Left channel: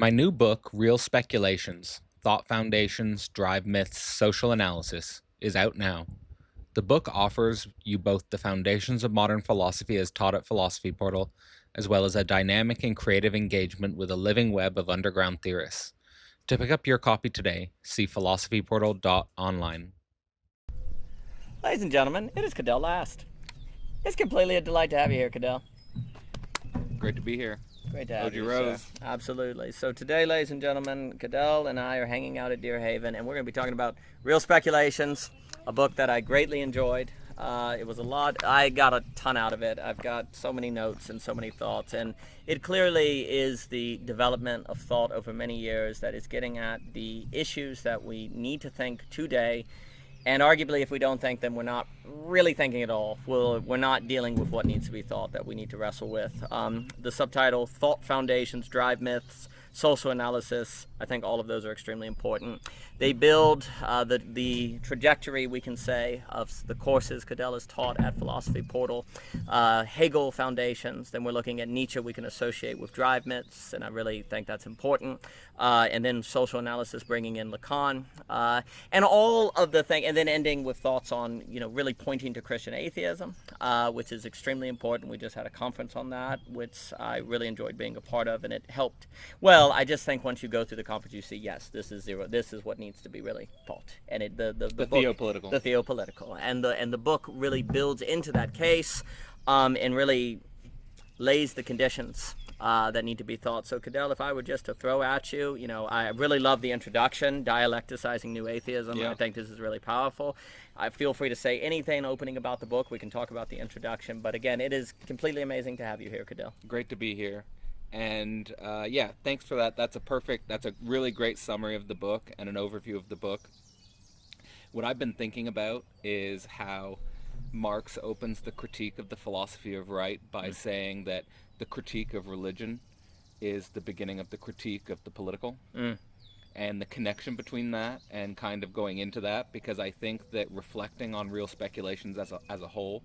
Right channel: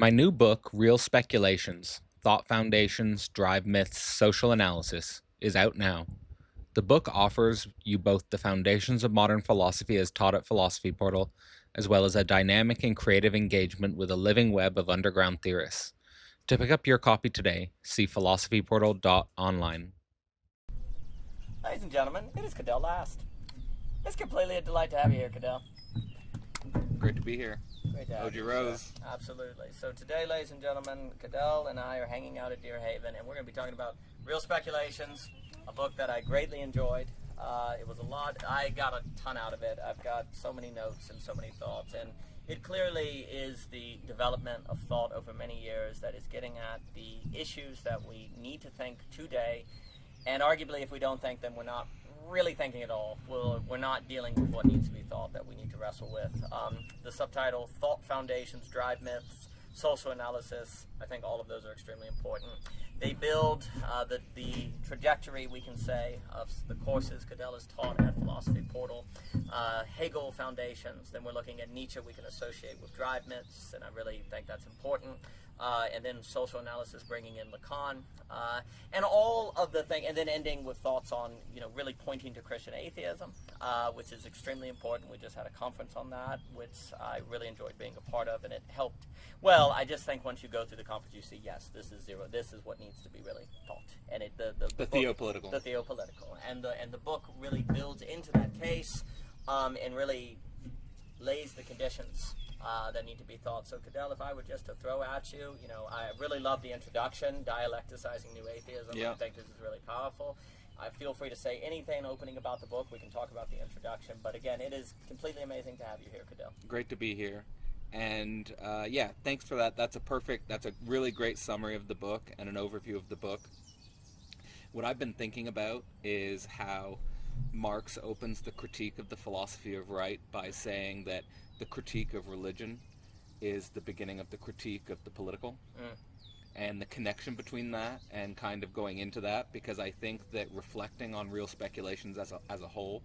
My new book, Real Speculations Thought Foundations, Drive Myths, Social Analysis, is out now. The book offers you both the foundations of modern philosophy as taught at Philosophy Portal, as well as a dynamic and creative engagement with a living web of underground theorists. To pick up your copy today, see philosophyportal.online. Ladies and gentlemen, it is Cadell Last. It's completely a delight to have you here, Cadell. Great to be here. Great to have O.G. you, Rose. sir. Absolutely. So today, ladies and gentlemen, Cadell and I are hanging out at Deer Haven, and we're going to be talking about Real Speculations, a book that I greatly enjoyed. It was a lot. I got a ton out of it. I've got so many notes and so many thoughts, and it clearly is the development of thought over many years that is getting at the issues that we need to think today. And arguably, if we don't think them, we're not really thinking at all. We're not dealing with what needs to be thought that we need to wrestle with. The subtitle, Thought Foundations, Drive Myths, Social Analysis, I think all of those are extremely important. They build the trajectory, we can say, of the courses Cadell has taught at Philosophy Portal. Hegel Foundations, then we're looking at Nietzsche we can associate with drive myths, and I really think that's important. And then social analysis, bringing in Lacan, and all of the thing, and then ending with thoughts on, really pointing to Christian atheism, which is extremely important. We just had a conference on that, which I really enjoyed being a part of, and it helped. Well, I just think once you go through the conference, you see, yes, this is zero. This is what needs to be really taught, and the book, theopolitical. the theopolitical, and the book really builds into that case, and really lays the conditions that need to be thought. So, Cadell, if I were just to throw at you, I really love the introduction, Dialecticizing New Atheism. Yeah. I think this is really powerful. I feel free to say anything opening about the book. We can talk about the introduction. But again, it is completely amazing to have you here, Cadell. Great to be here. And thanks for that. That's a really great summary of the book and an overview of the book. What I've been thinking about is how Marx opens the critique of the philosophy of right by saying that the critique of religion is the beginning of the critique of the political, and the connection between that and kind of going into that, because I think that reflecting on Real Speculations as a whole,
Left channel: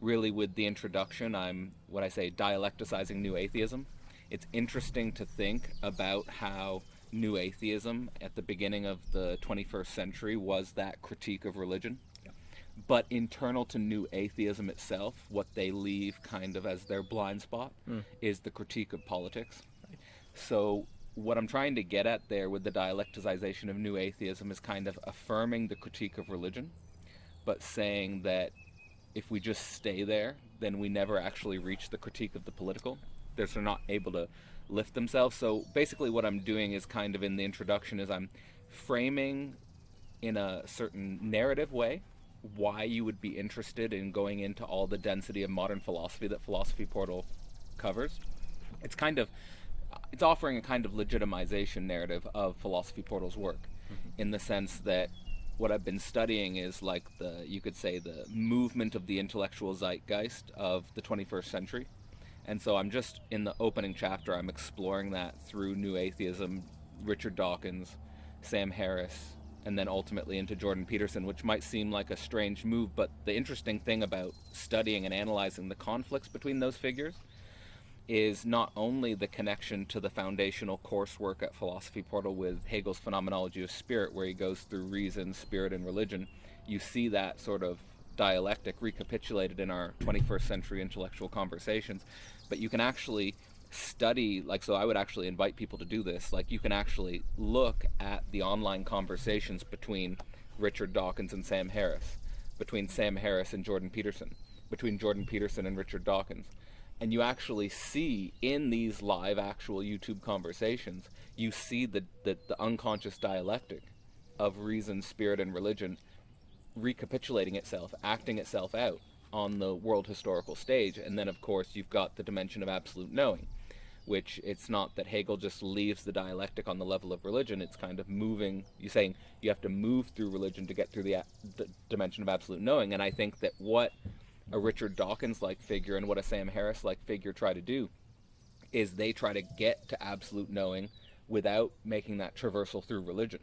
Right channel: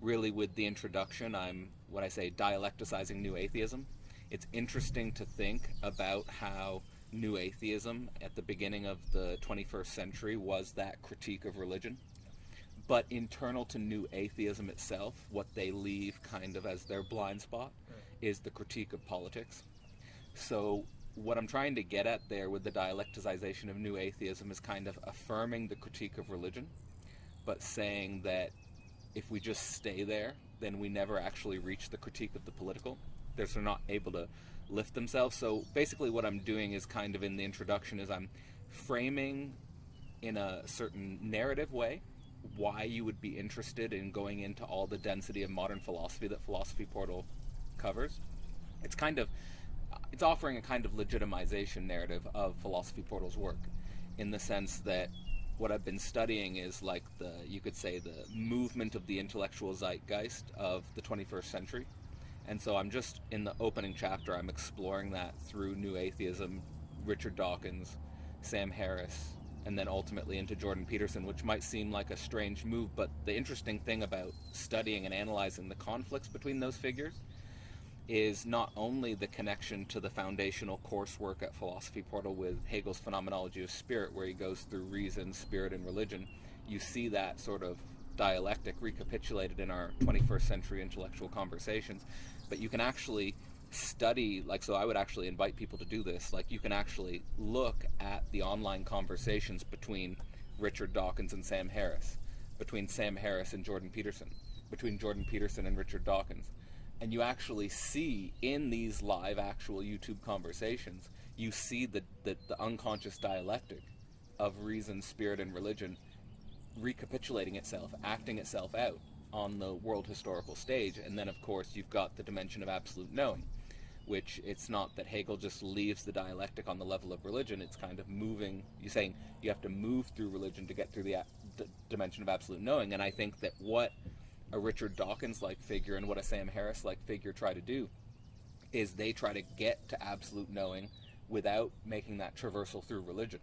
really with the introduction, I'm what I say dialecticizing New Atheism. It's interesting to think about how New Atheism at the beginning of the 21st century was that critique of religion. But internal to New Atheism itself, what they leave kind of as their blind spot is the critique of politics. So what I'm trying to get at there with the dialecticization of New Atheism is kind of affirming the critique of religion, but saying that if we just stay there, then we never actually reach the critique of the political. They're not able to lift themselves. So basically what I'm doing is kind of in the introduction is I'm framing in a certain narrative way why you would be interested in going into all the density of modern philosophy that Philosophy Portal covers. It's offering a kind of legitimization narrative of Philosophy Portal's work, in the sense that what I've been studying is like you could say the movement of the intellectual zeitgeist of the 21st century. And so I'm just in the opening chapter, I'm exploring that through New Atheism, Richard Dawkins, Sam Harris, and then ultimately into Jordan Peterson, which might seem like a strange move, but the interesting thing about studying and analyzing the conflicts between those figures is not only the connection to the foundational coursework at Philosophy Portal with Hegel's Phenomenology of Spirit, where he goes through reason, spirit, and religion. You see that sort of dialectic recapitulated in our 21st century intellectual conversations, but you can actually study, so I would actually invite people to do this, you can actually look at the online conversations between Richard Dawkins and Sam Harris, between Sam Harris and Jordan Peterson, between Jordan Peterson and Richard Dawkins, and you actually see in these live actual YouTube conversations, you see the unconscious dialectic of reason, spirit, and religion recapitulating itself, acting itself out on the world historical stage. And then of course you've got the dimension of absolute knowing, which it's not that Hegel just leaves the dialectic on the level of religion, it's kind of moving, you're saying you have to move through religion to get through the dimension of absolute knowing. And I think that what a Richard Dawkins-like figure and what a Sam Harris-like figure try to do is they try to get to absolute knowing without making that traversal through religion,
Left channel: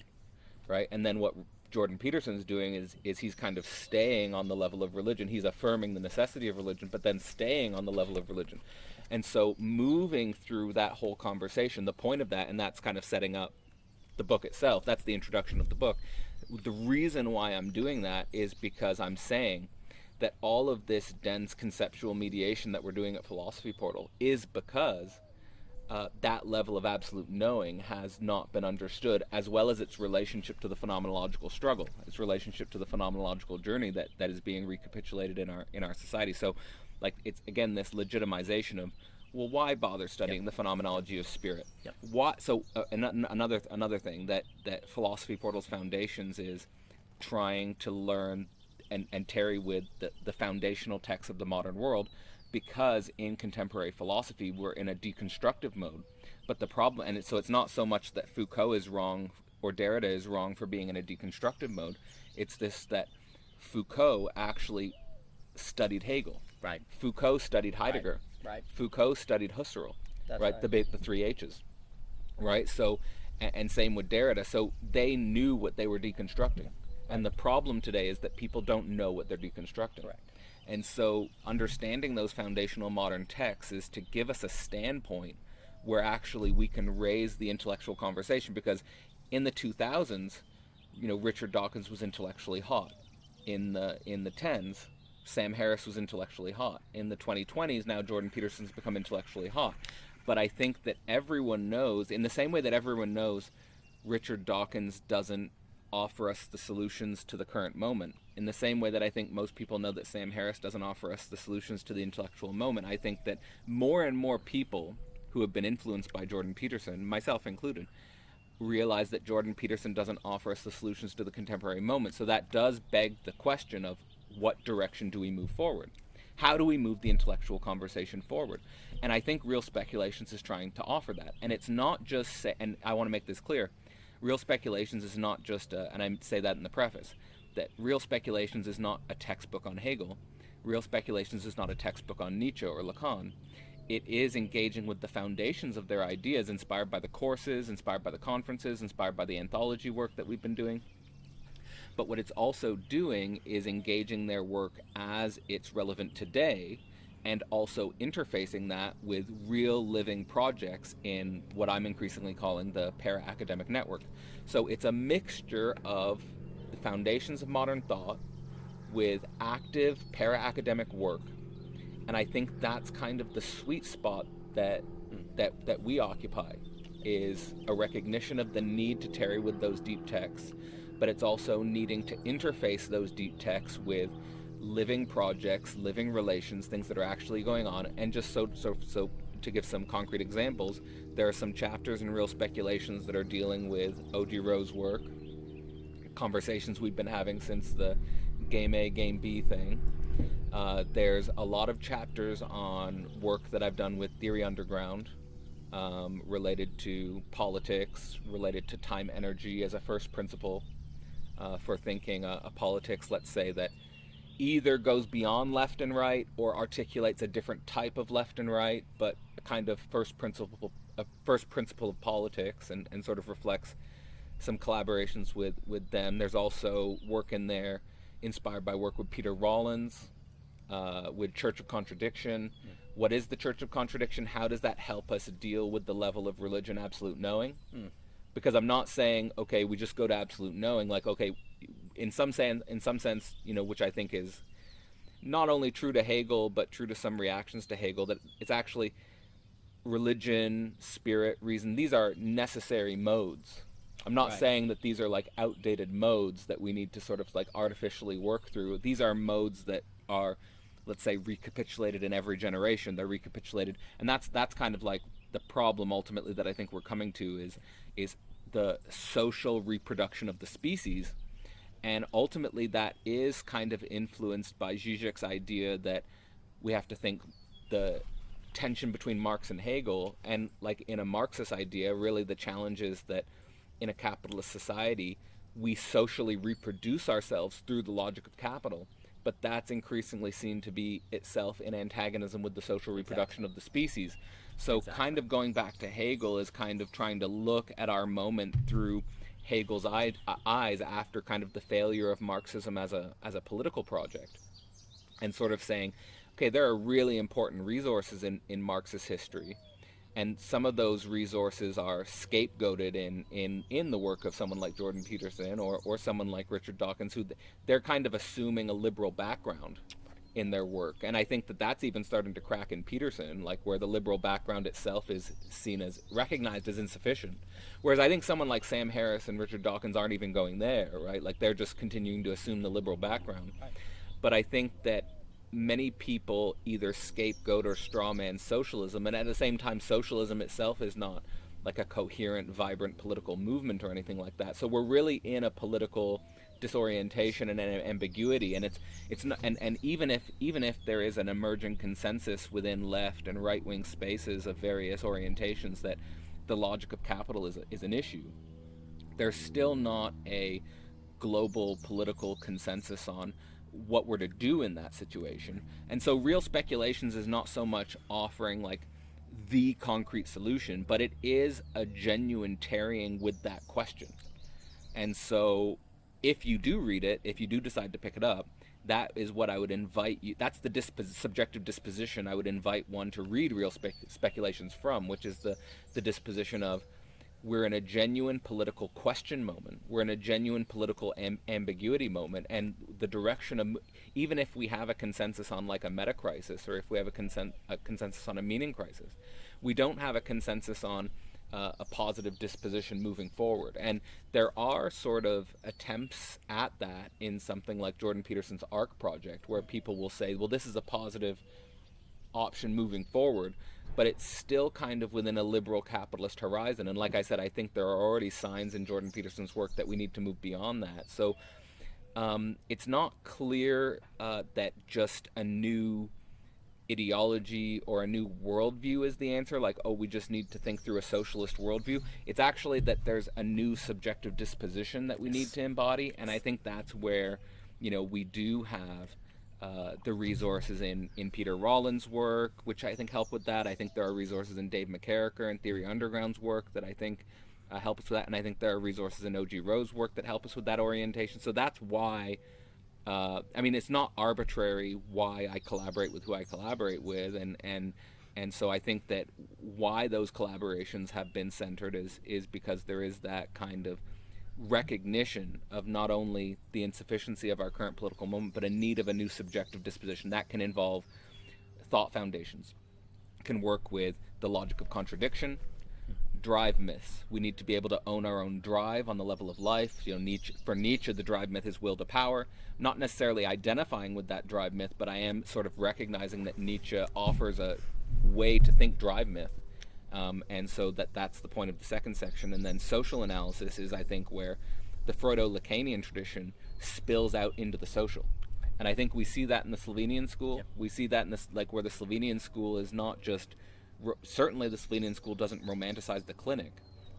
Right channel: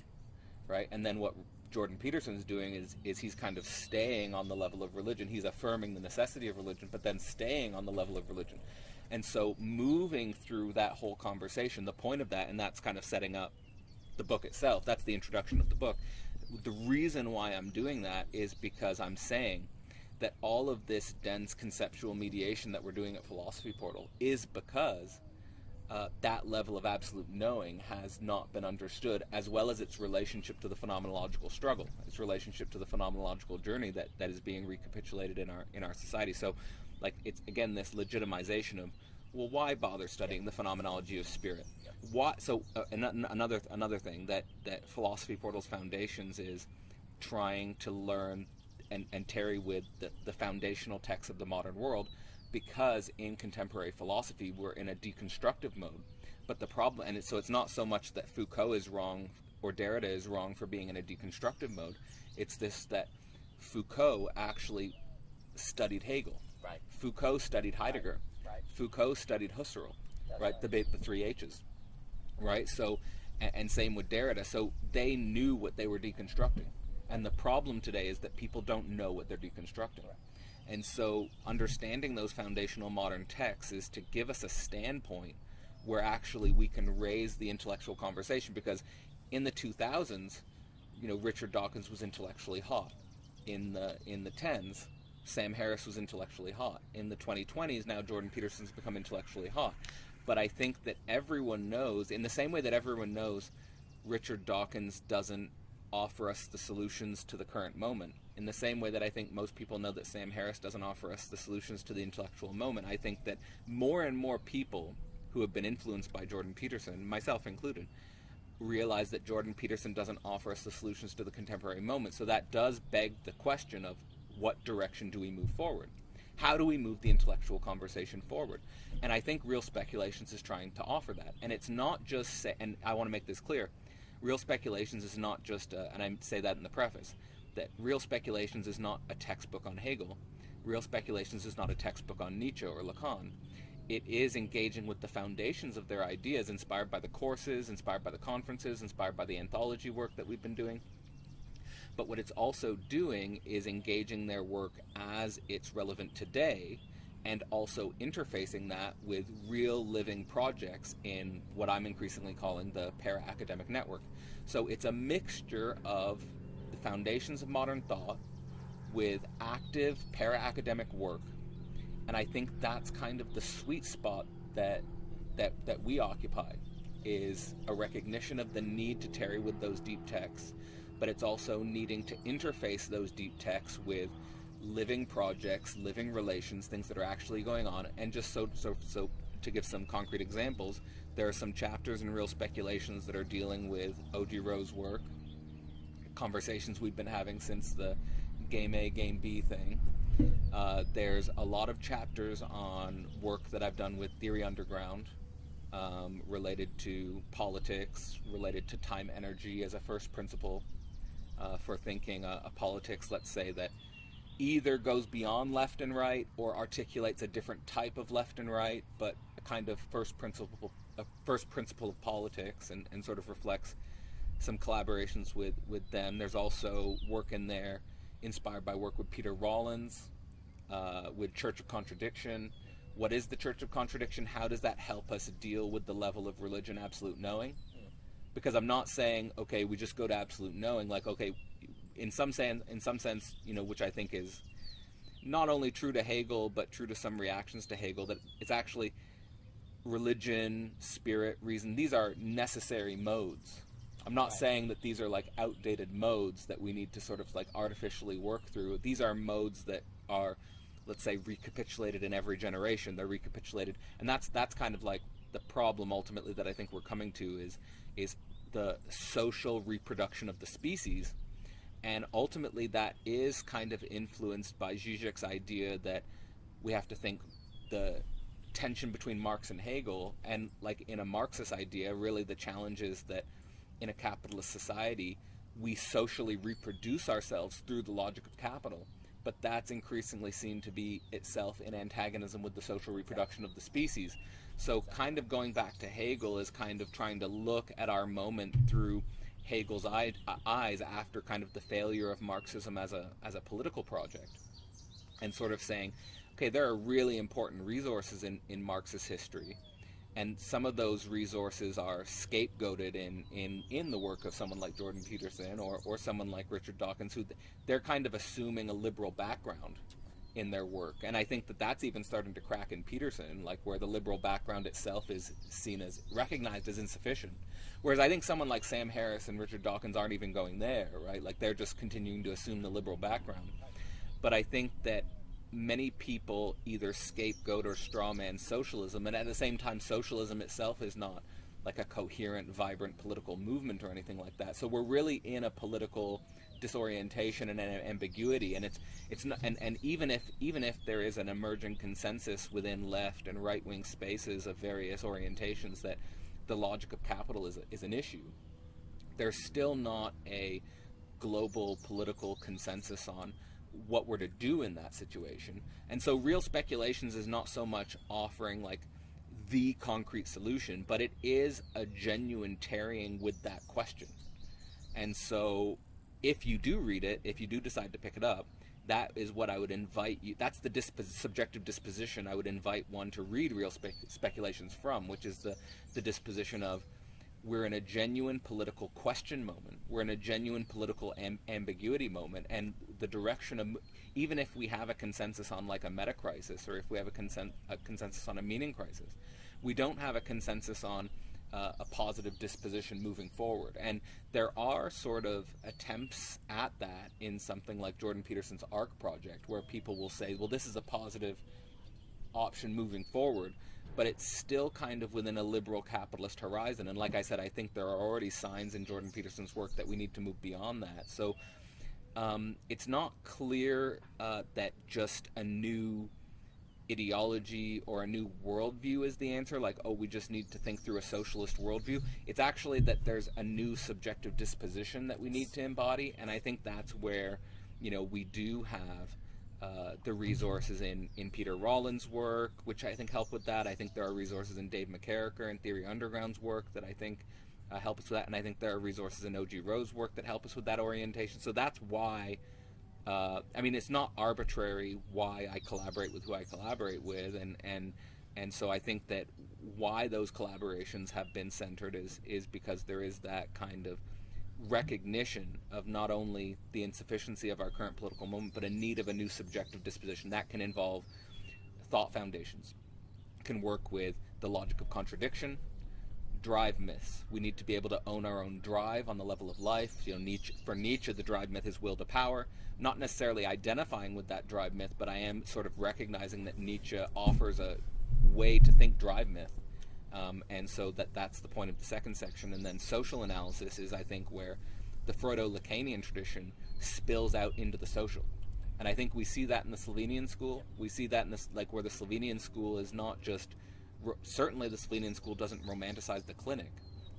right? And then what Jordan Peterson's doing is he's kind of staying on the level of religion. He's affirming the necessity of religion, but then staying on the level of religion. And so moving through that whole conversation, the point of that, and that's kind of setting up the book itself, that's the introduction of the book. The reason why I'm doing that is because I'm saying that all of this dense conceptual mediation that we're doing at Philosophy Portal is because that level of absolute knowing has not been understood, as well as its relationship to the phenomenological struggle, its relationship to the phenomenological journey that is being recapitulated in our society. So, like, it's again this legitimization of, well, why bother studying the phenomenology of spirit? Why? So another thing that Philosophy Portal's foundations is trying to learn and tarry with the foundational texts of the modern world, because in contemporary philosophy we're in a deconstructive mode. But the problem, and so it's not so much that Foucault is wrong or Derrida is wrong for being in a deconstructive mode, it's this that Foucault actually studied Hegel. Right. Foucault studied Heidegger. Right. Foucault studied Husserl. That's right? The three H's. Right? So, and same with Derrida. So they knew what they were deconstructing. And the problem today is that people don't know what they're deconstructing. Right. And so understanding those foundational modern texts is to give us a standpoint where actually we can raise the intellectual conversation, because in the 2000s, Richard Dawkins was intellectually hot. In the 10s, Sam Harris was intellectually hot. In the 2020s, now Jordan Peterson's become intellectually hot. But I think that everyone knows, in the same way that everyone knows Richard Dawkins doesn't offer us the solutions to the current moment, in the same way that I think most people know that Sam Harris doesn't offer us the solutions to the intellectual moment, I think that more and more people who have been influenced by Jordan Peterson, myself included, realize that Jordan Peterson doesn't offer us the solutions to the contemporary moment. So that does beg the question of, what direction do we move forward? How do we move the intellectual conversation forward? And I think Real Speculations is trying to offer that. And it's not just, and I want to make this clear, Real Speculations is not just, and I say that in the preface, that Real Speculations is not a textbook on Hegel. Real Speculations is not a textbook on Nietzsche or Lacan. It is engaging with the foundations of their ideas, inspired by the courses, inspired by the conferences, inspired by the anthology work that we've been doing. But what it's also doing is engaging their work as it's relevant today, and also interfacing that with real living projects in what I'm increasingly calling the para-academic network. So it's a mixture of the foundations of modern thought with active para-academic work. And I think that's kind of the sweet spot that we occupy, is a recognition of the need to tarry with those deep texts, but it's also needing to interface those deep texts with living projects, living relations, things that are actually going on. And just so to give some concrete examples, there are some chapters in Real Speculations that are dealing with O.G. Rowe's work, conversations we've been having since the Game A, Game B thing. There's a lot of chapters on work that I've done with Theory Underground, related to politics, related to time energy as a first principle for thinking a politics, let's say, that either goes beyond left and right or articulates a different type of left and right, but a kind of first principle of politics, and sort of reflects some collaborations with them. There's also work in there inspired by work with Peter Rollins, with Church of Contradiction. What is the Church of Contradiction? How does that help us deal with the level of religion absolute knowing? Because I'm not saying, okay, we just go to absolute knowing, like, okay, in some sense, which I think is not only true to Hegel, but true to some reactions to Hegel, that it's actually religion, spirit, reason. These are necessary modes. I'm not saying that these are like outdated modes that we need to sort of like artificially work through. These are modes that are, let's say, recapitulated in every generation. They're recapitulated, and that's kind of like the problem ultimately that I think we're coming to is the social reproduction of the species. And ultimately that is kind of influenced by Zizek's idea that we have to think the tension between Marx and Hegel, and like in a Marxist idea, really the challenge is that in a capitalist society we socially reproduce ourselves through the logic of capital, but that's increasingly seen to be itself in antagonism with the social reproduction of the species. So kind of going back to Hegel is kind of trying to look at our moment through Hegel's eyes after kind of the failure of Marxism as a political project, and sort of saying, okay, there are really important resources in Marxist history, and some of those resources are scapegoated in the work of someone like Jordan Peterson or someone like Richard Dawkins, who they're kind of assuming a liberal background in their work. And I think that that's even starting to crack in Peterson, like where the liberal background itself is seen as recognized as insufficient. Whereas I think someone like Sam Harris and Richard Dawkins aren't even going there, right? Like they're just continuing to assume the liberal background. But I think that many people either scapegoat or strawman socialism, and at the same time socialism itself is not like a coherent, vibrant political movement or anything like that. So we're really in a political disorientation and an ambiguity, and it's not, and even if there is an emerging consensus within left and right wing spaces of various orientations that the logic of capital is an issue, there's still not a global political consensus on what we're to do in that situation. And so real speculations is not so much offering like the concrete solution, but it is a genuine tarrying with that question. And so if you do read it, if you do decide to pick it up, that is what I would invite you, that's the subjective disposition I would invite one to read real speculations from, which is the disposition of, we're in a genuine political question moment. We're in a genuine political ambiguity moment, and the direction of, even if we have a consensus on like a meta crisis, or if we have a consensus on a meaning crisis, we don't have a consensus on a positive disposition moving forward. And there are sort of attempts at that in something like Jordan Peterson's ARC project, where people will say, well, this is a positive option moving forward, but it's still kind of within a liberal capitalist horizon. And like I said, I think there are already signs in Jordan Peterson's work that we need to move beyond that. So it's not clear that just a new ideology or a new worldview is the answer, like, oh, we just need to think through a socialist worldview. It's actually that there's a new subjective disposition that we need to embody, and I think that's where, you know, we do have the resources in Peter Rollin's work, which I think help with that. I think there are resources in Dave McCarricker and Theory Underground's work that I think help us with that, and I think there are resources in O.G. Rowe's work that help us with that orientation. So that's why, I mean, it's not arbitrary why I collaborate with who I collaborate with, and so I think that why those collaborations have been centered is because there is that kind of recognition of not only the insufficiency of our current political moment, but a need of a new subjective disposition that can involve thought foundations, can work with the logic of contradiction, drive myths. We need to be able to own our own drive on the level of life. You know, for Nietzsche, the drive myth is will to power. Not necessarily identifying with that drive myth, but I am sort of recognizing that Nietzsche offers a way to think drive myth. And so that's the point of the second section. And then social analysis is, I think, where the Freudo-Lacanian tradition spills out into the social. And I think we see that in the Slovenian school. Yep. We see that in this, like, where the Slovenian school is not just, certainly the Slovenian school doesn't romanticize the clinic.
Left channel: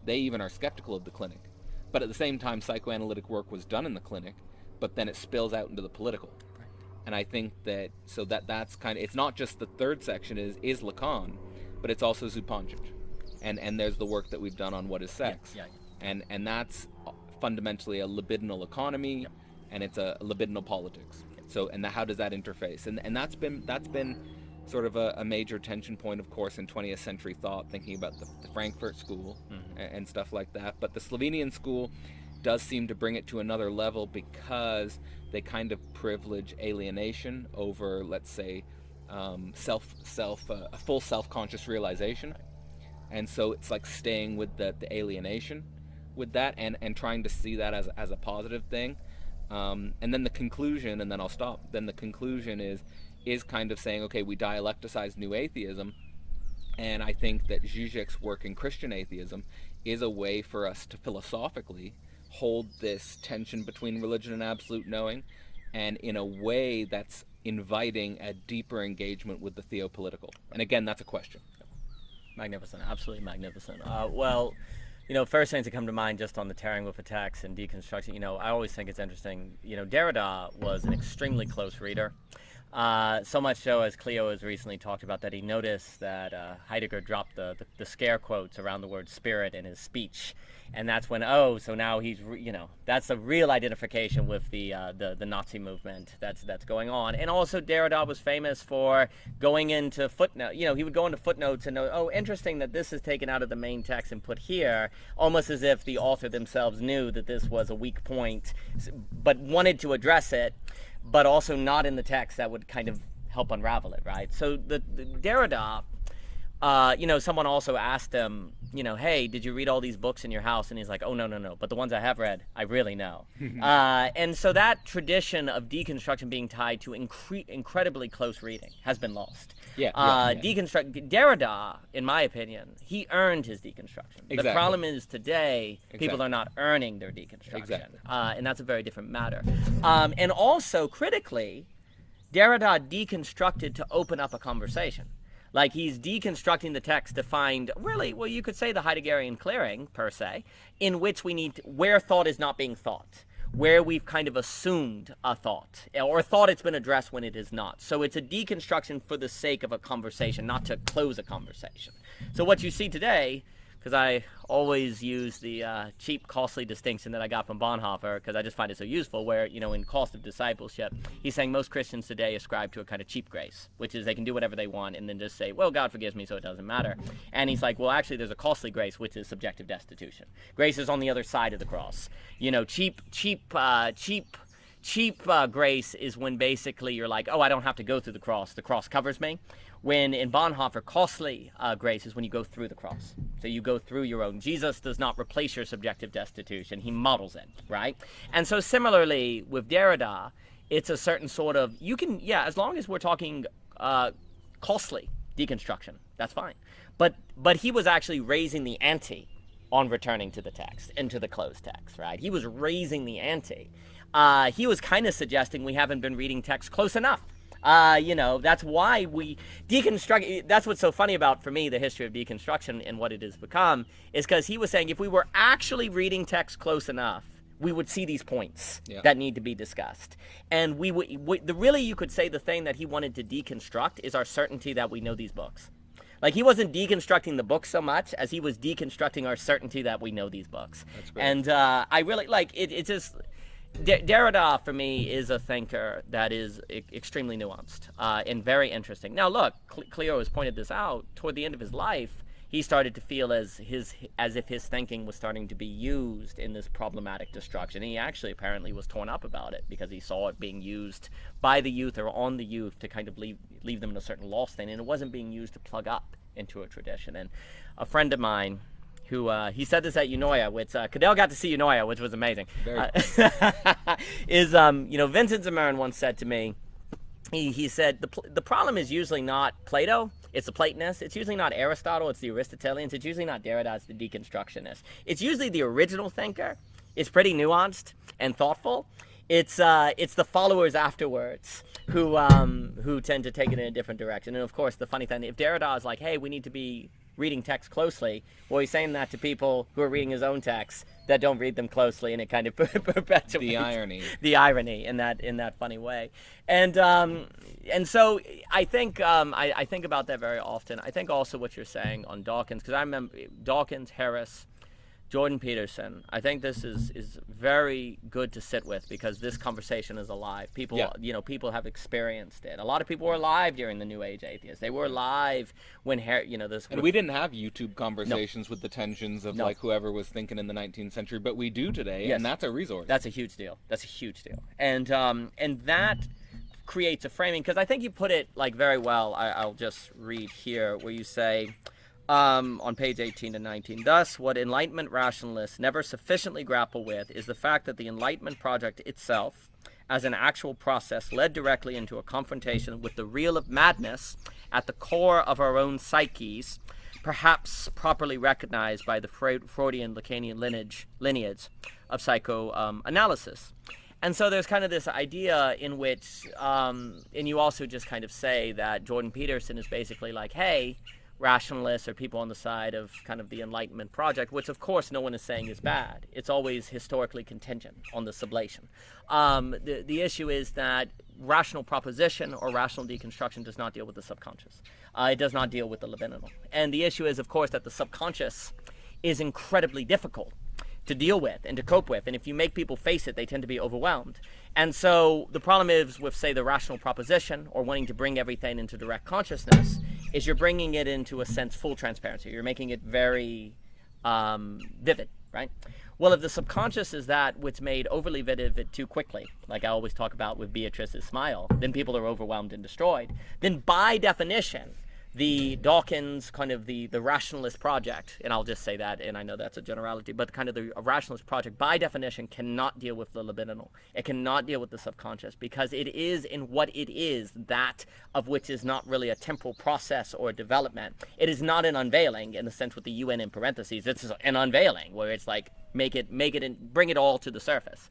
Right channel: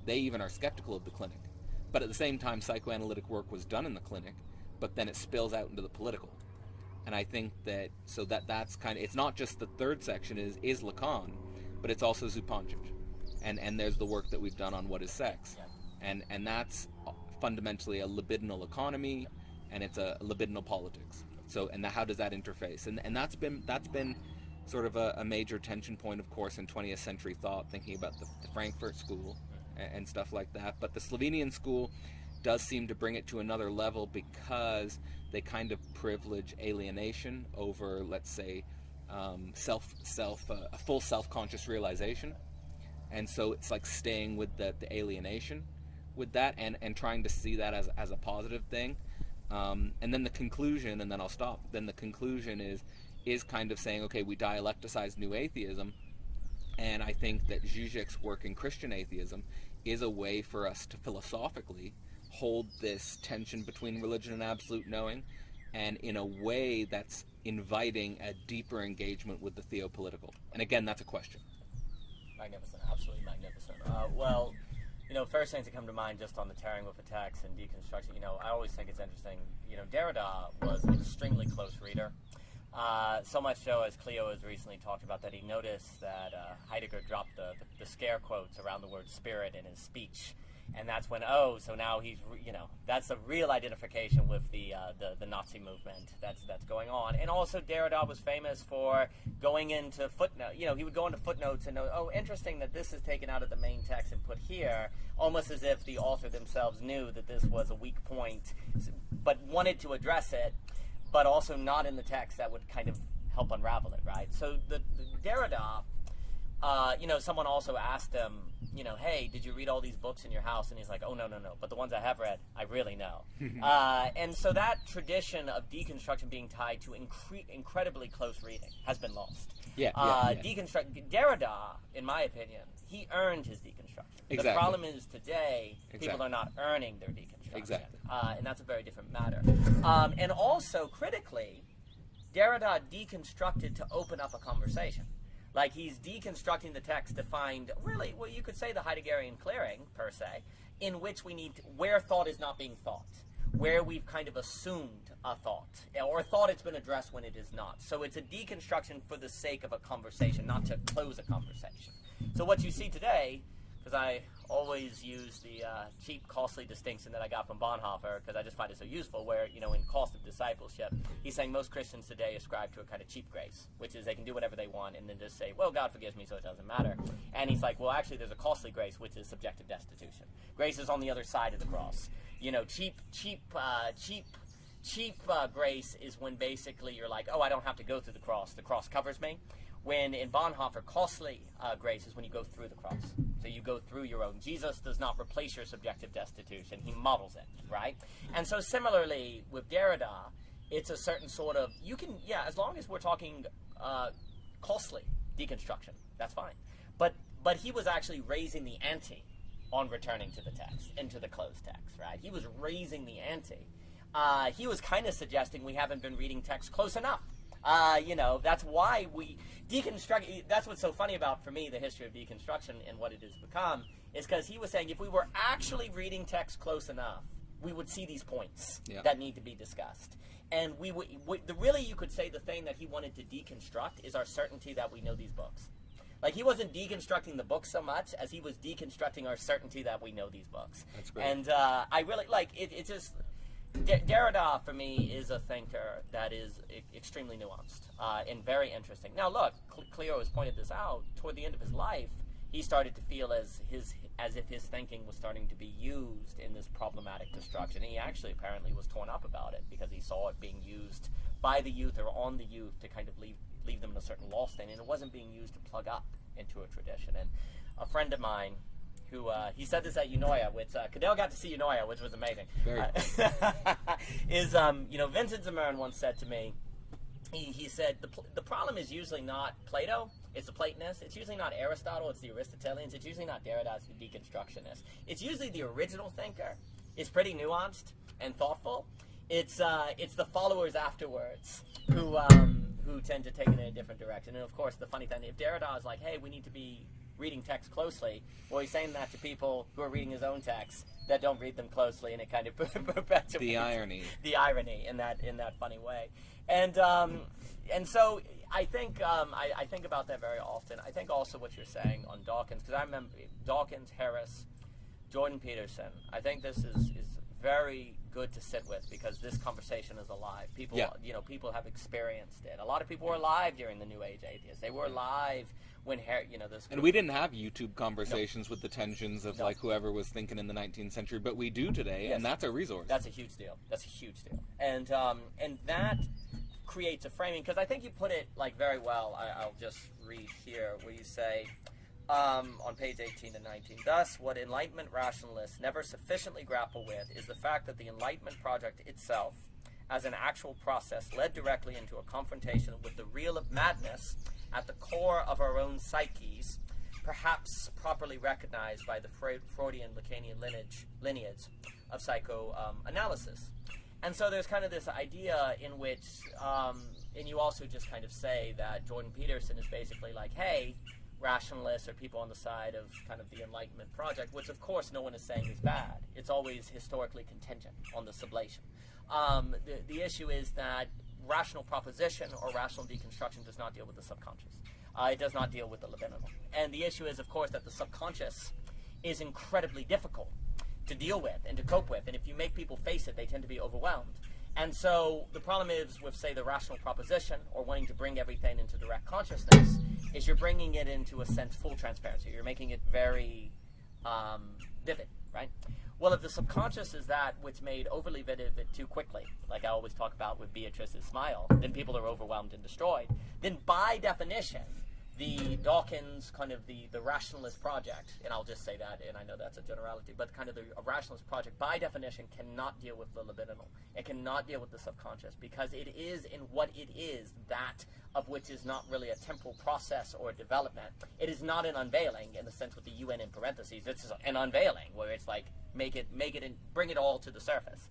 They even are skeptical of the clinic. But at the same time, psychoanalytic work was done in the clinic, but then it spills out into the political. And I think that, so that's kind of, it's not just the third section is Lacan, but it's also Zupancic, and there's the work that we've done on what is sex, and that's fundamentally a libidinal economy, and it's a libidinal politics. So, and how does that interface? And that's been sort of a major tension point, of course, in 20th century thought, thinking about the Frankfurt School and stuff like that. But the Slovenian school does seem to bring it to another level because they kind of privilege alienation over, let's say, a full self-conscious realization. And so it's like staying with the alienation with that, and trying to see that as a positive thing. And then the conclusion, and then I'll stop, then the conclusion is kind of saying, okay, we dialecticize new atheism, and I think that Zizek's work in Christian atheism is a way for us to philosophically hold this tension between religion and absolute knowing, and in a way that's inviting a deeper engagement with the theopolitical. And again, that's a question. Magnificent, absolutely magnificent. Well, you know, first things that come to mind just on the tearing with a text and deconstruction, you know, I always think it's interesting. You know, Derrida was an extremely close reader. So much so, as Cleo has recently talked about, that he noticed that Heidegger dropped the scare quotes around the word spirit in his speech And that's when, so now he's, that's a real identification with the Nazi movement that's going on. And also Derrida was famous for going into footnote. He would go into footnotes and know, interesting that this is taken out of the main text and put here, almost as if the author themselves knew that this was a weak point, but wanted to address it, but also not in the text that would kind of help unravel it, right? So the Derrida, someone also asked him, hey, did you read all these books in your house? And he's like, oh, no. But the ones I have read, I really know. And so that tradition of deconstruction being tied to incredibly close reading has been lost. Derrida, in my opinion, he earned his deconstruction. Exactly. The problem is today, people are not earning their deconstruction. Exactly. And that's a very different matter. And also, critically, Derrida deconstructed to open up a conversation. Like, he's deconstructing the text to find, really, well, you could say the Heideggerian clearing, per se, in which we need, where thought is not being thought, where we've kind of assumed a thought, or thought it's been addressed when it is not. So it's a deconstruction for the sake of a conversation, not to close a conversation. So what you see today, because I always use the cheap, costly distinction that I got from Bonhoeffer, because I just find it so useful, where, in Cost of Discipleship, he's saying most Christians today ascribe to a kind of cheap grace, which is they can do whatever they want and then just say, well, God forgives me, so it doesn't matter. And he's like, well, actually, there's a costly grace, which is subjective destitution. Grace is on the other side of the cross. Cheap grace is when basically you're like, I don't have to go through the cross covers me. When in Bonhoeffer, costly grace is when you go through the cross. So you go through your own. Jesus does not replace your subjective destitution. He models it, right? And so similarly with Derrida, it's a certain sort of, as long as we're talking costly deconstruction, that's fine. But he was actually raising the ante on returning to the text and to the closed text, right? He was raising the ante. He was kind of suggesting we haven't been reading text close enough. That's why we deconstruct. That's what's so funny about, for me, the history of deconstruction and what it has become, is because he was saying if we were actually reading text close enough, we would see these points that need to be discussed. And really, you could say the thing that he wanted to deconstruct is our certainty that we know these books. Like, he wasn't deconstructing the book so much as he was deconstructing our certainty that we know these books. That's great. And I really like it. It's just, Derrida, for me, is a thinker that is extremely nuanced and very interesting. Now, look, Cleo has pointed this out. Toward the end of his life, he started to feel as if his thinking was starting to be used in this problematic destruction. He actually apparently was torn up about it because he saw it being used by the youth or on the youth to kind of leave them in a certain lost state, and it wasn't being used to plug up into a tradition. And a friend of mine, who he said this at Eunoia, which Cadell got to see Eunoia, which was amazing. Vincent Zimmerman once said to me, he said the problem is usually not Plato, it's the Platonists. It's usually not Aristotle, it's the Aristotelians. It's usually not Derrida, it's the deconstructionists. It's usually the original thinker. It's pretty nuanced and thoughtful. It's the followers afterwards who tend to take it in a different direction. And of course, the funny thing, if Derrida is like, hey, we need to be reading text closely, well, he's saying that to people who are reading his own texts that don't read them closely, and it kind of perpetuates the irony in that funny way. And so I think I think about that very often. I think also what you're saying on Dawkins, because I remember Dawkins, Harris, Jordan Peterson. I think this is very good to sit with because this conversation is alive. People, people have experienced it. A lot of people were alive during the New Age atheists. They were alive when this. And we didn't have YouTube conversations with the tensions of like whoever was thinking in the 19th century, but we do today, and that's a resource. That's a huge deal. And that creates a framing, because I think you put it like very well. I'll just read here where you say. On page 18 to 19. Thus, what Enlightenment rationalists never sufficiently grapple with is the fact that the Enlightenment project itself, as an actual process, led directly into a confrontation with the real of madness at the core of our own psyches, perhaps properly recognized by the Freudian Lacanian lineage of psychoanalysis. And so there's kind of this idea in which, and you also just kind of say that Jordan Peterson is basically like, hey, rationalists or people on the side of kind of the Enlightenment project, which of course no one is saying is bad. It's always historically contingent on the sublation. The issue is that rational proposition or rational deconstruction does not deal with the subconscious. It does not deal with the libidinal. And the issue is, of course, that the subconscious is incredibly difficult to deal with and to cope with. And if you make people face it, they tend to be overwhelmed. And so the problem is with, say, the rational proposition or wanting to bring everything into direct consciousness is you're bringing it into a sense full transparency. You're making it very vivid, right? Well, if the subconscious is that which made overly vivid too quickly, like I always talk about with Beatrice's smile, then people are overwhelmed and destroyed. Then by definition, the Dawkins kind of the rationalist project, and I'll just say that, and I know that's a generality, but kind of the rationalist project by definition cannot deal with the libidinal. It cannot deal with the subconscious because it is in what it is that of which is not really a temporal process or development. It is not an unveiling in the sense with the UN in parentheses. It's an unveiling where it's like make it and bring it all to the surface.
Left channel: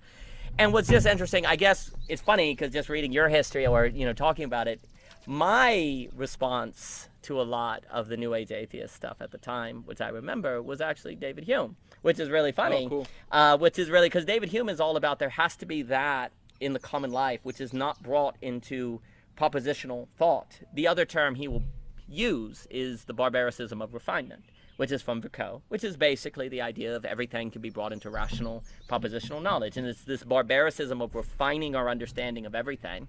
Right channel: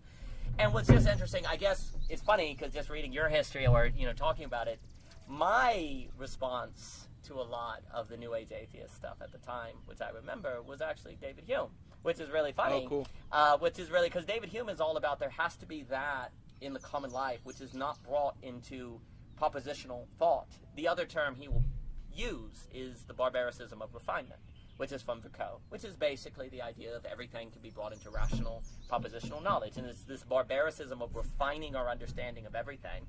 And what's just interesting, I guess it's funny because just reading your history or talking about it, my response to a lot of the New Age atheist stuff at the time, which I remember, was actually David Hume, which is really funny. Oh, cool. Which is really, because David Hume is all about there has to be that in the common life, which is not brought into propositional thought. The other term he will use is the barbaricism of refinement, which is from Vico, which is basically the idea of everything can be brought into rational propositional knowledge. And it's this barbaricism of refining our understanding of everything.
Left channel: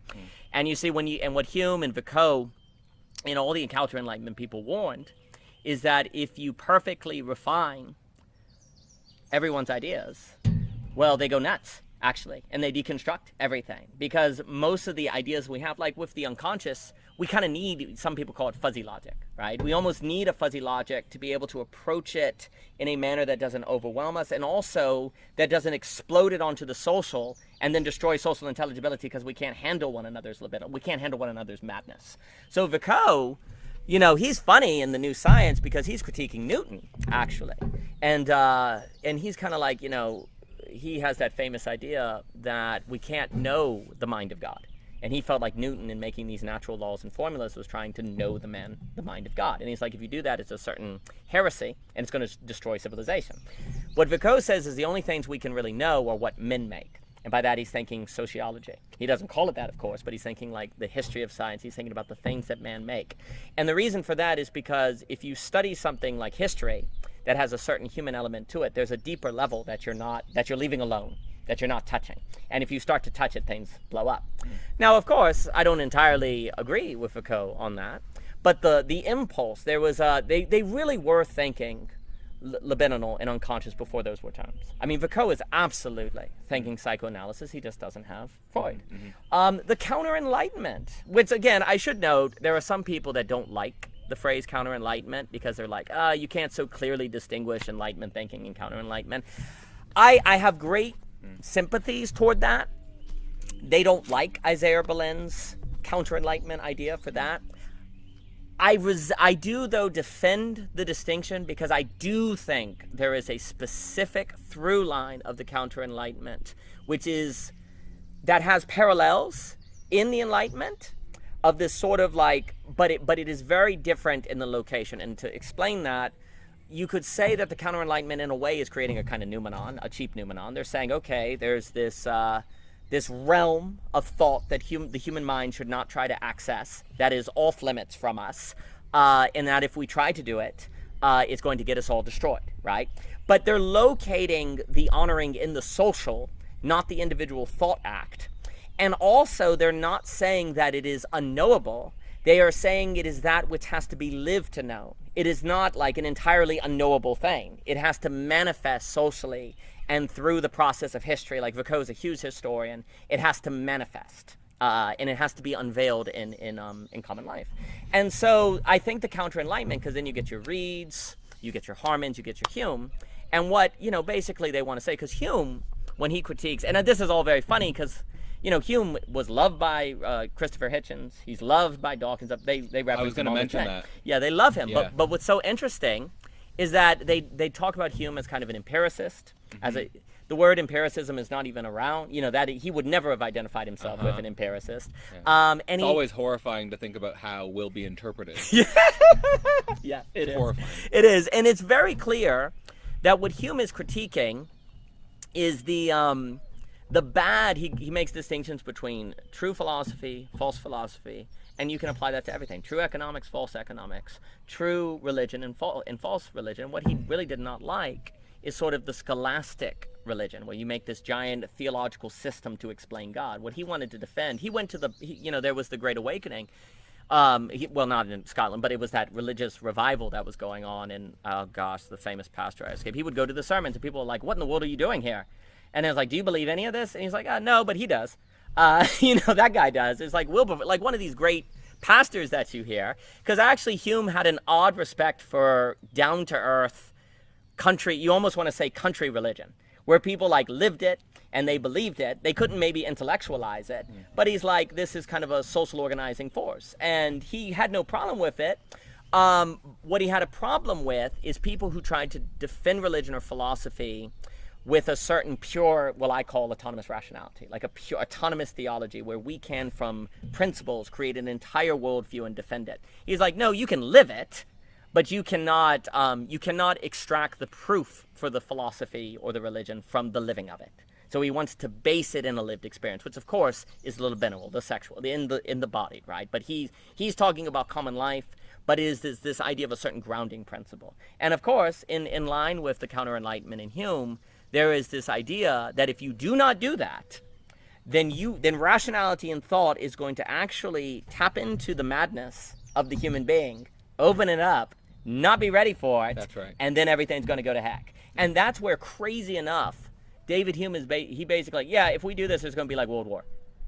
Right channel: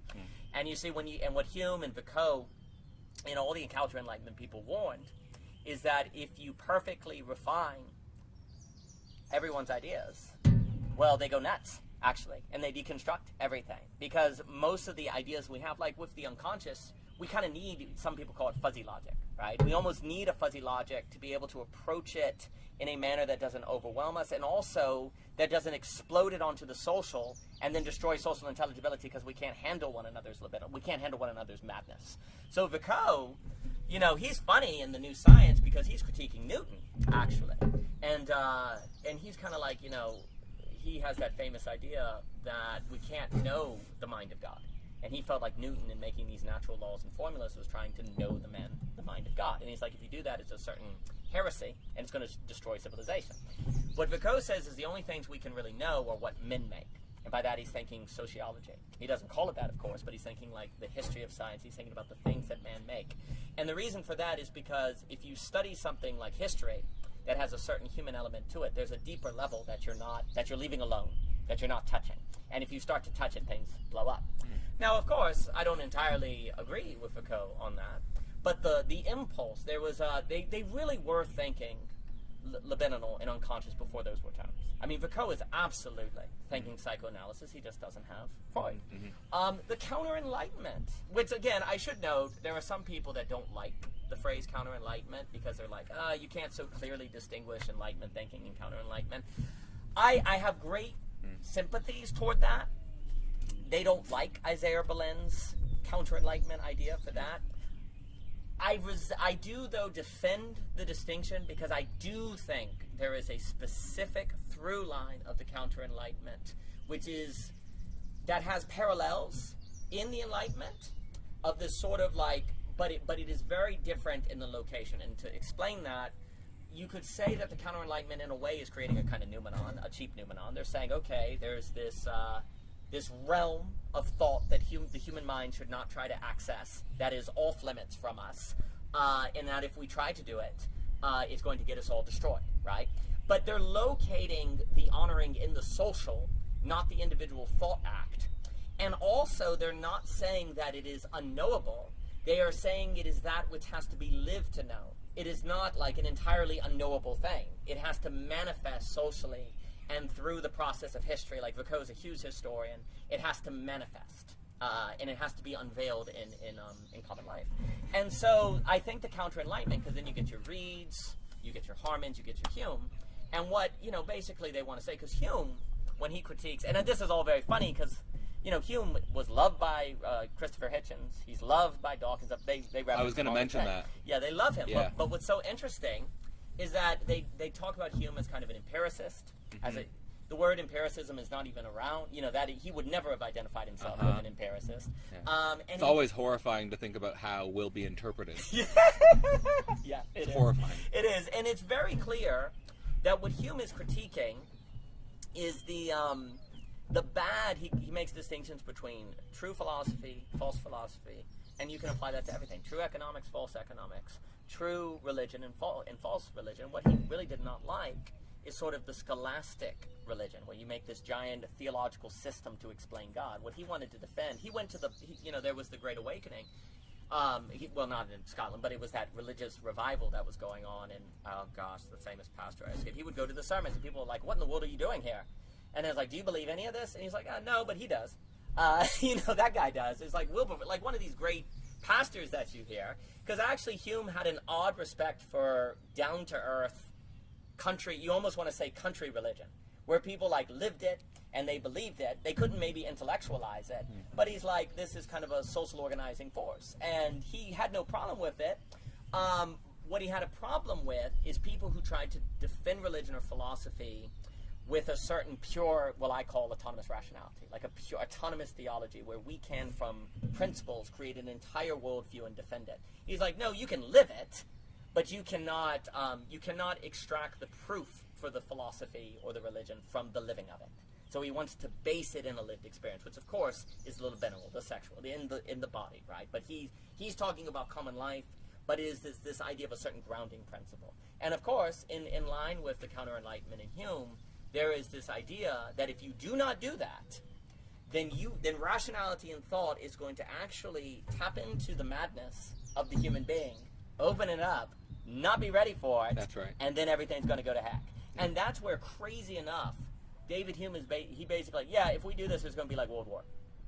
And you see what Hume and Vico and all the Encounter Enlightenment people warned is that if you perfectly refine everyone's ideas, well, they go nuts, actually, and they deconstruct everything. Because most of the ideas we have, like with the unconscious, we kind of need, some people call it fuzzy logic, right? We almost need a fuzzy logic to be able to approach it in a manner that doesn't overwhelm us and also that doesn't explode it onto the social and then destroy social intelligibility because we can't handle one another's libido. We can't handle one another's madness. So Vico, he's funny in the New Science because he's critiquing Newton, actually. And he's kind of like, he has that famous idea that we can't know the mind of God. And he felt like Newton, in making these natural laws and formulas, was trying to know the mind of God. And he's like, if you do that, it's a certain heresy, and it's going to destroy civilization. What Vico says is the only things we can really know are what men make. And by that, he's thinking sociology. He doesn't call it that, of course, but he's thinking like the history of science. He's thinking about the things that man make. And the reason for that is because if you study something like history that has a certain human element to it, there's a deeper level that you're leaving alone, that you're not touching. And if you start to touch it, things blow up. Now, of course, I don't entirely agree with Foucault on that, but the impulse, there was, they really were thinking libidinal and unconscious before those were terms. I mean, Foucault is absolutely thinking psychoanalysis. He just doesn't have Freud. The counter-enlightenment, which again, I should note, there are some people that don't like the phrase counter-enlightenment because they're like, you can't so clearly distinguish enlightenment thinking and counter-enlightenment. I have great sympathies toward that. They don't like Isaiah Berlin's counter-enlightenment idea for that. I do, though, defend the distinction because I do think there is a specific through line of the counter-enlightenment, which is that has parallels in the Enlightenment of this sort of like, but it is very different in the location. And to explain that, you could say that the counter-enlightenment in a way is creating a kind of noumenon, a cheap noumenon. They're saying, okay, there's this this realm of thought that the human mind should not try to access, that is off limits from us, and that if we try to do it, it's going to get us all destroyed, right? But they're locating the honoring in the social, not the individual thought act. And also, they're not saying that it is unknowable. They are saying it is that which has to be lived to know. It is not like an entirely unknowable thing. It has to manifest socially and through the process of history. Like Foucault's a huge historian. It has to manifest, and it has to be unveiled in common life. And so I think the counter-enlightenment, because then you get your Reeds, you get your Harmans, you get your Hume, and what basically they want to say, because Hume, when he critiques, and this is all very funny because Hume was loved by Christopher Hitchens. He's loved by Dawkins. They I was going to mention that. Yeah, they love him. Yeah. But what's so interesting is that they talk about Hume as kind of an empiricist. The word empiricism is not even around. That he would never have identified himself as an empiricist. Yeah. It's always horrifying to think about how will be interpreted. Yeah, it is horrifying. It is, and it's very clear that what Hume is critiquing is the bad. He makes distinctions between true philosophy, false philosophy, and you can apply that to everything. True economics, false economics, true religion, and false religion. What he really did not like is sort of the scholastic religion, where you make this giant theological system to explain God. What he wanted to defend, he went to there was the Great Awakening. Well, not in Scotland, but it was that religious revival that was going on in, oh gosh, the famous pastor I escaped. He would go to the sermons and people were like, what in the world are you doing here? And I was like, do you believe any of this? And he's like, no, but he does. That guy does. It's like Wilberforce, like one of these great pastors that you hear. Because actually Hume had an odd respect for down-to-earth country, you almost want to say country religion, where people like lived it and they believed it. They couldn't maybe intellectualize it, but he's like, this is kind of a social organizing force. And he had no problem with it. What he had a problem with is people who tried to defend religion or philosophy with a certain pure, what I call autonomous rationality, like a pure autonomous theology where we can, from principles, create an entire worldview and defend it. He's like, no, you can live it, but you cannot extract the proof for the philosophy or the religion from the living of it. So he wants to base it in a lived experience, which of course is the libidinal, the sexual, in the body, right? But he's talking about common life, but is this idea of a certain grounding principle. And of course, in line with the counter-enlightenment in Hume, there is this idea that if you do not do that, then rationality and thought is going to actually tap into the madness of the human being, open it up, not be ready for it. That's right. And then everything's going to go to heck. And that's where, crazy enough, David Hume is he basically, if we do this, it's going to be like World War.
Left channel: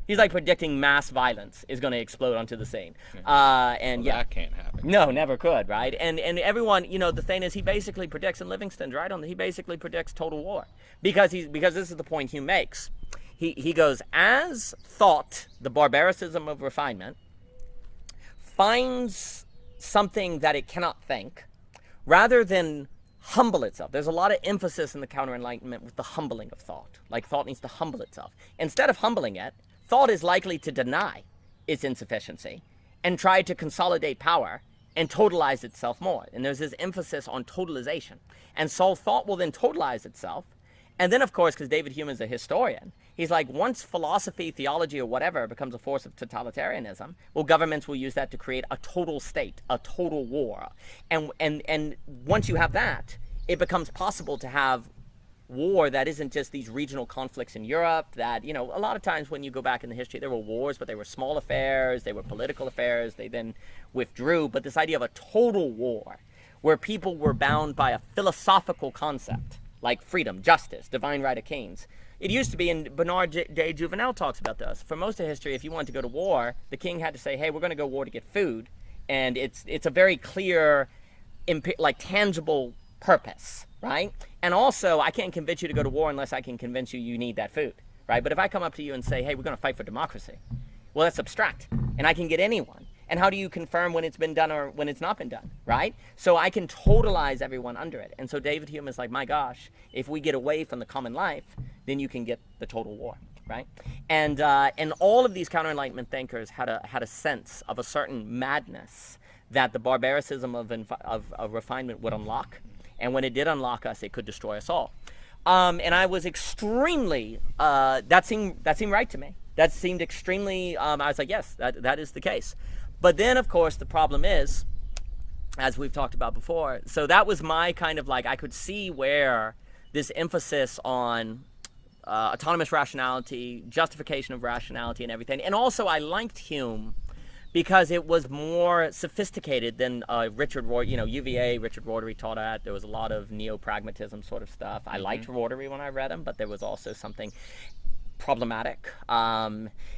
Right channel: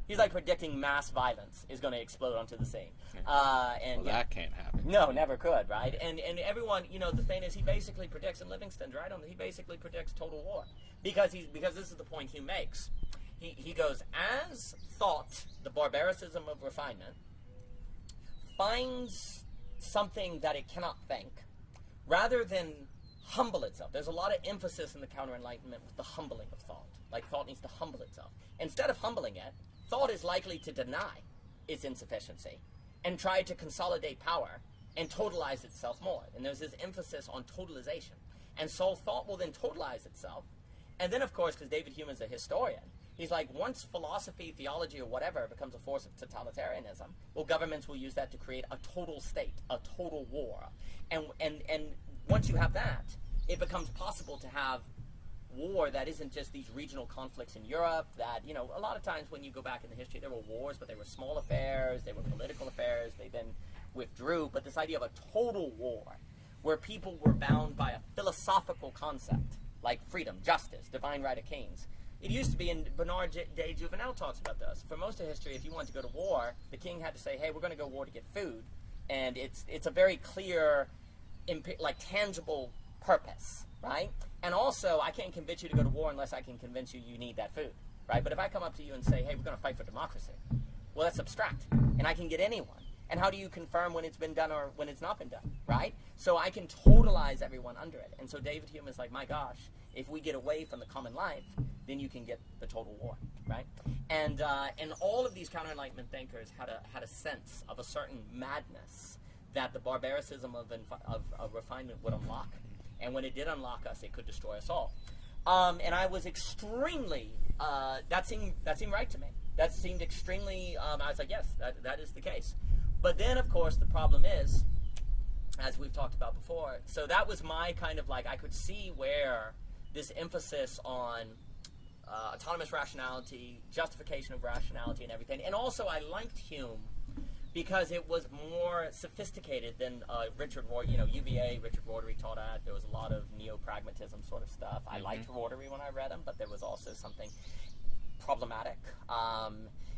He's like predicting mass violence is going to explode onto the scene. That can't happen. No, never could, right? And everyone, the thing is, he basically predicts, and Livingston's right on that, he basically predicts total war. Because this is the point Hume makes. He goes, as thought, the barbaricism of refinement, finds something that it cannot think, rather than humble itself. There's a lot of emphasis in the counter-enlightenment with the humbling of thought. Like thought needs to humble itself. Instead of humbling it, thought is likely to deny its insufficiency and try to consolidate power and totalize itself more. And there's this emphasis on totalization. And so thought will then totalize itself. And then, of course, because David Hume is a historian, he's like, once philosophy, theology, or whatever becomes a force of totalitarianism, well, governments will use that to create a total state, a total war. And once you have that, it becomes possible to have war that isn't just these regional conflicts in Europe that, a lot of times when you go back in the history, there were wars, but they were small affairs, they were political affairs, they then withdrew. But this idea of a total war, where people were bound by a philosophical concept, like freedom, justice, divine right of kings. It used to be, and Bernard de Juvenel talks about this, for most of history, if you wanted to go to war, the king had to say, hey, we're going to go to war to get food. And it's a very clear, like tangible purpose, right? And also, I can't convince you to go to war unless I can convince you need that food, right? But if I come up to you and say, hey, we're going to fight for democracy, well, that's abstract, and I can get anyone. And how do you confirm when it's been done or when it's not been done, right? So I can totalize everyone under it. And so David Hume is like, my gosh, if we get away from the common life, then you can get the total war, right? And all of these counter-enlightenment thinkers had a sense of a certain madness that the barbaricism of refinement would unlock. And when it did unlock us, it could destroy us all. And I was extremely, that seemed right to me. That seemed extremely, I was like, yes, that is the case. But then, of course, the problem is, as we've talked about before, so that was my kind of like, I could see where this emphasis on autonomous rationality, justification of rationality and everything. And also I liked Hume because it was more sophisticated than Richard Rorty, UVA, Richard Rorty taught at. There was a lot of neo-pragmatism sort of stuff. I liked Rorty when I read him, but there was also something problematic.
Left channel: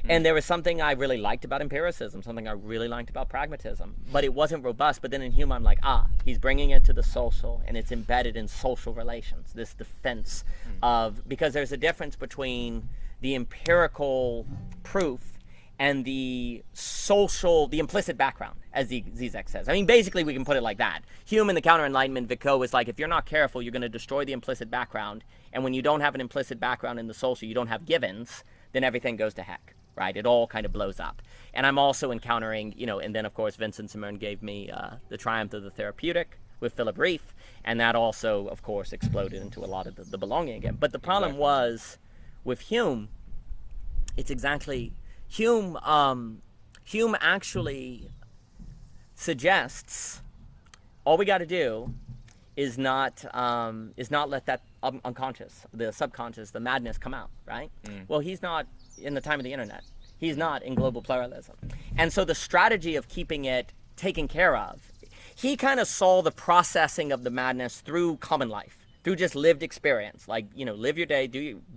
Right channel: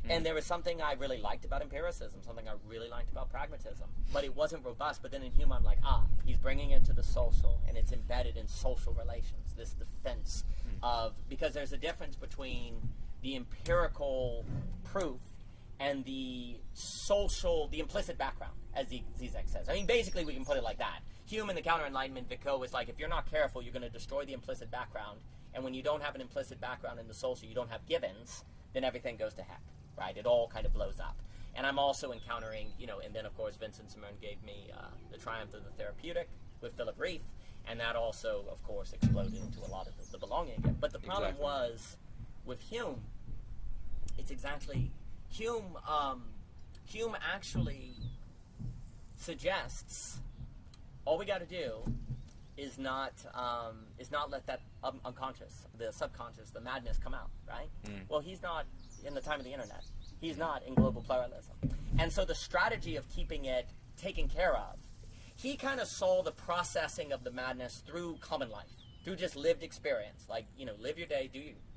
And there was something I really liked about empiricism, something I really liked about pragmatism, but it wasn't robust. But then in Hume, I'm like, he's bringing it to the social, and it's embedded in social relations, this defense of, because there's a difference between the empirical proof and the social, the implicit background, as Zizek says. I mean, basically, we can put it like that. Hume in the Counter-Enlightenment, Vico, is like, if you're not careful, you're going to destroy the implicit background. And when you don't have an implicit background in the social, you don't have givens, then everything goes to heck, right? It all kind of blows up. And I'm also encountering, and then, of course, Vincent Simone gave me The Triumph of the Therapeutic with Philip Rieff. And that also, of course, exploded into a lot of the belonging again. But the problem was, with Hume, it's exactly... Hume actually suggests all we got to do is not let that unconscious, the subconscious, the madness come out, right? Well, he's not in the time of the internet. He's not in global pluralism. And so the strategy of keeping it taken care of, he kind of saw the processing of the madness through common life, through just lived experience. Like, live your day,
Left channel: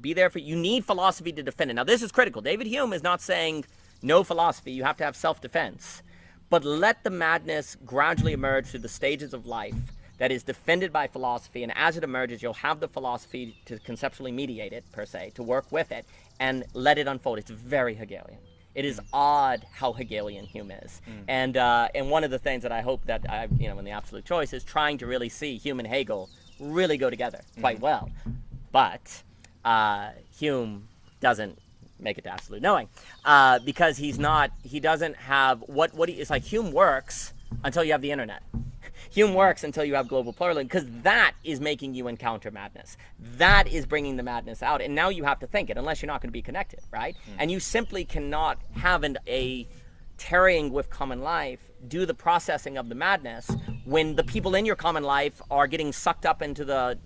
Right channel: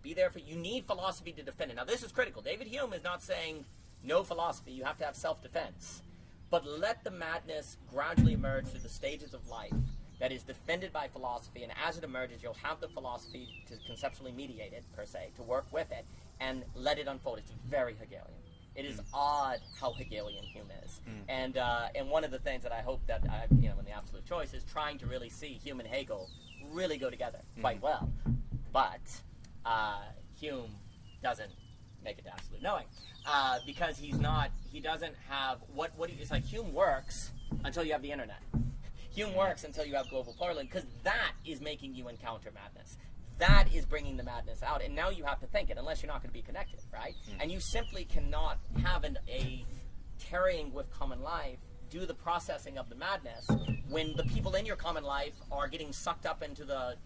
be there for, you need philosophy to defend it. Now, this is critical. David Hume is not saying no philosophy, you have to have self-defense. But let the madness gradually emerge through the stages of life that is defended by philosophy, and as it emerges, you'll have the philosophy to conceptually mediate it, per se, to work with it, and let it unfold. It's very Hegelian. It is odd how Hegelian Hume is. And one of the things that I hope that in the absolute choice is trying to really see Hume and Hegel really go together quite well. But Hume doesn't make it to absolute knowing because he doesn't have it's like Hume works until you have the internet. Hume works until you have global pluralism, because that is making you encounter madness. That is bringing the madness out, and now you have to think it, unless you're not going to be connected, right? And you simply cannot have a tarrying with common life do the processing of the madness when the people in your common life are getting sucked up into the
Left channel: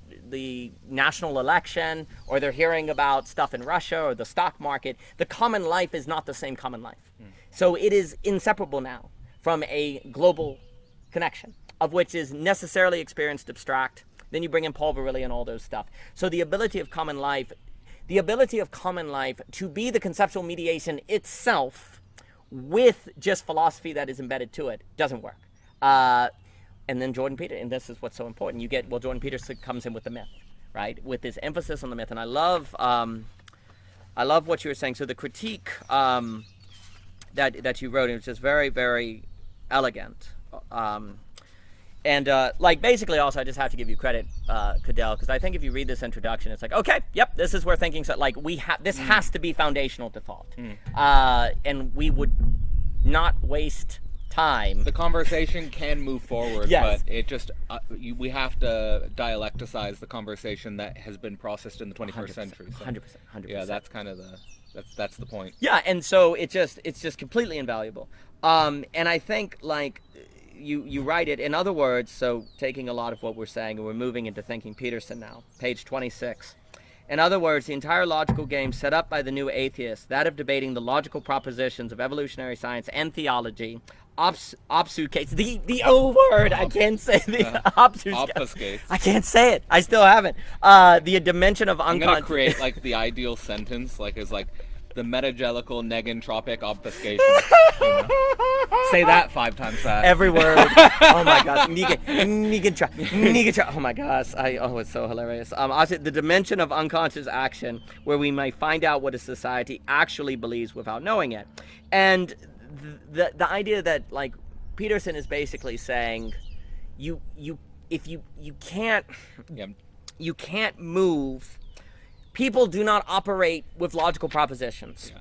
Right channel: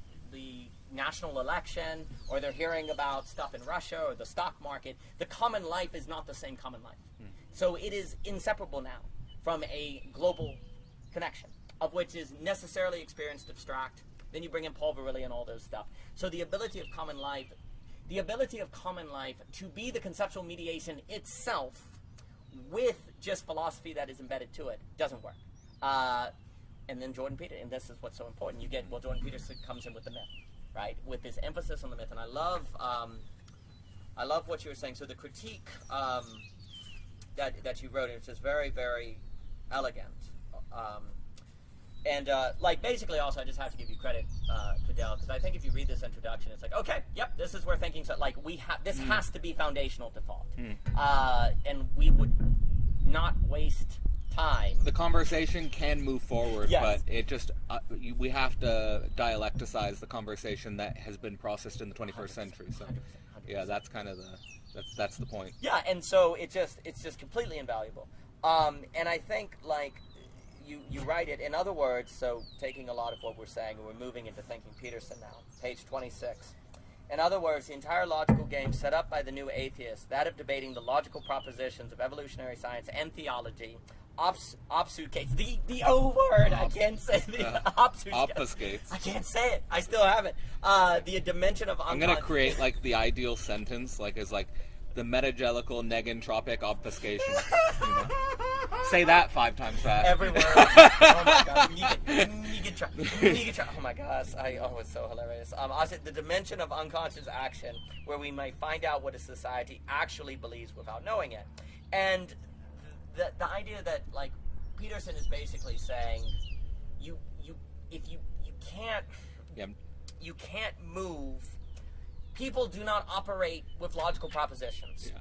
national election, or they're hearing about stuff in Russia or the stock market. The common life is not the same common life. So it is inseparable now from a global connection, of which is necessarily experienced abstract. Then you bring in Paul Virilli and all those stuff. So the ability of common life to be the conceptual mediation itself with just philosophy that is embedded to it doesn't work. And then Jordan Peterson, and this is what's so important. Jordan Peterson comes in with the myth, right? With this emphasis on the myth. And I love what you were saying. So the critique that you wrote, it was just very, very elegant. Basically also I just have to give you credit, Cadell, because I think if you read this introduction, it's like, okay, yep, this is where thinking, this has to be foundational to thought. And we would not waste time. The conversation can move forward, but it just, we have to dialecticize the conversation that has been processed in the 21st century. So, 100%. yeah, that's kind of that's the point. Yeah, and so it's just completely invaluable. And I think, you write it, in other words, so taking a lot of what we're saying, and we're moving into thinking Peterson now, page 26. In other words, the entire logical game set up by the new atheists, that of debating the logical propositions of evolutionary science and theology, obfuscates the old word. I can't say obfuscates. I can't say it. I still haven't. The dimension of I'm gonna create the ideal sentence, as the metagelical negentropic obfuscation. Say that 5 times fast. Every word. Oh my god. Oh my gosh. It's so hilarious. Also, the dimension of unconscious action, where we may find out what a society actually believes without knowing it. And the idea that Peterson is basically saying, you can't move. People do not operate with logical propositions. Yeah.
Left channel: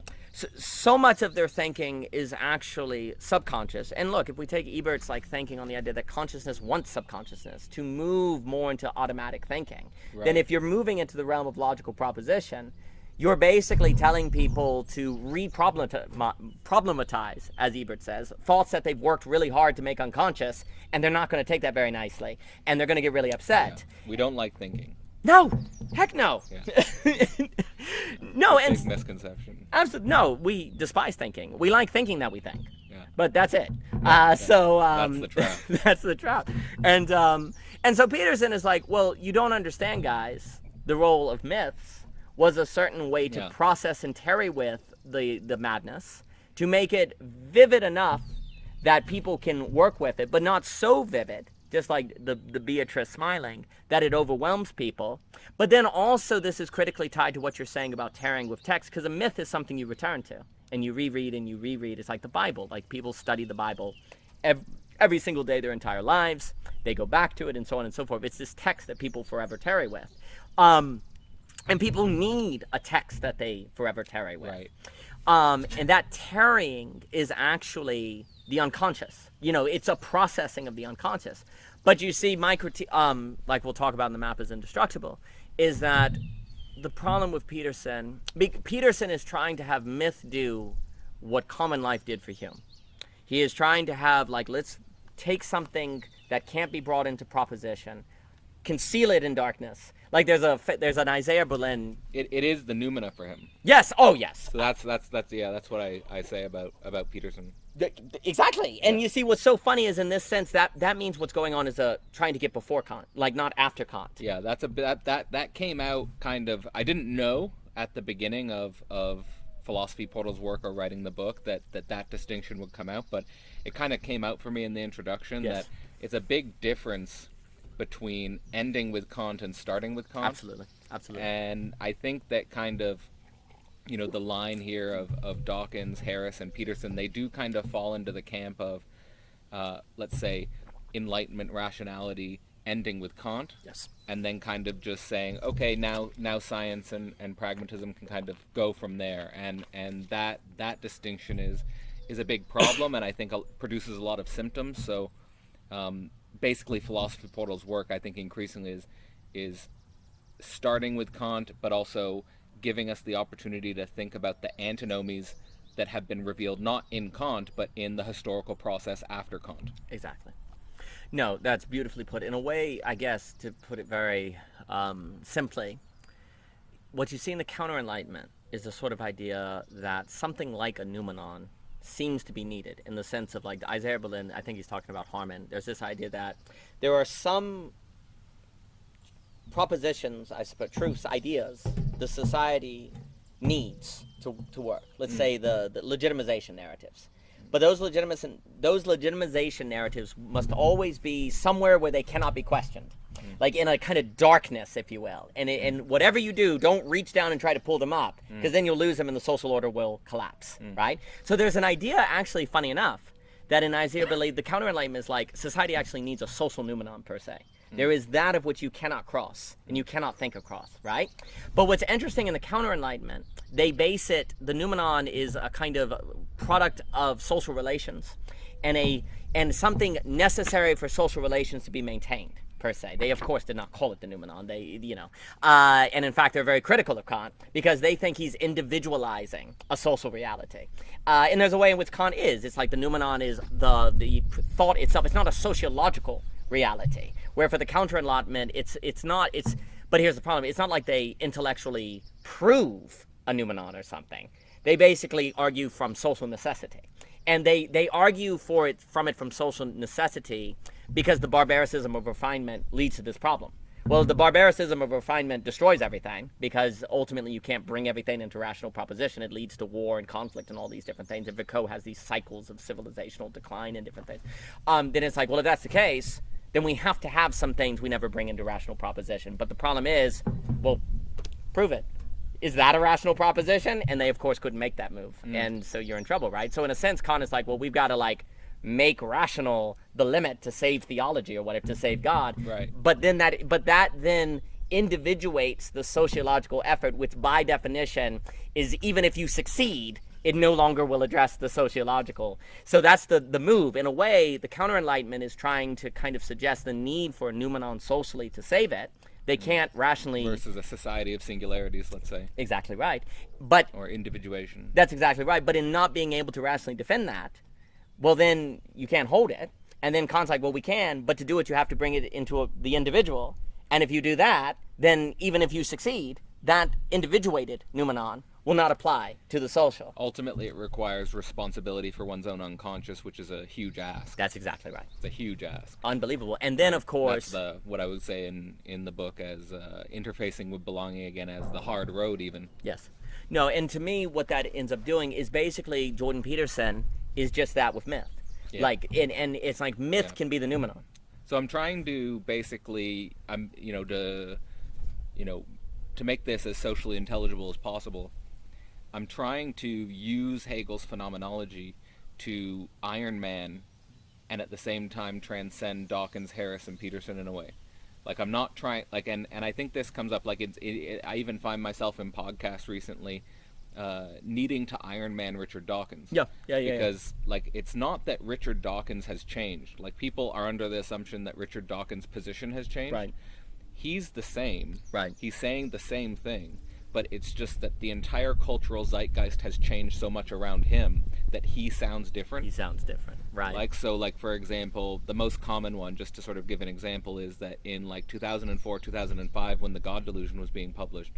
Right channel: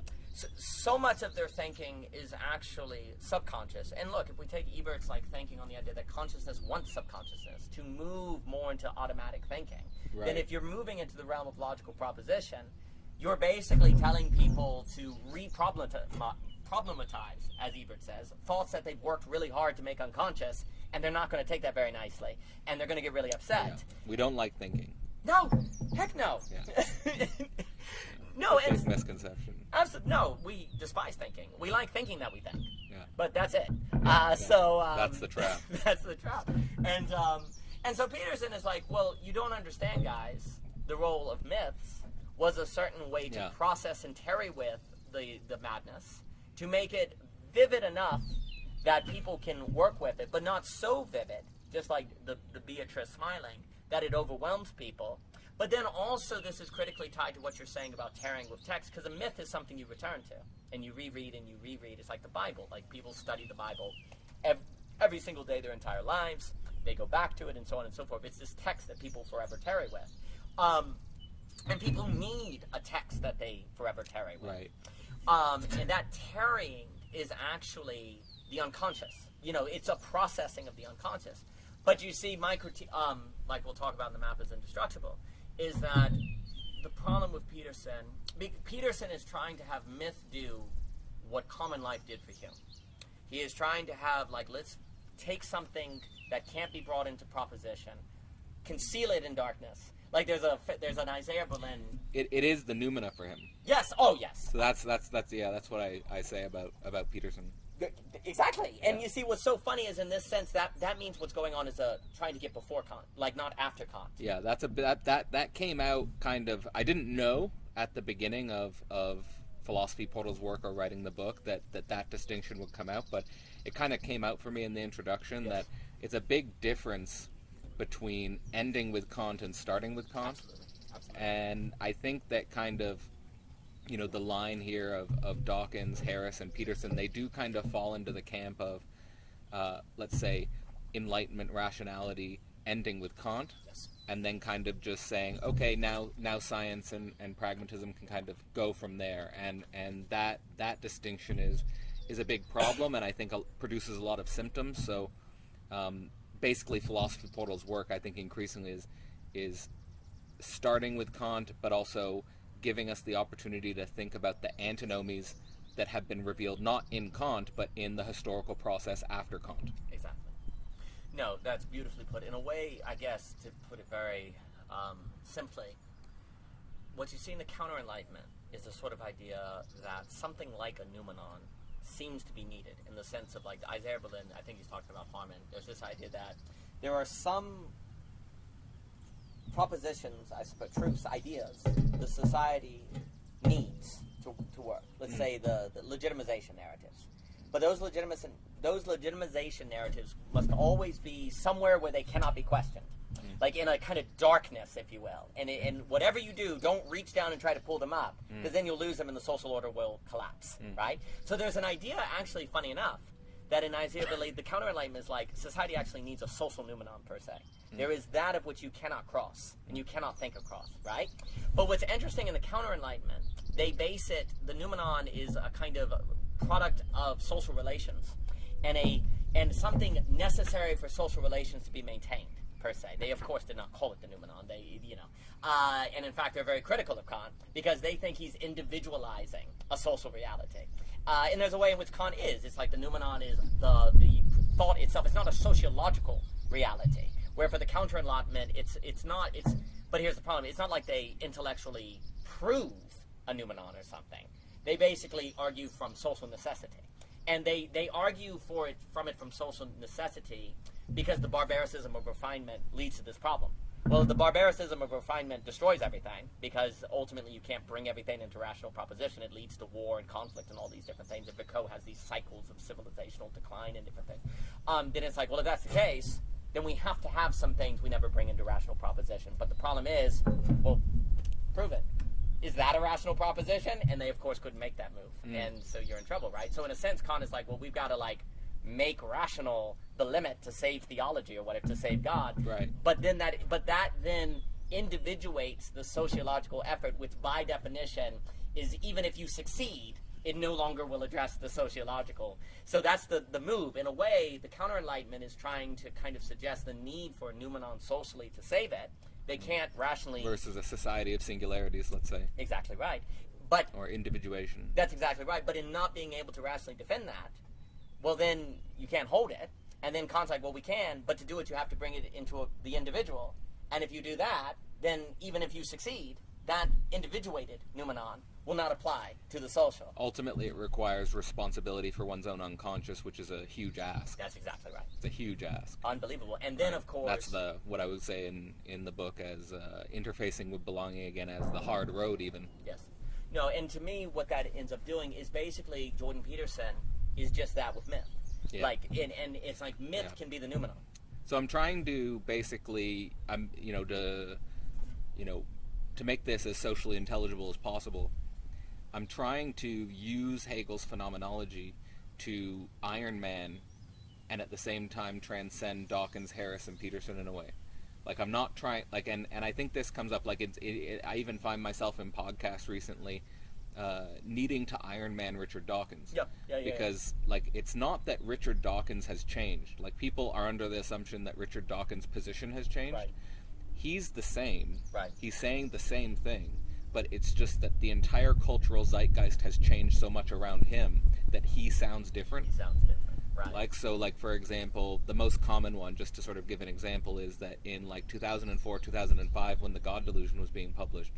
So much of their thinking is actually subconscious. And look, if we take Ebert's thinking on the idea that consciousness wants subconsciousness to move more into automatic thinking, then if you're moving into the realm of logical proposition, you're basically telling people to problematize, as Ebert says, thoughts that they've worked really hard to make unconscious, and they're not going to take that very nicely, and they're going to get really upset. Yeah. We don't like thinking. No, heck no. Yeah. No, it's a big misconception. Absolutely, no. We despise thinking. We like thinking that we think. Yeah. But that's it. That's the trap. That's the trap. And so Peterson is like, well, you don't understand, guys. The role of myths was a certain way to process and tarry with the madness, to make it vivid enough that people can work with it, but not so vivid, just like the Beatrice smiling, that it overwhelms people. But then also this is critically tied to what you're saying about tarrying with text, because a myth is something you return to, and you reread and you reread. It's like the Bible. People study the Bible every single day their entire lives. They go back to it and so on and so forth. It's this text that people forever tarry with. And people need a text that they forever tarry with. Right. And that tarrying is actually the unconscious. It's a processing of the unconscious. But you see, my critique, we'll talk about in the map as indestructible, is that the problem with Peterson is trying to have myth do what common life did for Hume. He is trying to have, let's take something that can't be brought into proposition, conceal it in darkness. Like there's an Isaiah Berlin. It is the noumena for him. Yes. Oh yes. So that's what I say about Peterson. Exactly. And you see, what's so funny is in this sense that means what's going on is trying to get before Kant, like not after Kant. Yeah, that came out kind of. I didn't know at the beginning of Philosophy Portal's work or writing the book that distinction would come out, but it kind of came out for me in the introduction that it's a big difference between ending with Kant and starting with Kant. Absolutely. And I think that kind of, the line here of Dawkins, Harris, and Peterson, they do kind of fall into the camp of, let's say, Enlightenment rationality ending with Kant. Yes. And then kind of just saying, okay, now science and pragmatism can kind of go from there. And that distinction is a big problem, and I think produces a lot of symptoms. So basically Philosophy Portal's work, I think, increasingly is starting with Kant, but also giving us the opportunity to think about the antinomies that have been revealed not in Kant, but in the historical process after Kant. Exactly. No, that's beautifully put. In a way, I guess, to put it very simply, what you see in the Counter-Enlightenment is the sort of idea that something like a noumenon seems to be needed, in the sense of, like, Isaiah Berlin, I think he's talking about Harman. There's this idea that there are some propositions, I suppose, truths, ideas, the society needs to work. Let's say the legitimization narratives. But those legitimization narratives must always be somewhere where they cannot be questioned, like in a kind of darkness, if you will. And whatever you do, don't reach down and try to pull them up, because then you'll lose them and the social order will collapse, right? So there's an idea, actually, funny enough, that in Isaiah Berlin, the Counter-Enlightenment is like society actually needs a social noumenon per se. There is that of which you cannot cross and you cannot think across, right? But what's interesting in the Counter-Enlightenment, they base it, the noumenon is a kind of product of social relations and something necessary for social relations to be maintained, per se. They, of course, did not call it the noumenon. And in fact, they're very critical of Kant because they think he's individualizing a social reality. And there's a way in which Kant is. It's like the noumenon is the thought itself. It's not a sociological reality. Where for the Counter-Enlightenment, but here's the problem. It's not like they intellectually prove a noumenon or something. They basically argue from social necessity. And they argue from social necessity because the barbaricism of refinement leads to this problem. Well, the barbaricism of refinement destroys everything because ultimately you can't bring everything into rational proposition. It leads to war and conflict and all these different things. And Vico has these cycles of civilizational decline and different things. Then it's like, well, if that's the case, then we have to have some things we never bring into rational proposition. But the problem is, well, prove it. Is that a rational proposition? And they, of course, couldn't make that move. And so you're in trouble, right? So in a sense, Kant is like, well, we've got to, like, make rational the limit to save theology or whatever, to save God. Right. But that then individuates the sociological effort, which by definition is, even if you succeed, it no longer will address the sociological. So that's the move. In a way, the Counter-Enlightenment is trying to kind of suggest the need for a noumenon socially to save it. They can't rationally... Versus a society of singularities, let's say. Exactly right. Or individuation. That's exactly right. But in not being able to rationally defend that, well, then you can't hold it. And then Kant's like, well, we can, but to do it, you have to bring it into the individual. And if you do that, then even if you succeed, that individuated noumenon will not apply to the social. Ultimately, it requires responsibility for one's own unconscious, which is a huge ask. That's exactly right. It's a huge ask. Unbelievable. And then, of course... That's what I would say in the book as interfacing with belonging again as the hard road, even. Yes. No, and to me, what that ends up doing is basically Jordan Peterson is just that with myth. Yeah. Like, and it's like myth can be the noumenon. So I'm trying to basically, to make this as socially intelligible as possible, I'm trying to use Hegel's phenomenology to Iron Man and at the same time transcend Dawkins, Harris, and Peterson in a way. Like, I'm not trying, like, and I think this comes up, like, I even find myself in podcasts recently needing to Iron Man Richard Dawkins. Yeah. Because, like, it's not that Richard Dawkins has changed. Like, people are under the assumption that Richard Dawkins' position has changed. Right. He's the same. Right. He's saying the same thing. But it's just that the entire cultural zeitgeist has changed so much around him that he sounds different. He sounds different. Right. Like, so, like, for example, the most common one, just to sort of give an example, is that in like 2004, 2005, when the God Delusion was being published,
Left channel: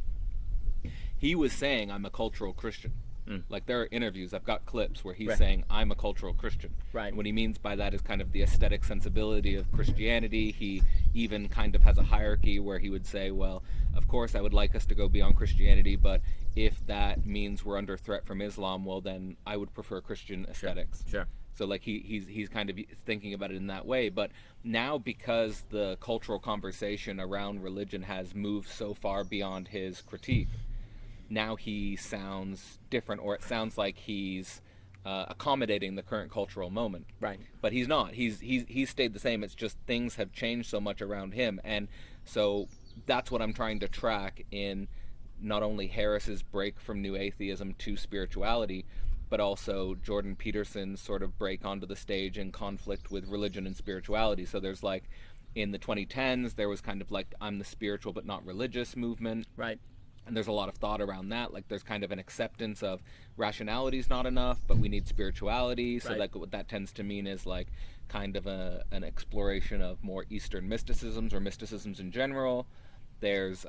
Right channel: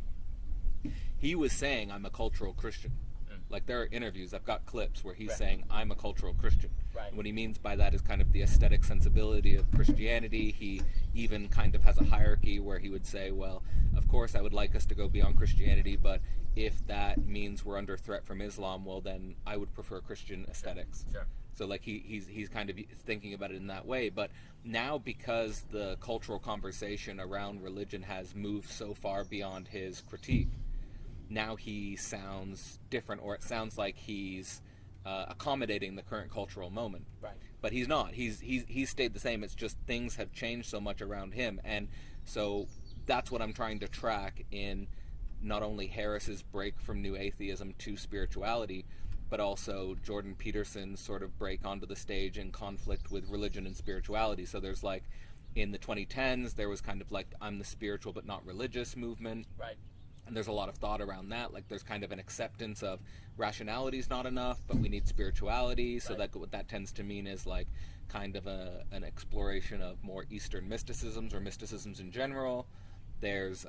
he was saying, I'm a cultural Christian. Mm. Like, there are interviews, I've got clips where he's Right. saying, I'm a cultural Christian. Right. And what he means by that is kind of the aesthetic sensibility of Christianity. He even kind of has a hierarchy where he would say, well, of course I would like us to go beyond Christianity, but if that means we're under threat from Islam, well, then I would prefer Christian aesthetics. Sure. So, like, he's kind of thinking about it in that way. But now, because the cultural conversation around religion has moved so far beyond his critique, now he sounds different, or it sounds like he's accommodating the current cultural moment. Right. But he's not. He's stayed the same. It's just things have changed so much around him, and so that's what I'm trying to track in not only Harris's break from New Atheism to spirituality, but also Jordan Peterson's sort of break onto the stage in conflict with religion and spirituality. So there's like, in the 2010s, there was kind of like, I'm the spiritual but not religious movement. Right. And there's a lot of thought around that. Like, there's kind of an acceptance of rationality is not enough, but we need spirituality. So Right. like, what that tends to mean is like kind of an exploration of more Eastern mysticisms or mysticisms in general. There's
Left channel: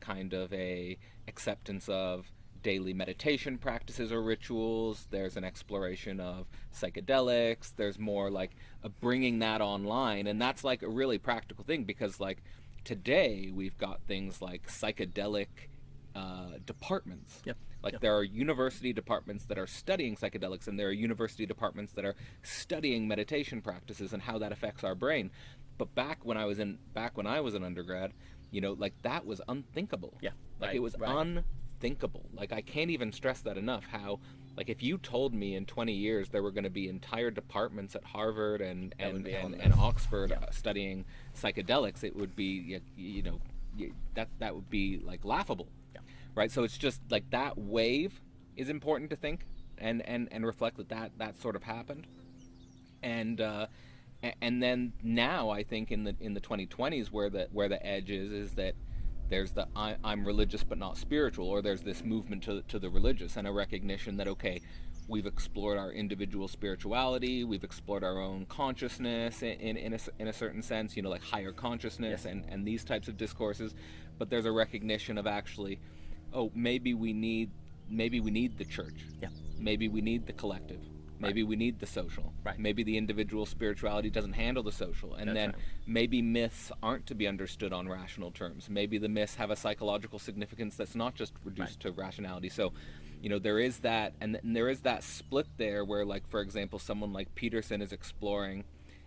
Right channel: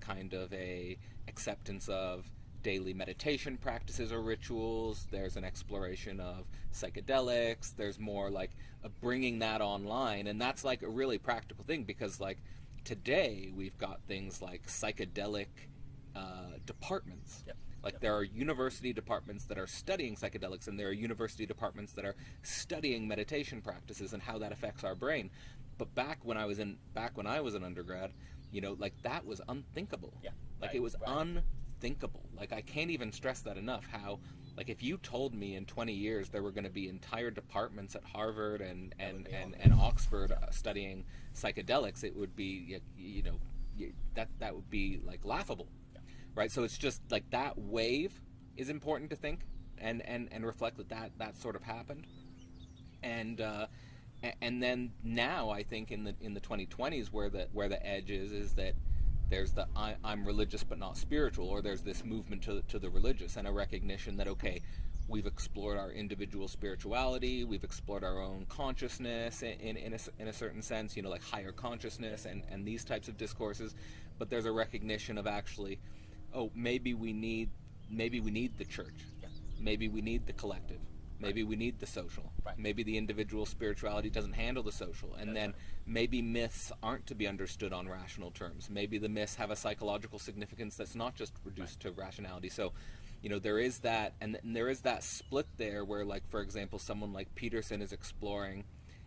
kind of a acceptance of daily meditation practices or rituals. There's an exploration of psychedelics. There's more like a bringing that online, and that's like a really practical thing, because like today we've got things like psychedelic departments. Yep. Like, Yep. there are university departments that are studying psychedelics, and there are university departments that are studying meditation practices and how that affects our brain. But back when I was an undergrad, like, that was unthinkable. Yeah. Like, Right. it was Right. unthinkable. Like, I can't even stress that enough. How, like, if you told me in 20 years there were going to be entire departments at Harvard and That would be and Oxford Yeah. Studying psychedelics, it would be, that would be like laughable. Yeah. Right? So it's just like that wave is important to think and reflect that sort of happened. And and then now I think in the 2020s, where the edge is that there's the I'm religious but not spiritual, or there's this movement to the religious, and a recognition that, okay, we've explored our individual spirituality, we've explored our own consciousness in a certain sense, like higher consciousness. Yes. and these types of discourses, but there's a recognition of, actually, oh, maybe we need the church. Yeah. Maybe we need the collective. Maybe we need the social. Right. Maybe the individual spirituality doesn't handle the social. And That's then right. maybe myths aren't to be understood on rational terms. Maybe the myths have a psychological significance that's not just reduced to rationality. So, there is that, and there is that split there where, like, for example, someone like Peterson is exploring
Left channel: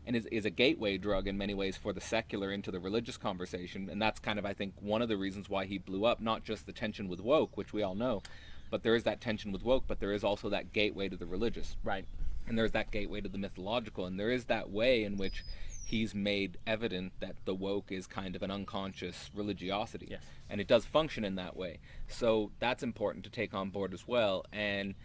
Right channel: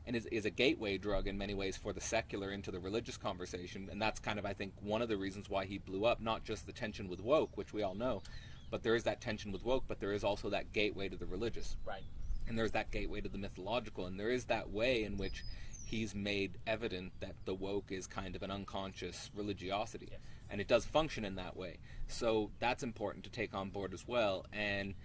and is a gateway drug in many ways for the secular into the religious conversation. And that's kind of, I think, one of the reasons why he blew up, not just the tension with woke, which we all know, but there is that tension with woke, but there is also that gateway to the religious. Right. And there's that gateway to the mythological, and there is that way in which he's made evident that the woke is kind of an unconscious religiosity. Yes. And it does function in that way. So that's important to take on board as well. And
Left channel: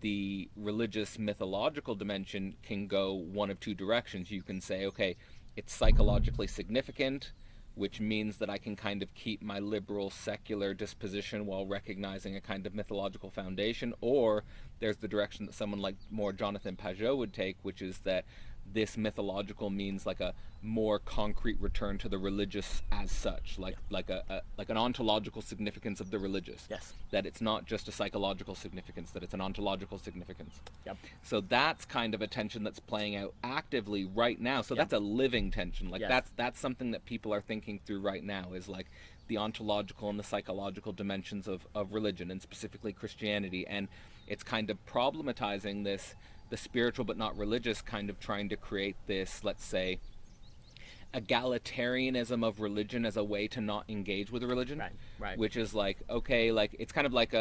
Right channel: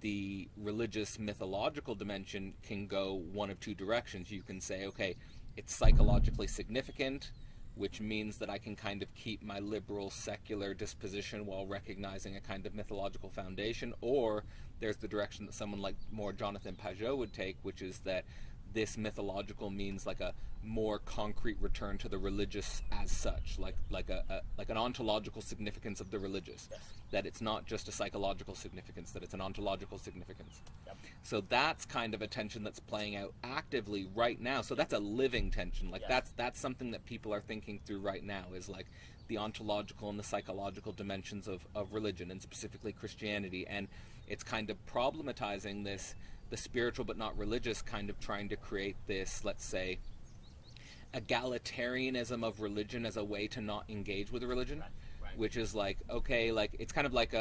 the religious mythological dimension can go one of two directions. You can say, okay, it's psychologically significant, which means that I can kind of keep my liberal secular disposition while recognizing a kind of mythological foundation. Or there's the direction that someone like more Jonathan Pajot would take, which is that this mythological means like a more concrete return to the religious as such, like an ontological significance of the religious. Yes. That it's not just a psychological significance, that it's an ontological significance. Yep. So that's kind of a tension that's playing out actively right now. So Yep. that's a living tension. Like, Yes. that's something that people are thinking through right now, is like the ontological and the psychological dimensions of religion, and specifically Christianity. And it's kind of problematizing this, the spiritual but not religious, kind of trying to create this, let's say, egalitarianism of religion as a way to not engage with religion. Right. Right. Which is like, okay, like, it's kind of like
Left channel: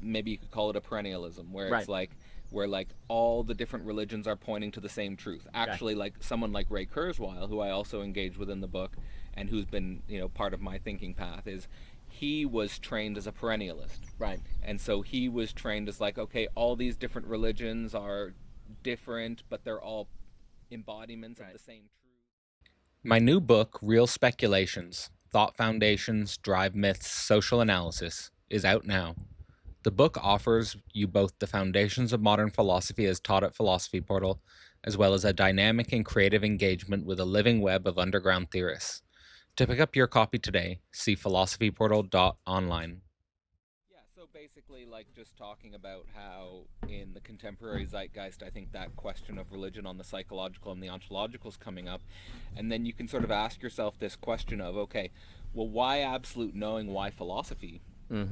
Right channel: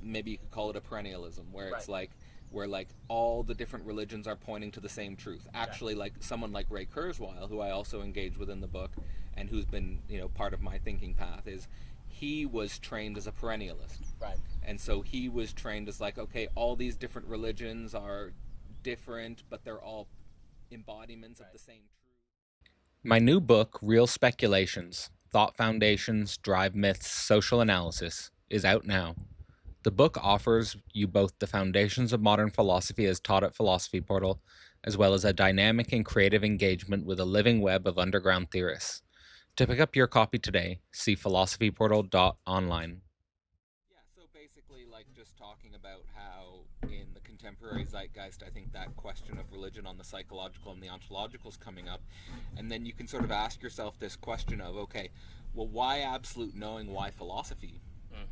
maybe you could call it a perennialism, where it's Right. like, where like all the different religions are pointing to the same truth. Actually, like someone like Ray Kurzweil, who I also engage with in the book, and who's been part of my thinking path, is he was trained as a perennialist. Right. And so he was trained as like, okay, all these different religions are different, but they're all embodiments of the same truth. My new book, Real Speculations: Thought Foundations, Drive Myths, Social Analysis, is out now. The book offers you both the foundations of modern philosophy as taught at Philosophy Portal, as well as a dynamic and creative engagement with a living web of underground theorists. To pick up your copy today, see philosophyportal.online. Yeah, so basically, like, just talking about how in the contemporary zeitgeist, I think that question of religion on the psychological and the ontological is coming up. And then you can sort of ask yourself this question of, okay, well, why absolute knowing? Why philosophy?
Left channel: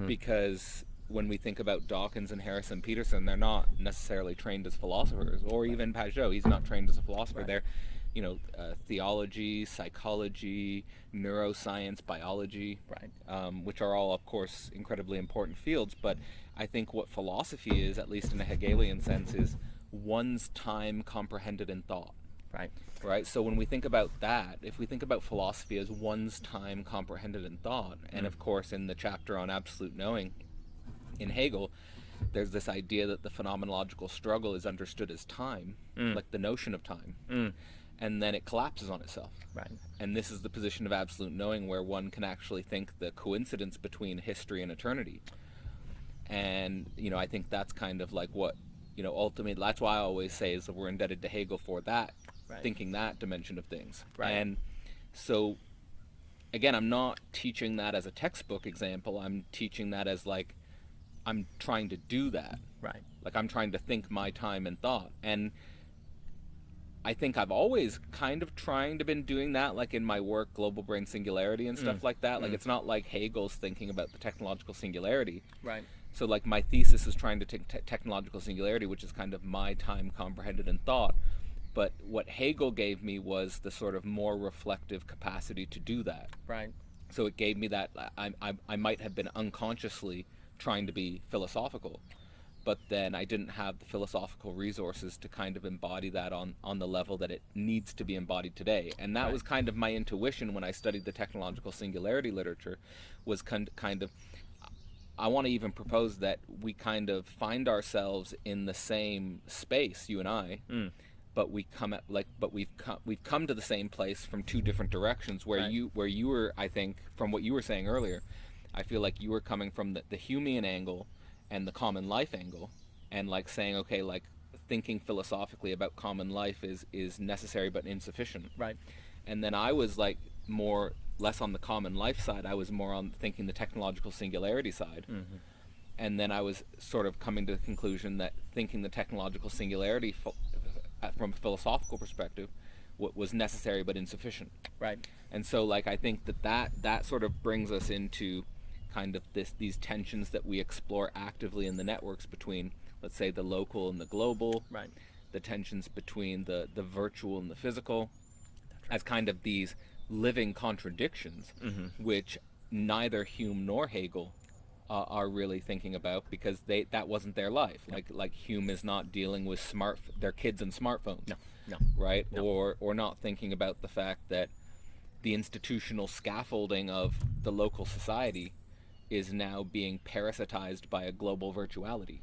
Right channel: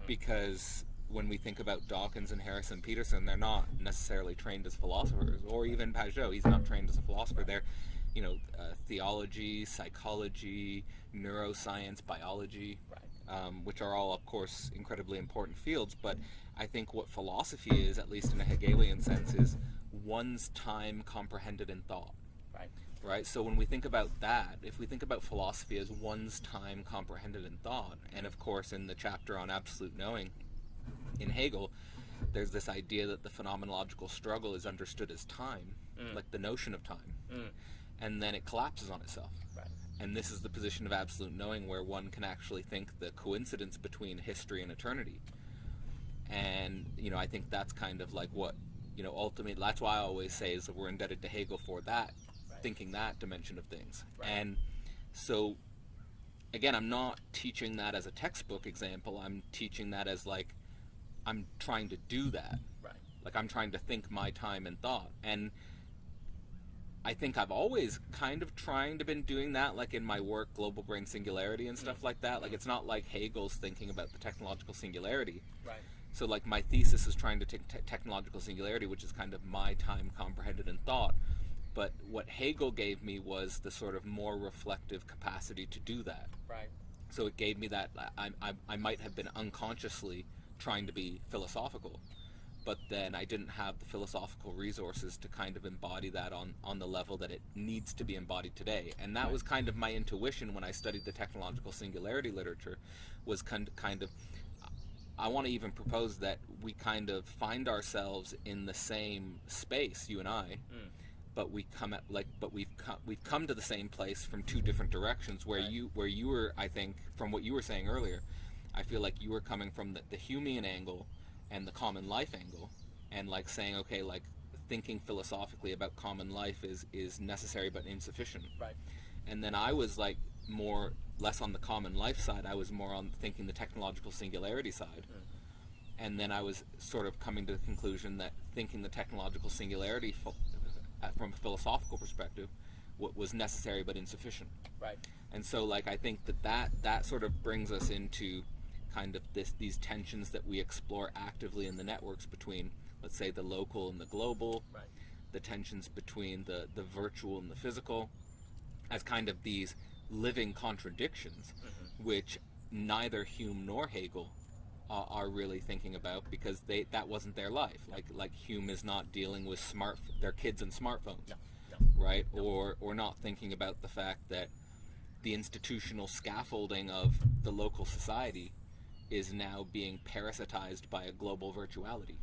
Because when we think about Dawkins and Harrison Peterson, they're not necessarily trained as philosophers, or even Pajot, he's not trained as a philosopher. They're, theology, psychology, neuroscience, biology, which are all, of course, incredibly important fields. But I think what philosophy is, at least in a Hegelian sense, is one's time comprehended in thought. Right? So when we think about that, if we think about philosophy as one's time comprehended in thought, and of course in the chapter on absolute knowing in Hegel, there's this idea that the phenomenological struggle is understood as time, like the notion of time, and then it collapses on itself. And this is the position of absolute knowing, where one can actually think the coincidence between history and eternity. And, I think that's kind of like what, ultimately, that's why I always say is that we're indebted to Hegel for that, thinking that dimension of things. And so, again, I'm not teaching that as a textbook example. I'm teaching that as, like, I'm trying to do that. Like, I'm trying to think my time in thought. And I think I've always kind of trying to been doing that, like in my work, Global Brain Singularity and stuff like that. Like, it's not like Hegel's thinking about the technological singularity. So, like, my thesis is trying to take technological singularity, which is kind of my time comprehended in thought. But what Hegel gave me was the sort of more reflective capacity to do that. So it gave me that, I might have been unconsciously trying to be philosophical, but then I didn't have the philosophical resources to kind of embody that on the level that it needs to be embodied today. And that was kind of my intuition when I studied the technological singularity literature, was kind of, I want to even propose that we kind of find ourselves in the same space, you and I, but we've come to the same place from two different directions, where you were, I think, from what you were saying earlier, I feel like you were coming from the Humean angle and the common life angle, and like saying, okay, like, thinking philosophically about common life is necessary but insufficient. And then I was like less on the common life side. I was more on thinking the technological singularity side. And then I was sort of coming to the conclusion that thinking the technological singularity from a philosophical perspective was necessary but insufficient. And so, like, I think that sort of brings us into kind of these tensions that we explore actively in the networks between, let's say, the local and the global, the tensions between the virtual and the physical, as kind of these living contradictions, which neither Hume nor Hegel are really thinking about, because that wasn't their life. Like Hume is not dealing with their kids and smartphones, right? Or not thinking about the fact that the institutional scaffolding of the local society is now being parasitized by a global virtuality.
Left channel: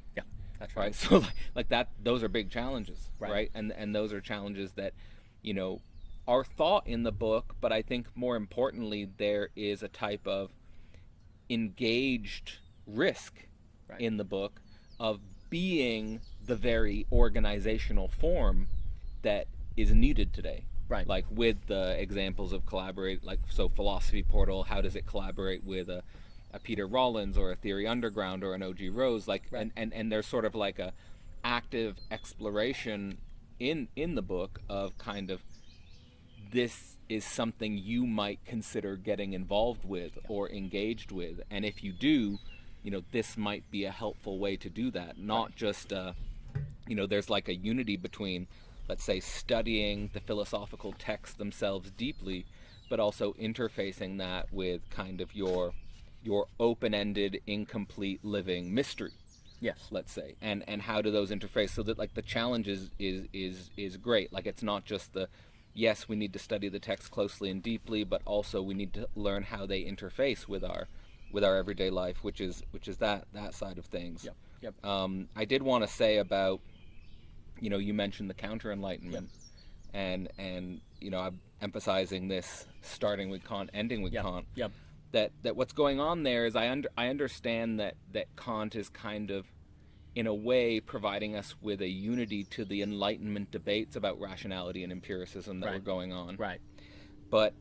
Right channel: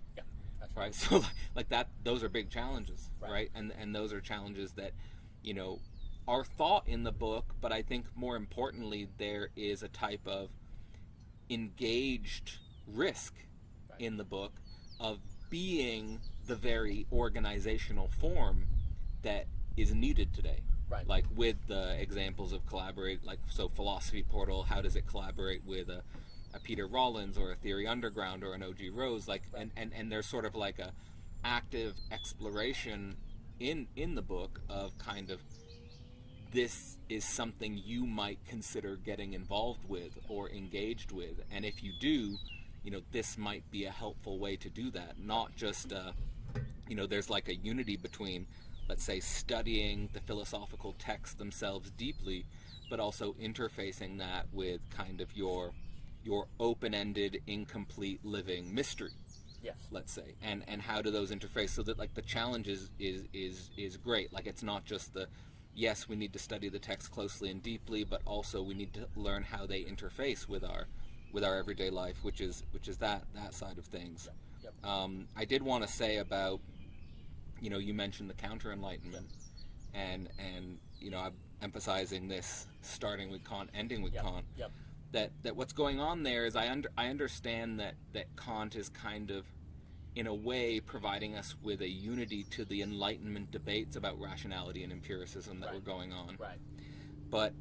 That's right. So like that, those are big challenges, right? And those are challenges that, are thought in the book, but I think more importantly, there is a type of engaged risk in the book of being the very organizational form that is needed today. Like with the examples of collaborate, like, so Philosophy Portal, how does it collaborate with a Peter Rollins or a Theory Underground or an O.G. Rose, like, and there's sort of like a active exploration in the book of kind of, this is something you might consider getting involved with or engaged with, and if you do, this might be a helpful way to do that. Not just there's like a unity between, let's say, studying the philosophical texts themselves deeply, but also interfacing that with kind of your open-ended, incomplete living mystery. Let's say, and how do those interface, so that, like, the challenge is great. Like, it's not just yes, we need to study the text closely and deeply, but also we need to learn how they interface with our everyday life, which is that side of things. I did want to say about, you mentioned the counter enlightenment, and I'm emphasizing this, starting with Kant, ending with Kant. That what's going on there is, I understand that Kant is kind of in a way providing us with a unity to the Enlightenment debates about rationality and empiricism that were going on. Right. But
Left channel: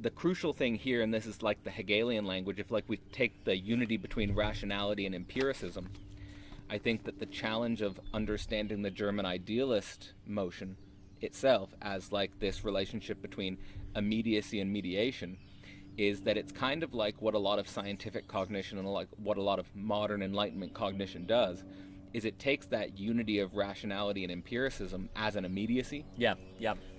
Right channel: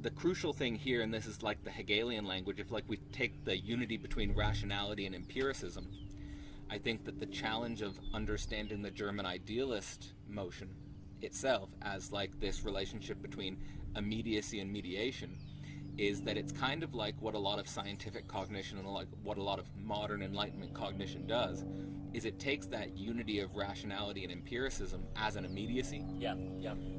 the crucial thing here, and this is like the Hegelian language, if like we take the unity between rationality and empiricism, I think that the challenge of understanding the German idealist motion itself as like this relationship between immediacy and mediation is that it's kind of like what a lot of scientific cognition and like what a lot of modern Enlightenment cognition does, is it takes that unity of rationality and empiricism as an immediacy. Yeah.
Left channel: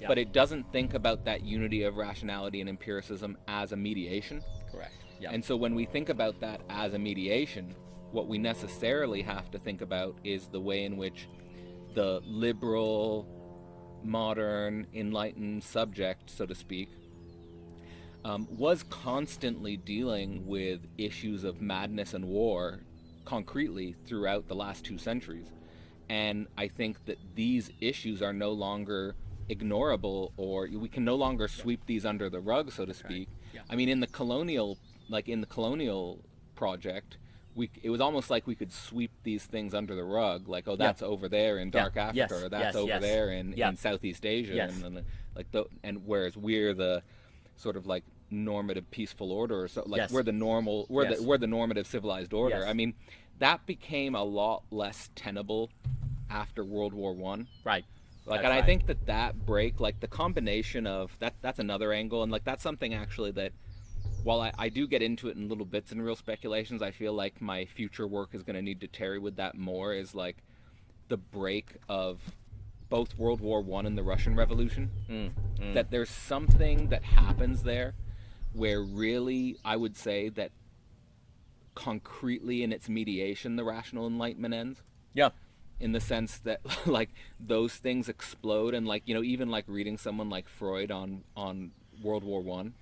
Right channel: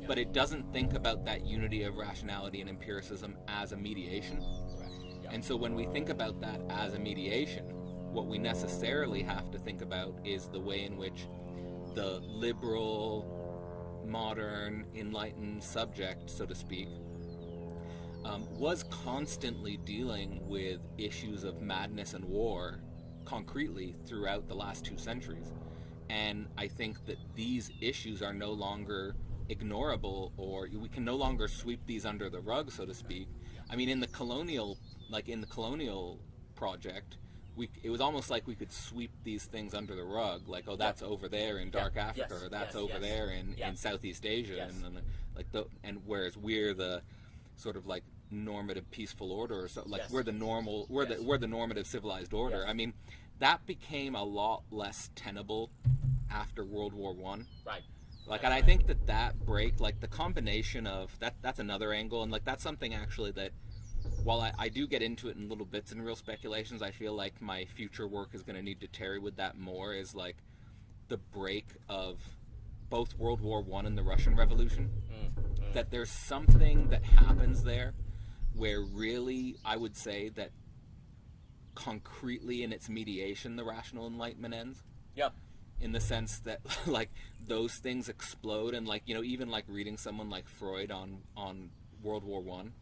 But it doesn't think about that unity of rationality and empiricism as a mediation. Correct. Yeah. And so when we think about that as a mediation, what we necessarily have to think about is the way in which the liberal, modern, enlightened subject, so to speak, was constantly dealing with issues of madness and war concretely throughout the last 2 centuries. And I think that these issues are no longer ignorable, or we can no longer sweep these under the rug, so to speak. Yeah. I mean, in the colonial project, it was almost like we could sweep these things under the rug, like, oh, that's over there in dark Africa, or that's over there in Southeast Asia, and whereas we're the sort of like normative peaceful order, or so, like we're the normal, we're the normative civilized order. Yes. I mean, that became a lot less tenable after World War One. Right. Like, and I think that break, like the combination of that's another angle, and like that's something actually that, while I do get into it in little bits and real speculations, I feel like my future work is going to need to tarry with that more, is like the break of both World War One and the Russian Revolution. That there's something that happens there where really I would say that concretely in its mediation the rational Enlightenment ends. Yeah. In the sense that like those things explode, and like, you know, even like reading someone like Freud on World War One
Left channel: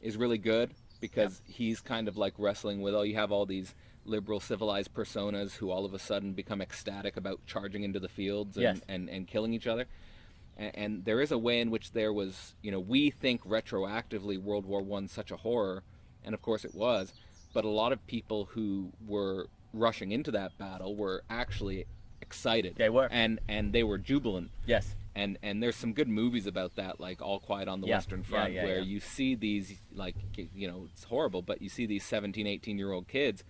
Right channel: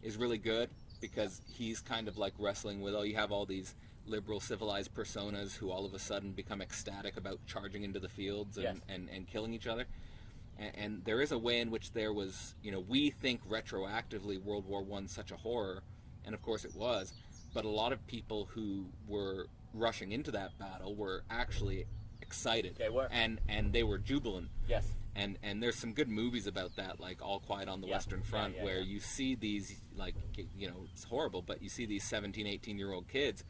is really good, because he's kind of like wrestling with, you have all these liberal civilized personas who all of a sudden become ecstatic about charging into the fields and killing each other. And there is a way in which there was, you know, we think retroactively World War One such a horror, and of course it was, but a lot of people who were rushing into that battle were actually excited. They were. And they were jubilant. Yes. And there's some good movies about that, like All Quiet on the Western Front, where you see these, like, you know, it's horrible, but you see these 17, 18-year-old kids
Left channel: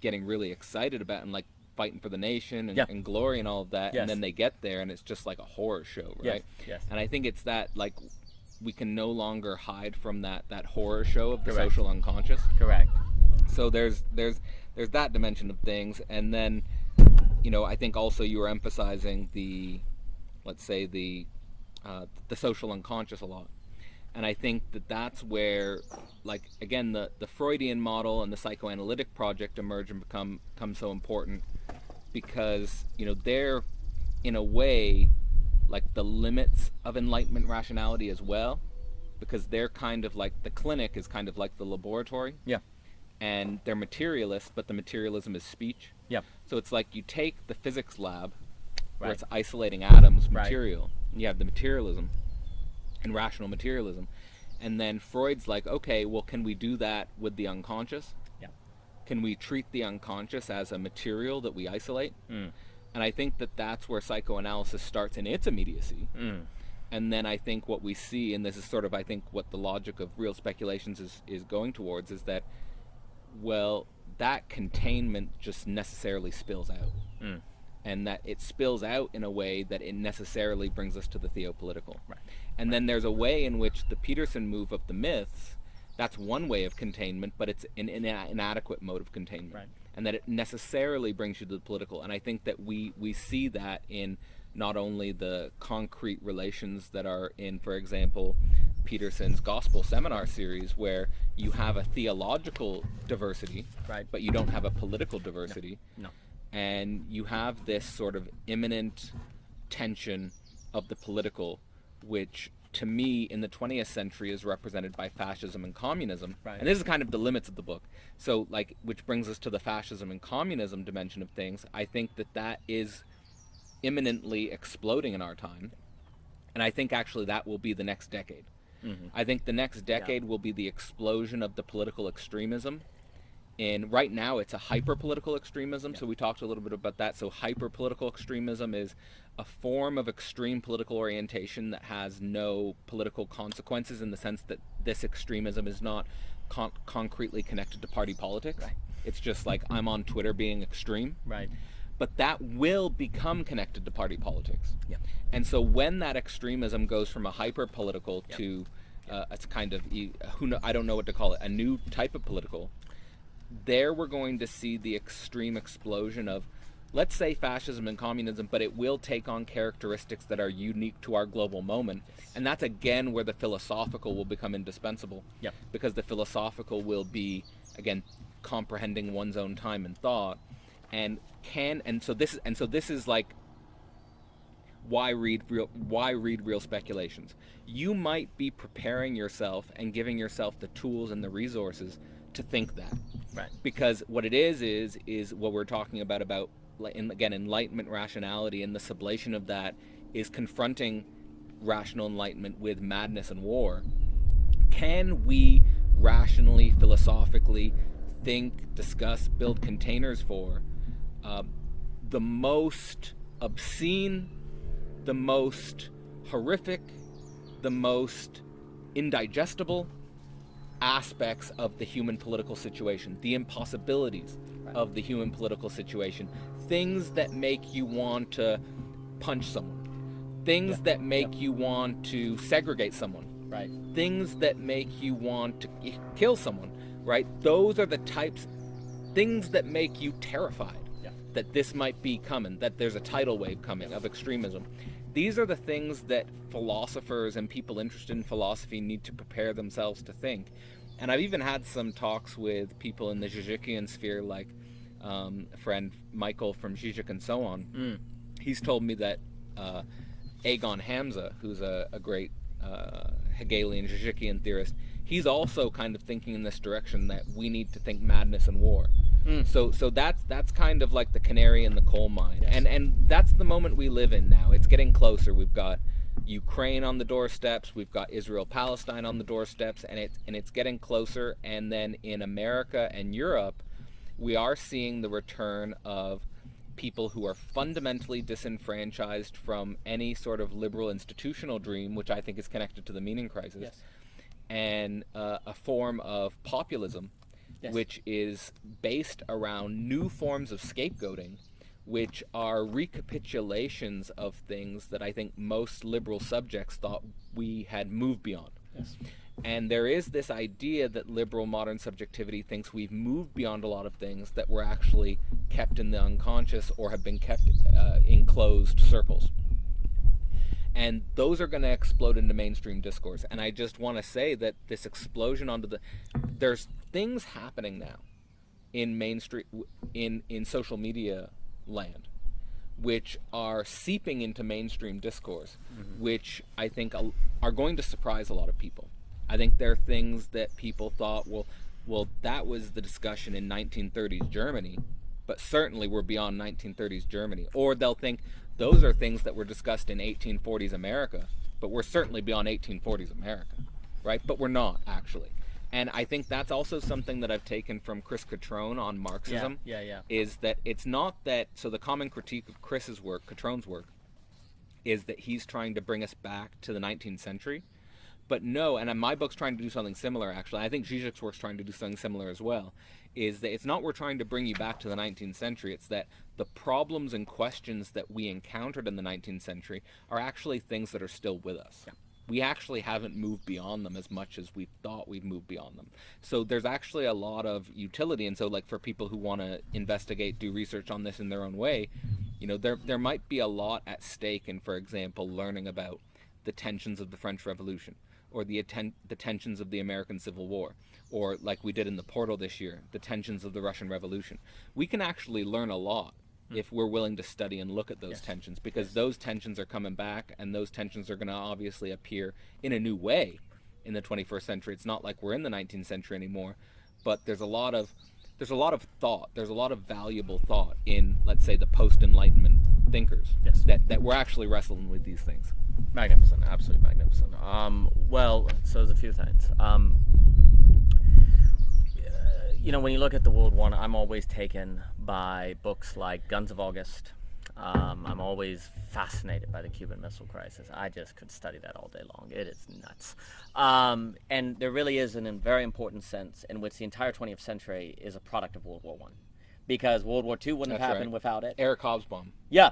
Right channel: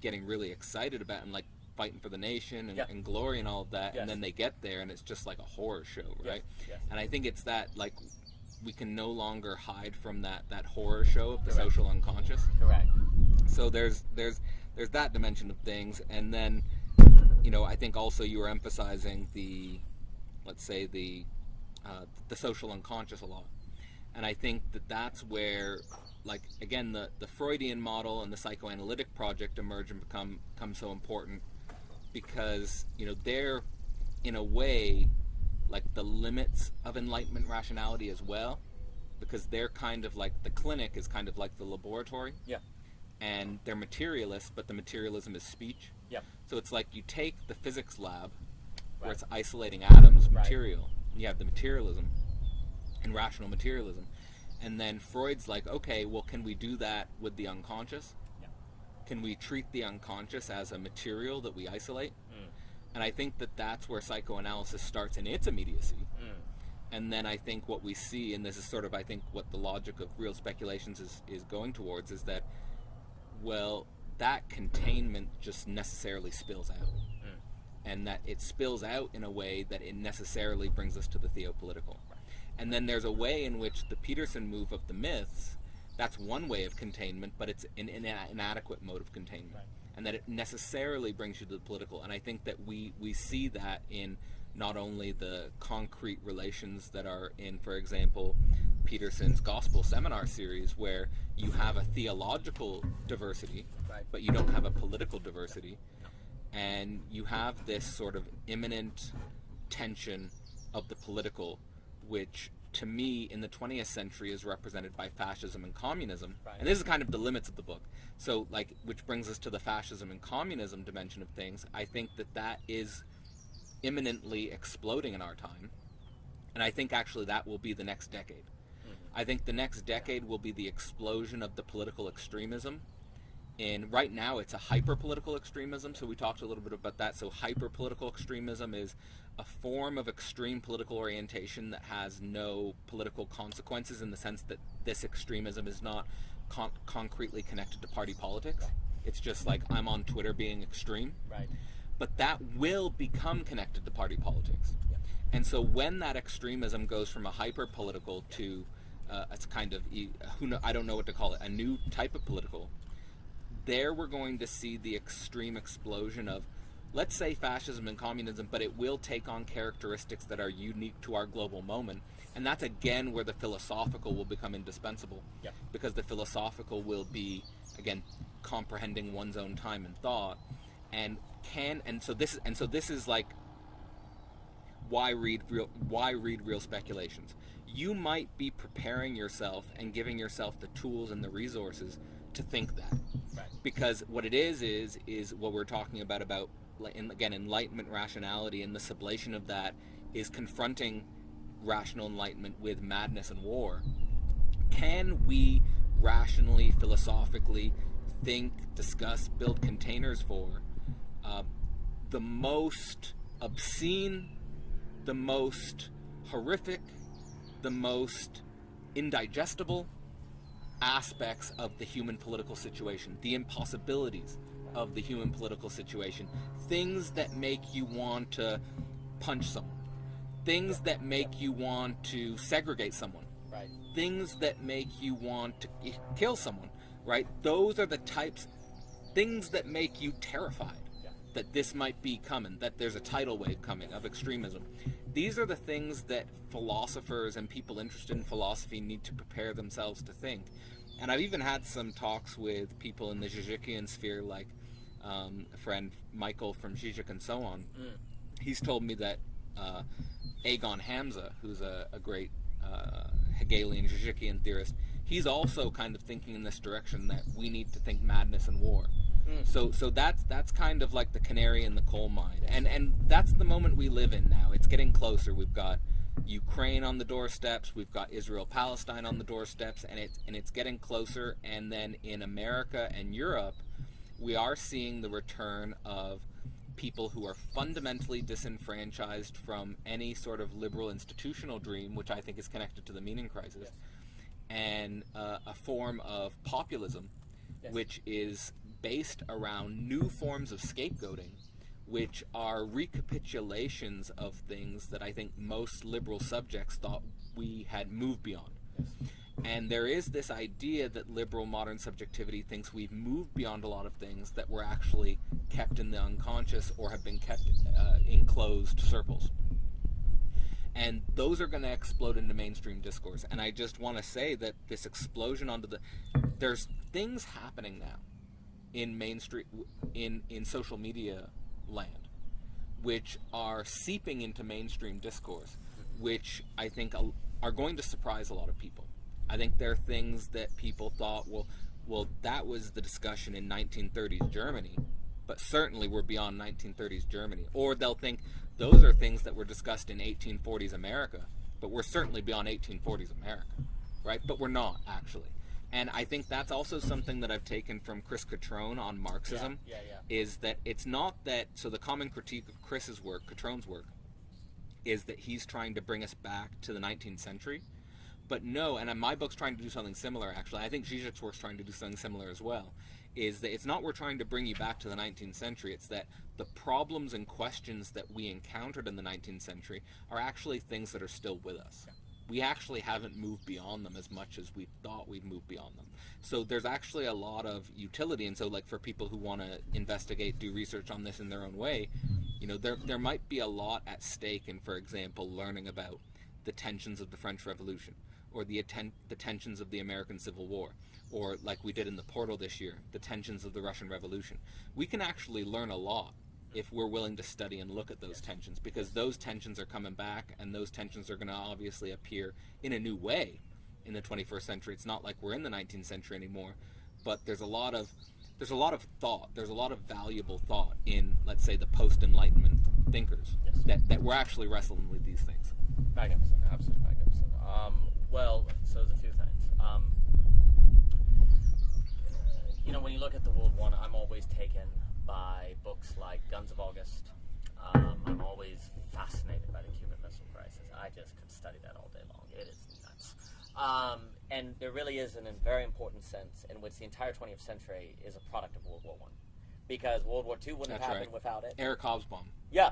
getting really excited about and like fighting for the nation and glory and all of that, and then they get there and it's just like a horror show, right? Yes. And I think it's that, like, we can no longer hide from that horror show of the social unconscious. Correct. So there's that dimension of things, and then, you know, I think also you were emphasizing the, let's say, the social unconscious a lot. And I think that that's where, like, again, the Freudian model and the psychoanalytic project emerge and become so important, because, you know, they're, in a way, like the limits of Enlightenment rationality as well, because they're kind of like, the clinic is kind of like the laboratory. Yeah. And they're materialists, but the materialism is speech. Yeah. So it's like you take the physics lab, where it's isolating atoms, material, and you have the materialism and rational materialism. And then Freud's like, okay, well, can we do that with the unconscious? Yeah. Can we treat the unconscious as a material that we isolate? And I think that that's where psychoanalysis starts in its immediacy. And then I think what we see, and this is sort of, I think, what the logic of real speculations is going towards, is that, well, that containment just necessarily spills out. And that it spills out in a way that it necessarily brings us to the theopolitical. Right. And then there's a way in which the Peterson move of the myths, that's one way of containment, but it's an inadequate mode of containment. Right. And that it necessarily brings you to the political. And I think that we see that in not only the concrete relations that are in, for example, Peterson's Gospel Seminar series, where you have a theological diversity, but you don't have a political diversity. No. And you have this sort of imminent tension of the political, which to me in the 20th century is represented by fascism and communism. Right. And this is kind of the limits of the book. So, like, which brings us to the fascism and communism dimension of things. I think that is imminently exploding in our time. And I think actually that will be the next decade. I think the next decade will be the explosion of the political extremism right now it's a hyper-political extremism, so we talked a little bit about that. So hyper-political extremism is a form of extreme political orientation that has no political consequences, in the sense that this extremism is not concretely connected to party politics. Right. It's just like, I'm on Twitter being extreme. Right. But that will become connected to party politics. Yep. And so when that extremism goes from a hyper-political to it's kind of, I don't know what to call it, a new type of political, there we're going to see the extreme explosion of, let's say, fascism and communism, but it will take on characteristics that are unique to our global moment. And that's again where the philosophical will become indispensable. Yep. Because the philosophical will be, again, comprehending one's own time and thought, and so this is like, why read real speculations. You might be preparing yourself and giving yourself the tools and the resources to think that. Right. Because what it is what we're talking about again, enlightenment rationality, and the sublation of that is confronting rational enlightenment with madness and war. Can we rationally, philosophically think, discuss, build containers for the most obscene, the most horrific, the most indigestible aspects of the human political situation, the impossibilities of the human political situation, things that make you want to punch someone, things that make you want to segregate someone, Right. things that make you want to kill someone, right? Those are the things that make you terrified that this might be coming, that there's a tidal wave coming of extremism. These are the things that philosophers and people interested in philosophy need to prepare themselves to think. And I've even had some talks with people in the Zizekian sphere, like a friend Michael from Zizek and so on. He's told me that Egon Hamza, who's a great Hegelian Zizekian theorist, he's also kind of thinking in this direction, that we need to think madness and war. So that's kind of like the canary in the coal mine, and that's the moment we live in now. It's getting closer. We've got Ukraine on the doorsteps, we've got Israel-Palestine on the doorsteps, and it's getting closer. And then in America and Europe, we are seeing the return of people who are fundamentally disenfranchised from any sort of liberal institutional dream, which I think is connected to the meaning crisis, and a form of populism, which is based around new forms of scapegoating, which are recapitulations of things that I think most liberal subjects thought we had moved beyond. And there is this idea that liberal modern subjectivity thinks we've moved beyond a lot of things that were actually kept in the unconscious or have been kept in closed circles. And those are going to explode into mainstream discourse. And I just want to say that this explosion there's things happening now in mainstream, in social media land, which are seeping into mainstream discourse, which I think are going to surprise a lot of people. I think there are things that people thought, well, that was the discussion in 1930s Germany, but certainly we're beyond 1930s Germany. Or they'll think those are things that were discussed in 1840s America, but we're certainly beyond 1840s America, right? But we're not, actually. And I think that's also something that I've taken from Chris Catrone on Marxism, is that it's not that, so the common critique of Catrone's work, is that he's trying to bring us back to the 19th century. But no, and my book's trying to do something similar, actually. I think Zizek's work's trying to do something similar as well, is that it's not we're trying to bring you back to the 19th century, it's that the problems and questions that we encountered in the 19th century are actually things that are still with us. We actually haven't moved beyond them as much as we thought we've moved beyond them. So there's actually a lot of utility, and so like for people who want to investigate, do research on this in their own way, there might be a lot at stake in, for example, learning about the tensions of the French Revolution, or the tensions of the American Civil War, or like we did in the Portal this year, the tensions of the Russian Revolution. We can actually learn a lot if we're willing to study and look at those tensions, because those tensions are coming back, and those tensions are going to obviously appear in a new way in the 21st century. It's not like we're in the 19th century anymore, but there's a lot of thought, there's a lot of valuable thought in, let's say, the post-Enlightenment thinkers that we're actually wrestling with these things. Magnificent, absolutely magnificent. Well, so there's a few things. when you look at the World War, I'm always taken by books like Guns of August. I'm always fascinated by the Cuban Missile Crisis. I just could study that all day long. It is nuts. And there really is a very important sense in which the entire 20th century is a product of World War I. Because World War II wouldn't have happened without it. Eric Hobsbawm. Yeah.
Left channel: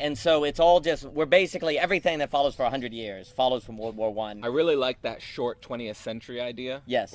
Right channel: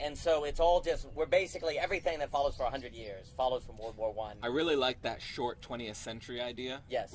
And so it's all just, we're basically, everything that follows for 100 years follows from World War I. I really like that short 20th century idea. Yes.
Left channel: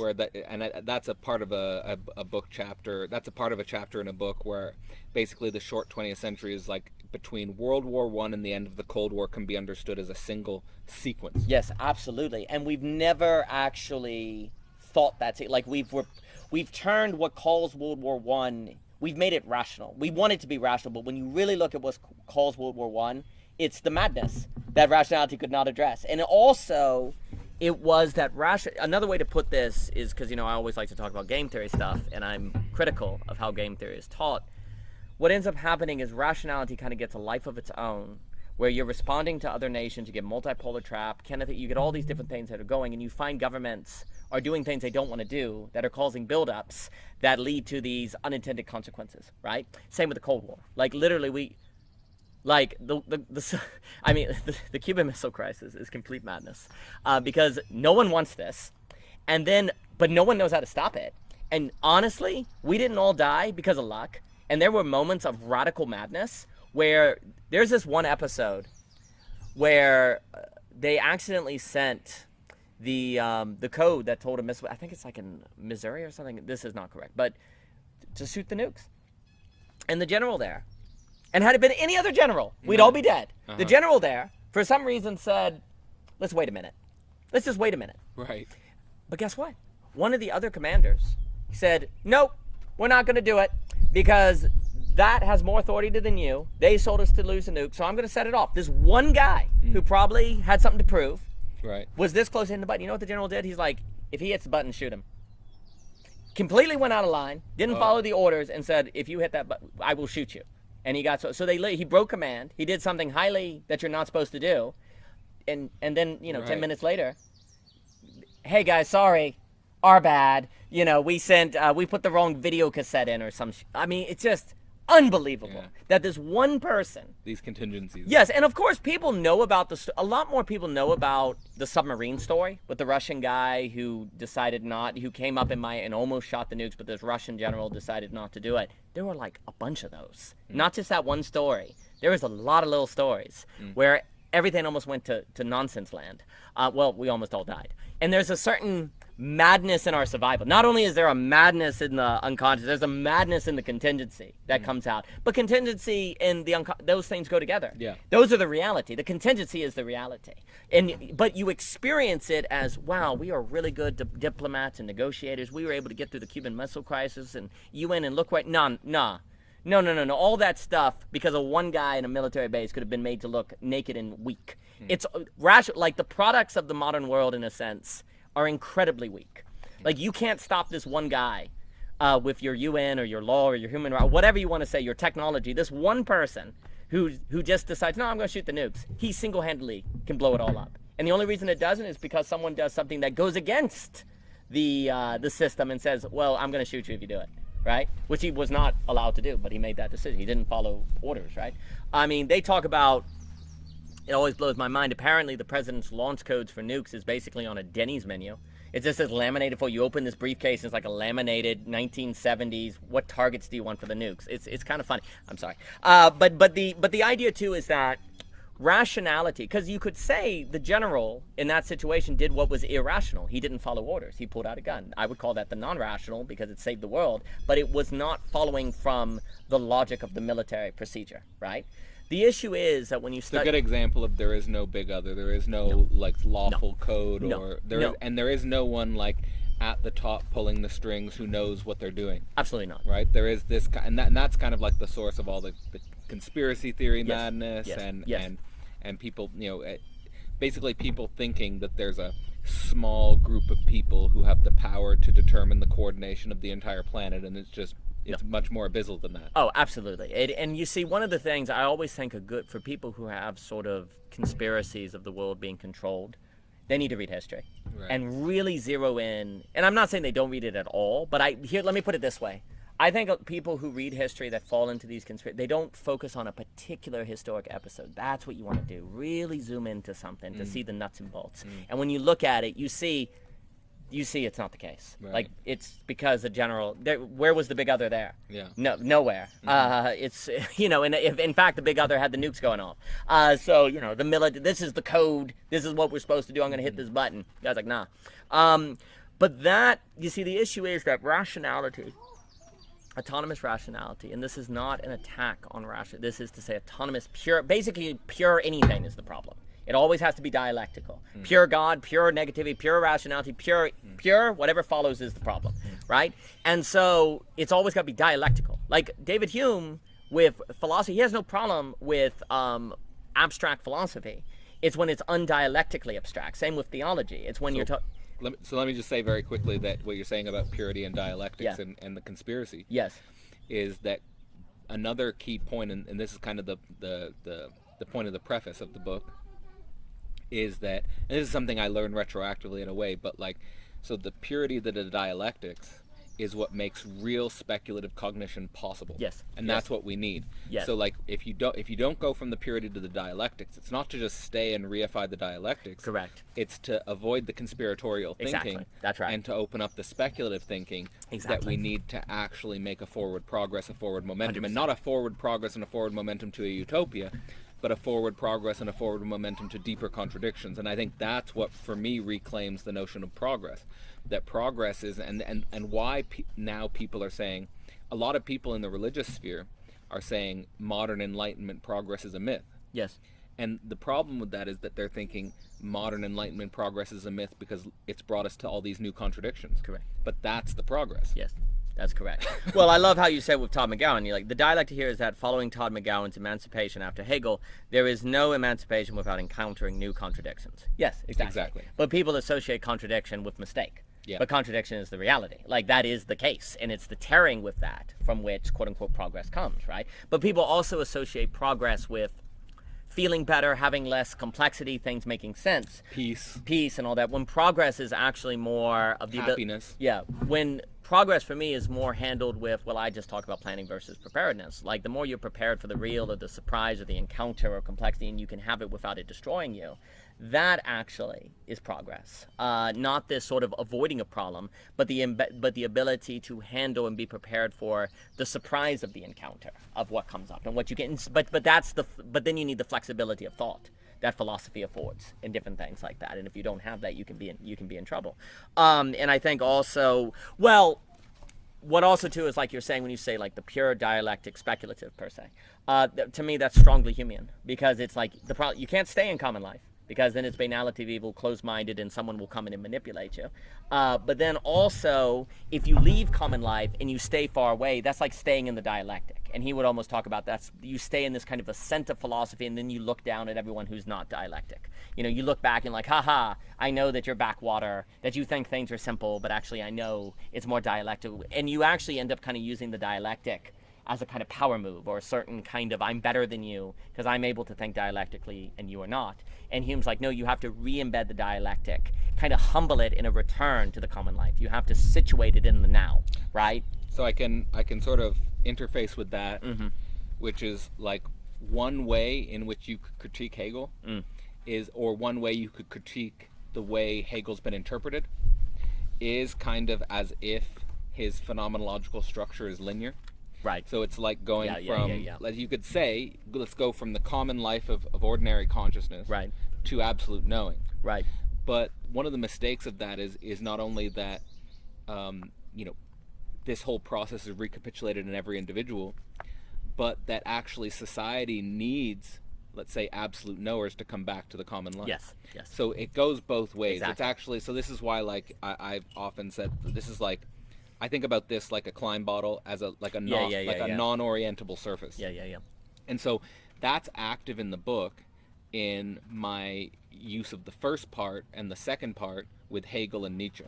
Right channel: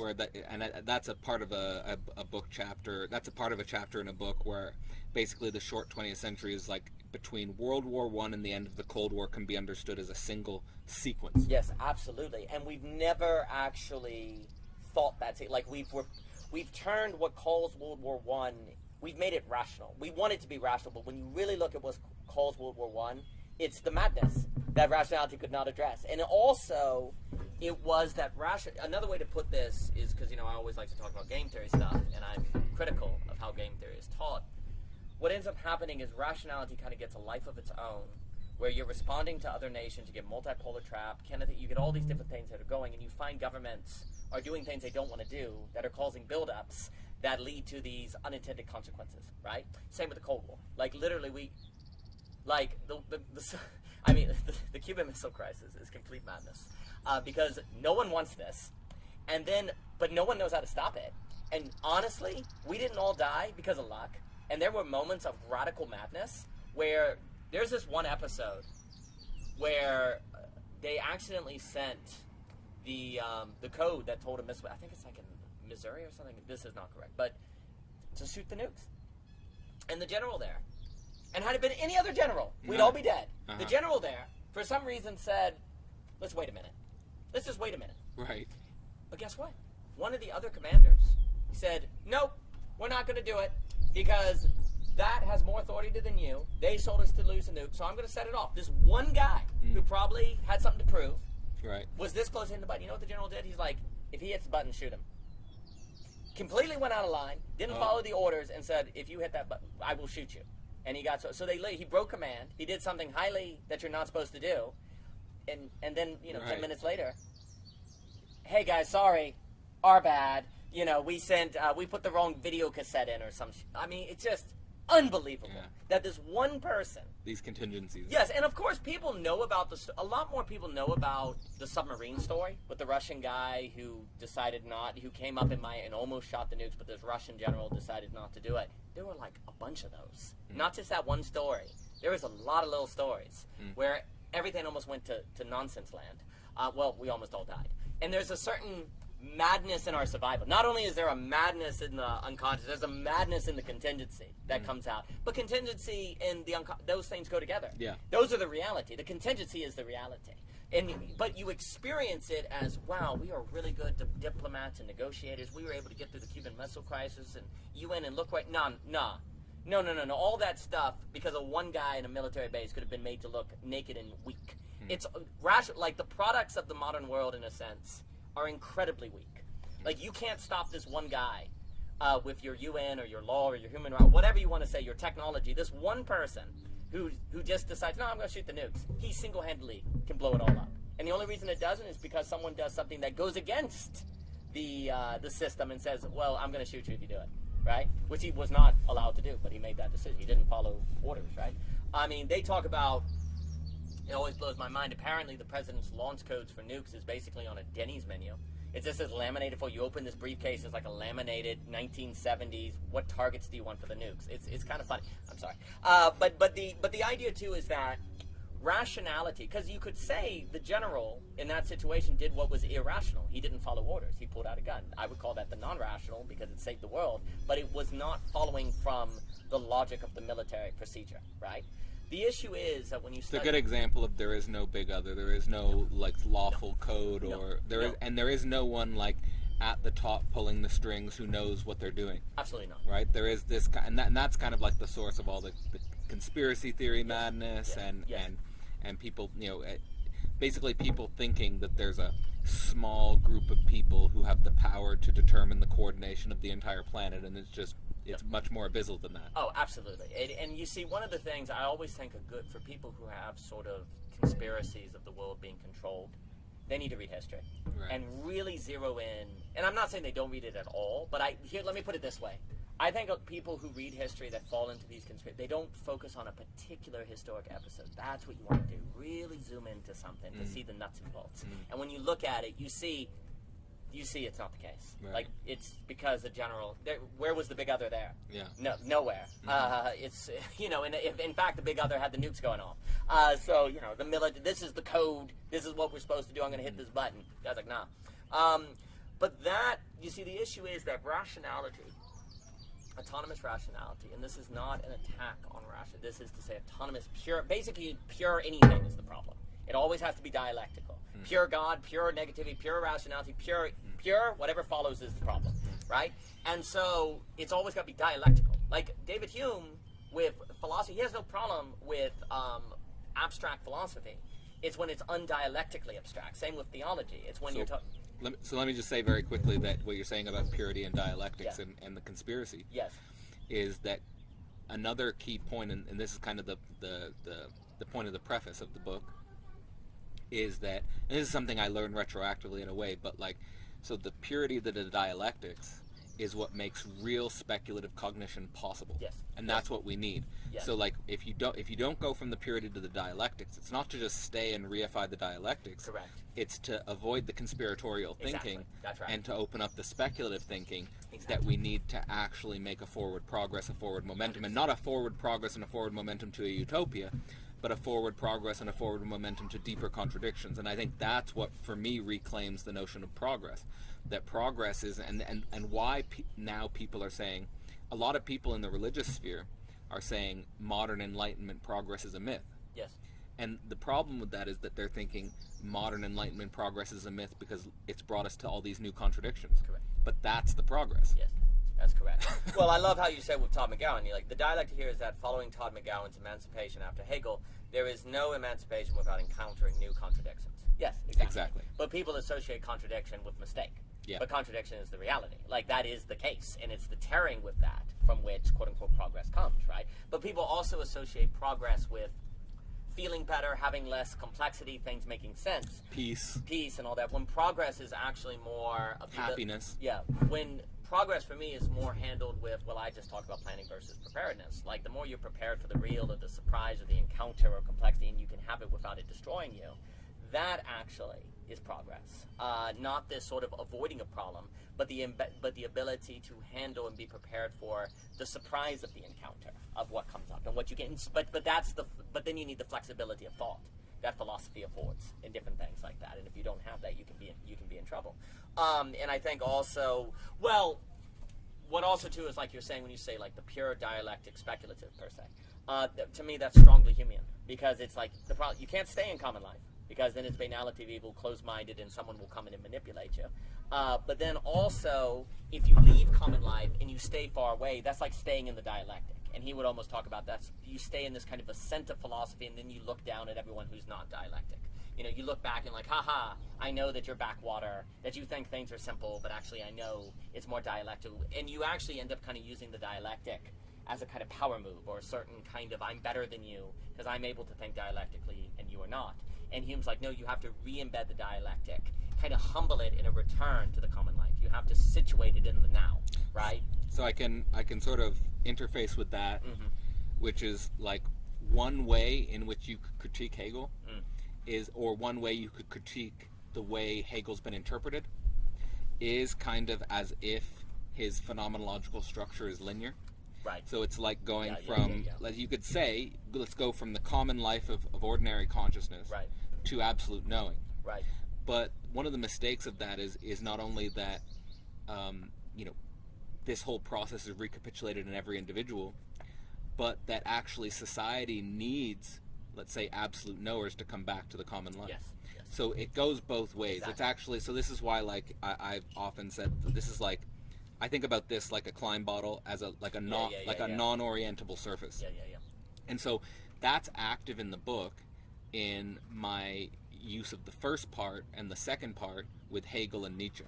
That's a part of a book chapter. That's a part of a chapter in a book where basically the short 20th century is like between World War I and the end of the Cold War can be understood as a single sequence. Yes, absolutely. And we've never actually thought that's it. Like we've turned what calls World War I, we've made it rational. We want it to be rational, but when you really look at what calls World War I, it's the madness that rationality could not address. And also, it was that another way to put this is, because, I always like to talk about game theory stuff, and I'm critical of how game theory is taught. What ends up happening is rationality kind of gets a life of its own, where you're responding to other nations, you get multipolar trap, you get all these different things that are going, and you find governments are doing things they don't want to do that are causing buildups that lead to these unintended consequences, right? Same with the Cold War. Like literally the Cuban Missile Crisis is complete madness because no one wants this, but no one knows how to stop it. And honestly, we didn't all die because of luck, and there were moments of radical madness where there's this one episode where they accidentally sent the code that told a missile, I think it's like in Missouri or something, this is not correct, but to shoot the nukes. And the general there, and had it been any other general, we'd all be dead. The general there, for some reason, said, let's wait a minute. Let's just wait a minute. Right. But guess what? One of the other commanders said, nope, we're not going to do it because that has more authority than you. They sold us to lose a nuke, so I'm going to set it off. This one guy who probably had something to prove was this close to hitting the button. You know what the general did? He's like, if he hits the button, shoot him. Completely went out of line, didn't follow the orders, and said, if you hit that button, I will shoot you. And he got he broke command. He did something highly that you're not supposed to do. And then, 10 minutes later, hey guys, sorry, our bad. We put the wrong video cassette in or some I mean, it's just unbelievable that this one person, these contingencies. Yes, and of course people know about a lot more people know about the submarine story with the Russian guy who came up and almost shot the nukes, but this Russian general decided not to do it. There were like a bunch of those, not just that one story. There was a lot of little stories where everything almost went to nonsense land. We almost all died. And there's a certain madness in our survival. Not only is there a madness in the unconscious, there's a madness in the contingency that comes out. But contingency and those things go together. Yeah. Those are the reality. The contingency is the reality. But you experience it as, wow, we are really good diplomats and negotiators. We were able to get through the Cuban Missile Crisis and UN and look right. No. All that stuff, because of one guy in a military base, could have been made to look naked and weak. It's rational. Like the products of the modern world, in a sense, are incredibly weak. Like you can't stop this one guy with your UN or your law or your human rights, whatever you want to say, your technology. This one person who just decides, no, I'm going to shoot the nukes. He single-handedly can blow it all up. And the only reason it doesn't is because someone does something that goes against the system and says, well, I'm going to shoot you if you do it. Right? Which he was not allowed to do, but he made that decision. He didn't follow orders, right? I mean, they talk about, it always blows my mind, apparently the president's launch codes for nukes is basically on a Denny's menu. It just says laminated for you open this briefcase, it's like a laminated 1970s, what targets do you want for the nukes? It's kind of funny. I'm sorry. But the idea too is that rationality, because you could say the general in that situation did what was irrational. He didn't follow orders. He pulled out a gun. I would call that the non-rational because it saved the world, but it was not following from the logic of the military procedure, right? The issue is that when you study... It's a good example of there is no big other. There is no like lawful code or there is no one like at the top pulling the strings who knows what they're doing. Absolutely not. Right? There is this, and that's kind of like the source of all the conspiracy theory madness and people, basically people thinking that there's a small group of people who have the power to determine the coordination of the entire planet, and it's much more abysmal than that. Oh, absolutely. And you see, one of the things I always think are good for people who have sort of conspiracies of the world being controlled, they need to read history. Right. And really zero in. And I'm not saying they don't read it at all, but let me put it this way. I think people who read history that fall into these they don't focus on a particular historic episode. That's what you want to do. Really zoom into something to see the nuts and bolts. And when you look at it, you see it's not the case. Right. Like, it's because the general, where was the big other there? Yeah. No, nowhere. It's, and if in fact the big other had the nukes going off. So, the military, this is the code, this is what we're supposed to do, I'm going to hit this button. The guy's like, nah. But that, you see, the issue is that rationality, autonomous rationality, and this is not an attack on rationality, this is to say autonomous, basically pure anything is the problem. It always has to be dialectical. Pure God, pure negativity, pure rationality, pure, whatever follows is the problem, right? And so it's always got to be dialectical. Like David Hume with philosophy, he has no problem with abstract philosophy. It's when it's undialectically abstract. Same with theology. It's when you're talking... So let me just say very quickly that what you're saying about purity and dialectics and the conspiracy is that another key point, and this is kind of the point of the preface of the book, is that, and this is something I learned retroactively in a way, but so the purity of the dialectics is what makes real speculative cognition possible. Yes. And that's what we need. Yes. So if you don't go from the purity to the dialectics, it's not to just stay and reify the dialectics. Correct. It's to avoid the conspiratorial thinking. That's right. And to open up the speculative thinking that we need to actually make a forward progress, a forward momentum, 100%. And not a forward progress and a forward momentum to a utopia, but a forward progress and a forward momentum to deeper contradictions. And I think that's what, for me, reclaims the notion of progress. That progress is, and why now people are saying, a lot of people in the religious sphere are saying modern Enlightenment progress is a myth. Yes. And the problem with that is that they're thinking modern Enlightenment progress is a myth because it's brought us to all these new contradictions. Correct. But that's the progress. Yes. That's correct. Well, I love how you said with Todd McGowan, you're like, the dialectic here is that following Todd McGowan's emancipation after Hegel, there is no emancipation without encountering new contradictions. Yes, exactly. But people associate contradiction with mistake. Yeah. But contradiction is the reality. Like, that is the case. And it's the tearing with that from which, quote unquote, progress comes, right? But people also associate progress with feeling better, having less complexity, things making sense. Peace and all that. When progress is actually more of the happiness. When progress for me is more handled with, well, I just talk about planning versus preparedness. Like, the more you're prepared for the real or the surprise or the encounter or complexity, and you can have it without it destroying you, that actually is progress. Not this sort of avoiding a problem, but the ability to handle and be prepared for the surprise of the encounter, of what comes up and what you get. But then you need the flexibility of thought that philosophy affords in different things like that. And if you don't have that, you can be in trouble. And I think also, well, what also too is, like you're saying, when you say like the pure dialectic speculative per se, to me that's strongly Humean, because it's like you can't stay in common life, because then it's banality of evil, closed-minded, and someone will come in and manipulate you. But then also, if you leave common life and you stay far away, that's like staying in the dialectic. And he would almost talk about that. You stay in this kind of ascent of philosophy, and then you look down at everyone who's not dialectic. You look back and like, haha, I know that you're backwater, that you think things are simple, but actually I know it's more dialectical. And you actually end up kind of using the dialectic as a kind of power move, or a certain kind of, I'm better than you because I'm able to think dialectically and you are not. And Hume's like, no, you have to re-embed the dialectic, kind of humble it in a return to the common life. You have to situate it in the now, right? So I can sort of interface with that, which is like one way in which you could critique Hegel is, or one way you could critique the way Hegel's been interpreted, is kind of as if his phenomenological structure is linear. Right. So it's like going like you could say, let's go from the common life of ordinary consciousness to absolute knowing. Right. But one of the mistakes of that is not only that, this whole process is recapitulated in every individual, but that actually society needs, let's say, absolute knowers to come back to the common life. Yes. So it goes both ways. Exactly. It's actually, so this is why, like, I've often said, this is like, I think about this like a Klein bottle as a non-orientable surface. Yeah. And so that's active in the book in my use of the first part and the second part with Hegel and Nietzsche,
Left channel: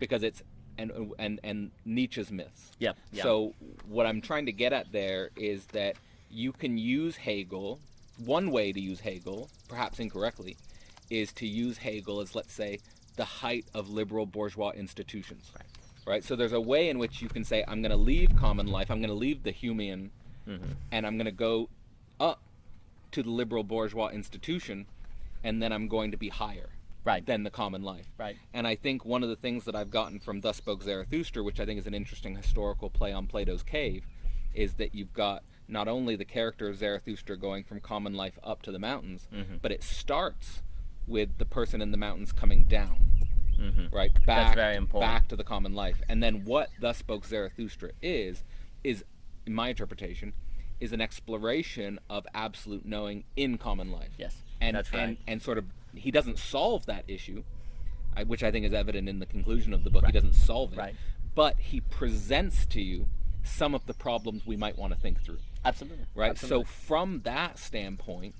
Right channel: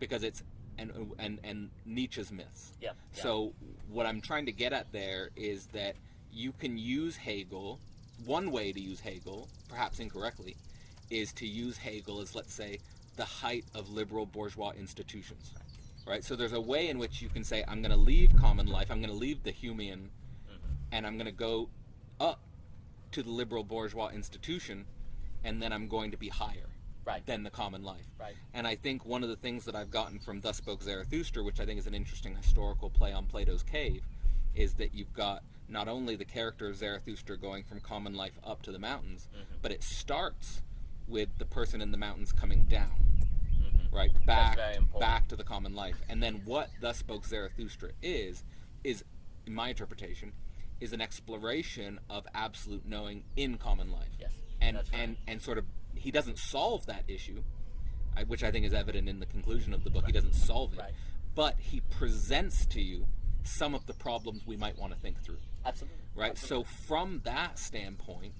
because it's and Nietzsche's myths. Yep. So what I'm trying to get at there is that you can use Hegel. One way to use Hegel, perhaps incorrectly, is to use Hegel as, let's say, the height of liberal bourgeois institutions. Right? So there's a way in which you can say, I'm going to leave common life, I'm going to leave the Humean, and I'm going to go up to the liberal bourgeois institution, and then I'm going to be higher than the common life. And I think one of the things that I've gotten from Thus Spoke Zarathustra, which I think is an interesting historical play on Plato's Cave, is that you've got not only the character of Zarathustra going from common life up to the mountains, but it starts with the person in the mountains coming down. Right, back to the common life. And then what Thus Spoke Zarathustra is in my interpretation, is an exploration of absolute knowing in common life. Yes, and that's right. and sort of, he doesn't solve that issue, which I think is evident in the conclusion of the book. He doesn't solve it, but he presents to you some of the problems we might want to think through. Absolutely. Right. Absolutely. So from that standpoint,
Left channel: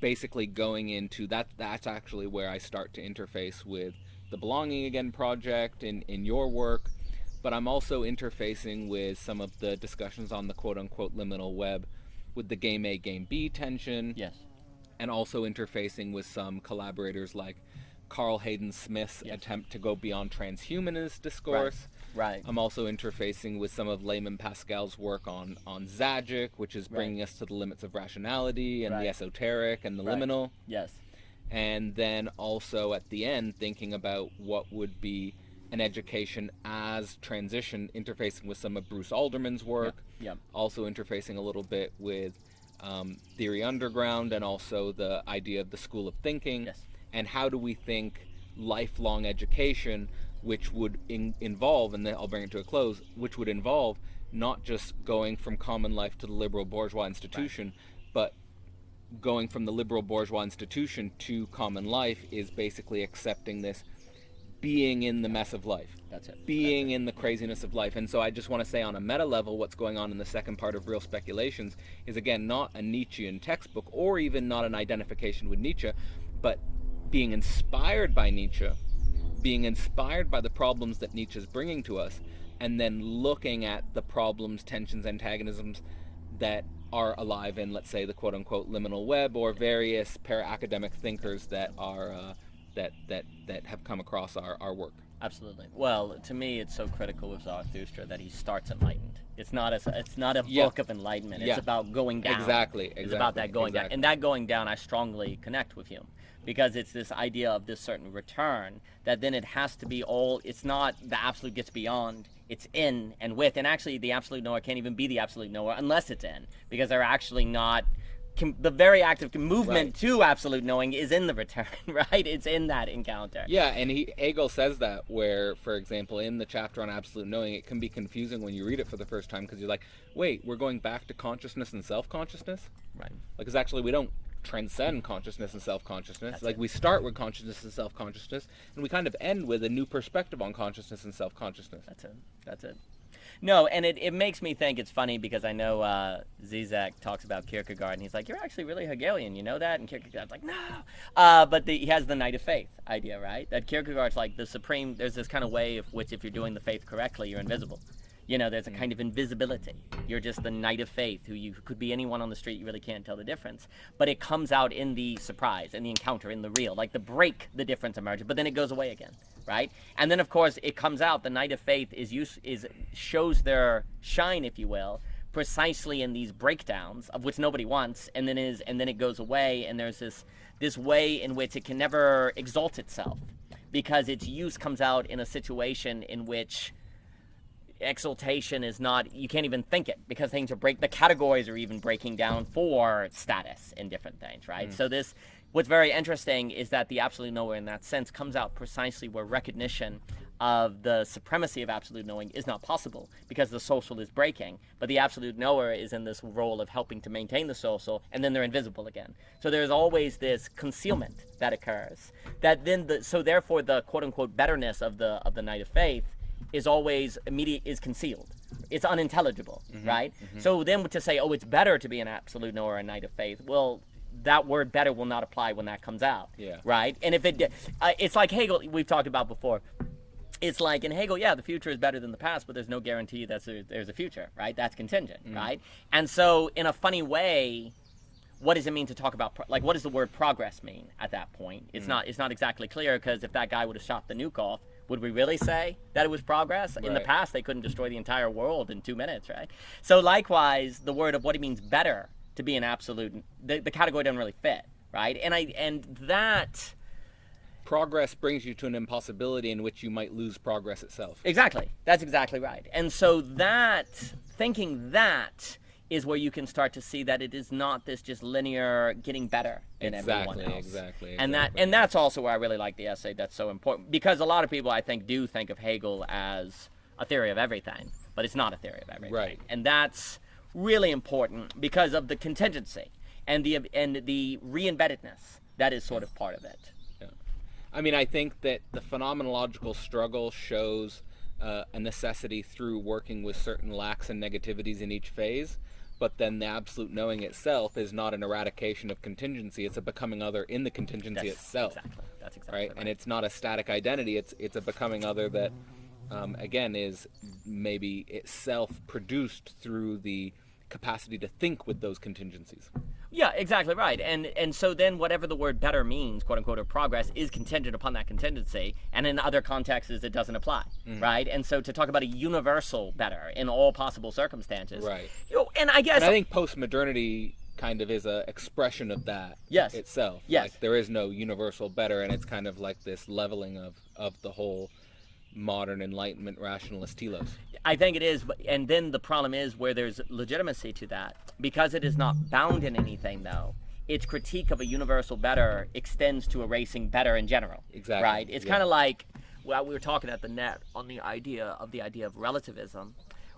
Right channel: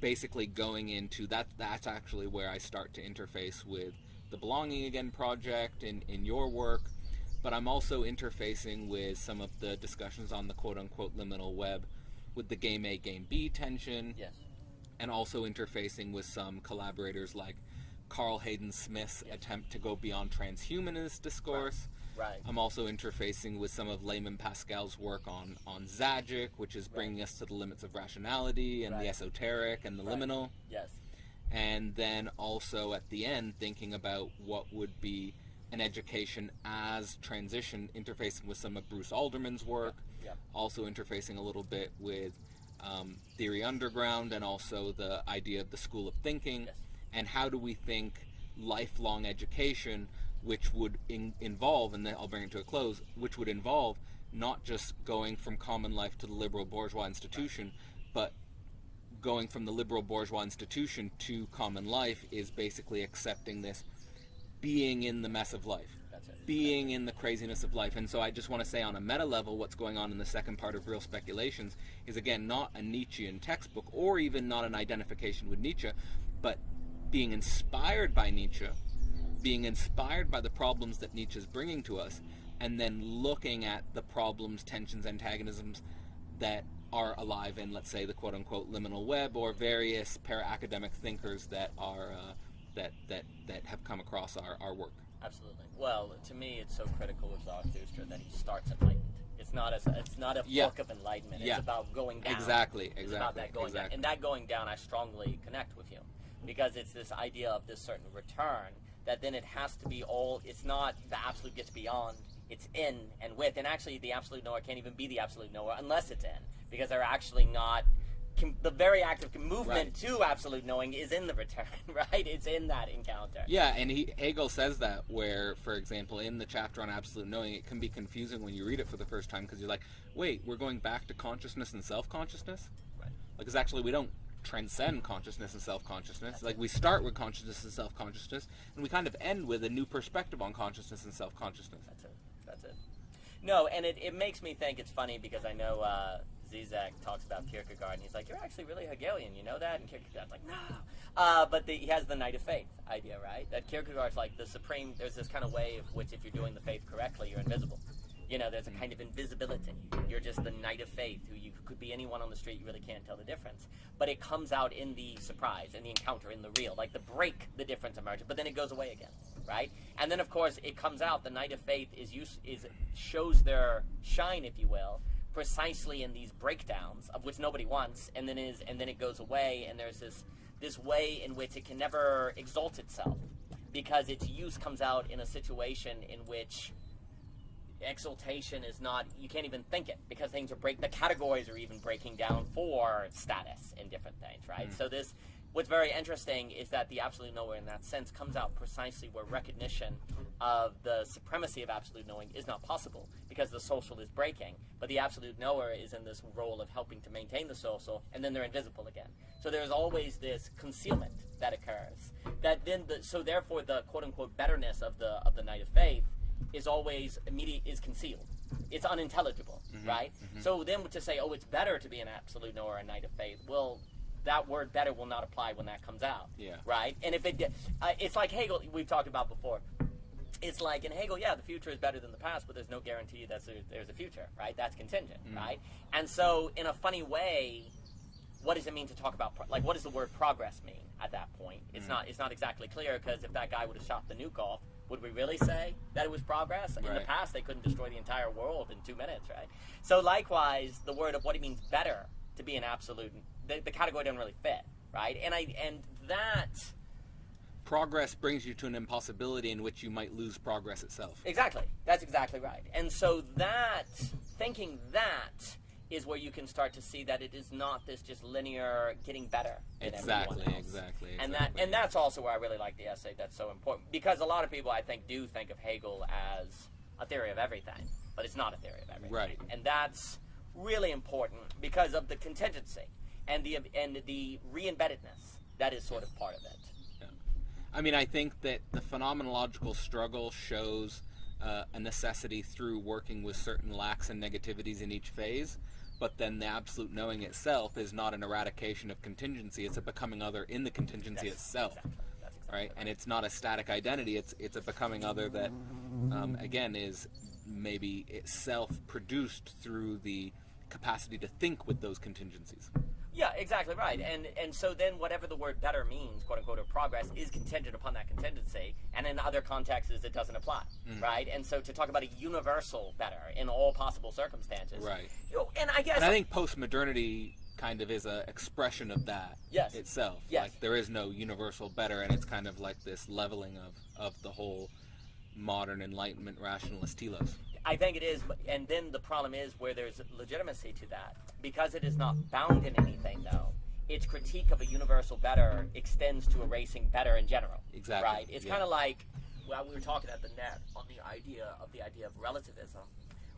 basically going into that's actually where I start to interface with the Belonging Again project in your work, but I'm also interfacing with some of the discussions on the quote-unquote liminal web with the game A, game B tension. Yes. And also interfacing with some collaborators like Carl Hayden Smith's attempt to go beyond transhumanist discourse. Right. I'm also interfacing with some of Layman Pascal's work on Zajic, which is bringing us to the limits of rationality and the esoteric and the liminal. Yes. And then also at the end, thinking about what would be an education as transition, interfacing with some of Bruce Alderman's work, also interfacing a little bit with Theory Underground, and also the idea of the school of thinking, and how do we think lifelong education, which would involve, and then I'll bring it to a close, which would involve not just going from common life to the liberal bourgeois institution, but going from the liberal bourgeois institution to common life is basically accepting this being in the mess of life. That's it. Being in the craziness of life. And so I just want to say on a meta level, what's going on in the second part of Real Speculations is, again, not a Nietzschean textbook, or even not an identification with Nietzsche, but being inspired by Nietzsche, being inspired by the problems that Nietzsche is bringing to us, and then looking at the problems, tensions, antagonisms that are alive in, let's say, the quote-unquote liminal web, or various para-academic thinkers that are that have come across our work. Absolutely. Well, to me, it's so critical with Zarathustra that he starts enlightened. It's not a book of enlightenment. It's about going down. Exactly. It's about that going down. And that going down, I strongly connect with Hume, because it's this idea of this certain return that then it has to be all. It's not the absolute gets beyond. It's in and with. And actually, the absolute knower can't even be the absolute knower unless it's in, because they're actually not. The very active movement to absolute knowing is in the return, right? It's in that encounter. Yeah, and Hegel says that, where, for example, in the chapter on absolute knowing, it can be confusing when you read it for the first time, because you're like, wait, we're going back to consciousness and self-consciousness? Right. Because actually we don't transcend consciousness and self-consciousness. We start with consciousness and self-consciousness, and we kind of end with a new perspective on consciousness and self-consciousness. That's it. No, and it makes me think, it's funny because I know Zizek talks about Kierkegaard, and he's like, you're actually really Hegelian, you know that? And Kierkegaard's like, no. But he has the knight of faith idea, right? That Kierkegaard's like the supreme, there's this kind of way of which if you're doing the faith correctly, you're invisible. You know, there's a kind of invisibility. You're just the knight of faith, who you could be anyone on the street, you really can't tell the difference. But it comes out in the surprise, in the encounter, in the real. Like the break, the difference emerges, but then it goes away again, right? And then, of course, it comes out, the knight of faith shows their shine, if you will, precisely in these breakdowns, of which nobody wants, and then it goes away, and there's this way in which it can never exalt itself, because its use comes out in a situation in which exaltation is not, you can't even think it, because things are the categories are even breaking down for status in different things, right? So what's very interesting is that the absolute knower in that sense comes out precisely where recognition of the supremacy of absolute knowing is not possible, because the social is breaking, but the absolute knower is in this role of helping to maintain the social, and then they're invisible again. So there's always this concealment that occurs, that then so therefore the quote-unquote betterness of the knight of faith is always is concealed. It's unintelligible, right? So then to say, oh, it's better to be an absolute knower or a knight of faith, well, that word better will not apply when that comes out, right? And if it's like Hegel, we've talked about before. It's like in Hegel, the future is better than the past, but there's no guarantee that there's a future, right? That's contingent, right? And so in a funny way, what does it mean to talk about, what does the word progress mean at that point? It's not exactly clear, because if that guy would have shot the nuke off, would we really say that it was progress? In the Right. past, they couldn't destroy the entire world in 2 minutes, right? So likewise, the word of what it means better to be an absolute, the category doesn't really fit, right? And that... Progress brings you to an impossibility in which you might lose progress itself. Exactly. That's exactly right. And so that, thinking that, is where you can start to see that it is not this just linear getting better than everyone else. Exactly. And that's also where I really like the essay. That's so important, because a lot of people, I think, do think of Hegel as a theory of everything, but it's not a theory of everything. Right. And that's really important because of the contingency and the re-embeddedness that is sort of part of it. Yeah. I mean, I think that the phenomenological struggle shows a necessity through working with certain lacks and negativities in each phase, but then the absolute knowing itself is not an eradication of contingency, it's a becoming other in the contingency itself. That's exactly right? And it's not a static identity, it's a becoming other that, again, is maybe itself produced through the capacity to think with those contingencies. Yeah, exactly right. And so then whatever the word better means, quote unquote, or progress, is contingent upon that contingency, and in other contexts it doesn't apply, right? And so to talk about a universal better in all possible circumstances, Right. And I guess... And I think postmodernity kind of is a expression of that itself. Yes. Like, there is no universal better, and it's kind of like this leveling of the whole modern Enlightenment rationalist telos. I think it is, and then the problem is where there's legitimacy to that. Because it is not bound in anything, though, its critique of a universal better extends to erasing better in general. Exactly. Right? It's kind of like, well, we were talking at the net on the idea of relativism,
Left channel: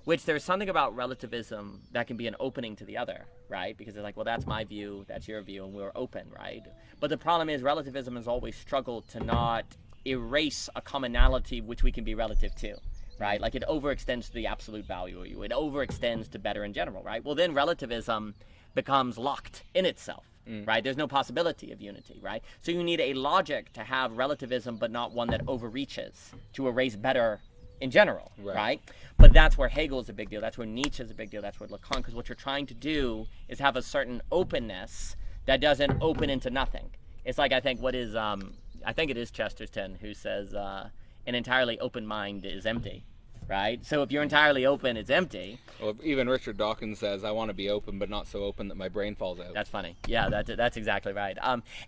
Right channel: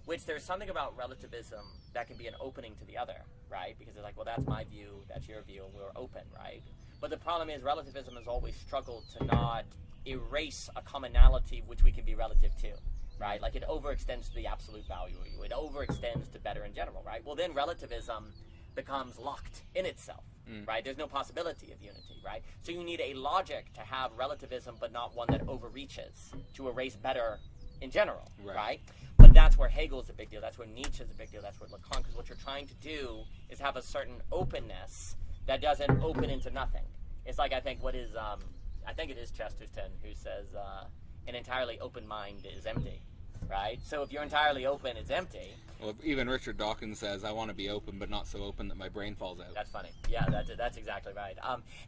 which there's something about relativism that can be an opening to the other, right? Because it's like, well, that's my view, that's your view, and we're open, right? But the problem is relativism has always struggled to not erase a commonality which we can be relative to. Right? Like, it overextends to the absolute value of you. It overextends to better in general, right? Well, then relativism becomes locked in itself, right? There's no possibility of unity, right? So you need a logic to have relativism, but not one that overreaches to erase better in general, right? But that's where Hegel is a big deal. That's where Nietzsche is a big deal. That's where Lacan, because what you're trying to do is have a certain openness that doesn't open into nothing. It's like, I think it is Chesterton who says, an entirely open mind is empty, right? So if you're entirely open, it's empty. Well, even Richard Dawkins says, I want to be open, but not so open that my brain falls out. That's funny. Yeah, that's exactly right.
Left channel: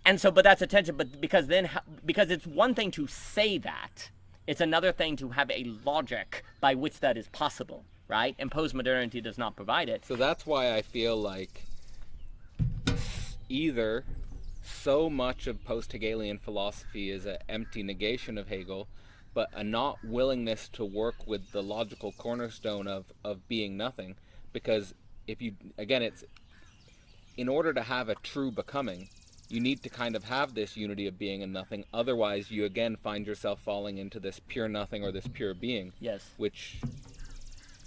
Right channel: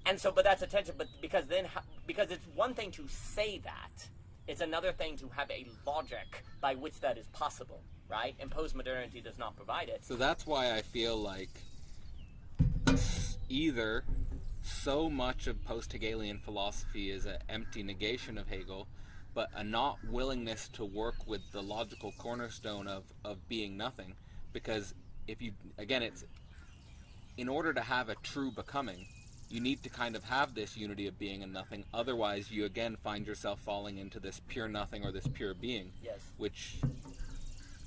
And so, but that's a tension, but because it's one thing to say that, it's another thing to have a logic by which that is possible, right? And postmodernity does not provide it. So that's why I feel like either so much of post-Hegelian philosophy is an empty negation of Hegel, but a not willingness to work with the logical cornerstone of being nothing. Because if you, again, it's, in order to have a true becoming, you need to kind of have this unity of being and nothing. Otherwise, you again find yourself falling into this pure nothing or this pure being. Yes. Which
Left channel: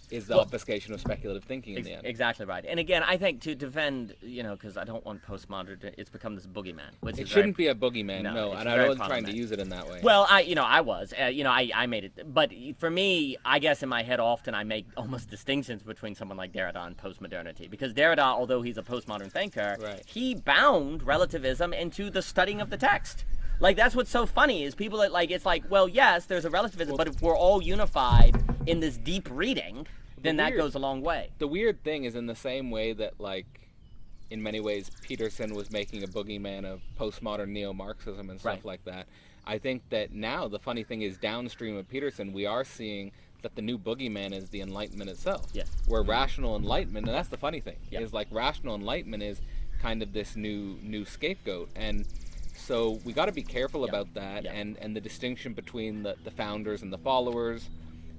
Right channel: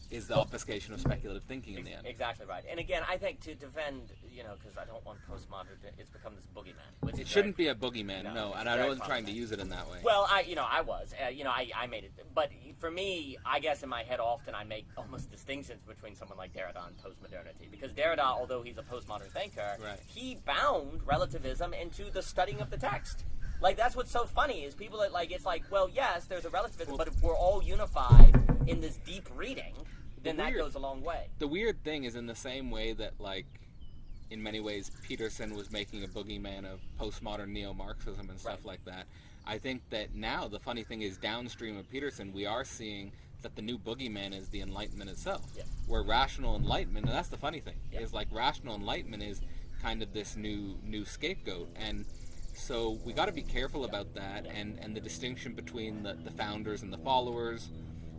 is the obfuscation of speculative thinking in the end. Exactly right. And again, I think to defend, because I don't want postmodern to, it's become this boogeyman. Which It shouldn't be a boogeyman, no, it's and I very wasn't trying to problematic. use it in that way. Well, I was, I made it. But for me, I guess in my head often I make almost distinctions between someone like Derrida and postmodernity. Because Derrida, although he's a postmodern thinker, he bound relativism into the studying of the text. Like, that's what's so funny is people that, like, it's like, well, yes, there's a relativism, but if we're all unified in this deep reading, then that goes a long way. The weird thing is, in the same way that, like, in many ways Peterson was making a boogeyman of postmodern neo-Marxism and stuff like that, I think that now the funny thing is, downstream of Peterson, we are seeing that the new boogeyman is the Enlightenment itself. Yes. Where rational enlightenment, and that's the funny thing, is like rational enlightenment is kind of this new scapegoat. And so we got to be careful about that, and the distinction between the founders and the followers,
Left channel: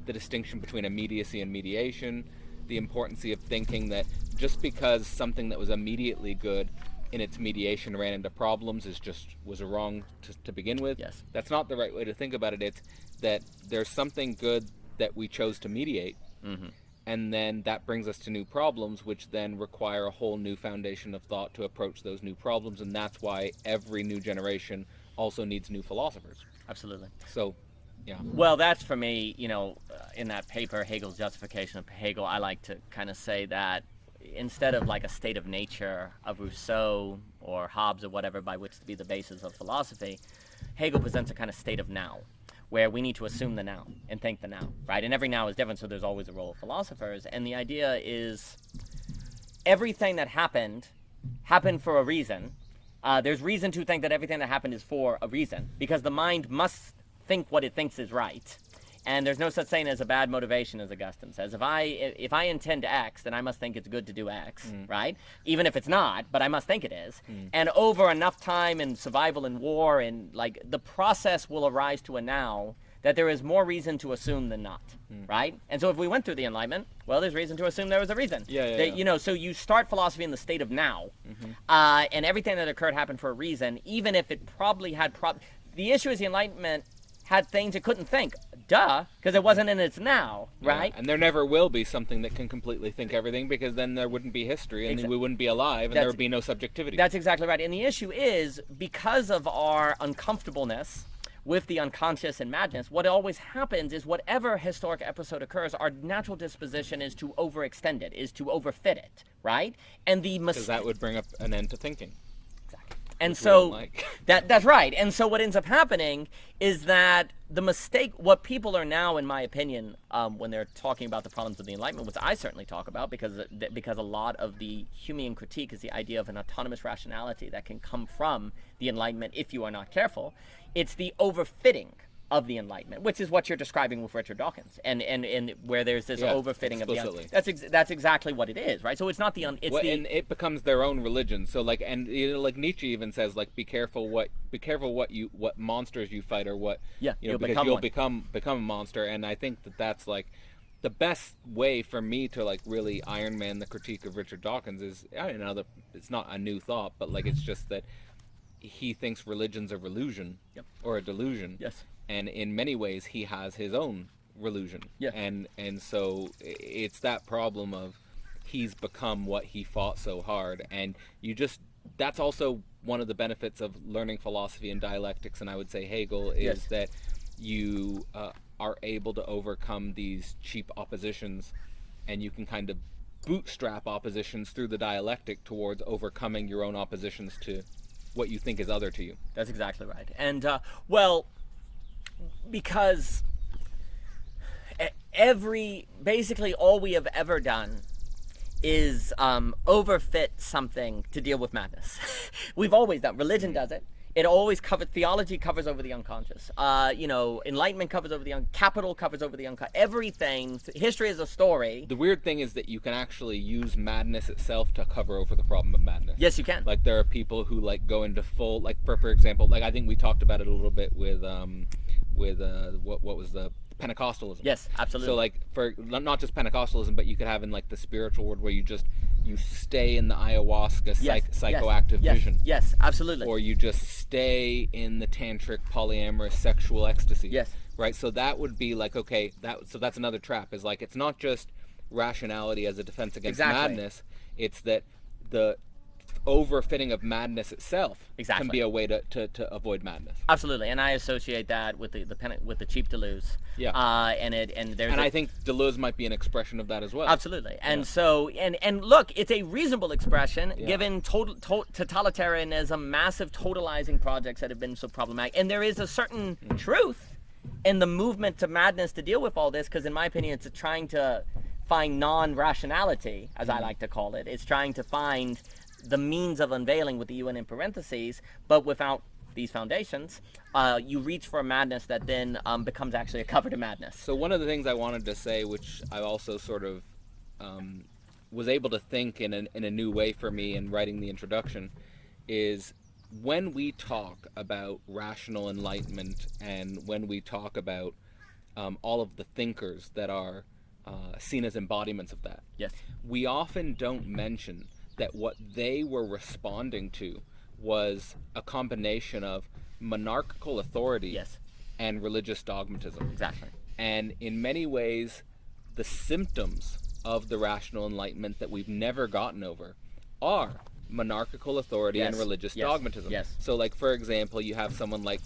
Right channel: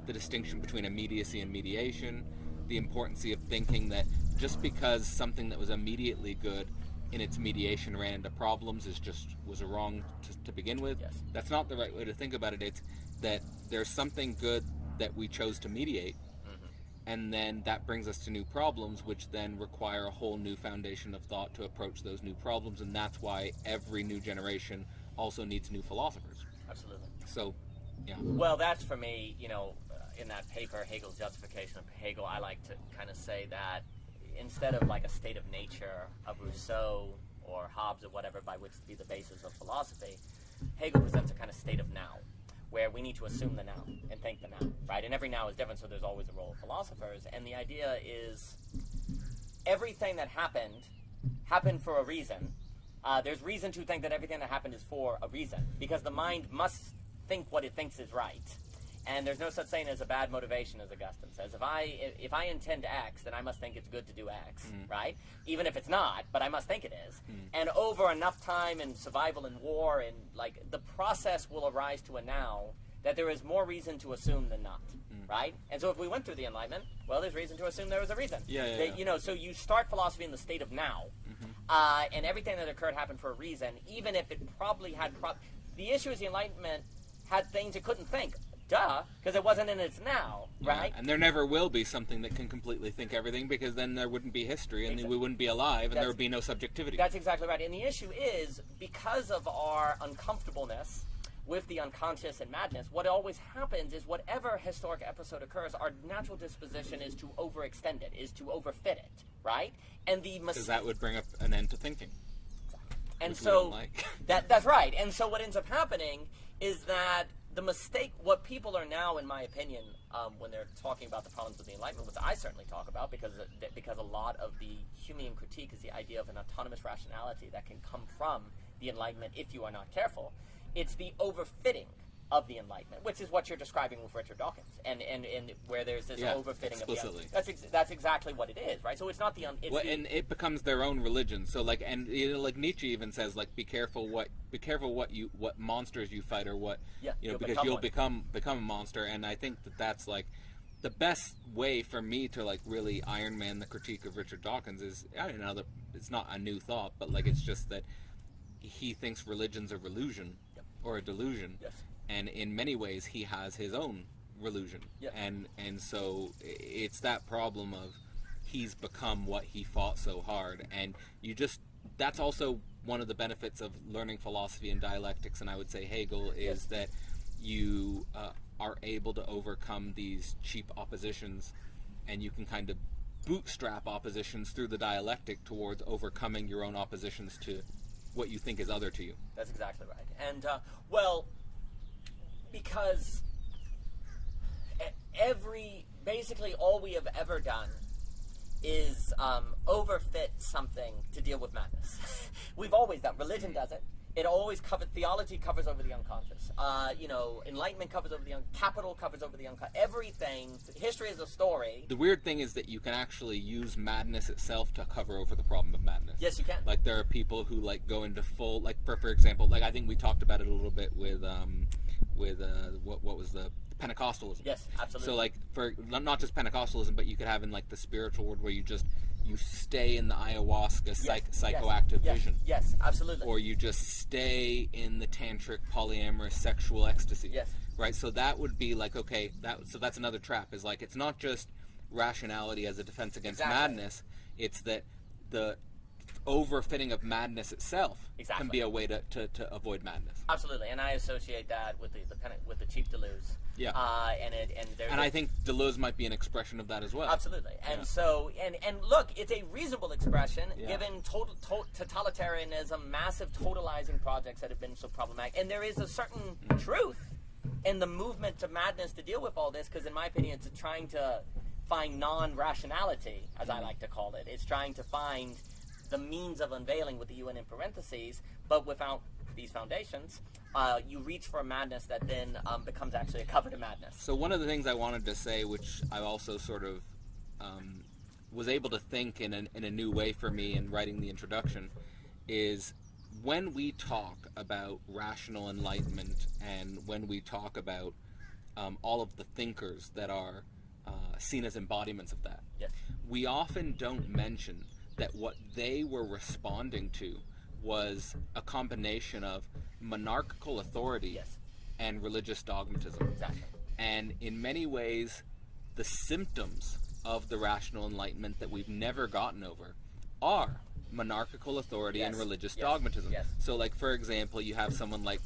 the distinction between immediacy and mediation, the importance of thinking that just because something that was immediately good in its mediation ran into problems was wrong to begin with. Yes. That's not the right way to think about it. It's that there's something good that we chose to mediate, and then that brings us to new problems, which then require a whole new foundation of thought to approach those new problems, and that's why every new generation also needs new philosophers. Absolutely. So, yeah. Well, that's for me, in that paper, Hegel's Justification of Hegel, I like to kind of say that instead of like a state of nature of Rousseau or Hobbes or whatever by which to be the basis of philosophy, Hegel presents a kind of state of now, where we need to assume the now and think the now, right? And every now is different, so there's always a role of philosophers. And the idea is everything that happened for a reason. There's reason to think that everything that happened is for a reason, because the mind must think what it thinks is right. And there's no such thing as a bad motivation, as Augustine says. If I intend X, then I must think it's good to do X, right? Even if it's not, but I must think it is. And over enough time in survival and war, and like the process will arise to a now that there is more reason to assume than not, right? And so if we went through the Enlightenment, well, there's reason to assume there was a reason. You know, so you start philosophy in the state of now, and everything that occurred happened for a reason, even if it probably had the issue is the Enlightenment had things it couldn't think. Duh, because it wasn't in its now, right? Yeah, and there never will be something that can completely think everything, because then there wouldn't be history, and we wouldn't be alive, and there would be no subjectivity. That's exactly right. And the issue is, because of our uncomfortableness with the unconscious and madness, what always happens is whatever historic episode occurs, our natural disposition is to overextend it, is to overfit it, right? And because that would bring up an end to thinking. And so that's right. And so what ends up happening is that the mistake, what people are now, in my opinion, when they're talking about the problems of the Enlightenment, which I certainly talk about, because a lot of the Humean critique is the idea of an autonomous rationality that can come from the Enlightenment if you are not careful. It's the overfitting of the Enlightenment, which is what you're describing with Richard Dawkins, and where there's this overfitting explicitly. of the that's exactly what it is, right? So it's not the and it becomes their own religion. So like, and you know, like Nietzsche even says, like, be careful what monsters you fight, or what because you'll become a monster. And I think that's like the best way for me to like really Iron Man the critique of Richard Dawkins is, I don't know, it's not a new thought, but like it's just that he thinks religion's a relusion or a delusion. Yes. And in many ways, he has his own relusion. Yeah. And so it's that problem of he's become what he fought so hard. And that's also one of the benefits of learning philosophy and dialectics, and I would say Hegel, is that you are able to overcome these cheap oppositions, and you can kind of bootstrap oppositions through the dialectic towards overcoming your own oppositions to what you think is other to you. That's exactly right. And, because basically all we have ever done is overfit something to deal with madness. We've always done. Religion does it. It always covers. Theology covers over the unconscious. Enlightenment covers over the capital covers over the unconscious. Everything. History is a story. The weird thing is that you can actually use madness itself to cover over the problem of madness. Yes, you can. Like there are people who like go into full, like for example, like I think we talked about it a little bit with what was the Pentecostalism. Yes, absolutely. So like for not just Pentecostalism, but you could have in like the spiritual world where you stay in the ayahuasca psychoactive vision. Yes, absolutely. Or you just stay in the tantric polyamorous sexual ecstasy. Yes. Right? So that would be like, okay, that's another trap, is like it's not just rationality as a defense against madness, it's that the overfitting of madness itself can be a way to avoid madness. Absolutely, and I associate that with the cheap Deleuze. Yeah. And I think Deleuze might be an expression of that as well. Absolutely, and so and look, it's a reasonable expression given totalitarianism, massive totalizing projects that have been so problematic, and there is a certain truth in the movement to madness to deal with all this, because in my opinion, it's trying to find non-rationality, as I like to call it. It's trying to find the means of unveiling, with the UN in parentheses, but without these foundations, you reach for a madness that then becomes actually a cover to madness. So one of the things I wanted to say, which I also sort of was able to think in a new way for me in writing the introduction, is when we talk about rational enlightenment and when we talk about all of the thinkers that are seen as embodiments of that, we often don't mention that what they were responding to was a combination of monarchical authority and religious dogmatism. Exactly. And in many ways, the symptoms of the rational enlightenment that we've never gotten over are monarchical authority and religious dogmatism. Yes. So, like, for example, you have someone like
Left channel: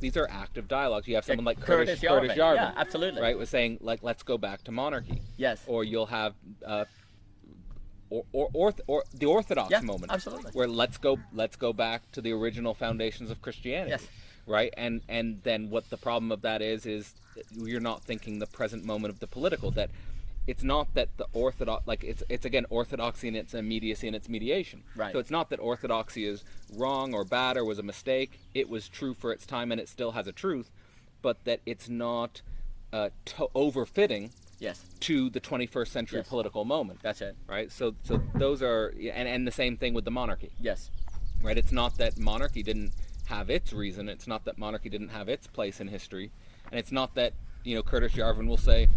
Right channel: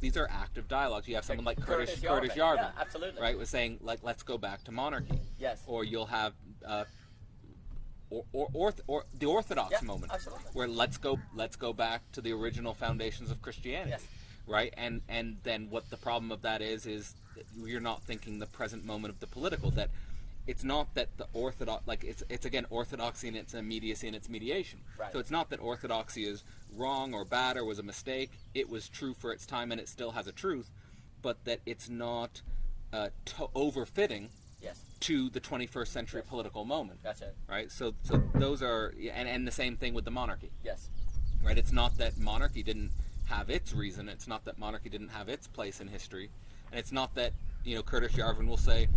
these are active dialogues. You have someone like Curtis Yarvin. Yeah, absolutely. Right, was saying, like, let's go back to monarchy. Yes. Or you'll have or the orthodox moment, absolutely. where let's go back to the original foundations of Christianity, Yes. right? And then what the problem of that is you're not thinking the present moment of the political. That it's not that the orthodox, like it's again orthodoxy in its immediacy and its mediation. Right. So it's not that orthodoxy is wrong or bad or was a mistake. It was true for its time and it still has a truth, but that it's not overfitting. Yes. To the 21st century political moment. That's it. Right? So those are, and the same thing with the monarchy. Yes. Right? It's not that monarchy didn't have its reason. It's not that monarchy didn't have its place in history. And it's not that, Curtis Yarvin will say,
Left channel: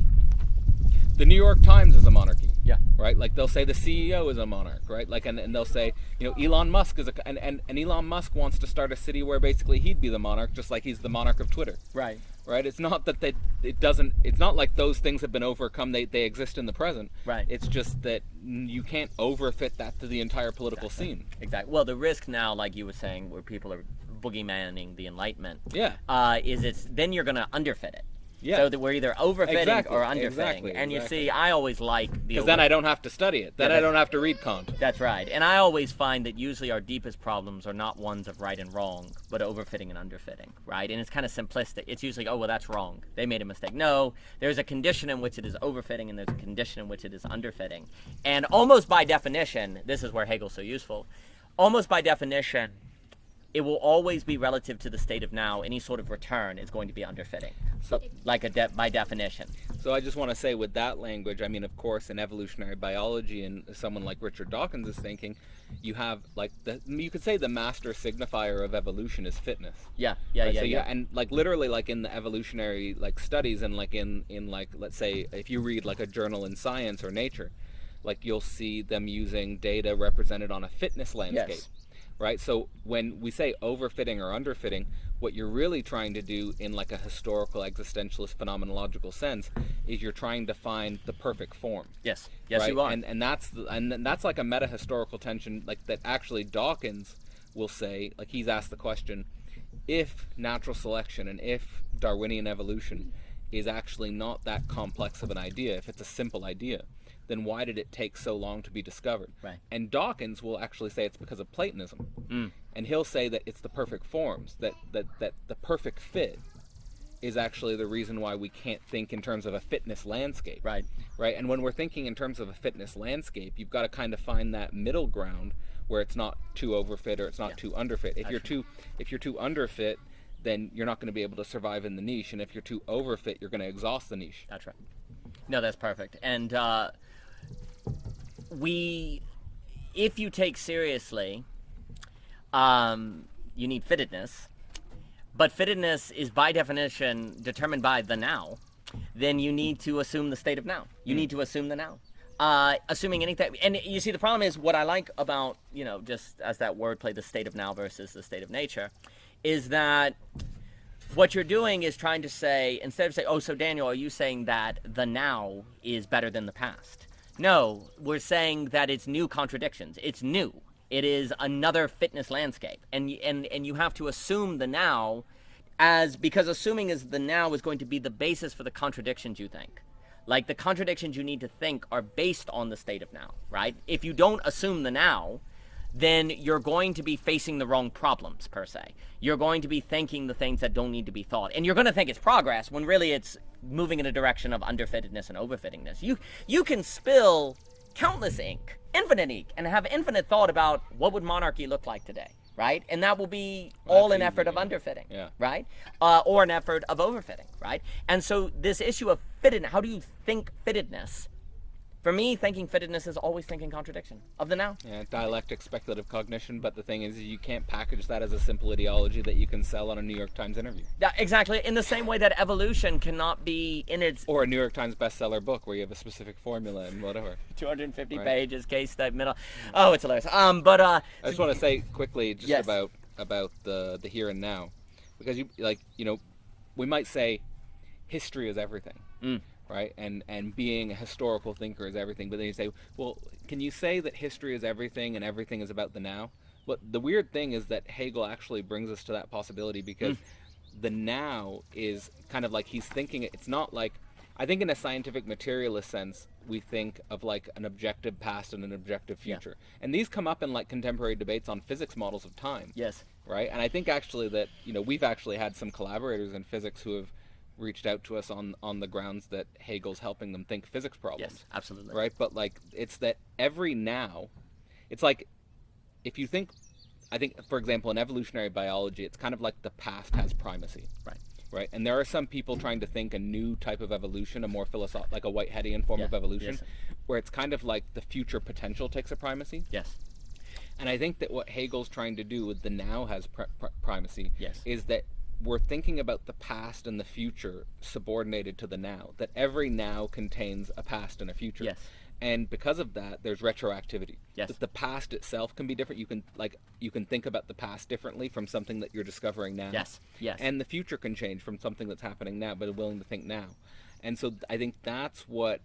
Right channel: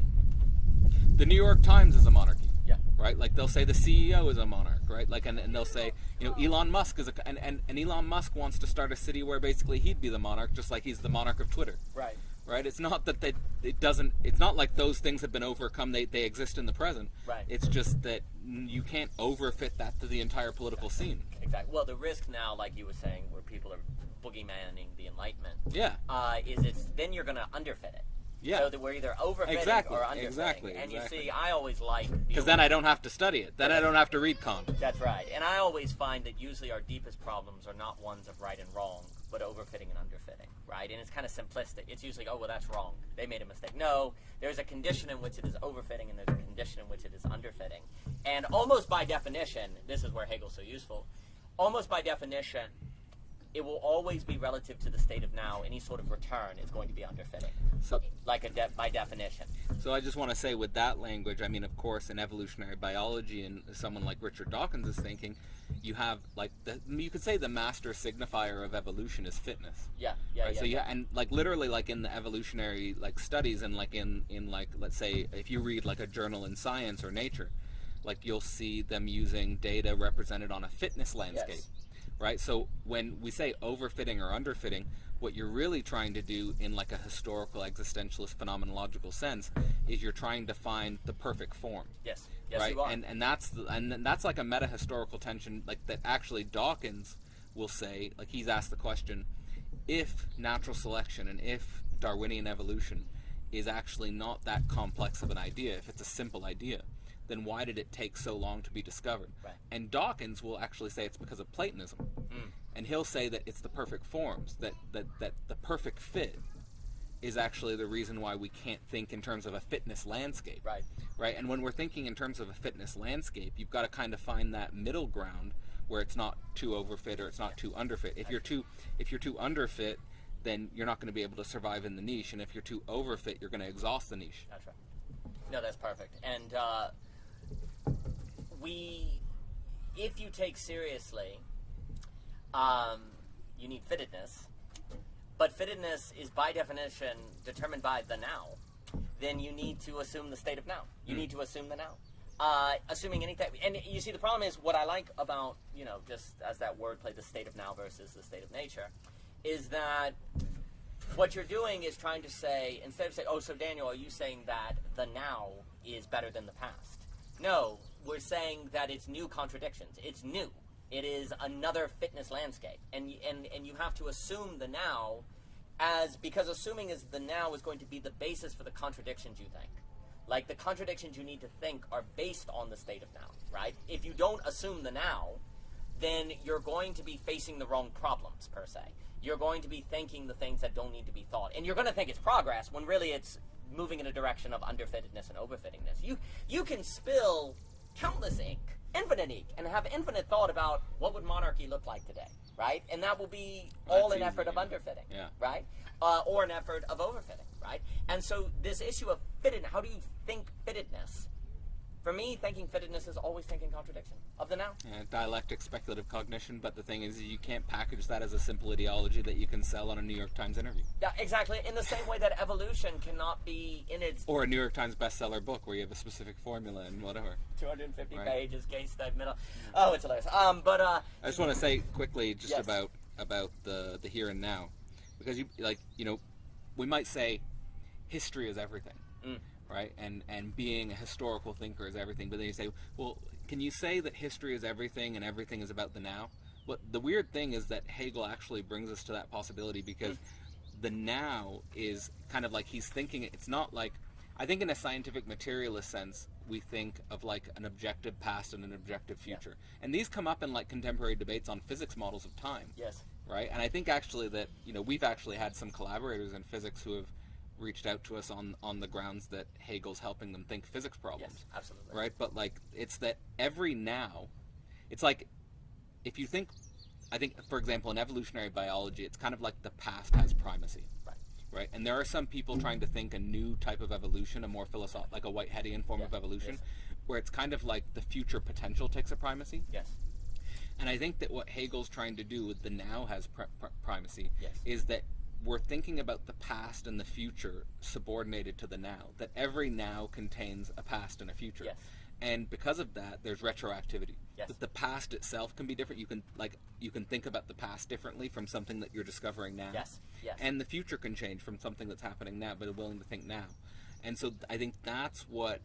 the New York Times is a monarchy. Yeah. Right? Like they'll say the CEO is a monarch, right? Like, and they'll say, Elon Musk is and Elon Musk wants to start a city where basically he'd be the monarch, just like he's the monarch of Twitter. Right. Right? It's not that it's not like those things have been overcome. They exist in the present. Right. It's just that you can't overfit that to the entire political scene. Exactly. Well, the risk now, like you were saying, where people are boogeymaning the Enlightenment, is then you're going to underfit it. Yeah. So that we're either overfitting or underfitting. Exactly. And you see, I always like because then I don't have to study it. Then I don't have to read Kant. That's right. And I always find that usually our deepest problems are not ones of right and wrong, but overfitting and underfitting, right? And it's kind of simplistic. It's usually, oh, well, that's wrong. They made a mistake. No, there's a condition in which it is overfitting and there's a condition in which it is underfitting. And almost by definition, this is where Hegel's so useful, almost by definition, it will always be relative to the state of now. Any sort of return is going to be underfitting, so, like by definition. So I just want to say with that language, I mean, of course, in evolutionary biology and someone like Richard Dawkins is thinking, you have like you could say the master signifier of evolution is fitness. Yeah. So and like literally like in the evolutionary like studies and like in like let's say if you read like a journal in Science or Nature, like you'll see them using data represented on a fitness landscape. Yes. Right? So when we say overfitting or underfitting, what you're really trying to do in like a historical existentialist phenomenological sense is you're trying to find the perfect form. Yes, right? You are. And that's like a meta historical tension like that actually Dawkins will say, like he's asked the question, if natural selection and if Darwinian evolution is actually not that complex of an idea, if it's a simple idea, then why did it take so long to be discovered? Right. And Dawkins will actually say it's because of Platonism. And he'll say that it's the perfect forms, that the perfect fit is actually the reason why we can't think in terms of a fitness landscape. Right. Right? And when we're thinking in terms of a fitness landscape, you've got to kind of find that middle ground where it's not too overfit or it's not too underfit. If you're too underfit, then you're not going to be able to survive in the niche, and if you're too overfit, you're going to exhaust the niche. That's right. No, that's perfect. And if you take seriously, you need fittedness, but fittedness is by definition determined by the now, then you need to assume the state of now. You need to assume the now. Assuming anything, and you see the problem is what I like about, just as that wordplay, the state of now versus the state of nature, is that what you're doing is trying to say, instead of saying, oh, so Daniel, are you saying that the now is better than the past? No, we're saying that it's new contradictions. It's new. It is another fitness landscape. And you have to assume the now because assuming is the now is going to be the basis for the contradictions you think. Like the contradictions you need to think are based on the state of now, right? If you don't assume the now, then you're going to be facing the wrong problems, per se. You're going to be thinking the things that don't need to be thought. And you're going to think it's progress when really it's moving in a direction of underfittedness and overfittingness. You can spill countless ink, infinite ink, and have infinite thought about what would monarchy look like today, right? And that will be all an effort of underfitting, right? Or an effort of overfitting, right? And so this issue of fittedness, how do you think fittedness? For me, thinking fittedness is always thinking contradiction of the now. Yeah, dialectic speculative cognition, but the thing is you can't package that as a simple ideology that you can sell on a New York Times interview. Yeah, exactly. In the same way that evolution cannot be in its... Or a New York Times bestseller book where you have a specific formula and whatever. 250 pages, case study, middle. Oh, it's hilarious. I just want to say quickly just about the here and now. Because we might say history is everything. Right, and being a historical thinker is everything, but then you say, well, can you say that history is everything and everything is about the now? But the weird thing is that Hegel actually brings us to that possibility because the now is kind of like he's thinking it's not like, I think in a scientific materialist sense, we think of like an objective past and an objective future. And these come up in like contemporary debates on physics models of time. Yes. Right? And I think actually that, we've actually had some collaborators in physics who have reached out to us on the grounds that Hegel's helping them think physics problems. Yes, absolutely. Right? But like, it's that every now, it's like, if you think, I think, for example, in evolutionary biology, it's kind of like the past has primacy. Right. Right? And there are some people trying to think a new type of evolution, a more philosophical, like a Whiteheadian form of evolution, where it's kind of like the future potential takes a primacy. Yes. And I think that what Hegel's trying to do with the now has primacy Yes. is that we're thinking about the past and the future subordinated to the now, that every now contains a past and a future. Yes. And because of that, there's retroactivity. Yes. That the past itself can be different. You can think about the past differently from something that you're discovering now. Yes. Yes. And the future can change from something that's happening now, but willing to think now. And so I think that's what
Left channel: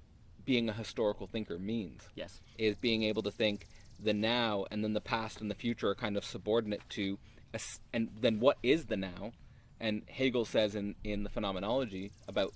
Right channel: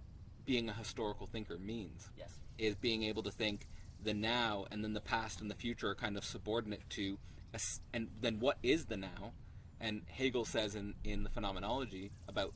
being a historical thinker means. Yes. Is being able to think the now and then the past and the future are kind of subordinate to, and then what is the now? And Hegel says in the Phenomenology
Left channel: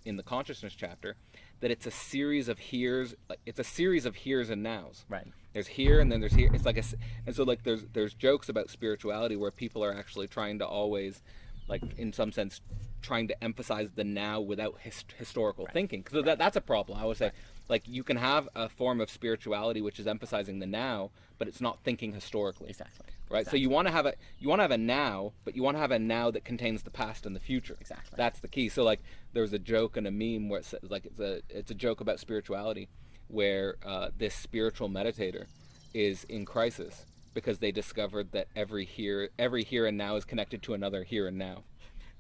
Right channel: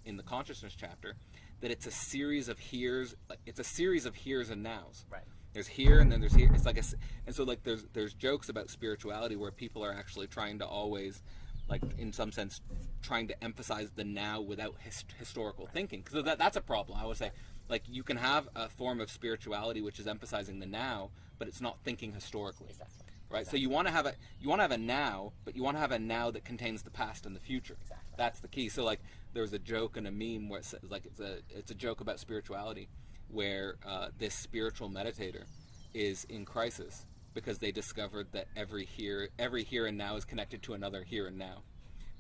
in the consciousness chapter that it's a series of heres, and nows. Right. There's here and then there's here. It's like and so like there's jokes about spirituality where people are actually trying to always, like in some sense, trying to emphasize the now without historical thinking. So that's a problem. I would say, like, you can have a form of spirituality which is emphasizing the now, but it's not thinking historically. Exactly. Right. Exactly. So you want to have a now, but you want to have a now that contains the past and the future. Exactly. That's the key. So like there was a joke and a meme where it says, like, it's a joke about spirituality where this spiritual meditator is in crisis because they discovered that every here and now is connected to another here and now.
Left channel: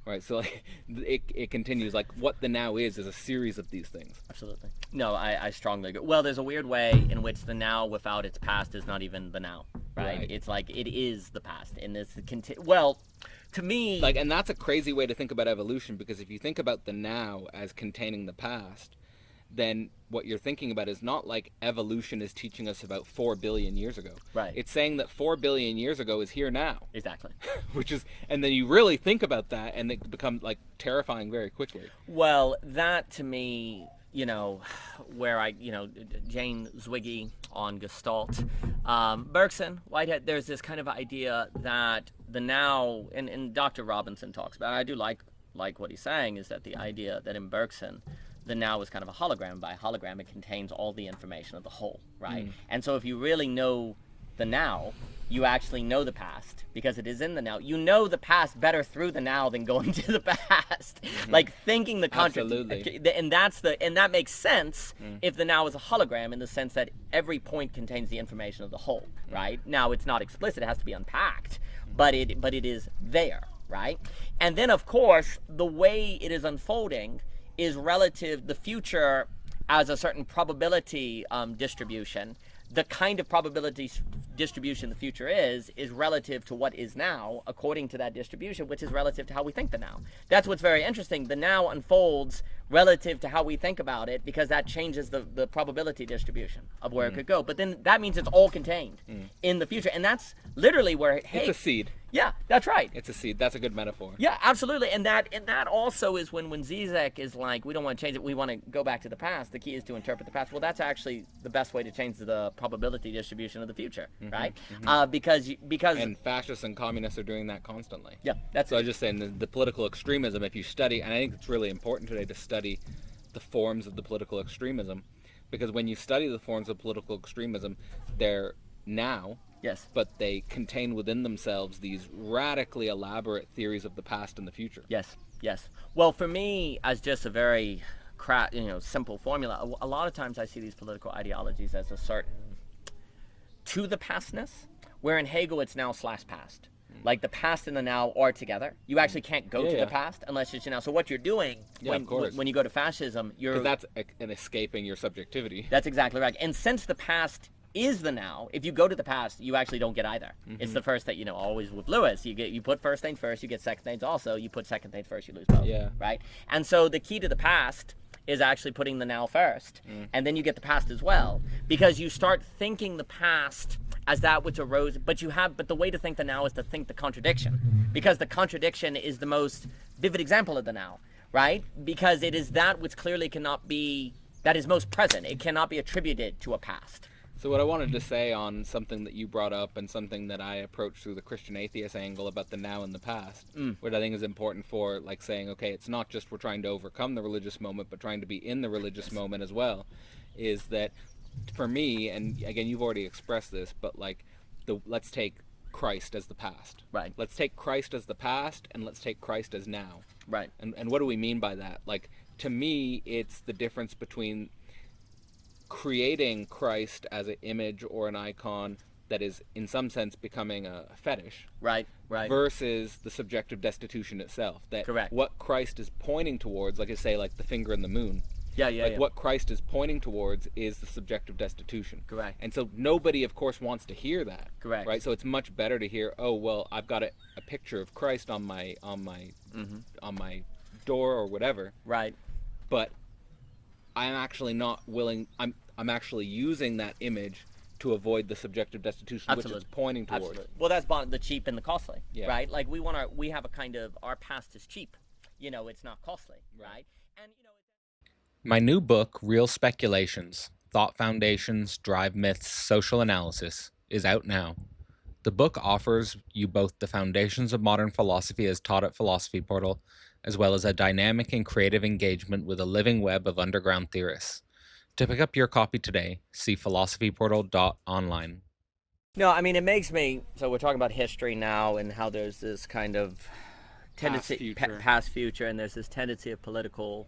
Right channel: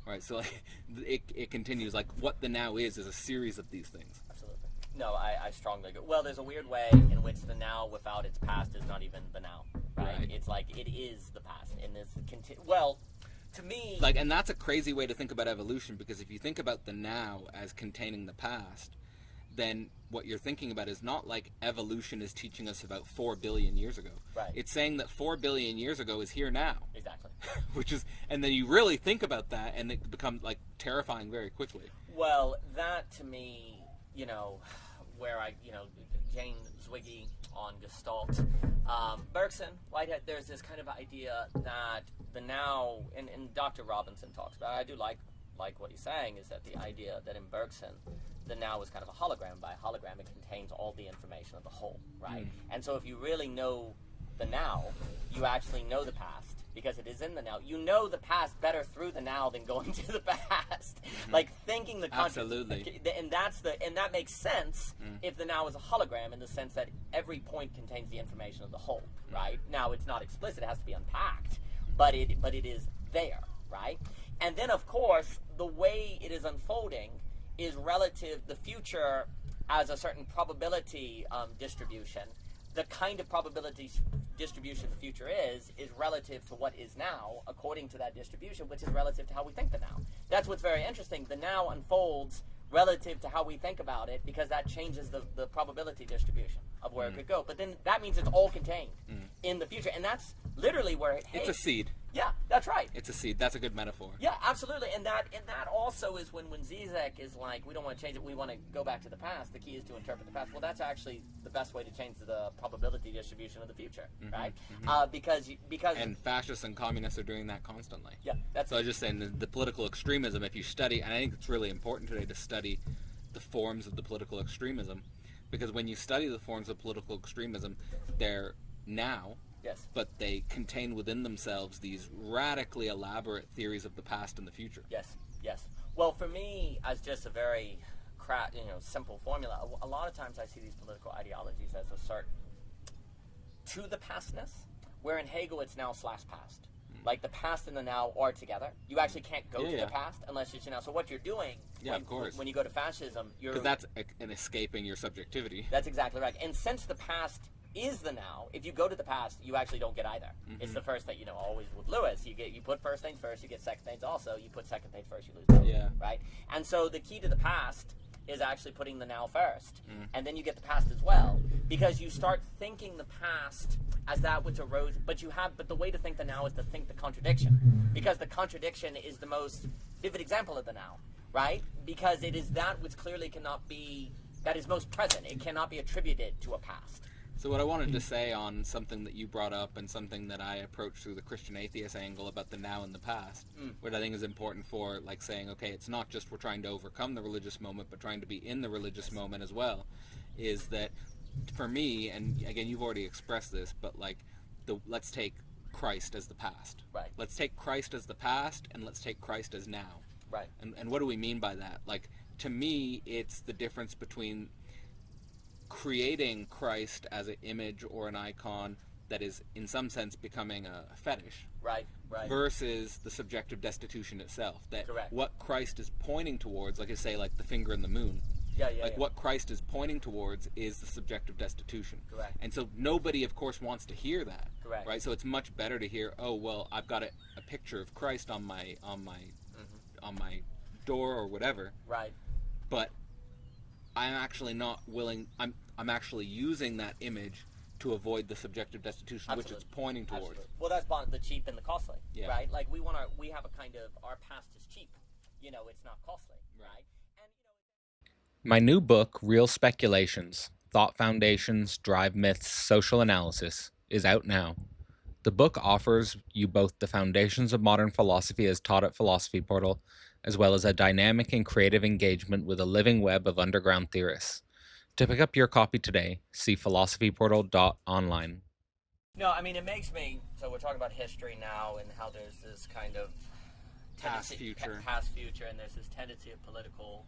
Right. So like it continues, like what the now is a series of these things. Absolutely. No, I strongly agree. Well, there's a weird way in which the now without its past is not even the now, right? It's like it is the past, and this well, to me, like, and that's a crazy way to think about evolution, because if you think about the now as containing the past, then what you're thinking about is not like evolution is teaching us about 4 billion years ago. Right. It's saying that 4 billion years ago is here now. Exactly. Which is, and then you really think about that, and it becomes like terrifying very quickly. Well, that to me, where Jane Zwiggy on Gestalt, Bergson, Whitehead, there's this kind of idea that the now, and Dr. Robinson talks about it, I do like what he's saying, is that the idea that in Bergson, the now is kind of a hologram. By hologram, it contains all the information of the whole, right? And so if you really know the now, you actually know the past, because it is in the now. You know the past better through the now than going to the past. Like thinking the Absolutely. And that makes sense if the now is a hologram, in the sense that every point contains the information of the whole, right? Now it's not explicit, it has to be unpacked, but it is there, right? And then of course, the way it is unfolding is relative, the future as a certain probability distribution. The kind of probability distribution the future is relative to what is now, according to that distribution, which is relative to how we think the now. That's what's very interesting. The now unfolds relative to how we think about it, because that changes the probability distribution of where it could go. But then that means it's all contained in the future, and that's literally where it's a seed. Yeah, that's right. It's a seed. That's a good metaphor. Yeah, absolutely. And that also is when Zizek is like, we don't want to change it, we want to go back to the past. The key is to interpret the past. Well, that's actually the best way to change the probability distribution of the future, right? Because and fascists and communists are doing that constantly. Yeah, that's so. I was just saying the political extremism. If you study, and I think it's really important today to study the forms of the political extremism, because when you study the forms of political extremism, they're now. Yes. But they contain within themselves these radically elaborate theories of the past and the future. Yes, yes. Well, for me, as just a very simple formula, a lot of times I see these political ideologies as a certain to the pastness, where in Hegel it's now/past. Like the past and the now are together. You actually can't go to the past unless it's now. So what you're doing when you go to fascism, because that's an escaping your subjectivity. That's exactly right. And since the past is the now, if you go to the past, you actually don't get either. It's the first that always with Lewis, you put first things first, you get second things also. You put second things first, you lose both. Yeah. Right. And so the key to the past is actually putting the now first, and then you get the past as well, because you start thinking the past as that which arose. But the way to think the now is to think the contradiction, because the contradiction is the most vivid example of the now, right? Because it is that which clearly cannot be that is most present. It cannot be attributed to a past. So what I wanted to say on something that you brought up and something that I approached through the Christian atheist angle about the now and the past, what I think is important for like saying, okay, it's not just we're trying to overcome the religious moment, but trying to be in the religious moment as well, is that for me, and again, you've already expressed this, but like let's take Christ as the past. Right. Let's take Christ as the past and let's take Christ as now. Right. And what do we mean by that? Like, to me, it's the difference between creating Christ as an image or an icon that is in some sense becoming a fetish, right versus the subjective destitution itself, that Correct. What Christ is pointing towards, like I say, like the finger in the moon, yeah. what Christ is pointing towards is the subjective destitution. Correct. And so nobody of course wants to hear that. Correct. Right. So it's much better to hear, oh well, I've got a picture of Christ on my door or whatever, right, but I'm actually not willing. I'm actually using that image to avoid the subjective destitution, Absolutely. which it's pointing towards. Absolutely. Well, that's the cheap and the costly, Yeah. right? Like we have a kind of, our past is cheap, it's not costly, right? And My new book, Real Speculations: Thought Foundations, Drive Myths, Social Analysis, is out now. The book offers you both the foundations of modern philosophy as taught at Philosophy Portal, as well as a dynamic and creative engagement with a living web of underground theorists. To pick up your copy today, see philosophyportal.online. No, I mean, it makes me, so we're talking about history now and how there's this kind of tendency, past, future, and there's this tendency of political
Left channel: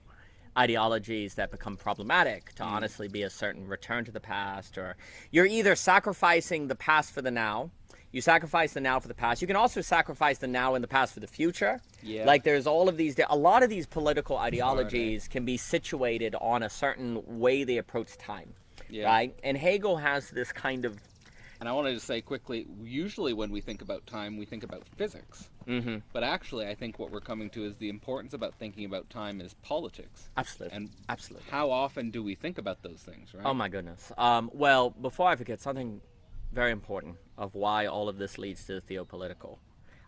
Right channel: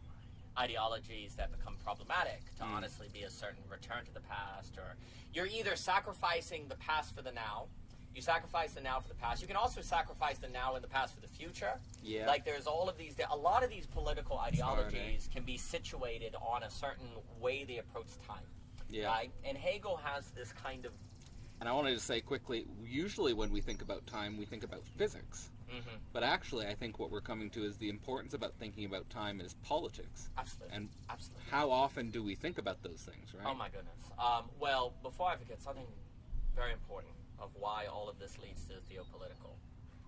ideologies that become problematic to honestly be a certain return to the past, or you're either sacrificing the past for the now. You sacrifice the now for the past. You can also sacrifice the now and the past for the future. Yeah. Like there's all of these, a lot of these political ideologies can be situated on a certain way they approach time. Yeah. Right? And Hegel has this kind of... And I wanted to say quickly, usually when we think about time, we think about physics. Mm-hmm. But actually, I think what we're coming to is the importance about thinking about time is politics. Absolutely. And absolutely. how often do we think about those things, right? Oh my goodness. Well, before I forget, something very important of why all of this leads to the theopolitical.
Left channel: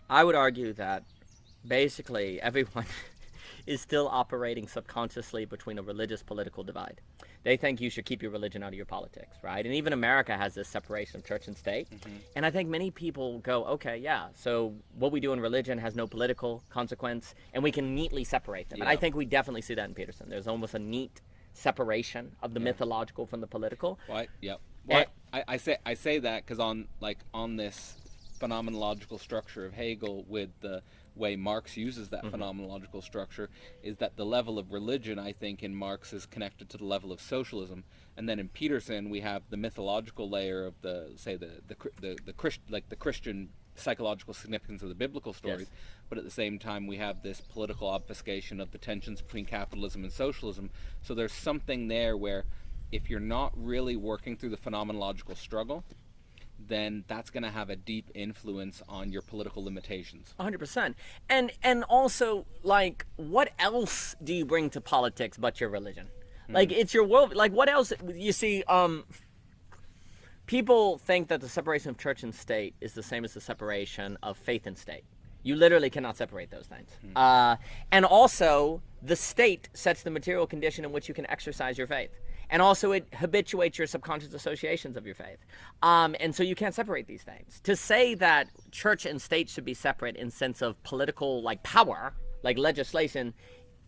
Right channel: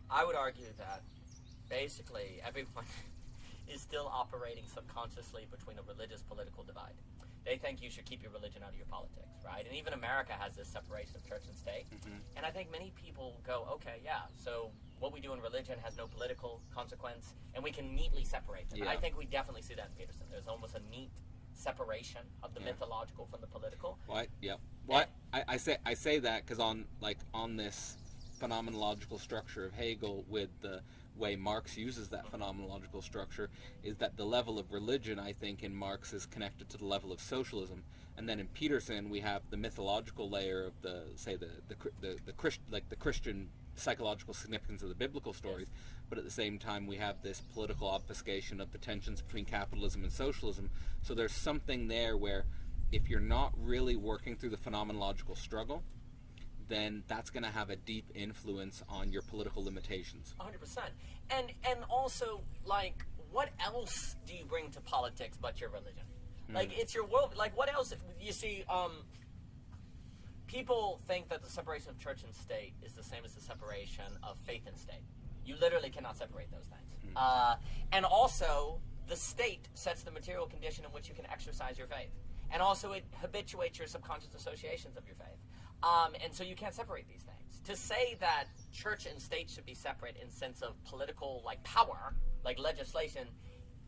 I would argue that basically everyone is still operating subconsciously between a religious political divide. They think you should keep your religion out of your politics, right? And even America has this separation of church and state. Mm-hmm. And I think many people go, okay, yeah, so what we do in religion has no political consequence, and we can neatly separate them. Yeah. And I think we definitely see that in Peterson. There's almost a neat separation of the mythological from the political. Right. Yep. Well, I say that because on this phenomenological structure of Hegel, with the way Marx uses that phenomenological structure, is that the level of religion, I think, in Marx is connected to the level of socialism, and then in Peterson we have the mythological layer of the Christian psychological significance of the biblical stories, but at the same time we have this political obfuscation of the tensions between capitalism and socialism. So there's something there where if you're not really working through the phenomenological struggle, then that's going to have a deep influence on your political limitations. 100%. And also, like, what else do you bring to politics but your religion? Like, it's your world. Like, what else? You see, people think that the separation of church and state is the same as the separation of faith and state. You literally cannot separate those things. And also, the state sets the material condition in which you can exercise your faith. And also it habituates your subconscious associations of your faith. And so you can't separate these things. To say that church and state should be separate in sense of political, like, power, like legislation,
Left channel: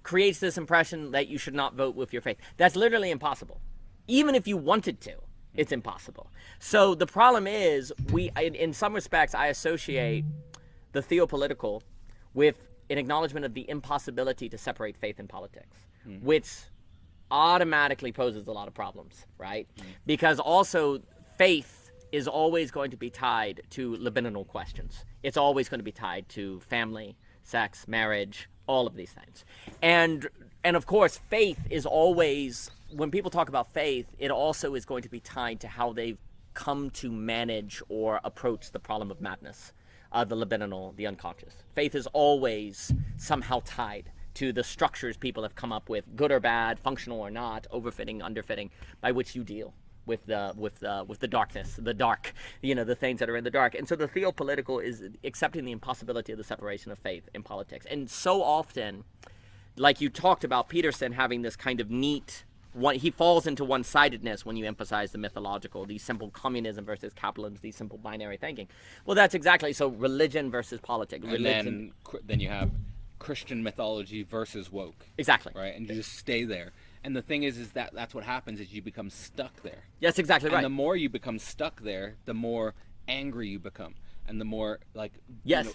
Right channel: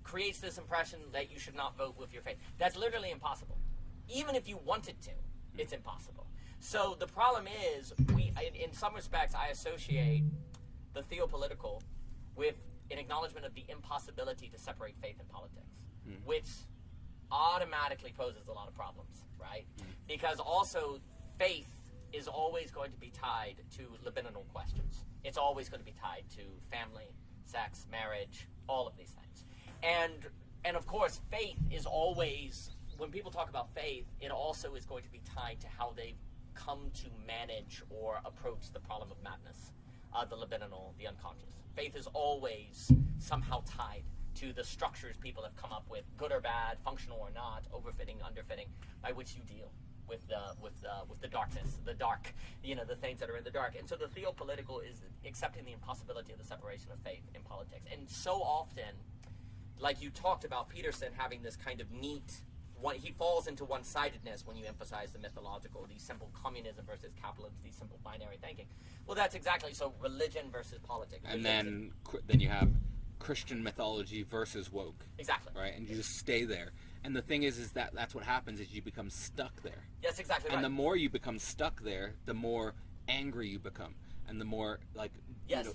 creates this impression that you should not vote with your faith. That's literally impossible. Even if you wanted to, it's impossible. So the problem is, in some respects, I associate the theopolitical with an acknowledgement of the impossibility to separate faith and politics, which automatically poses a lot of problems, right? Because also faith is always going to be tied to libidinal questions. It's always going to be tied to family, sex, marriage, all of these things. And of course, faith is always, when people talk about faith, it also is going to be tied to how they've come to manage or approach the problem of madness, the libidinal, the unconscious. Faith is always somehow tied to the structures people have come up with, good or bad, functional or not, overfitting, underfitting, by which you deal with the darkness, the dark, the things that are in the dark. And so the theopolitical is accepting the impossibility of the separation of faith and politics. And so often, like you talked about Peterson having this kind of neat he falls into one-sidedness when you emphasize the mythological, the simple communism versus capitalism, the simple binary thinking. Well, that's exactly so. Religion versus politics. And then you have Christian mythology versus woke. Exactly. Right, and you just stay there. And the thing is that that's what happens is you become stuck there. Yes, exactly right. And the more you become stuck there, the more angry you become, and the more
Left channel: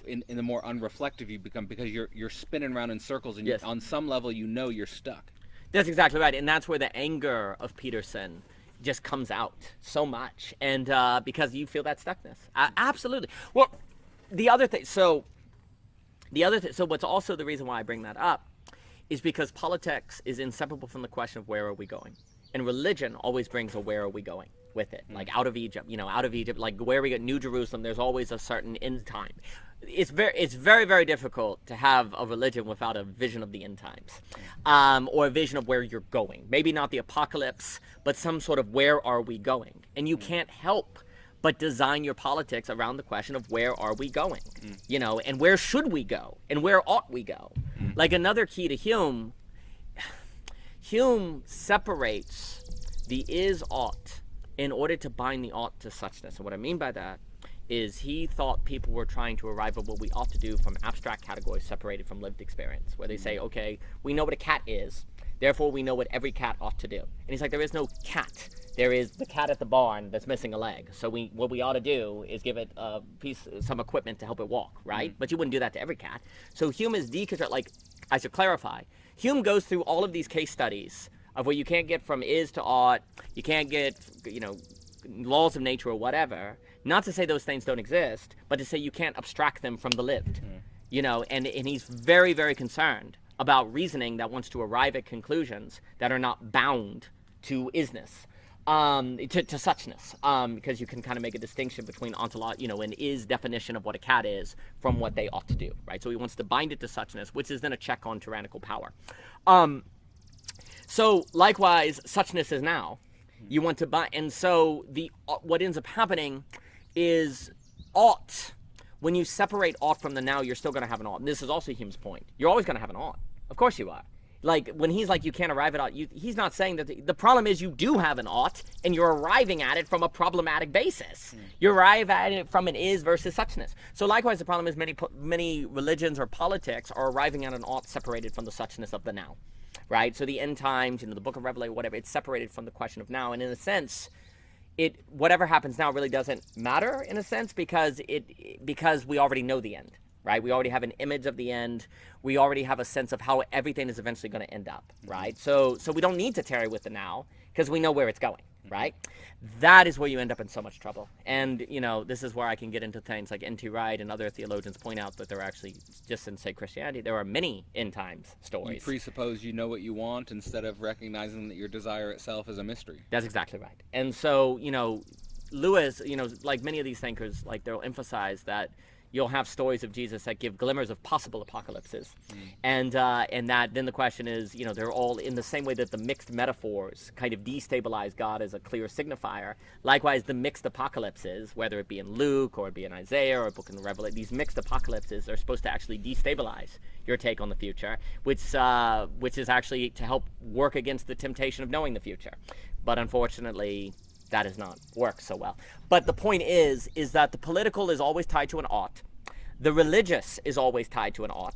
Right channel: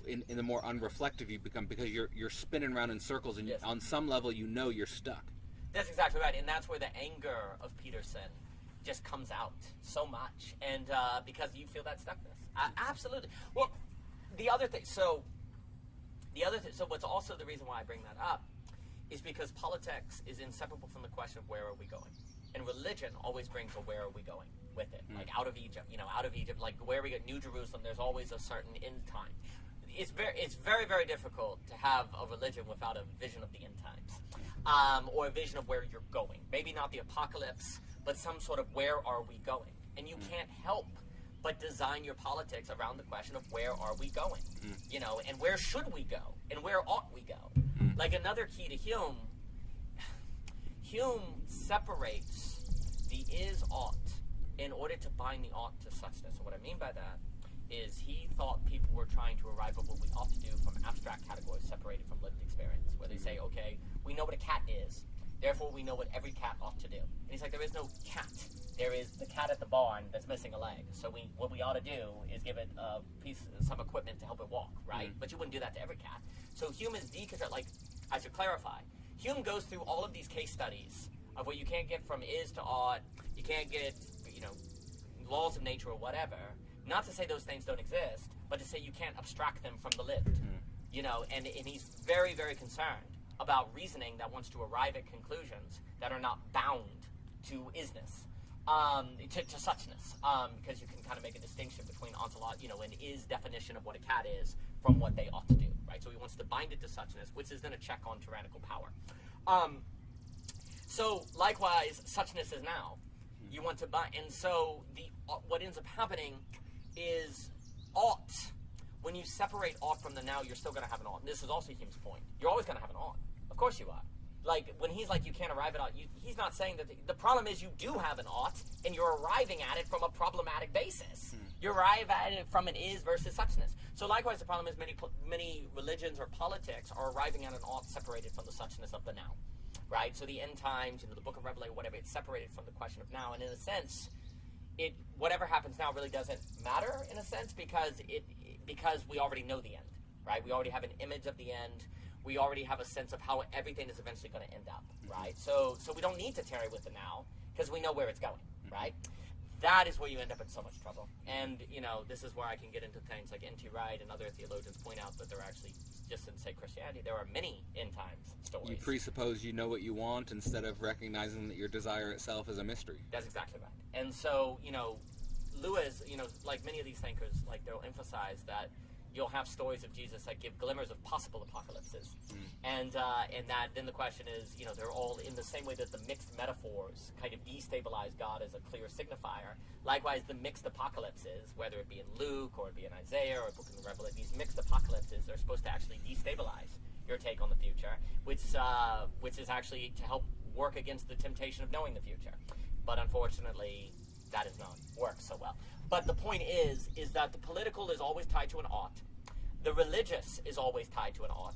in the more unreflective you become, because you're spinning around in circles, and on some level you're stuck. That's exactly right, and that's where the anger of Peterson just comes out so much, and because you feel that stuckness. Absolutely. Well, the other thing. So what's also the reason why I bring that up is because politics is inseparable from the question of where are we going, and religion always brings a where are we going with it, like out of Egypt, like where we get New Jerusalem. There's always a certain end time. It's very, very difficult to have a religion without a vision of the end times, or a vision of where you're going. Maybe not the apocalypse, but some sort of where are we going, and you can't help but design your politics around the question of where are we going, and where should we go, and where ought we go. Like another key to Hume separates the is ought in order to bind the ought to suchness. And what I mean by that is he thought people were trying to arrive at what we ought to do from abstract categories separated from lived experience, where they say, okay, we know what a cat is, therefore we know what every cat ought to do. And he's like, there is no cat. There is the cat at the barn that's missing a leg. So what we ought to do is give it some equipment to help it walk, right? But you wouldn't do that to every cat. So Hume is deconstruct. Like, I should clarify. Hume goes through all of these case studies of where you can't get from is to ought, you can't get, laws of nature or whatever. Not to say those things don't exist, but to say you can't abstract them from the lived. And he's very, very concerned about reasoning that wants to arrive at conclusions that are not bound to isness. To suchness, because you can kind of make a distinction between an is definition of what a cat is from what they ought to do, right? So he wants to bind it to suchness, which is then a check on tyrannical power. So likewise, suchness is now. You want to bind, and so what ends up happening is ought. When you separate ought from the now, you're still going to have an ought. And this is also Hume's point. You're always going to have an ought. Of course you are. Like, when he's like, you can't arrive at ought, he's not saying that the problem is you do have an ought, and you're arriving at it from a problematic basis. You arrive at it from an is versus suchness. So likewise, the problem is many religions or politics are arriving at an ought separated from the suchness of the now, right? So the end times, the book of Revelation, whatever, it's separated from the question of now. And in a sense, whatever happens now really doesn't matter, in a sense, because we already know the end, right? We already have an image of the end. We already have a sense of how everything is eventually going to end up, right? So we don't need to tarry with the now because we know where it's going, right? That is where you end up in so much trouble. And, this is where I can get into things like N.T. Wright and other theologians point out that there are actually, just in, say, Christianity, there are many end times stories. You presuppose you know what you want instead of recognizing that your desire itself is a mystery. That's exactly right. And so, Lewis, like many of these thinkers, like they'll emphasize that you'll have stories of Jesus that give glimmers of possible apocalypses. And that then the question is, they're all in the same way that the mixed metaphors kind of destabilize God as a clear signifier. Likewise, the mixed apocalypses, whether it be in Luke or it be in Isaiah or a book in the Revelation, these mixed apocalypses are supposed to actually destabilize your take on the future, which is actually to help work against the temptation of knowing the future. But unfortunately, that does not work so well. But the point is that the political is always tied to an ought. The religious is always tied to an ought.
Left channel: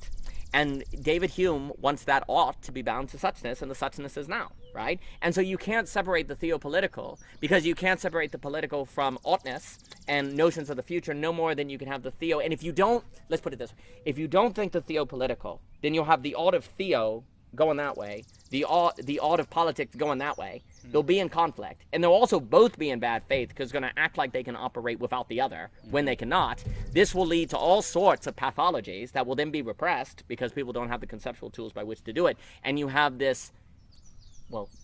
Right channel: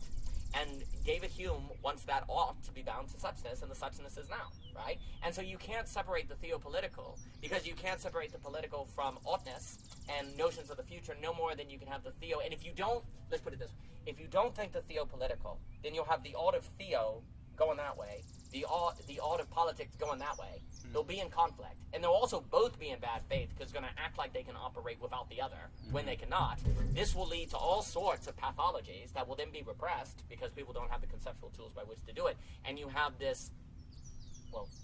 And David Hume wants that ought to be bound to suchness, and the suchness is now, right? And so you can't separate the theopolitical, because you can't separate the political from oughtness and notions of the future no more than you can have the theo. And if you don't, let's put it this way, if you don't think the theopolitical, then you'll have the ought of theo going that way, the ought of politics going that way. They'll be in conflict, and they'll also both be in bad faith because they're going to act like they can operate without the other when they cannot. This will lead to all sorts of pathologies that will then be repressed because people don't have the conceptual tools by which to do it, and you have this,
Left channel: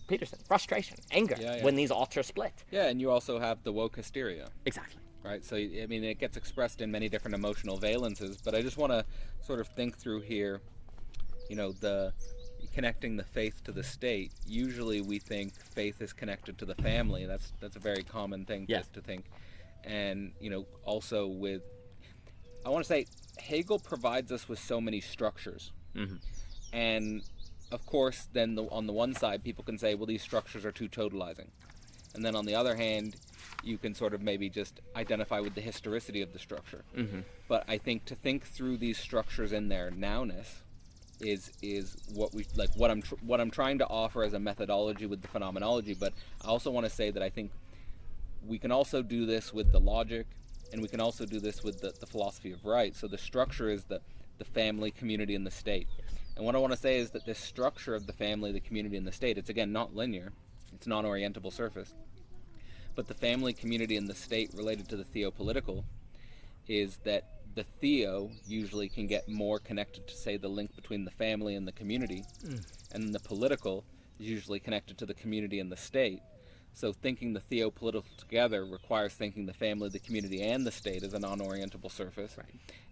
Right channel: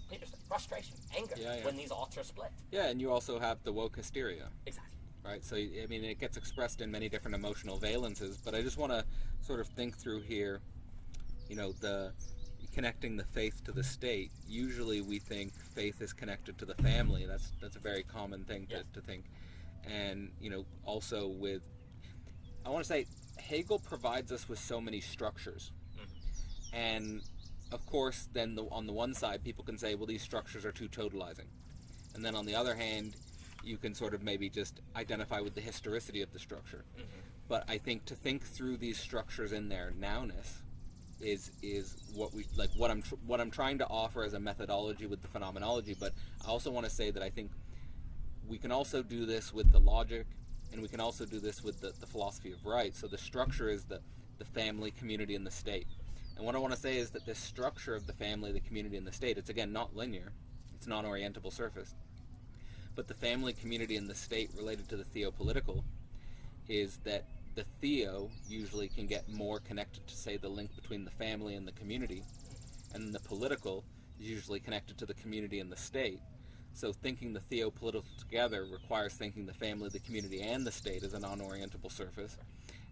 Peterson, frustration, anger when these oughts are split. Yeah, and you also have the woke hysteria. Exactly. Right, so I mean, it gets expressed in many different emotional valences, but I just want to sort of think through here, the connecting the faith to the state. Usually we think faith is connected to the family. That's a very common thing to think. And also with, I want to say, Hegel provides us with so many structures, and of course, then on the one side, people can say, well, these structures are too totalizing. And then on the other hand, you can sort of maybe just identify with the historicity of the structure. Mm-hmm. But I think to think through these structures in their nowness is what we like. What I'm trying to offer as a methodology with the phenomenology. But I also want to say that I think we can also do this with the logic, and we can also do this with the philosophy of right. So the structure is the family, community, and the state. And what I want to say is that this structure of the family, the community, and the state, it's again not linear. It's non-orientable surface. But the family, community, and the state related to the theopolitical is that the theo usually can get more connected to, say, the link between the family and the community, and the political is usually connected to the community and the state. So thinking the theopolitical together requires thinking the family, the community, and the state as a non-orientable surface, Right.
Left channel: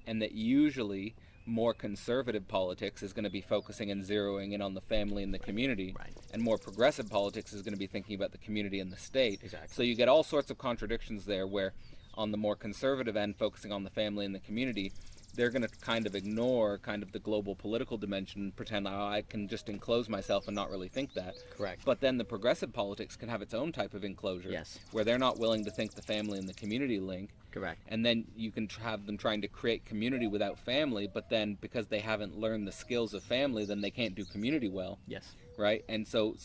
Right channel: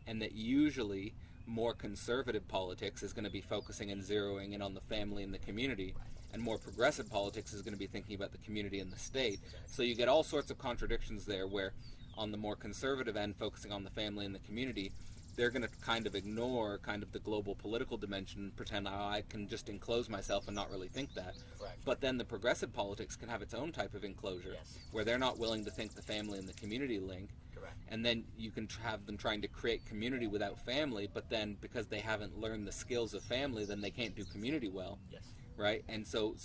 and that usually more conservative politics is going to be focusing and zeroing in on the family and the community, Right. and more progressive politics is going to be thinking about the community and the state. Exactly. So you get all sorts of contradictions there where on the more conservative end, focusing on the family and the community, they're going to kind of ignore kind of the global political dimension and pretend, oh, I can just enclose myself and not really think that. Correct. But then the progressive politics can have its own type of enclosure, Yes. where they're not willing to think the family and the community link. Correct. And then you can have them trying to create community without family, but then because they haven't learned the skills of family, then they can't do community well. Yes. Right? And so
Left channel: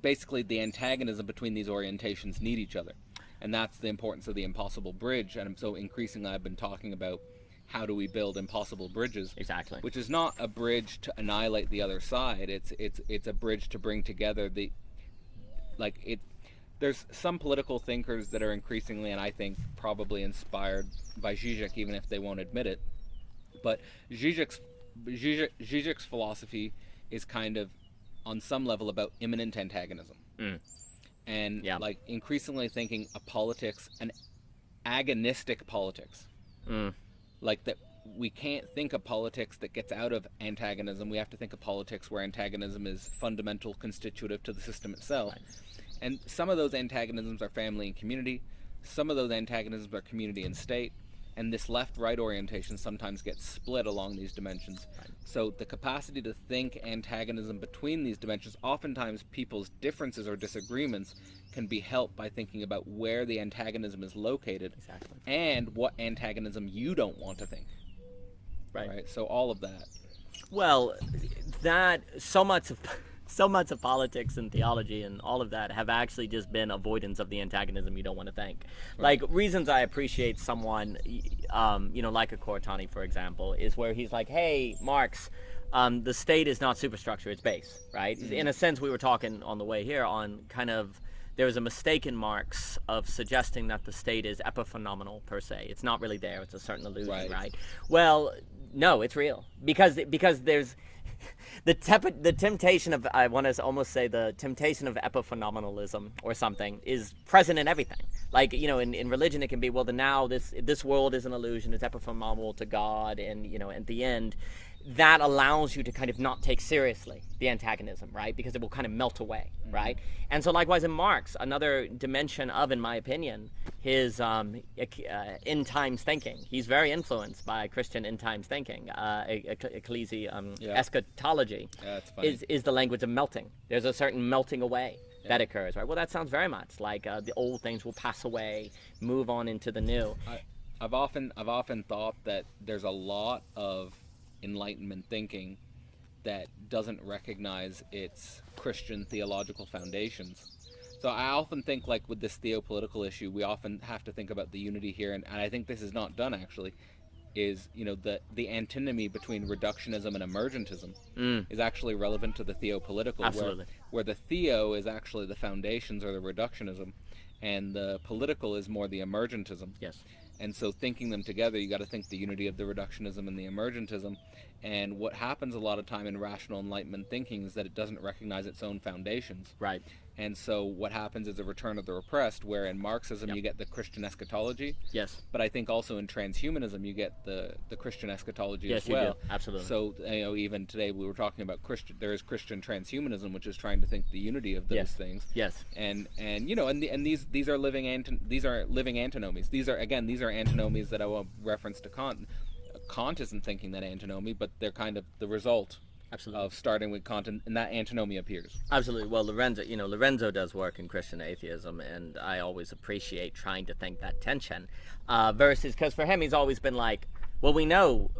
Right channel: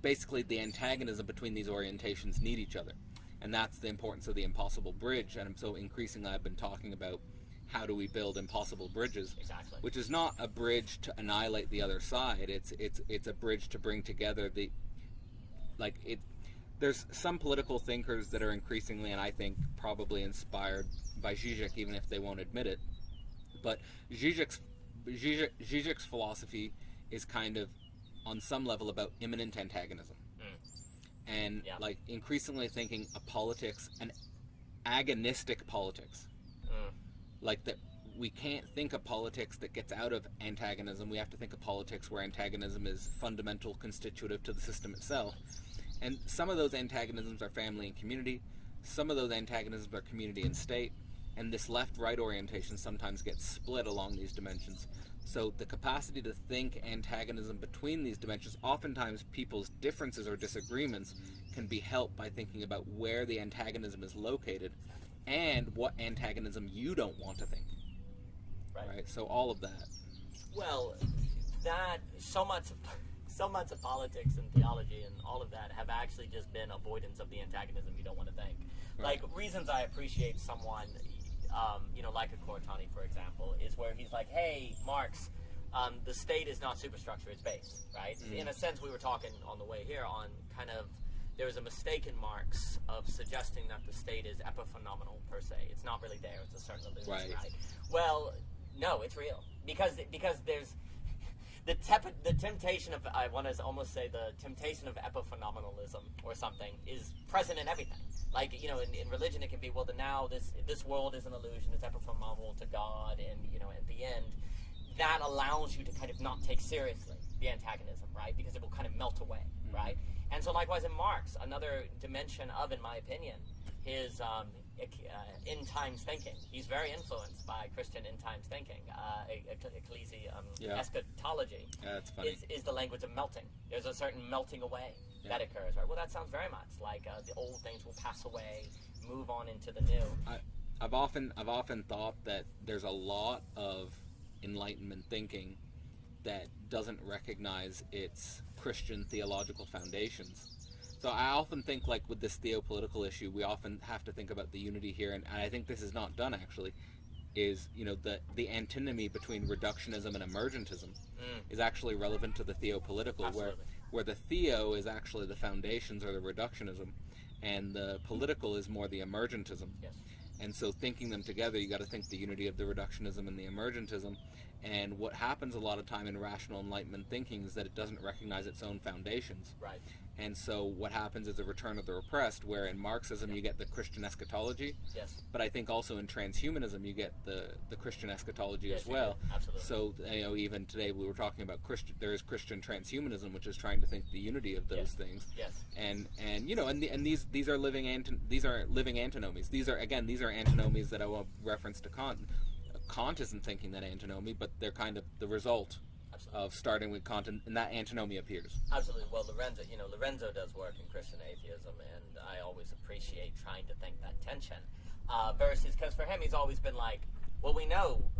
basically the antagonism between these orientations need each other. And that's the importance of the impossible bridge. And so increasingly I've been talking about how do we build impossible bridges. Exactly. Which is not a bridge to annihilate the other side. It's a bridge to bring together there's some political thinkers that are increasingly, and I think probably inspired by Zizek, even if they won't admit it. But Zizek's philosophy is kind of, on some level, about immanent antagonism. And like increasingly thinking a politics, an agonistic politics. Like that we can't think of politics that gets out of antagonism. We have to think of politics where antagonism is fundamental, constitutive to the system itself. Right. And some of those antagonisms are family and community. Some of those antagonisms are community and state. And this left-right orientation sometimes gets split along these dimensions. So the capacity to think antagonism between these dimensions, oftentimes people's differences or disagreements can be helped by thinking about where the antagonism is located. Exactly. And what antagonism you don't want to think. Right? So all of that. Well, that so much of politics and theology and all of that have actually just been avoidance of the antagonism you don't want to think. Right. Like reasons I appreciate someone, like a Cortani, for example, is where he's like, hey, Marx, the state is not superstructure, it's base, right? Mm-hmm. In a sense, we were talking on the way here on kind of, there was a mistake in Marx of suggesting that the state is epiphenomenal per se. It's not really there, it's a certain illusion, right? Well, no, it's real. Because there's the temptation of, I want to almost say the temptation of epiphenomenalism or something is present in everything. Like, in religion it can be, well, this world is an illusion, it's epiphenomenal to God, and, at the end, that allows you to kind of not take seriously the antagonism, right? Because it will kind of melt away, right? And so likewise in Marx, another dimension of, in my opinion, his end times thinking. He's very influenced by Christian end times thinking. Eschatology That's funny. is the language of melting. There's a certain melting away that occurs, right? Well, that sounds very much like the old things will pass away, move on into the new. I've often thought that there's a lot of Enlightenment thinking that doesn't recognize its Christian theological foundations. So I often think, like with this theopolitical issue, we often have to think about the unity here, and I think this is not done actually, is the antinomy between reductionism and emergentism is actually relevant to the theopolitical, where the theo is actually the foundations or the reductionism, and the political is more the emergentism. Yes. And so thinking them together, you got to think the unity of the reductionism and the emergentism. And what happens a lot of time in rational Enlightenment thinking is that it doesn't recognize its own foundations. Right. And so what happens is a return of the repressed, where in Marxism you get the Christian eschatology. Yes. But I think also in transhumanism you get the Christian eschatology Yes, as well. you do. Absolutely. So even today we were talking about there is Christian transhumanism, which is trying to think the unity of those things. Yes. And these are living antinomies. These are antinomies that I will reference to Kant. Kant isn't thinking that antinomy, but they're kind of the result Absolutely. of starting with Kant, and that antinomy appears. Absolutely. Well, Lorenzo does work in Christian atheism, and I always appreciate trying to think that tension, versus, because for him, he's always been like, well, we know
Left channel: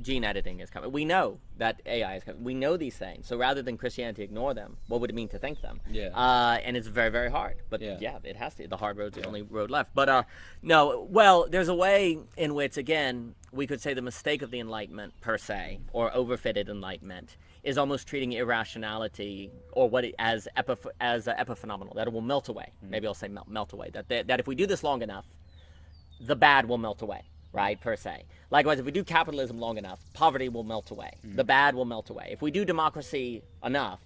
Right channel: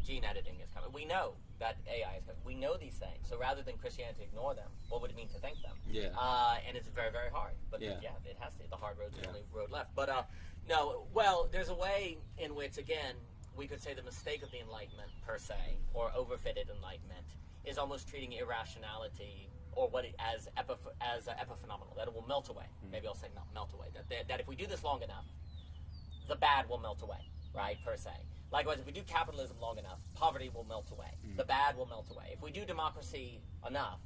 gene editing is coming. We know that AI is coming. We know these things. So rather than Christianity ignore them, what would it mean to think them? Yeah. And it's very, very hard. But Yeah. it has to. The hard road's the only road left. But no, well, there's a way in which, again, we could say the mistake of the Enlightenment per se, or overfitted Enlightenment, is almost treating irrationality or as epiphenomenal, that it will melt away. Maybe I'll say melt away. That if we do this long enough, the bad will melt away, right, per se. Likewise, if we do capitalism long enough, poverty will melt away. The bad will melt away. If we do democracy enough,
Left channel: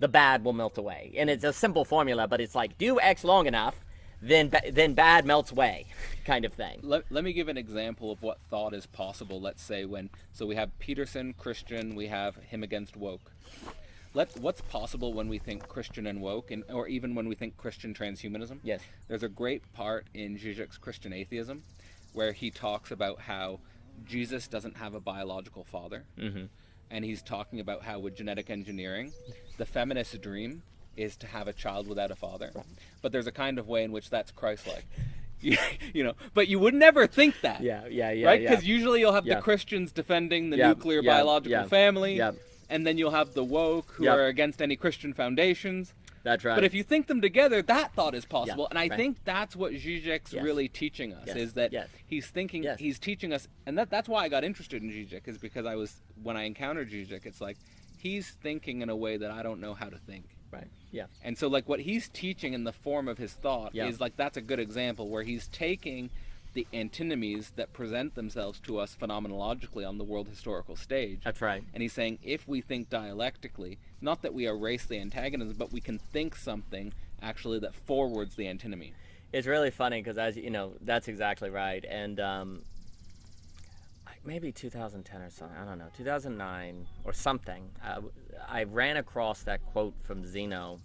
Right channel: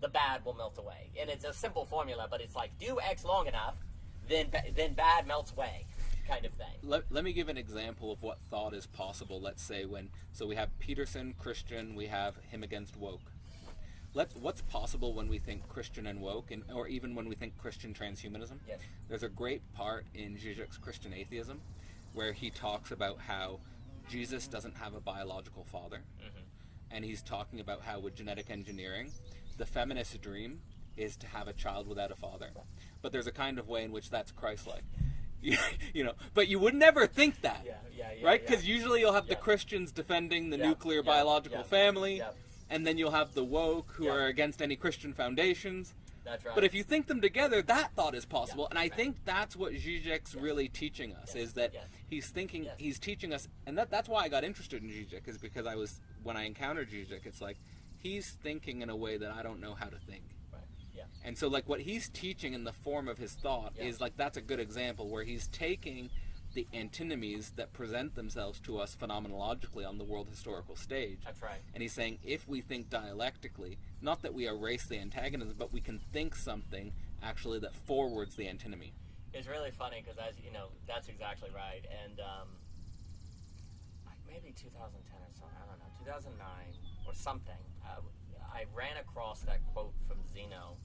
the bad will melt away. And it's a simple formula, but it's like, do X long enough, then bad melts away, kind of thing. Let me give an example of what thought is possible. Let's say so we have Peterson, Christian, we have him against woke. What's possible when we think Christian and woke, or even when we think Christian transhumanism? Yes. There's a great part in Zizek's Christian Atheism where he talks about how Jesus doesn't have a biological father. And he's talking about how with genetic engineering, the feminist dream is to have a child without a father. But there's a kind of way in which that's Christ-like. But you would never think that. Yeah. Right? Because usually you'll have the Yeah. Christians defending the Yeah, nuclear yeah, biological yeah, family. yeah. And then you'll have the woke who Yeah. are against any Christian foundations. That's right. But if you think them together, that thought is possible. Yeah, and I right. think that's what Zizek's Yes. really teaching us, Yes, is that yes. he's thinking, Yes. he's teaching us, and that's why I got interested in Zizek, is because when I encountered Zizek, it's like, he's thinking in a way that I don't know how to think. Right. Yeah. And so like what he's teaching in the form of his thought Yeah. is like, that's a good example where he's taking the antinomies that present themselves to us phenomenologically on the world historical stage. That's right. And he's saying, if we think dialectically, not that we erase the antagonism, but we can think something actually that forwards the antinomy. It's really funny because, as you know, that's exactly right. And maybe 2010 or something, I don't know, 2009 or something, I ran across that quote from Zeno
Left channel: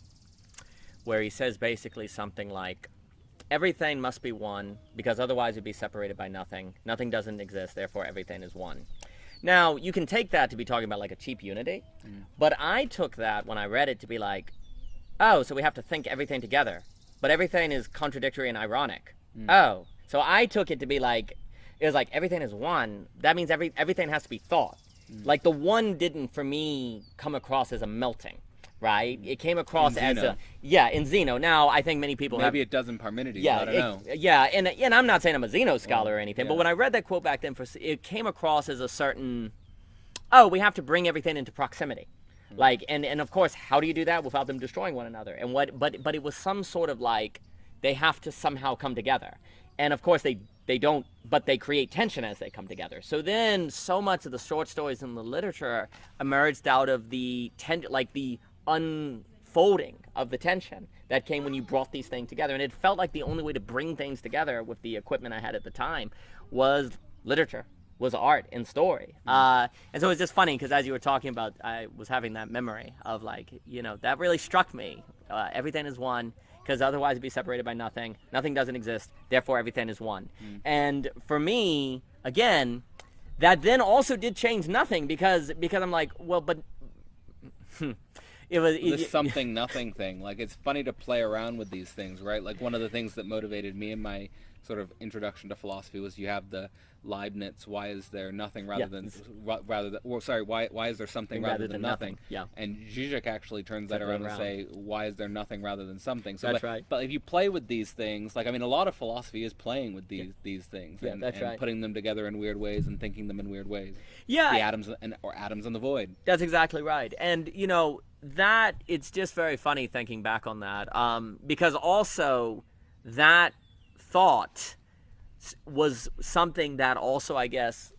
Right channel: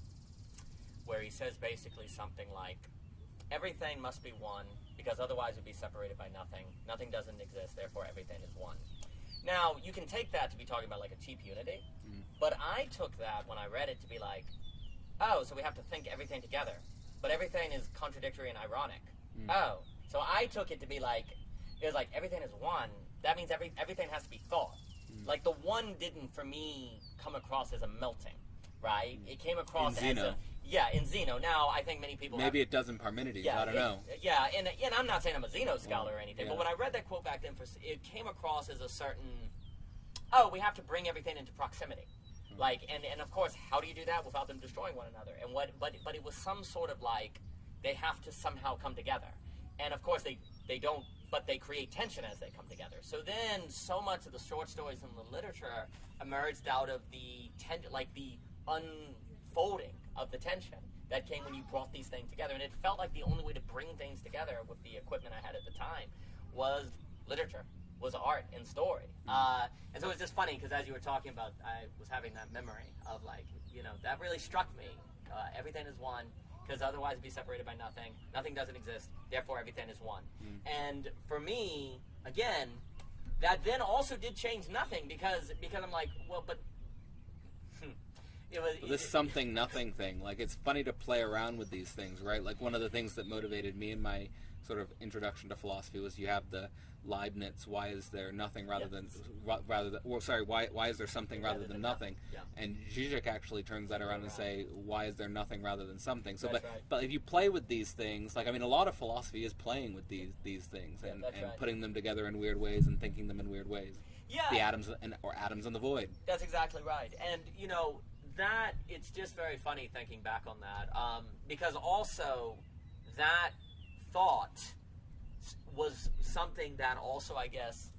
where he says basically something like, everything must be one because otherwise it'd be separated by nothing. Nothing doesn't exist, therefore everything is one. Now, you can take that to be talking about like a cheap unity, but I took that when I read it to be like, oh, so we have to think everything together, but everything is contradictory and ironic. Oh, so I took it to be like, it was like everything is one. That means everything has to be thought. Like the one didn't, for me, come across as a melting, right? It came across as Zeno. in Zeno. Now, I think many people Maybe it does in Parmenides, I don't know. Yeah, and I'm not saying I'm a Zeno scholar or anything, but yeah. when I read that quote back then, it came across as a certain, oh, we have to bring everything into proximity. Like, and of course, how do you do that without them destroying one another? And but it was some sort of like, they have to somehow come together. And of course they don't, but they create tension as they come together. So then so much of the short stories in the literature emerged out of the unfolding of the tension that came when you brought these things together. And it felt like the only way to bring things together with the equipment I had at the time was literature, was art and story. And so it's just funny because as you were talking about, I was having that memory of like, that really struck me. Everything is one because otherwise it'd be separated by nothing. Nothing doesn't exist, therefore everything is one. And for me, again, that then also did change nothing because I'm like, well, but this something nothing thing. Like, it's funny to play around with these things, right? Like, one of the things that motivated me in my sort of introduction to philosophy was you have the Leibniz, why is there nothing why is there something rather than nothing? Yeah. And Zizek actually turns that around and say, why is there nothing rather than something? So, That's right. But if you play with these things, like, I mean, a lot of philosophy is playing with these things and right. putting them together in weird ways and thinking them in weird ways. Yeah. The atoms or atoms in the void. That's exactly right. And, that it's just very funny thinking back on that because also that thought was something that also, I guess,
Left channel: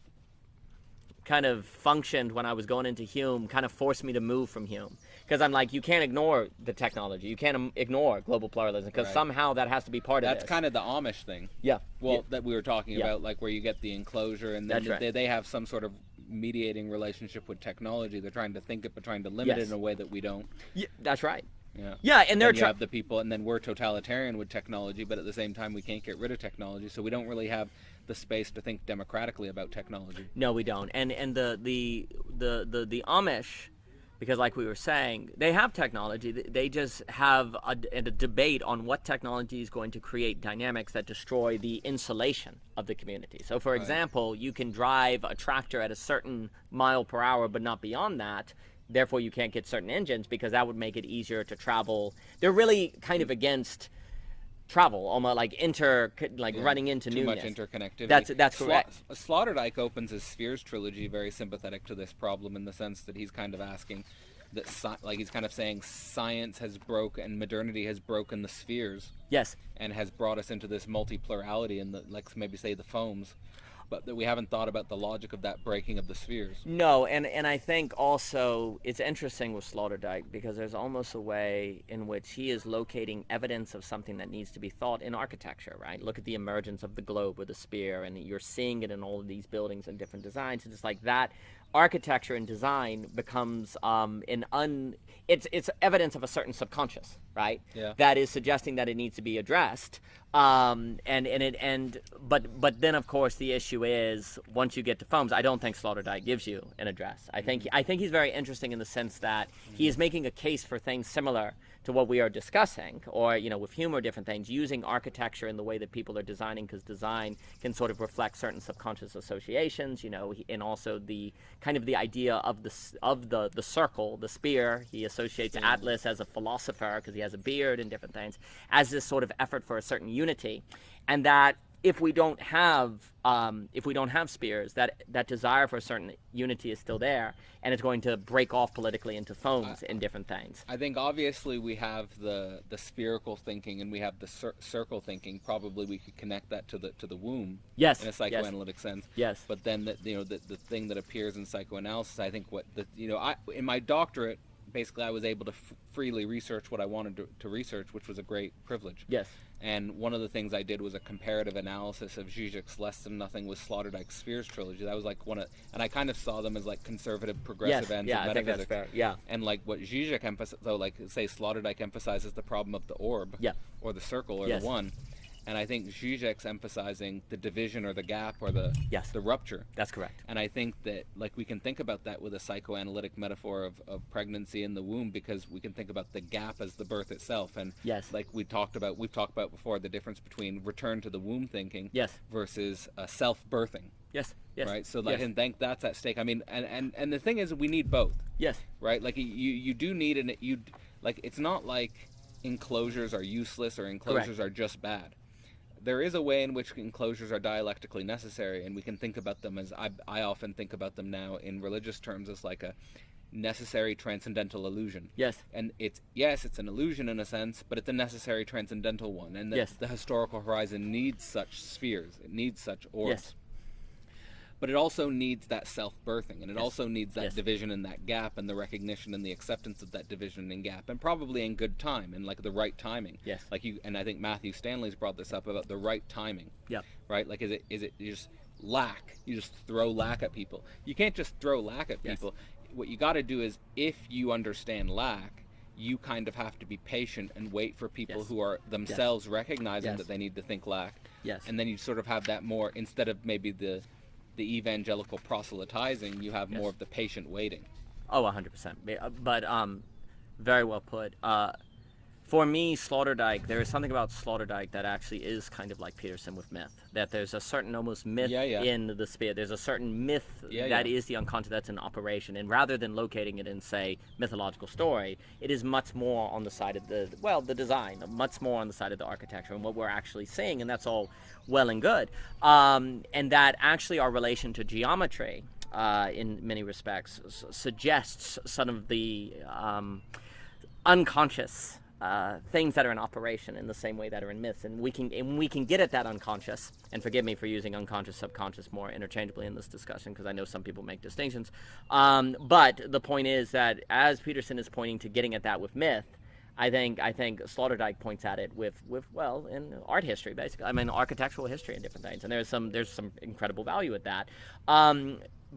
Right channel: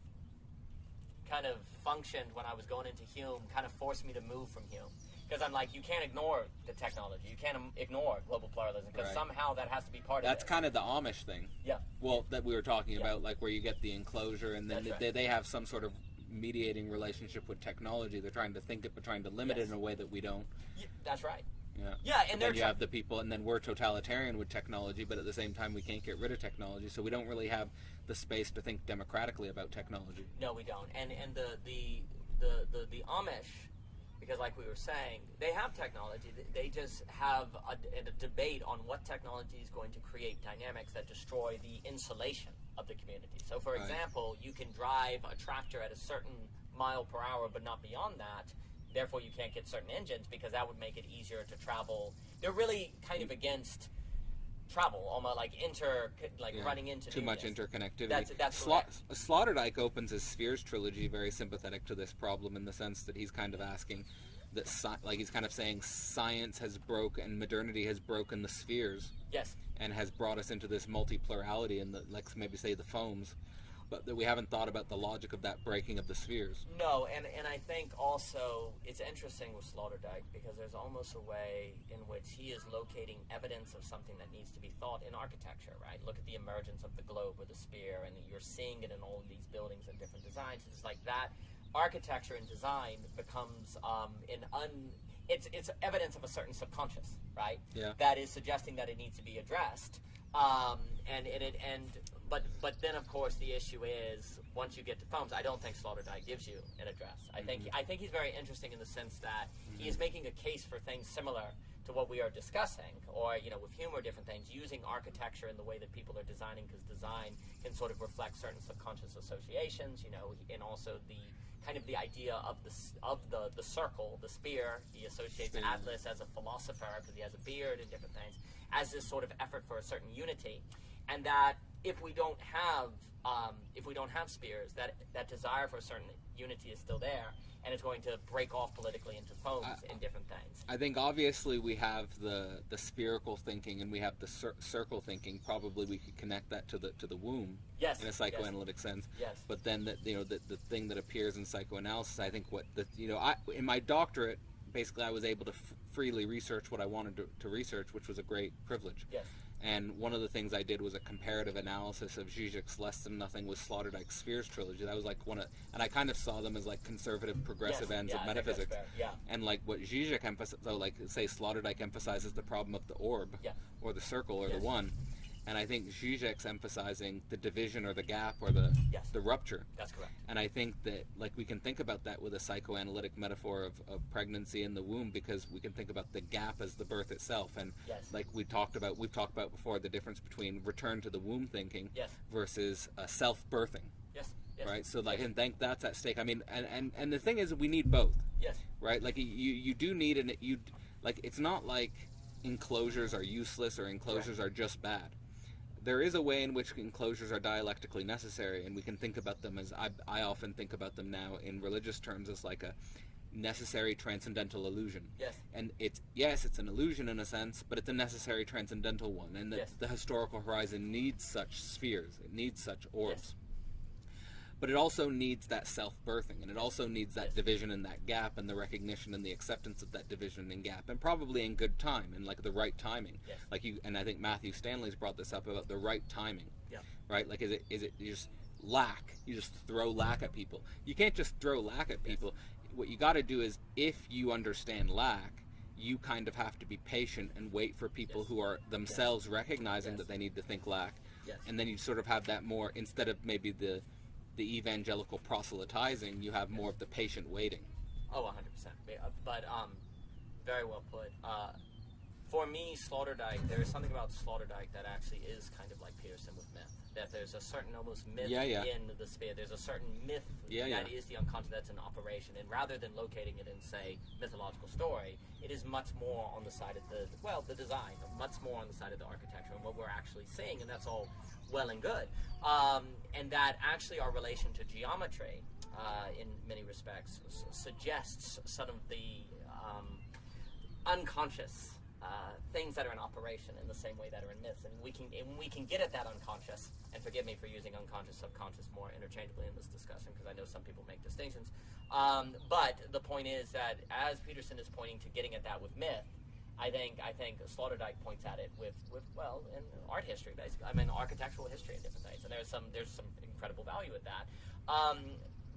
kind of functioned when I was going into Hume, kind of forced me to move from Hume. Because I'm like, you can't ignore the technology. You can't ignore global pluralism because somehow that has to be part of it. That's kind of the Amish thing. Yeah. Well, that we were talking about, like where you get the enclosure and then That's right. they have some sort of mediating relationship with technology. They're trying to think it, but trying to limit it in a way that we don't. Yeah, that's right. Yeah. Yeah, and then you have the people, and then we're totalitarian with technology, but at the same time we can't get rid of technology, so we don't really have the space to think democratically about technology. No, we don't. And the Amish because like we were saying, they have technology. They just have a debate on what technology is going to create dynamics that destroy the insulation of the community. So for example, you can drive a tractor at a certain mile per hour, but not beyond that. Therefore, you can't get certain engines because that would make it easier to travel. They're really kind of against travel, almost like running into too newness. much interconnectivity. That's correct. Sloterdijk opens his Spheres trilogy very sympathetic to this problem, in the sense that he's kind of asking that, he's kind of saying science has broken and modernity has broken the spheres. Yes. And has brought us into this multiplurality and maybe say the foams, but that we haven't thought about the logic of that breaking of the spheres. No, and I think also it's interesting with Sloterdijk because there's almost a way in which he is locating evidence of something that needs to be thought in architecture, right? Look at the emergence of the globe with the spear, and you're seeing it in all of these buildings and different designs. It's like that architecture and design becomes it's evidence of a certain subconscious, right? Yeah. That is suggesting that it needs to be addressed. But then of course the issue is once you get to foams, I don't think Sloterdijk gives you an address. I think he's very interesting in the sense that he is making a case for things similar to what we are discussing, or with Hume or different things, using architecture in the way that people are designing, because design can sort of reflect certain subconscious associations, and also the kind of the idea of the circle, the spear. He associates Atlas as a philosopher because he has a beard and different things, as this sort of effort for a certain unity, and that if we don't have spears, that desire for a certain unity is still there, and it's going to break off politically into foams and different things. I think obviously we have the spherical thinking and we have the circle thinking. Probably we could connect that to the womb. Yes. In a psychoanalytic sense. Yes. But then the thing that appears in psychoanalysis, I think in my doctorate, basically I was able to freely research what I wanted to research, which was a great privilege. Yes. And one of the things I did was a comparative analysis of Zizek's Less Than Nothing with Sloterdijk's Spheres trilogy. That was like and I kind of saw them as like conservative, progressive ends of metaphysics. I think that's fair. Yeah. And like what Zizek emphasizes, so like say Sloterdijk emphasizes the problem of the orb, or the circle, or the one. And I think Zizek's emphasizing the division or the gap or the rupture. That's correct. And I think that like we can think about that with a psychoanalytic metaphor of pregnancy in the womb, because we can think about the gap as the birth itself. And like we've talked about before, the difference between return to the womb thinking versus self-birthing. Yes. Right. So like, and think that's at stake. I mean, and the thing is, we need both. Yes. Right. Like you do need it's not like enclosures are useless or enclosures are just bad. There is a way in which enclosures are dialectically necessary, and we can think about them as I often think about them now in religious terms as like a necessary transcendental illusion. Yes. And it's an illusion in a sense, but it's a necessary transcendental one. And the historical horizon needs such spheres. It needs such orbs. Yes. But it also needs that self-birthing, and it also needs that division and that gap, and the recognition and the acceptance of that division and gap, and probably in good time and like the right timing. Yes. Like and I think Matthew Stanley's brought this up about the right timing. Yeah. Right? Like is it you just lack? You just throw lack at people. You can't just throw lack at people. What you got to do is, if you understand lack, you kind of have to be patient and wait for people who are themselves recognizing that they need to think lack. Yes. And then you sort of have that more, instead of maybe the evangelical proselytizing, you have more of the patient waiting. Oh, 100%. But very well put. For me, Sloterdijk, there is something about Sloterdijk that actually is kind of like Peterson with myth. That there's a certain almost myth in the spear. There's a certain myth that is the unconscious, that's in operation. And rather than locating it in, say, mythological story, it is much more on the side of the design, much more on the side of the architecture and what we're actually seeing. And that's all well and good. And that actually our relation to geometry, in many respects, suggests some of the unconscious things that are in operation in the same way that are in myths, and we can get at that unconscious. And forgive me for using unconscious, subconscious more interchangeably in this discussion, because I know some people make distinctions. But the point is that as Peterson is pointing to getting at that with myth, I think Sloterdijk points at it with in art history, basically. I mean, architectural history and different things, and there's some incredible value at that.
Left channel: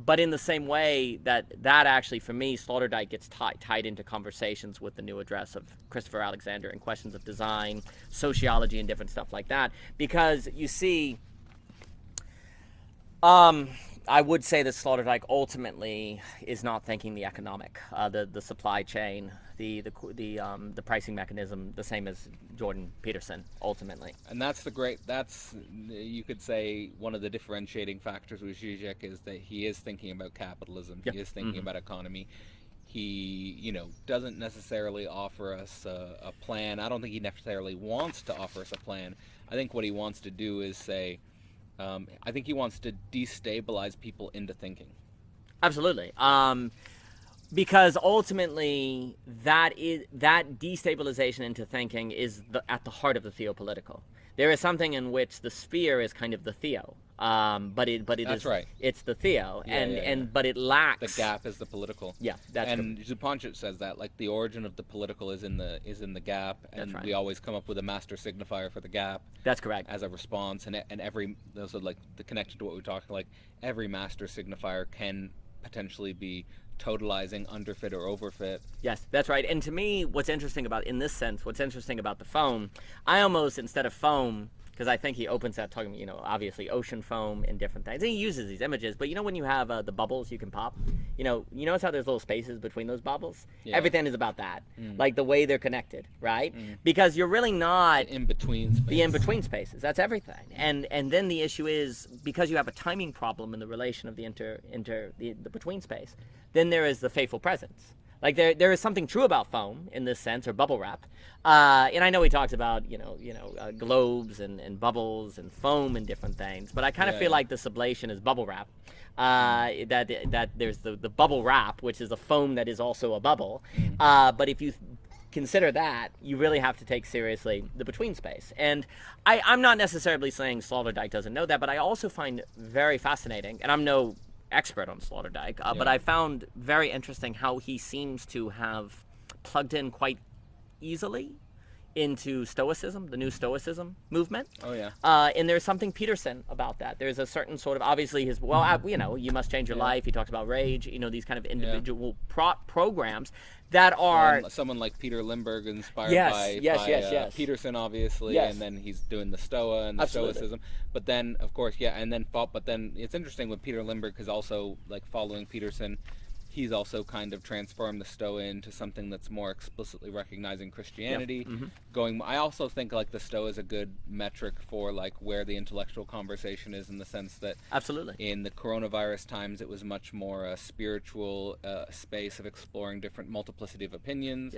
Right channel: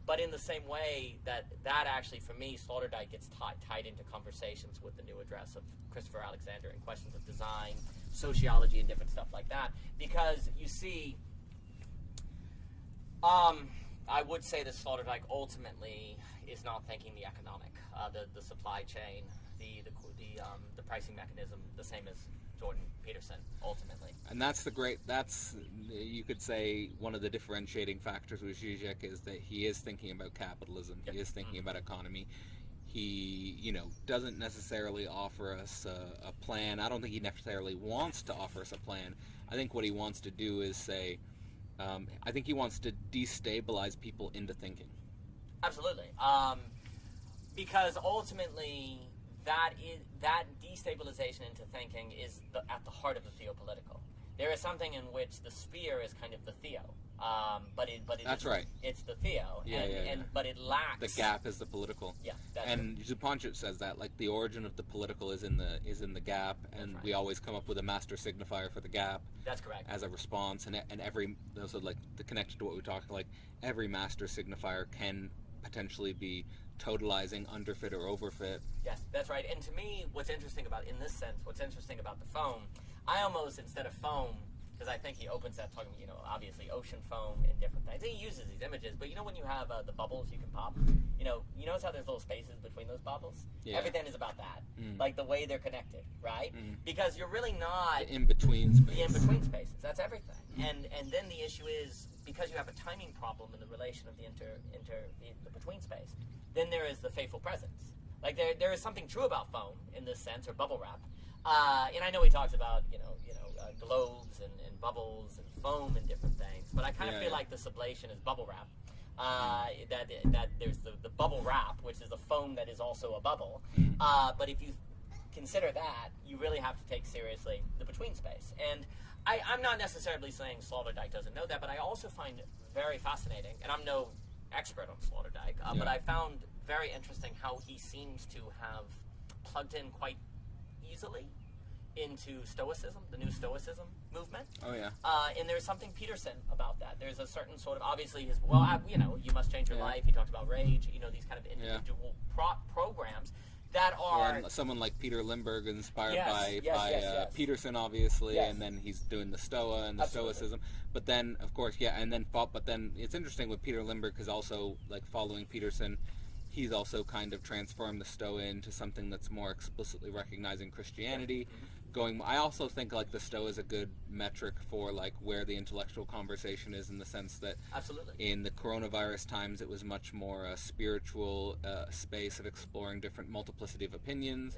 But in the same way that actually, for me, Sloterdijk gets tied into conversations with the new address of Christopher Alexander and questions of design, sociology, and different stuff like that. Because you see, I would say that Sloterdijk ultimately is not thinking the economic, the supply chain, the pricing mechanism, the same as Jordan Peterson ultimately. And that's you could say one of the differentiating factors with Zizek is that he is thinking about capitalism. Yep. He is thinking about economy. He, doesn't necessarily offer us a plan. I don't think he necessarily wants to offer us a plan. I think what he wants to do is say, I think he wants to destabilize people into thinking. Absolutely. Because ultimately, that destabilization into thinking is at the heart of the theopolitical. There is something in which the sphere is kind of the theo, but it That's is, right. It's the theo, Yeah. but it lacks The gap is the political. Yeah, that's and Zupančić says that, like, the origin of the political is in the gap, and right. we always come up with a master signifier for the gap. That's correct. As a response, and every, so like the connection to what we talked, like every master signifier can potentially be totalizing, underfit or overfit. Yes, that's right. And to me, what's interesting about the foam, I almost, instead of foam, because I think he opens that talking, obviously ocean foam and different things. And he uses these images, but when you have the bubbles you can pop, you notice how there's little spaces between those bubbles? Yeah. Everything is about that, like the way they're connected, right? Because you're really not the in-between spaces. That's everything. And then the issue is, because you have a timing problem in the relation of the the between space, then there is the faithful presence. Like there is something true about foam in this sense, or bubble wrap. And I know he talks about globes and bubbles and foam and different things, but I kind of feel like the sublation is bubble wrap. That there's the bubble wrap, which is a foam that is also a bubble. But if you consider that, you really have to take seriously the between space. And I'm not necessarily saying Sloterdijk doesn't know that, but I also find very fascinating, and I'm no expert on Sloterdijk, but I found very interesting how he seems to have plugged in quite easily into Stoicism, the new Stoicism movement. Oh yeah. And there's something Peterson about that. There's a certain sort of, obviously you must change your life. He talks about rage, these kind of individual programs that are... someone like Peter Limburg, inspired by Peterson, obviously, and then he's doing the Stoa and the Stoicism. But then, of course, but then it's interesting with Peter Limburg, because also, like, following Peterson, he's also kind of transformed the Stoa into something that's more explicitly recognizing Christianity. I also think, like, the Stoa is a good metric for, like, where the intellectual conversation is, in the sense that in the coronavirus times it was much more a spiritual space of exploring different multiplicity of opinions.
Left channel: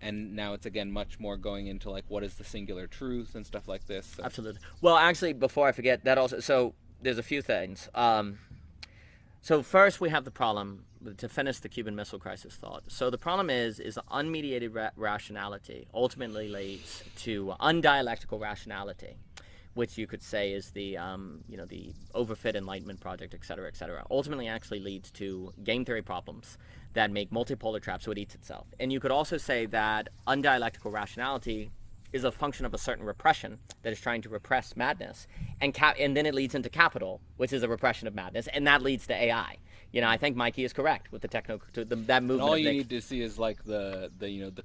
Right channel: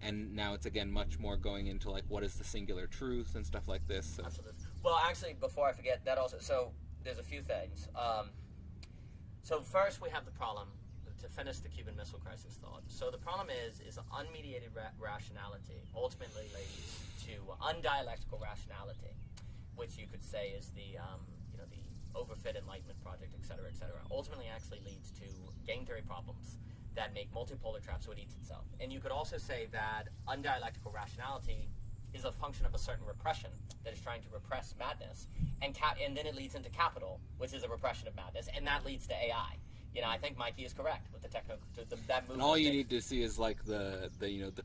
And now it's, again, much more going into, like, what is the singular truth and stuff like this. So. Absolutely. Well, actually, before I forget, that also, so there's a few things. So first we have the problem, to finish the Cuban Missile Crisis thought. So the problem is unmediated rationality ultimately leads to undialectical rationality, which you could say is the the overfit Enlightenment project, et cetera, ultimately actually leads to game theory problems that make multipolar traps, so it eats itself. And you could also say that undialectical rationality is a function of a certain repression that is trying to repress madness, and then it leads into capital, which is a repression of madness, and that leads to AI. I think Mikey is correct with that movement. And all you need to see is, like, the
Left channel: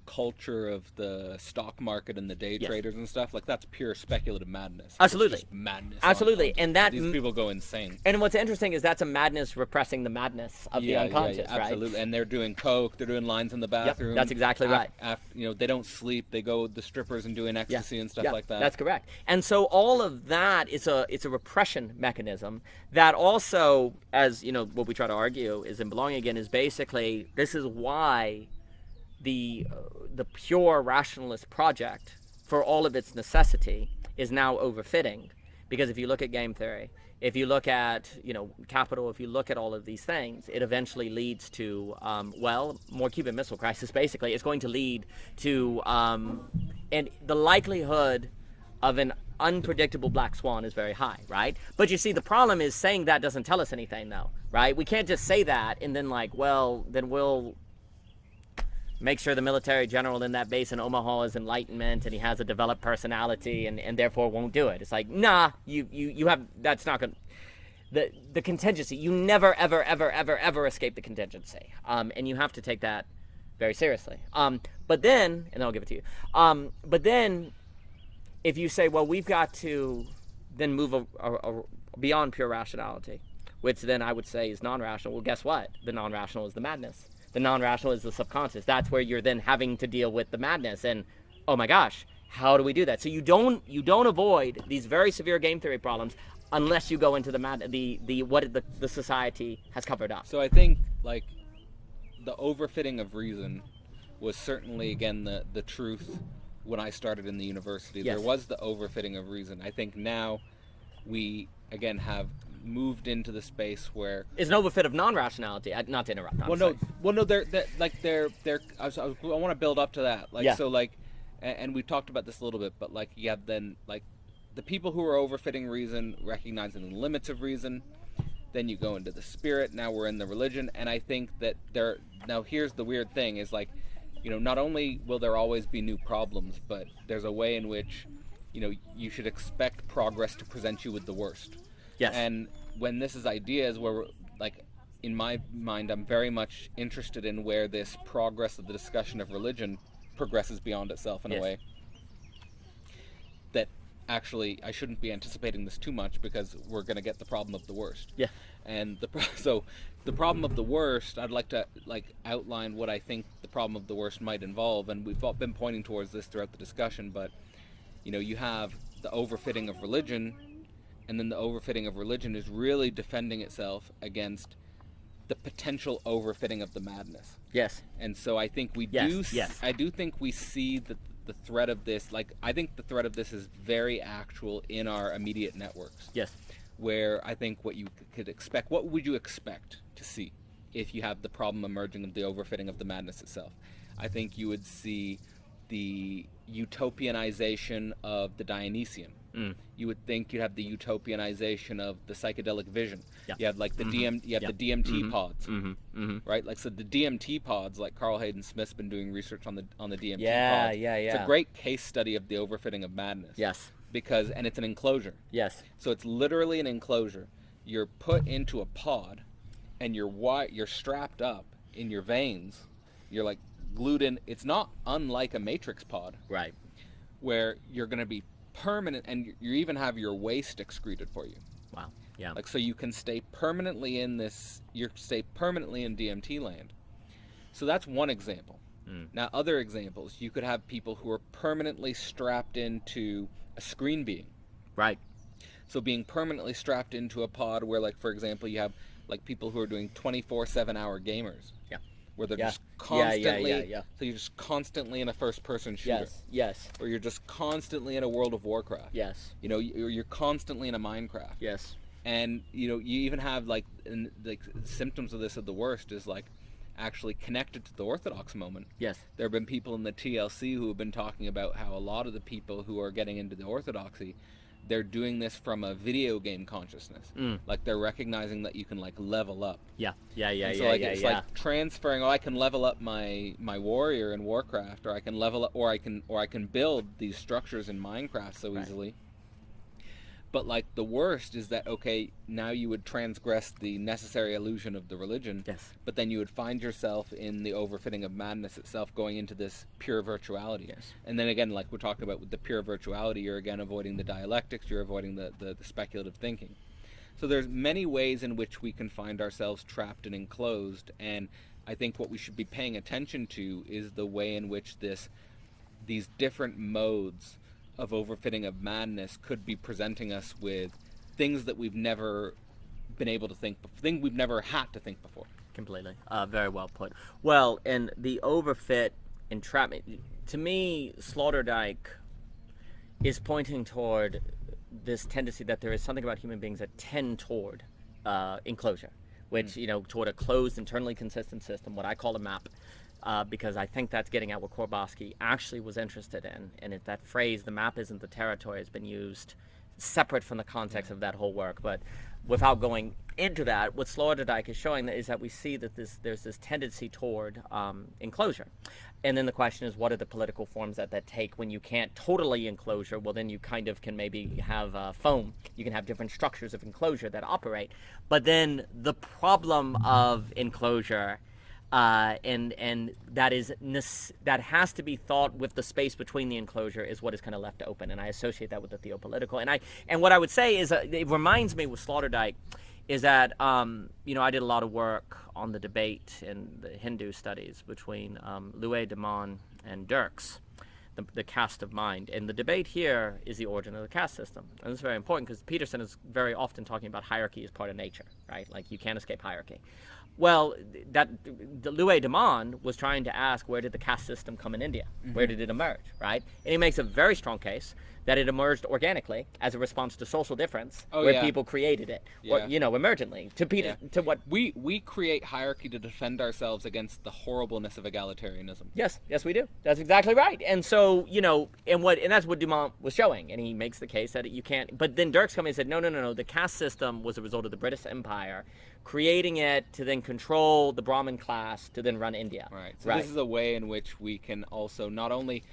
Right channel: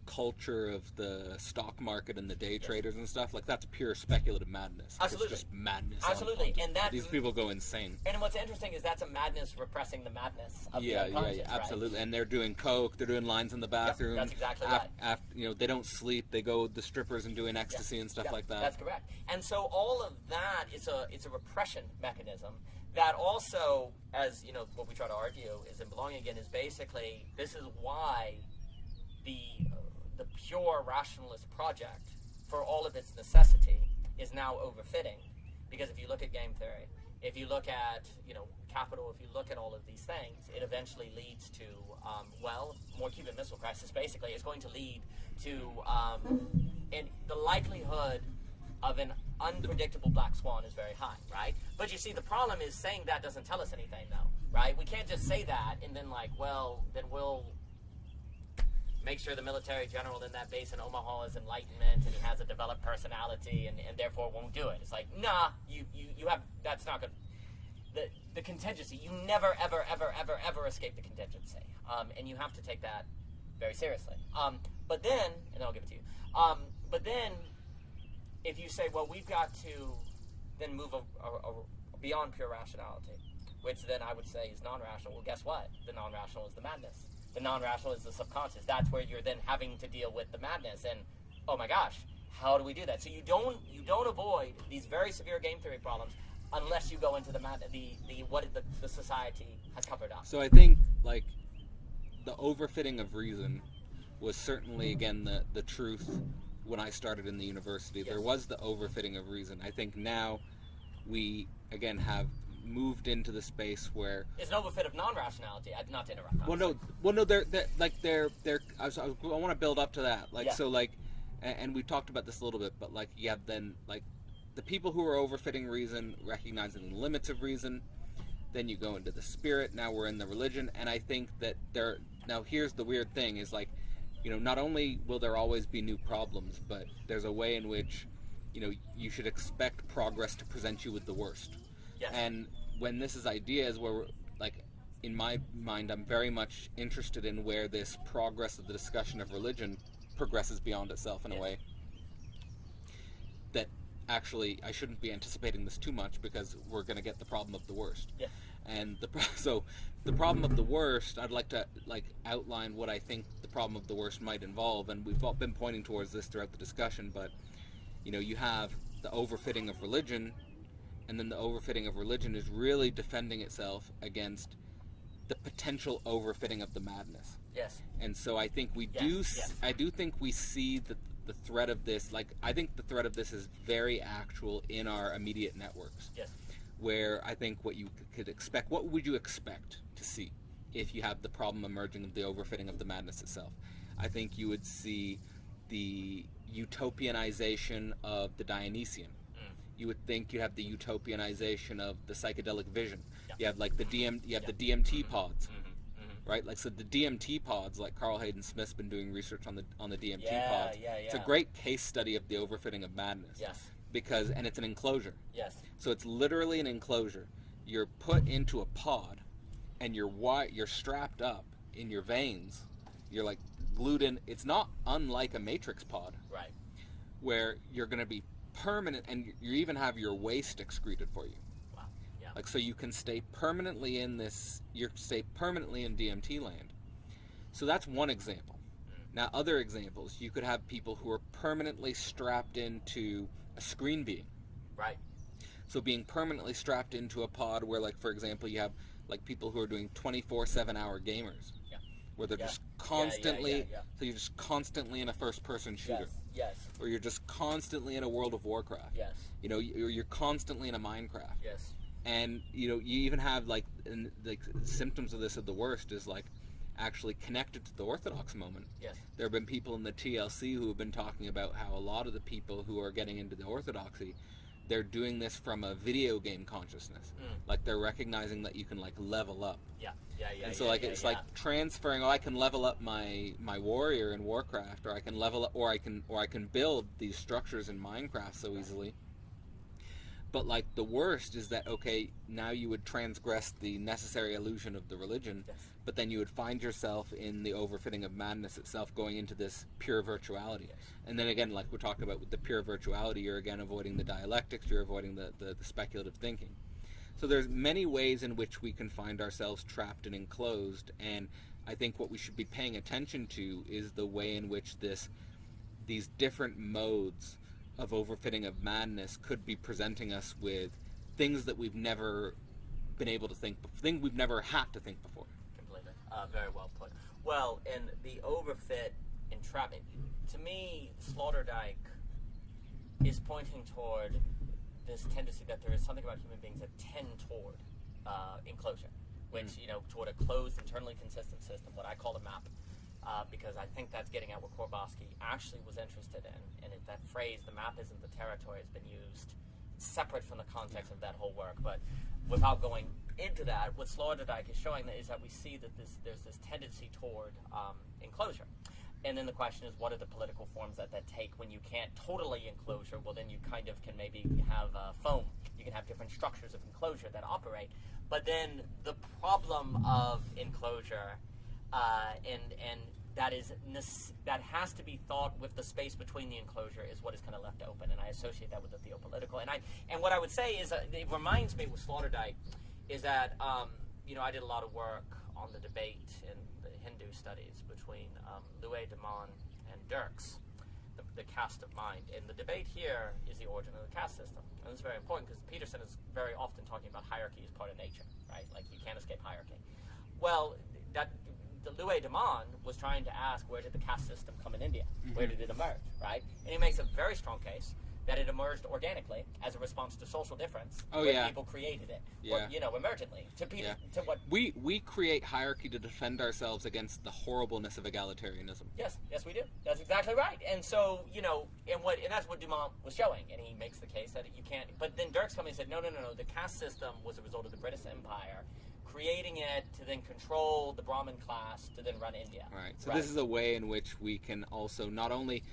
culture of the stock market and the day traders and stuff. Like, that's pure speculative madness. Absolutely. It's just madness. Absolutely. And these people go insane. And what's interesting is that's a madness repressing the madness of the unconscious, absolutely. Right? And they're doing coke. They're doing lines in the bathroom. That's exactly right. They don't sleep. They go with the strippers and doing ecstasy and stuff like that. That's correct. And so all of that is a repression mechanism that also, as what we try to argue is in Belonging Again, is basically, this is why the pure rationalist project, for all of its necessity, is now overfitting. Because if you look at game theory, if you look at capital, if you look at all of these things, it eventually leads to more Cuban Missile Crisis. Basically, it's going to lead to and the likelihood of an unpredictable black swan is very high, right? But you see, the problem is saying that doesn't tell us anything, though, right? We can't just say that and then, like, then we'll make sure the military general in that base in Omaha is Enlightenment and he has a developed personality and therefore won't do it. It's like, nah, you have, that's not going to, the contingency, you never, ever, ever, ever, ever escape the contingency. And you have to take that very seriously. But then, and I'll give it to you, but then, if you say, well, we've got to then move beyond pure rationality, which then I would say is non-rational. Well, guess what? The non-rational is the madness. The non-rational is the subconscious. That's where you're then having to deal with the madness. And oh my gosh, how do we do that? So you don't avoid these very severe game theory problems unless you go into the society has covered up. So I think like the overfitting of reason was certainly again the truth when I started in the university. Yes. There was the overfitting of reason. I think now we again have moved into the space where it's an overfit of non-rationality. Not to interrupt. They're I want to build up to that. Like, yeah. So like, and we talked about this a little bit, but like you have then like the people who are overfitting reason, recognizing the limits of reason. Then you go into the spirit. Now we're in the religion, and I think that now here's the weird thing is like, you know, not only will there always be new problems, but there's a way in which, you know, you should expect progress to present you with the worst. Yes. And when this is ideas where we're, like, in my mind, I'm very much interested in where this progress of the discussion of religion progresses beyond itself in a way that actually I shouldn't be anticipating this too much because we're going to get the problem of the worst. Yeah. And so the problem of the worst, I'd like to outline what I think the problem of the worst might involve, and we've all been pointing towards this throughout the discussion, but you know, you have the overfitting of religion, and then the overfitting of religion is really defending itself against the potential overfitting of the madness. Yes. And so I think I do think we see the threat of this, like I think the threat of this is very actual in our immediate networks. Yes. Where I think what you could expect, what would you expect to see if you have the problem emerging of the overfitting of the madness itself? I think you would see the utopianization of the Dionysian. You would think you'd have the utopianization of the psychedelic vision. Yeah. You have like the the DMT pods, right? Like so the DMT pods, like Carl Hayden Smith's been doing research on the DMT pods. It's a great case study of the overfitting of madness. Yes. And it's an enclosure. Yes. So it's literally an enclosure. You're put into a pod, and you're strapped up in your veins. You're like glued in. It's not unlike a Matrix pod, right? Where you're going to be permanent, and you even have your waste excreted for you. Wow. Yeah. Like so, you can stay permanently in this. You stay permanently in DMT land. So that's one example. Now, other examples, you could have people who are permanently strapped into a screen being. Right. So being permanently strapped into a pod where, like, for example, you have like people who are doing 24/7 hour gamers. Yeah. Where they're just constantly, so you're just constantly in a first-person shooter. Yes. Or you're just constantly in a World of Warcraft. Yes. You know, you're constantly in a Minecraft. Yes. And, you know, you even have, like symptoms of this at the worst is, like, actually connected to the Orthodox moment. Yes. There have been people in the TLC who have been talking about how a lot of the people who are getting into the Orthodoxy, they're doing this from a video game consciousness. Like they're recognizing that you can like level up. And so like it's like transferring. I can level up my warrior in Warcraft, or I can level up, or I can build these structures in Minecraft so easily. But like the worst is that now you would transgress the necessary illusion of the religion. Yes. But then you would find yourself in the overfitting of madness itself, going into this pure virtuality. Yes. And then again, like we're talking about with the pure virtuality, you're again avoiding the dialectics, you're avoiding the speculative thinking. So there's many ways in which we can find ourselves trapped and enclosed, and I think what we should be paying attention to is the way in which these different modes of overfitting of madness could be presenting us with things that we've never been able to think, things we've never had to think before. Completely. Very well put. Well, and the overfit entrapment, to me, Sloterdijk is pointing toward this tendency that there is something about human beings that tend toward enclosure, which, you know, toward a closed, internally consistent system, what I call a map. Because I think that's getting at what Korbowski actually was interested in. And that phrase, the map isn't the territory, has been used separate from the context of that whole work. But without going into that, what Sloterdijk is showing is that we see that there's this tendency toward enclosure. And then the question is, what are the political forms that take when you can't totally enclosure? Well, then you kind of can maybe have foam. You can have different structures of enclosure that operate. But then the problem of enclosure and that has to be thought with the space between the enclosure is what is kind of left open, and I associate that with the theopolitical. And what I would say is it reminds me with Sloterdijk is that I did a lot of work on the debate in the Hindu studies between Louis de Man and Dirks, the caste of mind. And the debate here is the origin of the caste system. And it's very important because Peterson is very often talking about hierarchy as part of nature, right? Like you can't escape hierarchy. Well, the Louis de Man was trying to ask, where did the caste system come in India? Mm-hmm. Where did it emerge, right? And he makes a very strong case that it emerged organically as a response to social difference, where people created it, or, emergently. To what we create hierarchy to defend ourselves against the horribleness of egalitarianism. Yes, we do. That's exactly right. And so and that's what Dumont was showing, and he makes the case that you can't. But then Dirks coming and said, no. The caste system was a result of the British Empire, creating it to then control the Brahmin class to then run India. Right. So this is a way in which we can also not only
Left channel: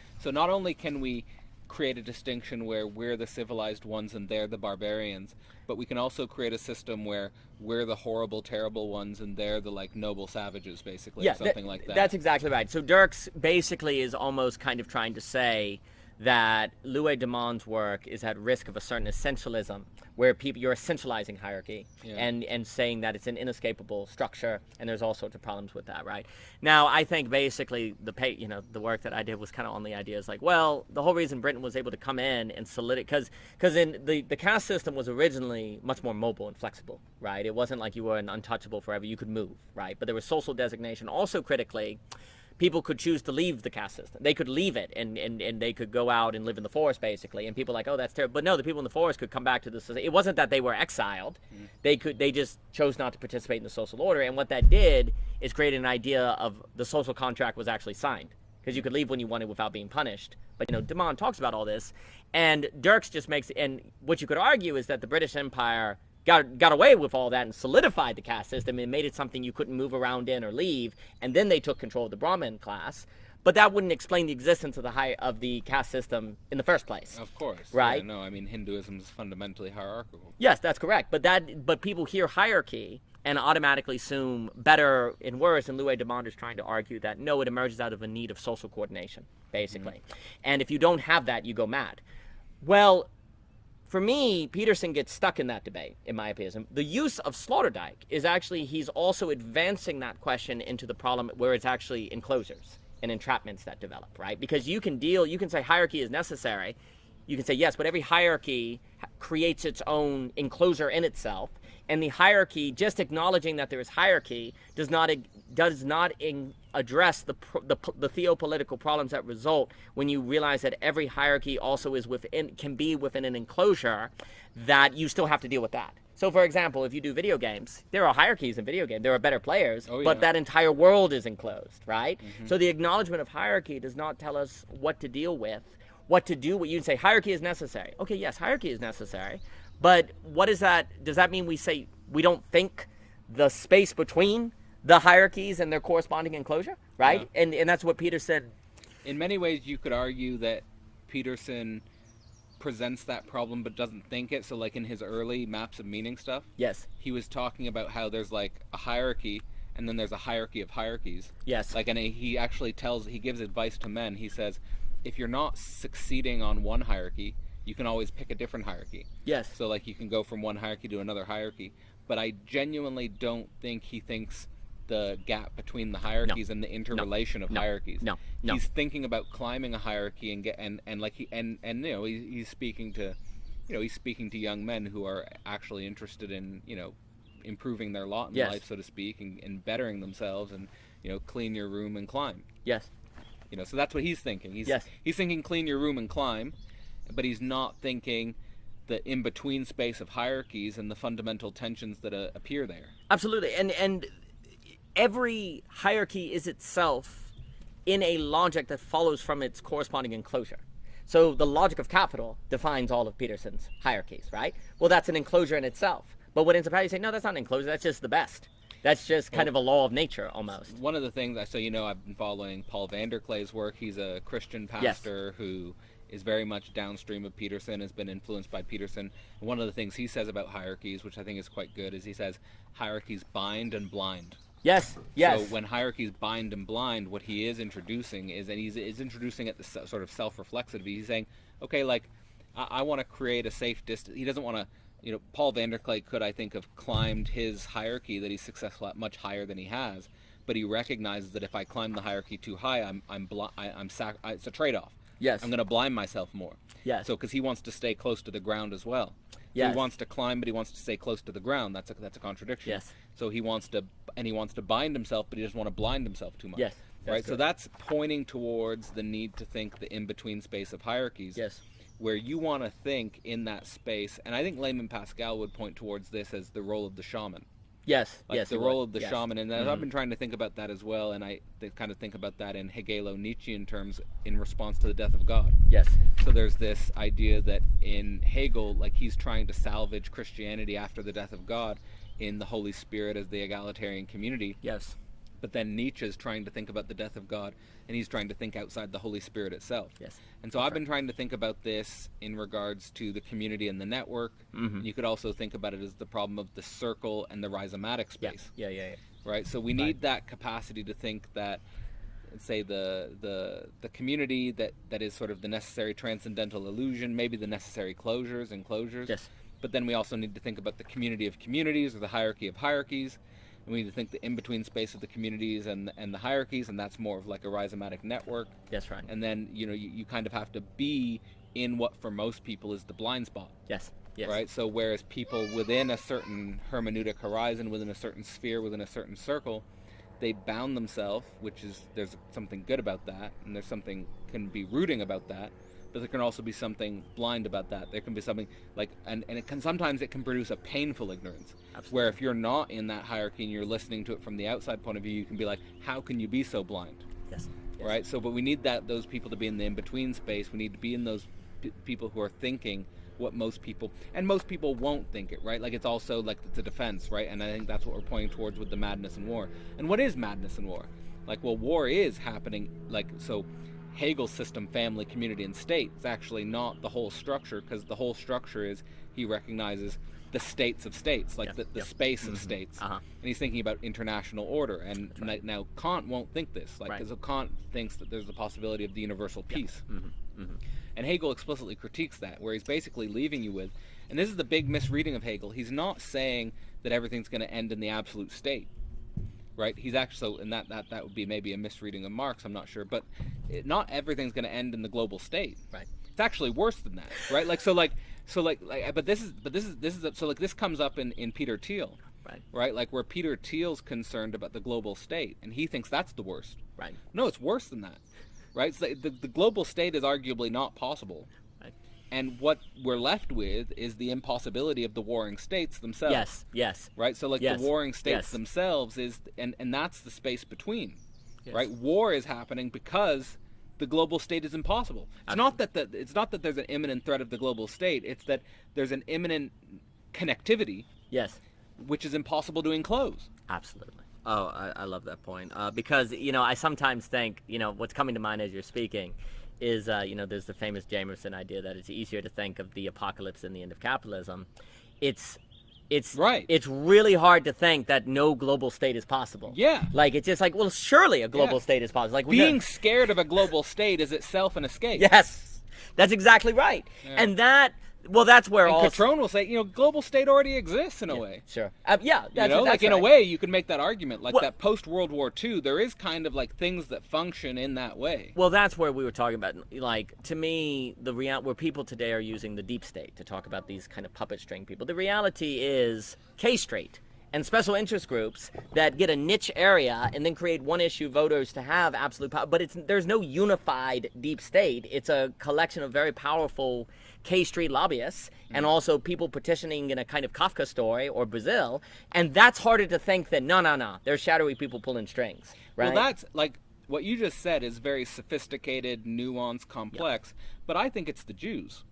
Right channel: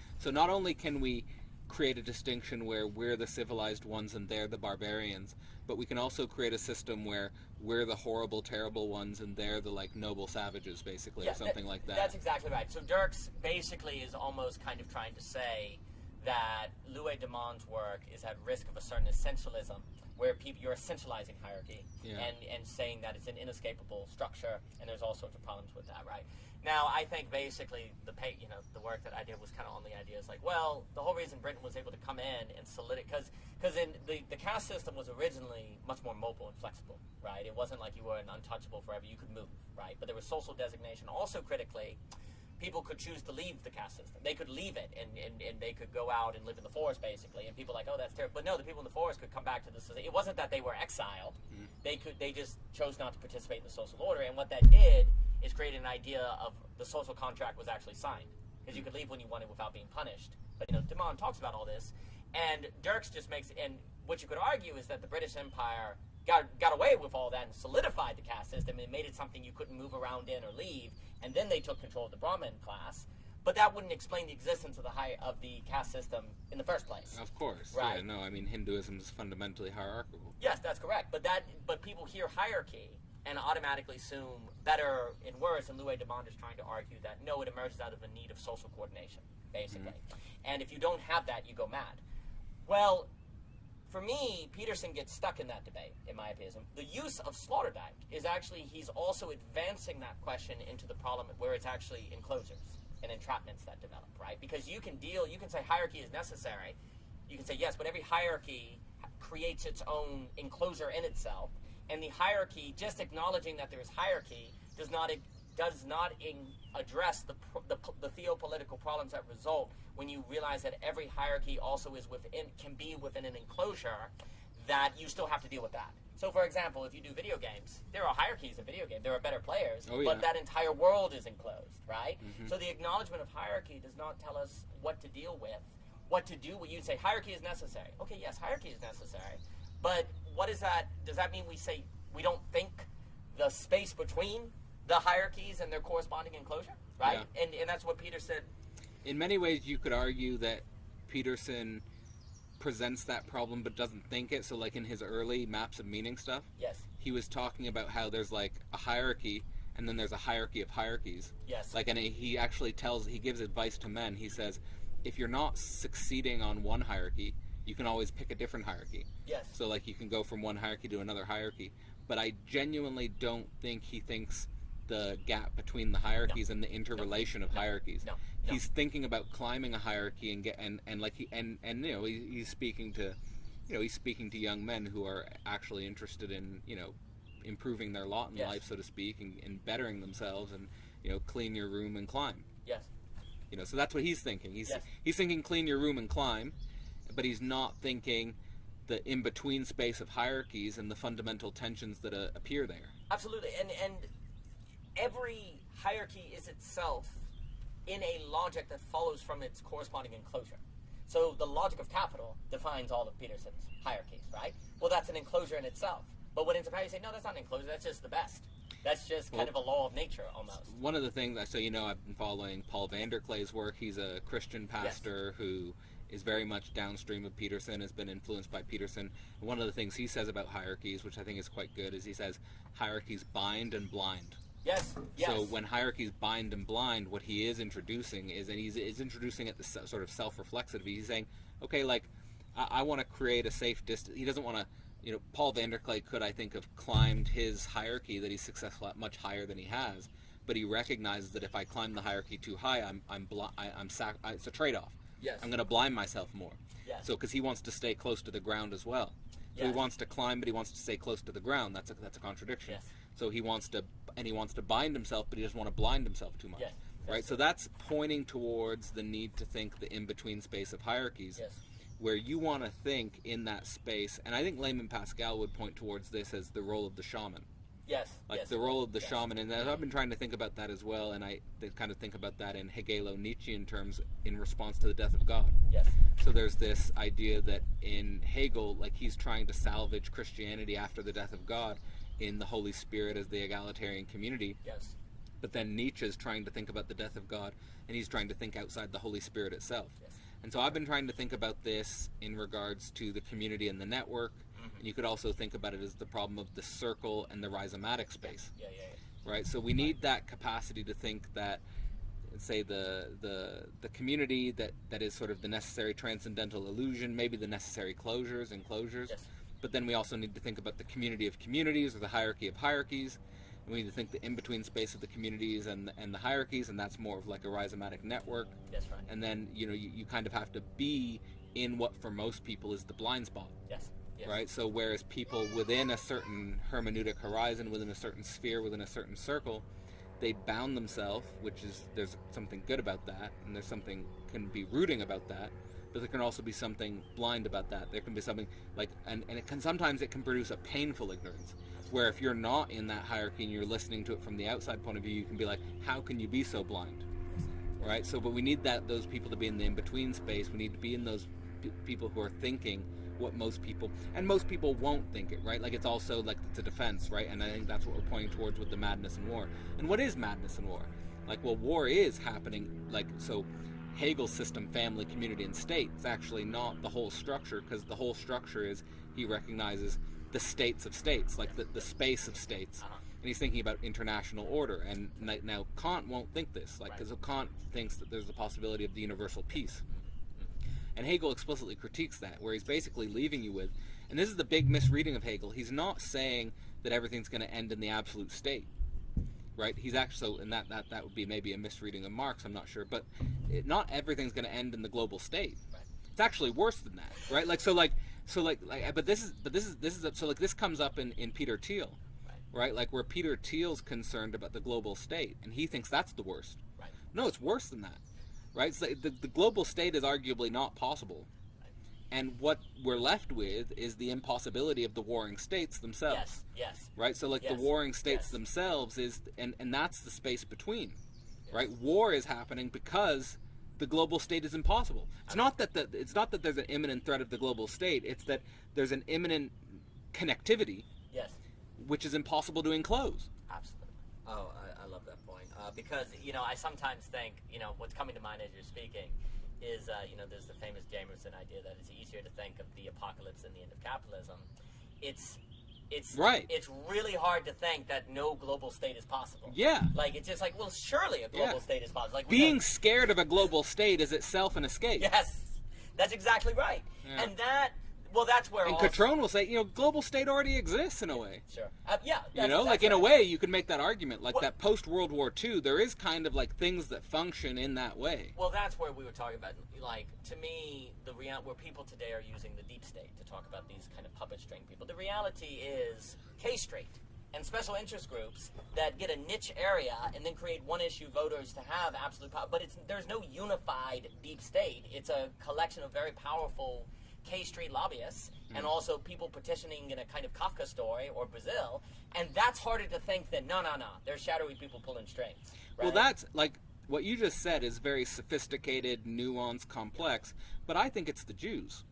can we create a distinction where we're the civilized ones and they're the barbarians, but we can also create a system where we're the horrible, terrible ones and they're the noble savages, basically, or something like that. That's exactly right. So Dirks basically is almost kind of trying to say that Louis de Man's work is at risk of a certain essentialism, where you're essentializing hierarchy and saying that it's an inescapable structure, and there's all sorts of problems with that, right? Now, I think basically the work that I did was kind of on the ideas like, well, the whole reason Britain was able to come in and solidify, because in the caste system was originally much more mobile and flexible, right? It wasn't like you were an untouchable forever, you could move, right? But there was social designation. Also critically, people could choose to leave the caste system. They could leave it, and they could go out and live in the forest, basically. And people are like, oh, that's terrible. But no, the people in the forest could come back to the society. It wasn't that they were exiled. Mm-hmm. They just chose not to participate in the social order. And what that did is create an idea of the social contract was actually signed, because you could leave when you wanted without being punished. But de Man talks about all this, and Dirks just makes. And what you could argue is that the British Empire got away with all that and solidified the caste system and made it something you couldn't move around in or leave, and then they took control of the Brahmin class. But that wouldn't explain the existence of the caste system in the first place. Of course, right? Yeah, no, I mean Hinduism is fundamentally hierarchical. Yes, that's correct. But people hear hierarchy and automatically assume better and worse. And Louis de Man is trying to argue that no, it emerges out of a need of social coordination, basically. Mm-hmm. And if you don't have that, you go mad. Well, for me, Peterson gets stuck in that debate, in my opinion. The use of Sloterdijk is actually, he's also advancing that question into the problem where it's actually enclosures and entrapments that develop, right? Because you can say hierarchy is necessary. You can say yes, but every hierarchy creates its own enclosure in itself. And the hierarchy, just acknowledging that there is hierarchy, does not address the theopolitical problems that result when you realize that every hierarchy also can be within an enclosure, that you still have to deal with that. So, for example, if you do video games, there are hierarchies in video games. There are better players, but that entire world is enclosed, right? Mm-hmm. So the acknowledgement of hierarchy does not tell us what to deal with, what to do. What you'd say, hierarchy is necessary. Okay, yes, hierarchy is necessary, but what is that? Does that mean we say we don't think the space between the hierarchies and their corresponding enclosure, right? Yeah. And that's what Peter said. In many ways, you could argue that Peterson presents that problem but doesn't think it. So in his early maps of meaning stuff, yes, he was talking about how there's a hierarchy and then there's a hierarchy of hierarchies. Yes. And he actually he gives advice to men. He says, if you're not succeeding on one hierarchy, you can always pick a different hierarchy. Yes. So you can go from one hierarchy to another hierarchy. But I genuinely don't think he thinks the gap between the hierarchies and the interrelation of hierarchies. No. He's thinking about climbing a hierarchy he's speaking to young men who are actually interested in improving their lot in life, so to speak, and bettering themselves, and clean your room and climb. Yes. So that's what he's thinking. He's thinking clean your room and climb, but he's not thinking the in-between space of hierarchies and the fundamental tensions that appear there. Absolutely. And every hierarchy is itself in a logic that follows from its corresponding enclosure. So the logic of capital defines all of Peterson's hierarchies, right? Well, that's an enclosure in itself. But what ends up happening, you say, no, that's not an enclosure, that's just the best. That's just kind of a law of nature, almost. One of the things, I've been following Paul Vanderklay's work. He's a Christian pastor who is very much downstream of Peterson, has been influenced by Peterson. And one of the things he says about hierarchies, which I think is quite good, is he says hierarchies bind and blind. Yes. So when hierarchies bind and blind, what he is introducing is, and he's introducing it, the sort of self-reflexivity. He's saying, okay, I want to create a safe distance. He doesn't want to, Paul Vanderklay could, I think, have climbed his hierarchy that he's successful at much higher than he has, but he recognizes that if I climb the hierarchy too high, it's a trade-off. Yes. I'm going to blind myself more. Yes. So because he wants to stay close to the ground as well. So Yes. he wants to climb, but he wants to stay close to the ground. That's a contradiction. Yes. So he wants to bind himself, but he doesn't want to blind himself too much. Yes. Right. Good. So that's pointing towards the need to think the in-between space of hierarchies. Yes. Where you want to think in that space, and I think Layman Pascal would point towards this as the role of the shaman. Yes. Like yes, the role of the shaman, and Mm-hmm. I've been trying to think about that as well, and I kind of think about that in Hegelo-Nietzschean terms in response to the death of God. Yes. So there's this idea that in Hegel, like he's trying to salvage Christianity after the death of God in the Holy Spirit as the egalitarian community. Yes. But then Nietzsche is trying to think about the death of God, and he's trying to think outside the Holy Spirit itself. Yes. And so I've been trying to think about this in regards to the community and the network. Mm-hmm. And you could also think about it as the problem of the circle and the rhizomatic space. Yeah. Right? So we need that capacity to think that, say, the community that is sort of the necessary transcendental illusion, maybe the necessary closures and closures. Yes. But then we also need to think about the community of communities, or the hierarchy of hierarchies. And we need to think the in-between space of the communities and the hierarchies, and that's more of like a rhizomatic network. Yes, right. And then, you kind of have to be in what for most people is the blind spot. Yes. Yes. Right? So whereas people within a certain hermeneutic horizon, within a certain sphere, within a certain circle, they bound themselves, there's something good about that, and there's something can be rooting about that, but there can also be something blind about that. There can be something like, and sometimes it can produce a painful ignorance. Absolutely. Where if you're not in that hierarchy and you're listening to it from the outside point of view, you can be like, how can you be so blind? Yes. Right? So, but we need those people to be in the in-between space. We need to be in those people who are thinking what most people won't think it, right? Like it's also like it's a defense, right? And I think that's what we're pointing towards with the madness and war. And what is madness and war? Like, well, war is happening, like, so Hegel's system, family, community, and state, is actually not the whole structure, because the whole structure is, he recognizes the states of states, like the space of states. Uh-huh. And he's thinking about international order. And now Kant won't think this, like, because Kant thinks that there's the possibility of the universal peace. And Hegel explicitly critiques that, where he's basically leaving you with, and this is the big misreading of Hegel, he's not saying that everything's going to end in the absolute state, right? He's actually, and that would be maybe a misreading of Marx, I'm not sure, but not everything's going to end in the global state. Right. It's actually worse than that, right? But this comes up in Peter Thiel, right? Like where Peter Thiel's concerned about the global state, and he thinks that's the worst. Right. No, it's worse than that. Right? So the global state is arguably not possible. Right. And what we're left with is the impossibility of the warring states themselves. Yes. Right? So like the warring states themselves is, and that's the space between. Yes. Right? War is happening because the global state is impossible. It's not that there's an imminent threat of the global state, it's that there's an imminent connectivity. Yes. Which is impossible to enclose. Absolutely. Oh, I love that point. Because, I sometimes think, what's coming to mind as you're speaking is, there's the famous Jameson idea that it's easier to think of the apocalypse than the end of capitalism. It's right. It's really hard to think that no global state is possible. Yeah. Like, it's just like, well, surely a global state is possible. Like being scared of a global state is itself an escape. Yes. That's exactly right. Yeah. And that's where and Catrone will say, global state already exists in a way. Sure. That's in a way you could make that argument. Like that post-World War II, there is kind of like things that function in that way. Well, that's where we were talking about. Like, to me, where people today are using the deep state to talk about these kind of puppet string people. The reality is K-Street and special interest groups that get a niche area and then create one-issue voters to have absolute power. But there's no unified deep state. It's a collection of very powerful K-Street lobbyists and also people petitioning in a kind of Kafka story or Brazil, and that's harder to think than no, there's shadowy people pulling strings, right? Well, that's like what you just said is very sophisticated, nuanced, complex, but I think it's the Jews.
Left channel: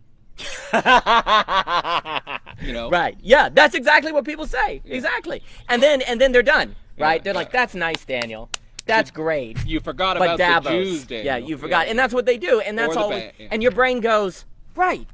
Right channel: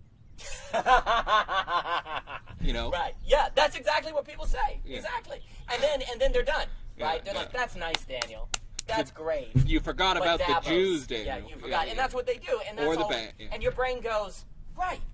Right? Yeah, that's exactly what people say. Yeah. Exactly, and then they're done, right? They're like, that's nice, Daniel. That's great. You forgot about Davos, the Jews, Daniel. Yeah, you forgot, and that's what they do, and that's all. And your brain goes, right.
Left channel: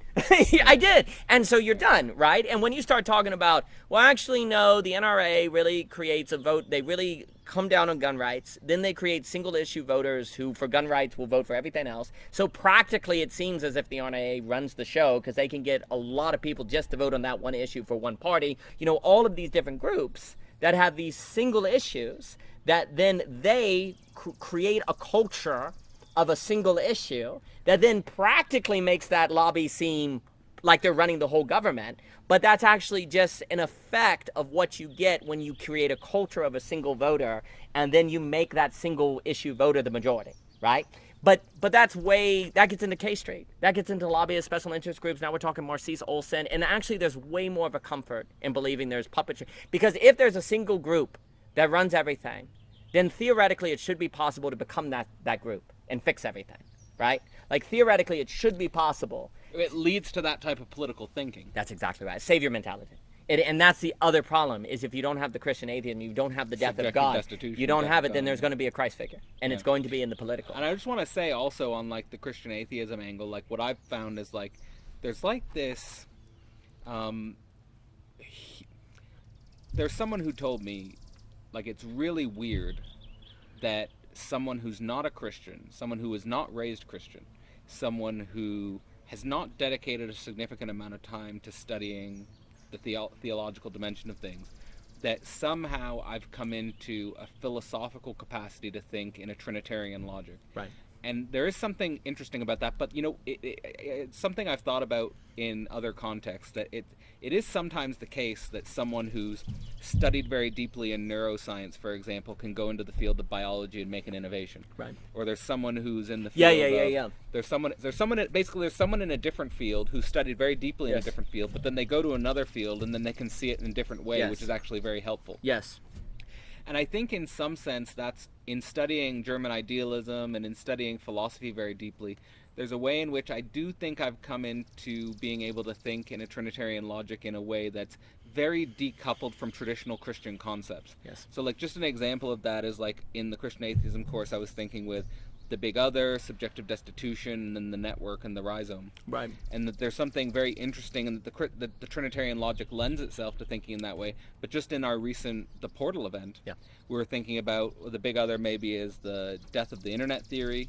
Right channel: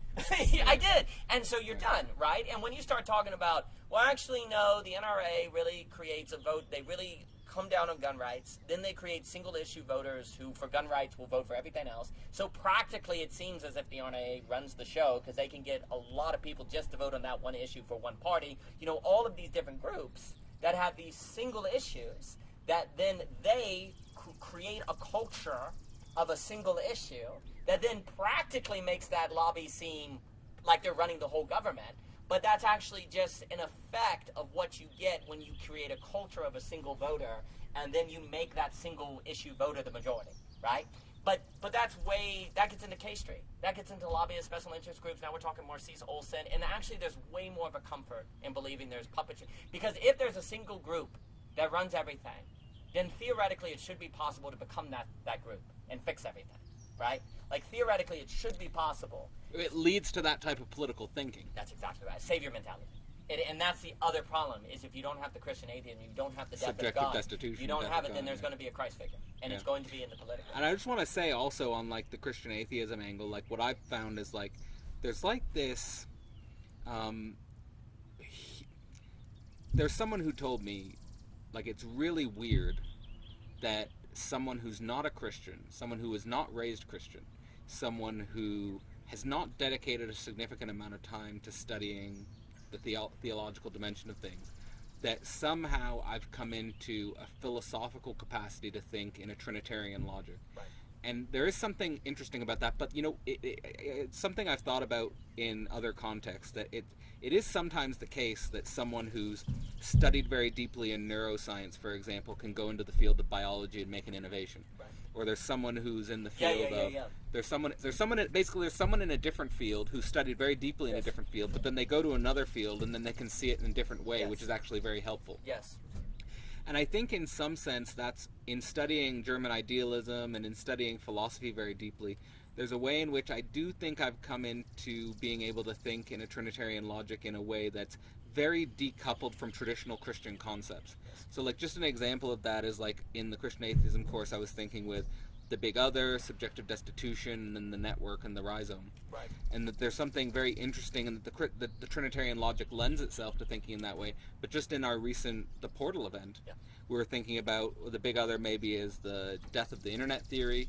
I did. And so you're done, right? And when you start talking about, well, actually, no, the NRA really creates a vote. They really come down on gun rights. Then they create single issue voters who, for gun rights, will vote for everything else. So practically, it seems as if the RNA runs the show because they can get a lot of people just to vote on that one issue for one party. You know, all of these different groups that have these single issues that then they create a culture of a single issue that then practically makes that lobby seem like they're running the whole government. But that's actually just an effect of what you get when you create a culture of a single voter and then you make that single issue voter the majority, right? But that gets into K Street. That gets into lobbyists, special interest groups. Now we're talking Marcise Olson. And actually there's way more of a comfort in believing there's puppetry. Because if there's a single group that runs everything, then theoretically it should be possible to become that group and fix everything, right? Like theoretically it should be possible. It leads to that type of political thinking. That's exactly right. Savior mentality. And that's the other problem, is if you don't have the Christian atheism, you don't have the death of God, you don't have it, then there's going to be a Christ figure. And it's going to be in the political. And I just want to say also on like the Christian atheism angle, like what I've found is like, there's like this, there's someone who told me, like it's really weird that someone who's not a Christian, someone who is not raised Christian, someone who has not dedicated a significant amount of time to studying the theological dimension of things, that somehow I've come into a philosophical capacity to think in a Trinitarian logic. Right. And there is something interesting about that, but you know, it's something I've thought about in other contexts, that it is sometimes the case that someone who's studied very deeply in neuroscience, for example, can go into the field of biology and make an innovation. Right. Or there's someone who's in the field of there's someone in a different field who studied very deeply in a different field, but then they go to another field and then they can see it in a different way, which is actually very helpful. Yes. And I think in some sense that's, in studying German idealism and in studying philosophy very deeply, there's a way in which I do think I've come into being able to think in a Trinitarian logic in a way that's very decoupled from traditional Christian concepts. Yes. So like just an example of that is like in the Christian atheism course I was thinking with the big other, subjective destitution, and then the network and the rhizome. Right. And that there's something very interesting, and that the Trinitarian logic lends itself to thinking in that way. But just in our recent, the Portal event, we were thinking about the big other maybe is the death of the internet theory,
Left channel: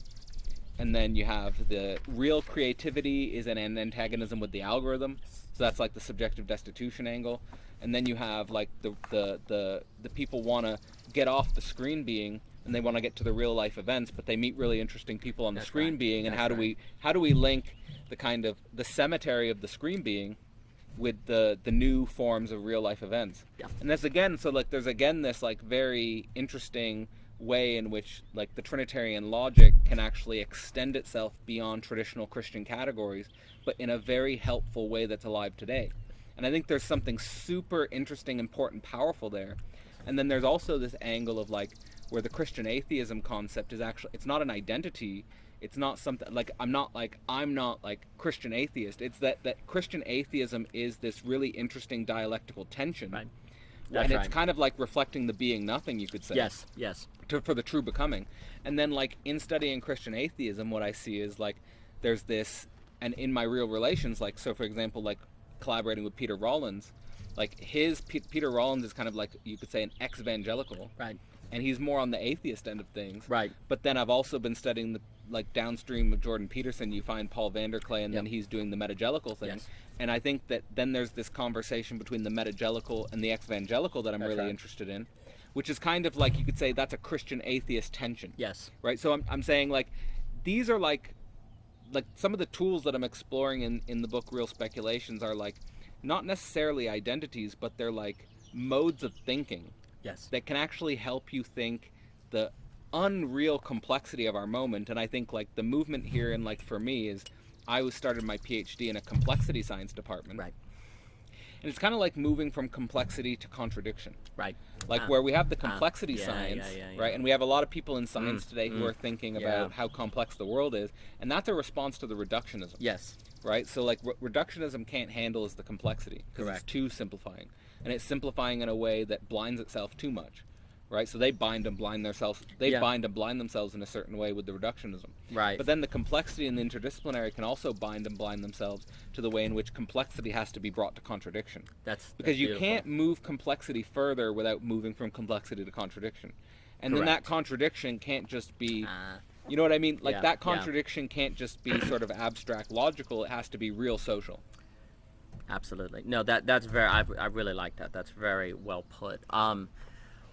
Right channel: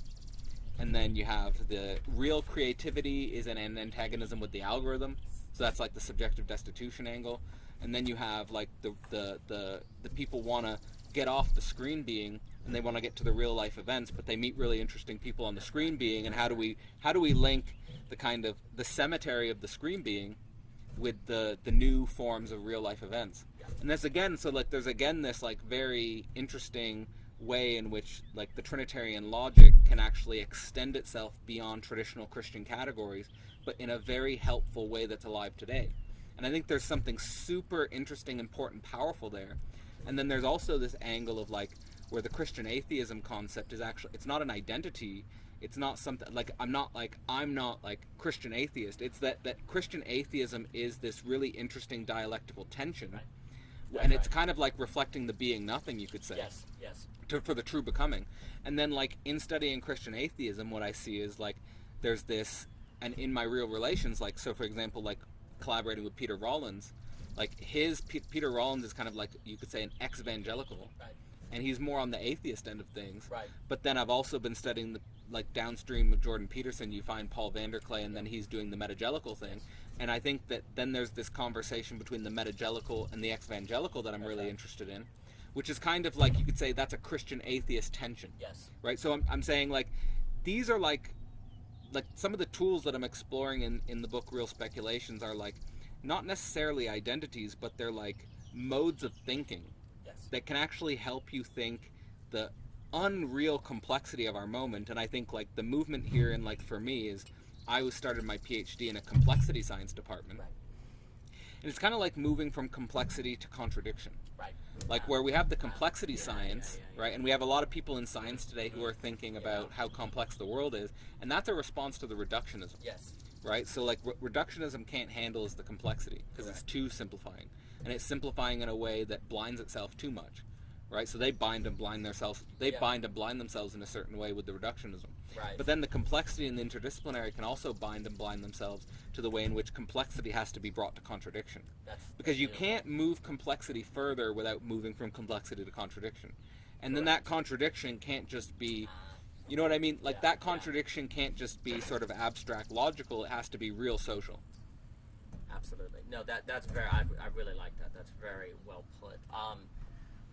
and then you have the real creativity is an antagonism with the algorithm. So that's like the subjective destitution angle. And then you have like the people want to get off the screen being, and they want to get to the real life events, but they meet really interesting people on the screen being, and how do we link the kind of the cemetery of the screen being with the new forms of real life events? And that's again, so like there's again this like very interesting way in which like the Trinitarian logic can actually extend itself beyond traditional Christian categories, but in a very helpful way that's alive today. And I think there's something super interesting, important, powerful there. And then there's also this angle of like where the Christian atheism concept is actually, it's not an identity, it's not something like I'm not like Christian atheist. It's that Christian atheism is this really interesting dialectical tension. Right. And it's kind of like reflecting the being nothing, you could say. Yes. For the true becoming. And then like in studying Christian atheism, what I see is like there's this, and in my real relations, like so for example, like collaborating with Peter Rollins, like Peter Rollins is kind of like, you could say, an ex-evangelical. Right. And he's more on the atheist end of things. Right. But then I've also been studying the like downstream of Jordan Peterson, you find Paul Vanderklay, and then he's doing the metagelical thing. Yes. And I think that then there's this conversation between the metagelical and the ex-evangelical that I'm really interested in, which is kind of like, you could say that's a Christian atheist tension. Yes. Right? So I'm saying like these are like some of the tools that I'm exploring in the book Real Speculations are like not necessarily identities, but they're like modes of thinking. Yes. That can actually help you think the unreal complexity of our moment. And I think like the movement here, and like for me, is I started my PhD in a complexity science department. Right. And it's kind of like moving from complexity to contradiction. Right. Like where we have the complexity science, right? And we have a lot of people in science today who are thinking about how complex the world is. And that's a response to the reductionism. Yes. Right? So like reductionism can't handle is the complexity because it's too simplifying. And it's simplifying in a way that blinds itself too much. Right? So they bind and blind themselves. They bind and blind themselves in a certain way with the reductionism. Right. But then the complexity and the interdisciplinary can also bind and blind themselves to the way in which complexity has to be brought to contradiction. Because you can't move complexity further without moving from complexity to contradiction. And then that contradiction can't just be, you know what I mean? Like Yeah, that contradiction can't just be sort of abstract logical. It has to be real social. Absolutely. No, that's very. I really like that. That's very well put.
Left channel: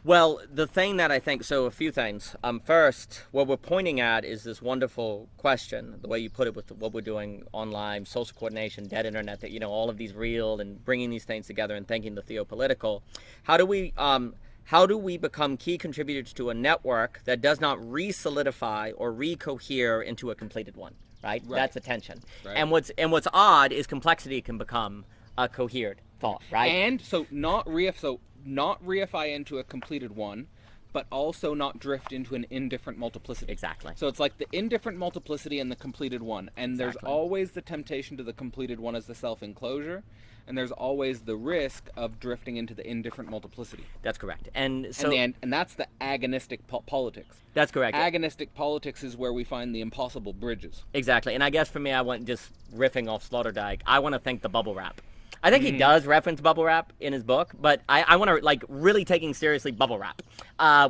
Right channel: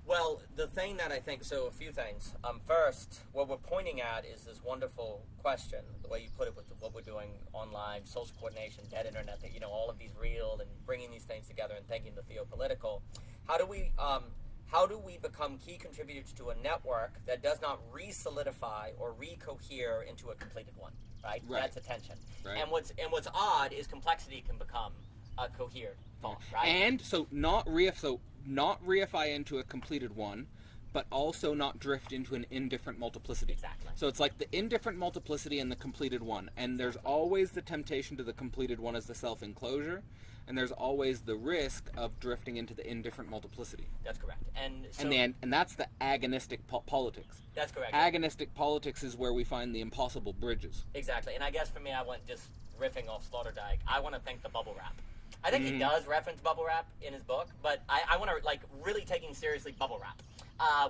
Well, the thing that I think, so a few things. First, what we're pointing at is this wonderful question, the way you put it with what we're doing online, social coordination, dead internet, that, all of these real and bringing these things together and thinking the theopolitical. How do we become key contributors to a network that does not re-solidify or re-cohere into a completed one, right? That's attention. Right. And what's odd is complexity can become a cohered thought, right? And so not reify into a completed one, but also not drift into an indifferent multiplicity. Exactly. So it's like the indifferent multiplicity and the completed one. And there's always the temptation to the completed one as the self-enclosure, and there's always the risk of drifting into the indifferent multiplicity. That's correct. And so and that's the agonistic politics. That's correct. Agonistic politics is where we find the impossible bridges. Exactly. And I guess for me, I want just riffing off Sloterdijk, I want to think the bubble wrap. I think he does reference bubble wrap in his book, but I want to really taking seriously bubble wrap,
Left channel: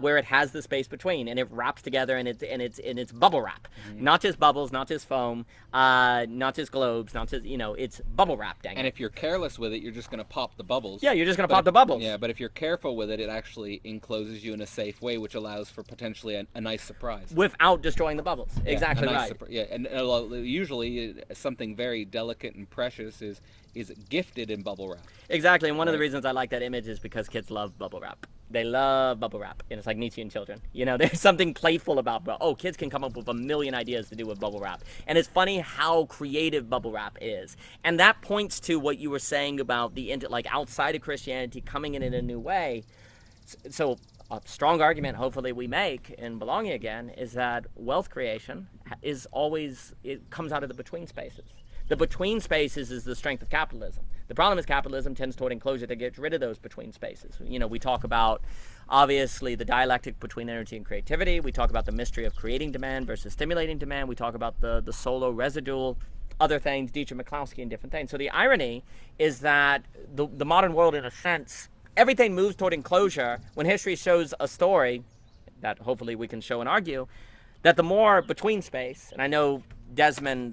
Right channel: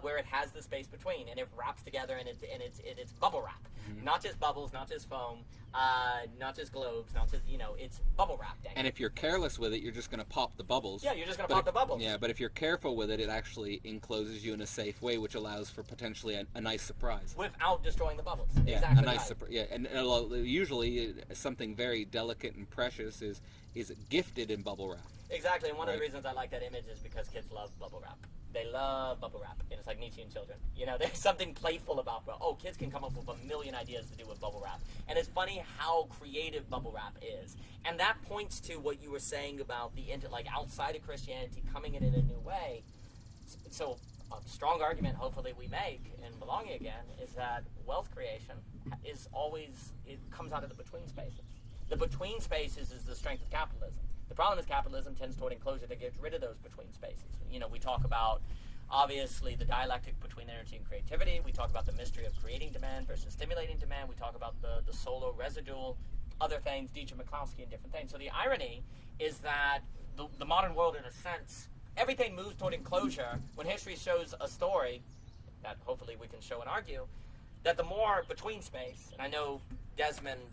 where it has the space between and it wraps together and it's bubble wrap, not just bubbles, not just foam, not just globes, not just it's bubble wrap. Dang. And if you're careless with it, you're just going to pop the bubbles. Yeah, you're just going to pop the bubbles. Yeah, but if you're careful with it, it actually encloses you in a safe way, which allows for potentially a nice surprise without destroying the bubbles. Yeah, exactly a nice right. And usually something very delicate and precious is gifted in bubble wrap. Exactly, and one of the reasons I like that image is because kids love bubble wrap. They love bubble wrap, and it's like Nietzschean children. There's something playful about, kids can come up with a million ideas to do with bubble wrap. And it's funny how creative bubble wrap is. And that points to what you were saying about the outside of Christianity coming in a new way. So a strong argument, hopefully, we make in Belonging Again is that wealth creation it comes out of the between spaces. The between spaces is the strength of capitalism. The problem is capitalism tends toward enclosure that gets rid of those between spaces. We talk about, obviously, the dialectic between energy and creativity. We talk about the mystery of creating demand versus stimulating demand. We talk about the solo residual, other things, Dietrich Miklowski and different things. So the irony is that the modern world, in a sense, everything moves toward enclosure when history shows a story that hopefully we can show and argue, that the more between space, and I know Desmond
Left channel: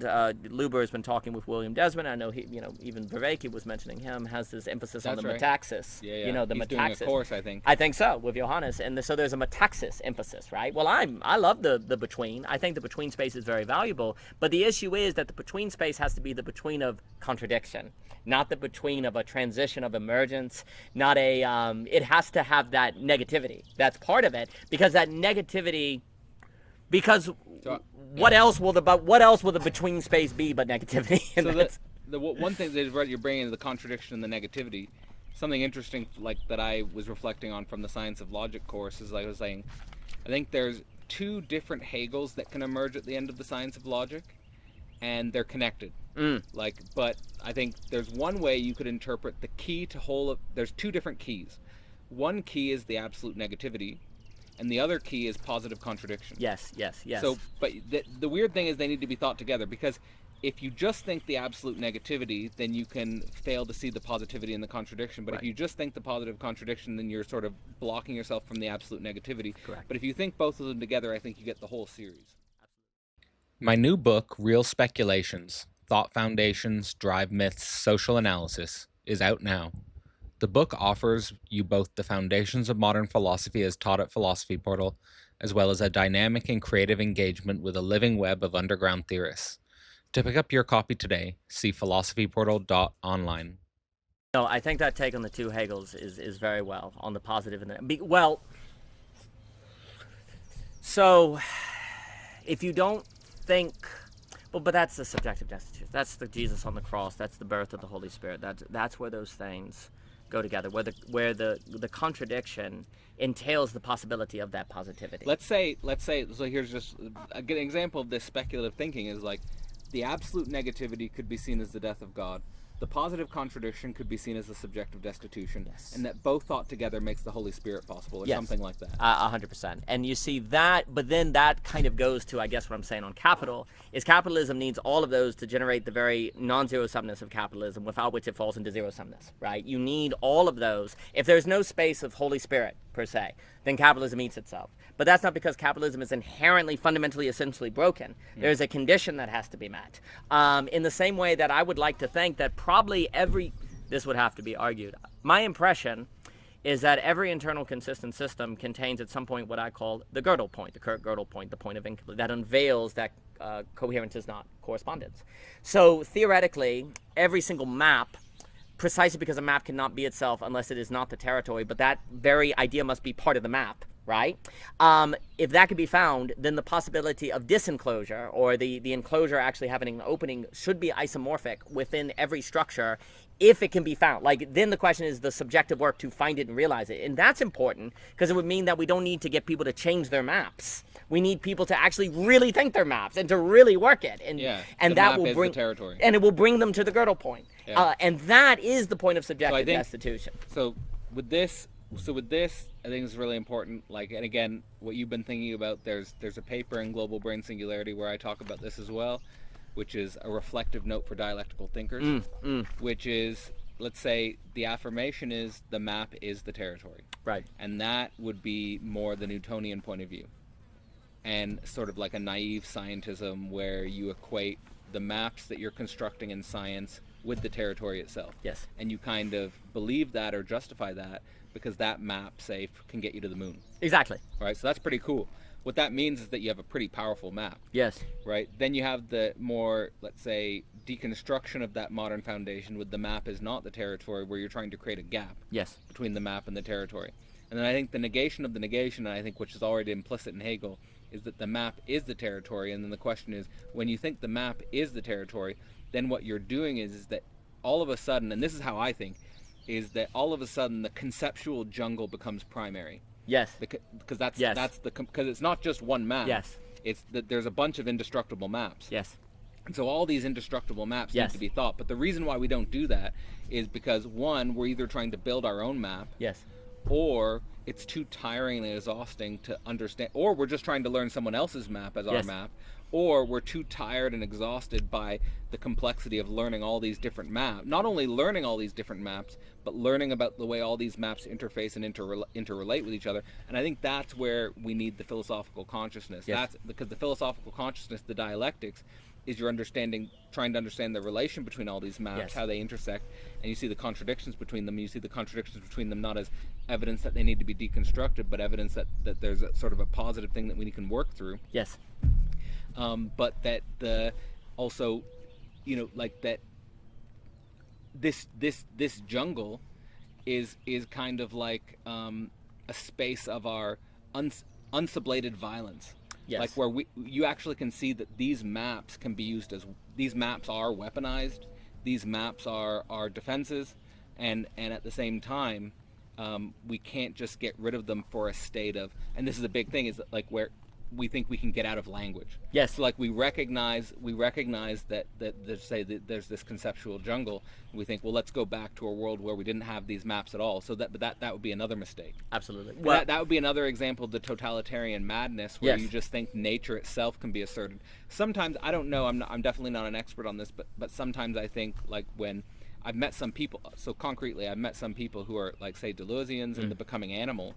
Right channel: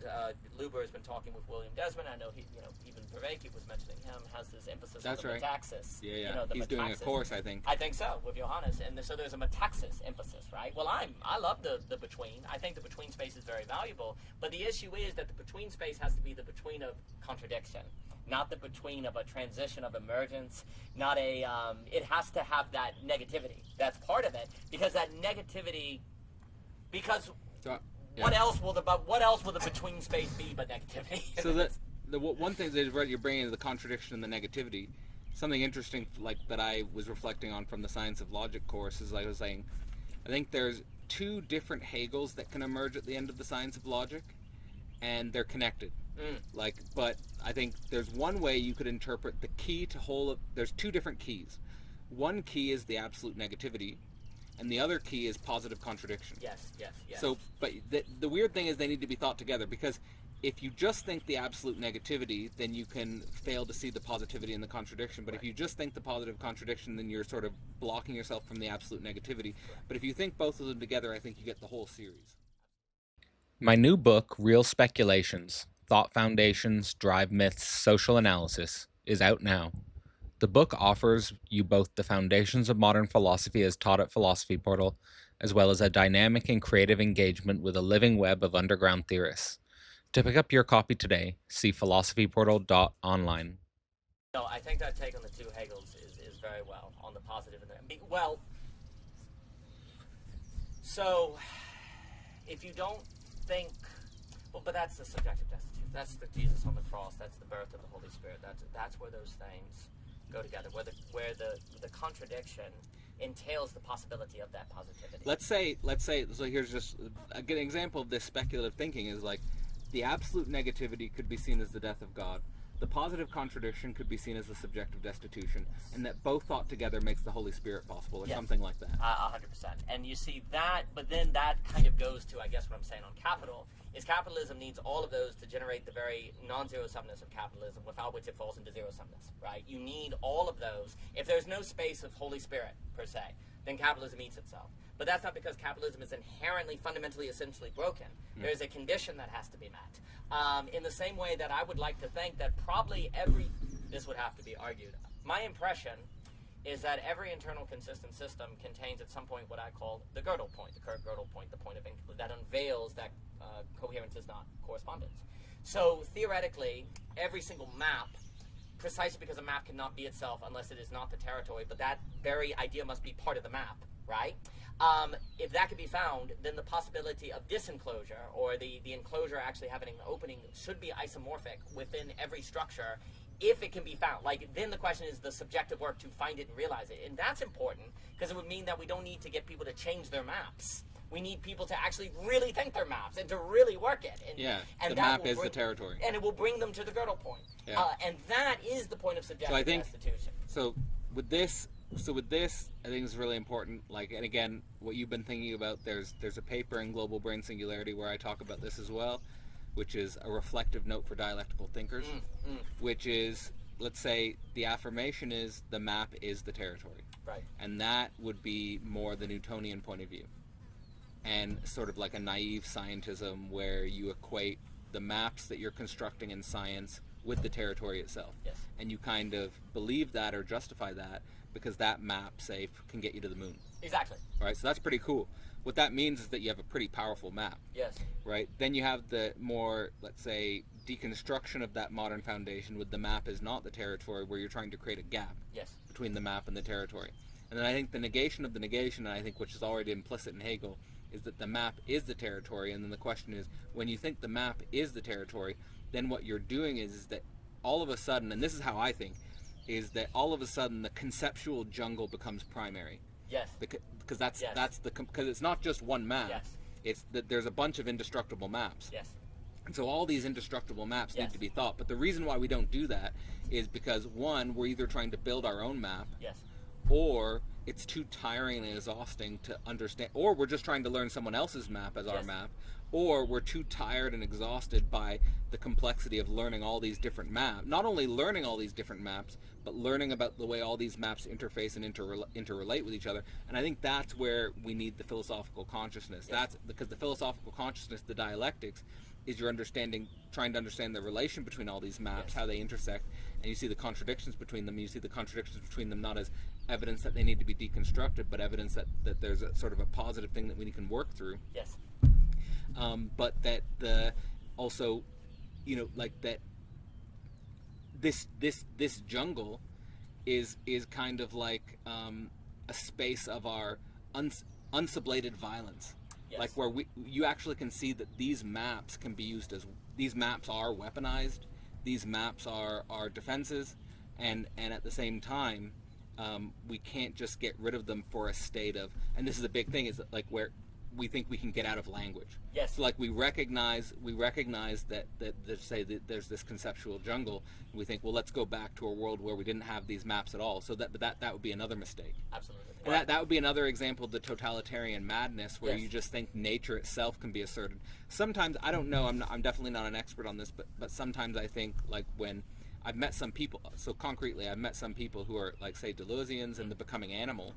Luber has been talking with William Desmond. I know he, even Vervaeke was mentioning him, has this emphasis on the metaxis. Yeah. The He's metaxis. doing a course, I think. I think so, with Johannes. And so there's a metaxis emphasis, right? Well, I love the between. I think the between space is very valuable. But the issue is that the between space has to be the between of contradiction, not the between of a transition of emergence, not a, it has to have that negativity. That's part of it, because that negativity, what else will the between space be but negativity? So the one thing that you're bringing is the contradiction and the negativity. Something interesting that I was reflecting on from the Science of Logic course is, I was saying, I think there's two different Hegels that can emerge at the end of the Science of Logic, and they're connected. But I think there's one way you could interpret the key to there's two different keys. One key is the absolute negativity, and the other key is positive contradiction. Yes. So, but the weird thing is they need to be thought together, because if you just think the absolute negativity, then you can fail to see the positivity and the contradiction. But if you just think the positive contradiction, then you're sort of blocking yourself from the absolute negativity. Correct. But if you think both of them together, I think you get the whole series. My new book, Real Speculations, Thought Foundations, Drive Myths, Social Analysis, is out now. The book offers you both the foundations of modern philosophy as taught at Philosophy Portal, as well as a dynamic and creative engagement with a living web of underground theorists. To pick up your copy today, see philosophyportal.online. No, I think that take on the two Hegels is very well on the positive and so if you don't think, but that's the subjective destitute. That's the Jesus on the cross. That's the birth of the Holy Spirit. That's where those things go together, where the contradiction entails the possibility of that positivity. Let's say so here's just a good example of this speculative thinking is the absolute negativity could be seen as the death of God. The positive contradiction could be seen as the subjective destitution, and that both thought together makes the Holy Spirit possible, or something like that. 100%. And you see that, but then that kind of goes to, I guess, what I'm saying on capital, is capitalism needs all of those to generate the very non-zero-sumness of capitalism, without which it falls into zero-sumness, right? You need all of those. If there's no space of Holy Spirit per se, then capitalism eats itself. But that's not because capitalism is inherently, fundamentally, essentially broken. There's a condition that has to be met. In the same way that I would like to think that probably this would have to be argued. My impression is that every internal consistent system contains at some point what I call the Gödel point, the Kurt Gödel point, the point of that unveils that coherence is not correspondence. So theoretically, every single map, precisely because a map cannot be itself unless it is not the territory, but that very idea must be part of the map, right? If that could be found, then the possibility of disenclosure, or the enclosure actually having an opening, should be isomorphic within every structure, if it can be found. Like, then the question is the subjective work to find it and realize it. And that's important, because it would mean that we don't need to get people to change their maps. We need people to actually really think their maps and to really work it. And the that map will is bring the territory. And it will bring them to the Gödel point. And that is the point of subjective destitution. So with this, I think it's really important. Like, and again, what you've been thinking about, there's a paper in Global Brain Singularity where I talk about this as well, which is a reflective note for dialectical thinkers, which is, let's say the affirmation is the map is the territory. Right. And that would be more the Newtonian point of view. And sort of like a naive scientism where you equate the maps that you're constructing in science with the territory itself. Yes. And you kind of believe that or justify that because that map, say, can get you to the moon. Exactly. Right? So that's pretty cool. What that means is that you have a pretty powerful map. Yes. Right? Then you have the more, let's say, deconstruction of that modern foundation with the map is not the territory, where you're trying to create a gap between the map and the territory. And then I think the negation of the negation, and I think which is already implicit in Hegel, is that the map is the territory. And then the question is, when you think the map is the territory, then what you're doing is that all of a sudden, and this is how I think, is that all of a sudden the conceptual jungle becomes primary. Yes. Because because it's not just one map. Yes. It's that there's a bunch of indestructible maps. Yes. And so all these indestructible maps need to be thought. But the reason why we don't do that is because, one, we're either trying to build our own map. Yes. Or it's too tiring and exhausting to understand, or we're just trying to learn someone else's map as our map, or we're too tired and exhausted by the complexity of learning all these different maps. Not only learning all these different maps, but learning about the way all these maps interface and interrelate with each other. And I think that's where we need the philosophical consciousness. Yes. That's because the philosophical consciousness, the dialectics, is your understanding, trying to understand the relation between all these maps, how they intersect, and you see the contradictions between them. You see the contradictions between them not as evidence that they need to be deconstructed, but evidence that there's a sort of a positive thing that we can work through. Yes. But that the also, like that this jungle is kind of like a space of our unsublated violence. Yes. Like where you actually can see that these maps can be used as, these maps are weaponized, these maps are defenses, and at the same time, we can't just get rid of them for a state of, and this is a big thing, is that like where we think we can get out of language. Yes. So like we recognize that there's this conceptual jungle, and we think, well, let's go back to a world where we didn't have these maps at all. So that would be another mistake. Absolutely. Well, that would be another example of the totalitarian madness, where you just think nature itself can be asserted. Sometimes, I don't know, I'm definitely not an expert on this, but sometimes I think, like, when I've met some people, so concretely, I've met some people who are, like, say, Deleuzians in The Becoming Animal,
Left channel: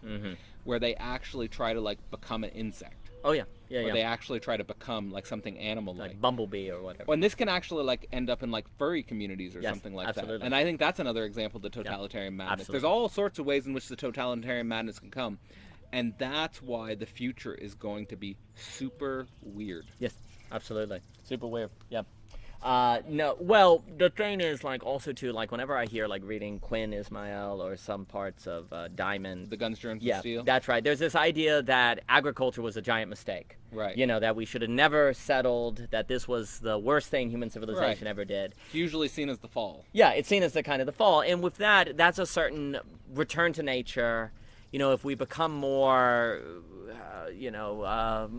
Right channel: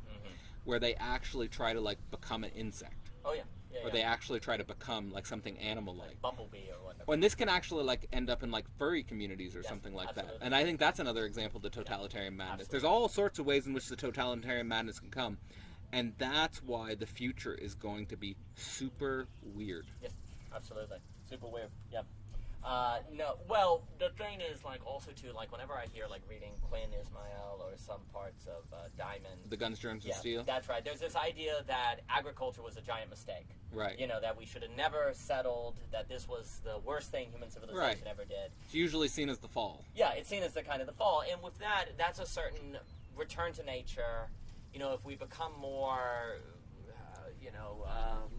where they actually try to, like, become an insect. Oh, yeah. Or they actually try to become, like, something animal-like. Like bumblebee or whatever. And this can actually, like, end up in, like, furry communities or something like that. And I think that's another example of the totalitarian madness. Absolutely. There's all sorts of ways in which the totalitarian madness can come. And that's why the future is going to be super weird. Yes, absolutely. Super weird. Yeah. No, well, the thing is, like, also too, like, whenever I hear, like, reading Quinn Ismail or some parts of Diamond, The Guns, Germs, and Steel. That's right. There's this idea that agriculture was a giant mistake. Right. That we should have never settled, that this was the worst thing human civilization ever did. It's usually seen as the fall. Yeah, it's seen as the kind of the fall. And with that, that's a certain return to nature. If we become more,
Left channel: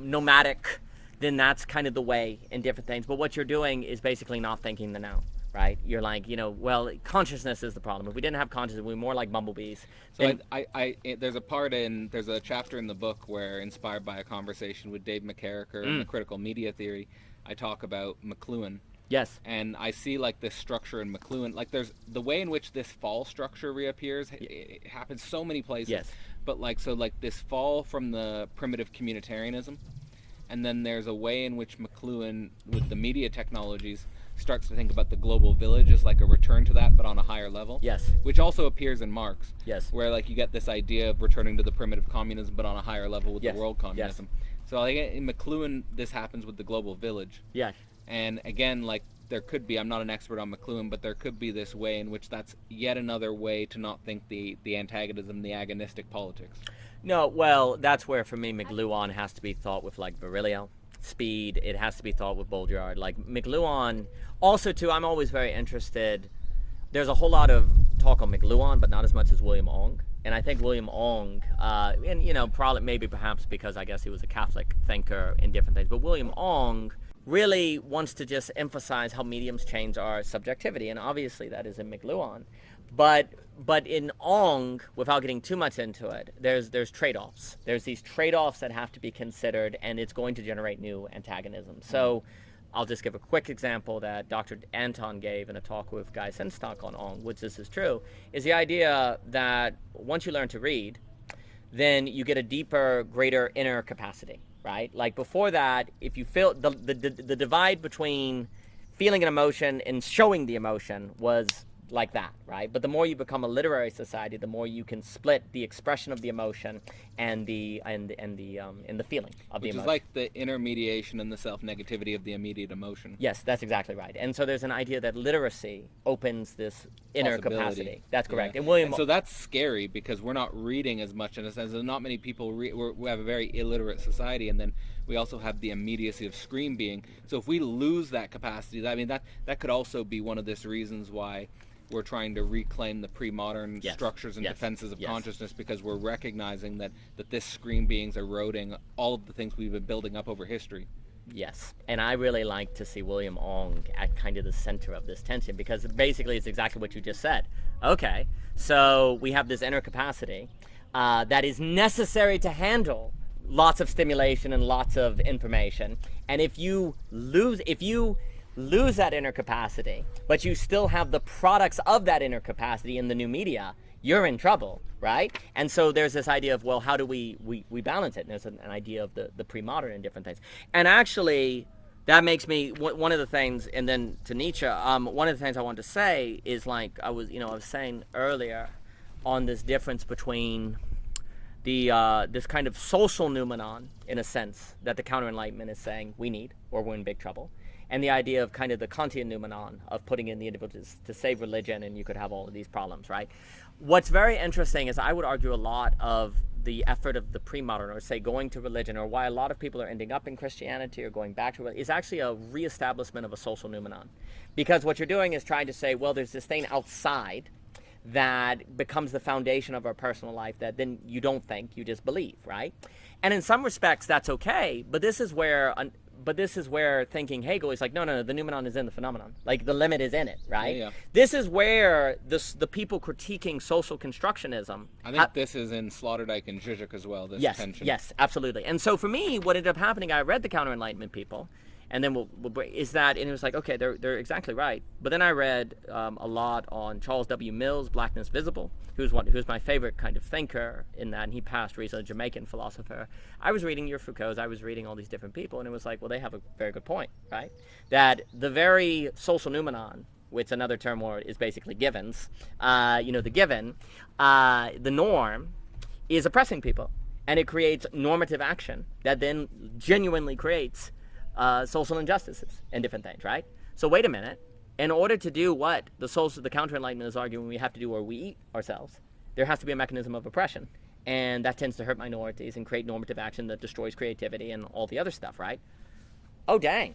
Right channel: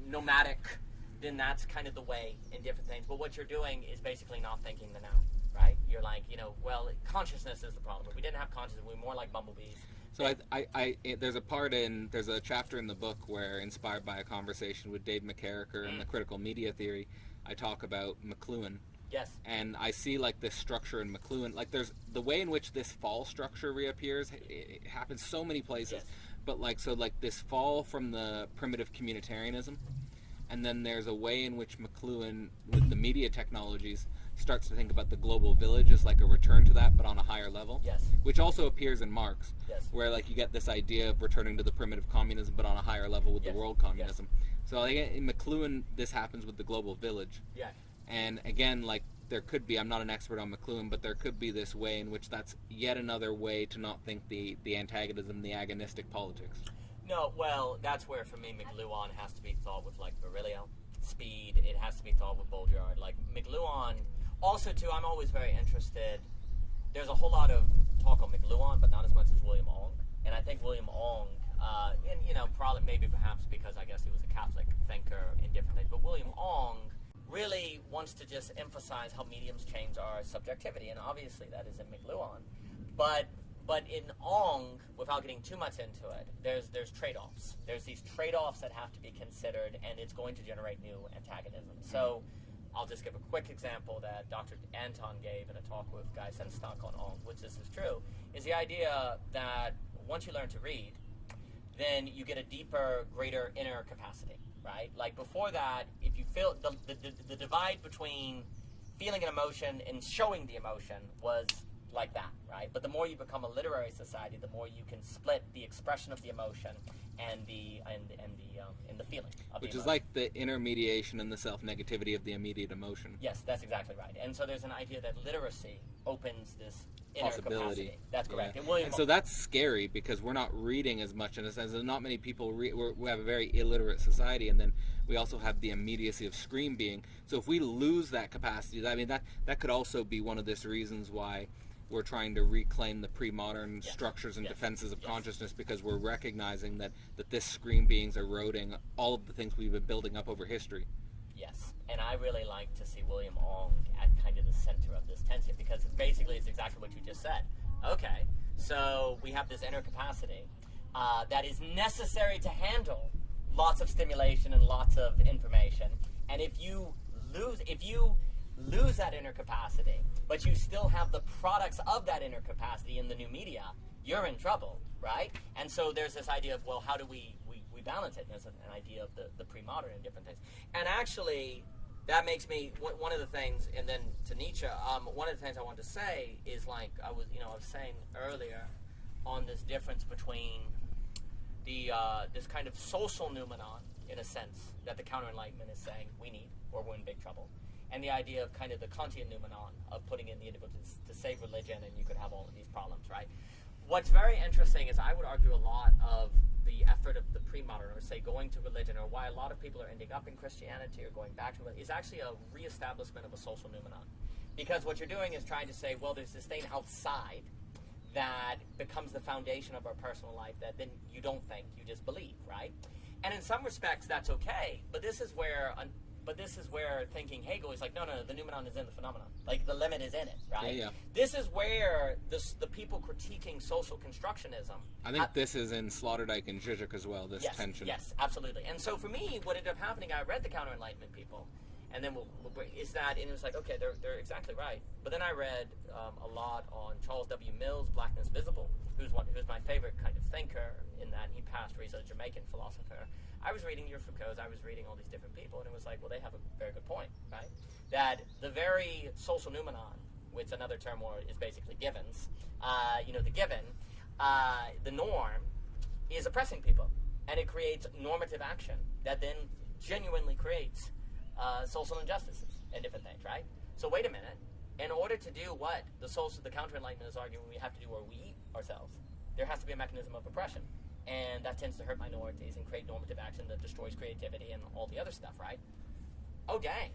nomadic, then that's kind of the way in different things. But what you're doing is basically not thinking the now, right? You're like, well, consciousness is the problem. If we didn't have consciousness, we'd be more like bumblebees. So there's a chapter in the book where, inspired by a conversation with Dave McCarricker in the critical media theory, I talk about McLuhan. Yes. And I see, like, this structure in McLuhan, like, there's the way in which this fall structure reappears. It happens so many places. Yes. but like, so like this fall from the primitive communitarianism, and then there's a way in which McLuhan, with the media technologies, starts to think about the global village as like a return to that, but on a higher level. Yes. Which also appears in Marx. Yes. Where like you get this idea of returning to the primitive communism, but on a higher level with Yes. the world communism. Yes. So like in McLuhan, this happens with the global village. Yeah. And again, like there could be, I'm not an expert on McLuhan, but there could be this way in which that's yet another way to not think the antagonism, the agonistic politics. No, well, that's where for me McLuhan has to be thought with like Virilio, Speed. It has to be thought with Baudrillard. Like McLuhan, also too, I'm always very interested. There's a whole lot of talk on McLuhan, but not as much as William Ong. And I think William Ong, and you know, probably maybe perhaps because I guess he was a Catholic thinker in different things, but William Ong really wants to just emphasize how mediums change our subjectivity, and obviously that is in McLuhan. But in Ong, without getting too much into it, there's trade-offs. There's these trade-offs that have to be considered, and it's going to generate new antagonisms. So I'll just give a quick example that Dr. Anton gave in a talk with Guy Senstock on Ong, which this is true, is the idea that once you learn to read, then you get a deeper, greater inner capacity, right? Like before that, if you feel the divide between feeling an emotion and showing the emotion was like that, right? But the more you become a literary society, the more you can split the expression of the emotion and the feeling of the emotion. Which is like the intermediation and the self-negativity of the immediate emotion. Yes, that's exactly right. And so there's an idea that literacy opens this inner capacity. That's correct. Yeah. And so that's scary because we're not reading as much in a sense. Not many people we have a very illiterate society, and then we also have the immediacy of screen being. So if we lose that capacity, I mean that could also be one of the reasons why we're trying to reclaim the pre-modern structures and defenses of consciousness, because we're recognizing that this screen being's eroding all of the things we've been building up over history. Yes, and I really like to see William Ong at kind of the center of this tension, because basically it's exactly what you just said. Okay, so we have this inner capacity that is necessary to handle lots of stimulation and lots of information, and if you lose that inner capacity, but you still have the products of that inner capacity in the new media, you're in trouble, right? And so there's this idea of, well, how do we balance it? And there's an idea of the pre-modern and different things. And actually, that makes me, one of the things, and then to Nietzsche, one of the things I wanted to say is, like I was saying earlier on this difference between this kind of social noumenon, in a sense, that the counter-enlightenment is saying we need, or we're in big trouble, and the idea of kind of the Kantian noumenon of putting in the individual to save religion, and you could have all of these problems, right? What's very interesting is I would argue a lot of the effort of the pre-modern, or say going to religion, or why a lot of people are ending up in Christianity or going back to it, is actually a reestablishment of a social noumenon. Because what you're doing is trying to say, well, there's this thing outside that becomes the foundation of our personal life that then you don't think, you just believe, right? And in some respects, that's okay, but this is where thinking Hegel is like, no, the noumenon is in the phenomenon. Like, the limit is in it, right? Yeah. This is where the people critiquing social constructionism... I think this is in Sloterdijk and Zizek as well, this tension. Yes, absolutely. And so for me, what ended up happening, I read the Counter-Enlightenment people, and then is that, and it was like, okay, they're exactly right. But then I read a lot on Charles W. Mills' Blackness Visible, who's my favorite kind of thinker in that, and he passed recently, a Jamaican philosopher. I was reading your Foucault's, I was reading all these different people, and it was like, well, they have a very good point, right? That the very social noumenon, which another term word is basically givens, the given, the norm, is oppressing people. And it creates normative action that then genuinely creates social injustices and different things, right? So wait a minute. In order to do what the counter-enlightenment is arguing we have to do, or we eat ourselves, there has to be a mechanism of oppression. And that tends to hurt minorities and create normative action that destroys creativity and all the other stuff, right? Oh, dang.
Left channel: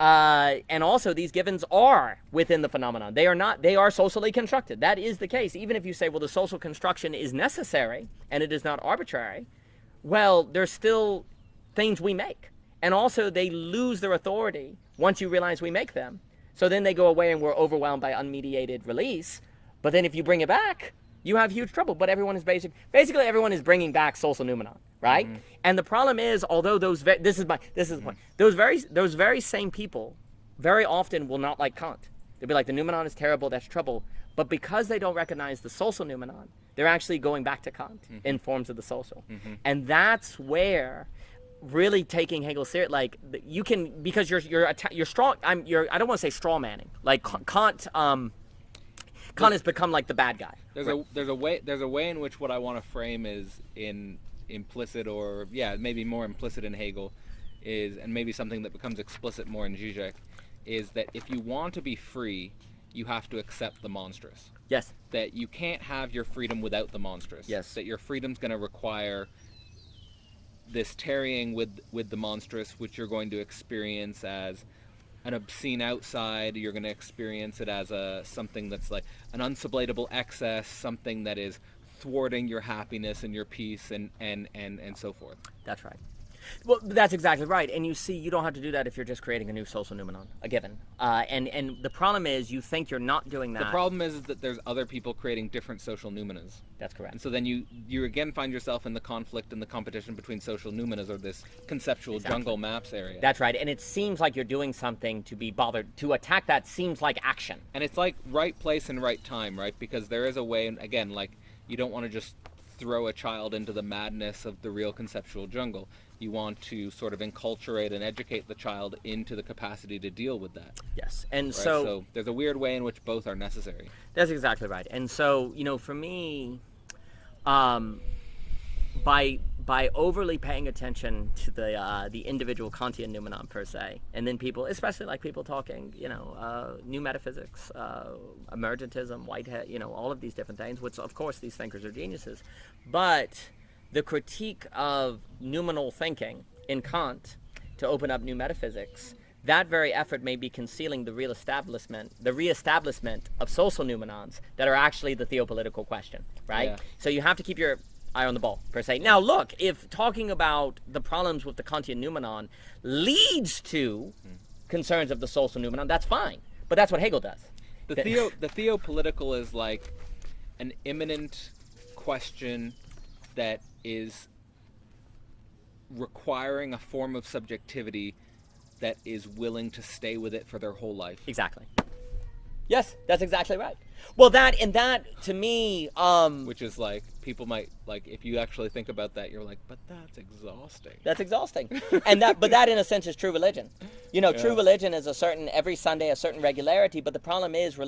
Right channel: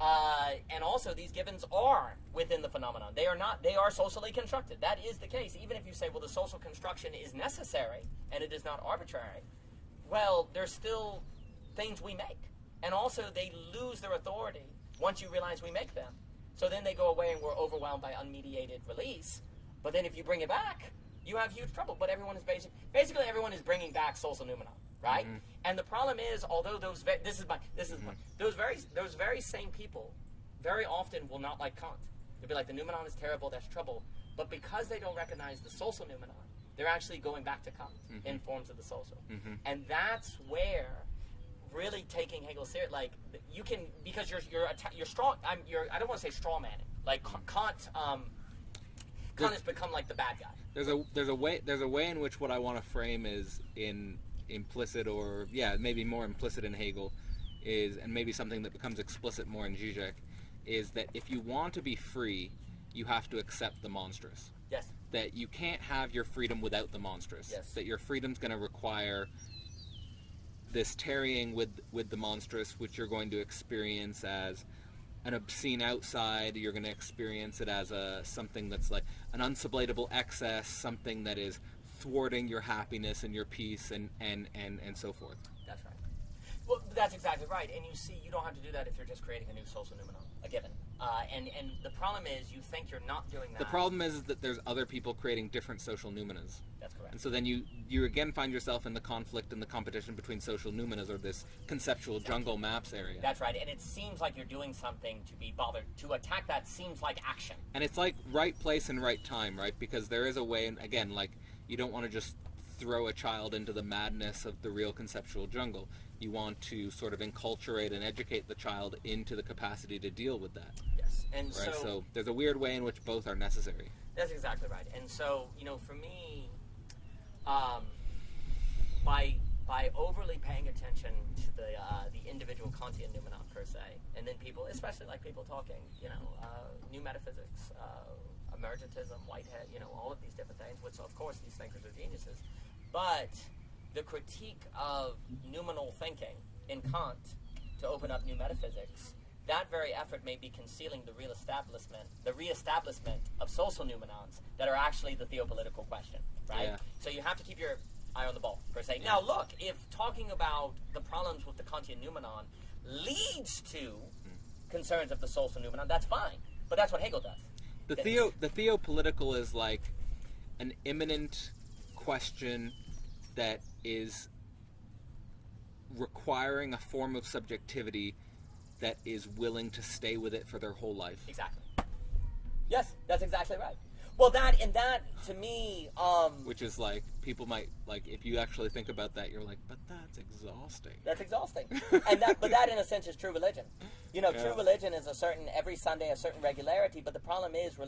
And also, these givens are within the phenomenon. They are socially constructed. That is the case. Even if you say, well, the social construction is necessary and it is not arbitrary, well, there's still things we make. And also, they lose their authority once you realize we make them. So then they go away and we're overwhelmed by unmediated release. But then if you bring it back, you have huge trouble. But everyone is basically everyone is bringing back social noumenon, right? Mm-hmm. And the problem is, although those very same people very often will not like Kant. They'll be like, the noumenon is terrible, that's trouble. But because they don't recognize the social noumenon, They're actually going back to Kant in Forms of the Social. And that's where really taking Hegel serious, like you can, because you're strong. I don't want to say straw manning. Like Kant has become like the bad guy. There's a way in which what I want to frame is in implicit, or maybe more implicit in Hegel, is, and maybe something that becomes explicit more in Zizek, is that if you want to be free, you have to accept the monstrous. Yes. That you can't have your freedom without the monstrous. Yes. That your freedom's going to require this tarrying with the monstrous, which you're going to experience as an obscene outside. You're going to experience it as something that's like an unsublatable excess, something that is thwarting your happiness and your peace, and so forth. That's right. Well, that's exactly right. And you see, you don't have to do that if you're just creating a new social noumenon, a given. And the problem is, you think you're not doing that. The problem is that there's other people creating different social noumenas. That's correct. And so then you again find yourself in the conflict and the competition between social noumenas, or this conceptual jungle maps area. That's right. And it seems like you're doing something to be bothered. To attack that seems like action. And it's like right place and right time, right? Because there is a way, and again, like, you don't want to just throw a child into the madness of the real conceptual jungle. You want to sort of enculturate and educate the child into the capacity to deal with that. Yes. And right? so there's a weird way in which both are necessary. That's exactly right. And so, for me, by overly paying attention to the individual Kantian noumenon per se, and then people, especially like people talking, new metaphysics, emergentism, Whitehead, all of these different things, which of course these thinkers are geniuses, but the critique of noumenal thinking in Kant to open up new metaphysics, that very effort may be concealing the reestablishment of social noumenons that are actually the theopolitical question, right? Yeah. So you have to keep your eye on the ball, per se. Now, look, if talking about the problems with the Kantian noumenon leads to concerns of the social noumenon, that's fine. But that's what Hegel does. The theopolitical is like an imminent question that is requiring a form of subjectivity that is willing to stay with it for their whole life. Exactly. Yes, that's exactly right. Well, that to me, which is like, people might, like, if you actually think about that, you're like, but that's exhausting. That's exhausting. But that in a sense is true religion. True religion is every Sunday a certain regularity, but the problem is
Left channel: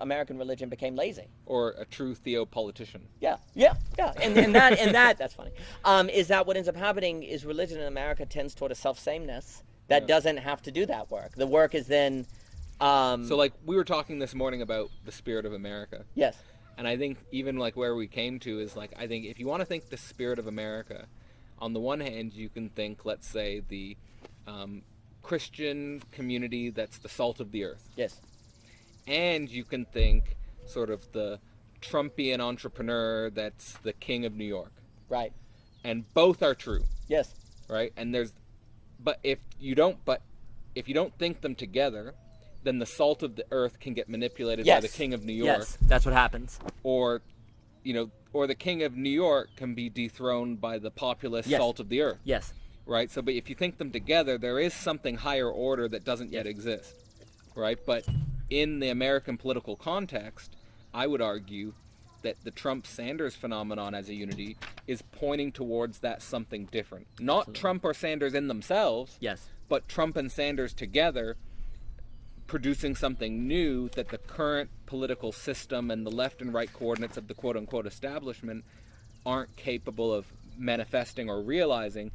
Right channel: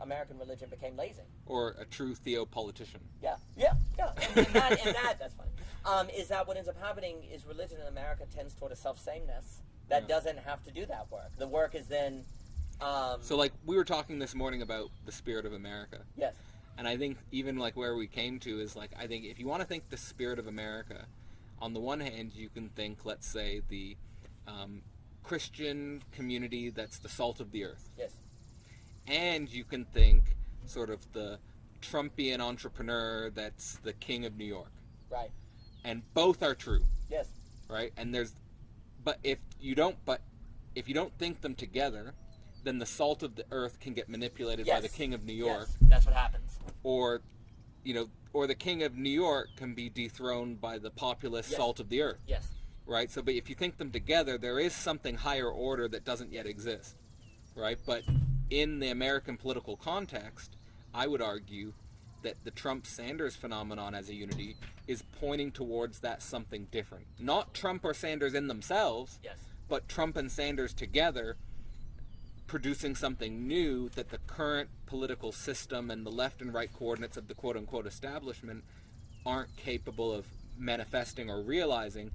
American religion became lazy. Or a true theopolitician. Yeah. And that that's funny. Is that what ends up happening is religion in America tends toward a self-sameness that doesn't have to do that work. The work is then so like we were talking this morning about the spirit of America. Yes. And I think even like where we came to is like, I think if you want to think the spirit of America, on the one hand you can think, let's say, the Christian community that's the salt of the earth. Yes. And you can think sort of the Trumpian entrepreneur that's the king of New York. Right. And both are true. Yes. Right? And if you don't think them together, then the salt of the earth can get manipulated by the king of New York. Yes, that's what happens. Or the king of New York can be dethroned by the populist salt of the earth. Yes. Right? So, but if you think them together, there is something higher order that doesn't yet exist. Right? But in the American political context, I would argue that the Trump-Sanders phenomenon as a unity is pointing towards that something different. Not Trump or Sanders in themselves, but Trump and Sanders together producing something new that the current political system and the left and right coordinates of the quote-unquote establishment aren't capable of manifesting or realizing,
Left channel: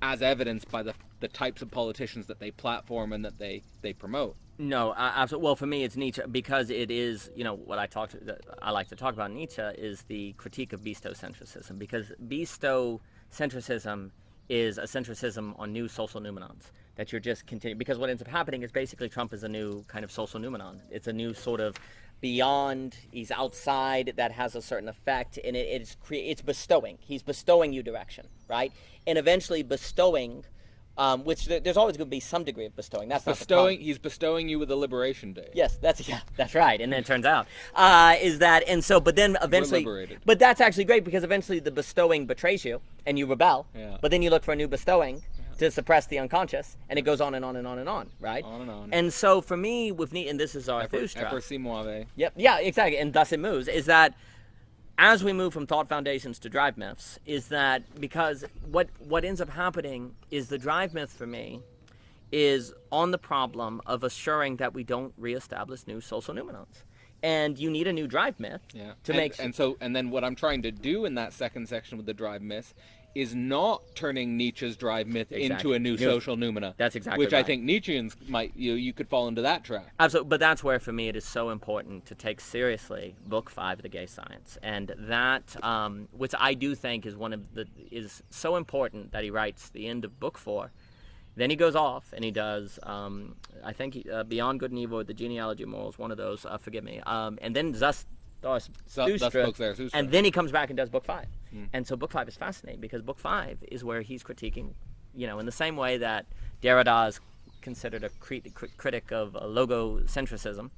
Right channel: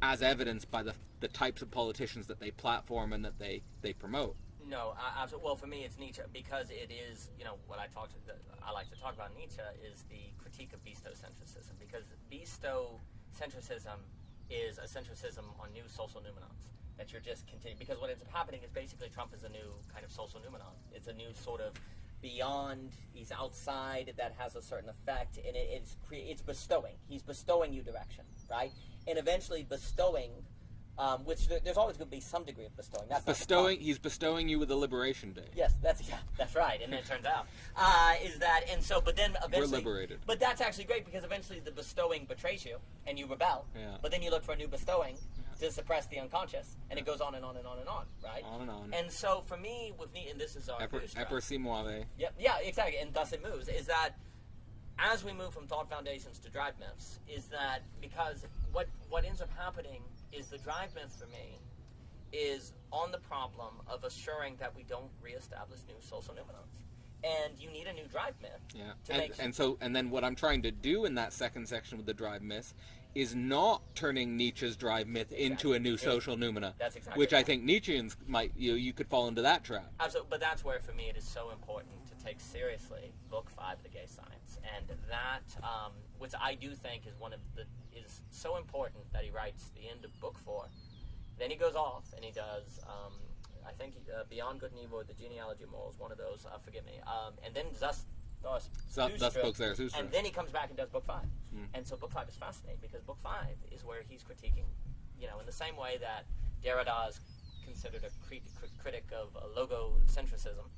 as evidenced by the types of politicians that they platform and that they promote. No, absolutely. Well, for me, it's Nietzsche, because it is, what I like to talk about Nietzsche is the critique of beastocentrism, because beastocentrism is a centricism on new social noumenons that you're just continuing. Because what ends up happening is basically Trump is a new kind of social noumenon. It's a new sort of beyond, he's outside, that has a certain effect, and it's bestowing. He's bestowing you direction, right? And eventually bestowing, which there's always going to be some degree of bestowing. That's bestowing. He's bestowing you with a liberation day. Yes, that's right. And then it turns out but then eventually, we're liberated. But that's actually great, because eventually the bestowing betrays you and you rebel. Yeah. But then you look for a new bestowing to suppress the unconscious, and it goes on and on and on and on, right? On and on. And so for me, with Nietzsche, and this is our Epper si muove. Yep. Yeah, exactly. And thus it moves. Is that as we move from thought foundations to drive myths, is that because what ends up happening is the drive myth for me is on the problem of assuring that we don't reestablish new social noumenons. And you need a new drive myth to make sure. And then what I'm trying to do in that second section with the drive myth is not turning Nietzsche's drive myth into a new social noumena. That's exactly which right. I think Nietzscheans might, you could fall into that trap. Absolutely, but that's where for me it is so important to take seriously Book 5 of the Gay Science, and that which I do think is so important that he writes the end of Book 4. Then he goes off and he does, I think, Beyond Good and Evil, or The Genealogy of Morals, one of those, forgive me, and then Zarathustra. And then he comes back and does Book 5. And so Book 5 is fascinating because Book 5 is where he's critiquing, in the same way that Derrida is considered a critic of logocentrism.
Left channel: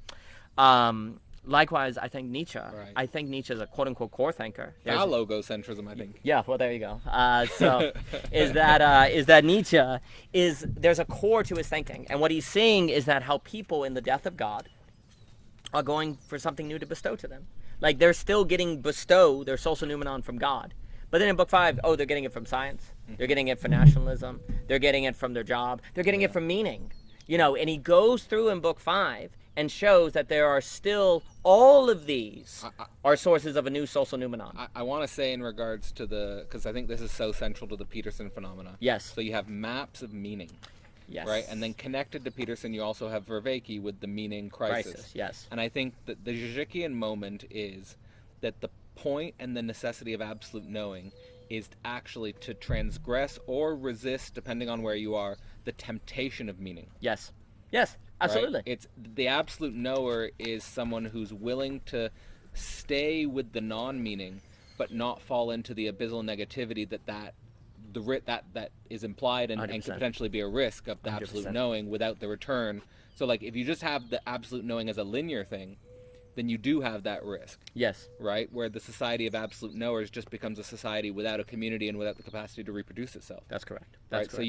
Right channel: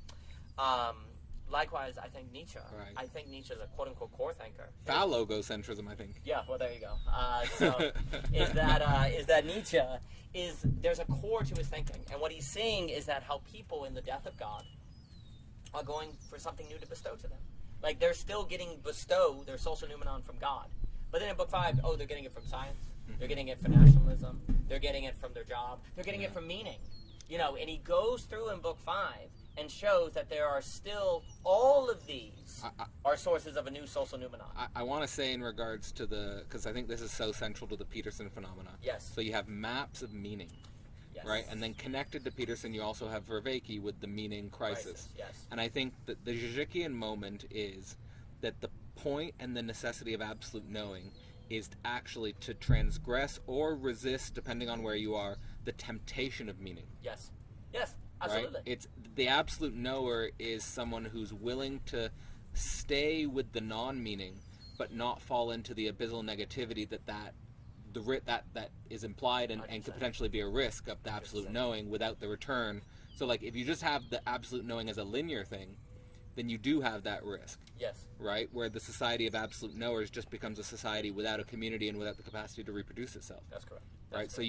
Likewise, I think Nietzsche. Right. I think Nietzsche is a quote-unquote core thinker. Logocentrism, I think. Yeah, well, there you go. So is that Nietzsche there's a core to his thinking, and what he's seeing is that how people in the death of God are going for something new to bestow to them. Like they're still getting their social noumenon from God, but then in Book 5, they're getting it from science. They're getting it from nationalism. They're getting it from their job. They're getting it from meaning. And he goes through in Book 5 and shows that there are still all of these are sources of a new social noumenon. I want to say in regards to because I think this is so central to the Peterson phenomena. Yes. So you have maps of meaning. Yes. Right? And then connected to Peterson, you also have Vervaeke with the meaning crisis. Yes. And I think that the Zizkian moment is that the point and the necessity of absolute knowing is actually to transgress or resist, depending on where you are, the temptation of meaning. Yes. Yes. Absolutely. Right? It's the absolute knower is someone who's willing to stay with the non-meaning, but not fall into the abyssal negativity that is implied and could potentially be a risk of the 100%. Absolute knowing without the return. So like if you just have the absolute knowing as a linear thing, then you do have that risk. Yes. Right? Where the society of absolute knowers just becomes a society without a community and without the capacity to reproduce itself. That's correct. Right? So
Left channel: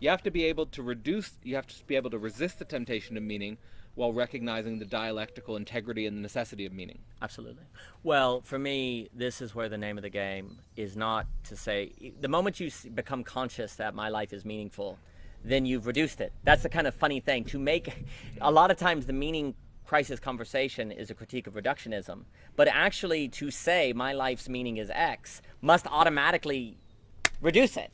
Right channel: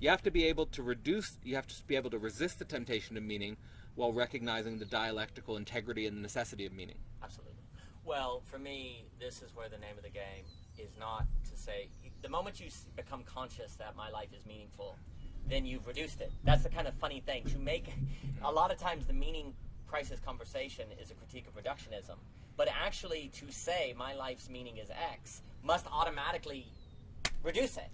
you have to be able to resist the temptation of meaning while recognizing the dialectical integrity and the necessity of meaning. Absolutely. Well, for me, this is where the name of the game is not to say, the moment you become conscious that my life is meaningful, then you've reduced it. That's the kind of funny thing. To make, a lot of times the meaning crisis conversation is a critique of reductionism, but actually to say my life's meaning is X must automatically reduce it.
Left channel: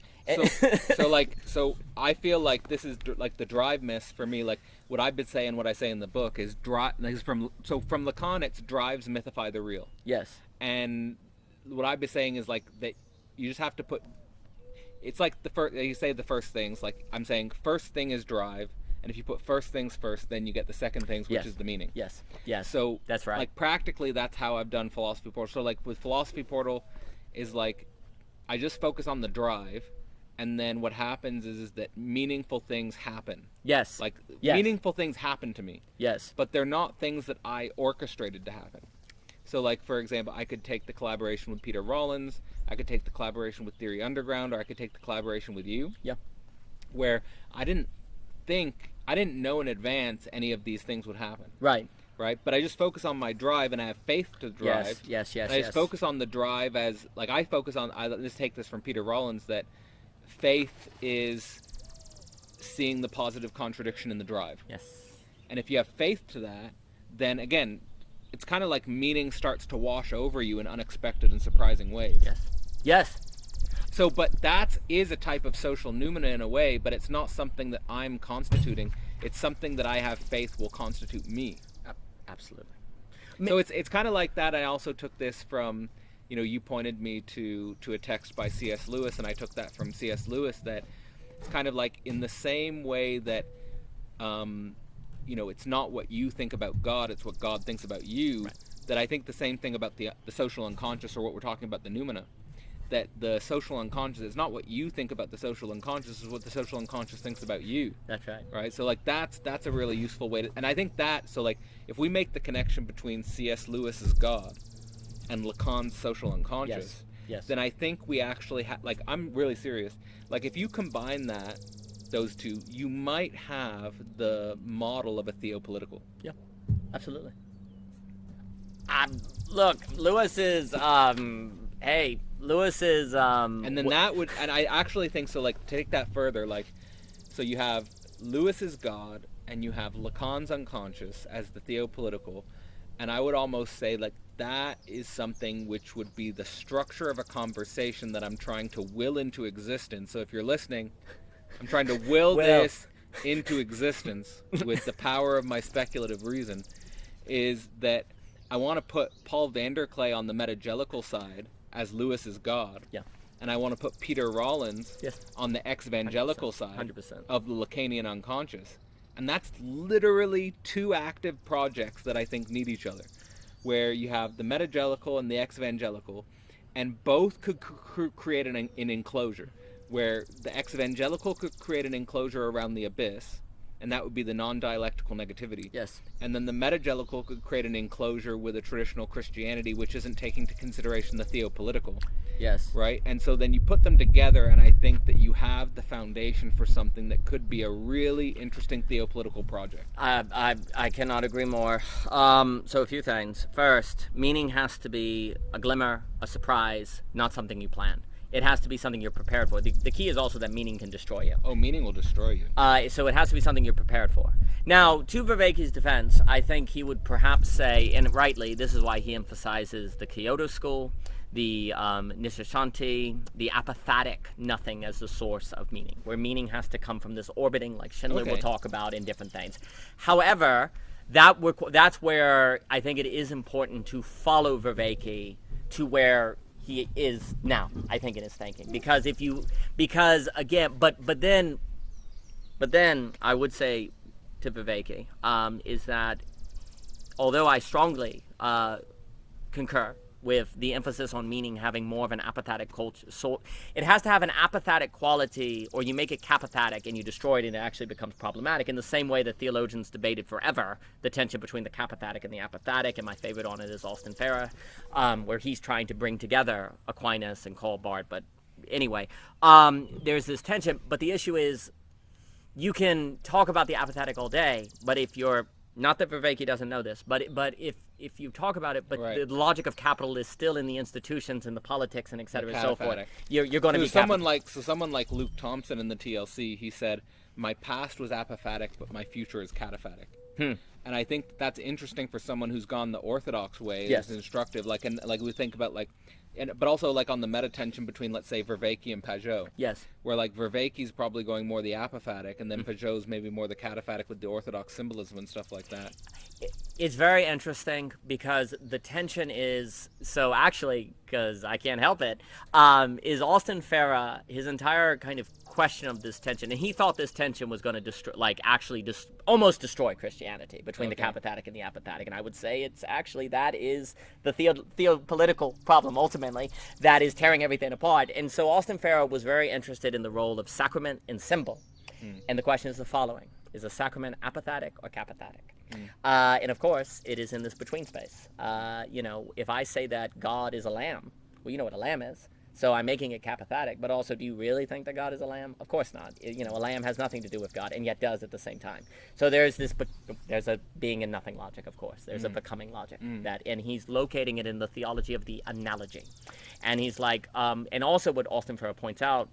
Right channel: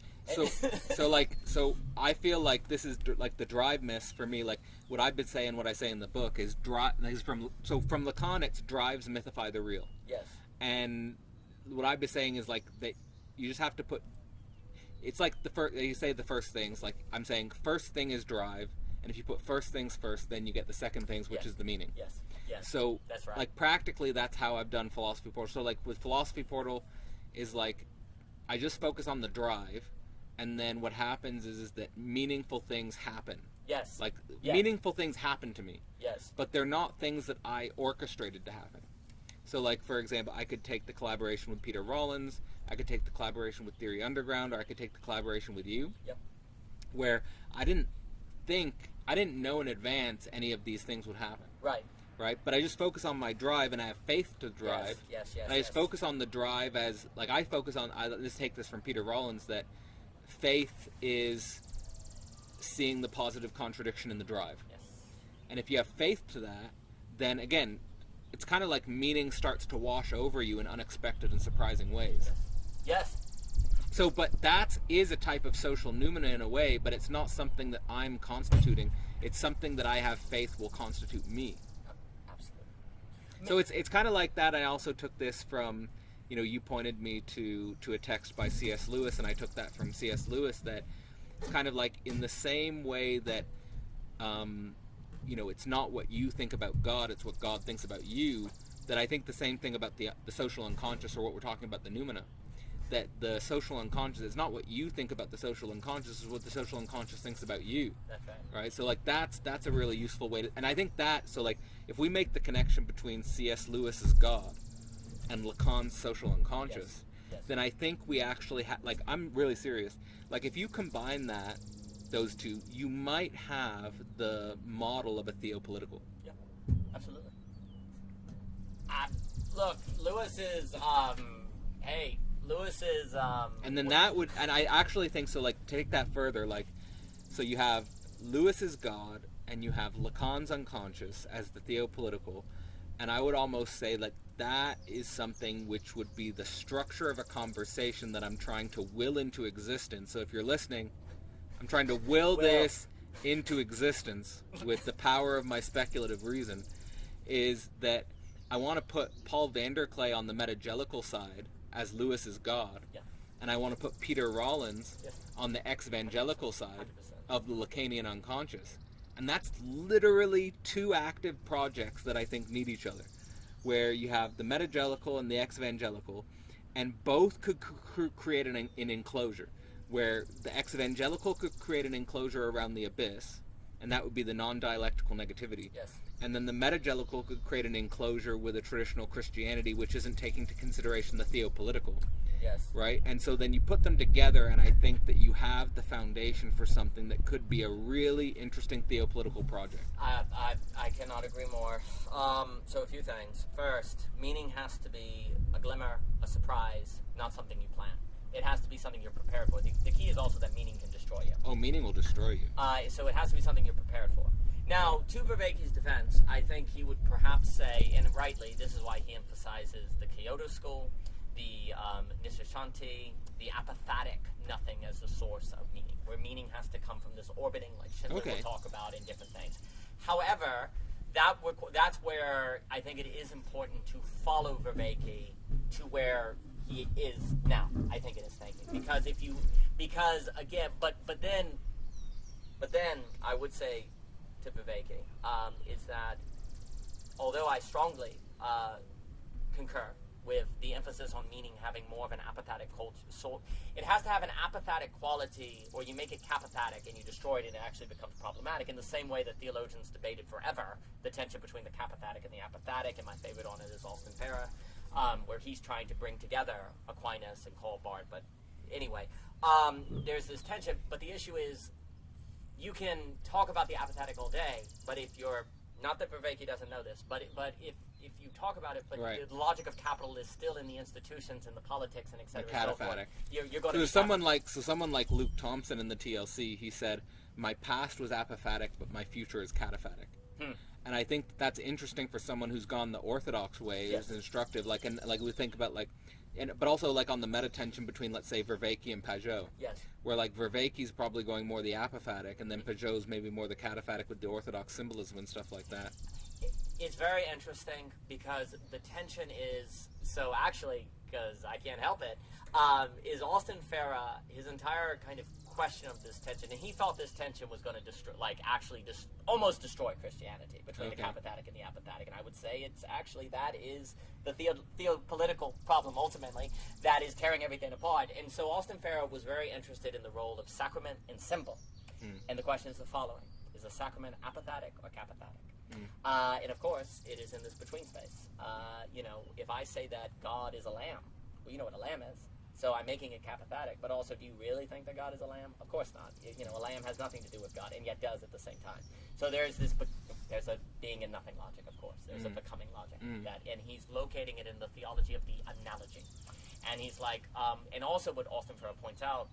So I feel like this is like the drive myth for me. Like what I've been saying, what I say in the book is from Lacan, it's drives mythify the real. Yes. And what I've been saying is like that you just have to put. It's like you say the first things. Like I'm saying, first thing is drive, and if you put first things first, then you get the second things, which is the meaning. Yes. Yes. So that's right. Like practically, that's how I've done Philosophy Portal. So like with Philosophy Portal, is like I just focus on the drive. And then what happens is that meaningful things happen. Yes. Like meaningful things happen to me. Yes. But they're not things that I orchestrated to happen. So like, for example, I could take the collaboration with Peter Rollins, I could take the collaboration with Theory Underground, or I could take the collaboration with you. Yeah. Where I didn't know in advance any of these things would happen. Right. Right? But I just focus on my drive and I have faith to drive. Yes. And I just focus on the drive as, like I just take this from Peter Rollins, that faith is seeing the positive contradiction in the drive. Yes. And if you have faith to that, then again, it's kind of like meaning starts to wash over you in unexpected and surprising ways. Yes. Yes. So, but that is a type of social noumena in a way, but it's not something that I'm constituting. It's something that I have faith will constitute me. Absolutely. So it's kind of like that. I also took this from, you pointed me to a text by C.S. Lewis, and I took that from C.S. Lewis, that it's kind of like in the same way that, it's not what you think about God, it's what God thinks about you, right. That I think the same thing about the social unconscious, or what we're talking about, the noumena, that the social unconscious is not what you think about the social unconscious, is what the social unconscious thinks about you. That's right. Right? So like that's a really useful way to, and I think that, so like if we make the connection between C.S. Lewis's God and Lacan's social unconscious, yes. Then I think we actually have, like, I'm really serious, like if you combine those two, you might have the model of a theopolitical. Yeah, absolutely. Look, Lewis is hey, Lewis is And then that would, and I actually think so. Like, take that further. Like, so you have Lewis's God, and you have Lacan's unconscious as the theopolitical, and I would almost say like that is something which would be the structure of a conversation that I'm trying to will into existence. So if you're listening, I'm trying to will this into existence with the power of my speculative reason. Is that I want to put Paul Vanderklay on the metagelical side as Lewis's God. Yeah. And I want to put Peter Rollins on the ex-evangelical side 100%. of the Lacanian unconscious. And that's literally two active projects that I think need each other, where you have the metagelical and the ex-evangelical, and both could create an enclosure, where the ex-evangelical could create an enclosure around the abyss, and that would be the non-dialectical negativity. Yes. And then the metagelical could create an enclosure with a traditional Christianity, which isn't taking into consideration the theopolitical. Yes. Right? And so then you put them together, and I think that you have the foundation for something that could be a really interesting theopolitical project. I cannot agree more. So a few things. First, meaning has to be a glimmer, a surprise, not something you plan. It has to be something you're prepared for. The key is also that meaning can destroy you. Oh, meaning will destroy you. So it has to be something you're prepared for. Now, to Vervaeke's defense, I think he would perhaps say, and rightly, this is why he emphasizes the Kyoto school, the Nishishanti, the apathatic nothing as the source of meaning, where meaning has to come from this orbiting, like Schindler will talk about in different things. However, that's where I think it is important to follow Vervaeke to where he is now, I think, in his thinking. But then I would say to Vervaeke is that although I strongly concur with the emphasis on meaning having more of an apathetic culture, so it has to have an apathatic quality, or you make it capathetic and you destroy it and it actually becomes problematic, in the same way that theologians debated forever the tension between the capathetic and the apathetic, and my favorite on it is Austin Farah, where he's trying to bring together Aquinas and Karl Barth. But anyway, there's this tension, but the issue is you can talk about the apathetic all day, but if you're, not that Vervaeke doesn't know this, but if you talk about it, but the logic of capital is still in the institutions and the politics and et cetera and so forth, you're going to be someone like Luke Thompson in the TLC. He said, "My past was apophatic, but my future is cataphatic." And I think that's interesting for someone who's gone the orthodox way. It's instructive, like we think about but also like on the meta tension between, let's say, Vervaeke and Pajot. Yes. Where like Vervaeke's probably going more the apophatic, and then Pajot's maybe more the cataphatic with the orthodox symbolism and stuff like that. It's very interesting because the tension is, so actually, because I can't help it, is Austin Farah, his entire kind of question of this tension, and he thought this tension was going to destroy, almost destroy Christianity between the capathetic and the apophatic, and I would say it's actually, that is the theopolitical problem, ultimately, that is tearing everything apart. And so Austin Farah was very interested in the role of sacrament and symbol, and the question is the following: is a sacrament apophatic or capathetic? And of course, it is in this between space. If I say that God is a lamb, well, you know what a lamb is. So I'm making it capathetic, but also, do you really think that God is a lamb? Of course not. A lamb has nothing to do with God, and yet does at the same time. So there's a being and nothing logic, of course. There's a becoming logic, and he's locating it in the theology of the analogy. And he's like, and also what Austin Farah points out,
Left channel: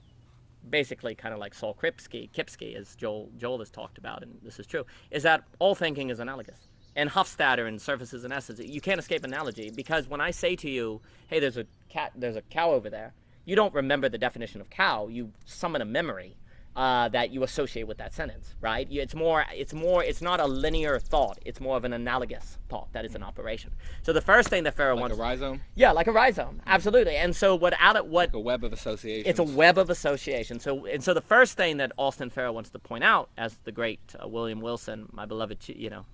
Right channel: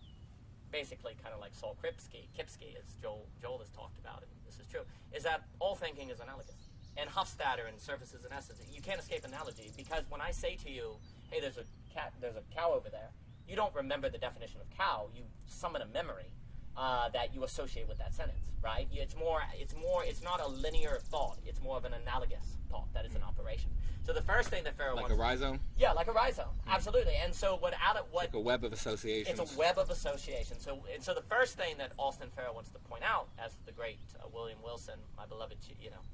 basically kind of like Saul Kipsky, as Joel has talked about, and this is true, is that all thinking is analogous. And Hofstadter and Surfaces and Essences, you can't escape analogy, because when I say to you, hey, there's a cow over there, you don't remember the definition of cow, you summon a memory that you associate with that sentence, right? It's not a linear thought, it's more of an analogous thought that is an operation. So the first thing that Farah wants... Like a rhizome? Yeah, like a rhizome, absolutely. And so like a web of associations. It's a web of association. So the first thing that Austin Farah wants to point out, as the great William Wilson, my beloved,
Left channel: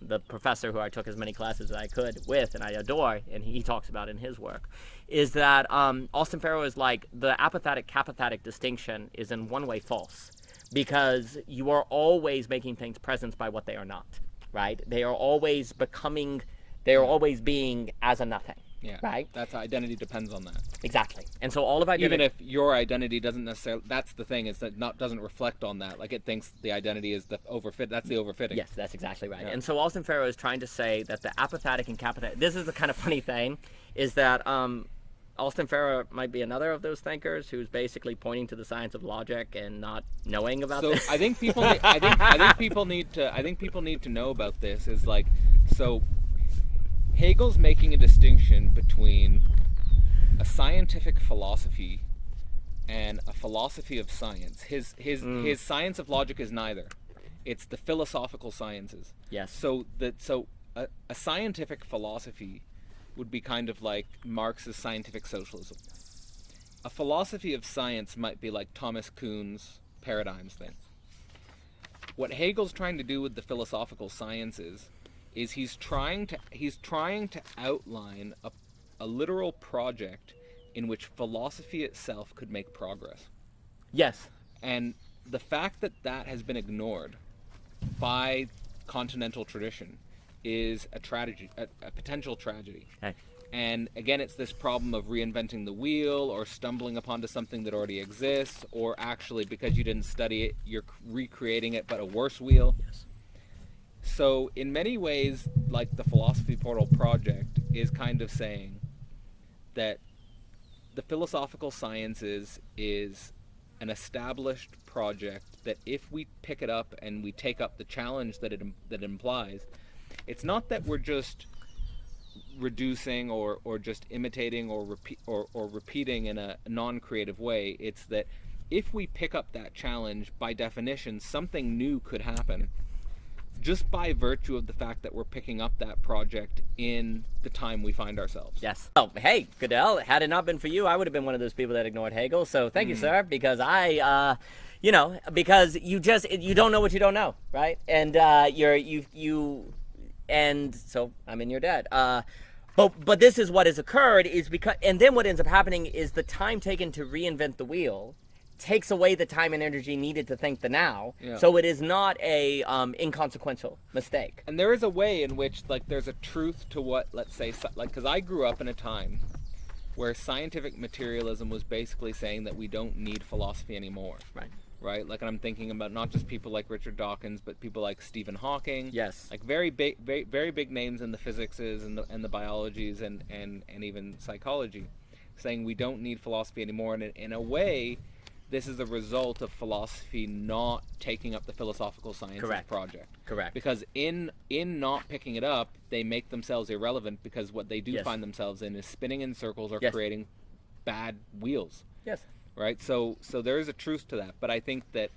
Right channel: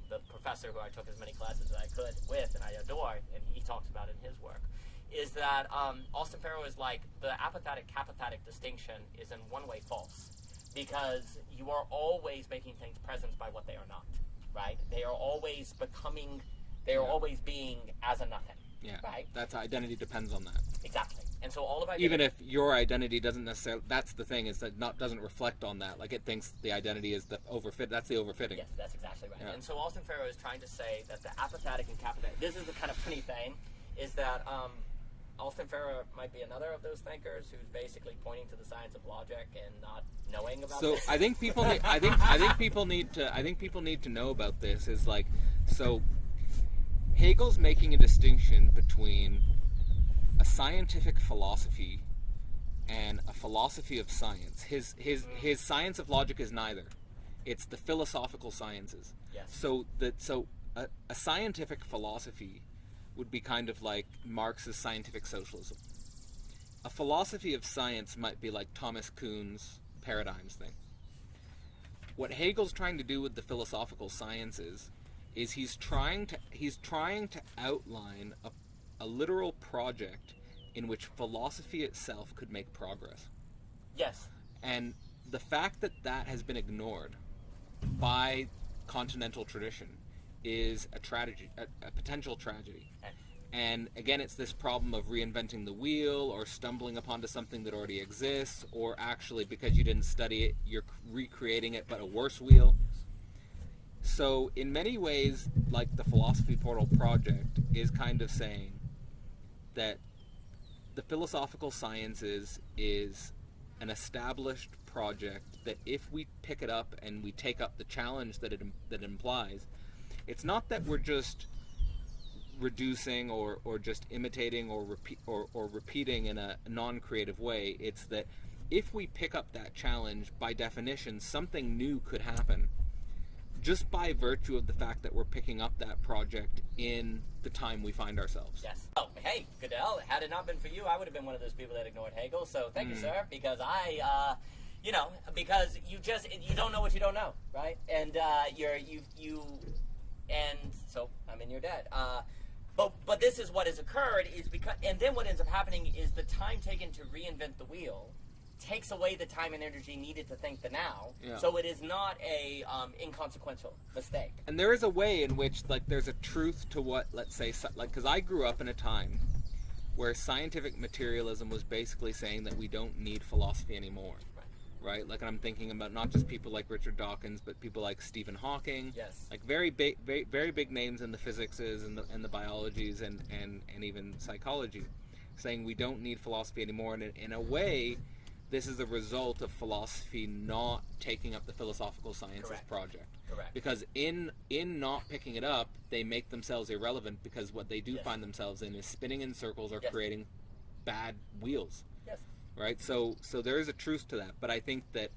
the professor who I took as many classes as I could with, and I adore, and he talks about in his work, is that Austin Farah is like, the apophatic-capathetic distinction is in one way false, because you are always making things present by what they are not, right? They are always becoming, they are always being as a nothing. Yeah. Right? That's identity depends on that. Exactly. And so all of identity... Even if your identity doesn't necessarily... That's the thing, is that doesn't reflect on that. Like, it thinks the identity is the overfit. That's the overfitting. Yes, that's exactly right. Yeah. And so Austin Farah is trying to say that the apophatic and capathetic... This is the kind of funny thing, is that Austin Farrer might be another of those thinkers who's basically pointing to the science of logic and not knowing about So this. I think people need, I think people need to know about this is like, so Hegel's making a distinction between a scientific philosophy and a philosophy of science. His science of logic is neither. It's the philosophical sciences. Yes. So a scientific philosophy would be kind of like Marx's scientific socialism. A philosophy of science might be like Thomas Kuhn's paradigms thing. What Hegel's trying to do with the philosophical sciences is he's trying to outline a literal project in which philosophy itself could make progress. Yes. And the fact that that has been ignored by continental tradition is a tragedy, a potential tragedy. Hey. And again, it's this problem of reinventing the wheel or stumbling upon to something that already exists, or actually because you didn't study it, you're recreating it but a worse wheel. Yes. So in many ways, like the Philosophy Portal project is kind of saying that the philosophical sciences is an established project that if we pick it up and we take up the challenge that it implies, it's not that we're just reducing or just imitating or repeating in a non-creative way. It's that if we pick up that challenge, by definition, something new could happen just by virtue of the fact that we're picking up that project in the time we find ourselves. Yes. Oh, hey, Goodell, had it not been for you, I would have been one of those people that ignored Hegel. So thank you, sir, because because you don't know what you don't know, right? And and so I'm in your debt. But this is what has occurred is because, and then what ends up happening is the time taken to reinvent the wheel takes away the time and energy needed to think the now. Yeah. So it is not a inconsequential mistake. And there is a way in which, like, there's a truth to what, let's say, like, because I grew up in a time where scientific materialism was basically saying that we don't need philosophy anymore. Right? Like, I'm thinking about not just people like Richard Dawkins, but people like Stephen Hawking. Yes. Like very big names in the physicses and the biologies and even psychology, saying we don't need philosophy anymore. And in a way, this is a result of philosophy not taking up the philosophical sciences project. Correct. Because in not picking it up, they make themselves irrelevant, because what they do find themselves in is spinning in circles or creating bad wheels. Yes. Right? So there is a truth to that. But I think that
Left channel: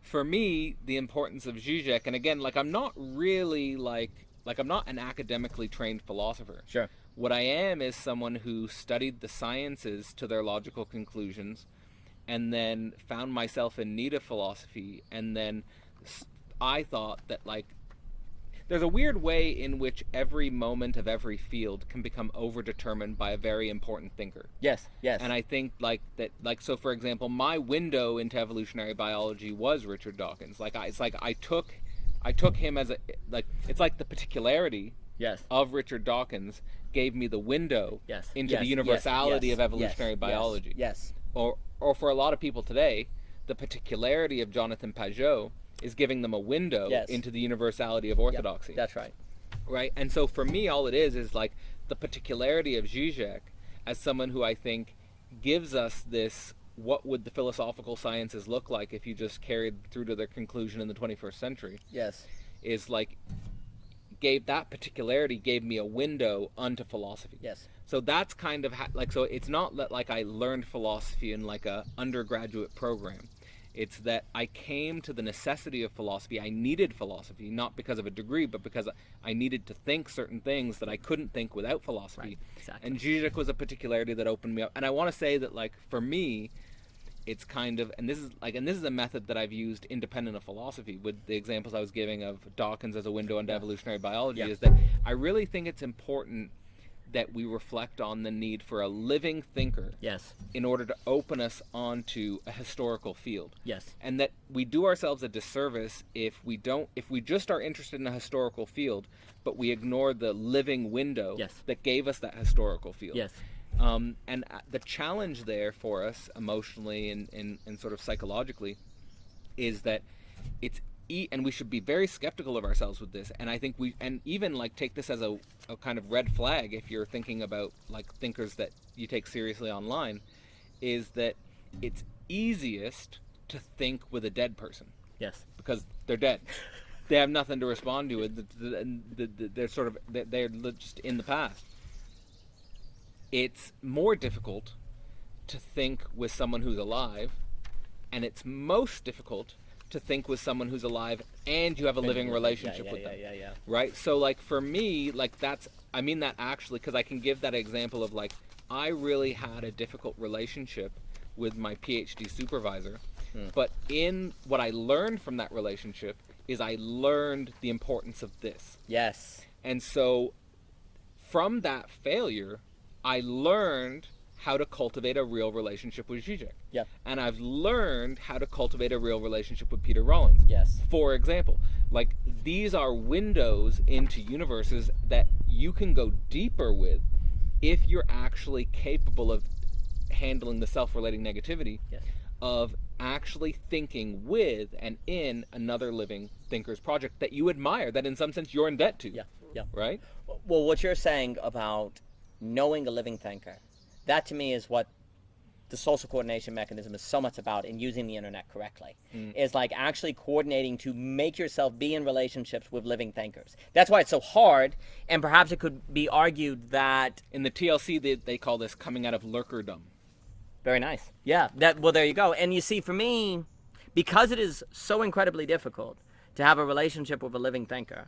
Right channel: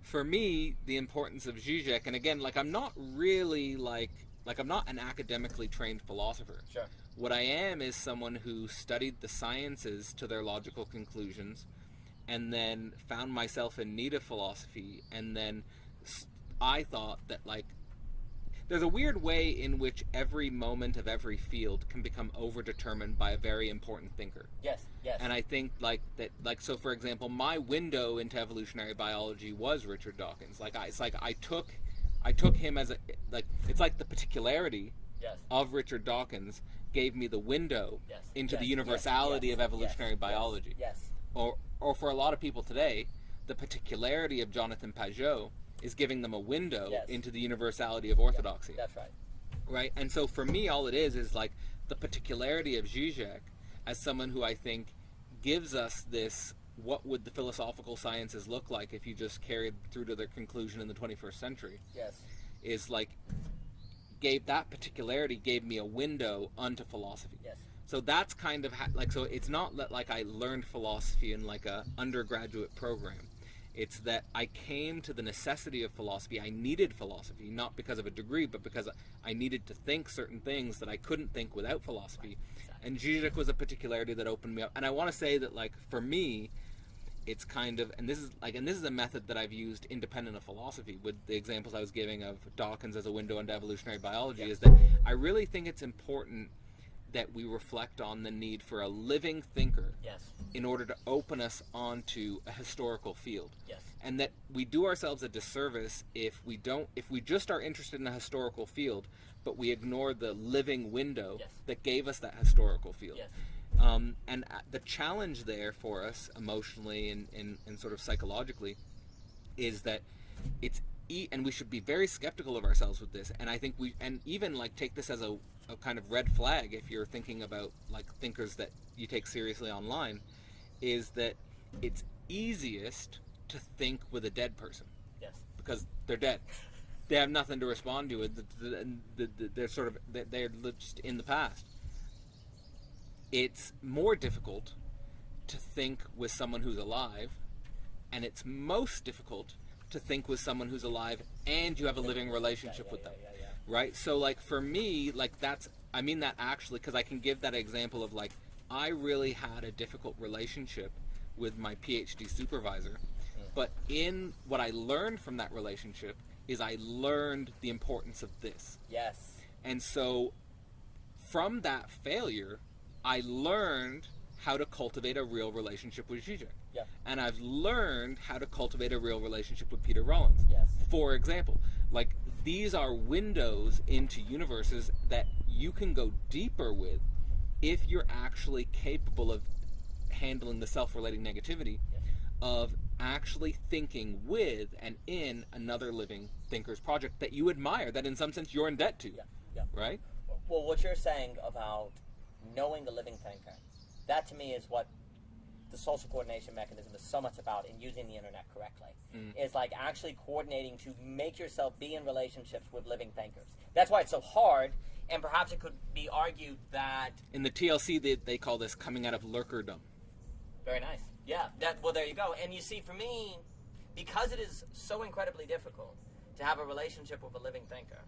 for me, the importance of Zizek, and again, like, I'm not really like I'm not an academically trained philosopher. Sure. What I am is someone who studied the sciences to their logical conclusions, and then found myself in need of philosophy, and then I thought that, like, there's a weird way in which every moment of every field can become overdetermined by a very important thinker. Yes. And I think, like, that, like, so for example, my window into evolutionary biology was Richard Dawkins. Like, I took him as it's like the particularity of Richard Dawkins gave me the window into the universality of evolutionary biology. Yes. Or for a lot of people today, the particularity of Jonathan Pajot is giving them a window into the universality of orthodoxy. That's right. Right? And so for me, all it is like the particularity of Zizek as someone who I think gives us this, what would the philosophical sciences look like if you just carried through to their conclusion in the 21st century? Yes. Is like, that particularity gave me a window onto philosophy. Yes. So that's kind of so it's not that, like, I learned philosophy in like a undergraduate program. It's that I came to the necessity of philosophy. I needed philosophy, not because of a degree, but because I needed to think certain things that I couldn't think without philosophy. Right. Exactly. And Zizek was a particularity that opened me up. And I want to say that, like, for me, it's kind of, and this is a method that I've used independent of philosophy, with the examples I was giving of Dawkins as a window into evolutionary biology, is that I really think it's important that we reflect on the need for a living thinker in order to open us onto a historical field. Yes. And that we do ourselves a disservice if we just are interested in a historical field, but we ignore the living window that gave us that historical field. Yes. And the challenge there for us emotionally and sort of psychologically is that and we should be very skeptical of ourselves with this. And I think and even like take this as a kind of red flag if you're thinking about like thinkers that you take seriously online, is that it's easiest to think with a dead person. Yes. Because they're dead. They have nothing to respond to. They're sort of, they're just in the past. It's more difficult to think with someone who's alive, and it's most difficult to think with someone who's alive and you have a living relationship with them. Right? So like for me, like I mean that actually, because I can give that example of like, I really had a difficult relationship with my PhD supervisor, but in what I learned from that relationship is I learned the importance of this. Yes. And so from that failure, I learned how to cultivate a real relationship with Zizek. Yeah. And I've learned how to cultivate a real relationship with Peter Rollins. Yes. For example, like these are windows into universes that you can go deeper with if you're actually capable of handling the self-relating negativity, yes, of actually thinking with and in another living thinker's project that you admire, that in some sense you're in debt to. Yeah. Yeah. Right? Well, what you're saying about knowing a living thinker, that to me is what the social coordination mechanism is so much about in using the internet correctly. Is like actually coordinating to make yourself be in relationships with living thinkers. That's why it's so hard, and perhaps it could be argued that in the TLC they call this coming out of lurkerdom. Very nice. Yeah. Well, there you go. And you see, for me, because it is so incredibly difficult to have a relationship with a living thinker,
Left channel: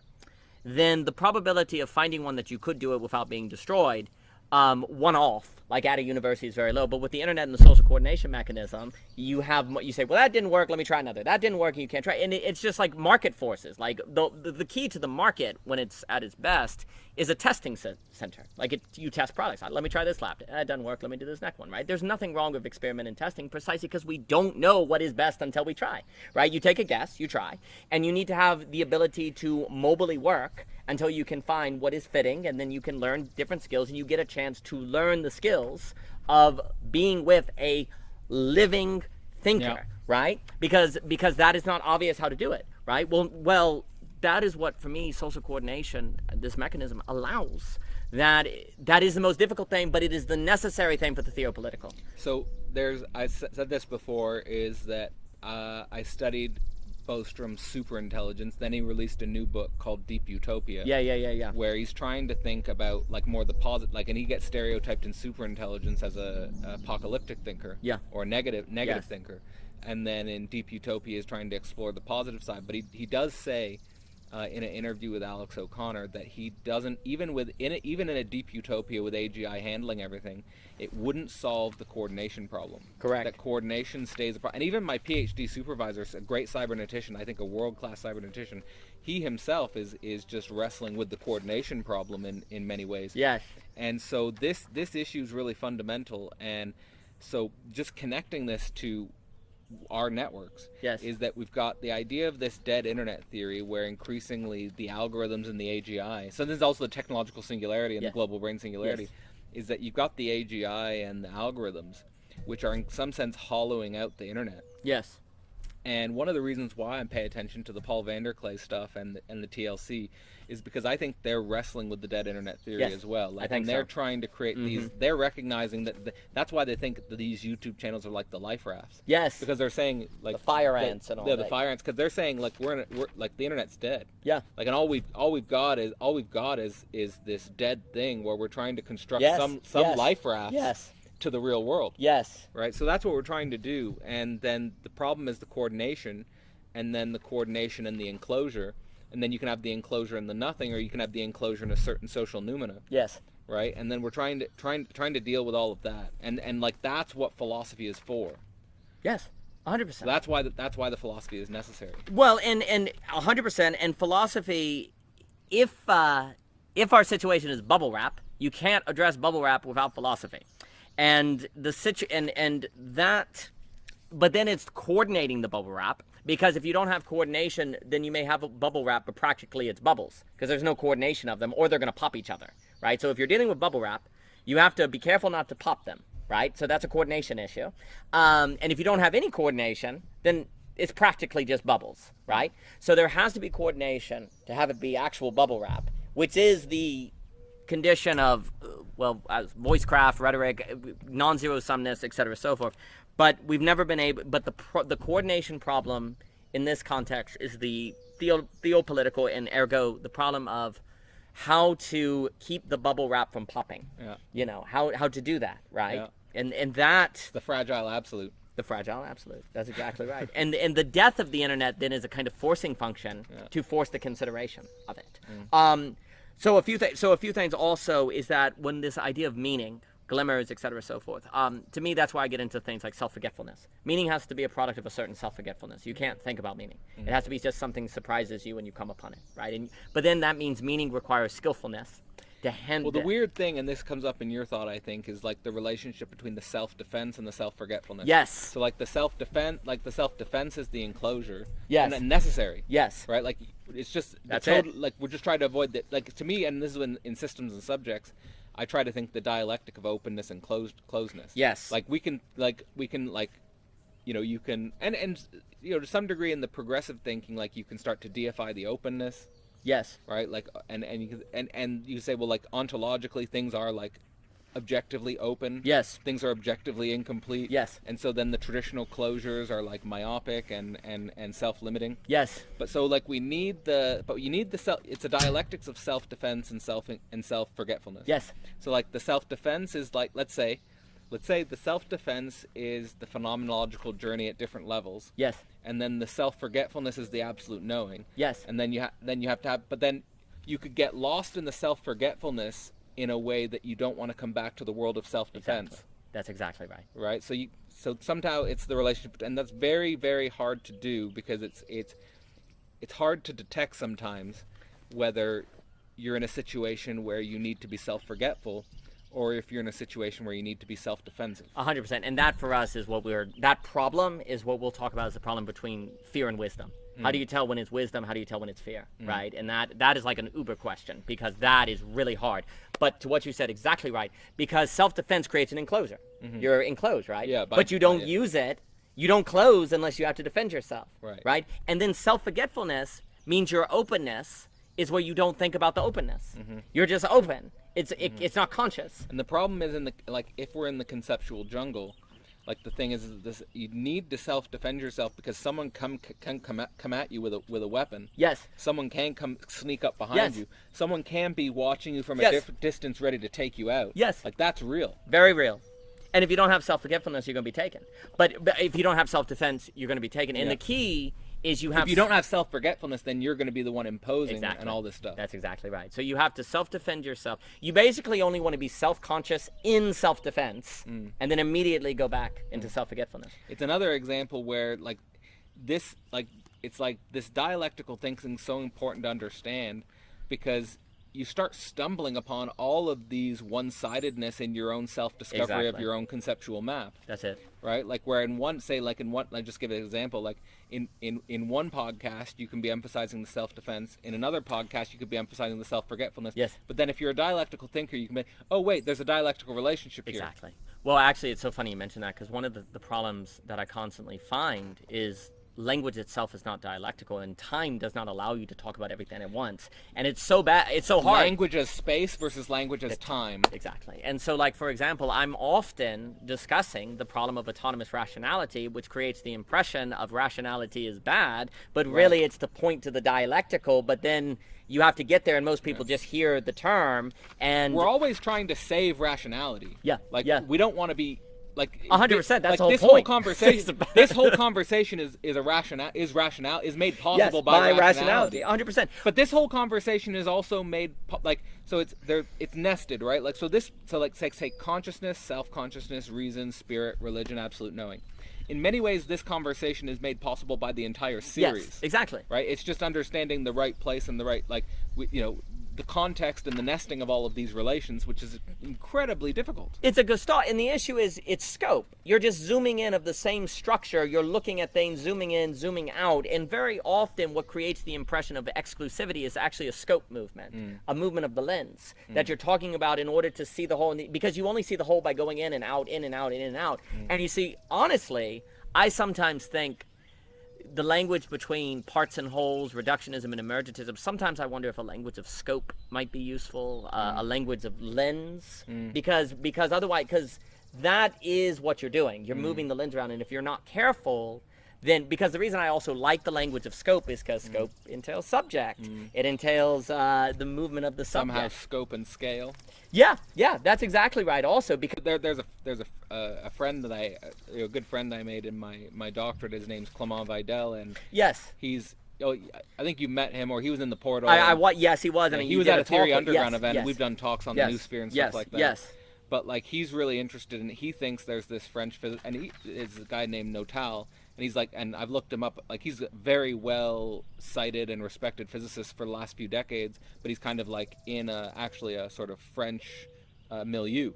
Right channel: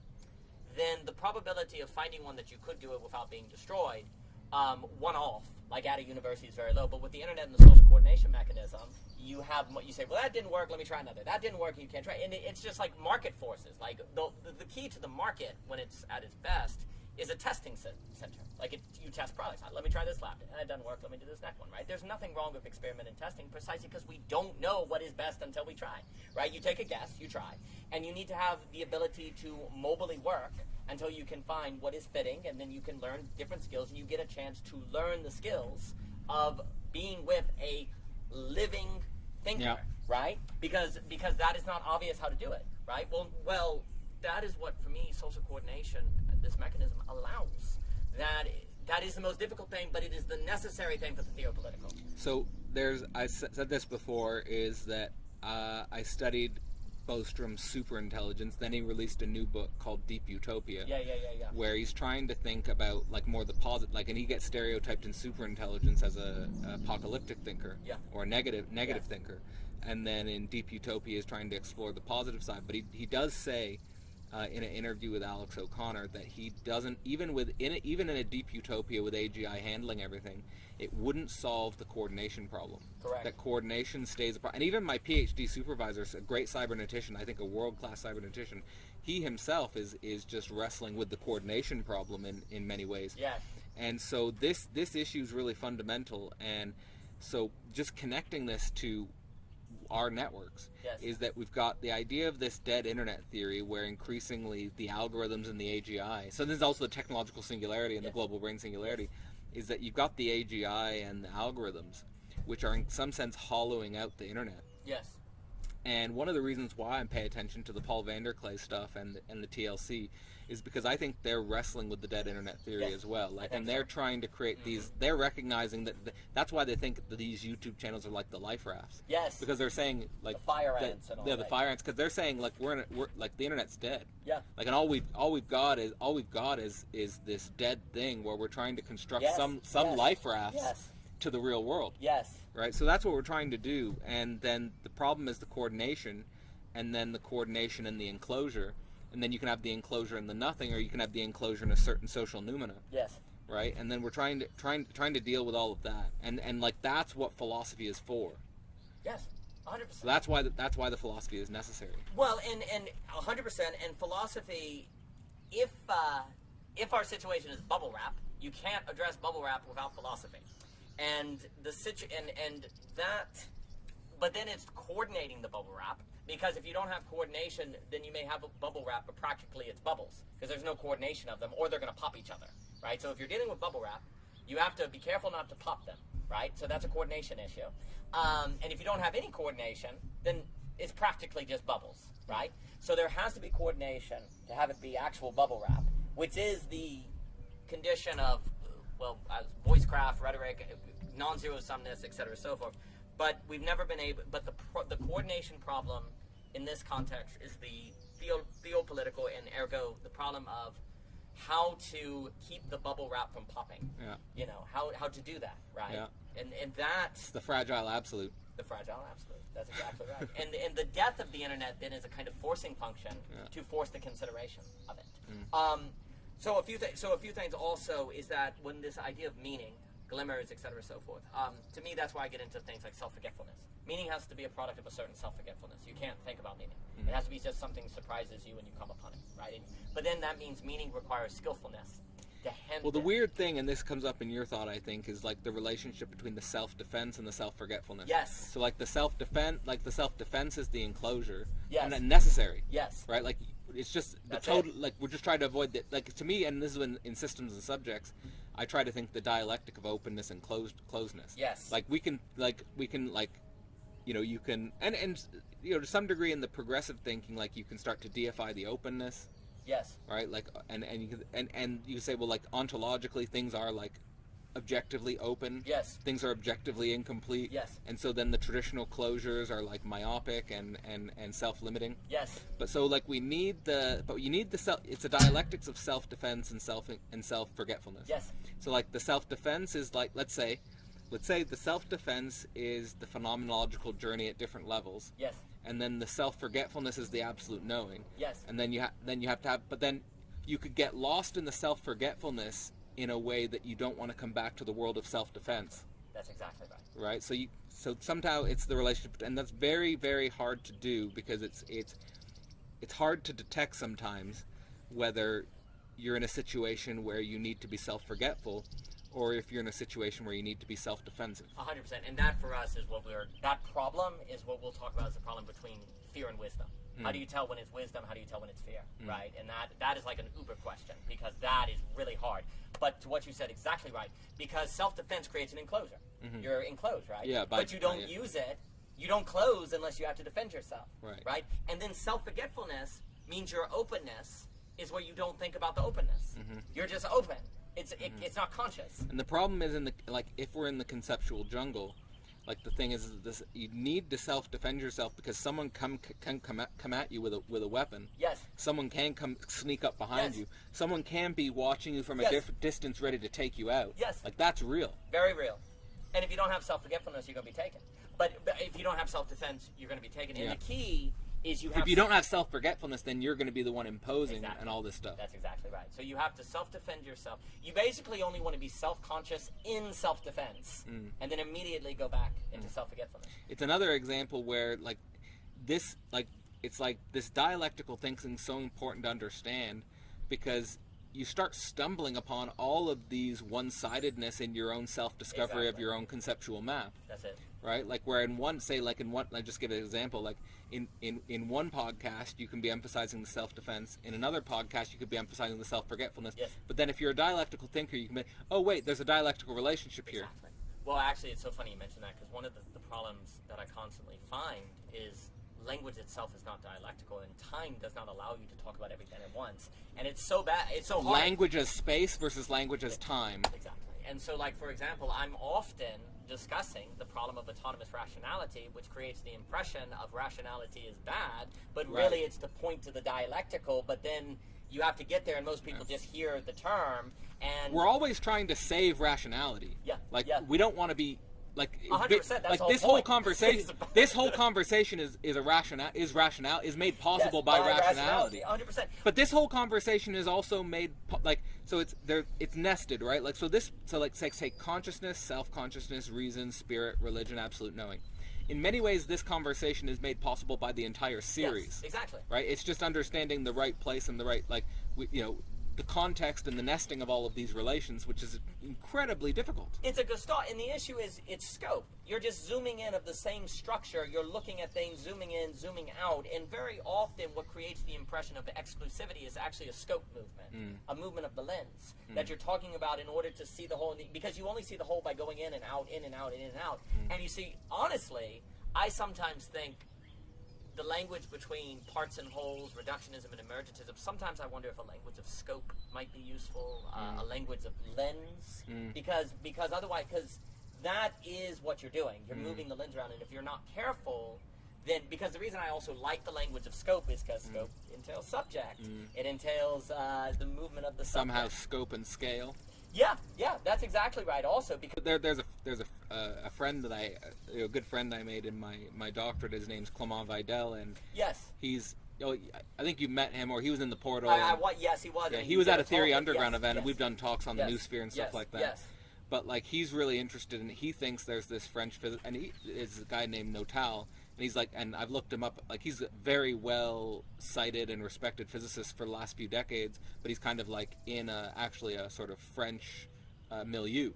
then the probability of finding one that you could do it without being destroyed, one off, like at a university, is very low. But with the internet and the social coordination mechanism, you say, well, that didn't work, let me try another. That didn't work, and you can't try. And it's just like market forces. Like the key to the market when it's at its best is a testing center. Like you test products. Let me try this lab. It doesn't work. Let me do this next one, right? There's nothing wrong with experiment and testing precisely because we don't know what is best until we try, right? You take a guess, you try, and you need to have the ability to mobily work until you can find what is fitting, and then you can learn different skills, and you get a chance to learn the skills of being with a living thinker, right? Because that is not obvious how to do it, right? Well, that is what, for me, social coordination, this mechanism allows. That is the most difficult thing, but it is the necessary thing for the theopolitical. So I said this before, is that I studied Bostrom's superintelligence. Then he released a new book called Deep Utopia. Yeah. Where he's trying to think about like more the positive, like, and he gets stereotyped in superintelligence as a apocalyptic thinker, or negative thinker, and then in Deep Utopia is trying to explore the positive side. But he does say in an interview with Alex O'Connor that he doesn't, even in a Deep Utopia with AGI handling everything, it wouldn't solve the coordination problem. Correct. That coordination stays apart. And even my PhD supervisor, a great cybernetician, I think a world-class cybernetician, he himself is just wrestling with the coordination problem in many ways. Yes. And so this issue is really fundamental. And so just connecting this to our networks is that we've got the idea of this dead internet theory where increasingly the algorithms and the AGI, so there's also the technological singularity and the global brain singularity, is that you've got the AGI and the algorithms which are in some sense hollowing out the internet. Yes. And one of the reasons why I pay attention to the Paul Vanderklay stuff and the TLC is because I think they're wrestling with the dead internet theory as well. Like, and they're trying to create these. They're recognizing that that's why they think that these YouTube channels are like the life rafts. Yes. Because they're saying like the fire ants and all that. The fire ants, because they're saying like we're like the internet's dead. Yeah. Like, and all we've got is this dead thing where we're trying to construct some life rafts. Yes. To the real world. Yes. Right? So that's what we're trying to do. And then the problem is the coordination, and then the coordination and the enclosure. And then you can have the enclosure and the nothing, or you can have the enclosure and a certain social noumena. Yes. Right? And then we're trying to deal with all of that. And like that's what philosophy is for. Yes. 100%. So that's why the philosophy is necessary. Well, and 100%, and philosophy, if our situation is bubble wrap, you can't address bubble wrap without philosophy. And but then it's coordinating the bubble wrap, because if you don't have coordination, then you may have a bubble wrap, but practically it's bubbles, because there's no coordination of them, or they're going to pop each other, right? So if you're dealing with bubble wrap, you have to be careful not to pop them, right? So that's a coordination issue. And if you don't have any coordination, then it's practically just bubbles, right? So there has to be coordination to have it be actual bubble wrap, which is the condition of, voicecraft, rhetoric, non-zero sumness, etc., so forth. But we've never been able. But the coordination problem in this context is the theopolitical, and ergo the problem of how to keep the bubble wrap from popping. Yeah. You know, how to do that, right? Yeah. And that's the fragile absolute. the fragile absolute. That's exactly right. And the death of the internet then is a kind of forcing function to force the consideration of it. So a few things also is that when this idea of meaning, glimmers, etc., so forth. To me, that's why I get into things like self-forgetfulness. Meaning has to be a product of a certain self-forgetfulness. You can't think about meaning. It has to be just something surprises you when you come upon it, right? But then that means meaning requires skillfulness to handle. Well, the weird thing, and this comes up in your thought, I think, is like the relationship between the self-defense and the self-forgetfulness. Yes. So like the self-defense is the enclosure. Yes. And necessary. Yes. Right? Like it's just That's total, it. like we're just trying to avoid that. Like to me, and this is in systems and subjects, I try to think the dialectic of openness and closeness. Yes. Like we can you can and to some degree in the progressive thinking, like you can start to deify the openness. Yes. Right, like and you say, well, like ontologically things are like objectively open. Yes. Things are objectively incomplete. Yes. And so then the traditional closures are like myopic and self-limiting. Yes. But so like you need the self. It's a dialectics of self-defense and self-forgetfulness. Yes. So like the self-defense is like let's say the self-defense is the phenomenological journey at different levels. Yes. And then the self-forgetfulness is the absolute knowing. Yes. And then you have to have, but then you could get lost in the self-forgetfulness in a way that you don't want to come back to the world of self-defense. Exactly. That's exactly right. Right. So somehow it's the relationship, and that's very, very hard to do because it's hard to detect sometimes whether you're in a situation where you need to be self-forgetful, or if you're in a situation where you need to be self-defensive. 100%. And that for us is that problem is what we'll talk about as the problem between fear and wisdom. How do you tell when it's wisdom? How do you tell when it's fear, right? And that is like an uber question because that is really hard. But to what you said, exactly right, because self-defense creates an enclosure. You're enclosed, right? Yeah. But you don't use it. You don't close unless you have to defend yourself, right? And then self-forgetfulness means your openness is where you don't think about the openness. You're just open. It's not conscious. And the problem is if we're in the conceptual jungle, like the thing is this: you need to self-defend yourself because someone can come at you with a weapon. Yes. Someone can come sneak up behind Yes. you. Someone can be watching you from a different distance, ready to take you out. Yes. Like that's real. Very real. And if you don't have self-forgetfulness, you're going to be taken. But if you don't have self-defense, you're going to be taken. And the key is if you don't have self-forgetfulness, then you're going to be the one imposing and all this stuff. That's exactly right. So you have to self-defend yourself. You basically only want to be self-conscious in self-defense and then immediately go back into self-forgetfulness. It's another example where this dialectical thinking is so important to understand because you start stumbling upon all of these one-sidedness in your own self-discovery of your own conceptual map. That's it. Right? Like where I just give an example, like in one podcast you can be emphasizing the self-defense, in another podcast you could be emphasizing the self-forgetfulness. Yes. But then if you're a dialectical thinker, you can be, oh wait, there's a dialectical relationship here. Exactly. Well, actually, it's so funny you mention that because one of the problems that I constantly find is language itself is not dialectical, and time does not allow you to talk about everything at once. And it's so bad. It's so hard. Language as space versus language as time. Exactly. And so, like, for example, I'm often discussing the problem of autonomous rationality, which creates the impression of rationality is bad, but really it's to point to the dialectical, but then you have to get there, and most people just hear the term, and we're always trying to save rationality. Yeah. We don't want to be like 100%. That's like the whole this point. whole conversation. This whole conversation is made possible by rationality. 100%. But this whole conversation is also made it's nested, right? Like say consciousness, self-consciousness, reason, spirit, religion, absolute knowing. In many ways, this conversation is made possible by the entire series. Yes, exactly. Right? It's just understanding the right place and the right the context and the nesting of all of these relations, which is incredibly difficult. It's a gestalt, and the issue is its scope. You're just zooming in of the same structure. You're looking at things, zooming in, zooming out, and very often what creates the impression of exclusivity is actually a scope movement, a movement of the lens that you're talking about in order to see the whole, because you only see the whole by going in and out, in and out, in and out. And you see, honestly, I sometimes think the language between parts and wholes, reductionism and emergentism, sometimes I wonder if a language of scope might be useful, a language of lens, because otherwise, because that is what you're doing. You're moving the lens around, and if you're not careful, then, because the reason I also like the language of scope is because scope entails subject. It entails the movement of the subject. Somehow scope and scale. Yeah, that's exactly right. Also, because There's a friend that a good friend I made in my doctorate. His name's Clement Vidal, and yes, he's. Oh, I think you met him, or he was in the Portal. Yes, he was. Yeah, I mean, he was at a Theory talk, Underground yes, event, yes, and we've done talks on the Noosphere and stuff like that. Yes. But like, he's really interested in. He thinks there's this French and he is a guy named Notal, and he's like, and I've looked him up. Like, he's a very well cited and respected physicist for the last few decades, but he's kind of like in actually a sort of French milieu.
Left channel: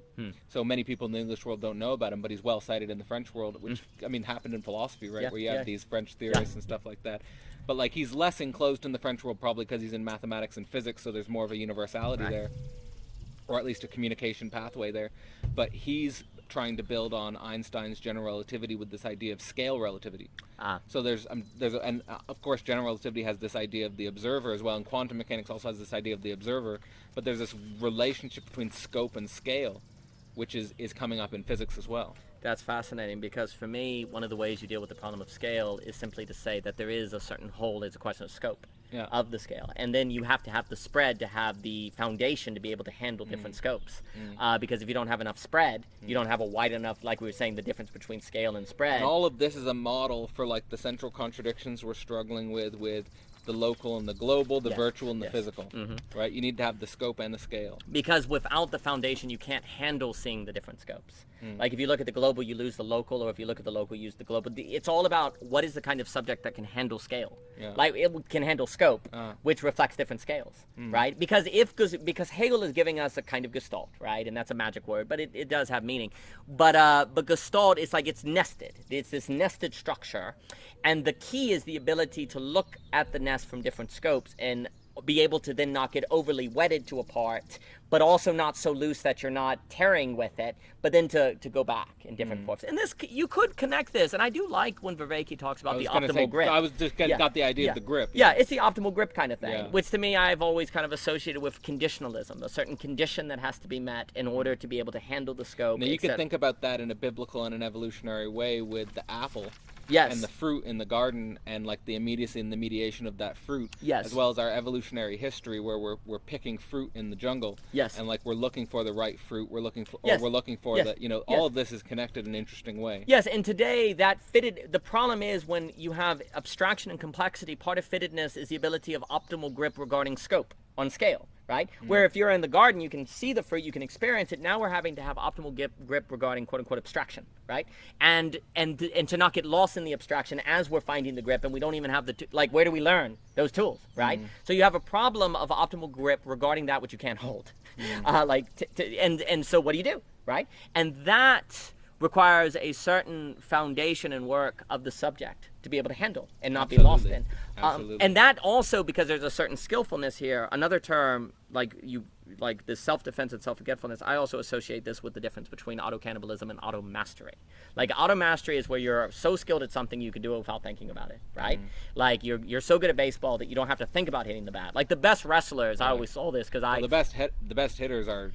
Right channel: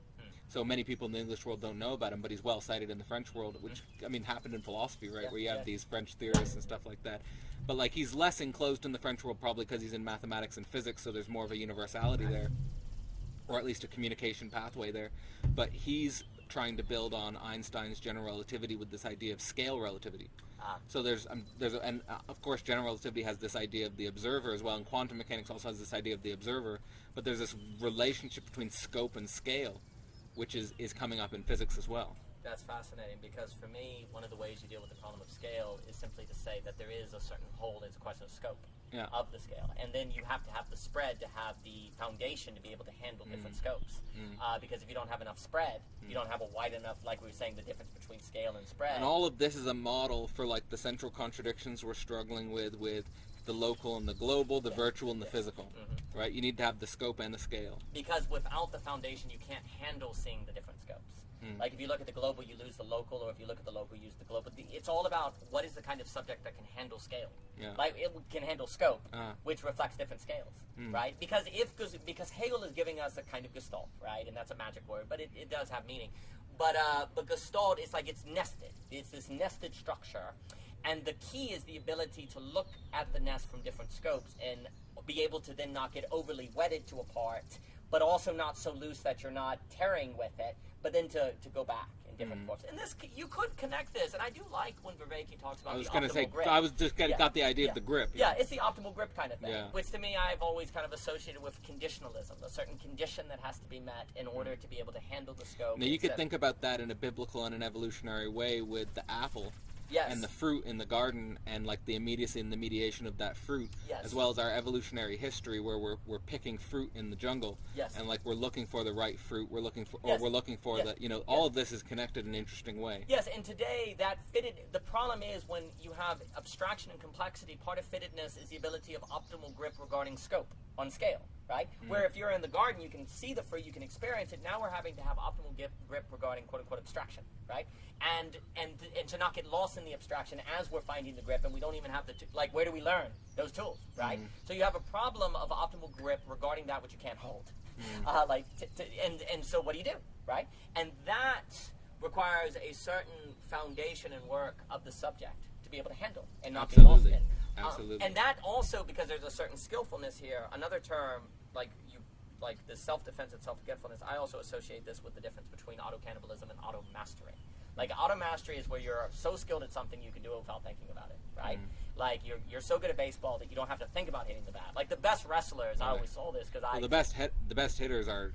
So many people in the English world don't know about him, but he's well cited in the French world, which I mean happened in philosophy, right? Where you have these French theorists and stuff like that. But like, he's less enclosed in the French world, probably because he's in mathematics and physics, so there's more of a universality there, or at least a communication pathway there. But he's trying to build on Einstein's general relativity with this idea of scale relativity. So and of course general relativity has this idea of the observer as well, and quantum mechanics also has this idea of the observer. But there's this relationship between scope and scale, which is coming up in physics as well. That's fascinating, because for me, one of the ways you deal with the problem of scale is simply to say that there is a certain whole. It's a question of scope of the scale, and then you have to have the spread to have the foundation to be able to handle different scopes. Because if you don't have enough spread, you don't have a wide enough, like we were saying, the difference between scale and spread. And all of this is a model for like the central contradictions we're struggling with the local and the global, the virtual and the physical, right? You need to have the scope and the scale. Because without the foundation, you can't handle seeing the different scopes. Like, if you look at the global, you lose the local, or if you look at the local, you use the global. It's all about what is the kind of subject that can handle scale. Like, it can handle scope, which reflects different scales, right? Because Hegel is giving us a kind of gestalt, right? And that's a magic word, but it does have meaning. But gestalt is like, it's nested. It's this nested structure. And the key is the ability to look at the nest from different scopes and be able to then not get overly wedded to a part, but also not so loose that you're not tearing with it, but then to go back in different forms. And this, you could connect this, and I do like when Vervaeke talks about the optimal grip. I was just got the idea of the grip. Yeah, it's the optimal grip kind of thing, which to me I've always kind of associated with conditionalism, a certain condition that has to be met in order to be able to handle the scope. Now you could think about that in a biblical and an evolutionary way with the apple. Yes. And the fruit in the garden, and like the immediacy and the mediation of that fruit, yes, as well as our evolutionary history where we're picking fruit in the jungle, yes, and like we're looking for the right fruit, we're looking for, yes, or we're looking for yes, the, all of this is connected in an interesting way. Yes, and today that fitted, the problem is when you have abstraction and complexity, part of fittedness is the ability of optimal grip regarding scope on scale, right? Where if you're in the garden, you can see the fruit, you can experience it. Now we're having to have optimal grip regarding quote unquote abstraction, right? And to not get lost in the abstraction as we're finding the grip, and we don't even have the, like, where do we learn those tools, right? So you have a problem of optimal grip regarding that which you can't hold. And so what do you do, right? And that requires a certain foundation and work of the subject to be able to handle and not be lost in. And that also, because there's a certain skillfulness here, another term like this self-defense and self-forgetfulness, I also associate this with the difference between auto-cannibalism and auto-mastery. Like, auto-mastery is where you're so skilled at something you can do it without thinking about it, right? Like, you're so good at baseball that you don't have to think about hitting the bat. Like, the best wrestlers, I always saw this because the best hitters are,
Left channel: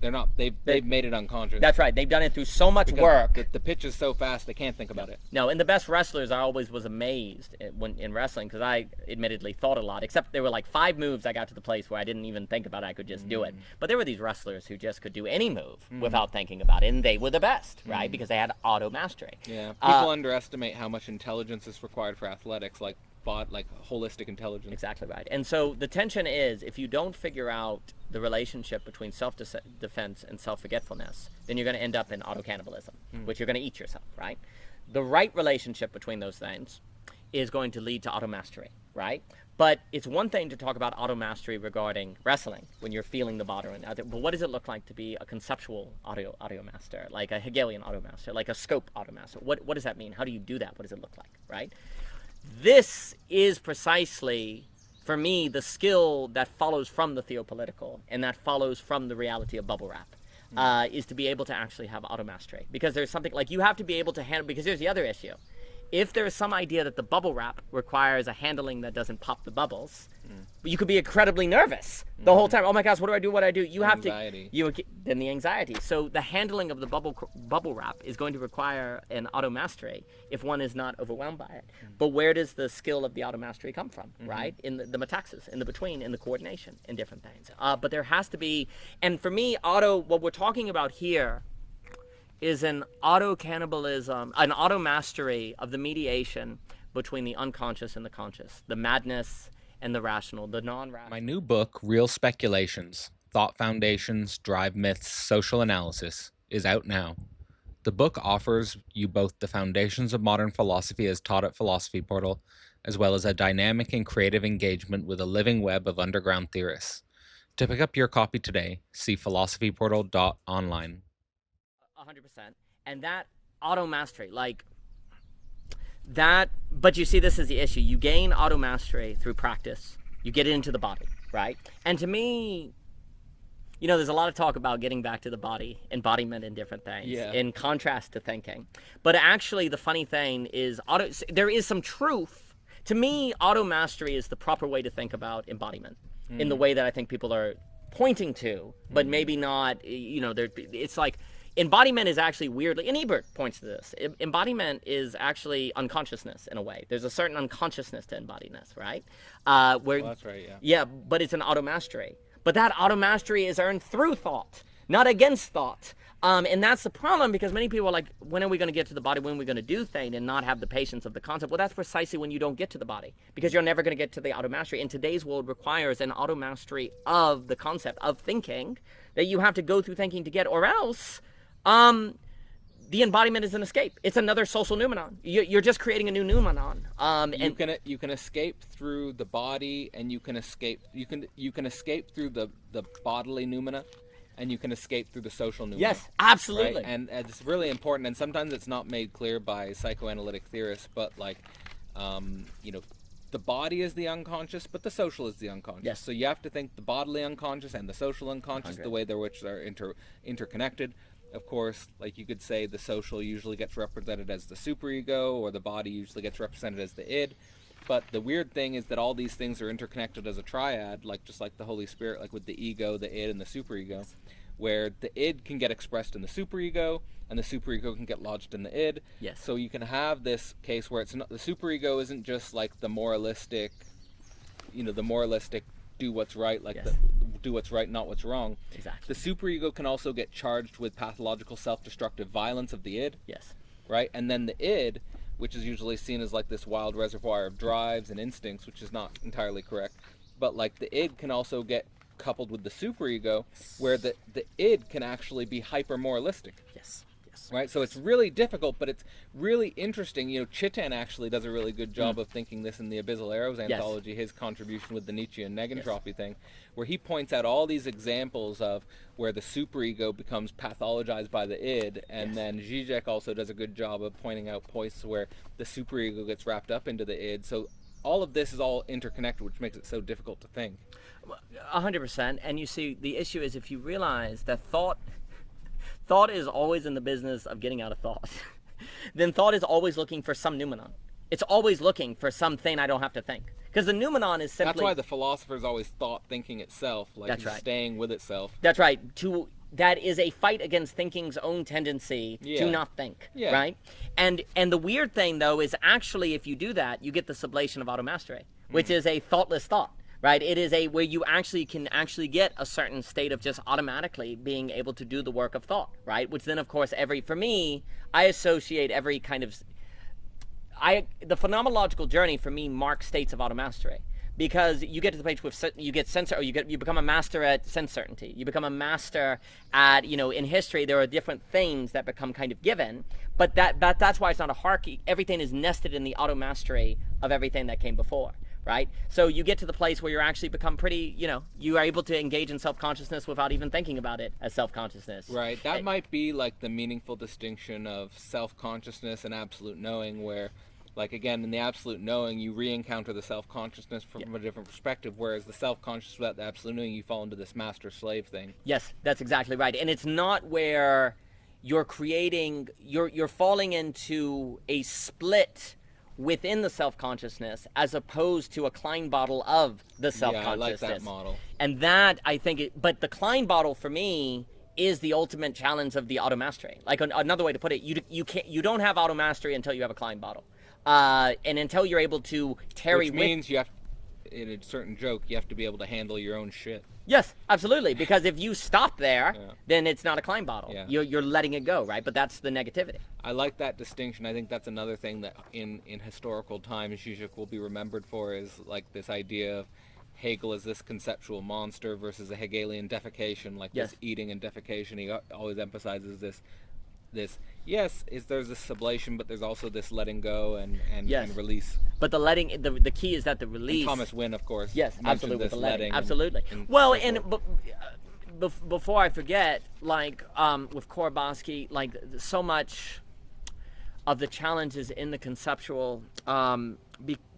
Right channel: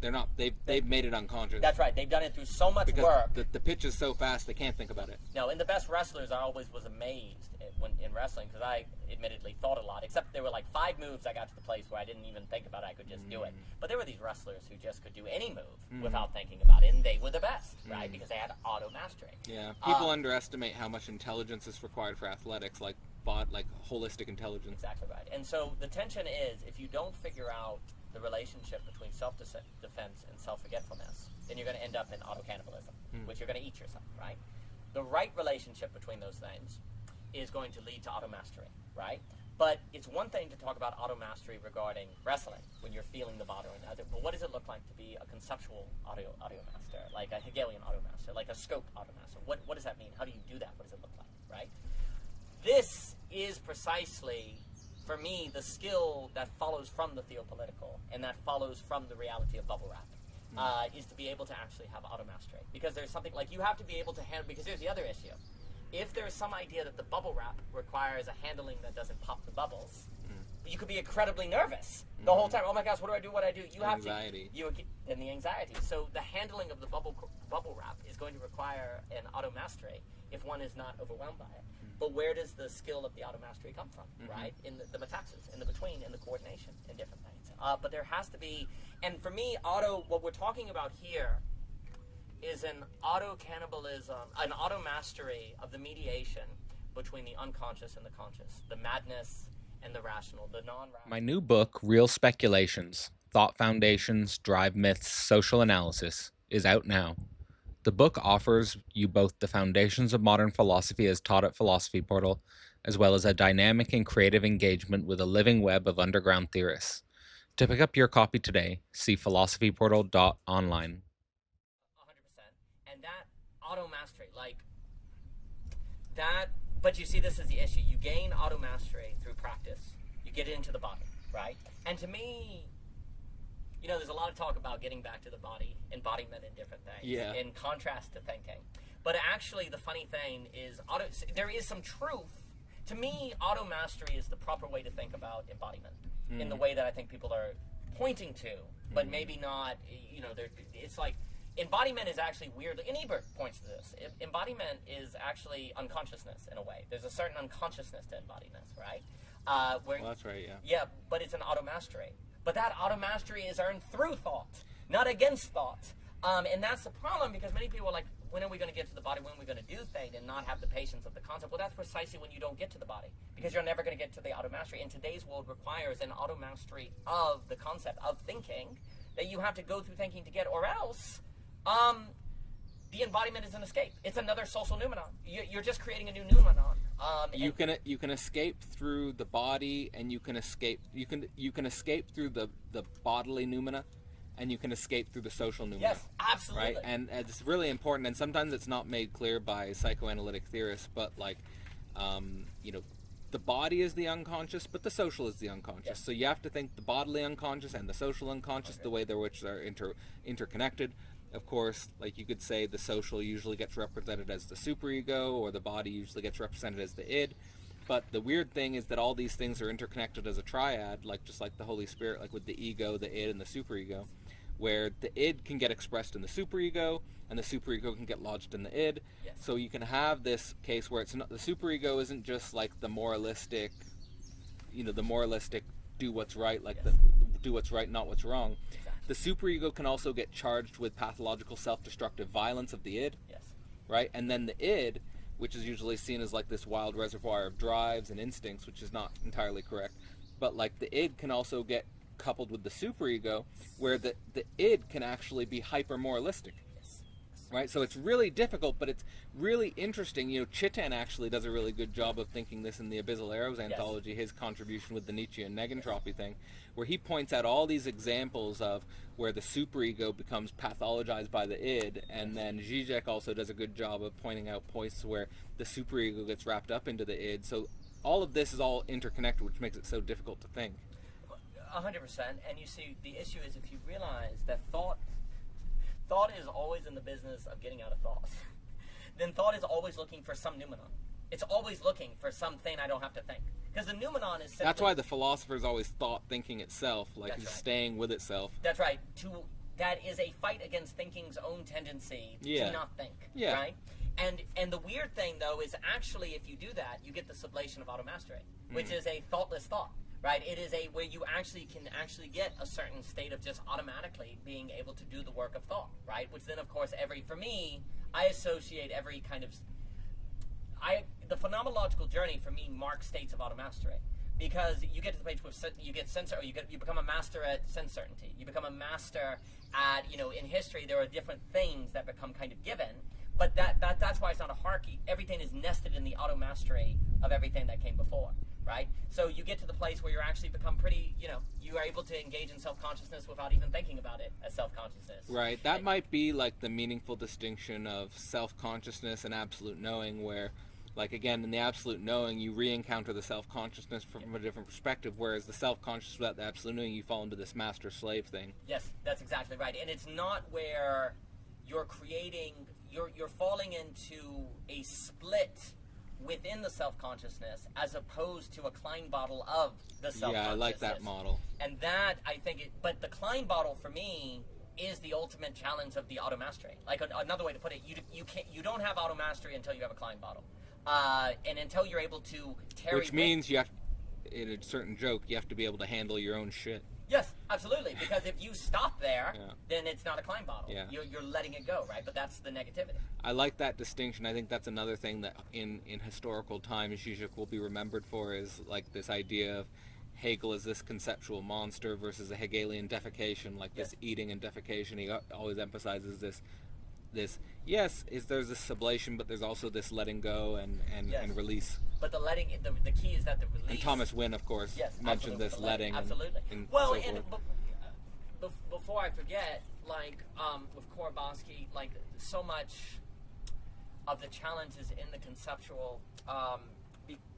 they're not, they've made it unconscious. That's right. They've done it through so much work. The pitch is so fast they can't think about it. No, and the best wrestlers, I always was amazed when in wrestling, because I admittedly thought a lot, except there were like 5 moves I got to the place where I didn't even think about it. I could just do it. But there were these wrestlers who just could do any move without thinking about it, and they were the best, right? Because they had auto mastery. Yeah, people underestimate how much intelligence is required for athletics, like holistic intelligence. Exactly right. And so the tension is, if you don't figure out the relationship between self-defense and self-forgetfulness, then you're going to end up in auto-cannibalism, which you're going to eat yourself, right? The right relationship between those things is going to lead to auto-mastery, right? But it's one thing to talk about auto-mastery regarding wrestling, when you're feeling the body. But what does it look like to be a conceptual auto-master, like a Hegelian auto-master, like a scope auto-master? What does that mean? How do you do that? What does it look like, right? This is precisely, for me, the skill that follows from the theopolitical and that follows from the reality of bubble wrap, is to be able to actually have auto-mastery. Because there's something, like, you have to be able to handle, because here's the other issue. if there is some idea that the bubble wrap requires a handling that doesn't pop the bubbles, you could be incredibly nervous the whole time. Oh my gosh, what do I do? What do I do? You have Anxiety. then the anxiety. So the handling of the bubble wrap is going to require an auto mastery if one is not overwhelmed by it. But where does the skill of the auto mastery come from? Right, in the metaxas, in the between, in the coordination, in different things. But there has to be, and for me, what we're talking about here is an auto cannibalism, an auto mastery of the mediation between the unconscious and the conscious, the madness and the rational, the non-rational. My new book, Real Speculations, Thought Foundations, Drive Myths, Social Analysis, is out now. The book offers you both the foundations of modern philosophy as taught at Philosophy Portal, as well as a dynamic and creative engagement with a living web of underground theorists. To pick up your copy today, see philosophyportal.online. 100%. And that auto mastery, like that, but you see, this is the issue. You gain auto mastery through practice. You get it into the body, right? And to me, there's a lot of talk about getting back to the body, embodiment and different things, in contrast to thinking. But actually, the funny thing is, there is some truth. To me, auto mastery is the proper way to think about embodiment in the way that I think people are pointing to, but maybe not, it's like, embodiment is actually weirdly, and Ebert points to this, embodiment is actually unconsciousness in a way. There's a certain unconsciousness to embodiedness, right? That's right, yeah. Yeah, but it's an auto mastery. But that auto mastery is earned through thought, not against thought. And that's the problem, because many people are like, when are we going to get to the body? When are we going to do things, and not have the patience of the concept? Well, that's precisely when you don't get to the body, because you're never going to get to the auto mastery. And today's world requires an auto mastery of the concept of thinking that you have to go through thinking to get, or else the embodiment is an escape. It's another social noumenon. You're just creating a new noumenon. You can escape through the body, and you can escape through the bodily noumena, and you can escape through the social noumena. Yes, absolutely. Right? And it's really important, and sometimes it's not made clear by psychoanalytic theorists, but the body is the unconscious, but the social is the unconscious. Yes. So you have to think the bodily unconscious and the social unconscious, the way which they're interconnected. Of course, like you could say, the social usually gets represented as the superego, or the body usually gets represented as the id. But the weird thing is that all these things are interconnected as a triad, just like the Holy Spirit, like with the ego, the id, and the superego, where the id can get expressed in the superego, and the superego can get lodged in the id. Yes. So you can have this case where it's not, the superego isn't just like the moralistic, do what's right, do what's right, not what's wrong. Exactly. The superego can also get charged with pathological self-destructive violence of the id. Yes. Right? And then the id, which is usually seen as like this wild reservoir of drives and instincts, which is not entirely correct. But like the id can also get coupled with the superego, where the id can actually be hyper-moralistic. Yes. Right? So it's really difficult, but it's really interesting. Chitan actually does a really good job of thinking this in the Abyssal Arrows anthology, his contribution with the Nietzschean negentropy thing, where he points out all these examples of where the superego becomes pathologized by the id, and then Zizek also does a good job of pointing out points where the superego gets wrapped up into the id. So all of this is all interconnected, which makes it so difficult to think. 100%. And you see, the issue is, if you realize that thought is always in the business of getting out of thought, then thought is always looking for some noumenon. It's always looking for something I don't have to think. Because the noumenon is simply... That's why the philosopher's always thought thinking itself, staying with itself. That's right. That is a fight against thinking's own tendency to not think, right? And the weird thing, though, is actually, if you do that, you get the sublation of automastery, which is a thoughtless thought. Right, it is where you can get a certain state of just automatically being able to do the work of thought, right? Which then, of course, for me, I associate every kind of, the phenomenological journey for me marks states of automastery, because you get to the place where you get sense, or you become a master at sense certainty. You become a master at, in history there are different things that become kind of given, but that's why it's not a hierarchy. Everything is nested in the automastery of everything that came before. Right? So you get to the place where you're actually become pretty, you are able to engage in self-consciousness without even thinking about it as self-consciousness. Right. That might be like the meaningful distinction of self-consciousness and absolute knowing, where, like, again, in the absolute knowing, you re-encounter the self-consciousness from a different perspective, whereas the self-conscious without the absolute knowing, you fall into this master-slave thing. Yes, that's exactly right. And it's not where you're falling into a split within the self-consciousness as opposed to a Klein bottle of the self-consciousness. Yeah, I like that model. And that, I think, but the Klein bottle for me is the ultimate challenge of the auto-mastery. Like another way to put it, you don't have auto-mastery until you have a Klein bottle. And until you're able to tarry Which means you have, in a certain joke, you have to be able to handle your own shit. Yes, absolutely. Because if you stop there, Yeah. then it's not a Klein bottle. Yeah. You're letting it go, right? But that's the negativity. I like that distinction. I think that's another thing that in historical times Zizek will be remembered for, is like this idea of Hegel as this conceptual monster versus a Hegelian defecation, like Yes. this eating and defecation. He always emphasizes this yes, there's this sublation, but there's also this letting go and Yes. release. But the letting, the key is that the release. And Thomas Wynne, of course, Yes, mentioned absolutely. this The letting. letting. Absolutely. And Well, so and forth. before I forget, like with Korbowski, like so much of the challenges in the conceptual,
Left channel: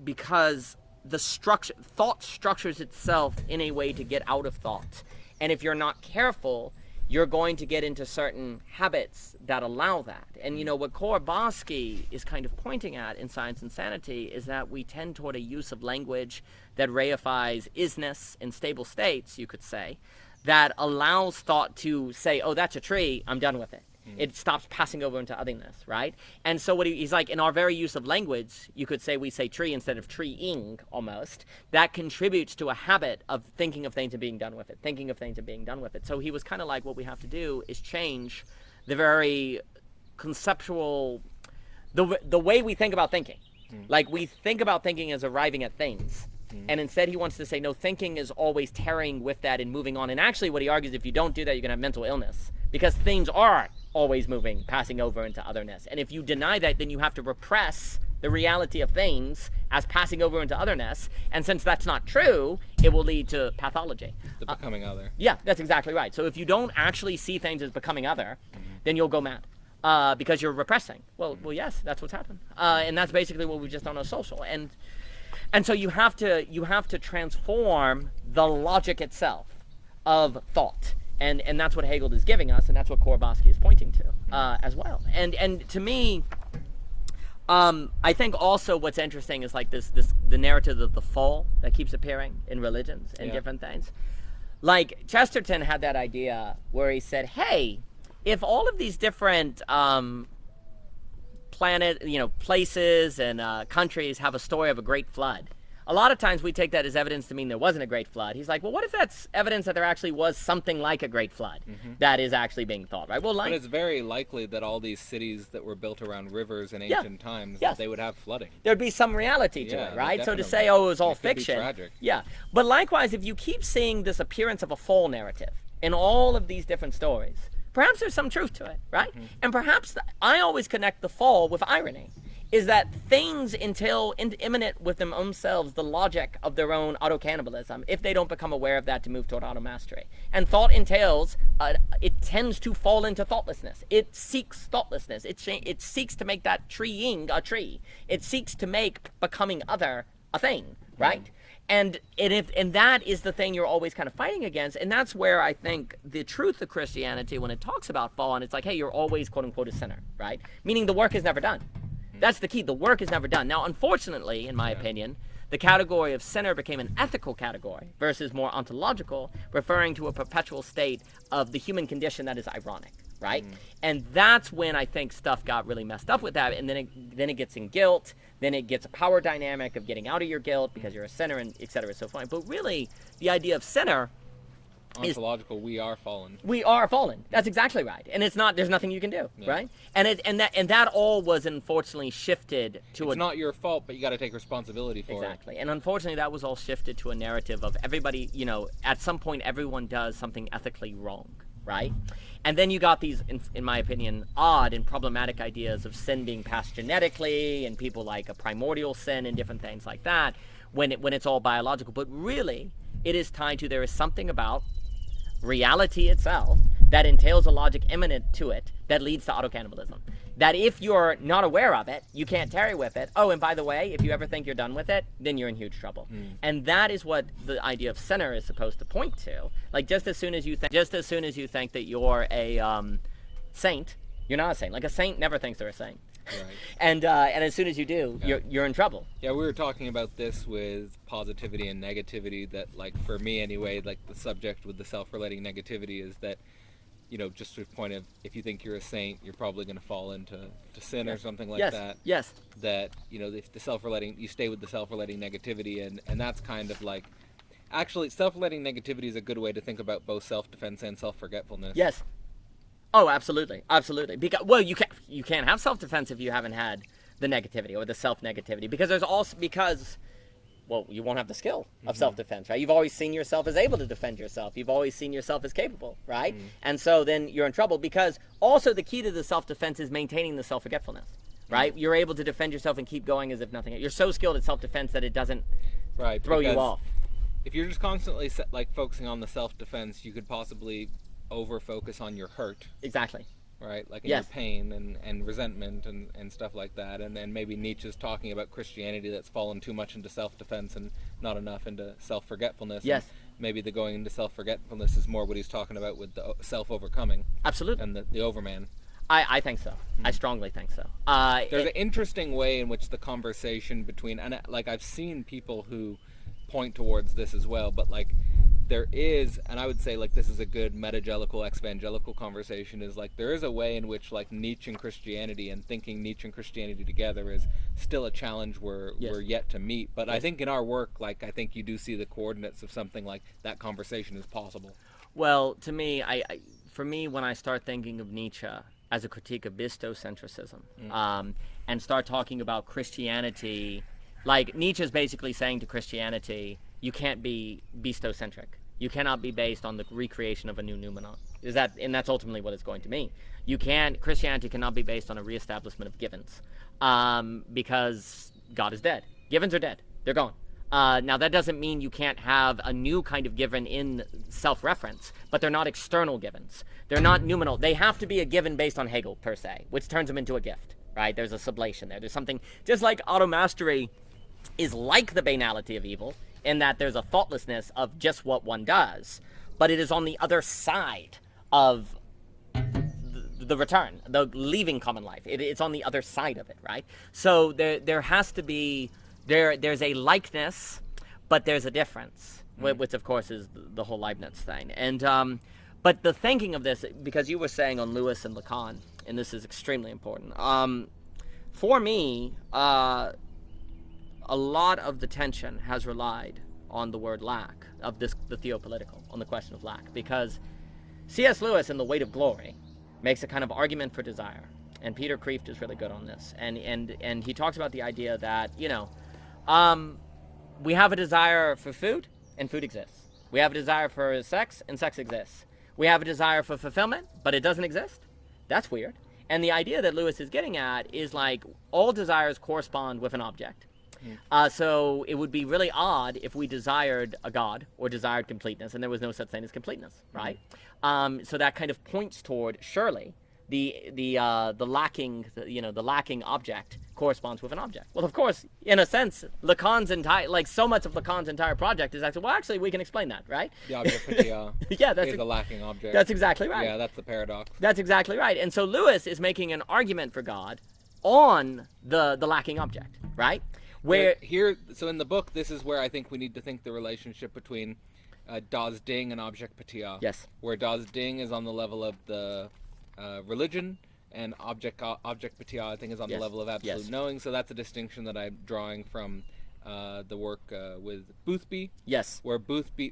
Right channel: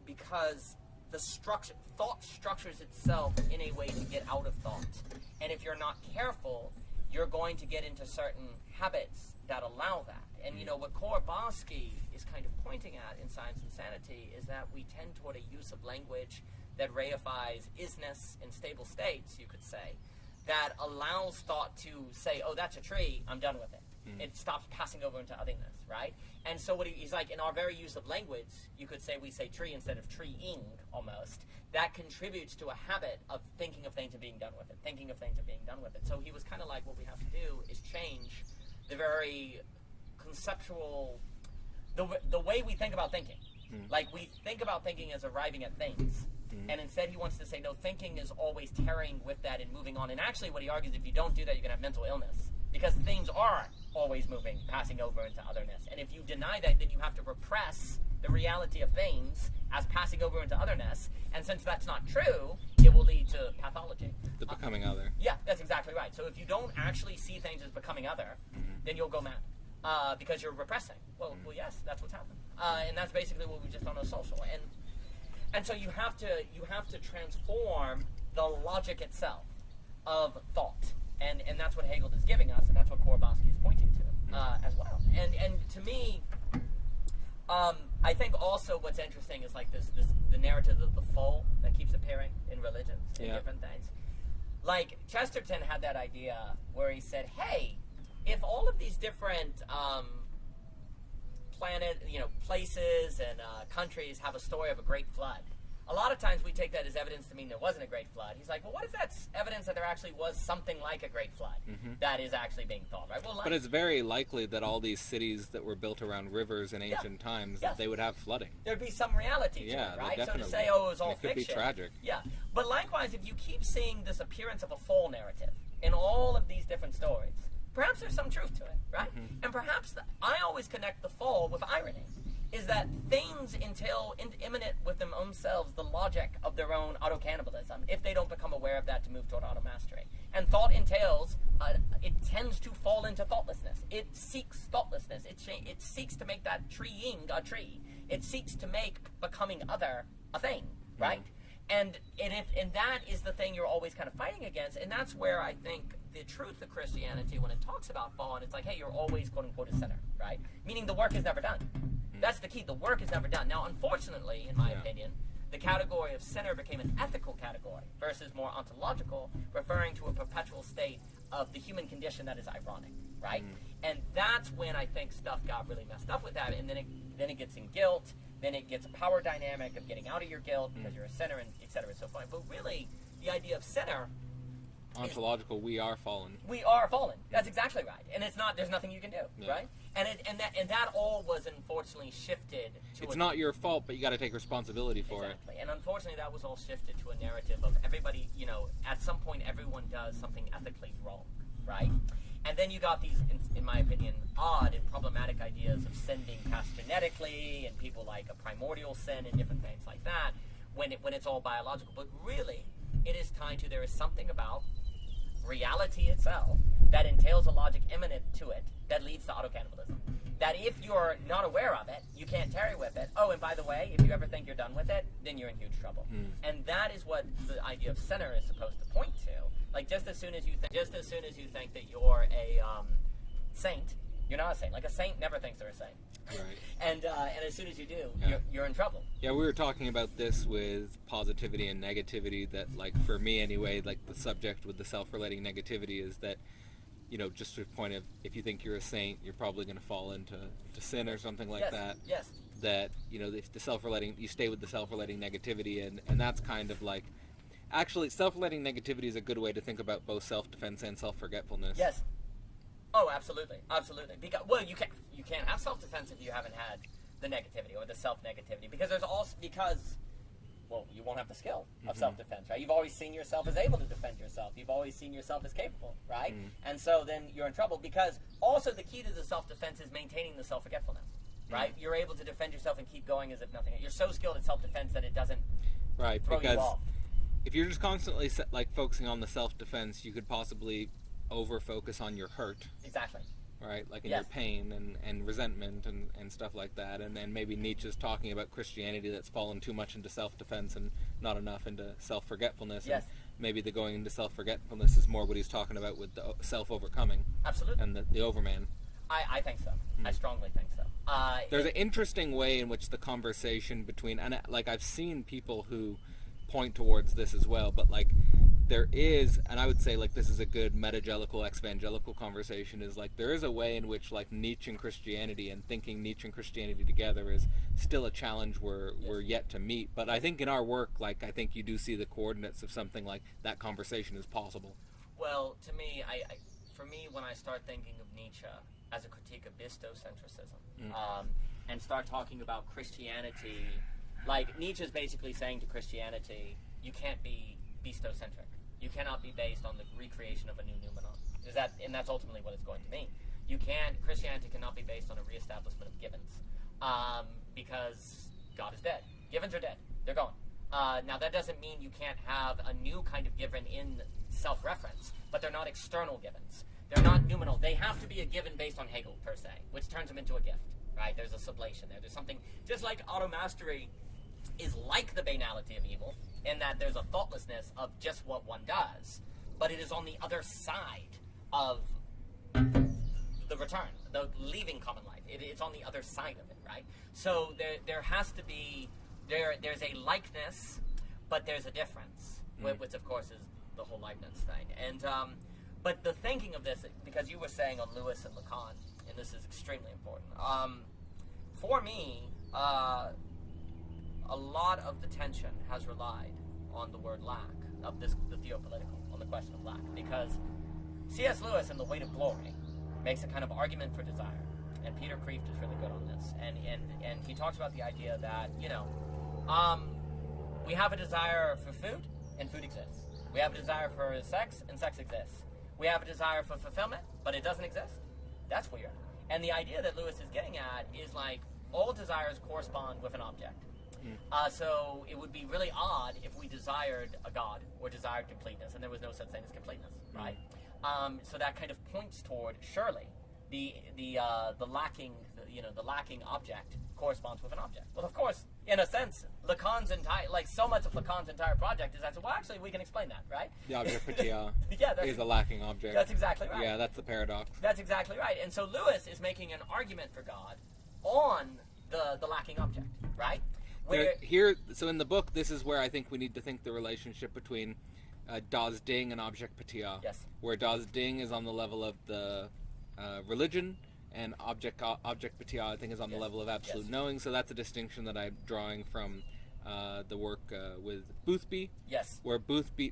because the thought structures itself in a way to get out of thought, and if you're not careful, you're going to get into certain habits that allow that. And you know what Korbowski is kind of pointing at in Science and Sanity is that we tend toward a use of language that reifies isness in stable states, you could say, that allows thought to say, oh, that's a tree, I'm done with it. It stops passing over into otherness, right? And so what he's like, in our very use of language, you could say we say tree instead of treeing almost. That contributes to a habit of thinking of things and being done with it, thinking of things and being done with it. So he was kind of like, what we have to do is change the very conceptual, the way we think about thinking. Like we think about thinking as arriving at things. And instead he wants to say, no, thinking is always tarrying with that and moving on. And actually what he argues, if you don't do that, you're going to have mental illness. Because things are always moving, passing over into otherness. And if you deny that, then you have to repress the reality of things as passing over into otherness. And since that's not true, it will lead to pathology. The becoming other. Yeah, that's exactly right. So if you don't actually see things as becoming other, then you'll go mad because you're repressing. Well, yes, that's what's happened. And that's basically what we've just done on social. And so you have to transform the logic itself of thought. And that's what Hegel is giving us, and that's what Korbowski is pointing to as well. And to me, I think also what's interesting is like the narrative of the fall that keeps appearing in religions and different things. Like Chesterton had that idea where he said, hey, if all of these different places and countries have a story of a great flood, a lot of times we take that as evidence to mean there wasn't a great flood. He's like, well, what if that's evidence that there actually was something like a great flood that is actually being thought, right? Well, But it's very likely that all these cities that were built around rivers in ancient times, that they would have flooding. There'd be some reality to Yeah, it, right? So to definitely. say, oh, it was all It could be fiction. tragic. Yeah. But likewise, if you keep seeing this appearance of a fall narrative in all of these different stories, perhaps there's some truth to it, right? And perhaps I always connect the fall with irony. Is that things entail imminent with themselves the logic of their own auto-cannibalism if they don't become aware of that to move toward auto-mastery. And thought entails, it tends to fall into thoughtlessness. It seeks thoughtlessness. It seeks to make that treeing a tree. It seeks to make becoming other a thing, right? And that is the thing you're always kind of fighting against. And that's where I think the truth of Christianity, when it talks about fall, and it's like, hey, you're always quote-unquote a sinner, right? Meaning the work is never done. That's the key. The work is never done. Now, unfortunately, in my opinion, the category of sinner became an ethical category versus more ontological, referring to a perpetual state of the human condition that is ironic, right? And that's when I think stuff got really messed up with that. And then it gets in guilt. Then it gets a power dynamic of getting out of your guilt because you're a sinner, and et cetera, so forth. But really, the idea of sinner Ontological, we are fallen. We are fallen. That's exactly right. And it's not. There's nothing you can do, right? And that all was unfortunately shifted to. It's not your fault, but you got to take responsibility for it. Exactly. And unfortunately, that was all shifted to a narrative of everybody. You know, at some point, everyone does something ethically wrong, right? And then you got these, in my opinion, odd and problematic ideas of sin being passed genetically, and people like a primordial sin and different things like that, when it's all biological. But really, it is tied to there is something about reality itself that entails a logic imminent to it that leads to autocannibalism. That if you're not aware of it, you can't tarry with it. Oh, and by the way, if you ever think you're done with it, then you're in huge trouble. And that is what the idea of sinner is supposed to point to. Like just as soon as you think that you're a saint, you're not a saint. Like a saint never thinks they're a saint. Right. And as soon as you do, Yeah. you're in trouble. Yeah, we were talking about this with positivity and negativity, that, like, for me anyway, like, the subject with the self-relating negativity is that, just to the point of, if you think you're a saint, you're probably going to fall into sin or something like Yes. that. Yes. That, if the self-relating, you stay with the self-relating negativity, and that's kind of like, actually, self-relating negativity is a good way to think about both self-defense and self-forgetfulness. Yes. Oh, absolutely, absolutely. Because you can't have self-defense if you haven't had the negativity or the self-negativity, because you won't have the skill of self-defense, right? You've always seen yourself as able to defend yourself. You've always seen yourself as capable, right? And so then you're in trouble, because also the key to the self-defense is maintaining the self-forgetfulness, right? You're able to defend yourself and keep going as if nothing. You're so skilled at self-defense that it doesn't throw you off. If you're just constantly focusing on the self-defense, you could possibly over-focus on your hurt. Exactly. Right, like in your pain and resentment and stuff like that, and then maybe Nietzsche's talking about Christianity that's fallen too much into self-defense and not enough into self-forgetfulness. Yes. And maybe the going into self-forgetfulness is more what he's talking about with the self-overcoming. Absolutely. And the overman. I think so. I strongly think so. There's an interesting way in which the conversation between, and like, I've seen people who point towards this as well, but like, there is, and I would say, like, this is a good metagelical exvangelical conversation, is like, there is a way in which, like, Nietzsche and Christianity, and thinking Nietzsche and Christianity together is still a challenge we're yet to meet. But I think in our work, like, I think you do see the coordinates of something like that conversation is possible. Well, to me, for me, when I start thinking of Nietzsche as a critique of bistocentrism, and start talking about Christianity, like, Nietzsche's basically saying to Christianity, you can't be bestocentric. You cannot be based on the recreation of a new noumenon. And that's ultimately what it's going to mean. Christianity cannot be based on a reestablishment of givens, because God is dead. Givens are dead. They're gone. Now, that doesn't mean you can't have a new kind of given in self-reference, but they're not external givens. They're not noumenal. They have to be a given based on Hegel, per se, which turns them into a gift, right? There's a sublation there. There's something, just like automastery is like the banality of evil, in that there's a thoughtlessness of just what one does, but it is on the other side of the return, the leaving common life. It's on the other side of it, right? So there has to be, there's a likeness, but there's a difference, which of course is the whole Leibniz thing. And but the thinking of this, because you were saying on Lewis and Lacan, and this is extremely important, for me, a lot of the tension has relied on the word lack, the theopolitical, on the question of lack, because C.S. Lewis in The Weight of Glory makes a kind of argument for desire, and Peter Kreeft is really good on this, and he talks about the idea that, we have a desire for food, and food exists. We have a desire for sex, and sex exists. We have a desire for fulfillment, but it doesn't exist. That's weird. And the idea that Lewis is getting at is, like, all desires correspond with an object. So it would be really odd if we desired a god or desired completeness, and there was no such thing as completeness, right? So that kind of points toward, surely, the lacking, the lacking object corresponds with an object. Well, of course, in a sense, Lacan's entire, like, so much of Lacan's entire project is actually, we can explain that, right? The object patia is the lacking object. That's exactly right. Yeah, that's the paradox. That's exactly right. And so Lewis is making an argument for God on the lacking object, right? So in the book, this is where I think we need to think the relationship between Das Ding and object patia. Yes. Where Das Ding is on the level of the religion, and object patia, I think, is on the level of absolute knowing. So that's a distinction that I'm drawing from the work with Boothby. Yes. Where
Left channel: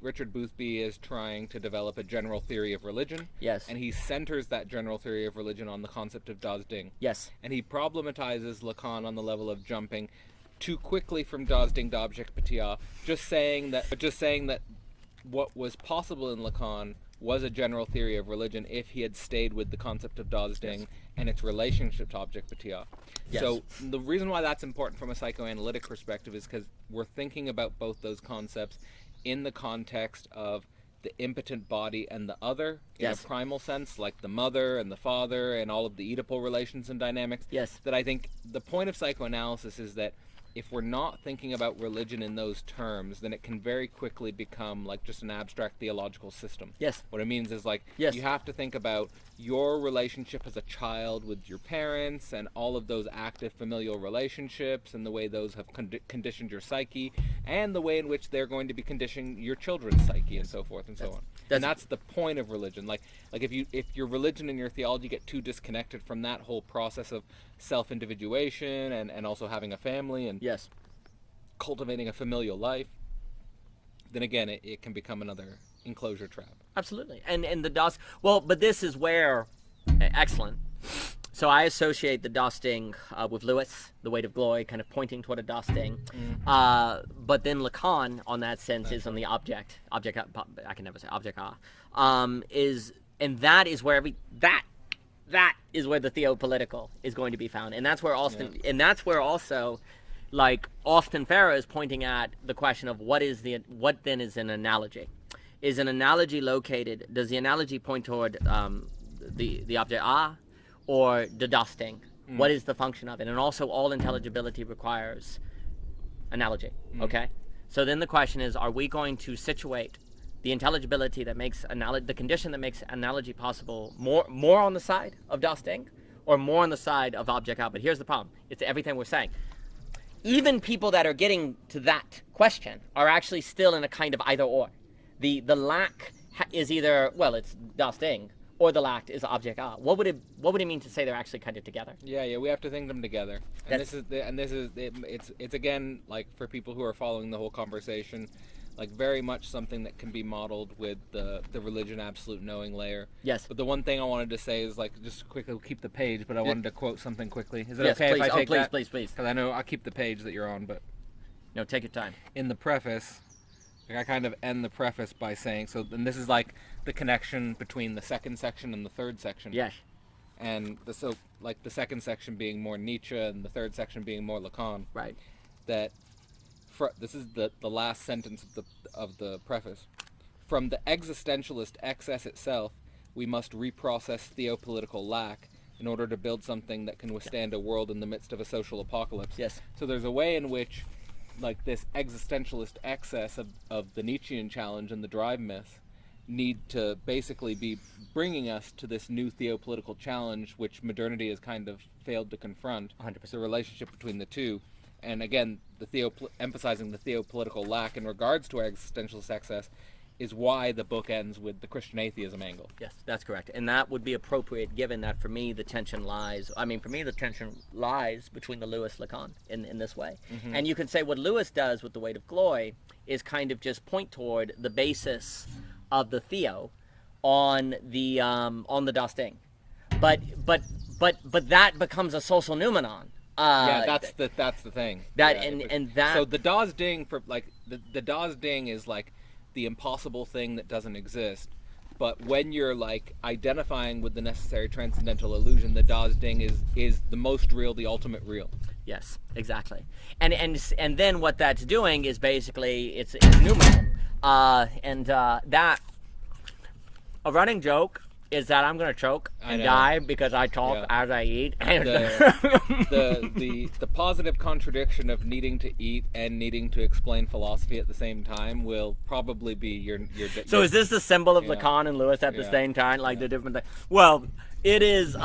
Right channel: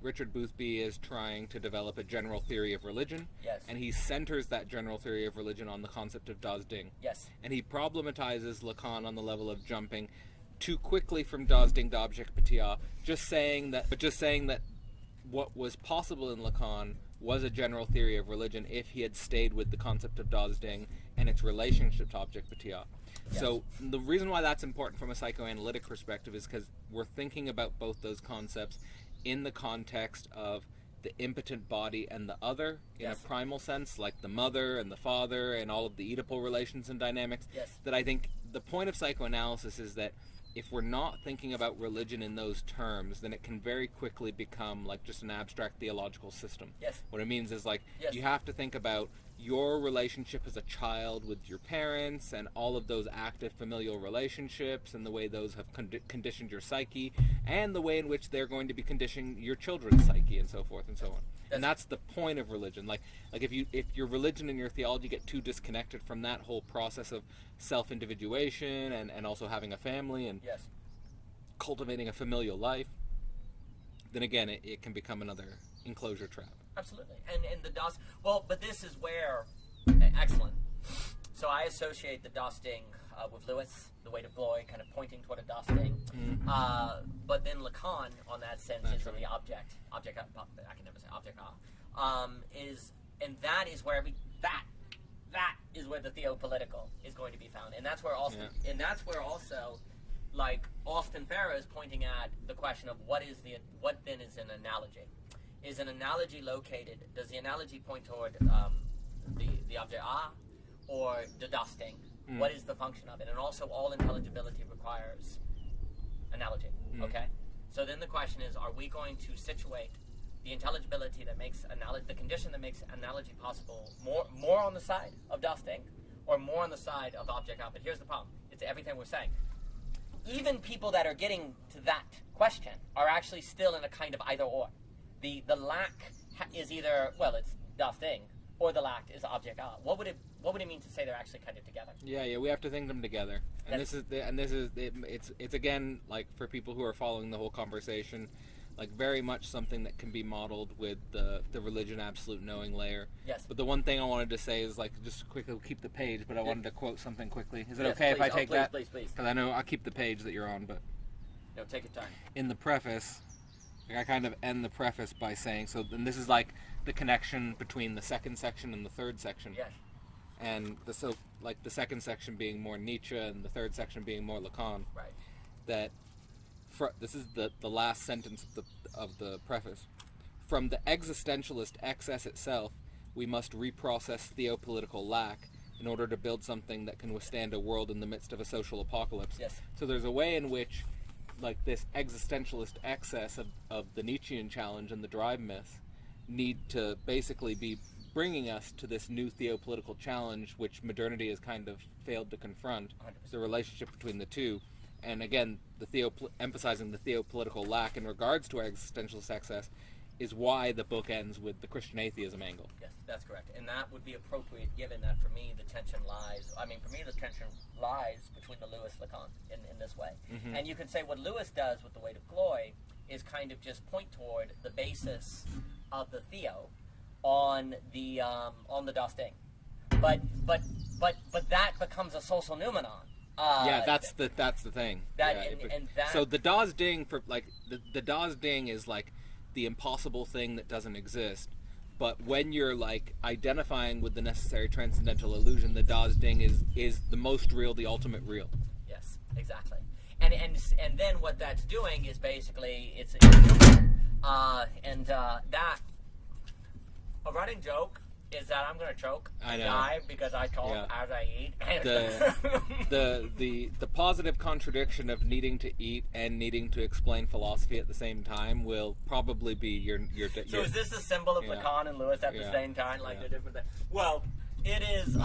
Richard Boothby is trying to develop a general theory of religion. Yes. And he centers that general theory of religion on the concept of Das Ding. Yes. And he problematizes Lacan on the level of jumping too quickly from Das Ding to object patia, just saying that what was possible in Lacan was a general theory of religion if he had stayed with the concept of Das Ding and its relationship to object patia. Yes. So the reason why that's important from a psychoanalytic perspective is because we're thinking about both those concepts in the context of the impotent body and the other in a primal sense, like the mother and the father and all of the Oedipal relations and dynamics. Yes. That I think the point of psychoanalysis is that if we're not thinking about religion in those terms, then it can very quickly become like just an abstract theological system. Yes. What it means is like Yes. you have to think about your relationship as a child with your parents and all of those active familial relationships and the way those have conditioned your psyche and the way in which they're going to be conditioning your children's psyche and so forth and so on. And that's the point of religion. Like if your religion and your theology get too disconnected from that whole process of self-individuation and also having a family and Yes. cultivating a familial life, then again it can become another enclosure trap. Absolutely. And the DOS, well, but this is where, excellent. So I associate the dosting with Lewis, the weight of glory, kind of pointing toward a dosting. But then Lacan, on that sense, is on the object. I can never say object. And that is where that is where the theopolitical is going to be found, and that's where also, like Austin Farrer is pointing at the question of what then is an analogy. Is an analogy located? Does the analogy point toward the object or the dosting? What is the function of it? And also, all intelligibility requires analogy. Okay, so then the question is: are we going to situate the intelligibility that makes the condition that makes analogy possible more on the side of dosting, or more on the side of object out? But here's the problem: it's everything we're saying. Even people that are getting to that question are actually still in a kind of either or. The lack is either, well, it's dosting, or the lack is object a. What would it mean to say they're actually kind of together? Yeah, we have to think them together. And it's again, like, for people who are following the whole conversation, like very much something that can be modeled with the religion absolute knowing layer. Yes. But the one thing I wanted to say is, like, just quickly, we'll keep the page, but I wanted to quote something quickly. Is it okay if I take that? Please. Because I know I'll keep the page that you're on, but no, take your time. In the preface, like, I kind of end the preface by saying, and this is like the connection between the second section and the third section. Yes. And the second section being more Nietzsche and the third section being more Lacan. Right. That this is the last sentence of the preface. From the existentialist excess itself, we must reprocess theopolitical lack in order to build something that can withstand a world in the midst of a social apocalypse. Yes. So there's a way in which, like, this existentialist excess of the Nietzschean challenge and the drive myth need to basically be bringing us to this new theopolitical challenge, which modernity has kind of failed to confront. 100%. The relationship between the two. And again, emphasizing the theopolitical lack in regards to our existentialist excess is why the book ends with the Christian atheism angle. Yes, that's correct. And that would be appropriate, given that for me the tension lies between the Lewis-Lacan in this way. Mm-hmm. And you can say what Lewis does with the weight of glory is kind of just point toward the basis of the theo on the dosting. But that becomes a social noumenon. That's the thing. So the das ding for, like, the das ding is like the impossible thing that doesn't exist. But when you're, like, identifying with the necessary transcendental illusion, the das ding is the most real, the ultimate real. Yes, exactly. And then what that's doing is basically it's numeral. That a running joke is that I'm gonna choke and die because I talk as I eat. The positive contradiction of needing to eat and needing to explain philosophy at the same time will probably be your. So is this the symbol of Lacan and Lewis at the same time, like the different thing? Well, it is.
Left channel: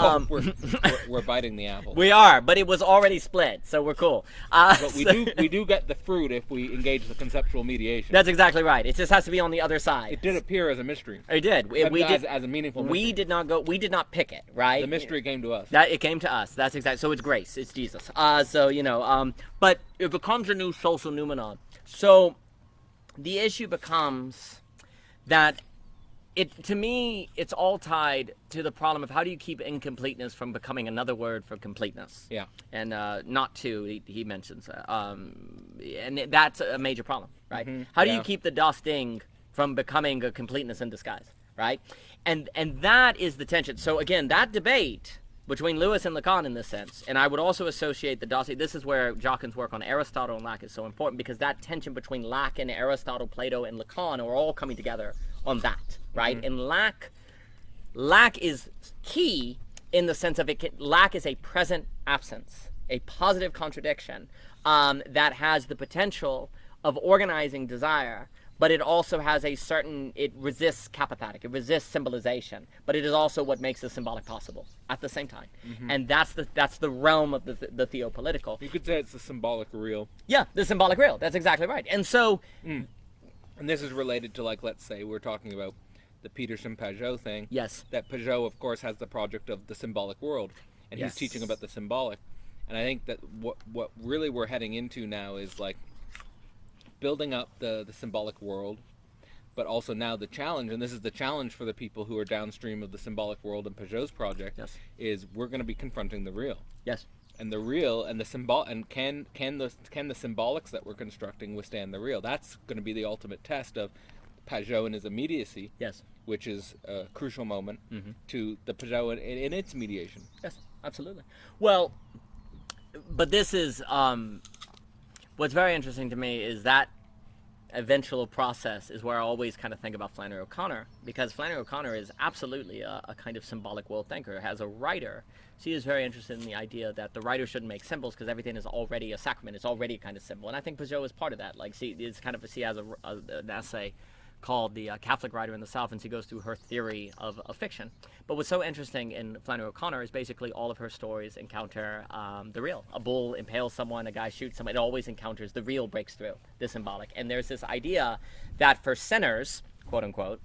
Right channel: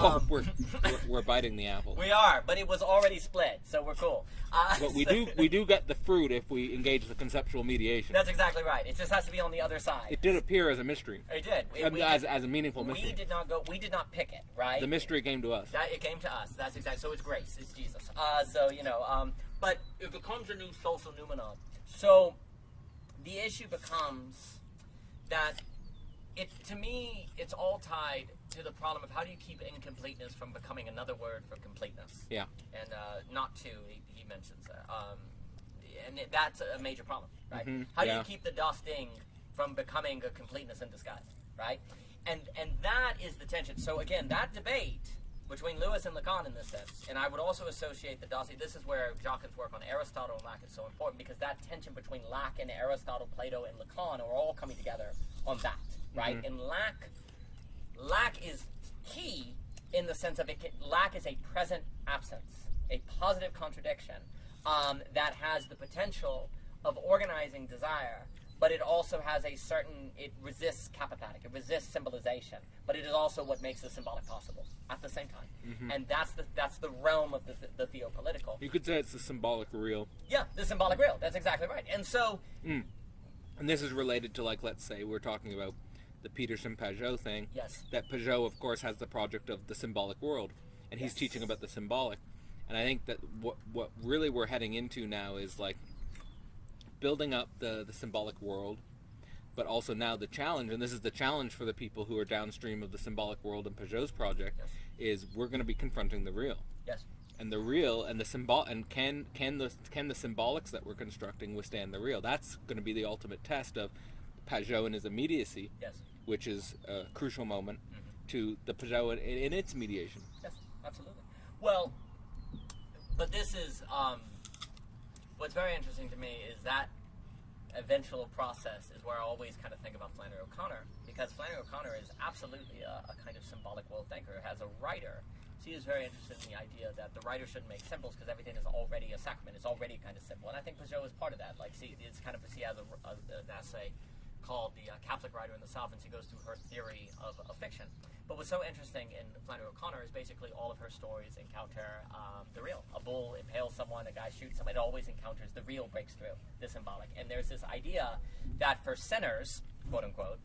We're biting the apple. We are, but it was already split, so we're cool. But we do get the fruit if we engage the conceptual mediation. That's exactly right. It just has to be on the other side. It did appear as a mystery. It did. As a meaningful mystery. We did not pick it, right? The mystery came to us. It came to us. That's exactly. So it's grace. It's Jesus. But it becomes a new social noumenon. So the issue becomes that. To me, it's all tied to the problem of how do you keep incompleteness from becoming another word for completeness. Yeah. And not two, he mentions. And that's a major problem, right? Mm-hmm. How do you keep the dosting from becoming a completeness in disguise, right? And that is the tension. So again, that debate between Lewis and Lacan in this sense, and I would also associate the dosting. This is where Jacquin's work on Aristotle and lack is so important, because that tension between lack and Aristotle, Plato, and Lacan are all coming together on that, right? Mm-hmm. And lack is key in the sense of lack is a present absence, a positive contradiction that has the potential of organizing desire, but it also has it resists kapathatic, it resists symbolization, but it is also what makes the symbolic possible at the same time. And that's the realm of the theopolitical. You could say it's the symbolic real. Yeah, the symbolic real. That's exactly right. And so... And this is related to, like, let's say we're talking about the Peterson-Pajot thing. Yes. That Pajot, of course, has the project of the symbolic world, and he's teaching about the symbolic. And I think that what really we're heading into now is, like, building up the symbolic world, but also now the challenge, and this is the challenge for the people who are downstream of the symbolic world and Pajot's project, is we're going to be confronting the real. Yes. And the real and the symbol, and can the symbolics that we're constructing withstand the real? That's going to be the ultimate test of Pajot and his immediacy. Yes. Which is a crucial moment to the Pajot in its mediation. Yes, absolutely. Well, but this is what's very interesting to me is that eventual process is where I always kind of think about Flannery O'Connor, because Flannery O'Connor is absolutely a kind of symbolic world thinker. As a writer, she is very interested in the idea that the writer shouldn't make symbols because everything is already a sacrament. It's already a kind of symbol, and I think Pajot is part of that. Like, she has an essay called The Catholic Writer in the South, and she goes through her theory of fiction. But what's so interesting in Flannery O'Connor is basically all of her stories encounter the real. A bull impales someone, a guy shoots someone. It always encounters the real, breaks through the symbolic. And there's this idea that for sinners, quote unquote,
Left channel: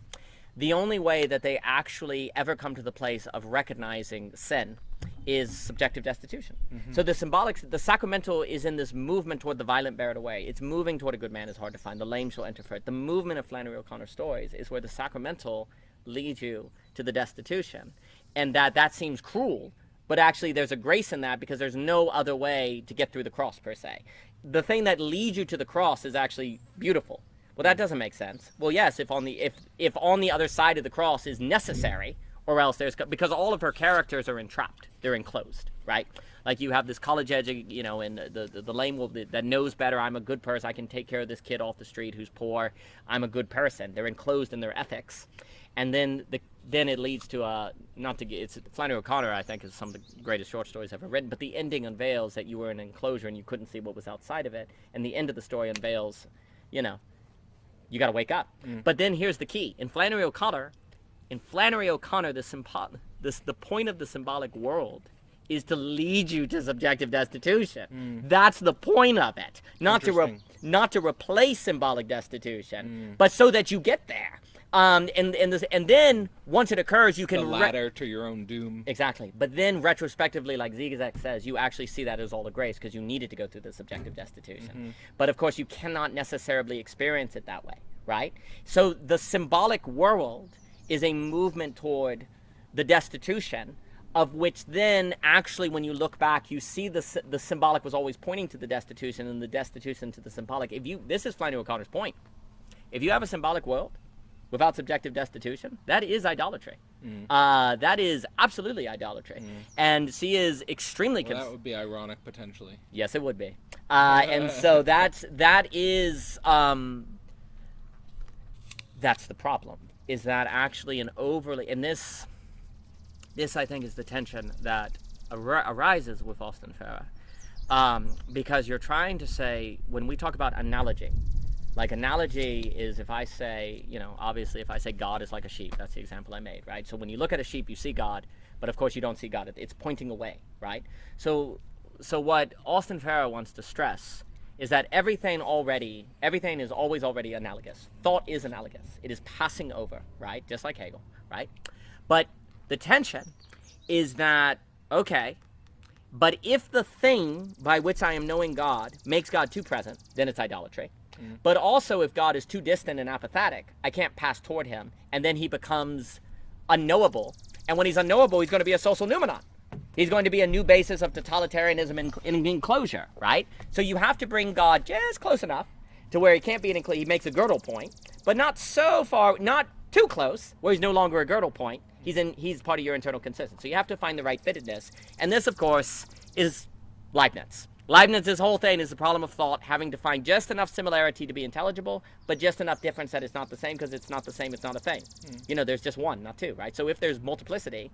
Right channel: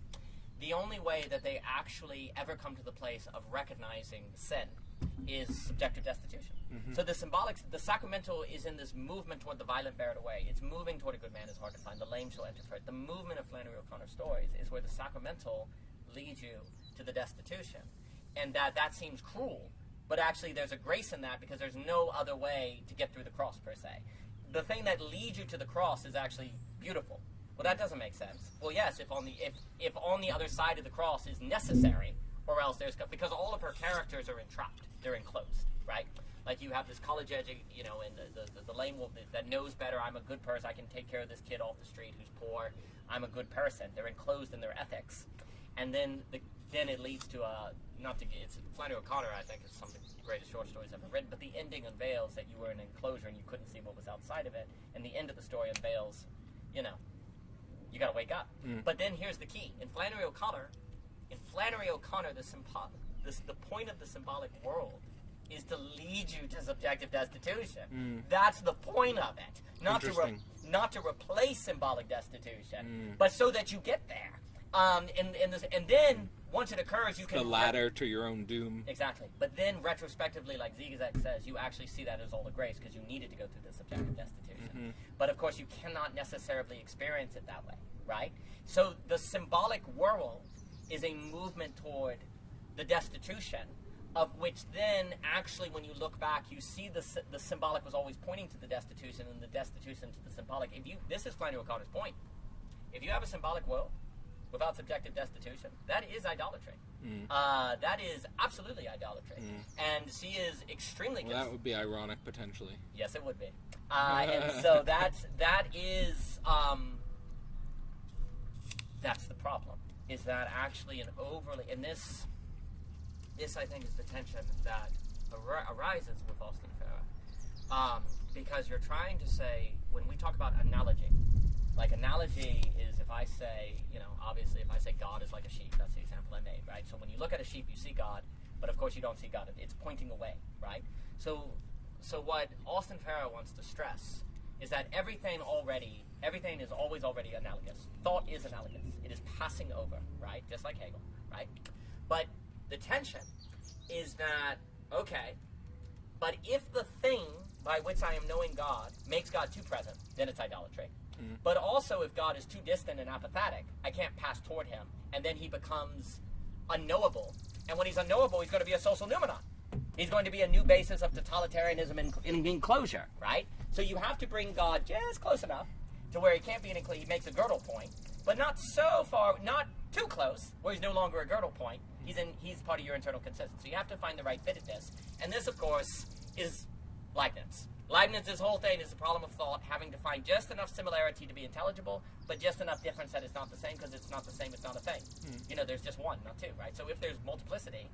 the only way that they actually ever come to the place of recognizing sin is subjective destitution. So the symbolic, the sacramental is in this movement toward the violent bear it away. It's moving toward a good man is hard to find. The lame shall enter for it. The movement of Flannery O'Connor stories is where the sacramental leads you to the destitution. And that seems cruel, but actually there's a grace in that because there's no other way to get through the cross per se. The thing that leads you to the cross is actually beautiful. Well, that doesn't make sense. Well, yes, if on the other side of the cross is necessary, or else because all of her characters are entrapped, they're enclosed, right? Like you have this college educated, and the lame that knows better. I'm a good person. I can take care of this kid off the street who's poor. I'm a good person. They're enclosed in their ethics, and then it leads to it's Flannery O'Connor, I think, is some of the greatest short stories ever written. But the ending unveils that you were in an enclosure and you couldn't see what was outside of it, and the end of the story unveils, you got to wake up. But then here's the key: in Flannery O'Connor, the point of the symbolic world is to lead you to subjective destitution. That's the point of it, not to replace symbolic destitution, but so that you get there. And then once it occurs, you can the ladder to your own doom. Exactly. But then retrospectively, like Zygzak says, you actually see that as all a grace because you needed to go through the subjective destitution. But of course, you cannot necessarily experience it that way, right? So the symbolic world is a movement toward the destitution, of which then actually when you look back you see the symbolic was always pointing to the destitution and the destitution to the symbolic. This is Flannery O'Connor's point. If you have a symbolic world without subjective destitution, that is idolatry. That is absolutely idolatry. And she is extremely that would be ironic potentially. Yes, it would be. And so that's the problem. Is that actually an overly, and this I think is the tension that arises with Austin Farrer, because you're trying to say, when we talk about analogy, like analogy is if I say, obviously if I say God is like a sheep, that's the example I made, right? So when you look at a sheep, you see God, but of course you don't see God, it's pointing away, right? So what Austin Farrer wants to stress is that everything is always already analogous. Thought is analogous. It is passing over, right? Just like Hegel, right? But the tension is that, okay, but if the thing by which I am knowing God makes God too present, then it's idolatry. But also if God is too distant and apathetic, I can't pass toward him, and then he becomes unknowable. And when he's unknowable, he's going to be a social noumenon. He's going to be a new basis of totalitarianism in enclosure, right? So you have to bring God just close enough to where he can't be an enclosure. He makes a girdle point, but not so far, not too close, where he's no longer a girdle point. He's part of your internal consistency. So you have to find the right fittedness. And this, of course, is Leibniz. Leibniz's whole thing is the problem of thought, having to find just enough similarity to be intelligible, but just enough difference that it's not the same, because it's not the same, it's not a thing. There's just one, not two, right? So if there's multiplicity,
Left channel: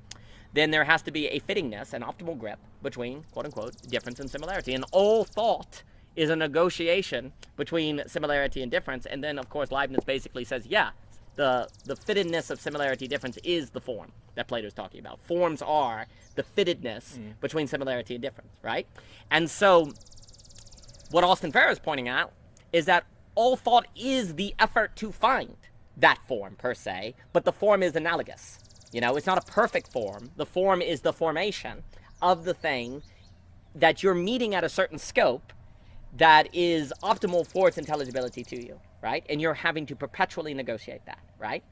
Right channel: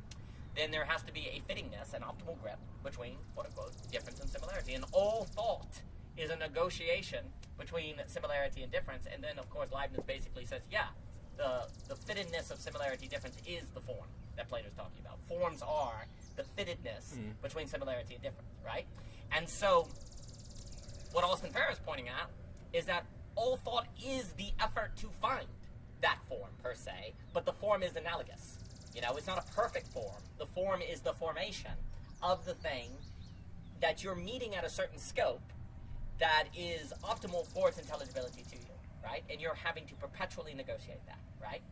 then there has to be a fittingness, an optimal grip between, quote-unquote, difference and similarity. And all thought is a negotiation between similarity and difference. And then, of course, Leibniz basically says, yeah, the fittedness of similarity difference is the form that Plato's talking about. Forms are the fittedness between similarity and difference, right? And so what Austin Farrer is pointing out is that all thought is the effort to find that form per se, but the form is analogous. You know, it's not a perfect form. The form is the formation of the thing that you're meeting at a certain scope that is optimal for its intelligibility to you, right? And you're having to perpetually negotiate that, right?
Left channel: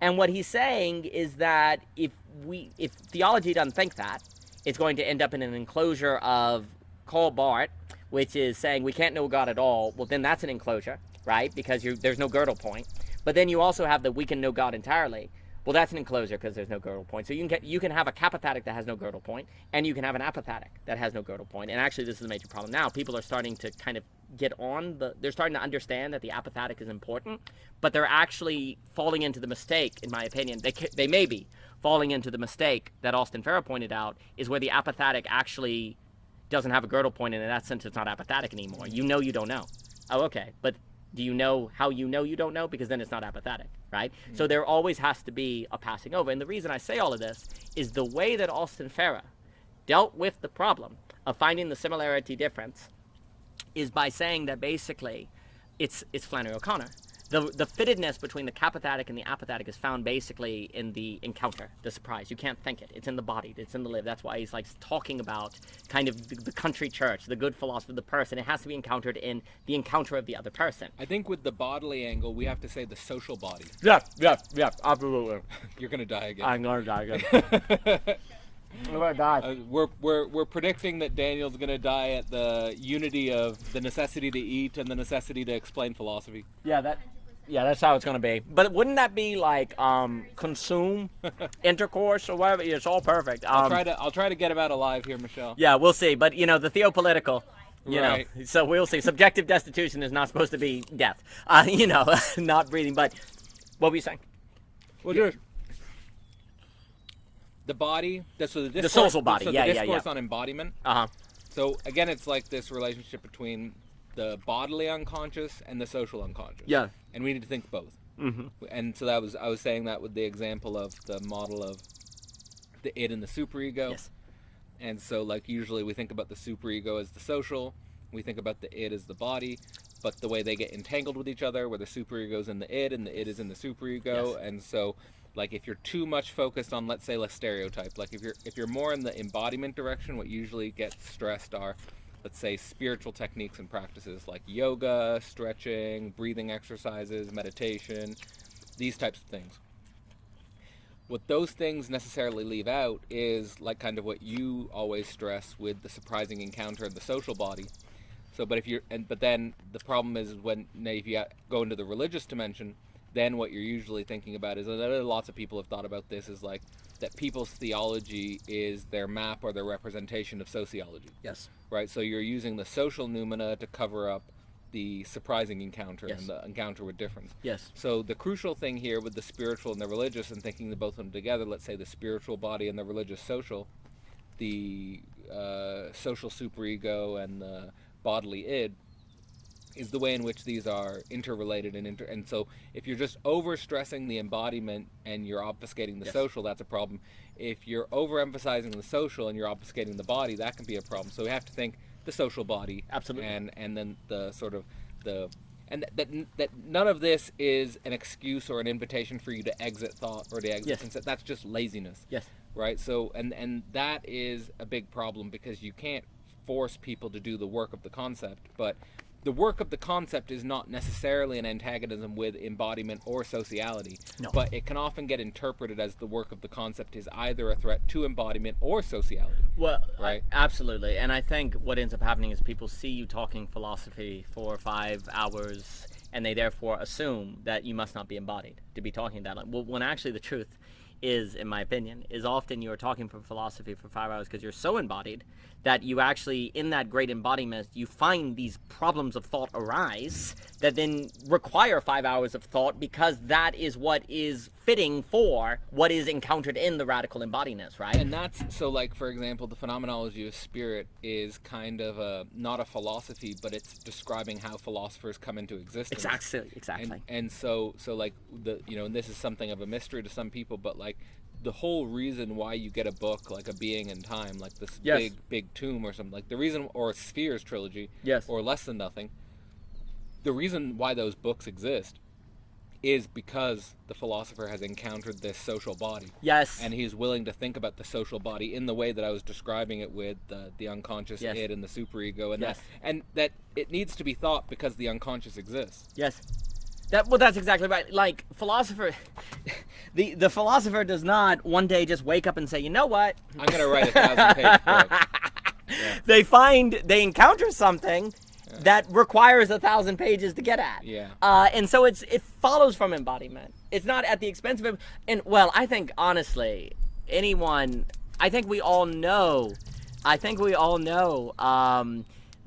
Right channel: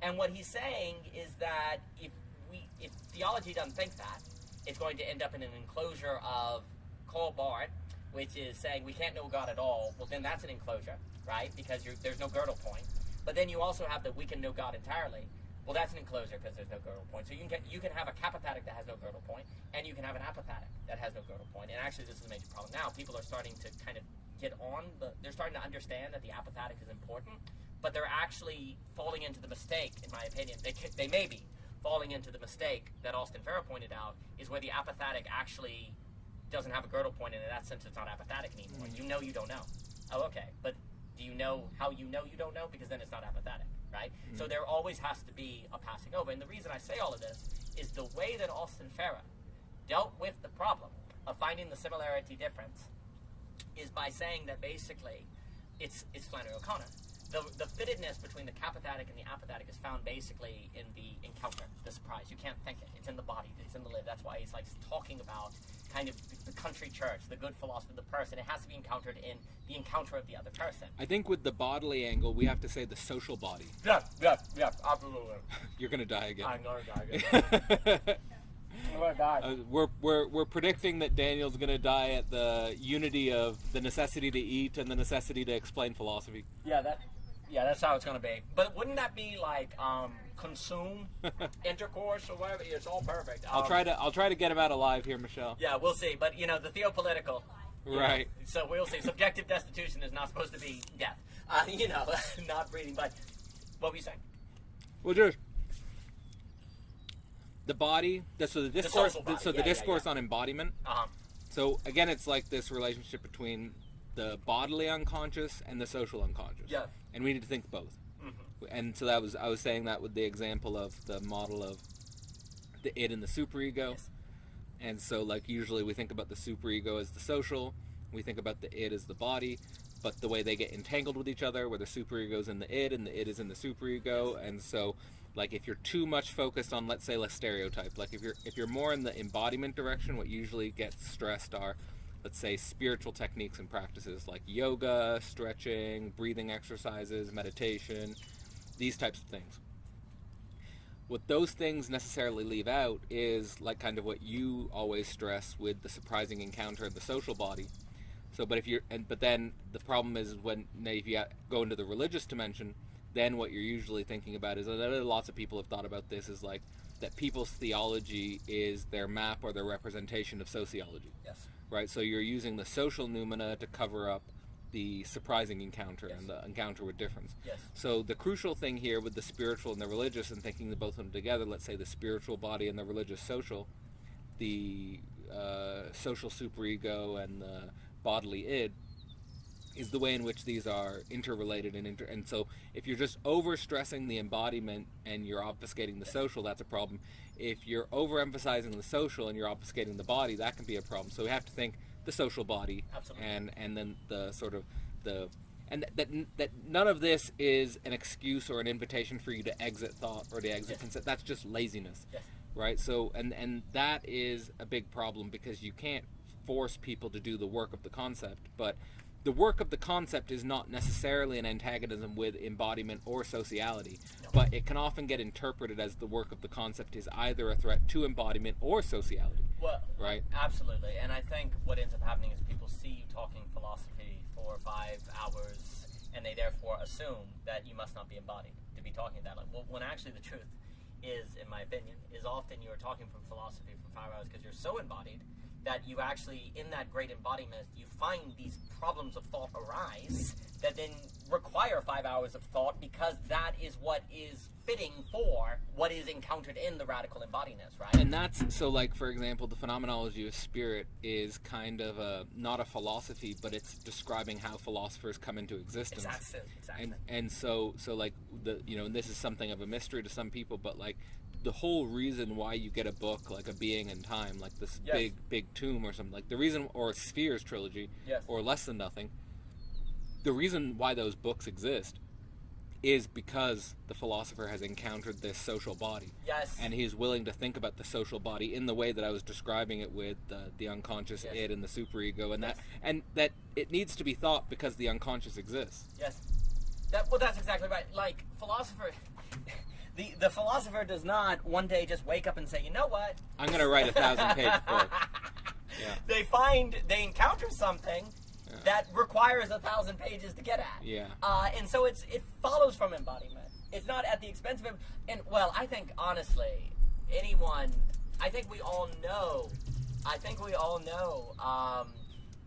And what he's saying is that if theology doesn't think that, it's going to end up in an enclosure of Karl Barth, which is saying we can't know God at all. Well, then that's an enclosure, right? Because there's no girdle point. But then you also have the we can know God entirely. Well, that's an enclosure because there's no girdle point. So you can have a capathetic that has no girdle point, and you can have an apathetic that has no girdle point. And actually, this is a major problem now. People are starting to kind of get on they're starting to understand that the apathetic is important, but they're actually falling into the mistake, in my opinion. They may be falling into the mistake that Austin Farrer pointed out, is where the apathetic actually doesn't have a girdle point, and in that sense, it's not apathetic anymore. You know you don't know. Oh, okay, but do you know how you know you don't know? Because then it's not apathetic, right? So there always has to be a passing over. And the reason I say all of this is the way that Austin Farrer dealt with the problem of finding the similarity difference is by saying that basically it's Flannery O'Connor. The fittedness between the capathetic and the apathetic is found basically in the encounter, the surprise. You can't think it. It's in the body. It's in the live. That's why he's like talking about kind of the country church, the good philosophy of the person. It has to be encountered in the encounter of the other person. I think with the bodily angle, we have to say the social body. Yeah, absolutely. You're gonna die again. I'm gonna die again. I'm gonna die. We're predicting that Daniel's gonna die at the unity of the necessity to eat and the necessity to explain philosophy. Yeah, that's how it's going to be. But wouldn't that be like consume, intercourse, or whatever? It's all perfect. I'll try to get him out alive here, Michelle. Yeah, we'll see. But, you know, the theopolitical, you right. know, so we'll see. Subjective destitution is not supposed to be death. You know, not breathing. But what were you saying? Well, just the body, the social body. So the discourse on embodiment. Uh-huh. So, again, it's like this relationship between the bodily unconscious and the social unconscious. Yeah. And we need to think both. Mm-hmm. And so I was saying that with the example of the model of the id and the superego. Yes. And so, like, usually we think about the superego as the social, we think about the id as the body, but the way they get entangled with each other, where the superego is in the id and the id is in the superego. Yes. And so, like, if you're too much focused on, let's say, a stereotype, like if you're more in the embodiment direction, what usually gets stressed are, let's say, spiritual techniques and practices like yoga, stretching, breathing exercises, meditation, these types of things. What those things necessarily leave out is like kind of what you always stress with the surprising encounter of the social body. So, but then the problem is if you go into the religious dimension, then what you're usually thinking about is, and lots of people have thought about this, is like that people's theology is their map or their representation of sociology. Yes. Right, so you're using the social noumena to cover up the surprising encounter. Yes. And the encounter with difference. Yes. So the crucial thing here with the spiritual and the religious, and thinking the both of them together, let's say the spiritual body and the religious social, the social superego and the bodily id, is the way in which these are interrelated and so if you're just over-stressing the embodiment and you're obfuscating the social, that's a problem. If you're overemphasizing the social and you're obfuscating the body, that can be a problem. So we have to think the social body. Absolutely. And then the sort of the and that none of this is an excuse or an invitation for you to exit thought or to exit concept. That's just laziness. Yes. Right? So and that is a big problem, because you can't force people to do the work of the concept, but the work of the concept is not necessarily an antagonism with embodiment or sociality, but it can often get interpreted as the work of the concept is either a threat to embodiment or sociality. Well, right? Absolutely. And I think what ends up happening is people see you talking philosophy for 5 hours, and they therefore assume that you must not be embodied to be talking that. Well, when actually the truth is, in my opinion, is often you're talking from philosophy for 5 hours because you're so embodied that you actually, in that great embodiment, you find these problems of thought arise that then require 5 hours of thought, because that is what is fitting for what is encountered in the radical embodiness, right? And that's, so like, for example, the phenomenology of spirit is kind of not a philosophy, but it's describing how philosophers come into existence. Exactly. And so like, and this is something of a mystery to some people, but like, the whole reason why you get a book like A Being in Time, like this big tomb or something, like the reason, or a Spheres trilogy, or Less Than Nothing, the reason why those books exist is because the philosopher has encountered this social body. Yes. And he's willing to think about the social body in the way that I was describing it with the unconscious id and the superego, and that it needs to be thought because the unconscious exists. Yes. That's exactly right. Like, philosopher, the philosopher does not one day just wake up and say, you know what? I'm going to write a 1,000-page book. Yeah. They encounter something that requires 1,000 pages to get at. Yeah. And so it follows from embodiment. It's not at the expense of it. And, well, I think, honestly, I think we all know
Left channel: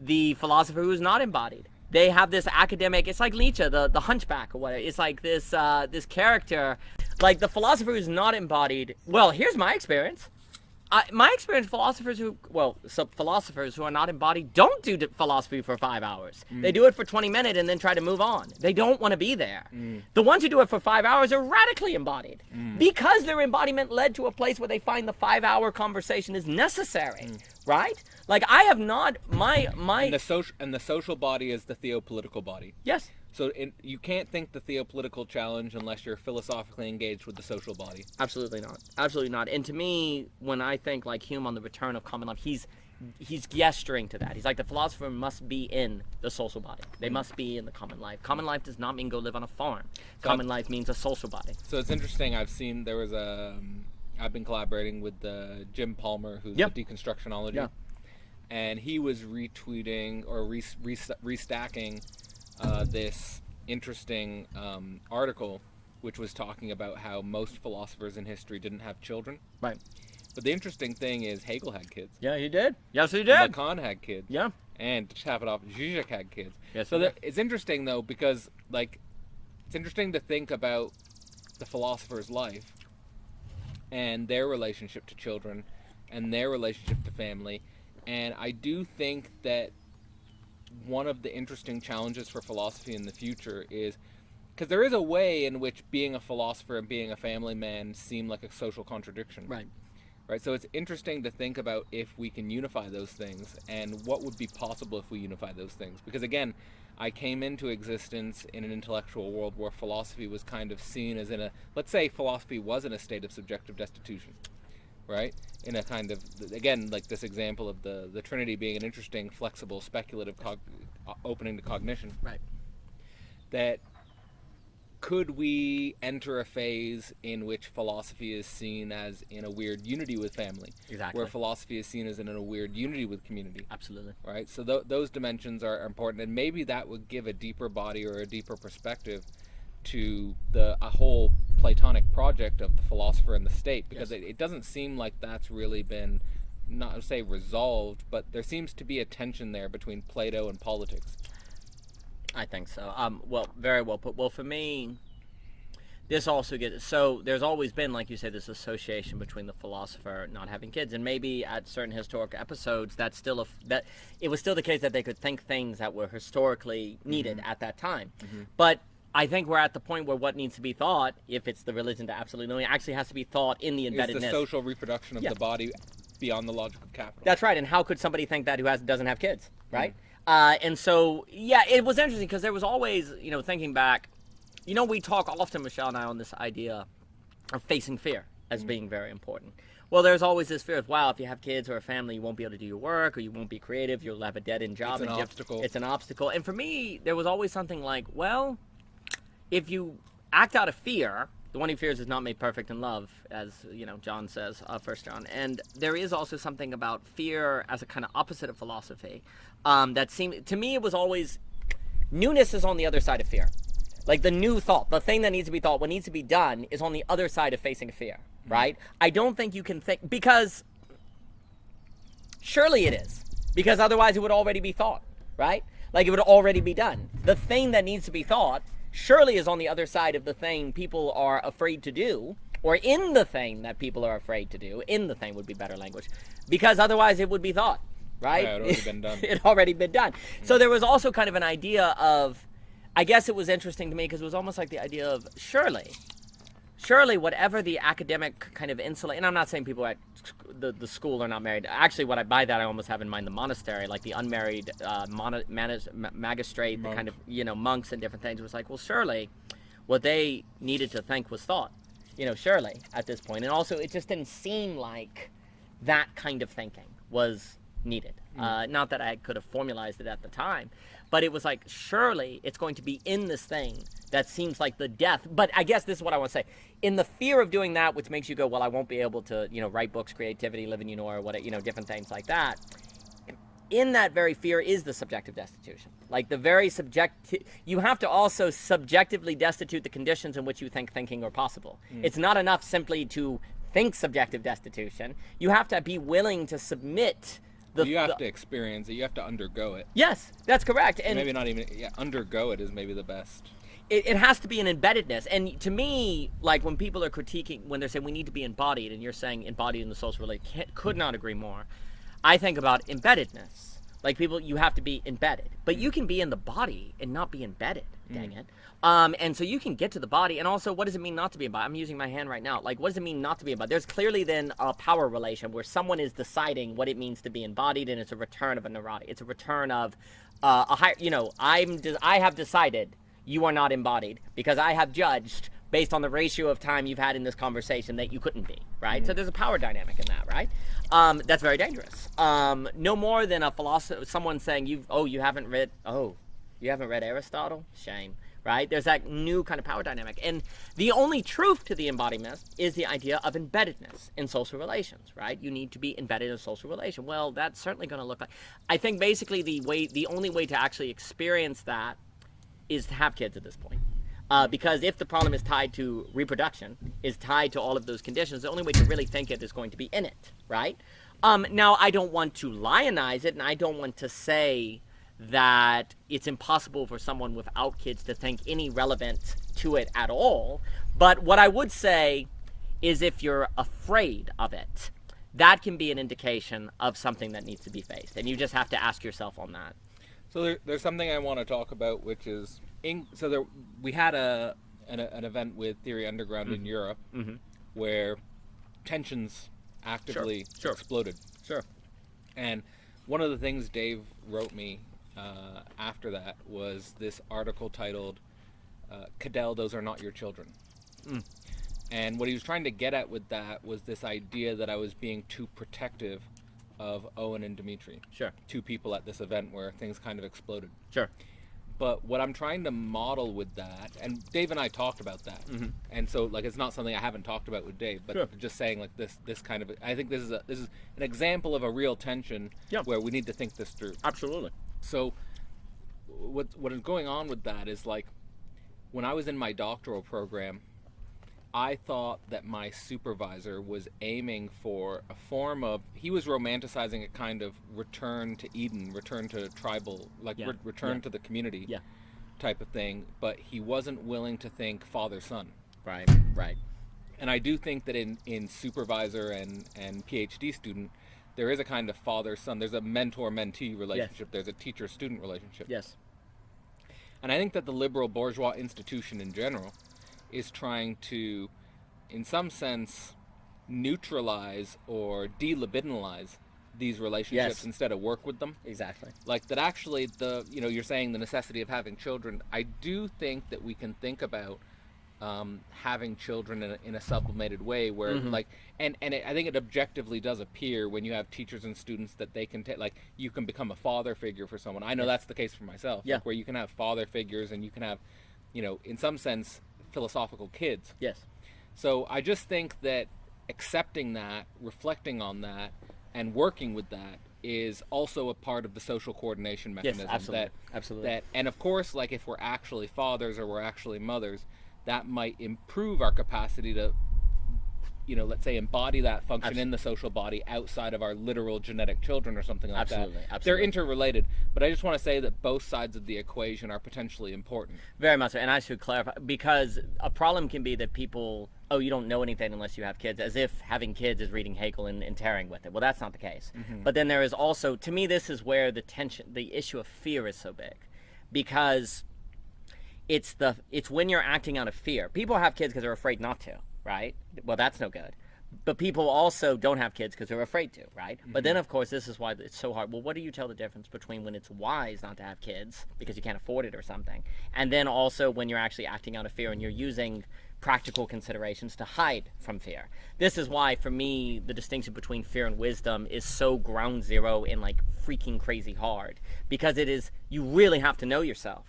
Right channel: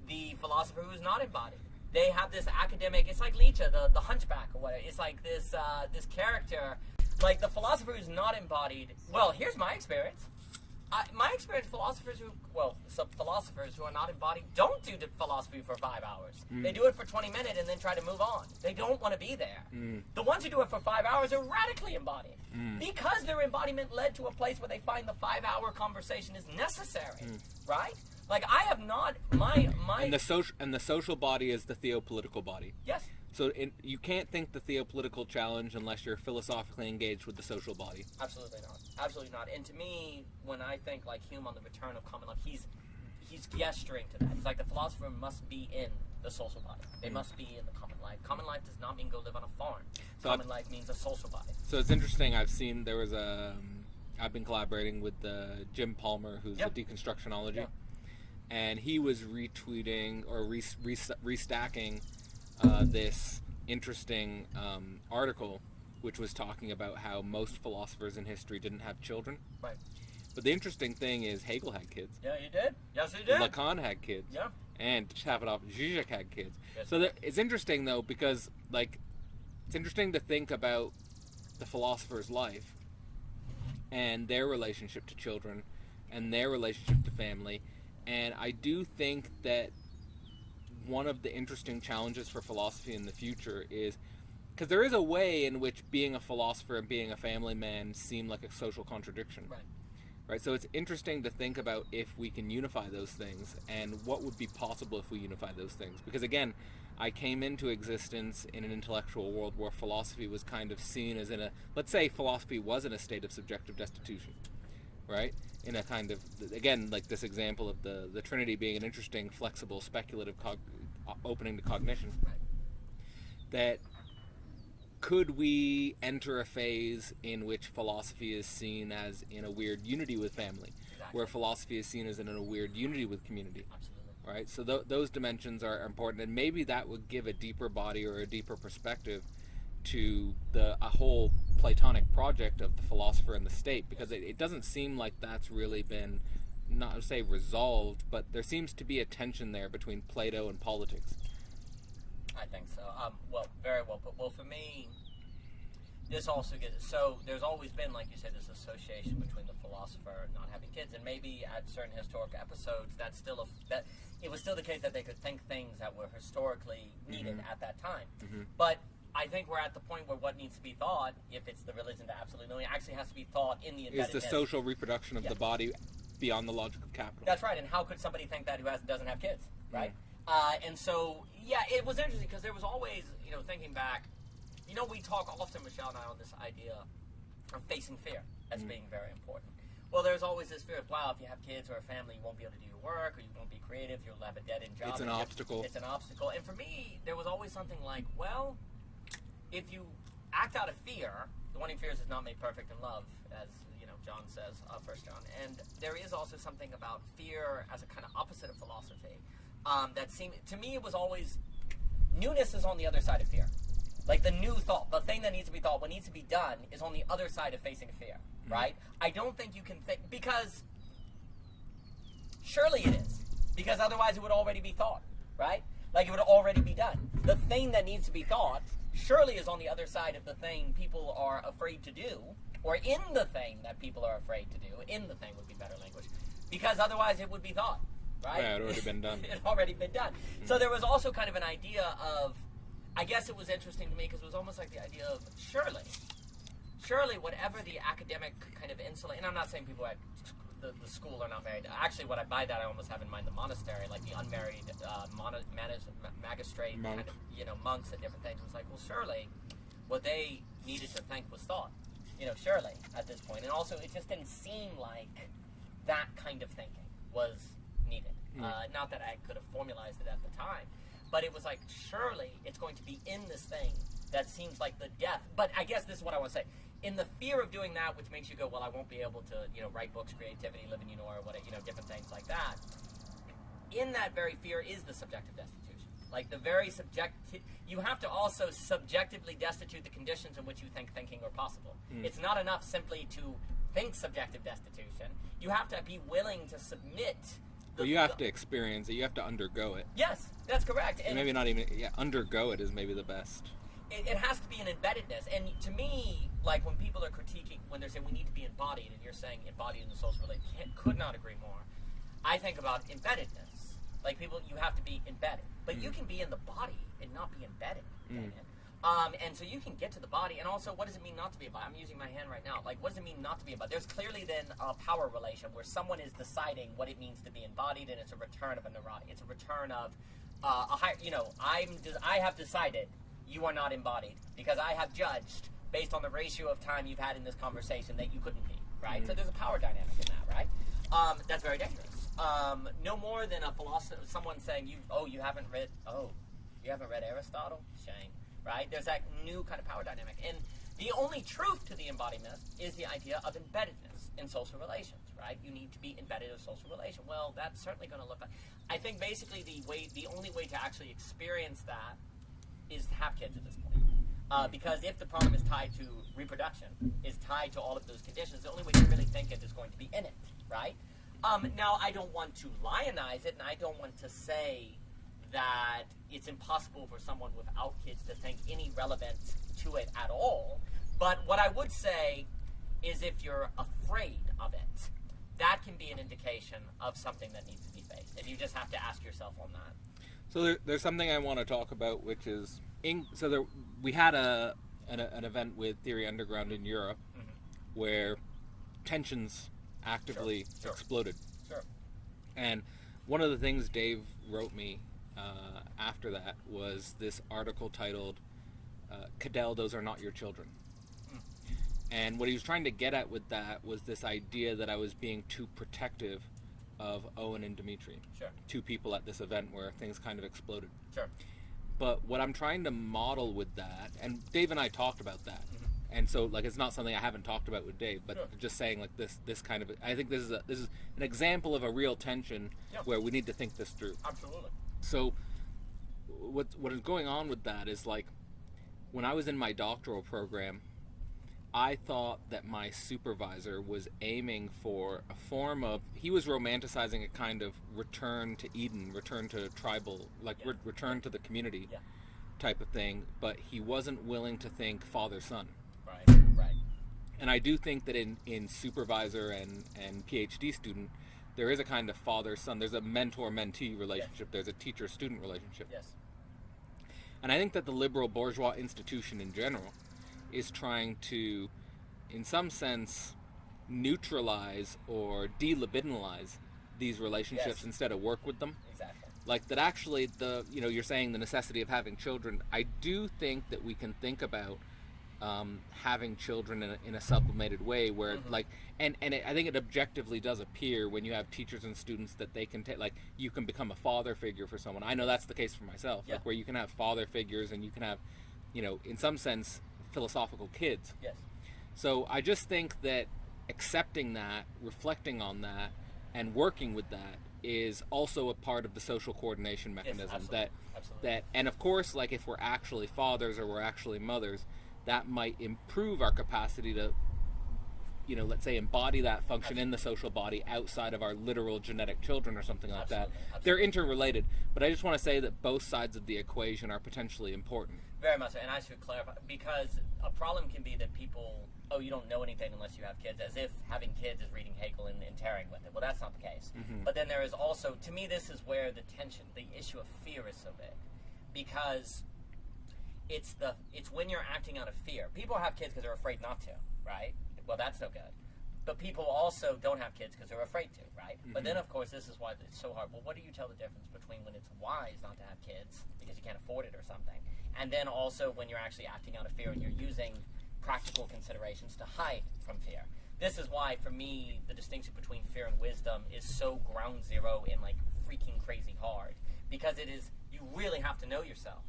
the philosopher who's not embodied. They have this academic, it's like Nietzsche, the hunchback or whatever. It's like this character, like the philosopher who's not embodied. Well, here's my experience. My experience, philosophers who are not embodied don't do philosophy for 5 hours. They do it for 20 minutes and then try to move on. They don't want to be there. The ones who do it for 5 hours are radically embodied because their embodiment led to a place where they find the 5-hour conversation is necessary, right? Like, I have not, and the social body is the theopolitical body. Yes. So you can't think the theopolitical challenge unless you're philosophically engaged with the social body. Absolutely not. And to me, when I think like Hume on the return of common life, he's gesturing to that. He's like, the philosopher must be in the social body. They must be in the common life. Common life does not mean go live on a farm. Common life means a social body. So it's interesting. I've been collaborating with Jim Palmer, who's the Deconstructionology. Yeah. And he was retweeting or restacking this interesting article, which was talking about how most philosophers in history didn't have children. Right. But the interesting thing is Hegel had kids. Yeah, he did. Yes, he did. Lacan had kids. Yeah. And to cap it off, Zizek had kids. Yes, so it's interesting, though, because like it's interesting to think about the philosopher's life and their relationship to children and their relationship to family. And I do think that one of the interesting challenges for philosophy in the future is, because there is a way in which being a philosopher and being a family man seem like a social contradiction. Right. So it's interesting to think about if we can unify those things and what would be possible if we unify those things. Because again, I came into existence in an intellectual world where philosophy was kind of seen as let's say philosophy was in a state of subjective destitution. Right? In a kind of, again, like this example of the Trinity being an interesting, flexible, speculative opening to cognition. Right. That could we enter a phase in which philosophy is seen as in a weird unity with family? Exactly. Where philosophy is seen as in a weird unity with community. Absolutely. Right? So those dimensions are important, and maybe that would give a deeper body or a deeper perspective to a whole Platonic project of the philosopher and the state, because it doesn't seem like that's really been, not to say resolved, but there seems to be a tension there between Plato and politics. I think so. Well, very well put. Well, for me, this also so there's always been, like you said, this association between the philosopher not having kids, and maybe at certain historic episodes that it was still the case that they could think things that were historically needed at that time. But I think we're at the point where what needs to be thought, if it's the religion to absolutely knowing, actually has to be thought in the embeddedness. Is the social reproduction of the body beyond the logic of capital. That's right. And how could somebody think that who doesn't have kids, right? And so, it was interesting because there was always, thinking back, we talk often, Michelle and I, on this idea of facing fear as being very important. Well, there's always this fear of, wow, if you have kids or a family, you won't be able to do your work, or you won't be creative, you'll have a dead-end job. It's an obstacle. It's an obstacle. And for me, there was always something like, well, if you act out of fear, the one who fears is not made perfect in love, as John says, 1 John. And there is also something about fear as a kind of opposite of philosophy that seemed, to me, it was always, newness is on the other side of fear. Like the new thought, the thing that needs to be thought, what needs to be done is on the other side of facing fear. right? I don't think you can think, because surely it is, because otherwise it would already be thought, right? Like it would already be done. The thing that needs to be thought surely is on the other side of the thing people are afraid to do, or in the thing that people are afraid to do. In the thing would be better language, because otherwise it would be thought, right? Yeah, it had already been done. It had already been done. So there was also kind of an idea of, I guess it was interesting to me because it was almost like the idea of surely whatever the academic kind of insulate, and I'm not saying people at the school are not married. Actually, what I by that I almost have in mind the monastery, like the unmarried magistrate, Monk. kind of, you know, monks and different things. It was like, well, surely what they needed to think was thought, you know, surely at this point. And also, it just didn't seem like that kind of thinking was needed. Not that I could have formalized it at the time, but it was like, surely it's going to be in this thing that seems like the death. But I guess this is what I want to say. In the fear of doing that, which makes you go, well, I won't be able to, you know, write books, creativity, live in or what, you know, different things like that. In that very fear is the subjective destitution. Like the very you have to also subjectively destitute the conditions in which you think thinking are possible. It's not enough simply to think subjective destitution. You have to be willing to submit. You have to experience it. You have to undergo it. Yes, that's correct. And maybe not even, undergo it is maybe the best. It has to be an embeddedness. And to me, like when people are critiquing, when they're saying we need to be embodied, and you're saying embodied in the social relation, could not agree more. I think about embeddedness. Like people, you have to be embedded. But you can be in the body and not be embedded, dang it. And so you can get to the body, and also, what does it mean not to be embodied? I'm using my hand right now. Like, what does it mean not to be embodied? There's clearly then a power relation where someone is deciding what it means to be embodied, and it's a return of a neurotic. It's a return of a higher, you know, I have decided you are not embodied because I have judged based on the ratio of time you've had in this conversation that you couldn't be, right? So there's a power dynamic in that, right? That's very dangerous. No more than a philosopher, someone saying you haven't read Aristotle? Shame. Right? There's that new kind of power dynamic. And the only truth to the embodiment is the idea of embeddedness in social relations, right? You need to be embedded in a social relation. Well, that's certainly going to look like, I think basically the only way to actually experience that is to have kids at this point. Because if the problem is tied to reproduction, is tied to all of those conditions, the only way to really think it is going to be in it, right? Now, I don't want to lionize it, and I don't want to say that it's impossible for someone without kids to think any relevant to it at all. But what I would say is if you're afraid of it, that can be an indication of something that needs to be faced. And you just have to ask yourself on that. So there's something I want to talk about, which is, we had an event with Theory Underground in Europe where tensions actively exploded. Sure. And one of the things Dave wrote me after that was this article titled Cadell, Those Are Not Your Children. And what he was trying to get at with that was this idea that I was being too protective of Owen and Dimitri. Sure. Two people at this event where things kind of exploded. Sure. But what I'm trying to model with that, and Dave and I talked about that, and so like it's not something I haven't talked about with Dave, but just saying like this kind of, I think this is an example of a real tension where we need to think this through. Absolutely. So what is going on with that is, like, when I was in my doctoral program, I thought that my supervisor was aiming for a form of, he was romanticizing a kind of return to Eden, return to tribal, like return to the community type of thing, but he wasn't willing to think father-son. Right. And I do think that in supervisor and PhD student, there is a kind of father-son, there's a mentor-mentee relationship, there's a teacher-student relationship. Yes. And I think that the liberal bourgeois institution in general is trying to, in some sense, neutralize or delibidinalize these relationships instead of work with them. Exactly. Like that actually you're saying the necessity of having children. I do think that we can think about having children in a sublimated way where I think it objectively does appear when you have teachers and students that they can like you can become a father figure for someone. I know that's the case for myself. Like where you can have father figures and you can have, in some sense, philosophical kids. Yes. So I just think that accepting that, reflecting on that, and working with that is also a part of the social coordination mechanism. Yes, absolutely. And of course, like if we're actually fathers or we're actually mothers, that might improve our capacity to let's say embody that function Absolutely. in the social body outside of our literal genetic children or something like Absolutely. that. Absolutely. They're interrelated, but I just want to say that both sides of the equation are potentially important. Very much so. And I should clarify, because a problem can be that people, oh, you don't know anything unless you have kids, as if having kids is reading Hegel and tearing with it. Well, that's not the case. But then there is also, to me, this is where the issue of fear is so big, because it's when you're acting out of fear. People have kids because they're afraid not to, right? Well, that's no good. But people also don't have kids because they're afraid to, right? But then, of course, this is why it's so hard. Well, what do you tell the difference between when it's wise not to have kids because you can't afford it or something, and then also when you're actually acting out of fear and you're using practical considerations to hide from fear? This is why, for me, the distinction between fear and wisdom is so ground zero and like freaking crazy hard, because it is, you really have to know yourself,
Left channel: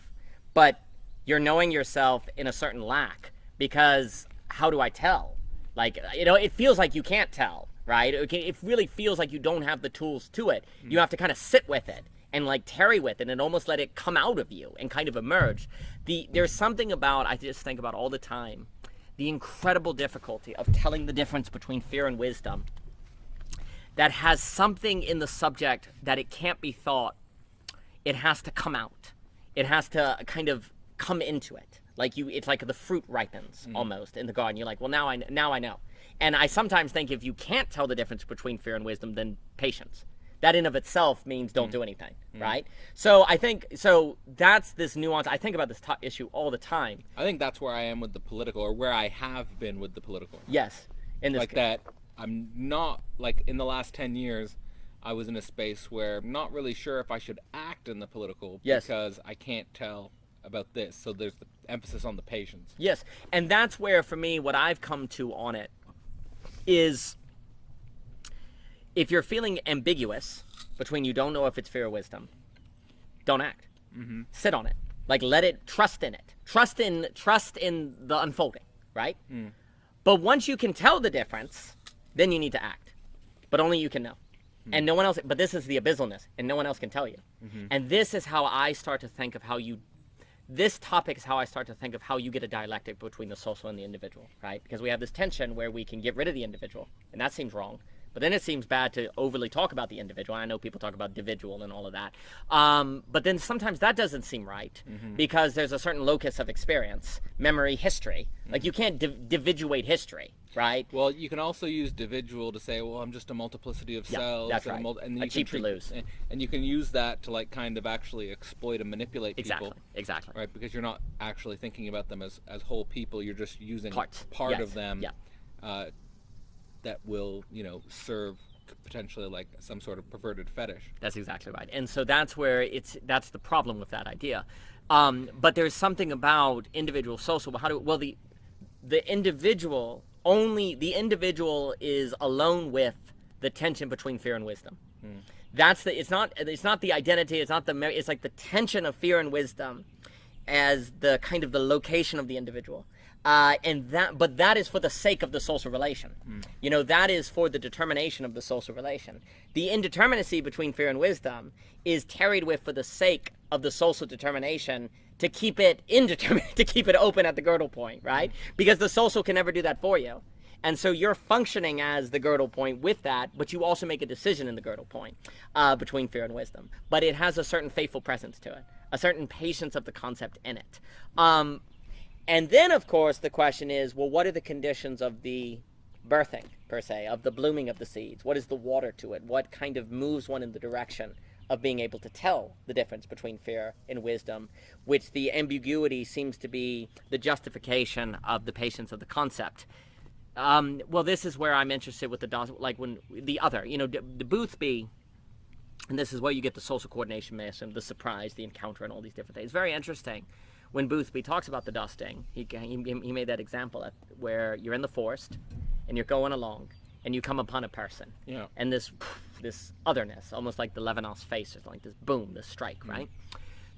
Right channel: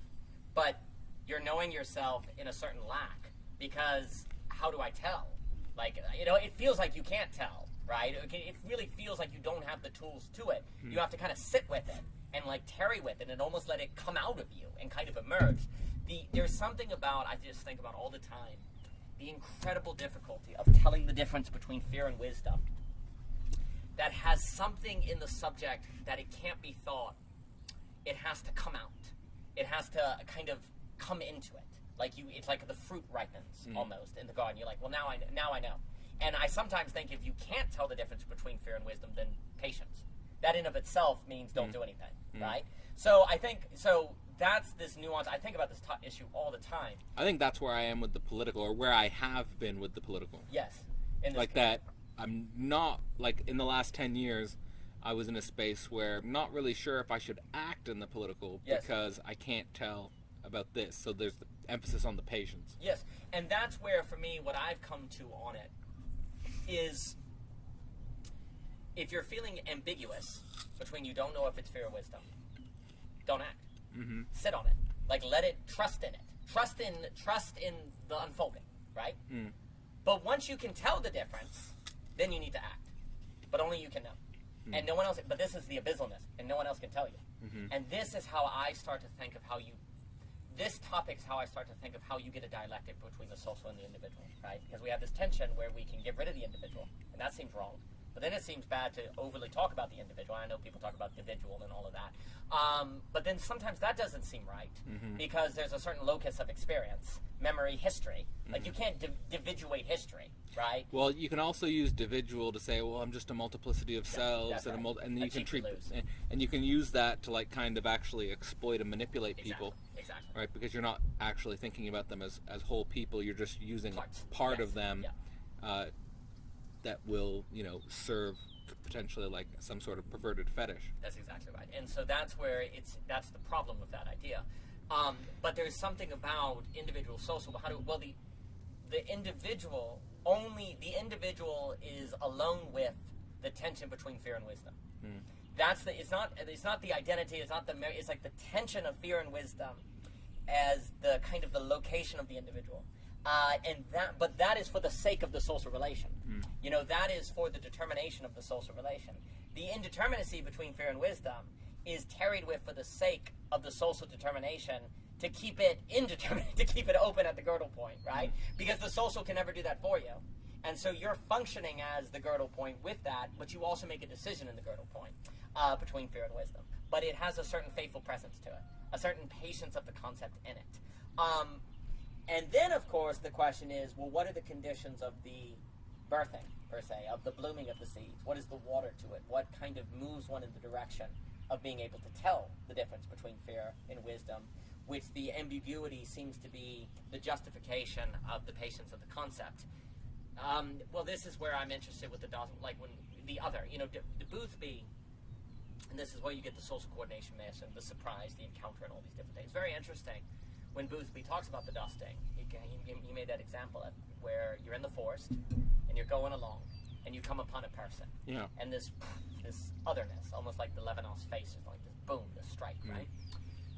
but you're knowing yourself in a certain lack, because how do I tell? Like, it feels like you can't tell, right? It really feels like you don't have the tools to it. You have to kind of sit with it and like tarry with it and almost let it come out of you and kind of emerge. There's something about, I just think about all the time, the incredible difficulty of telling the difference between fear and wisdom that has something in the subject that it can't be thought. It has to come out. It has to kind of come into it. Like it's like the fruit ripens almost in the garden. You're like, well, now I know. And I sometimes think if you can't tell the difference between fear and wisdom, then patience. That in of itself means don't do anything, right? So I think, that's this nuance. I think about this issue all the time. I think that's where I am with the political, or where I have been with the political. Yes. In this Like that, I'm not, like in the last 10 years, I was in a space where I'm not really sure if I should act in the political because I can't tell about this. So there's the emphasis on the patience. Yes, and that's where, for me, what I've come to on it is, if you're feeling ambiguous between you don't know if it's fear or wisdom, don't act. Sit on it. Like, let it, trust in it. Trust in the unfolding, right? But once you can tell the difference, then you need to act. But only you can know. And no one else, but this is the abyssalness, and no one else can tell you. And this is how I start to think of this topic is how I start to think of how you get a dialectic between the social and the individual, right? Because we have this tension where we can get rid of the individual, and that seems wrong. But then it seems bad to overly talk about the individual. I know people talk about individual and all of that. But then sometimes that doesn't seem right, because there's a certain locus of experience, memory, history. Like, you can't dividuate history, right? Well, you can also use dividual to say, well, I'm just a multiplicity of cells. That's right. And you cheap to lose. And you can use that to like kind of actually exploit and manipulate people. Exactly. Right? Because you're not actually thinking about them as whole people. You're just using part Yes. of them that will, serve potentially like some sort of perverted fetish. That's exactly right. And so that's where that's the problem with that idea. But there's something about individual social. The individual is alone with the tension between fear and wisdom. It's not the identity, it's not it's like the tension of fear and wisdom as the kind of the location of the individual. But that is for the sake of the social relation. That is for the determination of the social relation. The indeterminacy between fear and wisdom is tarried with for the sake of the social determination, to keep it indeterminate, to keep it open at the girdle point, right? Because the social can never do that for you. And so you're functioning as the girdle point with that, but you also make a decision in the girdle point between fear and wisdom. But it has a certain faithful presence to it, a certain patience of the concept in it. And then, of course, the question is, well, what are the conditions of the birthing, per se, of the blooming of the seeds? What is the water to it? What kind of moves one in the direction of being able to tell the difference between fear and wisdom, which the ambiguity seems to be the justification of the patience of the concept? Well, this is where I'm interested with the Boothby, and this is where you get the social coordination myths and the surprise, the encounter, and all these different things. It's very interesting. When Boothby talks about the dusting, he made that example where you're in the forest and you're going along and you come upon a person. Yeah. And this otherness, almost like the Levinas face, or like this boom, this strike, right?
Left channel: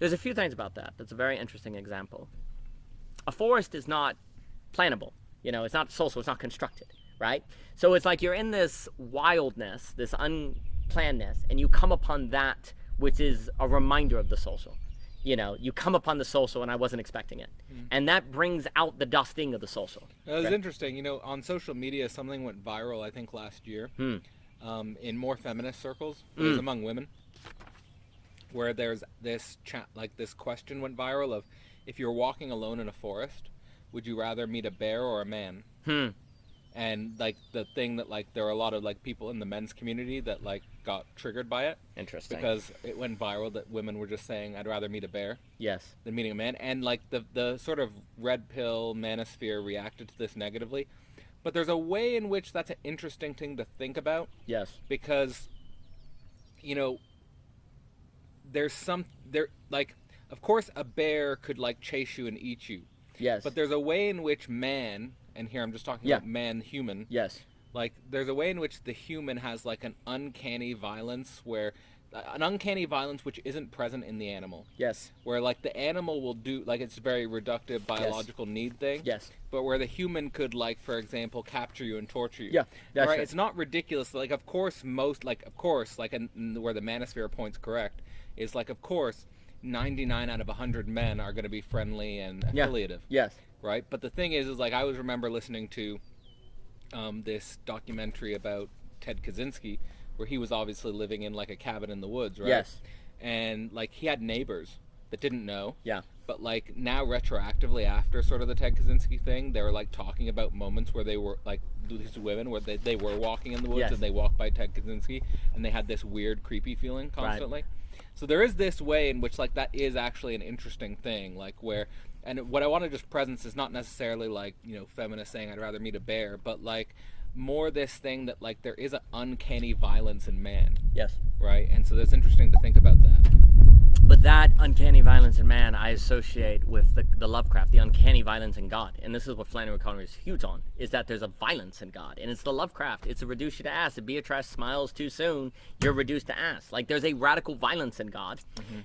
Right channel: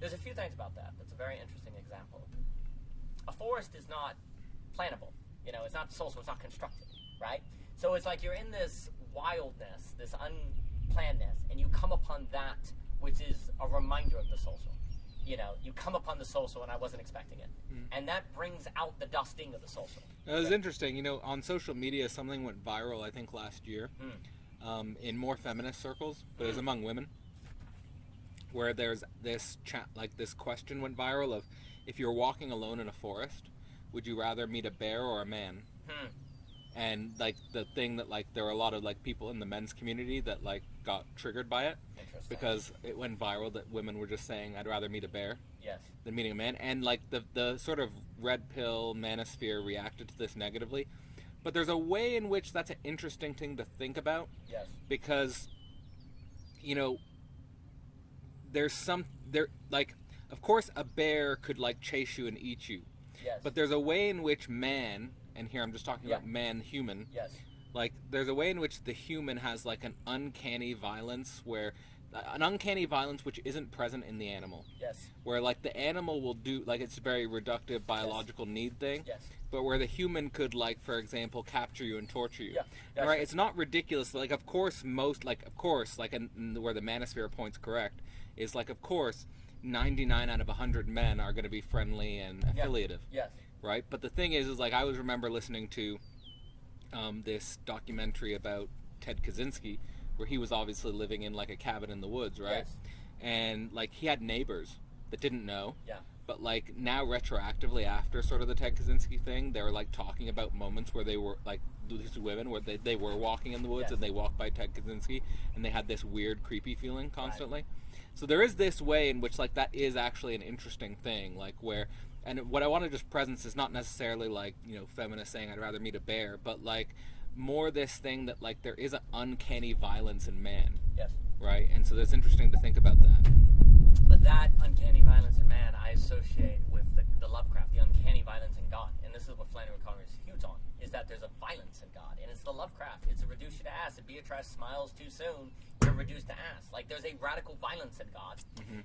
There's a few things about that. That's a very interesting example. A forest is not plannable. It's not social, it's not constructed, right? So it's like you're in this wildness, this unplannedness, and you come upon that which is a reminder of the social. you come upon the social and I wasn't expecting it. And that brings out the dusting of the social. It was interesting. On social media, something went viral, I think, last year in more feminist circles. It was among women, where there's this this question went viral of, if you're walking alone in a forest, would you rather meet a bear or a man? And the thing that there are a lot of people in the men's community that got triggered by it. Interesting. Because it went viral that women were just saying, I'd rather meet a bear than meeting a man. And the sort of red pill manosphere reacted to this negatively. But there's a way in which that's an interesting thing to think about. Yes. Because there's of course a bear could chase you and eat you. Yes. But there's a way in which man, and here I'm just talking about man, human. Yes. There's a way in which the human has an uncanny violence which isn't present in the animal. Yes. Where the animal will do it's a very reductive biological need thing. Yes. But where the human could for example capture you and torture you. Yeah. That's right. It's not ridiculous. Of course and where the manosphere point's correct is of course 99 out of 100 men are going to be friendly and affiliative. Yes. Right? But the thing is I always remember listening to this documentary about Ted Kaczynski, where he was obviously living in a cabin in the woods, right? Yes. And he had neighbors that didn't know. Yeah. But now retroactively after sort of the Ted Kaczynski thing, they were talking about moments where they were these women where they were walking in the woods and they walked by Ted Kaczynski and they had this weird creepy feeling constantly. Right. So there is this way in which that is actually an interesting thing, where, and what I want to just presence is not necessarily feminists saying I'd rather meet a bear, but more this thing that there is an uncanny violence in man. Yes. Right? And so that's interesting to think about that. But that uncanny violence in man I associate with the Lovecraft, the uncanny violence in God. And this is what Flannery O'Connor is huge on, is that there's a violence in God. And it's the Lovecraft. It's a reduce you to ass. If Beatrice smiles too soon, you're reduced to ass. there's a radical violence in God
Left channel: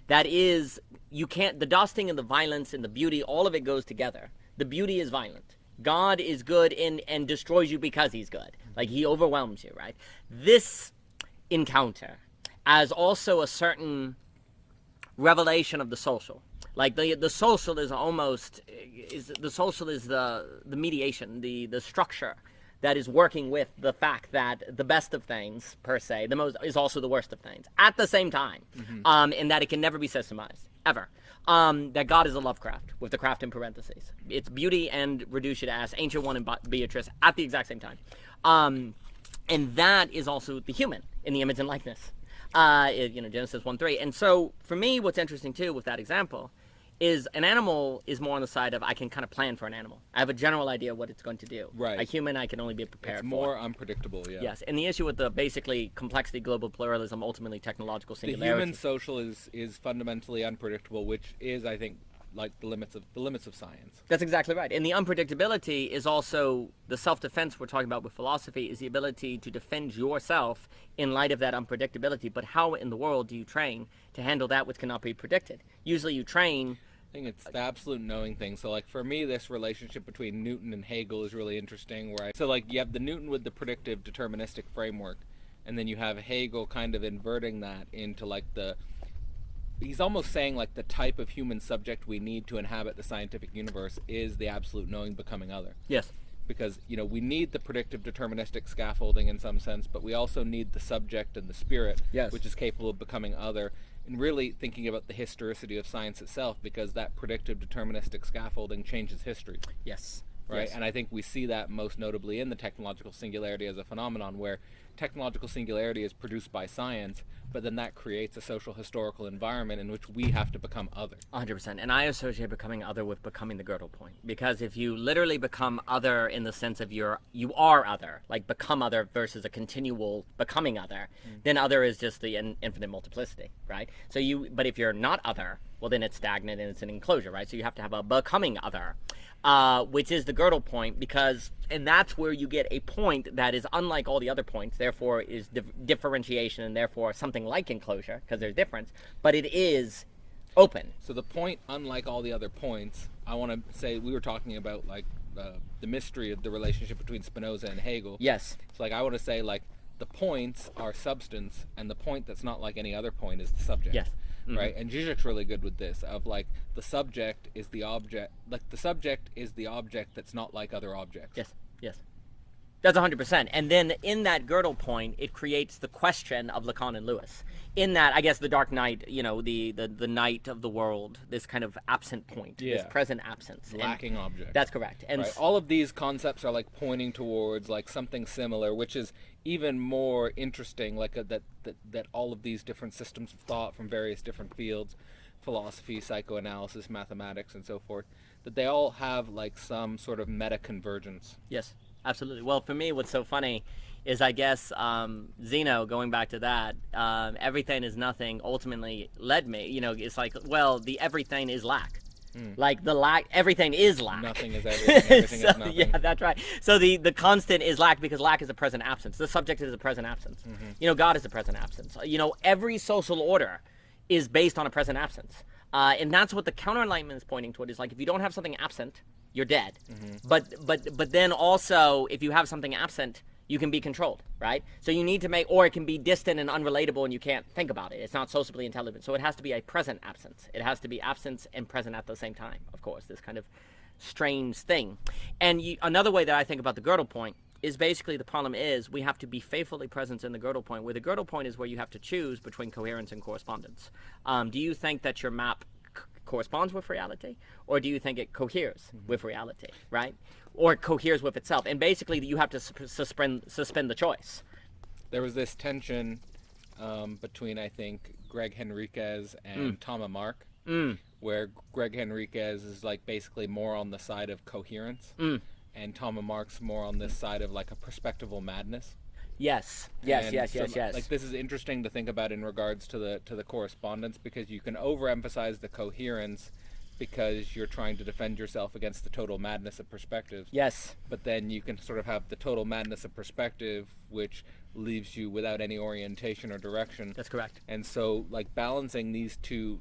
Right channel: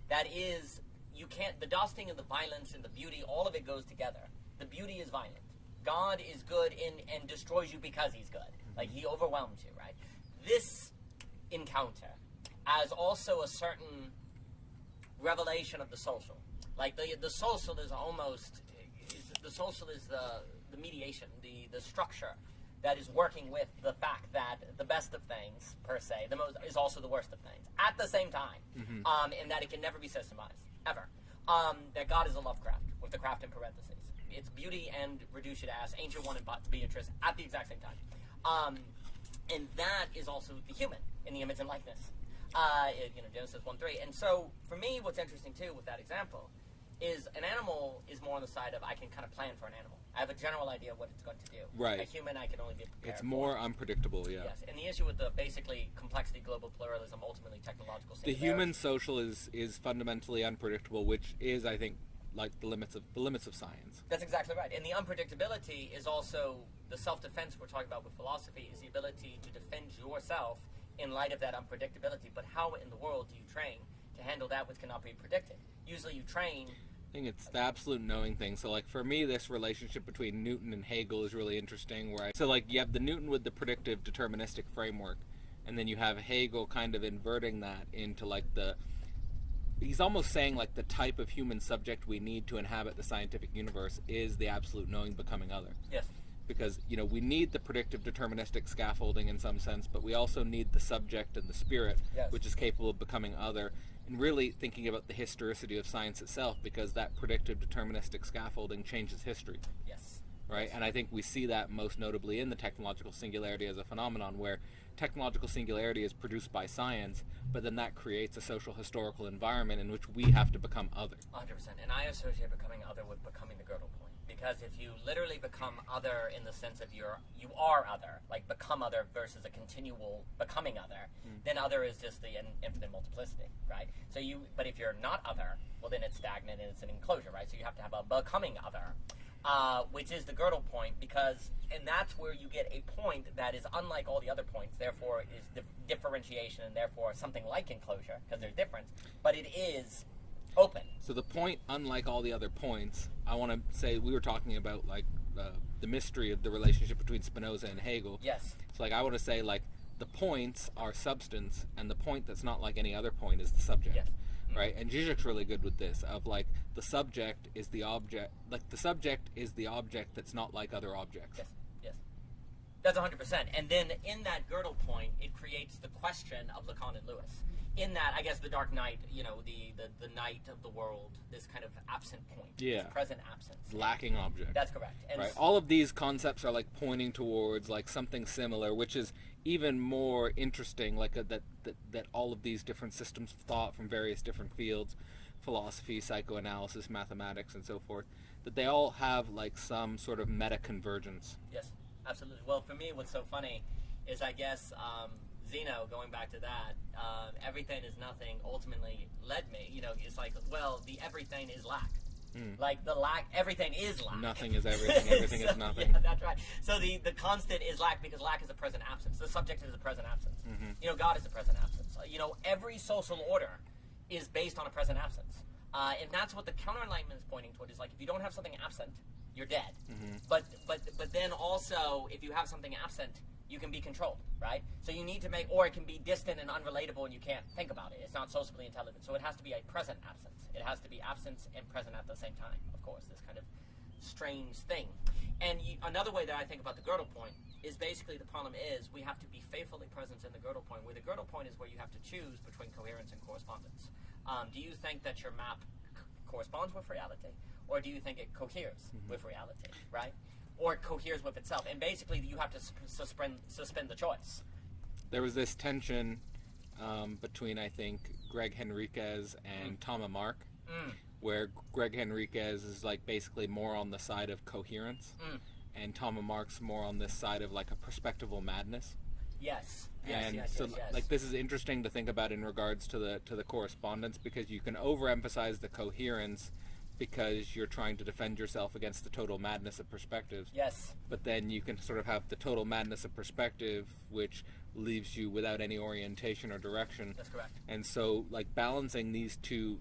that is, the dusting and the violence and the beauty, all of it goes together. The beauty is violent. God is good and destroys you because he's good. He overwhelms you, right? This encounter as also a certain revelation of the social. The social is almost the mediation, the structure that is working with the fact that the best of things, per se, the most is also the worst of things at the same time, and that it can never be systemized ever. That God is a Lovecraft with the craft in parentheses. It's beauty and reduce you to ass, Ancient One and Beatrice at the exact same time, and that is also the human in the image and likeness. Genesis 1:3. And so for me, what's interesting too with that example is an animal is more on the side of I can kind of plan for an animal. I have a general idea what it's going to do. Right. A human, I can only be prepared for. It's more unpredictable, yeah. Yes. And the issue with the basically complexity, global pluralism, ultimately technological singularity. The human social is fundamentally unpredictable, which is, I think, the limits of science. That's exactly right. And the unpredictability is also the self-defense we're talking about with philosophy, is the ability to defend yourself in light of that unpredictability. But how in the world do you train to handle that which cannot be predicted? Usually you train... I think it's the absolute knowing thing. So for me, this relationship between Newton and Hegel is really interesting, you have the Newton with the predictive deterministic framework, and then you have Hegel kind of inverting that into he's almost saying the type of human subject we need to inhabit the scientific universe is the absolute knowing becoming other. Yes. Because we need the predictive deterministic scaffolding in some sense, but we also need the subject and the spirit, which is capable of becoming other, and really thinking about the historicity of science itself, because that predictive deterministic scaffolding changes history. Yes. Right? Yes. And I think we see that most notably in the technological singularity as a phenomenon, where technological singularity is produced by science, but then that creates a social historical environment in which we have to become other. 100%. And I associate becoming other with becoming the girdle point. Because if you literally become other in the sense of you are other, become other versus a continual becoming other, then other is just the infinite multiplicity, right? But if you're not other, well then it's stagnant and it's an enclosure, right? So you have to have a becoming other. Which is the girdle point, and that's where you get a point that is unlike all the other points, therefore is differentiation, and therefore something like enclosure, because there's difference, but it is open. So the point, unlike all the other points, I want to say, we were talking about the mystery of the relationship between Spinoza and Hegel. Yes. So I want to say the points are substance, and the point that's not like any other point is the subject. Yes. right? And Zizek's really good with this of like the subject is the object, like the subject is the object that's not like other objects. Yes, yes. That's 100%. And then in that girdle point, it creates the question of Lacan and Lewis. In that, I guess the dark night, you know, the night of the world, this kind of absent point, this present absence. Lacking object. That's correct. And right. All of these concepts are like pointing towards like something similar, which is even more interesting, like that all of these different systems of thought from various different fields, philosophy, psychoanalysis, mathematics, and so forth, that they all have like some sort of meta convergence. Yes. Absolutely. Well, for me, what's so funny is, I guess, Zeno, going back to that, everything is nothing ultimately led me. You know, it's like, well, the everything is lack. Like the lack, everything is lack. Nothing is everything, everything so, is nothing. Yeah, that's right. So the constant is lack because lack is a present absence. The subject is a present absence. You know, God is a present absence. You know, every social order is based on a present absence. And that's what the counter-enlightenment is pointing toward, is like, if you don't have something absent, you're dead. But then also, if you have something absent, you can be controlled, right? So you need to make, or it can be distant and unrelatable and you can't think about it. It's not socially intelligent. So it has to be a present absence. It has to be absence and present at the same time, of course, this kind of strange thing. And another way that I think about the girdle point is basically the problem is we have to be faithfully present in the girdle point, where the girdle point is where you have to choose between coherence and correspondence. Do you think that your map corresponds with reality, or do you think it coheres with reality, right? Or it coheres with itself? And basically you have to suspend the choice. There was this tension between, I think, Greg Henriquez and Thomas Mark, where Greg Henriquez is like basically more on the side of coherence, and Thomas Mark's more on this side of like a perspectival madness. Yes. Like this is interesting to think about in regards to the correspondence, because you can overemphasize the coherence because you're trying to defend yourself against the total madness of perspective. Yes. But then you can sort of have the total madness of perspective, which leaves you without any orientation or direction. That's correct. And so, like, balancing these two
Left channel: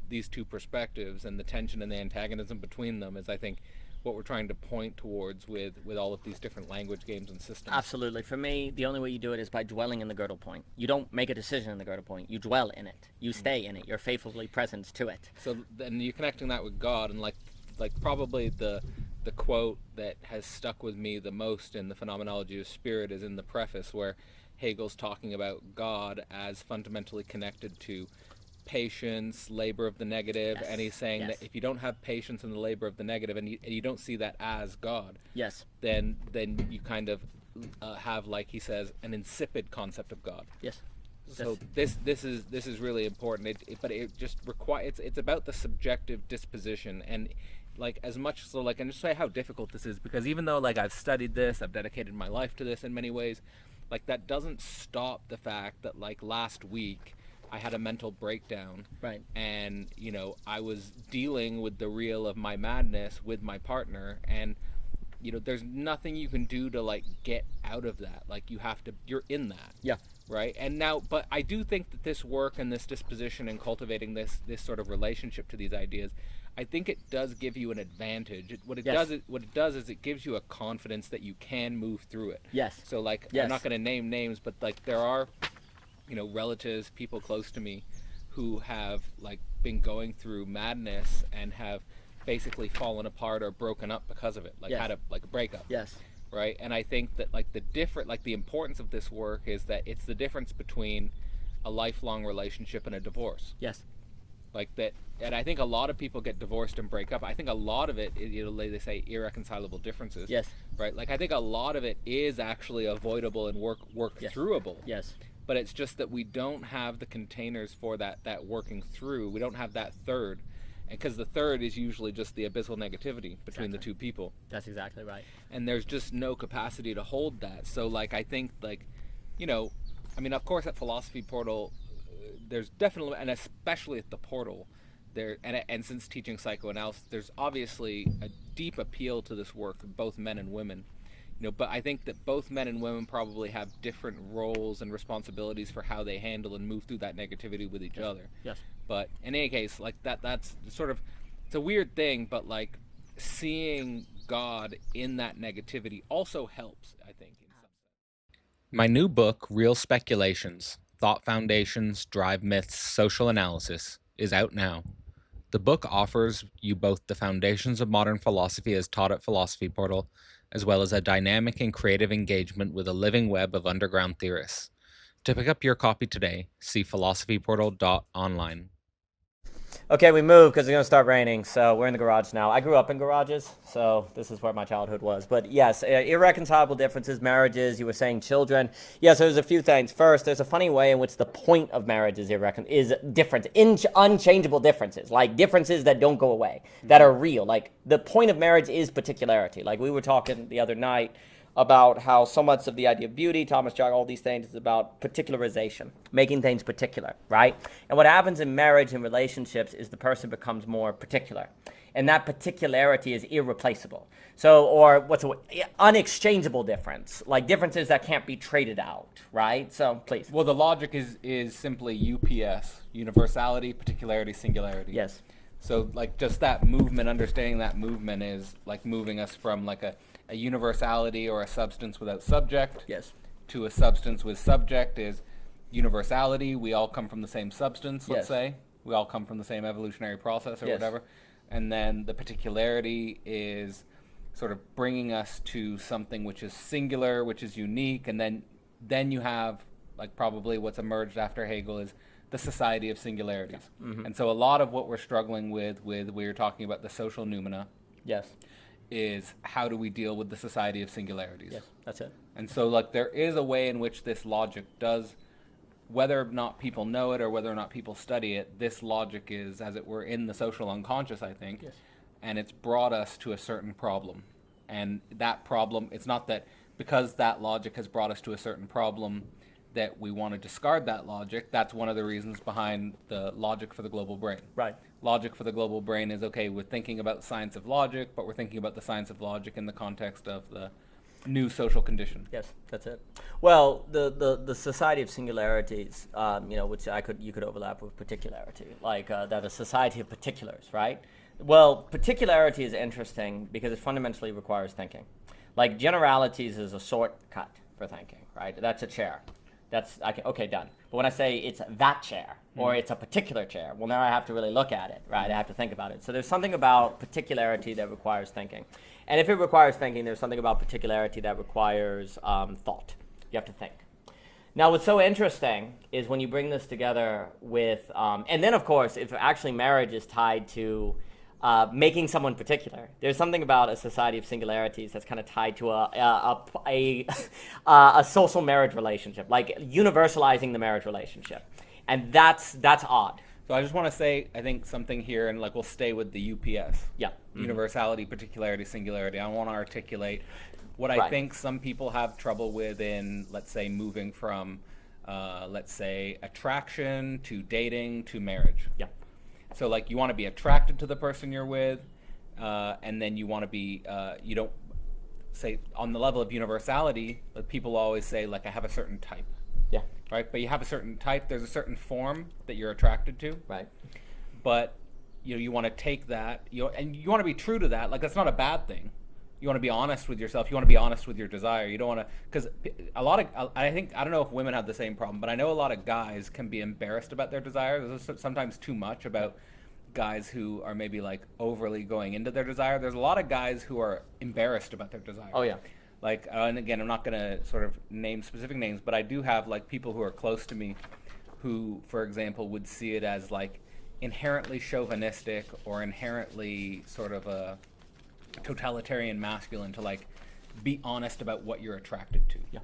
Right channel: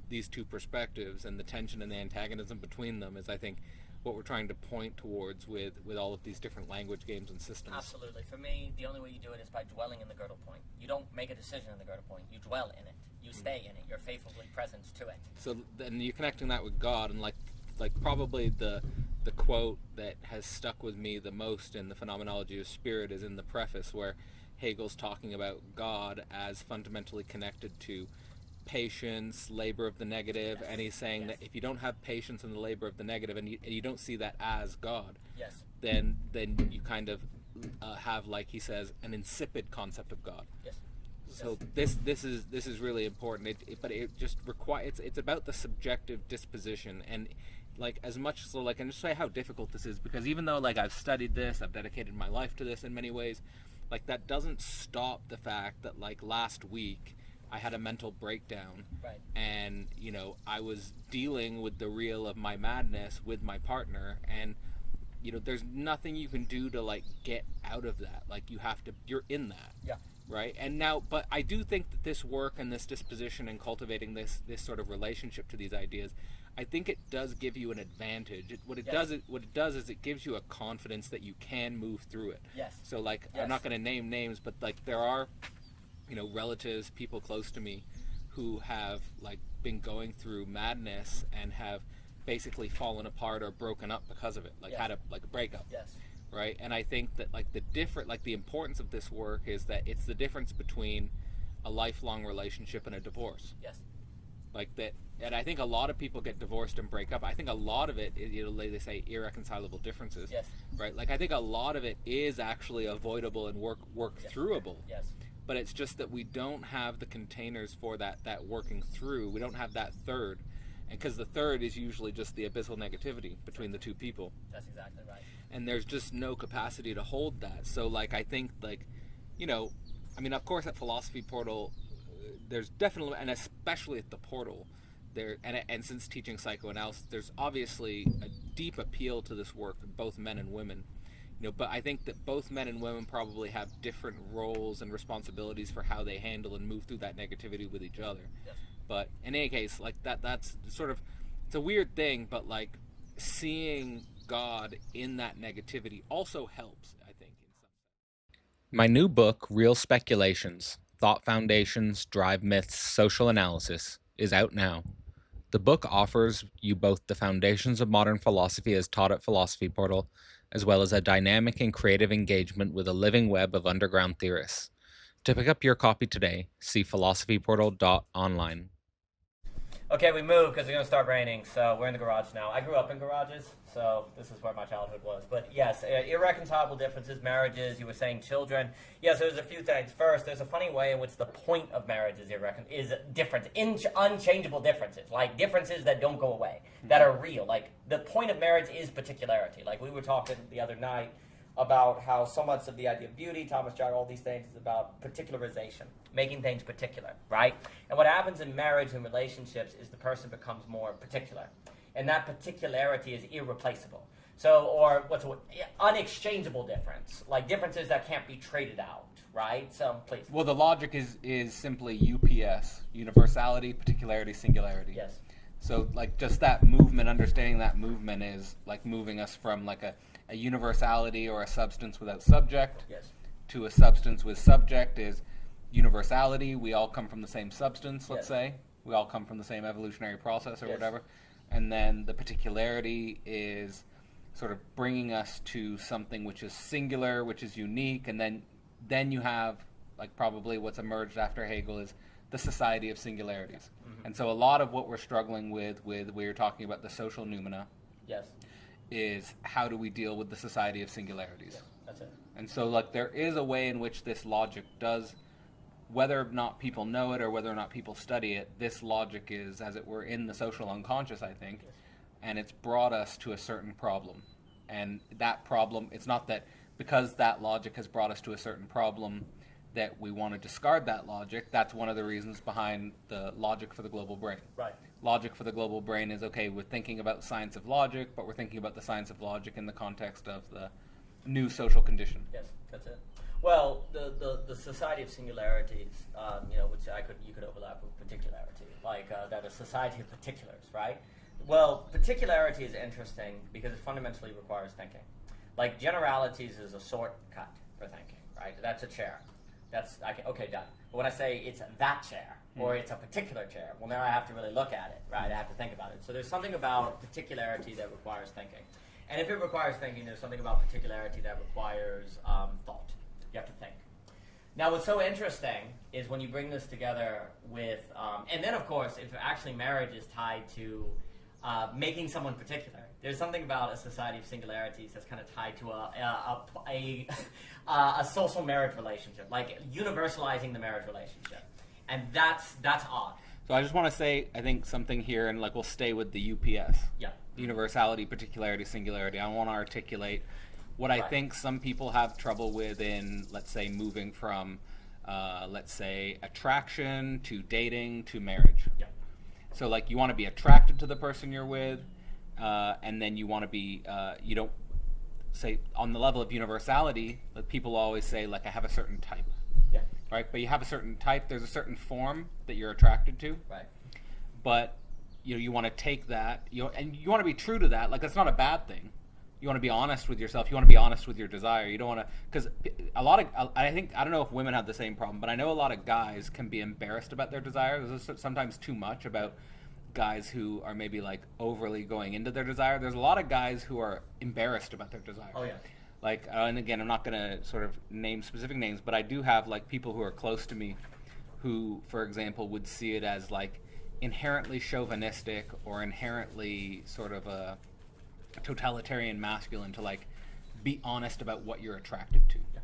perspectives and the tension and the antagonism between them is, I think, what we're trying to point towards with all of these different language games and systems. Absolutely. For me, the only way you do it is by dwelling in the girdle point. You don't make a decision in the girdle point. You dwell in it. You stay in it. You're faithfully present to it. So then you're connecting that with God, and like probably the quote that has stuck with me the most in the phenomenology of spirit is in the preface, where Hegel's talking about God as fundamentally connected to patience, labor of the negative, and he's saying that if you don't have patience in the labor of the negative, and you don't see that as God, then you kind of have, like he says, an insipid concept of God. So this is really important. But it just requires, it's about the subjective disposition, and like as much so, like, and just say how difficult this is, because even though like I've studied this, I've dedicated my life to this in many ways, like that doesn't stop the fact that like last week I had a mental breakdown, right? And you know, I was dealing with the real of my madness with my partner, and you know, there's nothing you can do to like get out of that. Like you're in that, right? And now, but I do think that this work and this disposition and cultivating this sort of relationship to these ideas, I think it does give you an advantage. What it does is it gives you a confidence that you can move through it. So like, I'm not going to name names, but like there are, you know, relatives, people close to me who have like been going through madness and have basically fallen apart or broken up because of it, like had a breakup. Right? And I think that like the importance of this work is that it's the difference between a lifelong relationship and a divorce. Like that, and I think a lot of people get divorced and break up. I think a lot of it is, you know, they say irreconcilable differences. Right? Like I think a lot of it is actually avoidable and work throughable. But it's just that we don't have the containers for that working through. We don't have that third. And because the third is usually just the abyssal negativity between the two people. That's exactly right. And there's just no capacity to hold that. So like I think like, you know, I mean, of course at Philosophy Portal, there's definitely, and especially at the Portal, there, and since teaching psychoanalysis, there's obviously a deep appeal to this work, both men and women. You know, but I think that both men and women probably have different roles and responsibilities for how they handle and move through that negativity with each other. But in any case, like that's sort of, it's a weird thing, but like seeing God in that negativity also helps, I think, in some sense. My new book, Real Speculations: Thought Foundations, Drive Myths, Social Analysis, is out now. The book offers you both the foundations of modern philosophy as taught at Philosophy Portal, as well as a dynamic and creative engagement with a living web of underground theorists. To pick up your copy today, see philosophyportal.online. Okay, we moved because it's going to start raining, so we're in the garage now. I grew up in garages, so this is where my childhood was. But yes, irreconcilable differences, marriages, you were saying children. Yes, there's a few things. First, there's a funny way in which the point of marriage is different, unchangeable differences, like differences that don't go away, that are real. Like the point of marriage is particularity. Like we were talking the other night about how so much of the idea of beauty, Thomas Jog, all these things is about particularization, making things particular, right? And what happens in marriage and relationships is the person becomes more particular. And that particularity is irreplaceable. So, or unexchangeable difference, like differences that can't be traded out, right? So, please. Well, the logic is simply UPS, universality, particularity, singularity. Yes. So, like, just that movement, understanding that movement is like moving us from like a universality or a substance without subject, yes, to a substance with subject is universality. We all come from the same substance, let's say. We all come from the same evolutionary process or whatever. And then the particularity is sort of bringing us to something which is singular, which is unique. And then you have, like, probably what's emerged after Hegel is the society of singularities. Mm-hmm. And so a lot of what we're struggling with we were talking about the social noumena. Yes. Is how do we deal with the society of singularities? Yes, that's it. And so, like, there is a way in which this logic does, whether or not people know it or whether or not people study it, this logic is, as it were, in the social unconscious, I think. Yes. And it's brought us to a certain problem. And that problem, it's not that because that logic has brought us to a certain problem that we want to discard that logic. That's one of the reasons behind the logic for the global brain. Right. Logic for the global brain is, okay, we're thinking about the science of logic, but we're thinking about the science of logic in the context of the new social condition. Yes, that's it. Well, the society of singularities, which you could overlap with particularity, like that a society of particulars, right? Well, particularity is interesting because it fundamentally requires thinking. Like generalities is a shortcut for thinking, right? That's a chair. Okay, done. But when I say it's that chair or it's a particular chair, well, now I have to really look at it, right? I have to think about it. So there's something about particularity that requires thinking. And if it requires thinking, there's something about particularity that requires thought. You have to think. Now, what's so interesting is when you bring this together with, and then of course, if actually marriage is tied to making someone particular. There's something about a society of singularities that's kind of tied to a social marriage relationship, like universalizing the marriage relationship, and that's odd. So I just want to say, I think something here, and like we'll stay with the UPS. Yeah. Universality, particularity, singularity. I want to articulate what I think some people have trouble with in, let's say, moving from, let's say, attraction to dating to marriage. Yeah. So, like, you want to be attracted to the person you're with, and then you want to be, you don't say, on the level of universality, like people always say, like, I have a certain type. Yeah. Right? But you have a certain type, there's a certain form that you're attracted to. Right. But, you want to take that, and you want to be true to that. Like, that's not a bad thing. You want to be honest with yourself. You want to be honest with your desire. You don't want to, because I don't know if women have the same problem, but I know a lot of guys can be embarrassed about their desire. There's sometimes too much about guys who are maybe like overly going into their desire. There's a lot of guys who are embarrassed about their desire. Oh, yeah. Like, and again, I'm not going to sort of name specific names, but I do have like people who are close to me who, for example, would see it as like inherently chauvinistic or inherently sort of a totalitarian masculine to like be honest about what you're attracted to. Yeah.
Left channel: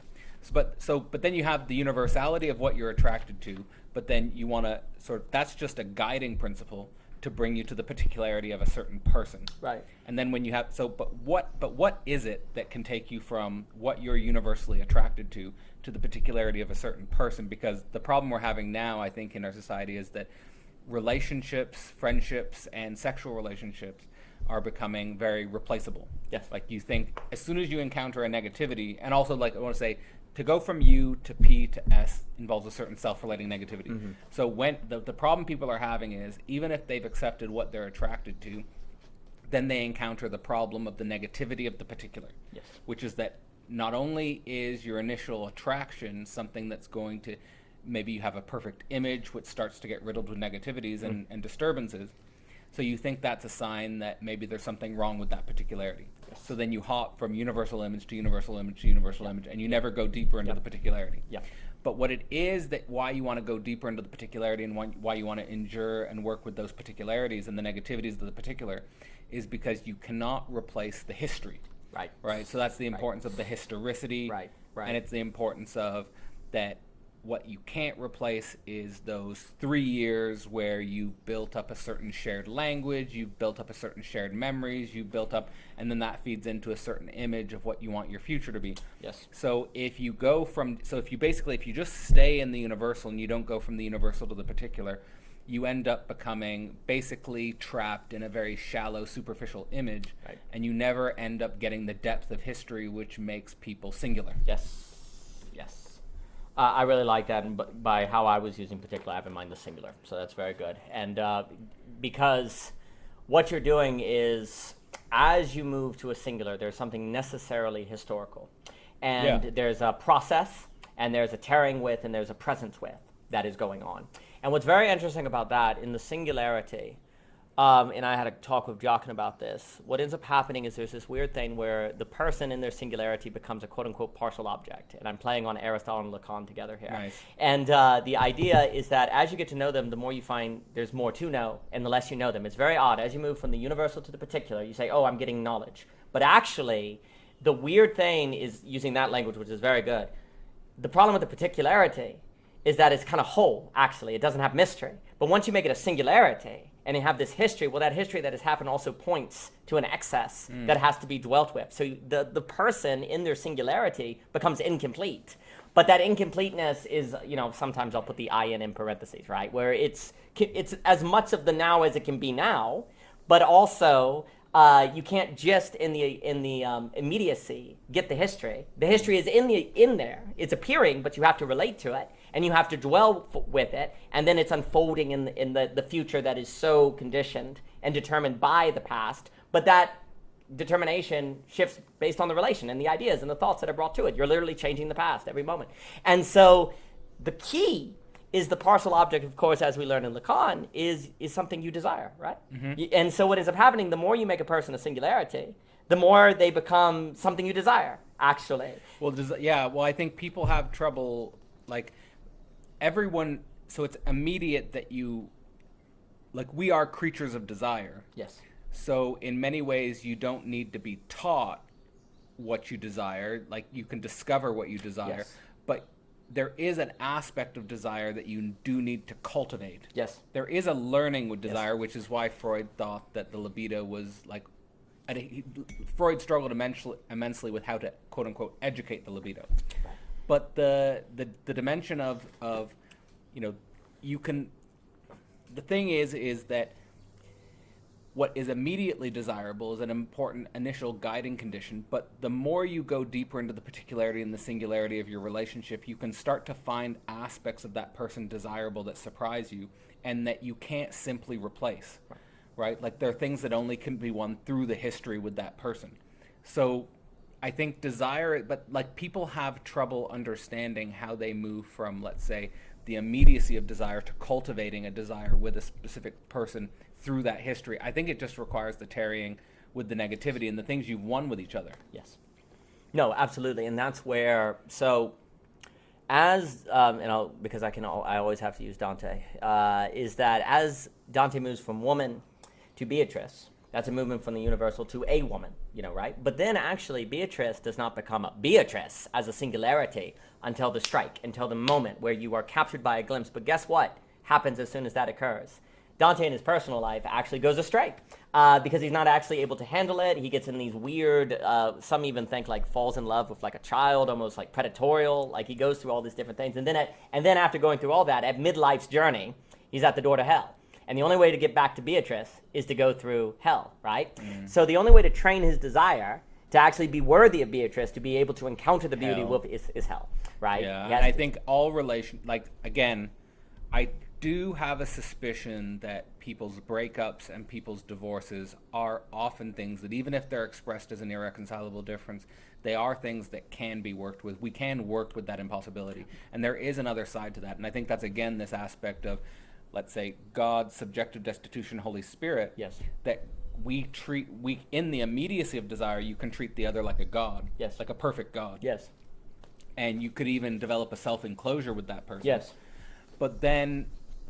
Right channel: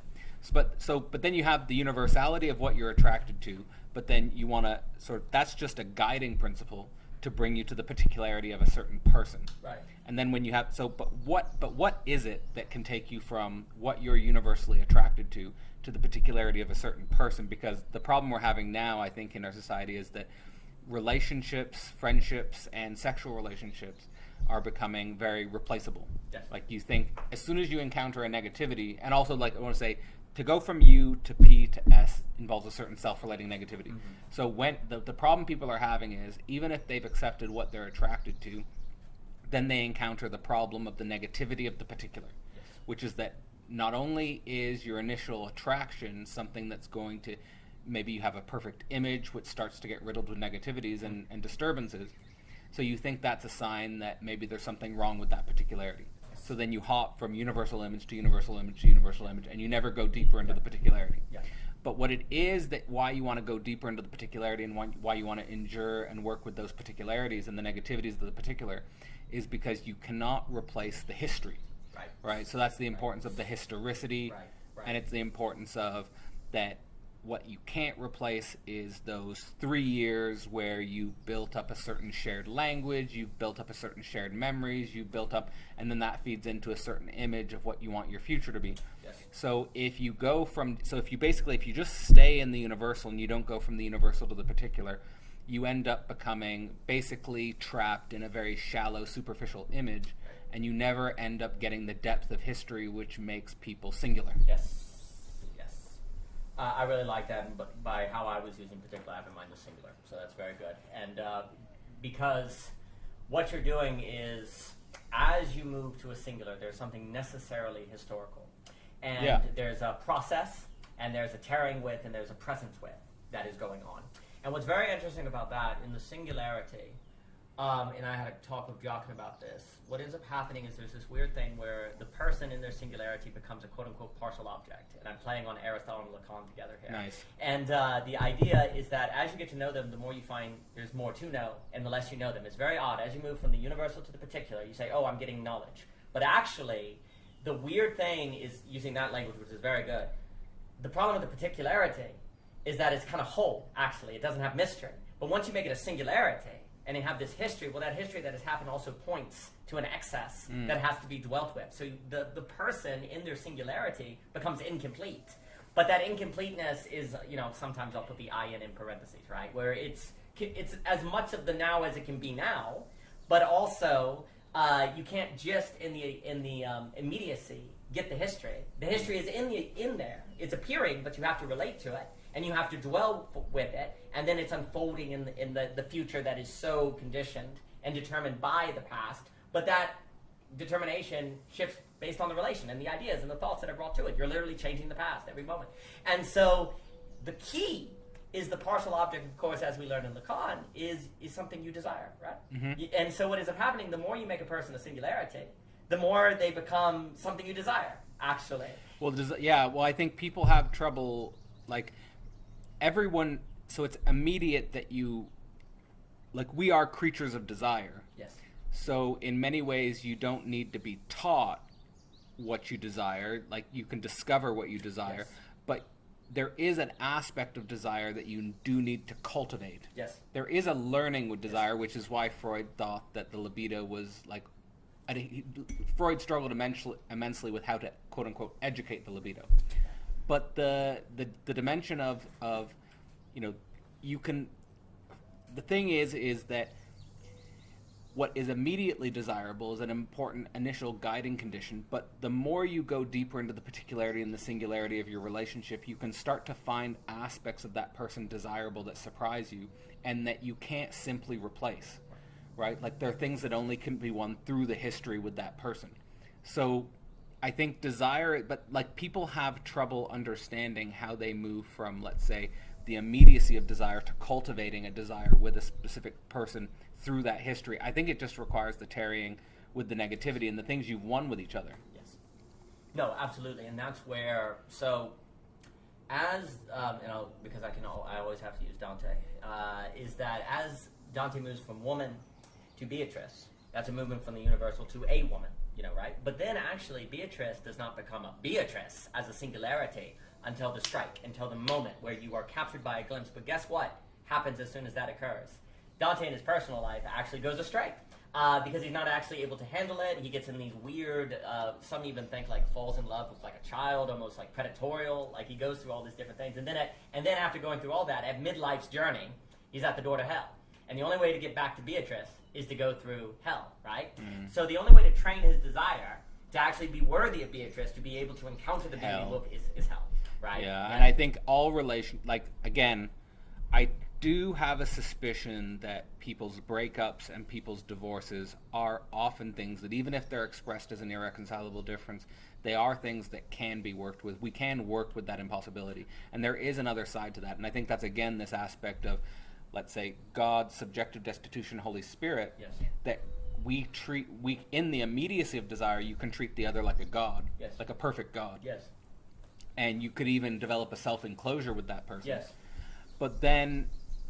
But then you have the universality of what you're attracted to, but then you want to that's just a guiding principle to bring you to the particularity of a certain person. Right. And then when you have but what is it that can take you from what you're universally attracted to the particularity of a certain person? Because the problem we're having now, I think, in our society is that relationships, friendships, and sexual relationships are becoming very replaceable. Yes. Like, you think as soon as you encounter a negativity, and also, like, I want to say, to go from U to P to S involves a certain self-relating negativity. Mm-hmm. So when the problem people are having is, even if they've accepted what they're attracted to, then they encounter the problem of the negativity of the particular. Yes. Which is that not only is your initial attraction something that's going to maybe you have a perfect image which starts to get riddled with negativities and disturbances. So you think that's a sign that maybe there's something wrong with that particularity. So then you hop from universal image to universal image to universal image, and you never go deeper into the particularity. Yeah. But what it is that why you want to go deeper into the particularity and why you want to endure and work with those particularities and the negativities of the particular is because you cannot replace the history. Right. Right. So that's the importance of the historicity. Right. And it's the importance of that what you can't replace is those 3 years where you built up a certain shared language, you've built up a certain shared memories, you've built up, and then that feeds into a certain image of what you want your future to be. Yes. So if you just stay in the universal and you don't go from the universal to the particular, you end up becoming basically trapped in a very shallow, superficial image, Right. and you never end up getting the depth of history which makes people singular. Yes. I really like that, and by how I was using particular, I have in mind the singular, so that's very good. And because what you're doing is, as you move to a singular, there's something necessarily historical. And there's a process, and there's a tearing with, and there's a presence with that is going on. And what's very interesting about that, in the singularity, and I had a talk with Jochen about this, what ends up happening is there's this weird thing where the person in their singularity becomes a quote-unquote partial object. And I'm playing on Aristotle and Lacan together here. Nice. And the idea is that as you get to know them, the more you find there's more to know, and the less you know them. It's very odd. As you move from the universal to the particular, you say, oh, I'm getting knowledge. But actually, the weird thing is, using that language, which is very good, the problem with the particularity is that it's kind of whole, actually. It doesn't have mystery. But once you make it a singularity, and you have this history, well, that history that has happened also points to an excess that has to be dwelt with. So the person in their singularity becomes incomplete. But that incompleteness is, sometimes I'll put the I in parentheses, right? Where it's as much of the now as it can be now, but also you can't just in the immediacy get the history. The history is in there. It's appearing, but you have to relate to it. And you have to dwell with it, and then it's unfolding in the future that is so conditioned and determined by the past. But that determination shifts based on the relation and the ideas and the thoughts that are brought to it. You're literally changing the past every moment. And so the key is the partial object, of course, as we learn in Lacan, is something you desire, right? Mm-hmm. And so what ends up happening, the more you make a person a singularity, the more they become something you desire, actually. Well, I think people have trouble, everyone, so it's immediate that we are creatures of desire. Yes. So in many ways, you don't need to be taught what you desire. You can discover what you desire. Yes. But there is an aspect of desire that you do need to cultivate. Yes. There is a learning with desire, which is why Freud thought that the libido was Freud struggled immensely with how to, quote unquote, educate the libido. But the dimension of you can, the thing is that what is immediately desirable is an important initial guiding condition, but the more you go deeper into the particularity and the singularity of your relationship, you can start to find aspects of that person desirable that surprise you and that you can't simply replace, right? There are things that only can be won through the history with that person. So I think desire, but people have trouble understanding how they move from, let's say, the immediacy of desire to cultivating a desire with a specific person through that history. I think it just requires the tarrying with the negativity and the things you've won with each other. Yes. No, absolutely. And that's where, so as, because I always have to use Dante, is that as Dante moves from woman to Beatrice, that's a movement from the universal to a woman, right? But then actually Beatrice does not become a Beatrice as a singularity until the strike, until the moment where you are captured by a glimpse. But guess what happens as soon as that occurs? Dante in his personal life actually goes astray because he's not actually able to handle it. He gets in these weird, some even think falls in love with a child, almost predatorial. He goes through all these different things. And then after going through all that, at midlife's journey, he's at the door to hell. And the only way to get back to Beatrice is to go through hell, right? Mm. So the only way to train his desire to actually be worthy of Beatrice, to be able to encounter the beauty is hell, right? Yeah, and I think all again, I do have a suspicion that people's breakups and people's divorces are often things that, even if they're expressed as an irreconcilable difference, they are things that can be worked with. We can work with that impossibility. And there is another side to that. And I think that's, again, this aspect of, let's say, God, subjective destitution, Holy Spirit, Yes. that we in the immediacy of desire, you can treat the other like a God, Yes. like a perfect God. Yes. And you could even develop a self-enclosure with that person. Yes. But then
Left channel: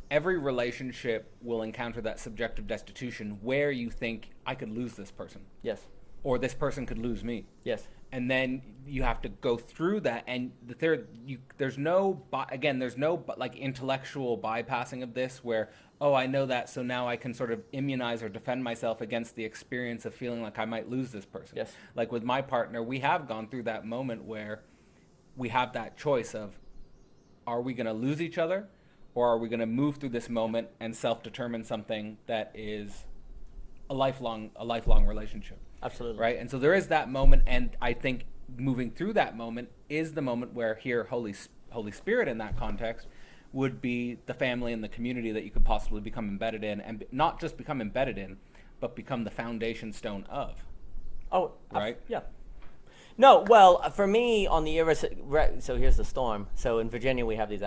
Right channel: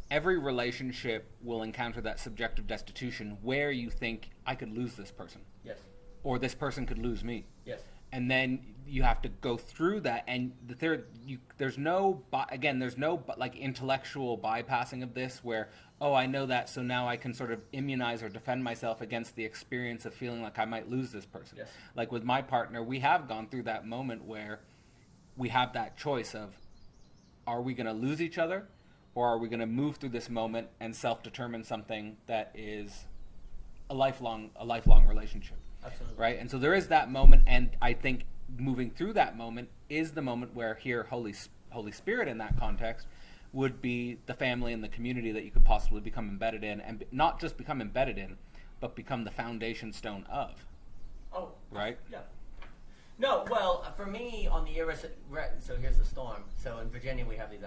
every relationship will encounter that subjective destitution where you think, I could lose this person. Yes. Or this person could lose me. Yes. And then you have to go through that, and there's no like intellectual bypassing of this where, oh, I know that, so now I can sort of immunize or defend myself against the experience of feeling like I might lose this person. Yes. Like with my partner, we have gone through that moment where we have that choice of, are we going to lose each other, or are we going to move through this moment and self-determine something that is a lifelong relationship? Absolutely. Right? And so there is that moment, and I think moving through that moment is the moment where here Holy Spirit in that context would be the family and the community that you could possibly become embedded in, and not just become embedded in, but become the foundation stone of. Oh, right? Yeah. No, well, for me, on the so here's the storm. So in Virginia, we have these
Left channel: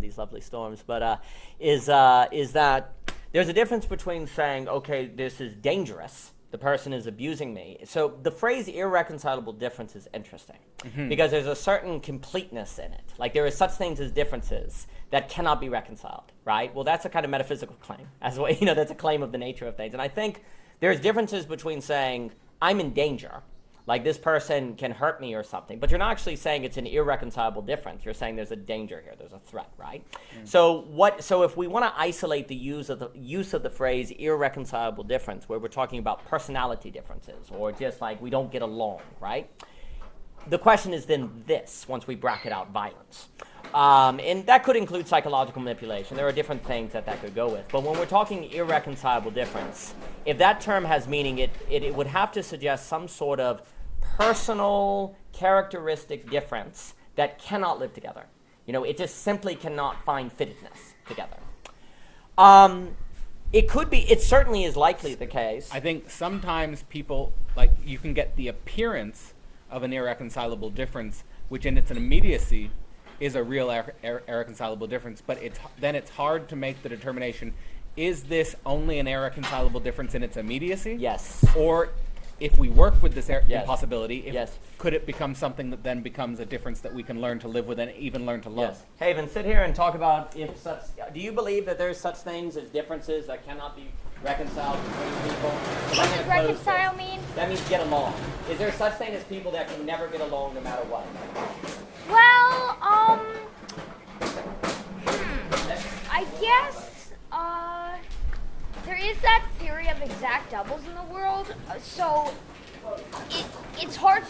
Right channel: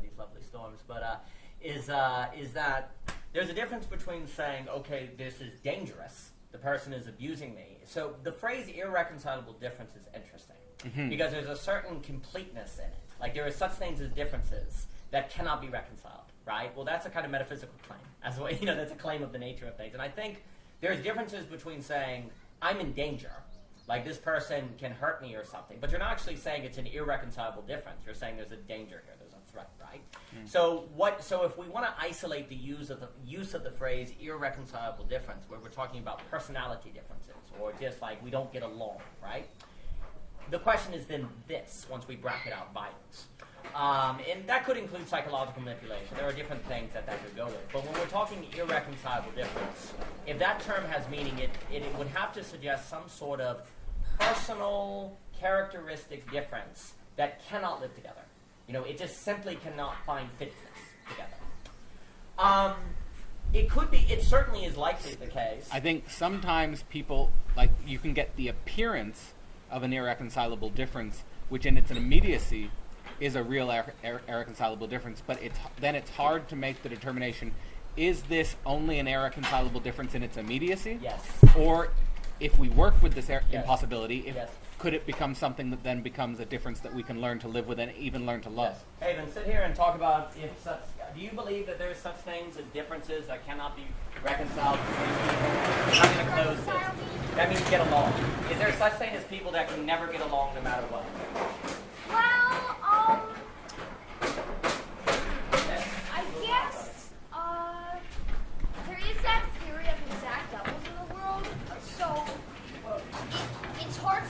these lovely storms. But is that there's a difference between saying, okay, this is dangerous, the person is abusing me. So the phrase irreconcilable difference is interesting because there's a certain completeness in it. Like there are such things as differences that cannot be reconciled, right? Well, that's a kind of metaphysical claim, as well. That's a claim of the nature of things. And I think there's differences between saying I'm in danger. Like this person can hurt me or something, but you're not actually saying it's an irreconcilable difference. You're saying there's a danger here, there's a threat, right? So if we want to isolate the use of the phrase irreconcilable difference, where we're talking about personality differences or just like we don't get along, right? The question is then this, once we bracket out violence. And that could include psychological manipulation. There are different things that could go with. But when we're talking irreconcilable difference, if that term has meaning, it would have to suggest some sort of personal characteristic difference that cannot live together. It just simply cannot find fittedness together. It certainly is likely the case. I think sometimes people, like, you can get the appearance of an irreconcilable difference, which in its immediacy is a real irreconcilable difference, but it's hard to make the determination, is this only an irreconcilable difference in its immediacy? Yes. Or if we work with this Yes. impossibility, Yes. could it become something that then becomes a difference that we can learn to live with and even learn to love? Yes. Haven, sit here and talk about do you believe that there's such things as differences that cannot be reconciled between people? What does reconcile mean? That means get along. Is there such thing as people that can never get along no matter what? Well, I guess, there is that theory of exact doubles in the world, so it's hard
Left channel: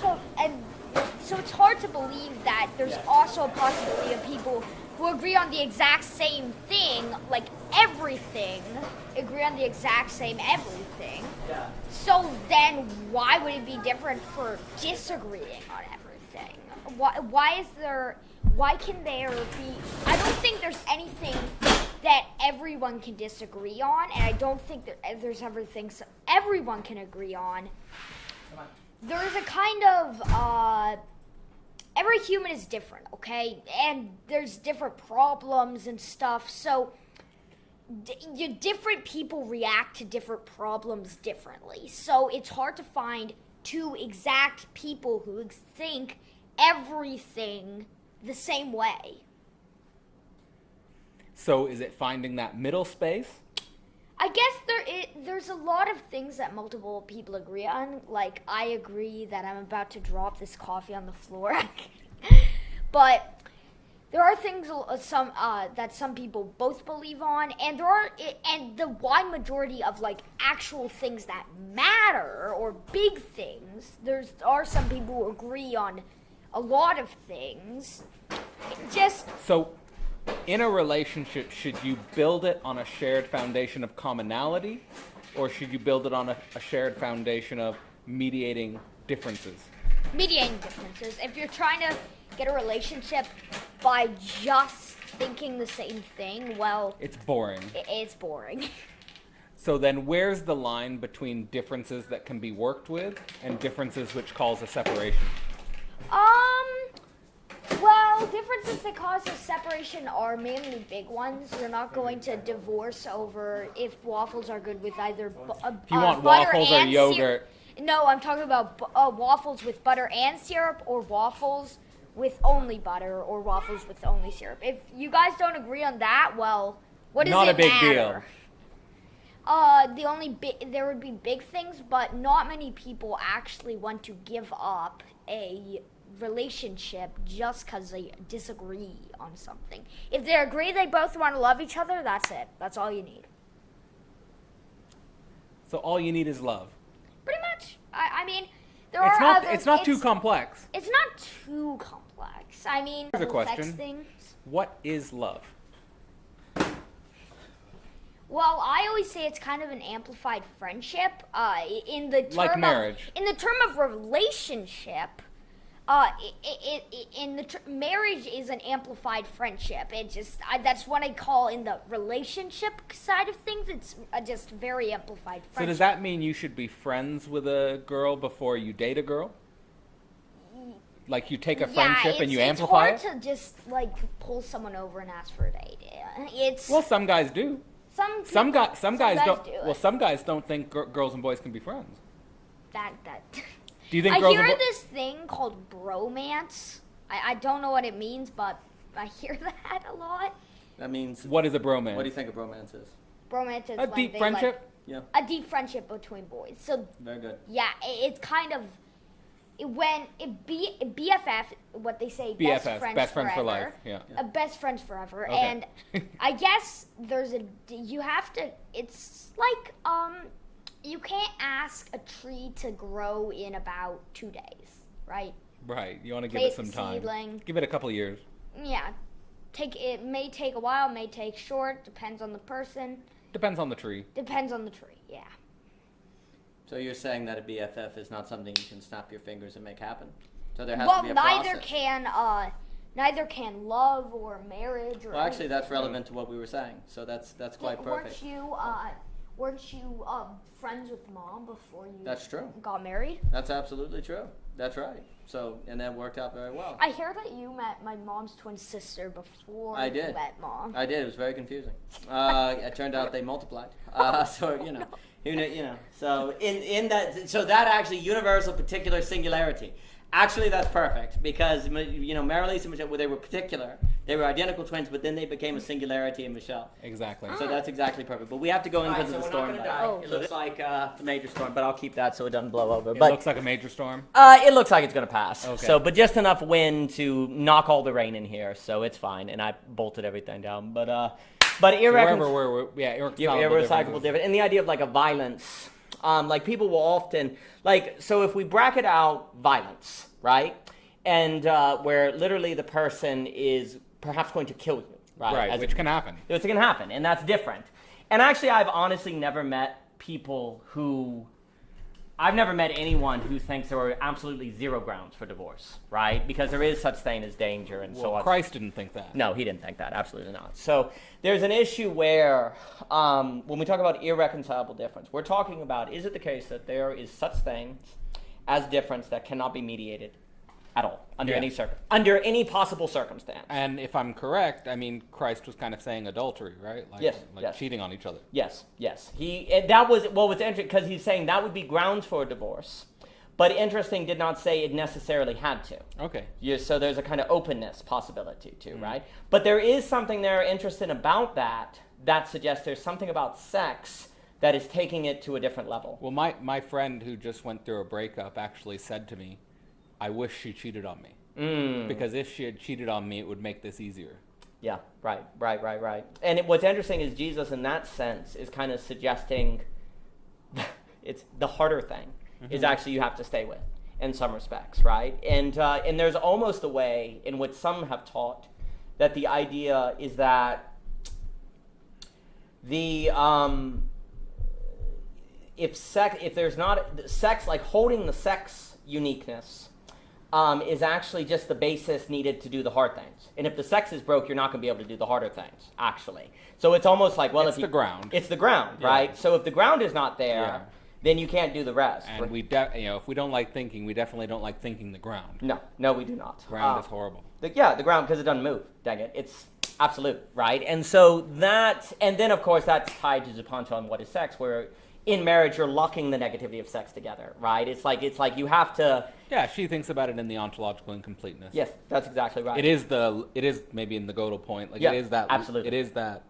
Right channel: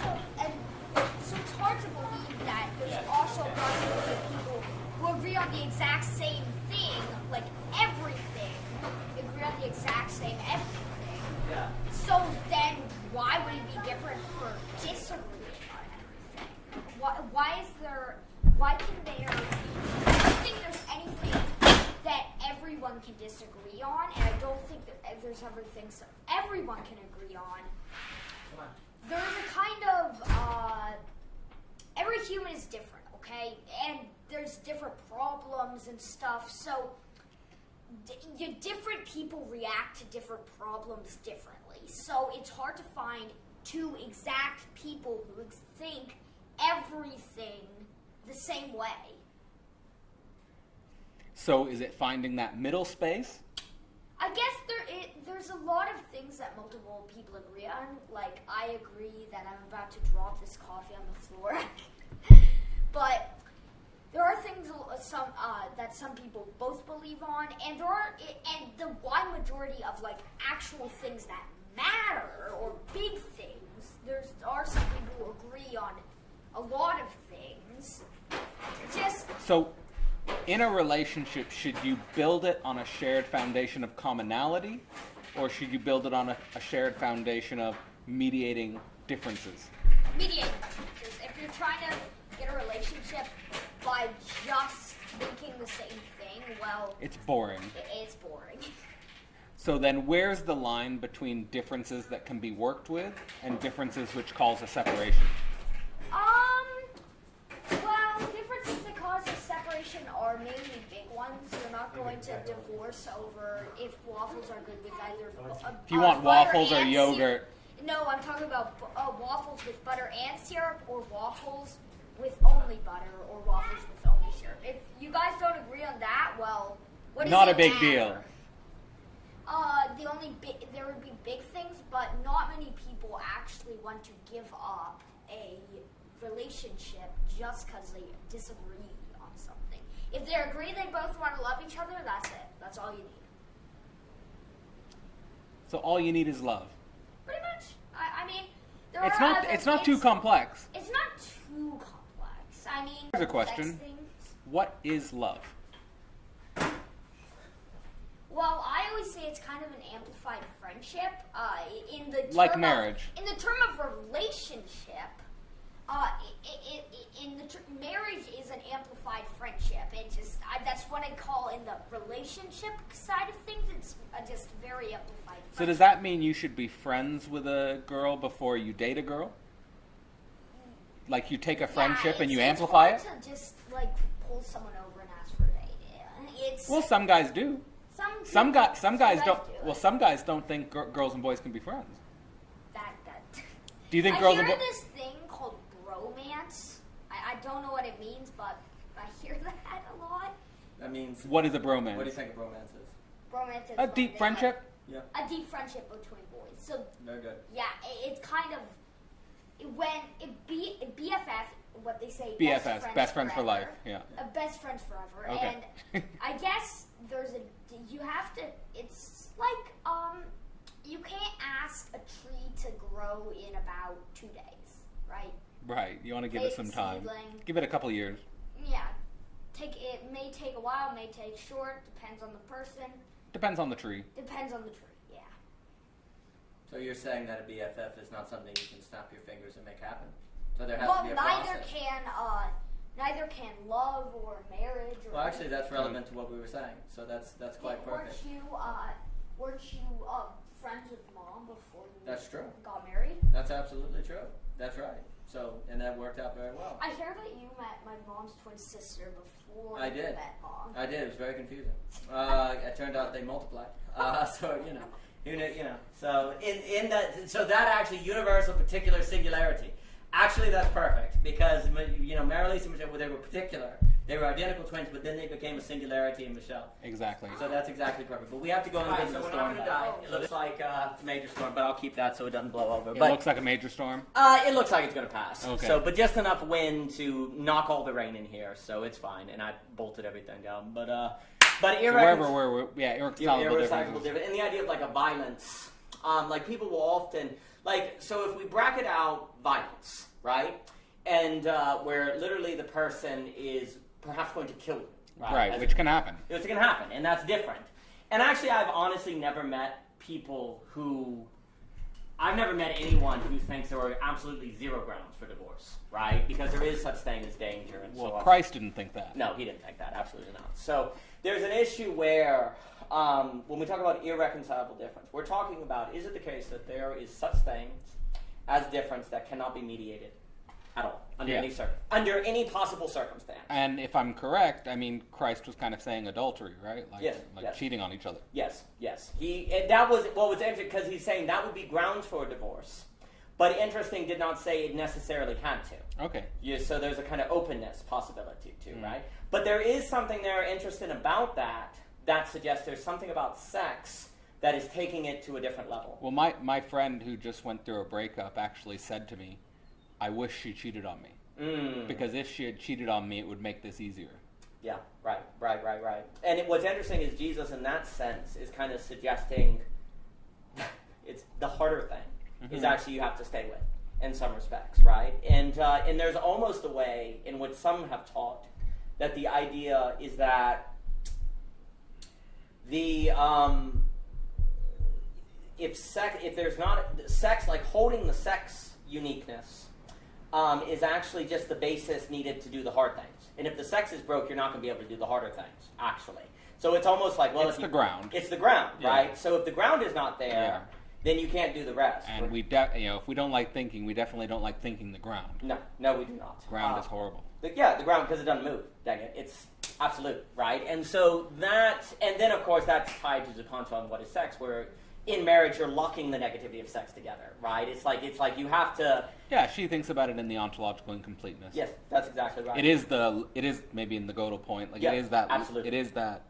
to believe that there's also a possibility of people who agree on the exact same thing, like everything, agree on the exact same everything. Yeah. So then why would it be different for disagreeing on everything? Why can there be, I don't think there's anything that everyone can disagree on, and I don't think that there's ever things everyone can agree on. Come on. There's a kind of, every human is different, okay? And there's different problems and stuff, so different people react to different problems differently. So it's hard to find two exact people who think everything the same way. So is it finding that middle space? I guess there's a lot of things that multiple people agree on. Like, I agree that I'm about to drop this coffee on the floor. But there are things that some people both believe on, and the wide majority of like actual things that matter or big things. There are some people who agree on a lot of things. So in a relationship, should you build it on a shared foundation of commonality, or should you build it on a shared foundation of mediating differences? Mediating differences. If you're trying to get a relationship by just thinking the same thing, well, it's boring. It's boring. So then where's the line between differences that can be worked with and differences which cause a separation? Well, differences that cause separation are mainly big ones. You're not going to divorce over if waffles are good with either If you want waffles or yogurt. No, I'm talking about waffles with butter and syrup, or waffles with only butter, or waffles with only syrup. If you guys don't agree on that, well, what does Not it a big matter? deal. There would be big things, but not many people actually want to give up a relationship just because they disagree on something. If they agree they both want to love each other, that's it. That's all you need. So all you need is love. Pretty much. I mean, It's not too complex. It's not too complex. I mean, Here's a it affects question. things. What is love? Well, I always say it's kind of an amplified friendship. In the term Like marriage. In the term of relationship, marriage is an amplified friendship. That's what I call in the relationship side of things. It's just very amplified friendship. So does that mean you should be friends with a girl before you date a girl? Like you take a friendship and you amplify it? It's hard to just like pull someone over and ask for a date. It's Well, some guys do. Some guys don't. do Well, it. some guys don't think girls and boys can be friends. that. Do you think I girls hear and boys? this thing called bromance. I don't know what it means, but I hear that a lot. That means. What is a bromance? What do you think a romance is? Bromance is A when deep they, friendship. Yeah. a deep friendship between boys. So Very good. yeah, it's kind of BFF, what they say, BFFs, best friends for life. forever. Yeah. Best friends forever. Okay. And I guess you have to. It's like you can't ask a tree to grow in about 2 days, right? Right. You want to give it some time. Seedling. Give it a couple of years. Yeah, it may take a while, may take short, depends on the person, Depends on the tree. depends on the tree. Yeah. So you're saying that a BFF is not something you can snap your fingers and make happen? So there has to be a neither process. can love or marriage or. Well, actually, that's relevant to what we were saying. So that's quite perfect. Weren't you friends with mom before you That's true. got married? That's absolutely true. That's right. So, and that worked out very well. I hear that you met my mom's twin sister before I you did. met mom. I did. It was very confusing. It turned out they multiplied. So who knew, So in that, so that actually universal particular singularity. Actually, that's perfect because Mary-Lisa and Michelle, they were particular. They were identical twins, but then they became a singularity in Michelle. Exactly. So that's exactly perfect. But we have to go in because of the storm. It looks like a major storm, but I'll keep that so it doesn't blow over. It But looks like a major storm. it looks like it's going to pass. Okay. So, but just enough wind to knock all the rain in here, so it's fine. And I bolted everything down. But Irreconcilable irreconcilable differences. difference. And the idea of like a violence, like people will often so if we bracket out violence, right, and where literally the person is perhaps going to kill you, Right, which can happen. It can happen, and that's different. And actually, I've honestly never met people who. I've never met anyone who thinks there are absolutely zero grounds for divorce, right? Because there is such thing as danger and so Well, on. Christ didn't think that. No, he didn't think that. Absolutely not. So there's an issue where when we talk about irreconcilable difference, we're talking about, is it the case that there is such things as difference that cannot be mediated at all under any possible circumstance? And if I'm correct, I mean, Christ was kind of saying adultery, right? Like, Yes, like yes. cheating on each other. Yes. That was what's interesting because he's saying that would be grounds for a divorce, but interesting did not say it necessarily had to. Okay. So there's a kind of openness possibility too, right? But there is something there interesting about that suggests there's something about sex that is taking it to a different level. Well, my friend who just went through a breakup actually said to me, I wish she cheated on me. Because if she had cheated on me, it would make this easier. Yeah, right. And what's interesting is Jesus, in that sense, is kind of suggesting it's the harder thing is actually you have to stay with in some respects, right? And there's almost a way in which some have taught that the idea is that the if there's not sex, like holding the sex uniqueness is actually just the basis needed to do the hard things. And if the sex is broke, you're not going to be able to do the harder things, actually. So it's almost like, well, It's the ground. It's the ground, Yeah. right? So if the ground is not there, then you can't do the rest. And if we don't like thinking, we definitely don't like thinking the ground. No, we do not. Ground is horrible. The ground, because it doesn't move. Dang it, it's absolute, right? And so and then of course that's tied to the concept on what is sex, where in marriage you're locking the negativity of sex together, right? It's like you have to. Yeah, she thinks about it in the ontological incompleteness. Yes, that's exactly right. It is maybe in the Gödel point, like yeah, it is that absolutely. It is that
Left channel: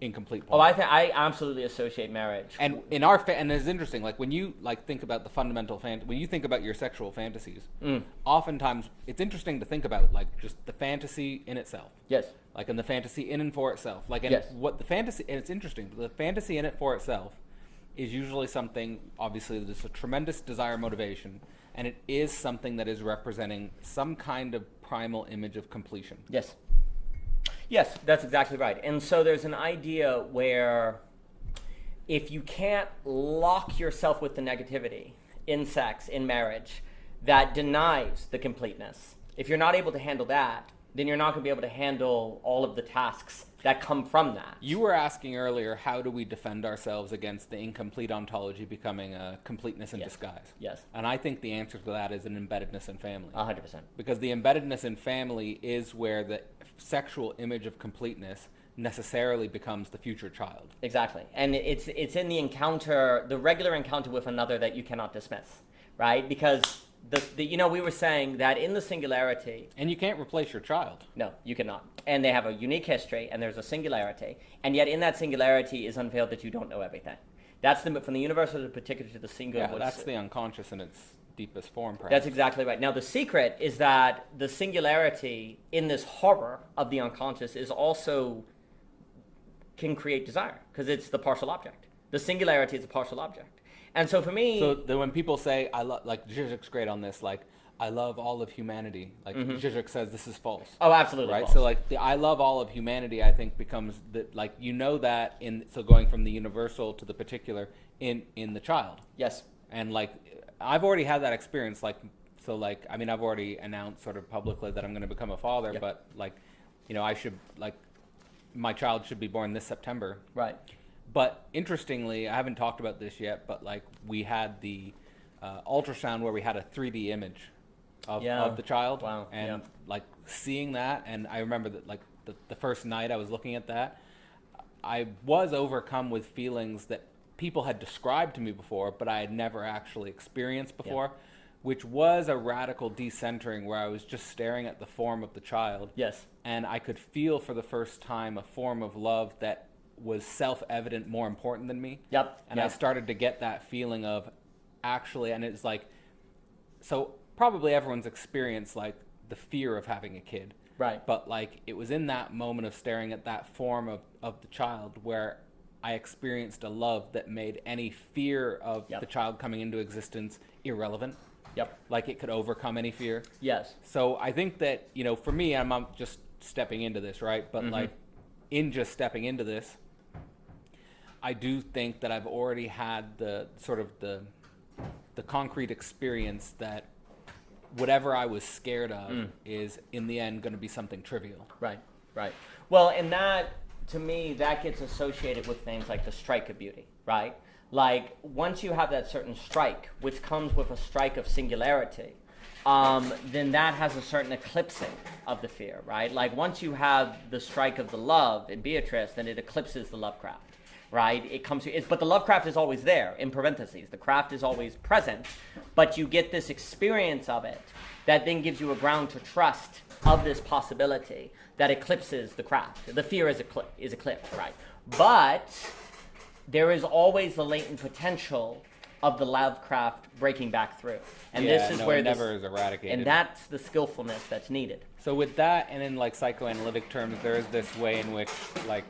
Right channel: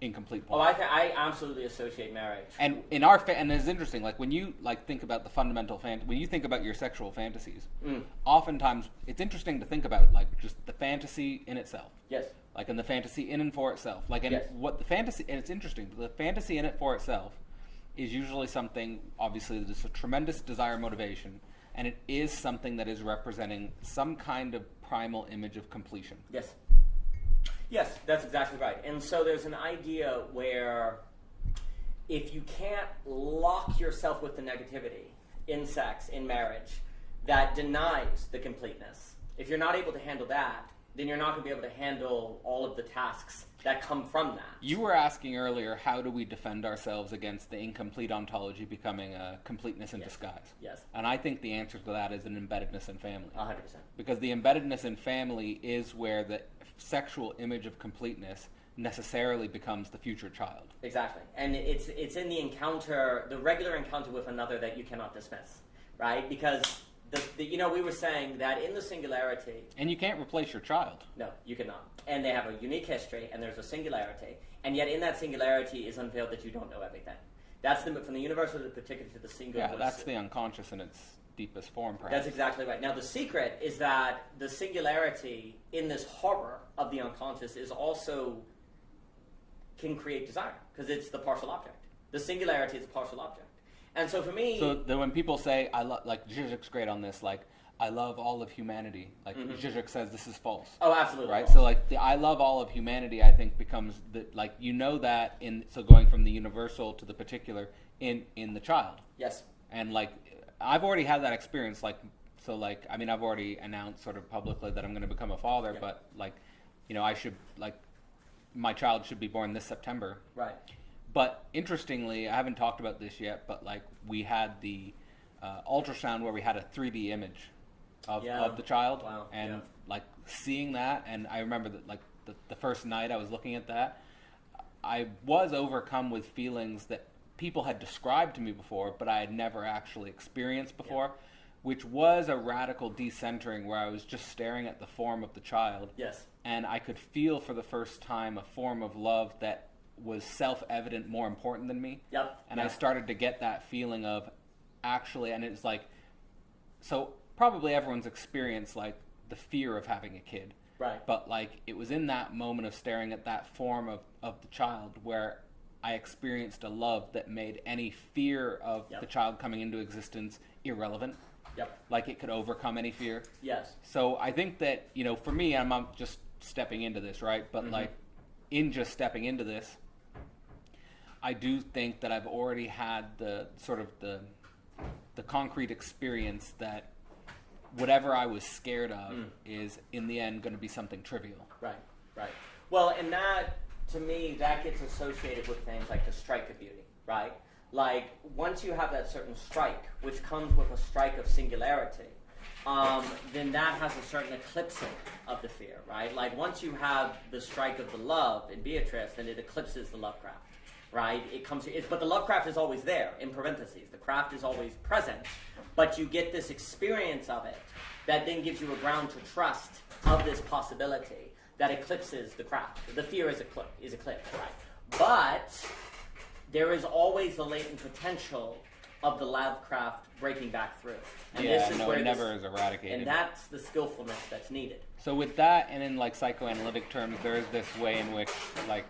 incomplete point. Oh, I absolutely associate marriage. And in and it's interesting, like when you think about the fundamental when you think about your sexual fantasies, oftentimes it's interesting to think about like just the fantasy in itself. Yes. Like in the fantasy in and for itself. Like yes. what the fantasy, and it's interesting, the fantasy in it for itself is usually something, obviously there's a tremendous desire motivation, and it is something that is representing some kind of primal image of completion. Yes. Yes, that's exactly right. And so there's an idea where if you can't lock yourself with the negativity in sex, in marriage, that denies the completeness. If you're not able to handle that, then you're not going to be able to handle all of the tasks that come from that. You were asking earlier, how do we defend ourselves against the incomplete ontology becoming a completeness in disguise? Yes. And I think the answer to that is an embeddedness in family. 100%. Because the embeddedness in family is where the sexual image of completeness necessarily becomes the future child. Exactly. And it's in the encounter, the regular encounter with another that you cannot dismiss, right? Because we were saying that in the singularity... And you can't replace your child. No, you cannot. And they have a unique history, and there's a singularity. And yet in that singularity is unveiled that you don't know everything. That's from the universal to the particular to the singular. Yeah, that's the unconscious in its deepest form, perhaps. That's exactly right. Now, the secret is that the singularity in this horror of the unconscious is also can create desire, because it's the partial object. The singularity is a partial object. And so for me... So when people say, like Zizek's great on this, like, I love all of humanity. Like, Zizek says this is false. Oh, absolutely right? false. So, like, the I love all of humanity, I think, becomes, that so going from the universal to the particular in the child. Yes. And, like, I've already had that experience, I've already announced sort of publicly that I'm going to become a father, but, like, I should, like, my child should be born this September. Right. But interestingly, I haven't talked about this yet, but like we had the ultrasound where we had a 3D image of the child. Wow. And like seeing that, and I remember that like the first night I was looking at that, I was overcome with feelings that people had described to me before, but I had never actually experienced before, which was a radical decentering where I was just staring at the form of the child. Yes. And I could feel for the first time a form of love that was self-evident, more important than me. Yep. And I started to get that feeling of actually, and it's like, so probably everyone's experienced like the fear of having a kid. Right. But like it was in that moment of staring at that form of the child where I experienced a love that made any fear of the child coming into existence irrelevant. Yep. Like it could overcome any fear. Yes. So I think that, for me, I'm just stepping into this, right? But like in just stepping into this, I do think that I've already had the sort of the concrete experience that whatever I was scared of is in the end going to be something trivial. Right, right. Well, and that, to me, that gets associated with things like the strike of beauty, right? Like, once you have that certain strike, which comes with a strike of singularity, then that has a certain eclipsing of the fear, right? Like, once you have the strike of the love in Beatrice, then it eclipses the lovecraft, right? But the lovecraft is always there, in parentheses. The craft is always present, but you get this experience of it that then gives you a ground to trust of this possibility that eclipses the craft. The fear is eclipsed, right? But there is always the latent potential of the lovecraft breaking back through. And this is where it never is eradicated. And that's the skillfulness that's needed. So with that, and in like psychoanalytic terms, there is this way in which like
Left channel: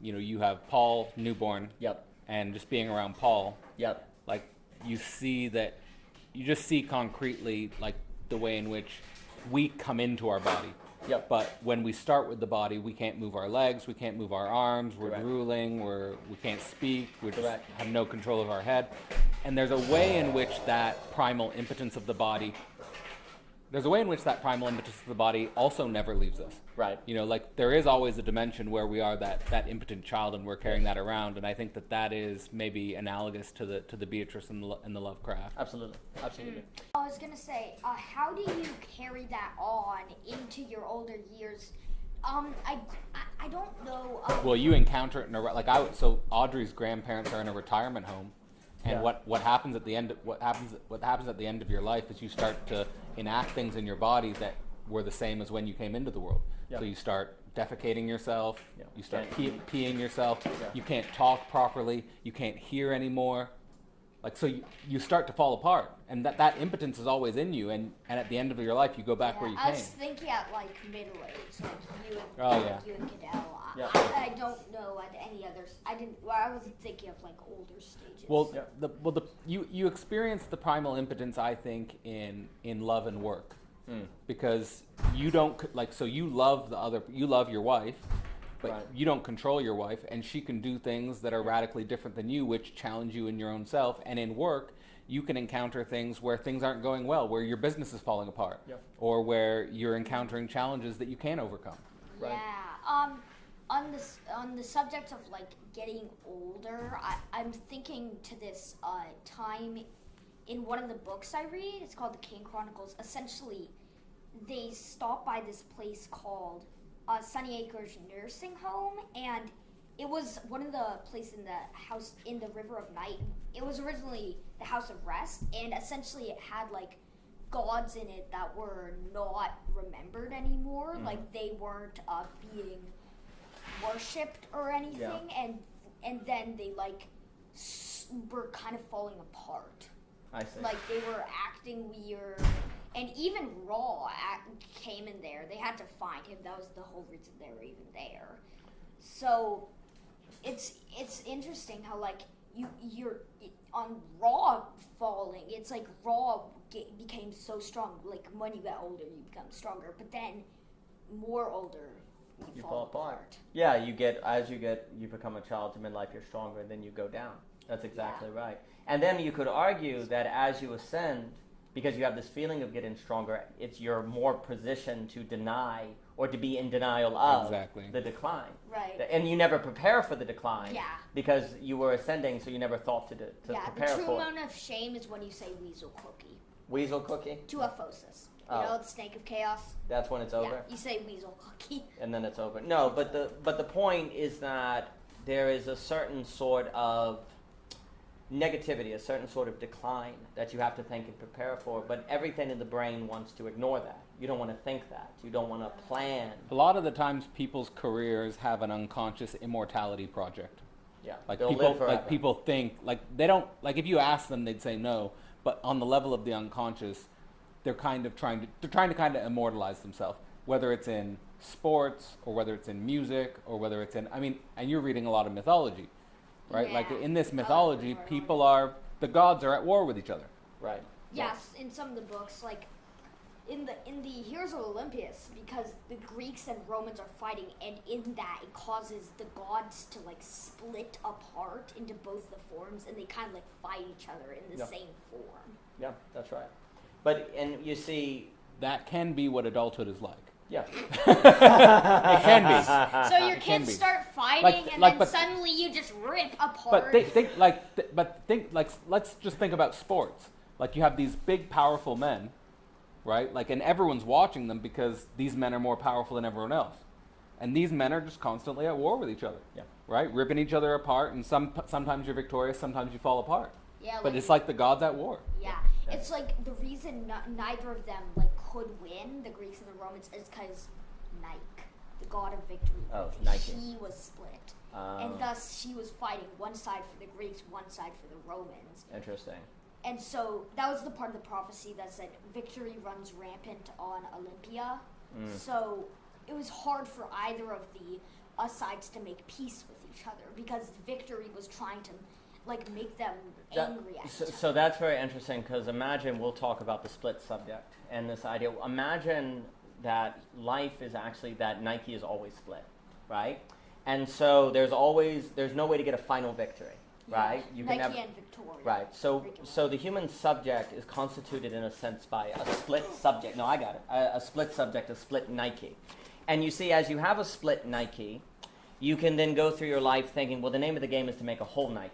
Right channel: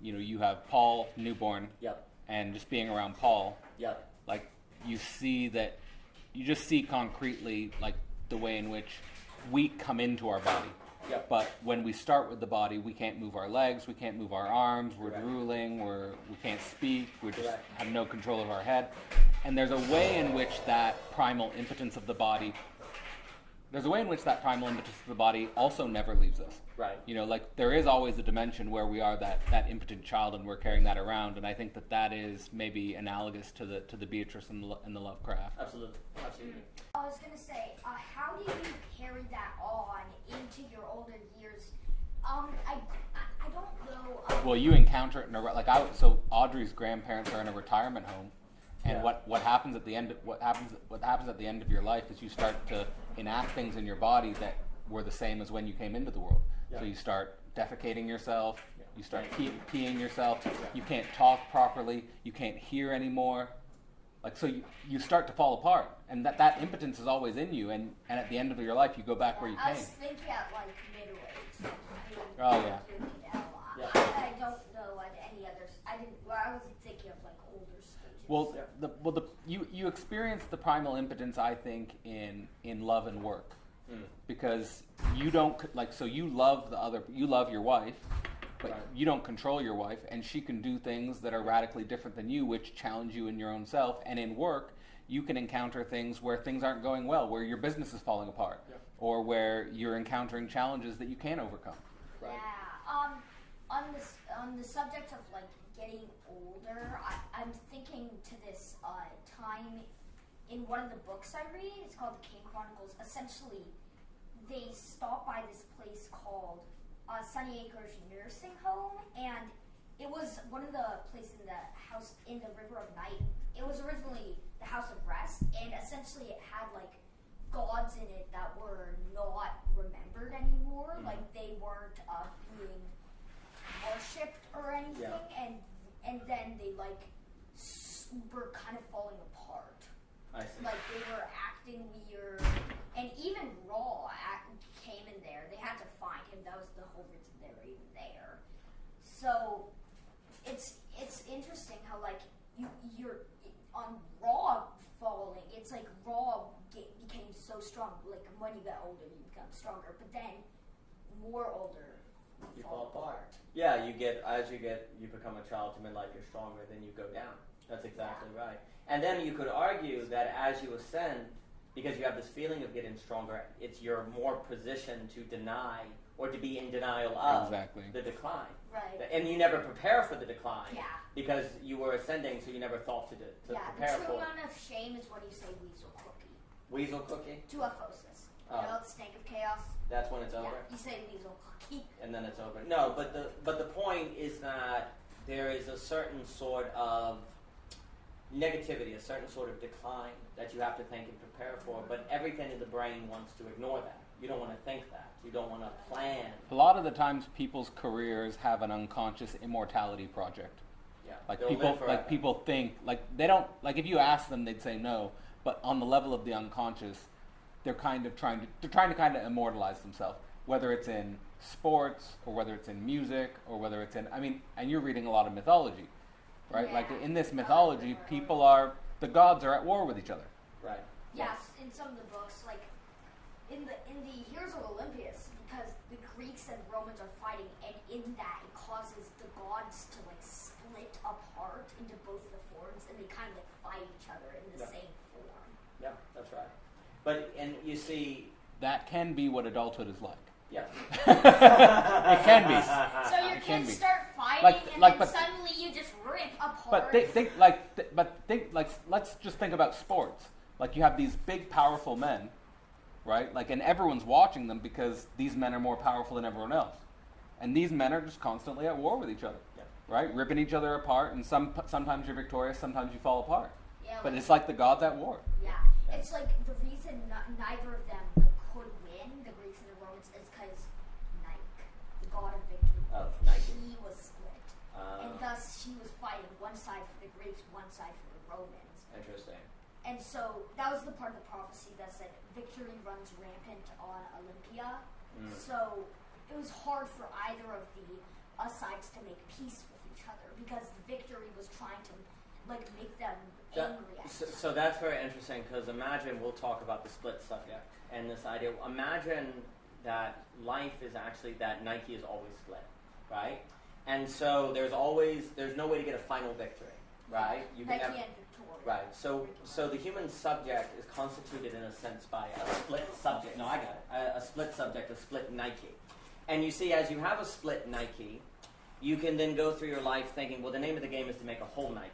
you have Paul newborn. Yep. And just being around Paul. Yep. Like you just see concretely like the way in which we come into our body. Yep. But when we start with the body, we can't move our legs, we can't move our arms, we're drooling, we can't speak, we just have no control of our head. And there's a way in which that primal impotence of the body there's a way in which that primal impetus of the body also never leaves us. Right. You know, like there is always a dimension where we are that impotent child and we're carrying that around, and I think that is maybe analogous to the Beatrice and the Lovecraft. Absolutely. Absolutely. I was gonna say, how do you carry that on into your older years? I don't know. Well, you encounter it in so Audrey's grandparents are in a retirement home, and Yeah. what happens at the end what happens at the end of your life is you start to enact things in your body that were the same as when you came into the world. Yeah. So you start defecating yourself, Yeah. you start peeing yourself, Yeah. you can't talk properly, you can't hear anymore. Like, so you start to fall apart, and that impotence is always in you, and at the end of your life you go back where you I came. was thinking at like middle age, like you and, Oh, yeah. you and Cadell. Yeah. I don't know at any others. I wasn't thinking of like older stages. Well, Yeah. you experience the primal impotence, I think, in love and work, because you don't so you love your wife, but Right. you don't control your wife, and she can do things that are radically different than you, which challenge you in your own self. And in work, you can encounter things where things aren't going well, where your business is falling apart, Yeah. or where you're encountering challenges that you can't overcome. Right. Yeah. On the subject of like getting older, I'm thinking to this time in one of the books I read. It's called The King Chronicles. Essentially, they stop by this place called Sunny Acres Nursing Home, and it was one of the places in the house in the River of Night. It was originally the House of Rest, and essentially it had like gods in it that were not remembered anymore. Mm. Like they weren't being worshipped or anything, and then they like were kind of falling apart. I see. Like they were acting weird, and even Raw came in there. They had to find him. That was the whole reason they were even there. So it's interesting how like you're on Raw falling. It's like Raw became so strong. Like when you get older, you become stronger, but then more older, you fall apart. Yeah, you become a child to midlife, you're stronger, then you go down. That's exactly right. And then you could argue that as you ascend, because you have this feeling of getting stronger, you're more positioned to deny or to be in denial of the decline. Right. And you never prepare for the decline. Yeah. Because you were ascending, so you never thought to prepare the true for it. moment of shame is when you say weasel cookie. Weasel cookie? Tuaphosis. You Oh. know, the snake of chaos? That's when it's over? Yeah, you say weasel cookie. And then it's over. No, but the point is that there is a certain sort of negativity, a certain sort of decline that you have to think and prepare for, but everything in the brain wants to ignore that. You don't want to think that. You don't want to plan. A lot of the times, people's careers have an unconscious immortality project. Yeah. Like they'll people, live forever. like people think, like they don't, like if you ask them, they'd say no. But on the level of the unconscious, they're trying to kind of immortalize themselves, whether it's in sports or whether it's in music or whether it's in, and you're reading a lot of mythology, right? Like Yeah. in this mythology, the gods are at war with each other. Right. Yes, in some of the books, like in the Heroes of Olympus, because the Greeks and Romans are fighting, and in that it causes the gods to like split apart into both the forms, and they kind of like fight each other in the same form. Yeah, that's right. And you see... That can be what adulthood is like. Yeah. It can be. So your It can kids be. start fighting, But then suddenly you just rip apart. But let's just think about sports. Like you have these big, powerful men, right? Like, and everyone's watching them because these men are more powerful than everyone else, and these men are just constantly at war with each other, Yeah. right? Ripping each other apart, and sometimes you're victorious, sometimes you fall apart. Yeah, But like- it's like the gods at war. Yeah, it's like the reason neither of them like could win, the Greeks and the Romans, is because Nike, the god of victory, Nike. he was split, and thus she was fighting one side for the Greeks, one side for the Romans. Interesting. And so that was the part of the prophecy that said victory runs rampant on Olympia. So it was hard for either of the sides to make peace with each other because victory was trying to like make them angry at each other. So that's very interesting because imagine, we'll talk about the split subject and this idea. Imagine that life is actually that Nike is always split, right? And so there's no way to get a final victory. right? You can Nike never, and Victoria. right. So the human subject is constituted in a sense by a split subject. No, I got it. A split subject, a split Nike. And you see, as you have a split Nike, you can then go through your life thinking, well, the name of the game is to make a whole Nike.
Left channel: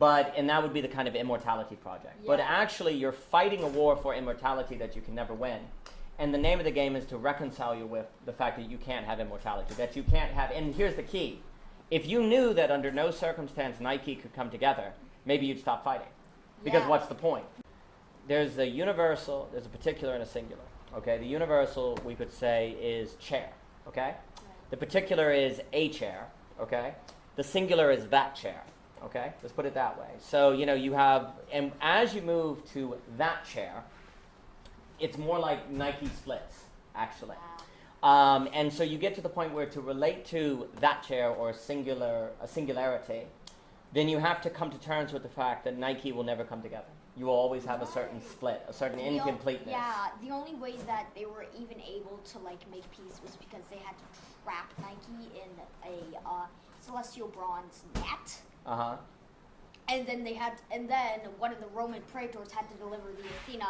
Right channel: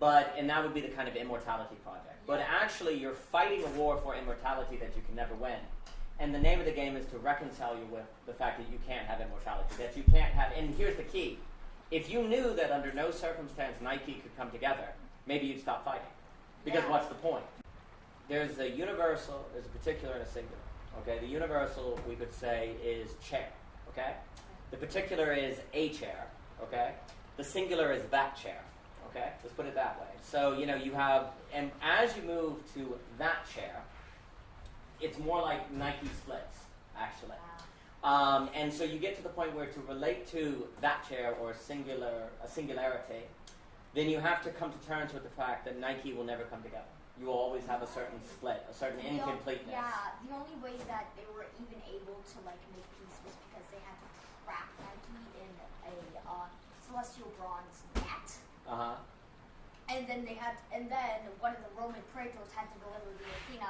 And that would be the kind of immortality project. Yeah. But actually, you're fighting a war for immortality that you can never win. And the name of the game is to reconcile you with the fact that you can't have immortality, that you can't have, and here's the key. If you knew that under no circumstance Nike could come together, maybe you'd stop fighting. Because Yeah. what's the point? There's a universal, there's a particular and a singular. Okay, the universal, we could say, is chair. Okay? The particular is a chair. Okay? The singular is that chair. Okay? Let's put it that way. So, you have, and as you move to that chair, it's more like Nike splits, actually. Wow. And so you get to the point where to relate to that chair or a singularity, then you have to come to terms with the fact that Nike will never come together. You will always have a certain split, a certain incompleteness. The only way that they were even able to make peace was because they had to trap Nike in a celestial bronze net. Uh-huh. And then one of the Roman praetors had to deliver the Athena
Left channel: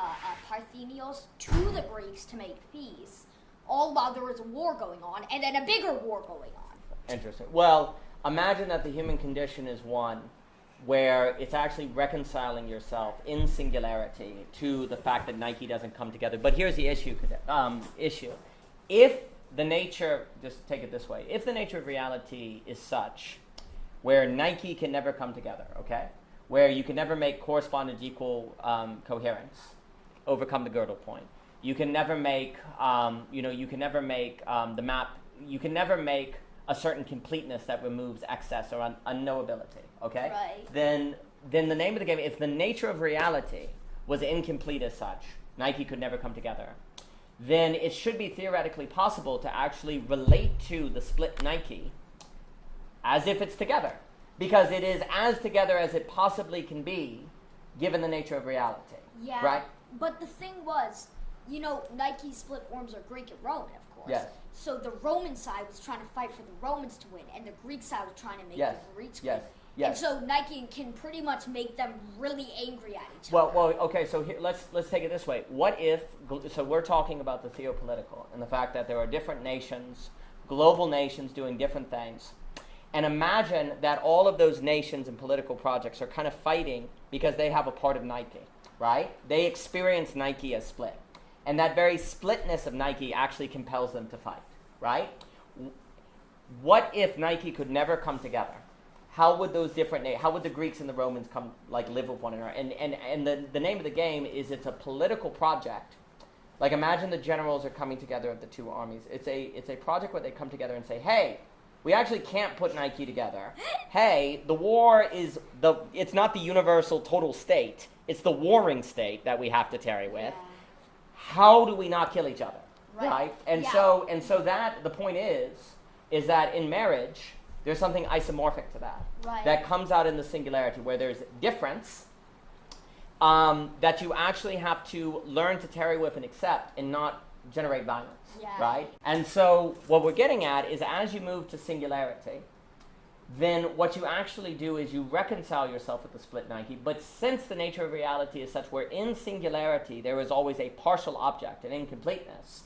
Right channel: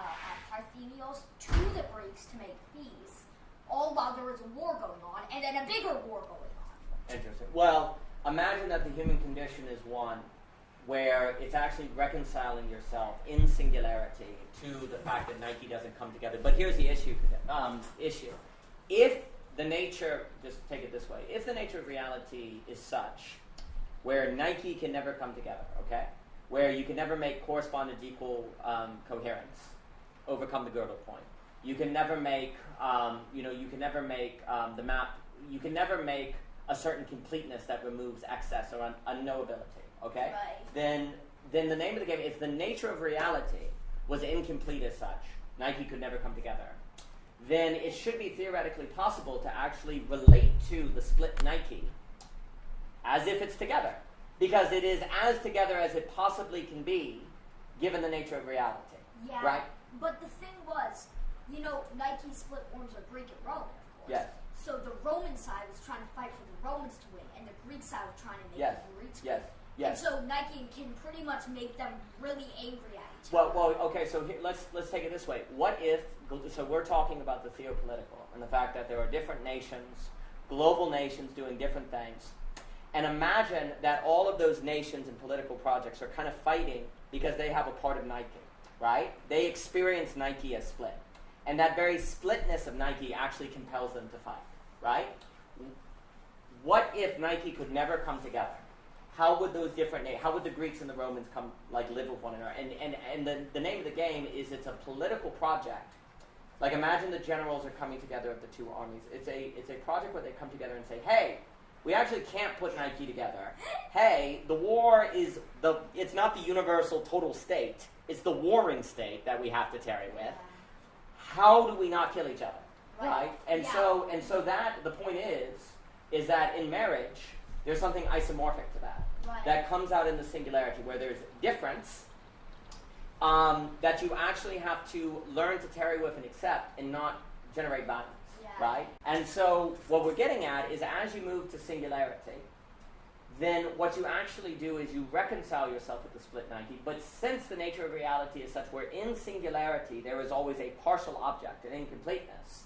Parthenios to the Greeks to make peace, all while there was a war going on, and then a bigger war going on. Interesting. Well, imagine that the human condition is one where it's actually reconciling yourself in singularity to the fact that Nike doesn't come together. But here's the issue. If the nature, just take it this way, if the nature of reality is such where Nike can never come together, okay? Where you can never make correspondence equal coherence, overcome the Gödel point. You can never make, you can never make the map, you can never make a certain completeness that removes excess or unknowability, okay? Right. Then the name of the game, if the nature of reality was incomplete as such, Nike could never come together, then it should be theoretically possible to actually relate to the split Nike as if it's together, because it is as together as it possibly can be, given the nature of reality. Yeah. Right? But the thing was, Nike's split forms are Greek and Roman, of course. Yes. So the Roman side was trying to fight for the Romans to win, and the Greek side was trying to make Yes. the Greeks win. Yes. Yes. And so Nike can pretty much make them really angry at each other. Well, okay. So here, let's take it this way. What if? So we're talking about the theopolitical and the fact that there are different nations, global nations doing different things. And imagine that all of those nations and political projects are kind of fighting because they have a part of Nike, right? They experience Nike as split. And that very splitness of Nike actually compels them to fight, right? What if Nike could never come together? How would those how would the Greeks and the Romans live with one another? And the name of the game is it's a political project. Like imagine the generals are coming together of the two armies. It's a project where they come together and say, hey, we actually can't put Nike together. Hey, the war is it's not the universal total state. It's the warring state that we have to tarry with. Yeah. How do we not kill each other? Right. And Yeah. so that the point is that in marriage there's something isomorphic to that. Right. That comes out in the singularity where there's difference that you actually have to learn to tarry with and accept and not generate violence. Yeah. Right? And so what we're getting at is as you move to singularity, then what you actually do is you reconcile yourself with the split Nike. But since the nature of reality is such where in singularity there is always a partial object, an incompleteness,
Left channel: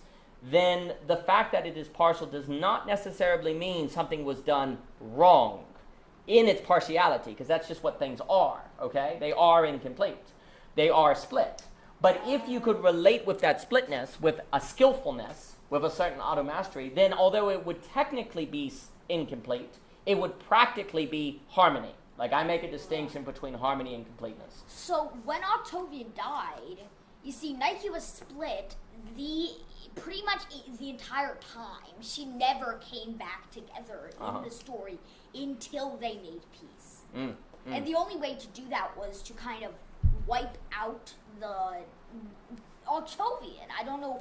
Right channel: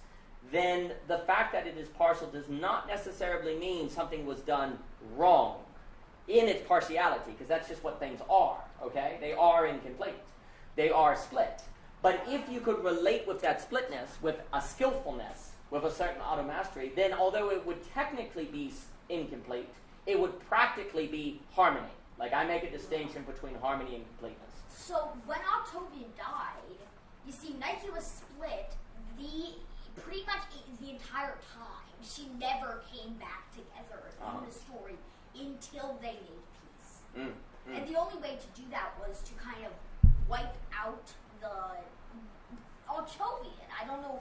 then the fact that it is partial does not necessarily mean something was done wrong in its partiality, because that's just what things are, okay? They are incomplete. They are split. But if you could relate with that splitness, with a skillfulness, with a certain automastery, then although it would technically be incomplete, it would practically be harmony. Like I make a distinction between harmony and completeness. So when Octavian died, you see Nike was split pretty much the entire time. She never came back together in the story until they made peace. And the only way to do that was to kind of wipe out the Octavian. I don't know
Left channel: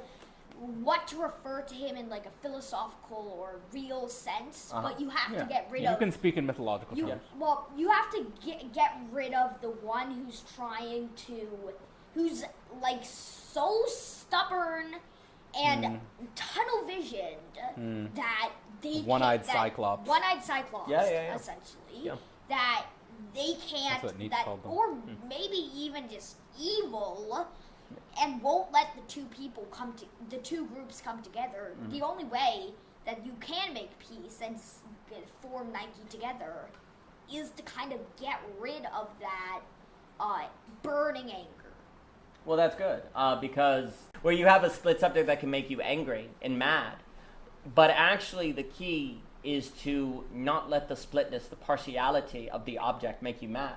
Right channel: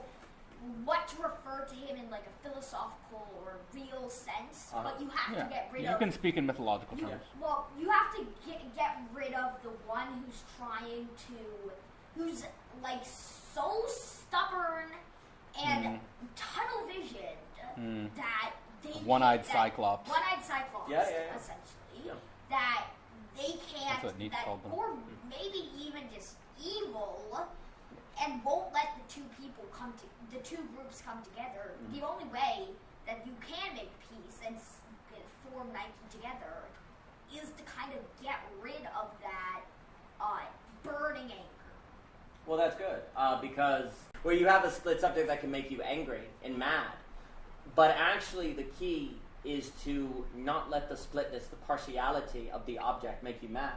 what to refer to him in like a philosophical or real sense, but you have to get rid of... You can speak in mythological terms. Well, you have to get rid of the one who's like so stubborn and tunnel visioned that they One-eyed Cyclops. One-eyed Cyclops, Yeah. essentially. Yeah. That they can't, That's what Nietzsche called them. or maybe even just evil, and won't let the two groups come together. The only way that you can make peace and form Nike together is to kind of get rid of that burning anger. Well, that's good, because where you have a split subject that can make you angry and mad, but actually the key is to not let the splitness, the partiality of the object make you mad,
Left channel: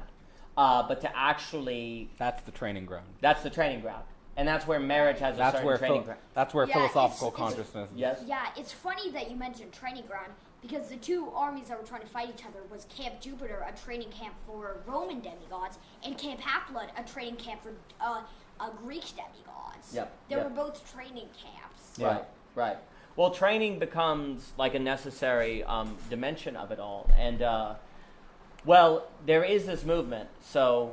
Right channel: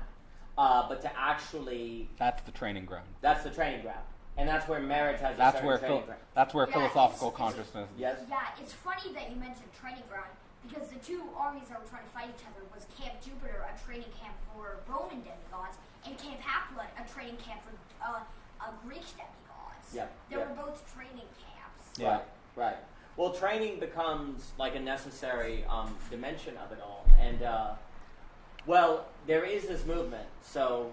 but to actually... That's the training ground. That's the training ground. And that's where marriage has a certain training ground. That's where philosophical consciousness is. Yes? Yeah, it's funny that you mentioned training ground, because the two armies that were trying to fight each other was Camp Jupiter, a training camp for Roman demigods, and Camp Half-Blood, a training camp for Greek demigods. Yep. They were both training camps. Yeah. Right. Well, training becomes like a necessary dimension of it all. And, well, there is this movement. So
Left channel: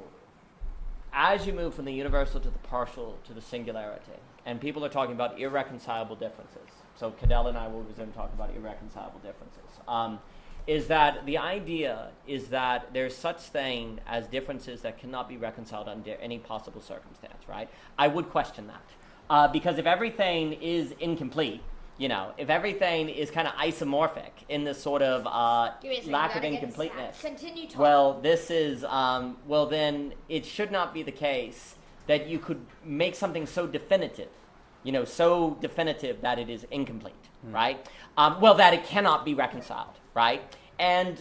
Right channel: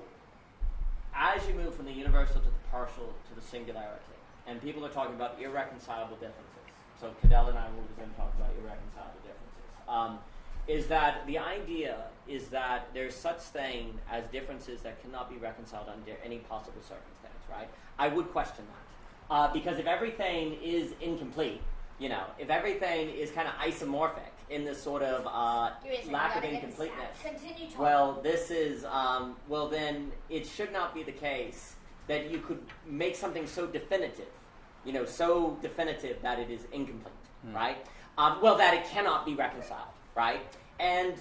as you move from the universal to the partial to the singularity, and people are talking about irreconcilable differences. So Cadell and I will resume talking about irreconcilable differences. Is that the idea is that there's such thing as differences that cannot be reconciled under any possible circumstance, right? I would question that. Because if everything is incomplete, if everything is kind of isomorphic in this sort of lack of incompleteness, Continue talking. well, this is, then it should not be the case that you could make something so definitive, so definitive that it is incomplete, right? That it cannot be reconciled, right? And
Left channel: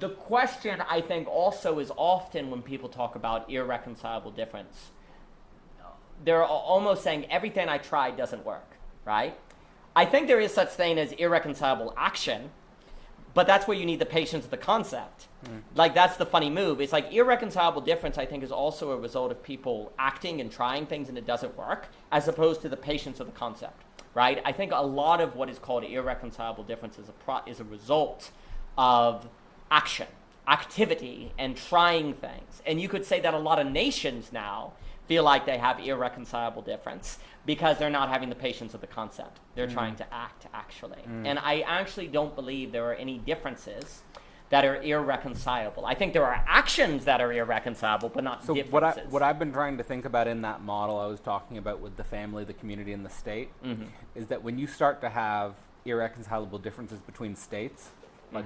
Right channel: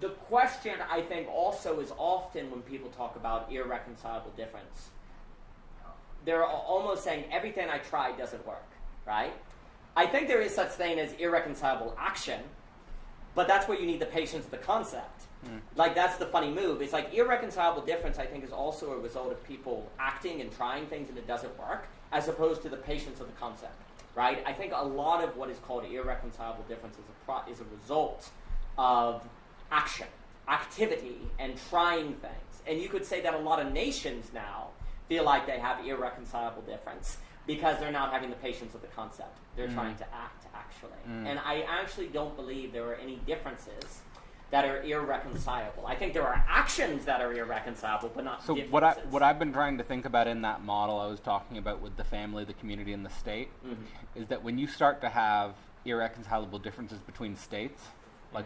the question, I think, also is often when people talk about irreconcilable difference, they're almost saying everything I tried doesn't work, right? I think there is such thing as irreconcilable action, but that's where you need the patience of the concept. Like, that's the funny move. It's like irreconcilable difference, I think, is also a result of people acting and trying things and it doesn't work, as opposed to the patience of the concept, right? I think a lot of what is called irreconcilable difference is a result of action, activity, and trying things. And you could say that a lot of nations now feel like they have irreconcilable difference because they're not having the patience of the concept. They're trying to act, actually. And I actually don't believe there are any differences that are irreconcilable. I think there are actions that are irreconcilable, but not differences. So what I've been trying to think about in that model I was talking about with the family, the community, and the state, is that when you start to have irreconcilable differences between states, like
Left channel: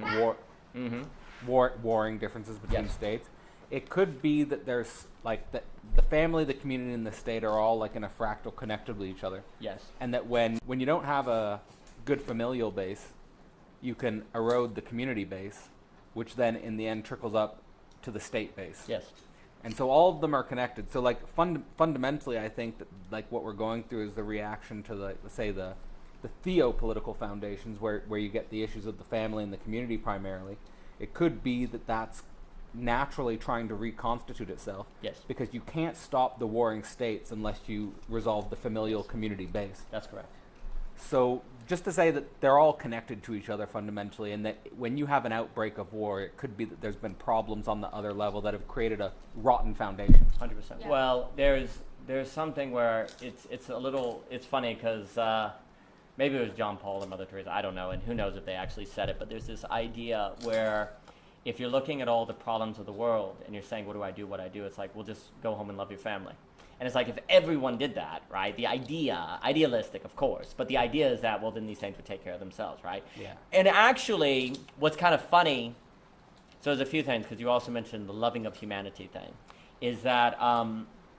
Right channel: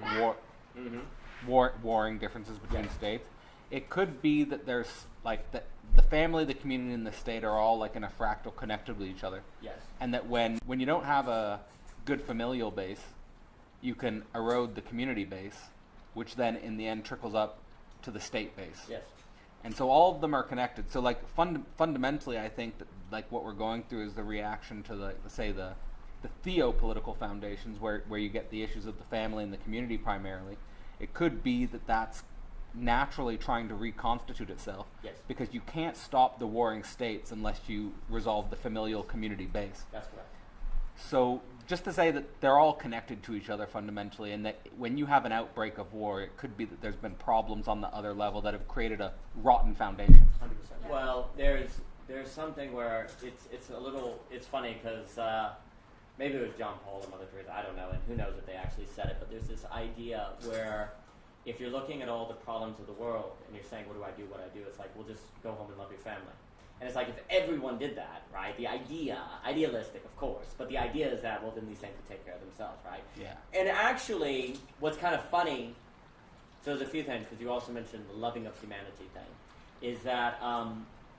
warring differences between states, it could be that there's like the family, the community, and the state are all like in a fractal connected with each other. Yes. And that when you don't have a good familial base, you can erode the community base, which then in the end trickles up to the state base. Yes. And so all of them are connected. So like fundamentally, I think that like what we're going through is the reaction to the theopolitical foundations where you get the issues of the family and the community primarily. It could be that that's naturally trying to reconstitute itself. Yes. Because you can't stop the warring states unless you resolve the familial community base. That's correct. So just to say that they're all connected to each other fundamentally, and that when you have an outbreak of war, it could be that there's been problems on the other level that have created a rotten foundation. 100%. Yeah. Well, there's something where it's funny because maybe it was John Paul or Mother Teresa, I don't know, and who knows if they actually said it, but there's this idea where if you're looking at all the problems of the world and you're saying, what do I do? It's like, well, just go home and love your family. And it's like, if everyone did that, right, idealistic, of course, but the idea is that, well, then these things would take care of themselves, right? Yeah. And actually, what's kind of funny, so there's a few things, because you also mentioned the loving of humanity thing, is that...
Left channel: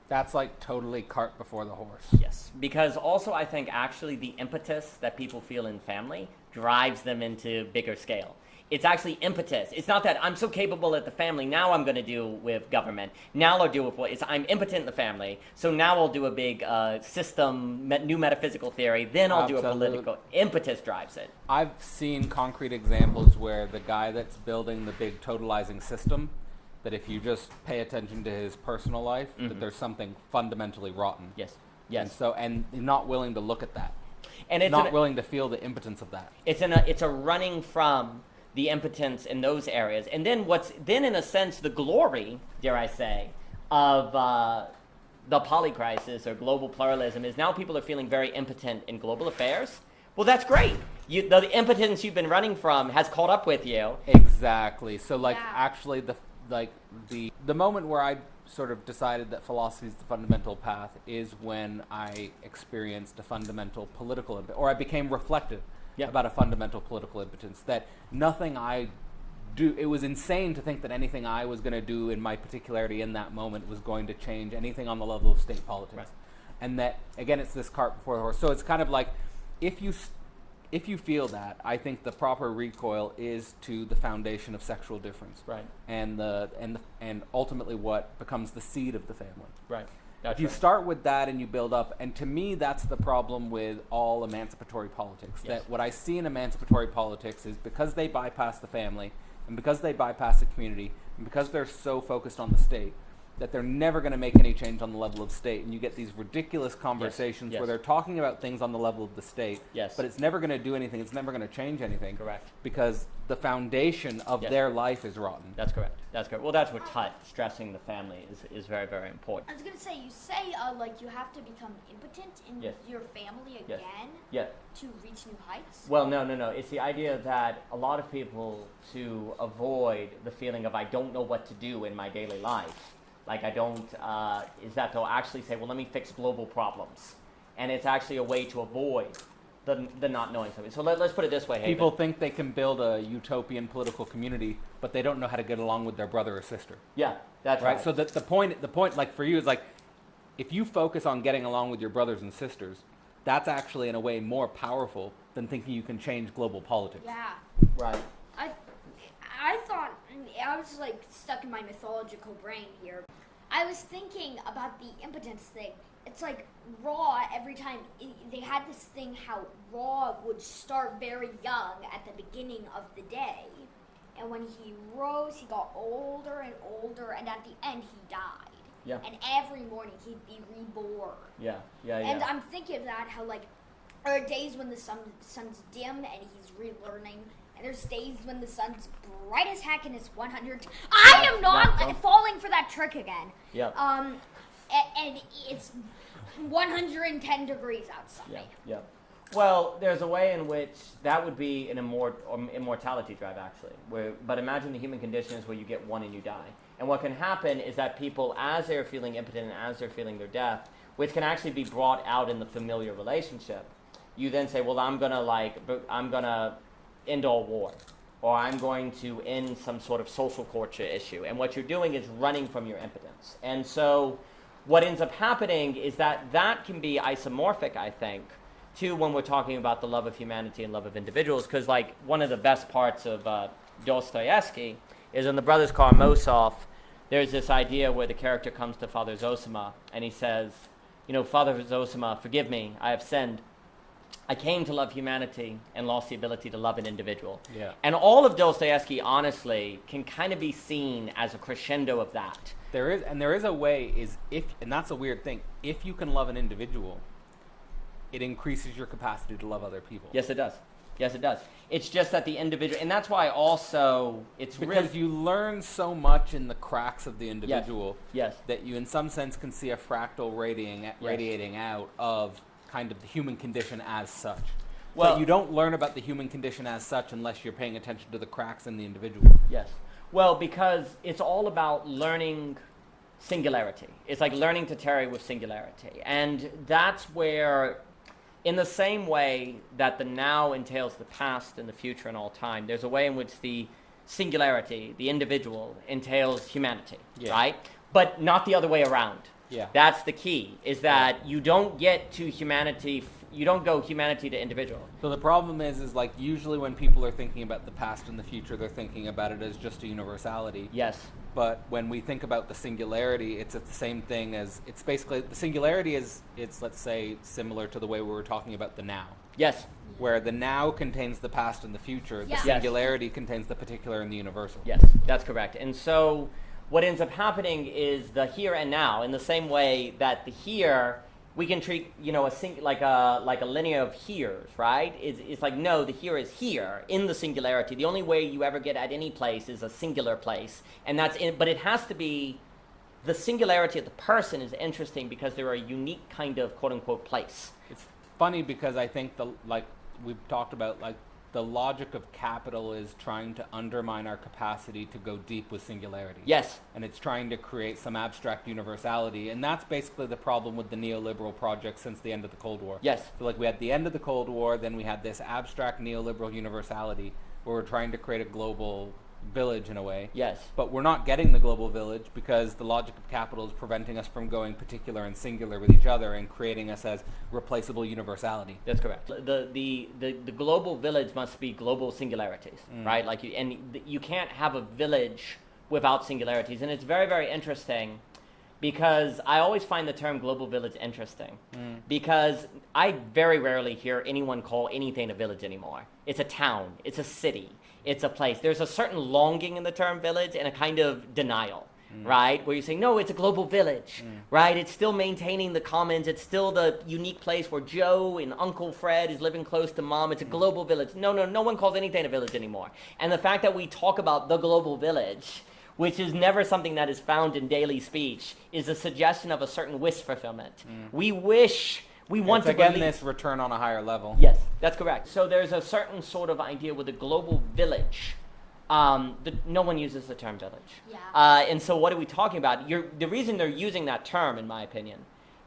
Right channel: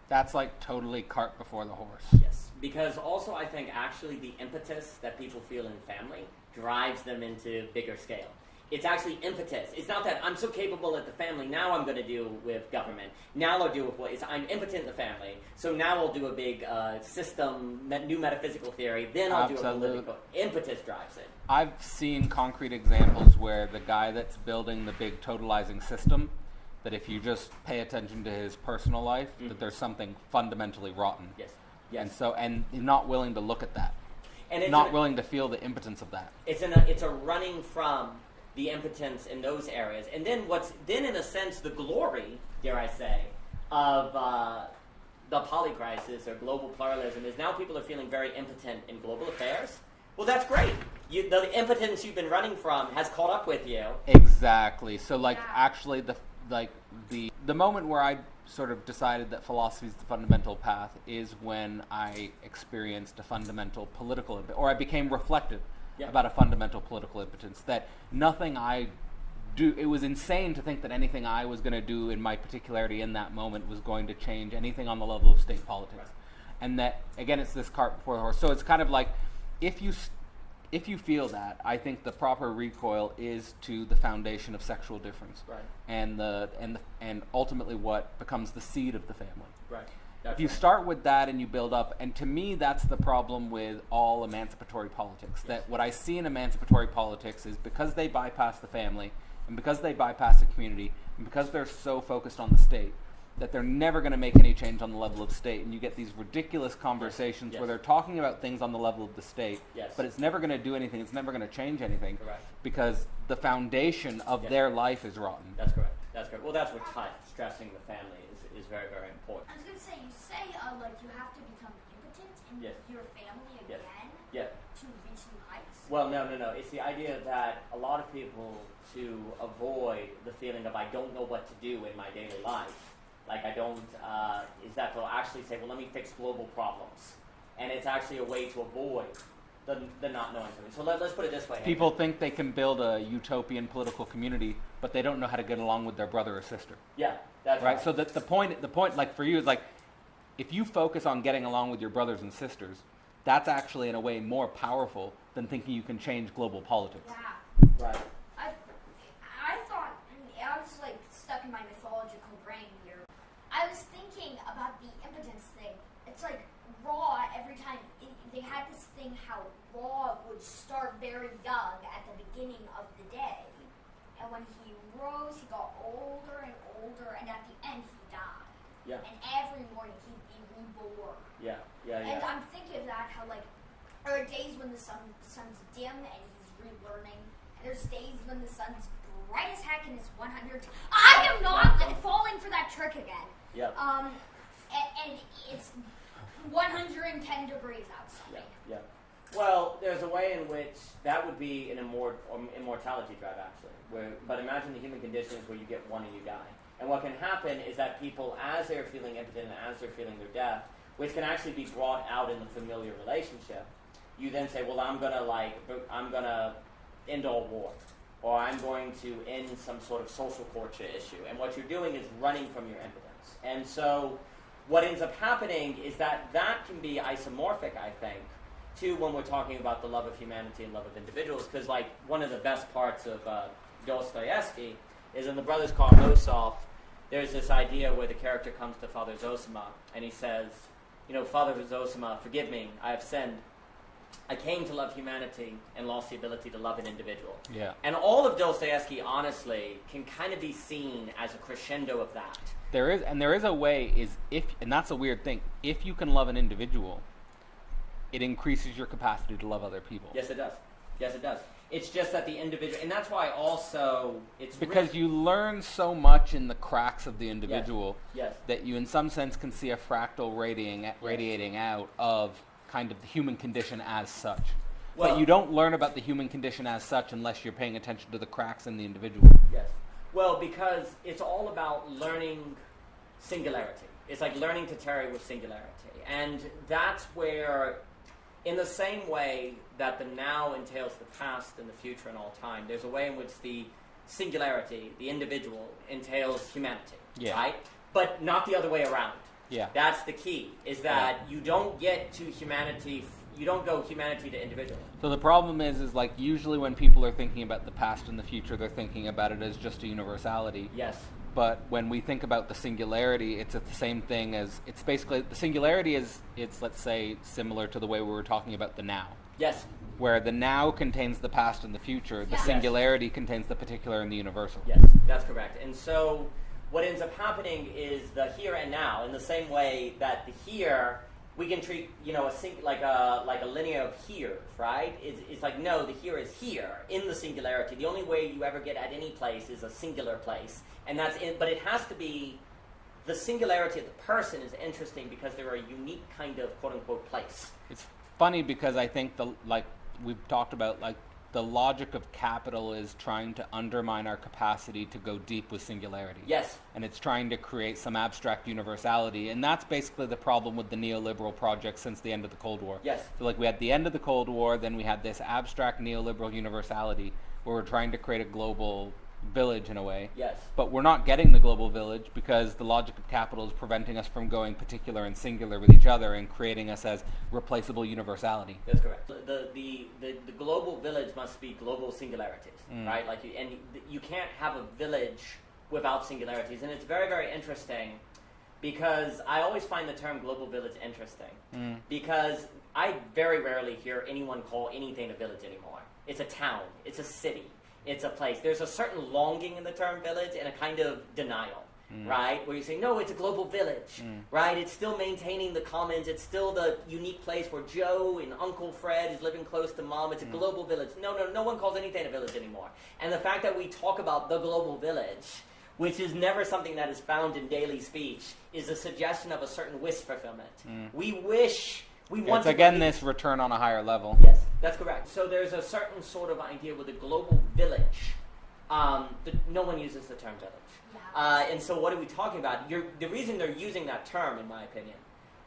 that's like totally cart before the horse. Yes, because also I think actually the impetus that people feel in family drives them into bigger scale. It's actually impetus. It's not that I'm so capable at the family, now I'm going to deal with government. Now I'll deal with what? It's I'm impotent in the family, so now I'll do a big system, new metaphysical theory, then I'll do a political. Impetus drives it. I've seen concrete examples where the guy that's building the big totalizing system, that if you just pay attention to his personal life, that there's something fundamentally rotten. Yes. And you're not willing to look at that. And it's not willing to feel the impotence of that. It's a running from the impotence in those areas. And then in a sense, the glory, dare I say, of the polycrisis or global pluralism is now people are feeling very impotent in global affairs. Well, that's great. The impotence you've been running from has caught up with you. Exactly. So, actually, like the moment where I sort of decided that philosophy is the fundamental path is when I experienced a fundamental political or I became reflective about a fundamental political impotence, that nothing I do, it was insane to think that anything I was going to do in my particularity in that moment was going to change anything on the level of state politics. Right. And that, again, it's this cart before the horse. So it's kind of like, if you feel that, I think the proper recoil is to the foundation of sexual difference, Right. and ultimately what becomes the seed of the family. Right. If you start with that and you build up, and to me that's the problem with all emancipatory politics. Yes. That what I see in emancipatory politics is because they bypass the family, and because they bypass the community, and because they're so focused on the state, that they're never going to make any change on the level of state, and you get these ridiculous conversations Yes. where they're talking about things on the level of the state, Yes. but it's never going to do anything, it's never going to change anything. Correct. Because the foundation of Yes. their life is rotten. That's correct. That's correct. Well, that's what stressing the family is very, very important. I was gonna say, you say like you have to become impotent in Yes. your family Yes. again Yeah. to reach new heights. Well, no. It's the idea that a lot of people, to avoid the feeling of I don't know what to do in my daily life, like I don't, is that they'll actually say, well, let me fix global problems. And it's actually a way to avoid the not knowing something. So let's put it this way. People think they can build a utopian political community, but they don't know how to get along with their brother or sister. Yeah, that's Right? So the point, like for you, is like, if you focus on getting along with your brothers and sisters, that's actually in a way more powerful than thinking you can change global politics. Yeah. Right. I thought, I was like stuck in my mythological brain here. I was thinking about the impotence thing. It's like Raw, every time they had this thing how Raw would start very young at the beginning of the day. And when he rose, he got older and older, and at the end he died. Yeah. And every morning he'd be reborn. Yeah. And I'm thinking of that, how like, there are days when the sun's dim and he's relearning, and there's days when the sun's bright as heck and it's 100. I am not falling for that trick again. Yeah. And it's 110 degrees outside. Yeah. Well, there's a way in which that would be an immortality drive, actually. But imagine the human condition is where you get one and you die. And what can happen is that people, as they're feeling impotent and as they're feeling their death, which can actually be brought out in the familiar relationship, you then say, well, I'm gonna end all war, or I'm going to end some sort of social culture issue. And what you're doing is running from your impotence. And so what ends up happening is that can be isomorphic, I think, to when we're talking about the love of humanity and love of individuals, because like one of the best parts of Dostoevsky is in The Brothers Karamazov, there's this idea where the character comes to Father Zosima and he says, Father Zosima, forgive me, I have sinned. I came to love humanity and lost the ability to love an individual. Yeah. And all of Dostoevsky, honestly, can kind of be seen as a crescendo of that. There is a way, and that's a weird thing, if you can love an individual, it increases your capacity to love other people. Yes, it does. It's just that the individual, and that's why also it's because you learn so much in the cracks of the individual Yes. that you in some sense can see a fractal radiating out of kind of the human condition as such. Well, but you don't learn about the human condition as such unless you're paying attention to the cracks in the individual. Yes. Well, because it's all about learning singularity. It's like learning to tarry with singularity. And that's where, in the same way that the now entails the past and the future and all time, there's a way in which the singularity, the individual, entails humanity, right? But not the other way around. Yeah. That's the key, is that you don't get to humanity, you don't go humanity to individual. So the problem is like usually when people are thinking about the past and the future, they're thinking about it as just a universality. Yes. But when we think about the singularity, it's the same thing as, it's basically, the singularity is, it's, let's say, similar to the way we were talking about the now. Yes. Where the now contains the past and the future, the Yeah. singularity contains the particular and the universal. Yes, that's correct. And so what ends up happening is the here and now, in the same way that the here, we can treat, like a linear of heres, right? It's like, no, the here is here in the singularity. The only way you ever get at any place is a singular place. And but it has to be, the singularity of the person is interesting because they're a unique kind of quote unquote place. It's funny because I think like we've talked about, like the logic of capital is trying to undermine our capacity to go deep with singularity. Yes. And it's trying to create some abstract universality. And that's basically the problem with the neoliberal project since the end of the Cold War. Yes. So like we had the end of the Cold War, then we had this abstract neoliberal universality where we're trying to create a global village in a way. Yes. But we're not getting the global village because the logic of capital is preventing us from going particular and singular with each other and creating us as replaceable universality. That's correct. The global village must be global singularities, right? Like, you can't have a village without singularities, and it's very, very interesting because I always find the term global village interesting because I very rarely hear anyone call anything a village anymore. It's a town. It's a city. It's a place. There's a certain longing in the term village and a kind of denial, right? Where you say, no, it's a global village, right? It's still maintaining the commons. It's still the unique place where Joe and Uncle Fred is living close to Mom. It's a global village. No one calls anything a village anymore. And the fact that we talk about the global village, which is never something that is found in daily speech, is a suggestion of a certain wish fulfillment. We wish... We want it's to again believe. this return on a higher level. Yes, that's correct. So there's a certain sort of idea with a global village. No one uses the term village. Yeah. And so what are we talking about? The reason they're using that term, in my opinion,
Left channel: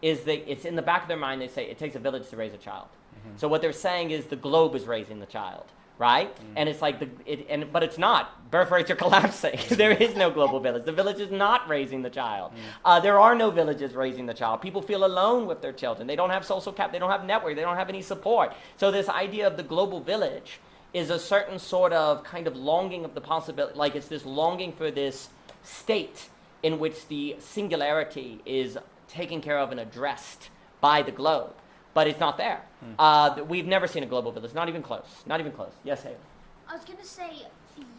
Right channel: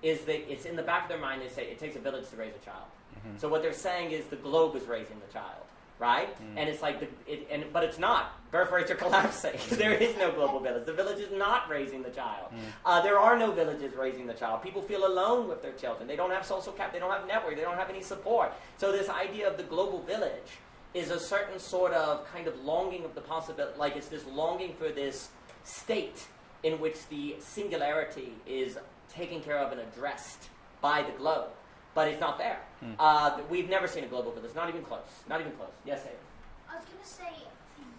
is that it's in the back of their mind. They say it takes a village to raise a child. So what they're saying is the globe is raising the child, right? And it's like but it's not. Birth rates are collapsing. There is no global village. The village is not raising the child. There are no villages raising the child. People feel alone with their children. They don't have social cap. They don't have network. They don't have any support. So this idea of the global village is a certain sort of kind of longing of the possibility, like it's this longing for this state in which the singularity is taken care of and addressed by the globe. But it's not there. We've never seen a global village. Not even close. Not even close. Yes, Hayden. I was gonna say,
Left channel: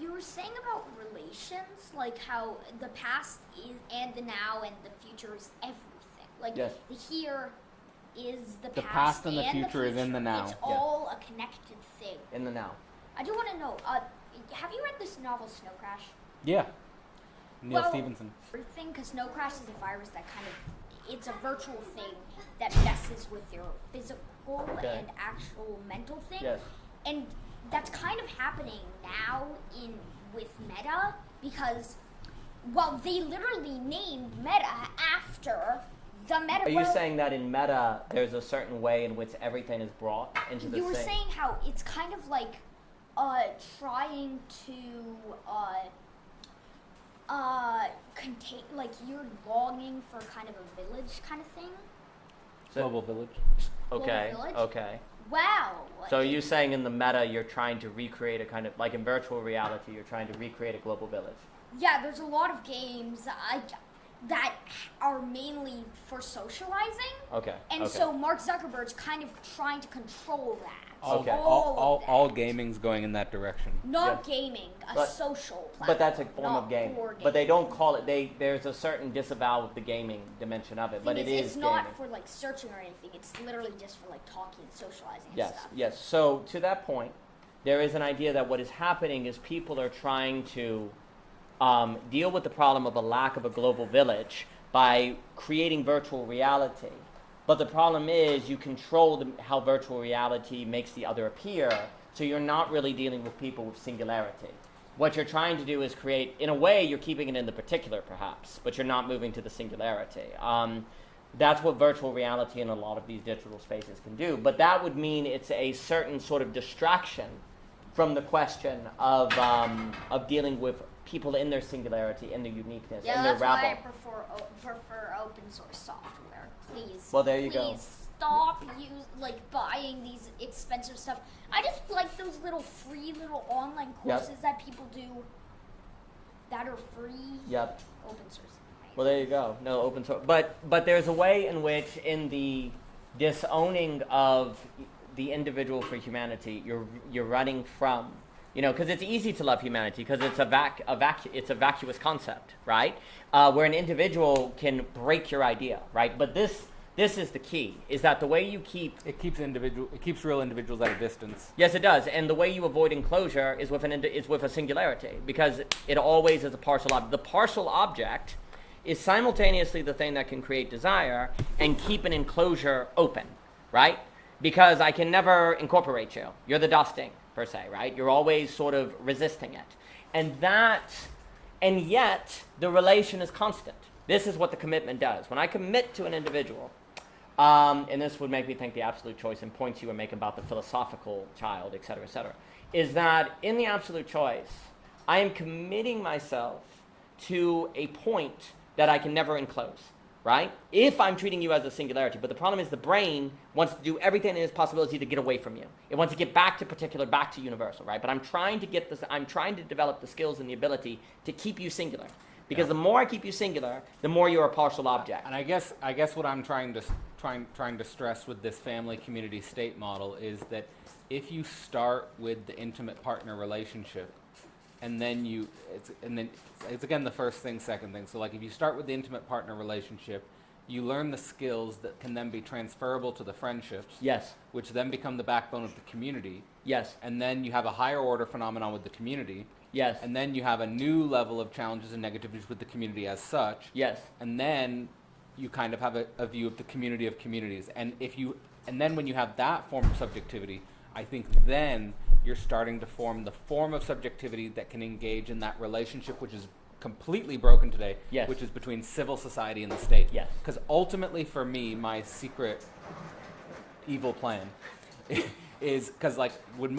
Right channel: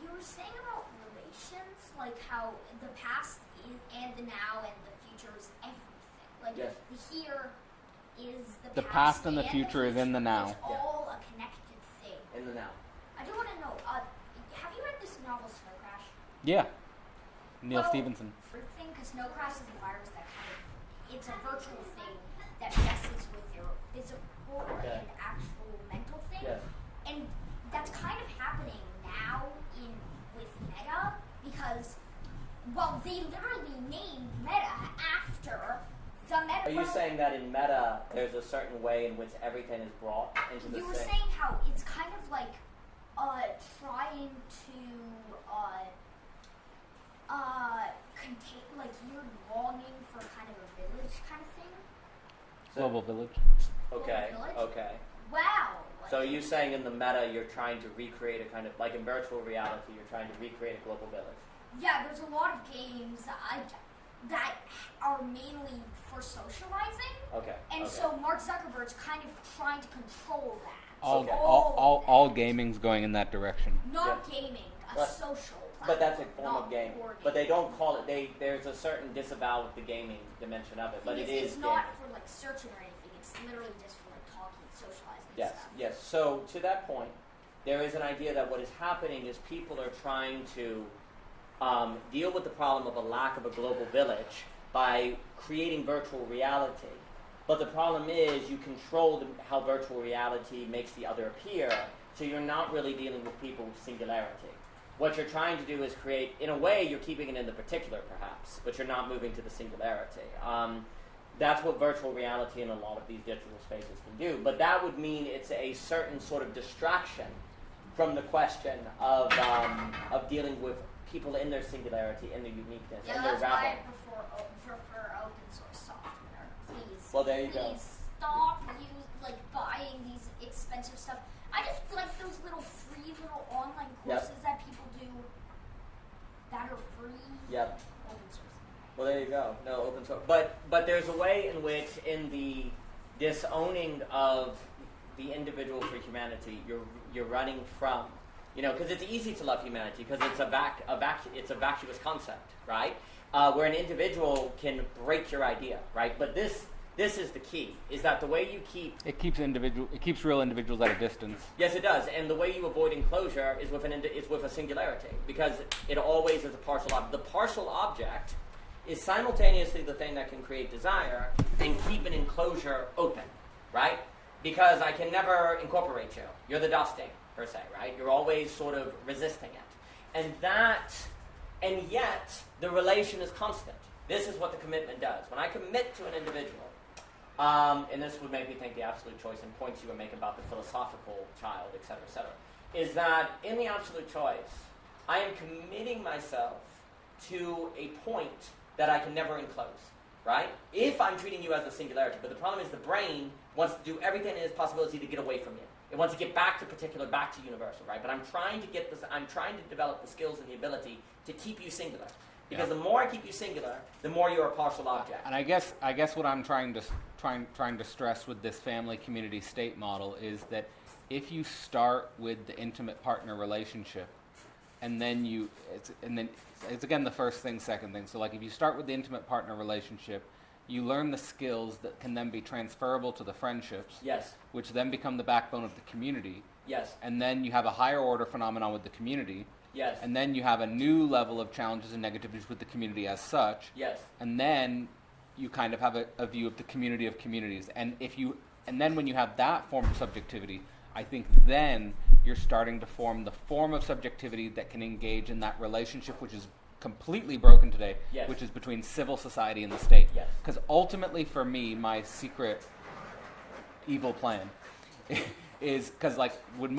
you were saying about relations, like how the past is, and the now and the future is everything. Like Yes. the here is The past and the future is in the now. It's all a connected thing. In the now. I do want to know. Have you read this novel Snow Crash? Yeah. Neil Well, Stevenson. Thing, because Snow Crash is a virus that kind of, it's a virtual thing that messes with your physical and actual mental thing. Yes. And that's kind of happening now with Meta because, well, they literally named Meta after the Meta. Are you saying that in Meta, there's a certain way in which everything is brought into the You were same? saying how it's kind of like trying to contain, like you're longing for kind of a village kind of thing. Global village. Okay. Global village? Okay. Wow. So are you saying in the meta, you're trying to recreate a kind of, like in virtual reality, you're trying to recreate a global village? Yeah, there's a lot of games that are mainly for socializing. Okay. And okay. so Mark Zuckerberg's kind of trying to control that. Okay. All gaming's going in that direction. Not gaming, a But- social platform. But that's a form not of game. for But they don't call it. There's a certain disavow with the gaming dimension of it. But Thing it is It's not gaming. for like searching or anything. It's literally just for like talking, socializing, and Yes, stuff. yes. So to that point, there is an idea that what is happening is people are trying to deal with the problem of a lack of a global village by creating virtual reality. But the problem is you control how virtual reality makes the other appear, so you're not really dealing with people with singularity. What you're trying to do is create, in a way, you're keeping it in the particular, perhaps, but you're not moving to the singularity. That's what virtual reality in a lot of these digital spaces can do. But that would mean it's a certain sort of distraction from the question of dealing with people in their singularity, in their uniqueness, Yeah, in their that's why I rabble. prefer open source software. Please. Well, there you please go. stop buying these expensive stuff. I just like those little free little online Yep. courses that people do that are free. Yep. Open source. Well, there you go. No open source. But there's a way in which, in the disowning of the individual for humanity, you're running from, because it's easy to love humanity because it's it's a vacuous concept, right? Where an individual can break your idea, right? But this is the key: is that the way you keep It keeps real individuals at a distance. Yes, it does, and the way you avoid enclosure is with a singularity, because it always is a partial object. The partial object is simultaneously the thing that can create desire and keep an enclosure open, right? because I can never incorporate you. You're the dusting, per se, right? You're always sort of resisting it. And yet, the relation is constant. This is what the commitment does. When I commit to an individual, and this would make me think the absolute choice and points you were making about the philosophical child, et cetera, is that in the absolute choice, I am committing myself to a point that I can never enclose, right? If I'm treating you as a singularity. But the problem is the brain wants to do everything in its possibility to get away from you. It wants to get back to particular, back to universal, right? But I'm trying to develop the skills and the ability to keep you singular. Because the more I keep you singular, the more you're a partial object. And I guess what I'm trying to stress with this family community state model is that if you start with the intimate partner relationship, and then it's again the first thing, second thing. So like if you start with the intimate partner relationship, you learn the skills that can then be transferable to the friendships. Yes. Which then become the backbone of the community. Yes. And then you have a higher order phenomenon with the community. Yes. And then you have a new level of challenges and negativities with the community as such. Yes. And then you kind of have a view of the community of communities. And then when you have that form of subjectivity, I think then you're starting to form the form of subjectivity that can engage in that relationship which is completely broken today, yes. which is between civil society and the state. Yes. Because ultimately for me, my secret evil plan is because with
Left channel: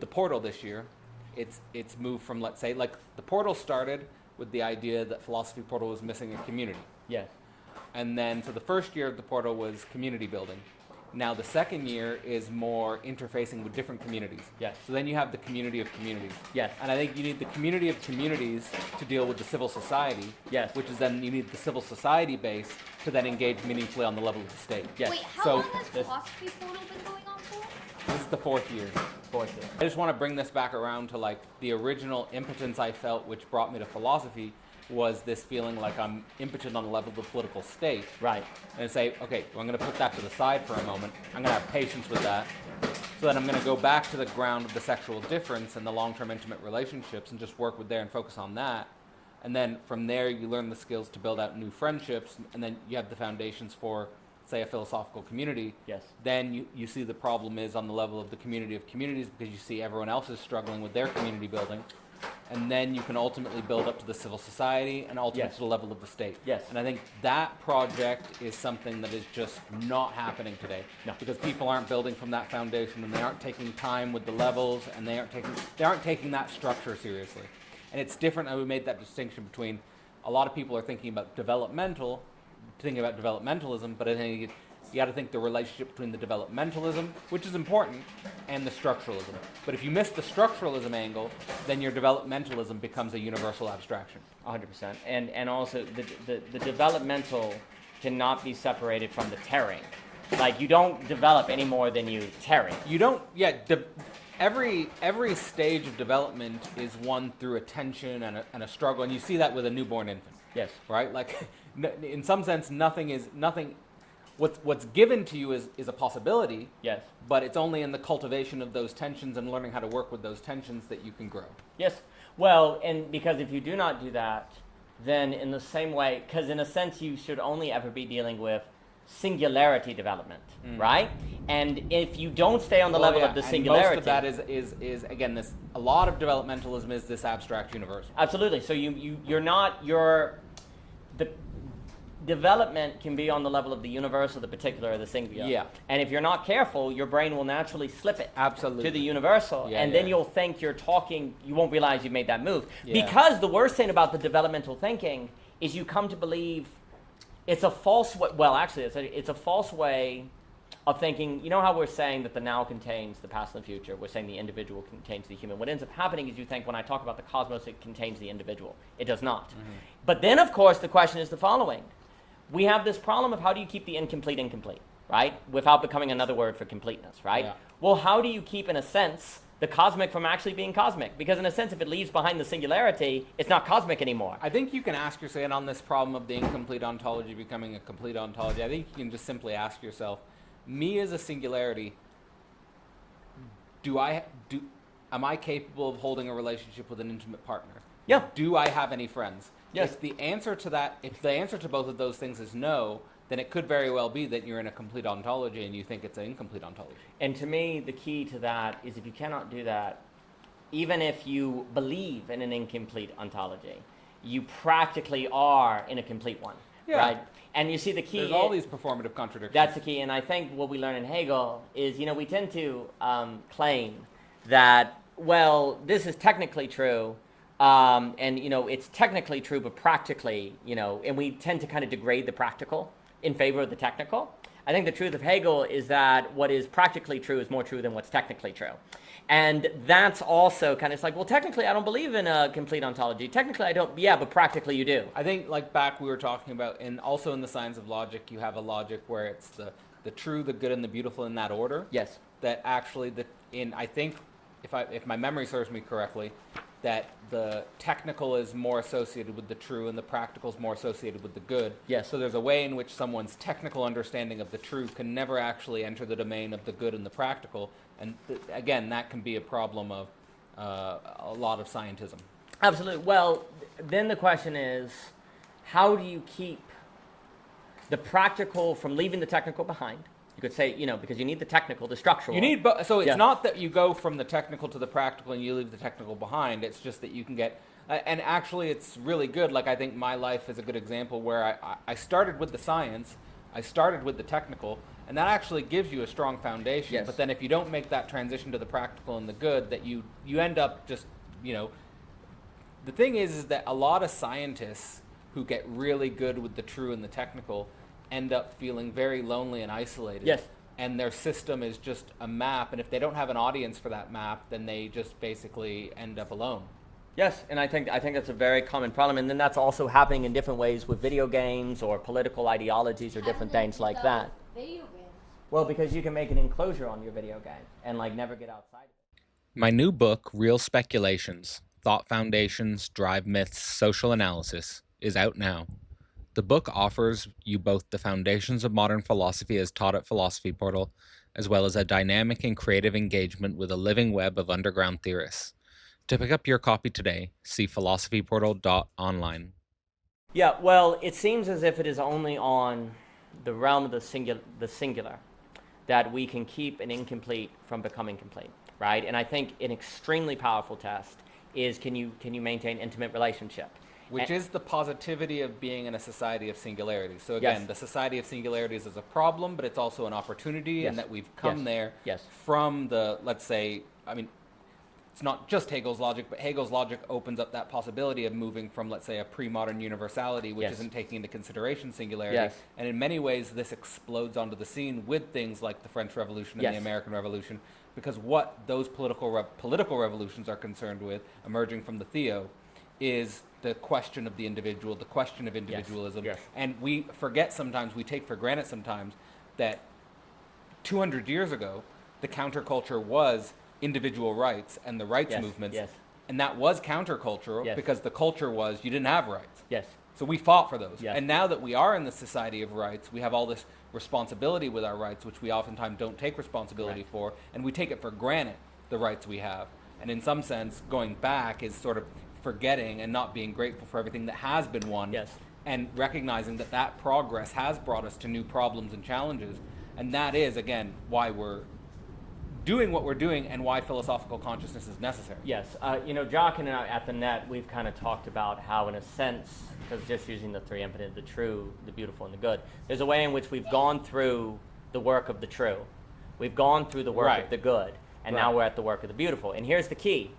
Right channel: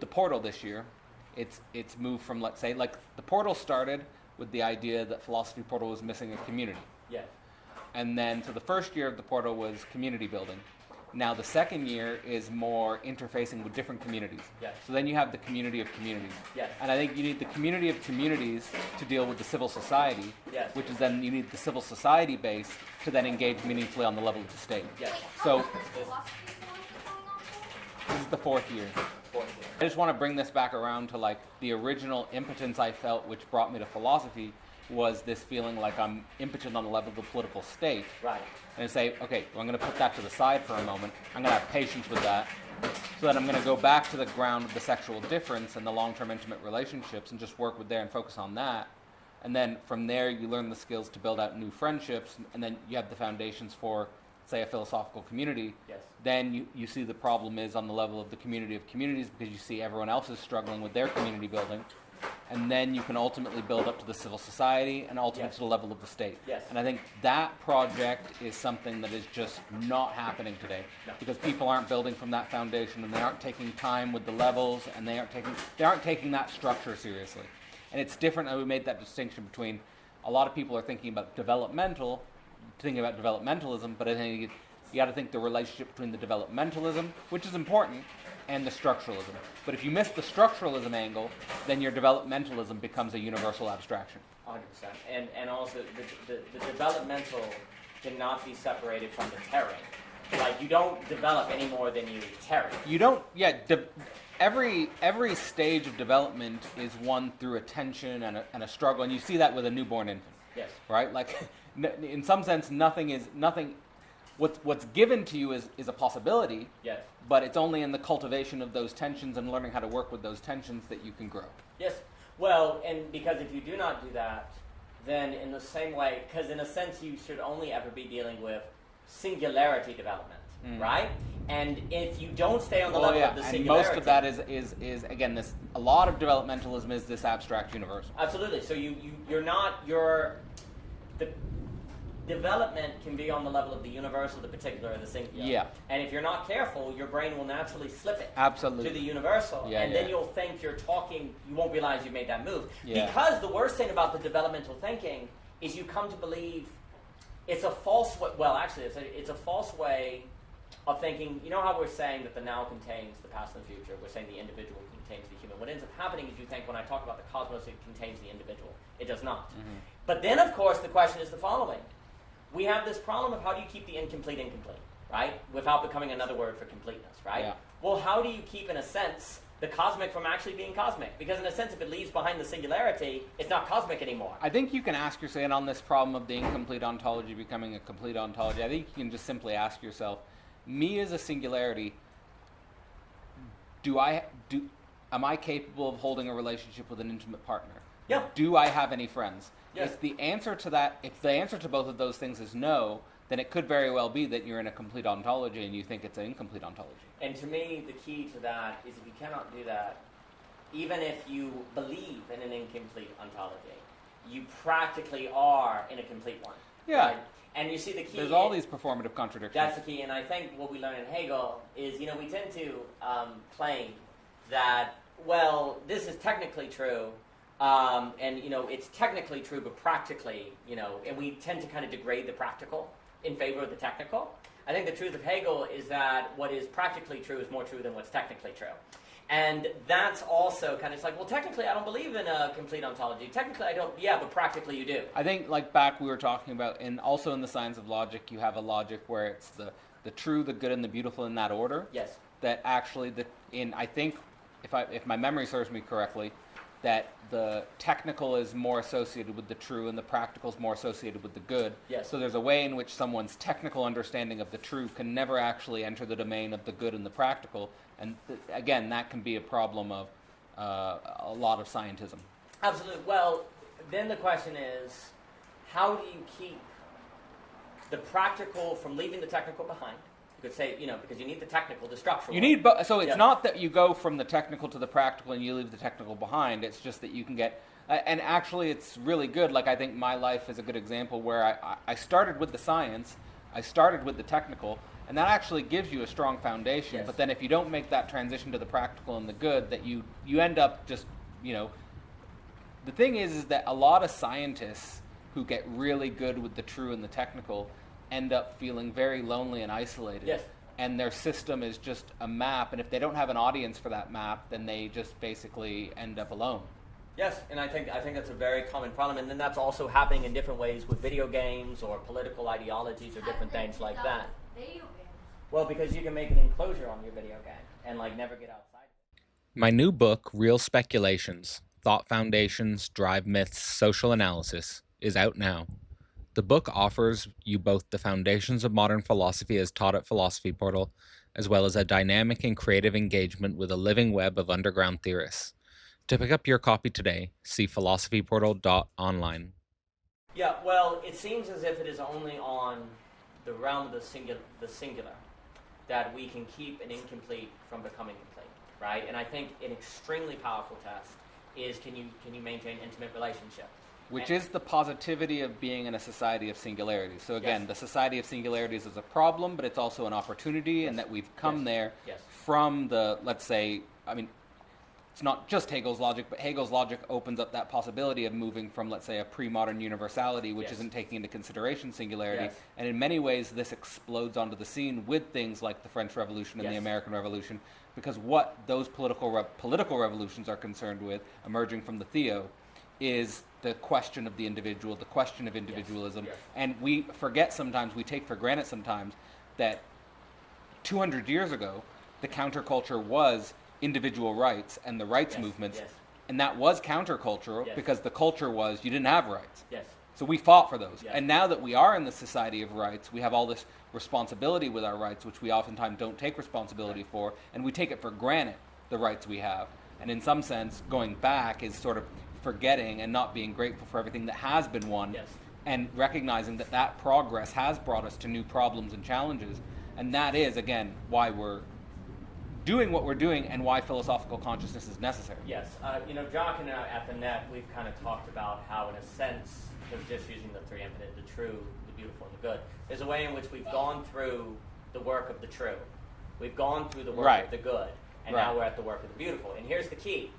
the portal this year, it's moved from, let's say, like the portal started with the idea that philosophy portal was missing a community. Yes. And then so the first year of the portal was community building. Now the second year is more interfacing with different communities. Yes. So then you have the community of communities. Yes. And I think you need the community of communities to deal with the civil society. Yes. Which is then you need the civil society base to then engage meaningfully on the level of the state. Yes. Wait, how So- long has philosophy portal been going on for? This is the fourth year. I just want to bring this back around to like the original impotence I felt which brought me to philosophy was this feeling like I'm impotent on the level of the political state. Right. And say, okay, well, I'm going to put that to the side for a moment. I'm going to have patience with that. So then I'm going to go back to the ground of the sexual difference and the long-term intimate relationships and just work with there and focus on that. And then from there, you learn the skills to build out new friendships. And then you have the foundations for, say, a philosophical community. Yes. Then you see the problem is on the level of the community of communities because you see everyone else is struggling with their community building. And then you can ultimately build up to the civil society and ultimately Yes. to the level of the state. Yes. And I think that project is something that is just not happening today. No. Because people aren't building from that foundation and they aren't taking time with the levels and they aren't taking that structure seriously. And it's different, and we made that distinction between a lot of people are thinking about developmentalism, but I think you got to think the relationship between the developmentalism, which is important, and the structuralism. But if you miss the structuralism angle, then your developmentalism becomes a universal abstraction. 100%. And also the developmental cannot be separated from the tearing. Like you don't develop any more than you tear it. You don't, every stage of development is one through a tension and a struggle, and you see that with a newborn infant. Yes. Right? Like, in some sense, nothing. What's given to you is a possibility. Yes. But it's only in the cultivation of those tensions and learning how to work with those tensions that you can grow. Yes. Well, and because if you do not do that, then in the same way, because in a sense you should only ever be dealing with singularity development, right? And if you don't stay on the level of the and singularity, most of that is again a lot of developmentalism is this abstract universal. Absolutely. So the development can be on the level of the universal, the particular, or the singular. Yeah. And if you're not careful, your brain will naturally slip it Absolutely. to the universal. Yeah, and then you'll think you're talking, you won't realize you've made that move. Yeah. Because the worst thing about the developmental thinking is you come to believe it's a false way, well actually it's a false way of thinking. You know how we're saying that the now contains the past and the future? We're saying the individual contains the human. What ends up happening is you think when I talk about the cosmos, it contains the individual. It does not. Mm-hmm. But then of course the question is the following. We have this problem of how do you keep the incomplete, right? Without becoming another word for completeness, right? Yeah. Well, how do you keep, in a sense, the cosmic from actually being cosmic? Because in a sense, if it leaves behind the singularity, it's not cosmic anymore. I think you can ask yourself on this problem of the incomplete ontology becoming a complete ontology. I think you can just simply ask yourself, me as a singularity, am I capable of holding a relationship with an intimate partner? Yeah. Do I have any friends? Yes. If the answer to both of those things is no, then it could very well be that you're in a complete ontology and you think it's an incomplete ontology. And to me, the key to that is if you cannot do that, even if you believe in an incomplete ontology, you practically are in a complete one. Yeah. Right? And you see the key. There's all these performative contradictions. That's the key. And I think what we learn in Hegel is, we tend to claim that, well, this is technically true, and, it's technically true, but practically, and we tend to kind of degrade the practical in favor of the technical. I think the truth of Hegel is that what is practically true is more true than what's technically true. And that's also kind of, it's like, well, technically I don't believe in a complete ontology. Technically I don't, yeah, but practically you do. I think, like back we were talking about, and also in the science of logic, you have a logic where it's the true, the good, and the beautiful in that order. Yes. That actually, I think, if my memory serves me correctly, that the technical is more associated with the true and the practical is more associated with the good. Yes. So there's a way in which someone's technical understanding of the true can never actually enter the domain of the good and the practical. And again, that can be a problem of a lot of scientism. Absolutely. Well, then the question is, how do you keep the practical from leaving the technical behind? You could say, because you need the technical, the structural. You need so it's not that you go from the technical to the practical and you leave the technical behind. It's just that you can get, and actually it's really good. Like I think my life is a good example where I started with the science, I started with the technical, and that actually gives you a strong foundation. Yes. But then if you don't make that transition to the practical and the good, that you end up just, the thing is that a lot of scientists who get really good with the true and the technical end up feeling very lonely and isolated. Yes. And their system is just a map, and if they don't have an audience for that map, then they just basically end up alone. Yes, and I think that's a very common problem, and then that's also happening in different ways with video games or political ideologies or different things like that. Video games. Well, because you can make an enclosure on your video game and never get outside of it. My new book, Real Speculations: Thought Foundations, Drive Myths, Social Analysis, is out now. The book offers you both the foundations of modern philosophy as taught at Philosophy Portal, as well as a dynamic and creative engagement with a living web of underground theorists. To pick up your copy today, see philosophyportal.online. Yeah, well, it seems as if it is only on the realm of the singular that we can keep an incomplete from becoming complete, right? And I think an extremely powerful test is can you maintain intimate relationship? Which is the positivity of being in a society of singularities. So again, Yes. the society of singularities is a problem, but it's also an opportunity, Yes. and that we've come Yes. there Yes. from the, let's say, it's not just Hegel's logic, but Hegel's logic opens up that possibility of moving from, let's say, a pre-modern universality, which Yes. isn't taking into consideration singularity. Yes. And in many ways, this explodes onto the scene with things like the French Revolution and the Yes. American Revolution, because what those political revolutions are concerned with, emerging from the Theo, is the question of the individual, the question of individualism. Yes. And we forget sometimes, we take for granted sometimes, that 200 years ago, the counterculture was individual rights and the rights Yes. movements. Yes. And that was countercultural Yes. because the culture was you didn't have rights. Yes. So we fought for those. Yes. And now that we are in the society of rights, we have all this responsibility with our rights, which we oftentimes don't take responsibility for, and we take it for granted, the rights we have. And in some sense, going back is sort of forgetting and not being grateful for everything that has been won. Yes. And recognizing that that progress has brought us to new problems and challenges. And that is, again, why we're doing what we're doing and why philosophical consciousness is necessary. Yes. Jock and I at the Net, we've kind of talked about how, in a sense, because just using the three infinite, the true, the beautiful, and the good, there's a way in which we've gone through the work of the true. We've gone through the work Right. of the good, and Right. now we're at the work of the beautiful. And here's the key.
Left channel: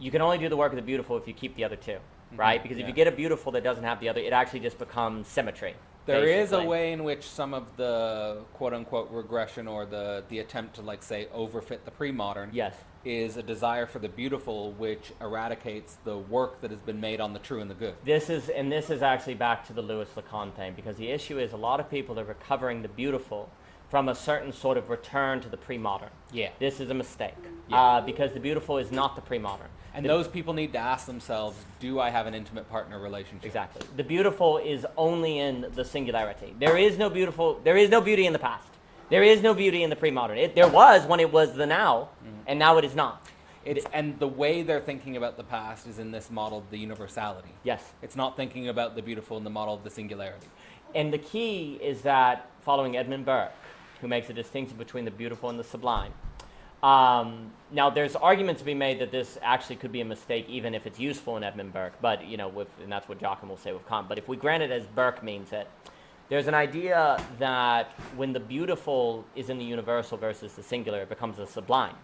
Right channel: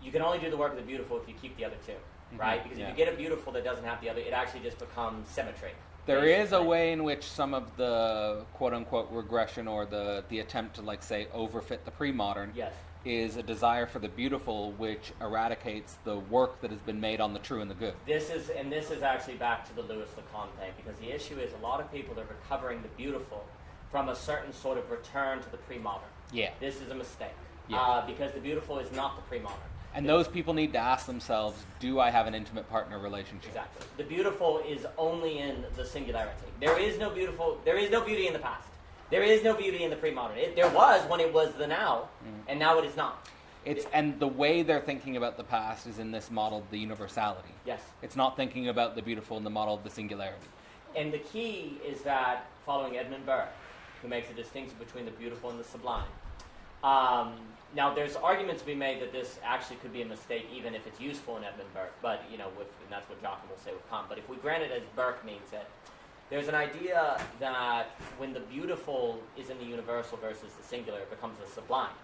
You can only do the work of the beautiful if you keep the other two, right? Because if yeah. you get a beautiful that doesn't have the other, it actually just becomes symmetry. There is a basically. way in which some of the quote-unquote regression or the attempt to, like, say, overfit the pre-modern Yes. is a desire for the beautiful, which eradicates the work that has been made on the true and the good. This is actually back to the Louis Lacan thing, because the issue is a lot of people are recovering the beautiful from a certain sort of return to the pre-modern. Yeah. This is a mistake, Yeah. because the beautiful is not the pre-modern. And those people need to ask themselves, do I have an intimate partner relationship? Exactly. The beautiful is only in the singularity. There is no beautiful. There is no beauty in the past. There is no beauty in the pre-modern. There was when it was the now, and now it is not. And the way they're thinking about the past is in this model of the universality. Yes. It's not thinking about the beautiful in the model of the singularity. And the key is that, following Edmund Burke, who makes a distinction between the beautiful and the sublime. Now, there's arguments to be made that this actually could be a mistake, even if it's useful in Edmund Burke. But and that's what Joachim will say with Kant. But if we grant it as Burke means it, there's an idea that when the beautiful is in the universal versus the singular, it becomes a sublime.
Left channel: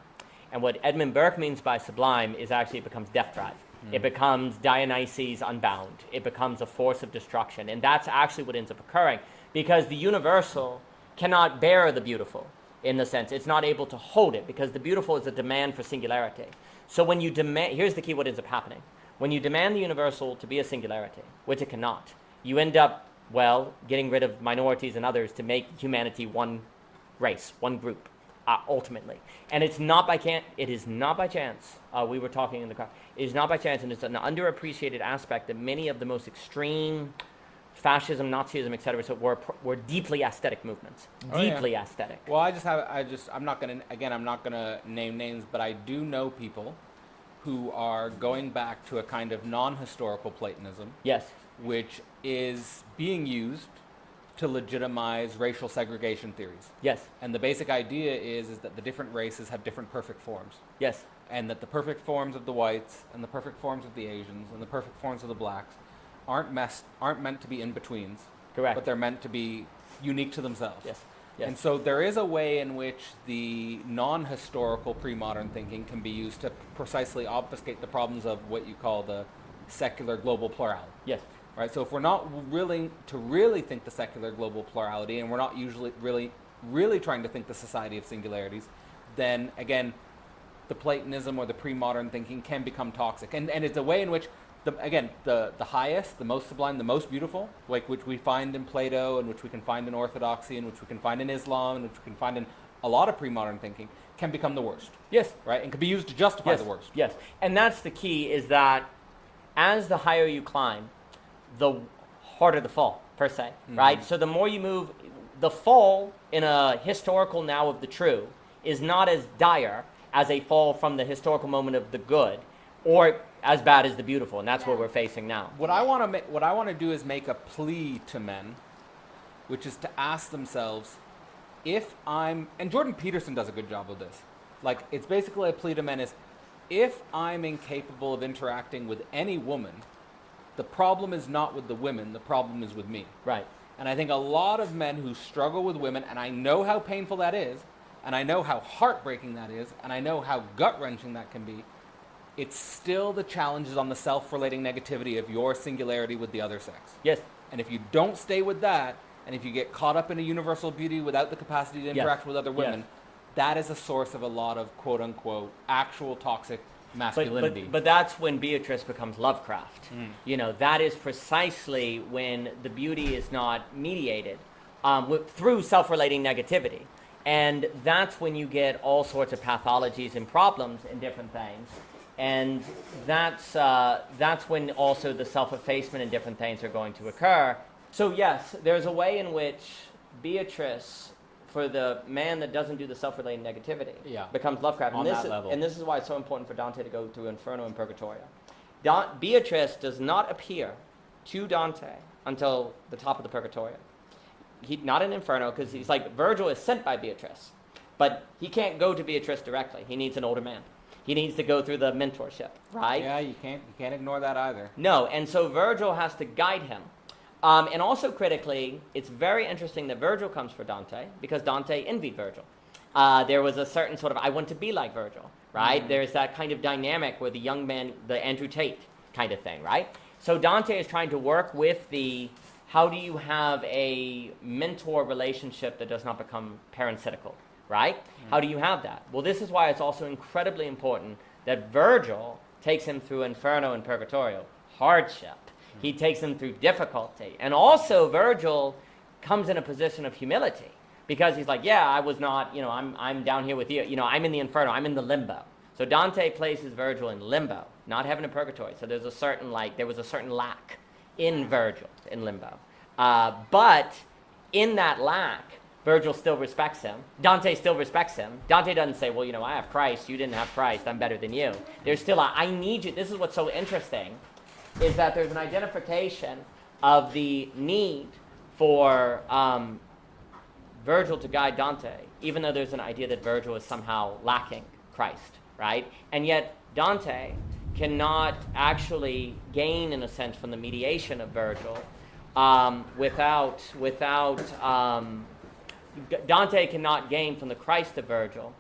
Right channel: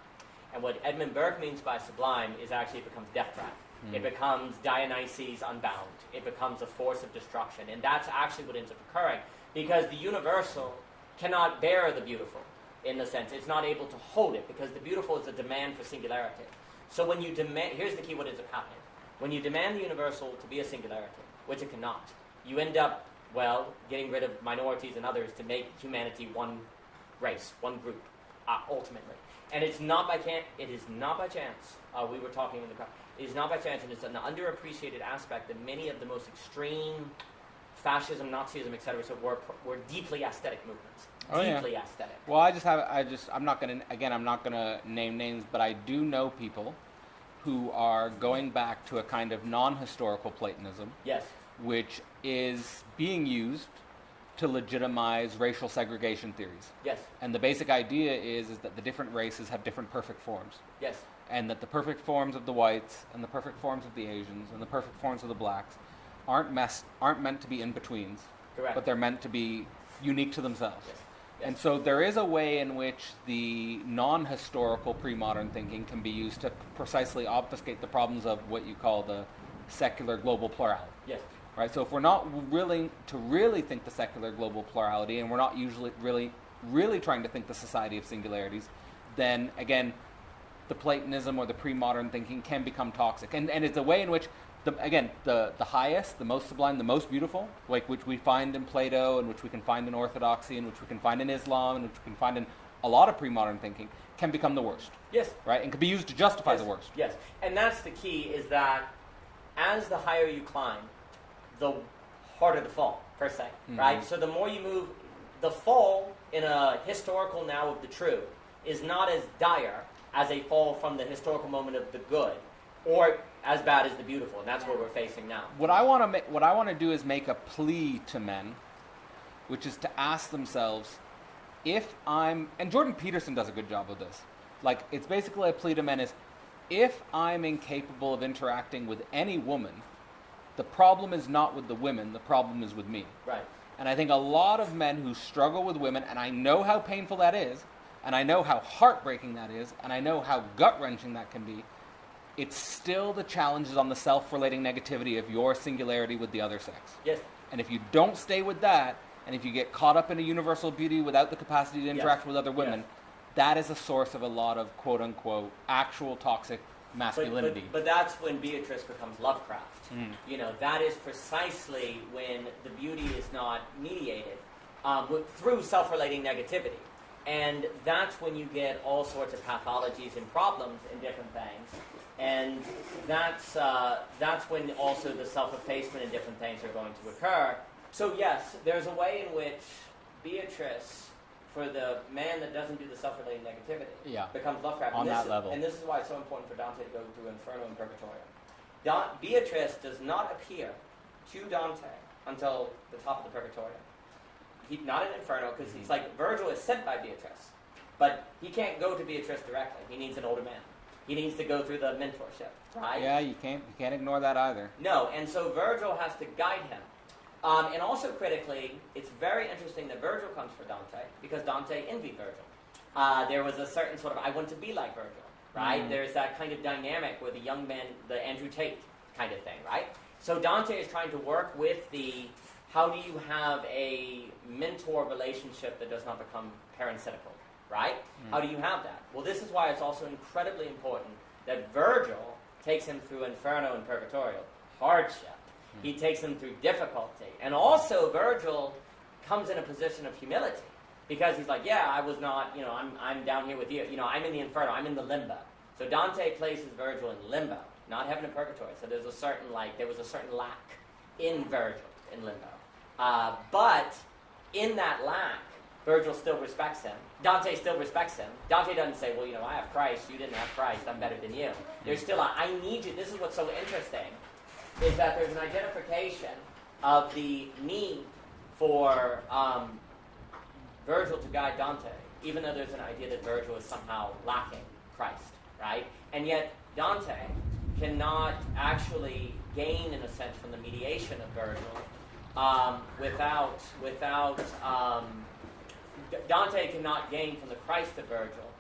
And what Edmund Burke means by sublime is actually it becomes death drive. It becomes Dionysus unbound. It becomes a force of destruction. And that's actually what ends up occurring, because the universal cannot bear the beautiful, in the sense. It's not able to hold it, because the beautiful is a demand for singularity. So when you demand, here's the key what ends up happening. When you demand the universal to be a singularity, which it cannot, you end up, getting rid of minorities and others to make humanity one race, one group, ultimately. And it's not by chance. It is not by chance. We were talking in the car. It is not by chance, and it's an underappreciated aspect that many of the most extreme fascism, Nazism, etc., so were deeply aesthetic movements. Deeply aesthetic. Well, I'm not gonna name names, but I do know people who are going back to a kind of non-historical Platonism. Yes. Which is being used to legitimize racial segregation theories. Yes. And the basic idea is that the different races have different perfect forms. Yes. And that the perfect forms of the whites and the perfect forms of the Asians and the perfect forms of the blacks aren't meant to be in-betweens. Correct. But they're meant to be unique to themselves. Yes. Yes. And so there is a way in which the non-historical pre-modern thinking can be used to precisely obfuscate the problems of what you call the secular global plurality. Yes. Right? So if we're not willing to really think the secular global plurality, and we're not usually really trying to think the society of singularities, then again, the Platonism or the pre-modern thinking can become toxic. And it's a way in which the highest, the most sublime, the most beautiful, like which we find in Plato, and which we can find in Orthodoxy, and which we can find in Islam, and which we can find in a lot of pre-modern thinking, can become the worst. Yes. Right? And can be used to justify the worst. Yes. And that's the key, is that as the higher you climb, the harder the fall, per se. Right? So the more you move, the fall in a historical now of the true is not as dire as a fall from the historical moment of the good, or as bad as the beautiful, and that's what we're facing now. What I want to do is make a plea to men, which is to ask themselves, and Jordan Peterson does a good job of this. Like, it's basically a plea to men is, if I'm incapable of interacting with any woman, the problem is not with the women, the problem is with me. Right. And I think a lot of men who struggle with women, and I know how painful that is, and I know how heartbreaking that is, and I know how gut-wrenching that can be, it's still the challenges on the self-relating negativity of your singularity with the other sex. Yes. And if you don't stay with that, and if you get caught up in a universal beauty without the capacity to interact with other women, that is a source of a lot of quote-unquote actual toxic masculinity. But that's when Beatrice becomes Lovecraft. That is precisely when the beauty is not mediated through self-relating negativity. And that's when you get all sorts of pathologies and problems in different things. And that's when also the self-effacement and different things are going to occur. So yes, there's a way in which Beatrice, for the man that doesn't do the self-relating negativity, becomes Lovecraft. On that level. And this is why it's so important for Dante to go through Inferno and Purgatorio. Beatrice does not appear to Dante until the top of the Purgatorio. Not in Inferno, because he's like, Virgil is sent by Beatrice, but he can't go to Beatrice directly. He needs an older man. He needs to go through the mentorship, right? Yeah, you can't ignore that either. No, and so Virgil has to guide him. And also critically, it's very interesting that Virgil comes for Dante, because Dante envied Virgil. There was a certain sort of, I want to be like Virgil, right? There's that kind of dynamic where the young man, the Andrew Tate kind of thing, right? So Dante is trying to work with how do you have a mentor relationship that does not become parasitical, right? How do you have that? Well, this is why it's also incredibly important that Virgil takes him through Inferno and Purgatorio, hardship. He takes him through difficulty. And also Virgil comes in a position of humility, because he's like, I was not, I'm down here with you. I'm in the Inferno, I'm in the limbo. So Dante places Virgil in limbo, not heaven and purgatory. So there was a certain lack in Virgil, in limbo. But in that lack, Virgil still respects him. Dante still respects him. Dante doesn't say, I have Christ, you didn't have Christ, I'm better than you. There's still I need you. This is what's so interesting, is that there's an identification of the need for Virgil to guide Dante, even though there's an idea that Virgil is somehow lacking Christ, right? And yet Dante cannot actually gain, in a sense, from the mediation of Virgil Dante cannot gain from the Christ of Virgil.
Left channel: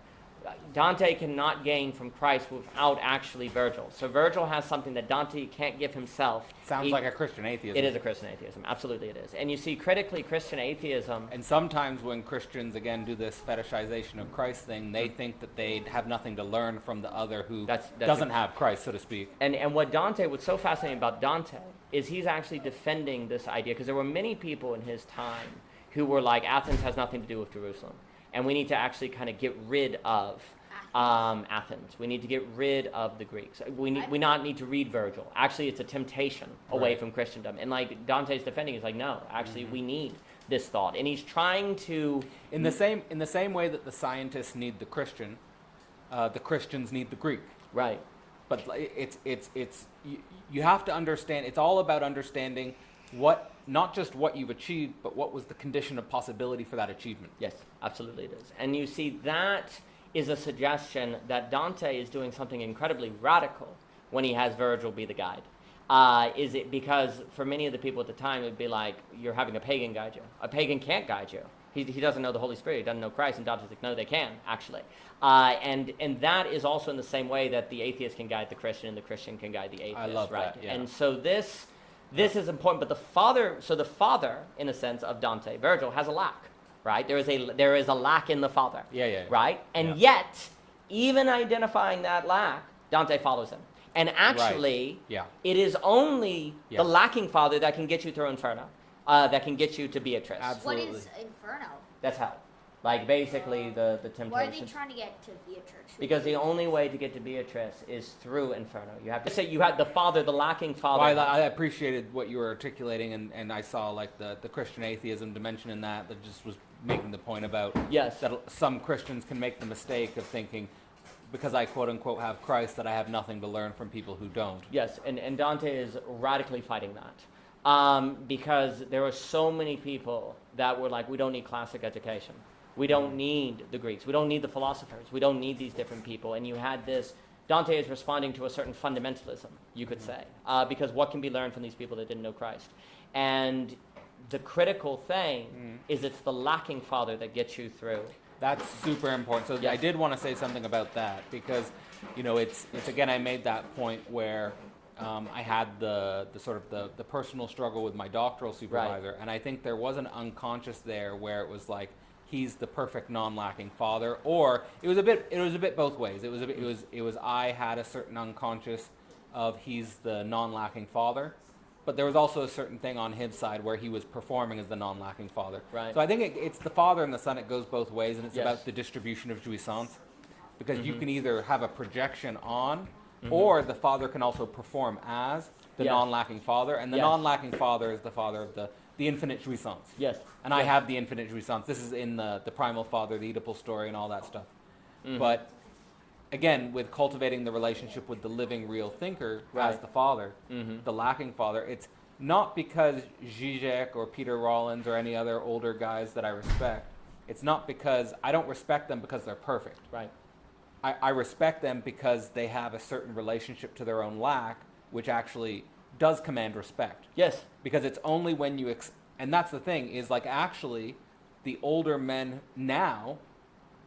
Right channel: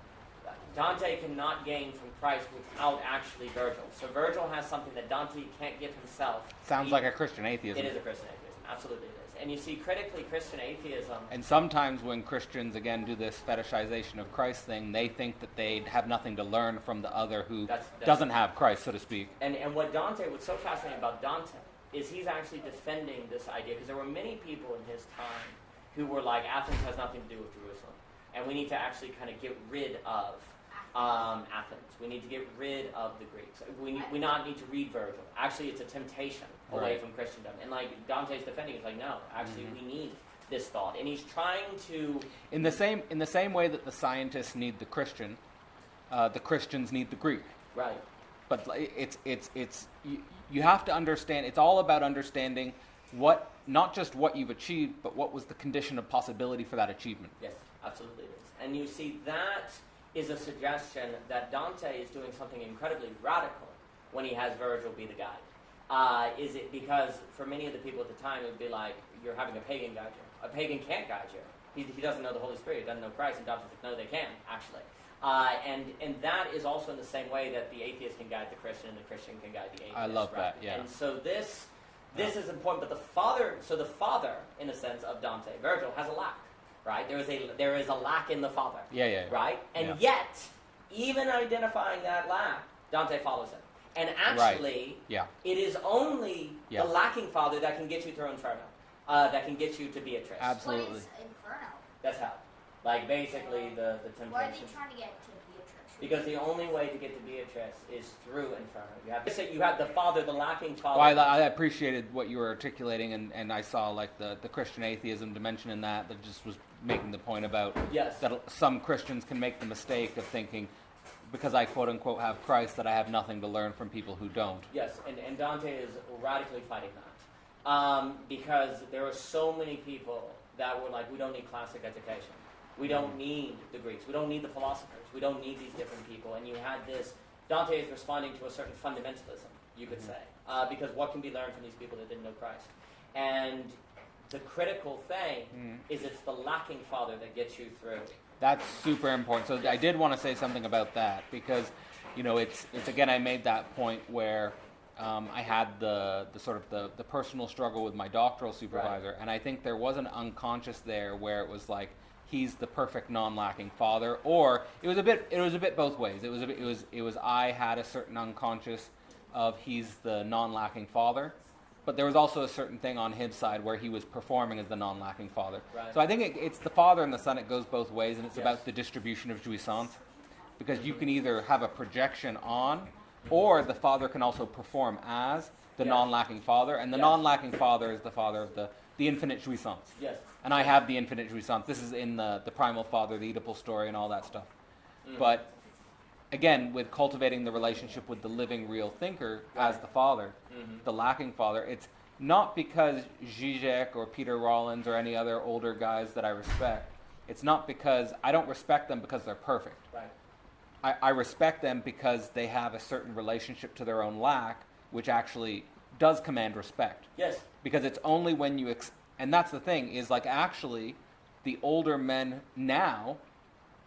Dante cannot gain from Christ without actually Virgil. So Virgil has something that Dante can't give himself. Sounds like a Christian atheism. It is a Christian atheism. Absolutely it is. And you see, critically, Christian atheism... And sometimes when Christians, again, do this fetishization of Christ thing, they think that they have nothing to learn from the other who doesn't have Christ, so to speak. And what's so fascinating about Dante is he's actually defending this idea, because there were many people in his time who were like, Athens has nothing to do with Jerusalem, and we need to actually kind of get rid of Athens. We need to get rid of the Greeks. We not need to read Virgil. Actually, it's a temptation away from Christendom. And like Dante's defending, he's like, no, actually, we need this thought. And he's trying to... In the same way that the scientists need the Christian, the Christians need the Greek. Right. But you have to understand, it's all about understanding what, not just what you've achieved, but what was the condition of possibility for that achievement. Yes, absolutely it is. And you see, that is a suggestion that Dante is doing something incredibly radical when he has Virgil be the guide. Is it because for many of the people at the time, it would be like, you're having a pagan guide you. A pagan can't guide you. He doesn't know the Holy Spirit. He doesn't know Christ. And Dante's like, no, they can, actually. And that is also in the same way that the atheist can guide the Christian and the Christian can guide the atheist. I love right? that, yeah. And so this is important. But the father, in a sense, of Dante, Virgil, has a lack. Right? There is a lack in the father. Yeah. Right? And yet, even identifying that lack, Dante follows him. And actually, it is only the lacking father that can get you through Inferno, that can get you to Beatrice. Absolutely. What is Inferno? That's how. Like, basically, the temptation. Why are they trying to get to Beatrice? Because the only way to get to Beatrice is through Inferno. You have to say you have the father, the lacking father. Well, I appreciated what you were articulating, and I saw like the Christian atheism dimension in that just was making the point about that some Christians can make the mistake of thinking, because I quote unquote have Christ, that I have nothing to learn from people who don't. Yes, and Dante is radically fighting that. Because there are so many people that were like, we don't need classic education. We don't need the Greeks. We don't need the philosophers. We don't need these different people. And you had this, Dante is responding to a certain fundamentalism, you could say, because what can be learned from these people that didn't know Christ? And the critical thing is it's the lacking father that gets you through. That's super important. So I did want to say something about that, because, it's again, I made that point where I had the sort of the personal struggle with my doctoral supervisor, and I think there was an unconscious there where it was like, he's the perfect non-lacking father, or it was a bit both ways. It was I had a certain unconscious of he's the non-lacking father, but there was also a certain thing on his side where he was performing as the non-lacking father. Right. So I think it's the father and the son. It goes both ways, and it's about the distribution of jouissance, because you can either have a projection on, or the father can also perform as the non-lacking father, and the non-lacking father is the father of the infinite jouissance. Yes. And I have the infinite jouissance. This is in the Primal Father, the Oedipal story, and all that stuff. But again, with cultivating the relationship with the living, real thinker as the father, the lacking father, it's not because Zizek or Peter Rollins or any other older guys that I respect. It's not because I don't respect them because they're perfect. Right. I respect them because they have a certain relationship to their own lack, which actually does command respect. Yes. Because it's only when you... and that's the thing, is like actually the older men now,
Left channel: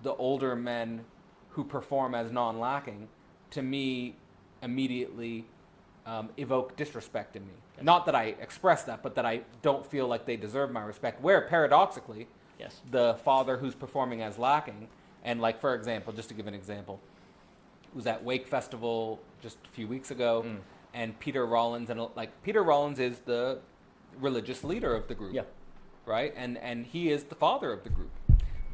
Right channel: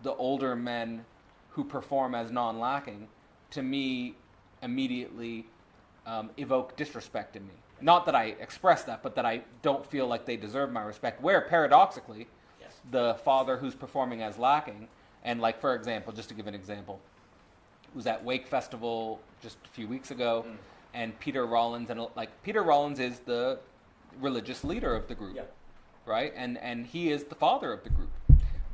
the older men who perform as non-lacking, to me, immediately evoke disrespect in me. Not that I express that, but that I don't feel like they deserve my respect. Where paradoxically, the father who's performing as lacking, and like, for example, just to give an example, was at Wake Festival just a few weeks ago, and Peter Rollins, Peter Rollins is the religious leader of the group, right? And he is the father of the group.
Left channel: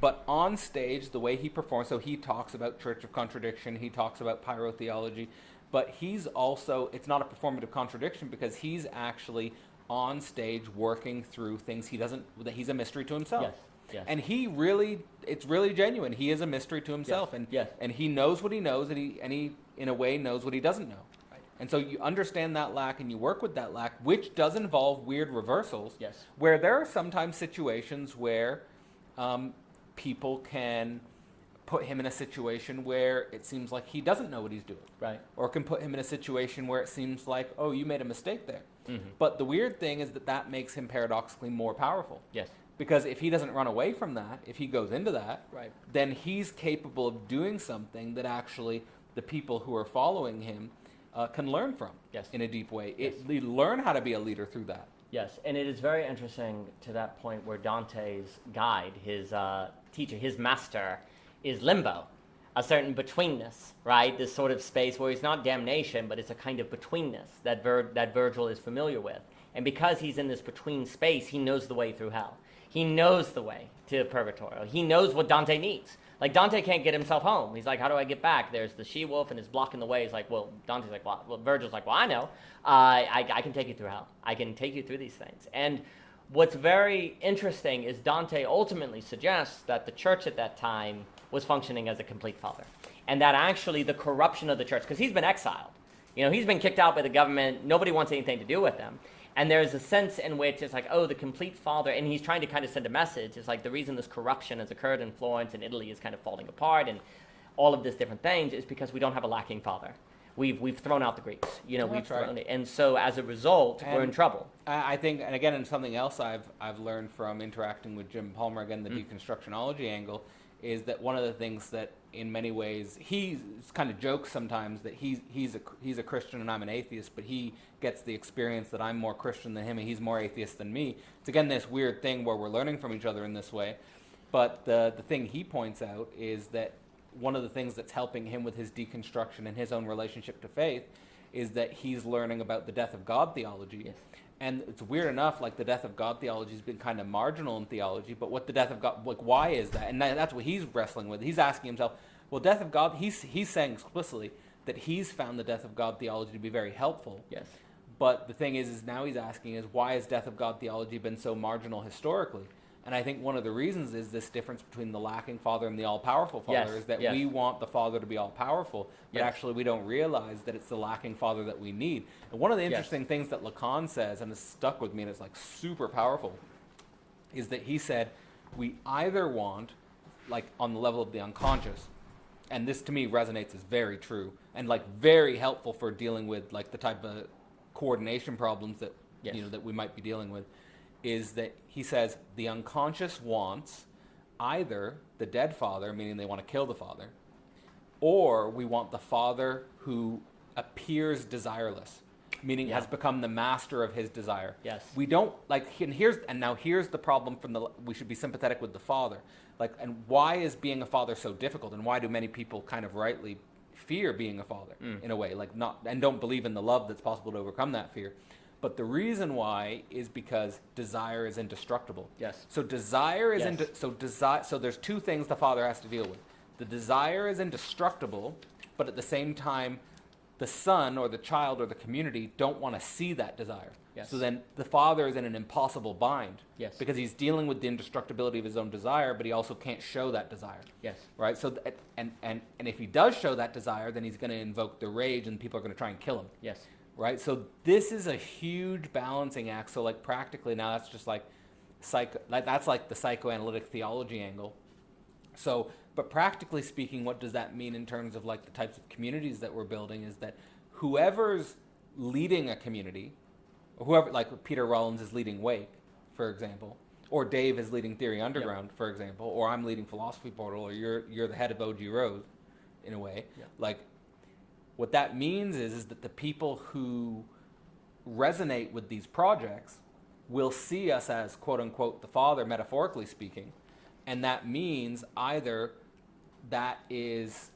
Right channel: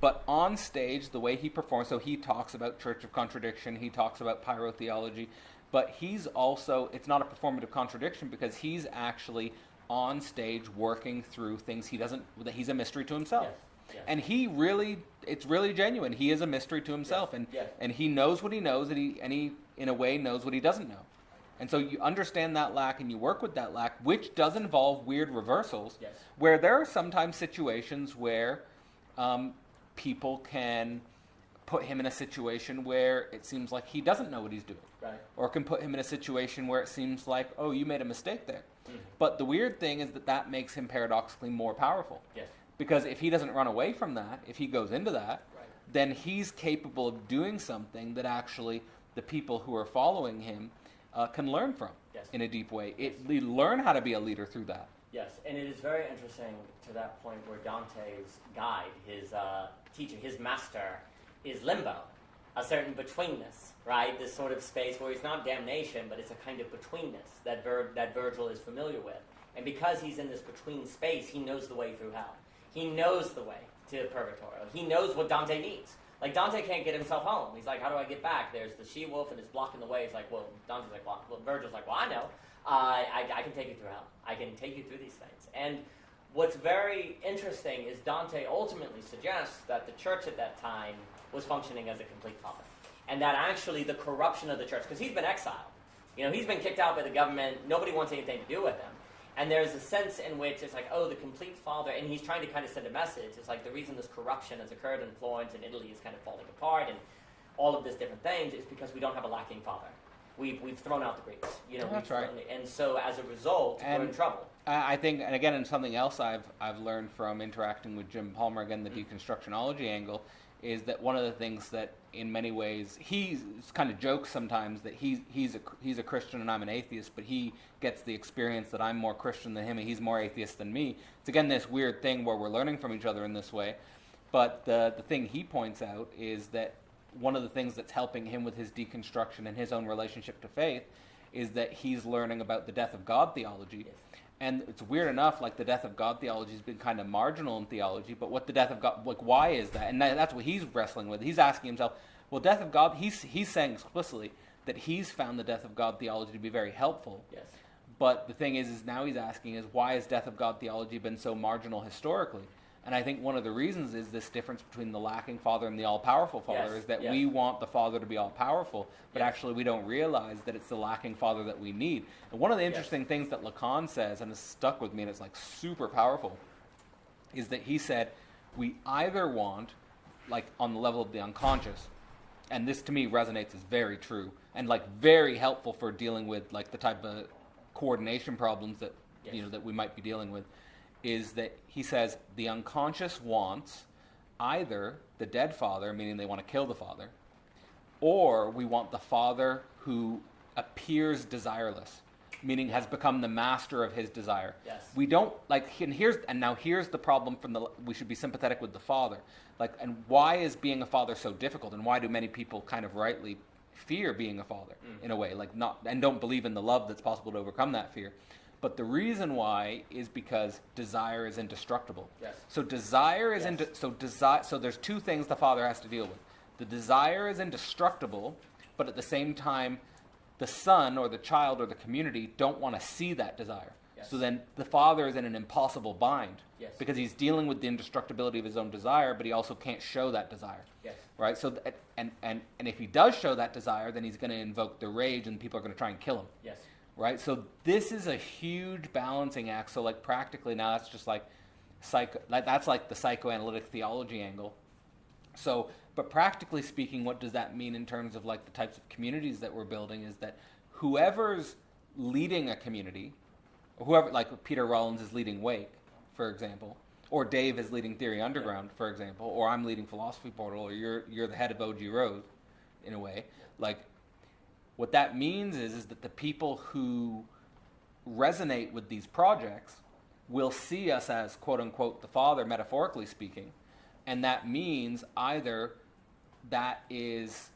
But on stage, the way he performs, so he talks about Church of Contradiction, he talks about pyrotheology, but he's also, it's not a performative contradiction because he's actually on stage working through things that he's a mystery to himself. Yes. And it's really genuine. He is a mystery to himself, and he knows what he knows, and he in a way knows what he doesn't know. And so you understand that lack and you work with that lack, which does involve weird reversals. Yes. Where there are sometimes situations where people can put him in a situation where it seems like he doesn't know what he's doing. Right. Or can put him in a situation where it seems like, oh, you made a mistake there. Mm-hmm. But the weird thing is that that makes him paradoxically more powerful. Yes. Because if he doesn't run away from that, if he goes into that, Right. then he's capable of doing something that actually the people who are following him can learn from. Yes. In a deep way. Yes. They learn how to be a leader through that. Yes, and it is very interesting to that point where Dante's guide, his teacher, his master, is limbo, a certain betweenness, right? This sort of space where it's not damnation, but it's a kind of betweenness that Virgil is familiar with. And because he's in this between space, he knows the way through hell. He knows the way to purgatory. He knows what Dante needs. Like, Dante can't get himself home. He's like, how do I get back? There's the she-wolf and it's blocking the way. He's like, well, Dante's like, well, Virgil's like, well, I know. I can take you through hell. I can take you through these things. And what's very interesting is Dante ultimately suggests that the church at that time was functioning as a complete father. And that actually the corruption of the church, because he's been exiled. You know, he's been kicked out by the government. Nobody wants anything to do with him. And there's a sense in which it's like, oh, the complete father, and he's trying to kind of send a message. It's like the reason this corruption has occurred in Florence and Italy is kind of falling apart and all of this different things is because we don't have a lacking father. We've thrown out the Greeks. You know, That's we've right. thrown it. And so as a result, we're in trouble. I think, and again, and something else I've learned from interacting with Jim Palmer, again, the deconstructionology angle, is that one of the things that in many ways he kind of jokes sometimes that he's a Christian and I'm an atheist, but he gets the experience that I'm more Christian than him and he's more atheist than me. It's again this weird thing where we're learning from each other in this way. But the thing he points out is that one of the things that's helping him with his deconstruction and his own relationship to faith is that he's learning about the death of God theology. Yes. And it's weird enough, like the death of God theology has been kind of marginal in theology, but what the death of God, like why is that? And that's what he's wrestling with. He's asking himself, well, death of God, he's saying explicitly that he's found the death of God theology to be very helpful. Yes. But the thing is now he's asking is why has death of God theology been so marginal historically? And I think one of the reasons is this difference between the lacking Father and the all-powerful Father is that we want the Father to be all-powerful, but actually we don't realize that it's the lacking Father that we need. And one of the interesting things that Lacan says, and it's stuck with me and it's like super powerful, is that he said we either want, like on the level of the unconscious, and this to me resonates as very true, and like very helpful for dealing with like the type of coordination problems that you know that we might be dealing with, is that he says the unconscious wants either the dead father, meaning they want to kill the father, or we want the father who appears desireless, meaning has become the master of his desire. Yes. We don't like, and now here's the problem we should be sympathetic with the father. Like, and why is being a father so difficult, and why do many people kind of rightly fear being a father in a way, like and don't believe in the love that's possible to overcome that fear? But the reason why is because desire is indestructible. Yes. So desire is so there's two things the father has to deal with. The desire is indestructible, but at the same time, the son or the child or the community don't want to see that desire. Yes. So then the father is in an impossible bind. Yes. Because he's dealing with the indestructibility of his own desire, but he also can't show that desire. Yes. Right. So and if he does show that desire, then he's going to invoke the rage, and people are going to try and kill him. Yes. Right, so this is a huge balancing act. So, like practically now, that's just like that's like the psychoanalytic theology angle. So, but practically speaking, what does that mean in terms of like the types of communities that we're building? Is that whoever's leading a community, or whoever, like Peter Rollins is leading Wake, for example, or Dave is leading Theory Underground, for example, or I'm leading Philosophy Portal, or you're the head of O.G. Rose, in a way, like. What that means is that the people who resonate with these projects will see us as, quote unquote, the father, metaphorically speaking. And that means either that is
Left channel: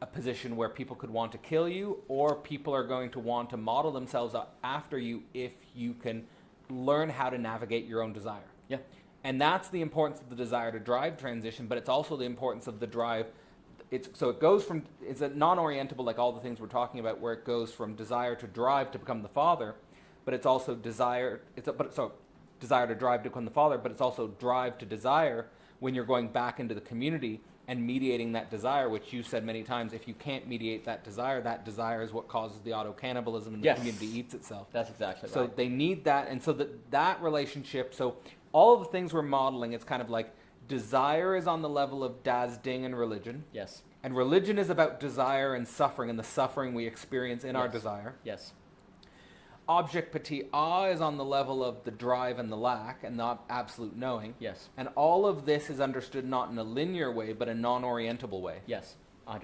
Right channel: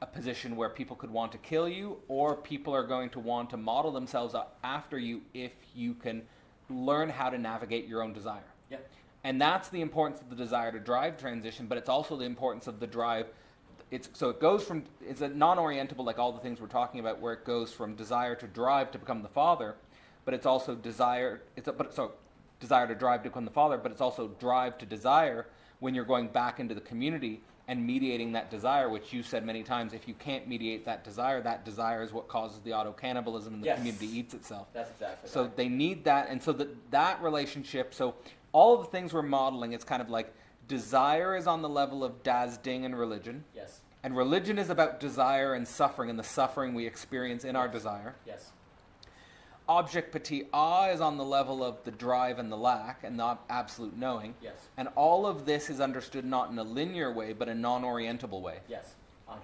a position where people could want to kill you, or people are going to want to model themselves after you if you can learn how to navigate your own desire. Yeah. And that's the importance of the desire to drive transition, but it's also the importance of the drive. So it goes from, it's a non-orientable, like all the things we're talking about, where it goes from desire to drive to become the father, but it's also desire to drive to become the father, but it's also drive to desire when you're going back into the community and mediating that desire, which you said many times, if you can't mediate that desire is what causes the auto-cannibalism and the community eats itself. That's exactly right. So they need that, and so that relationship, so all of the things we're modeling, it's kind of like desire is on the level of das Ding in religion. Yes. And religion is about desire and suffering, and the suffering we experience in our desire. Yes. Object petit a is on the level of the drive and the lack and the absolute knowing. Yes. And all of this is understood not in a linear way, but a non-orientable way. Yes, 100%.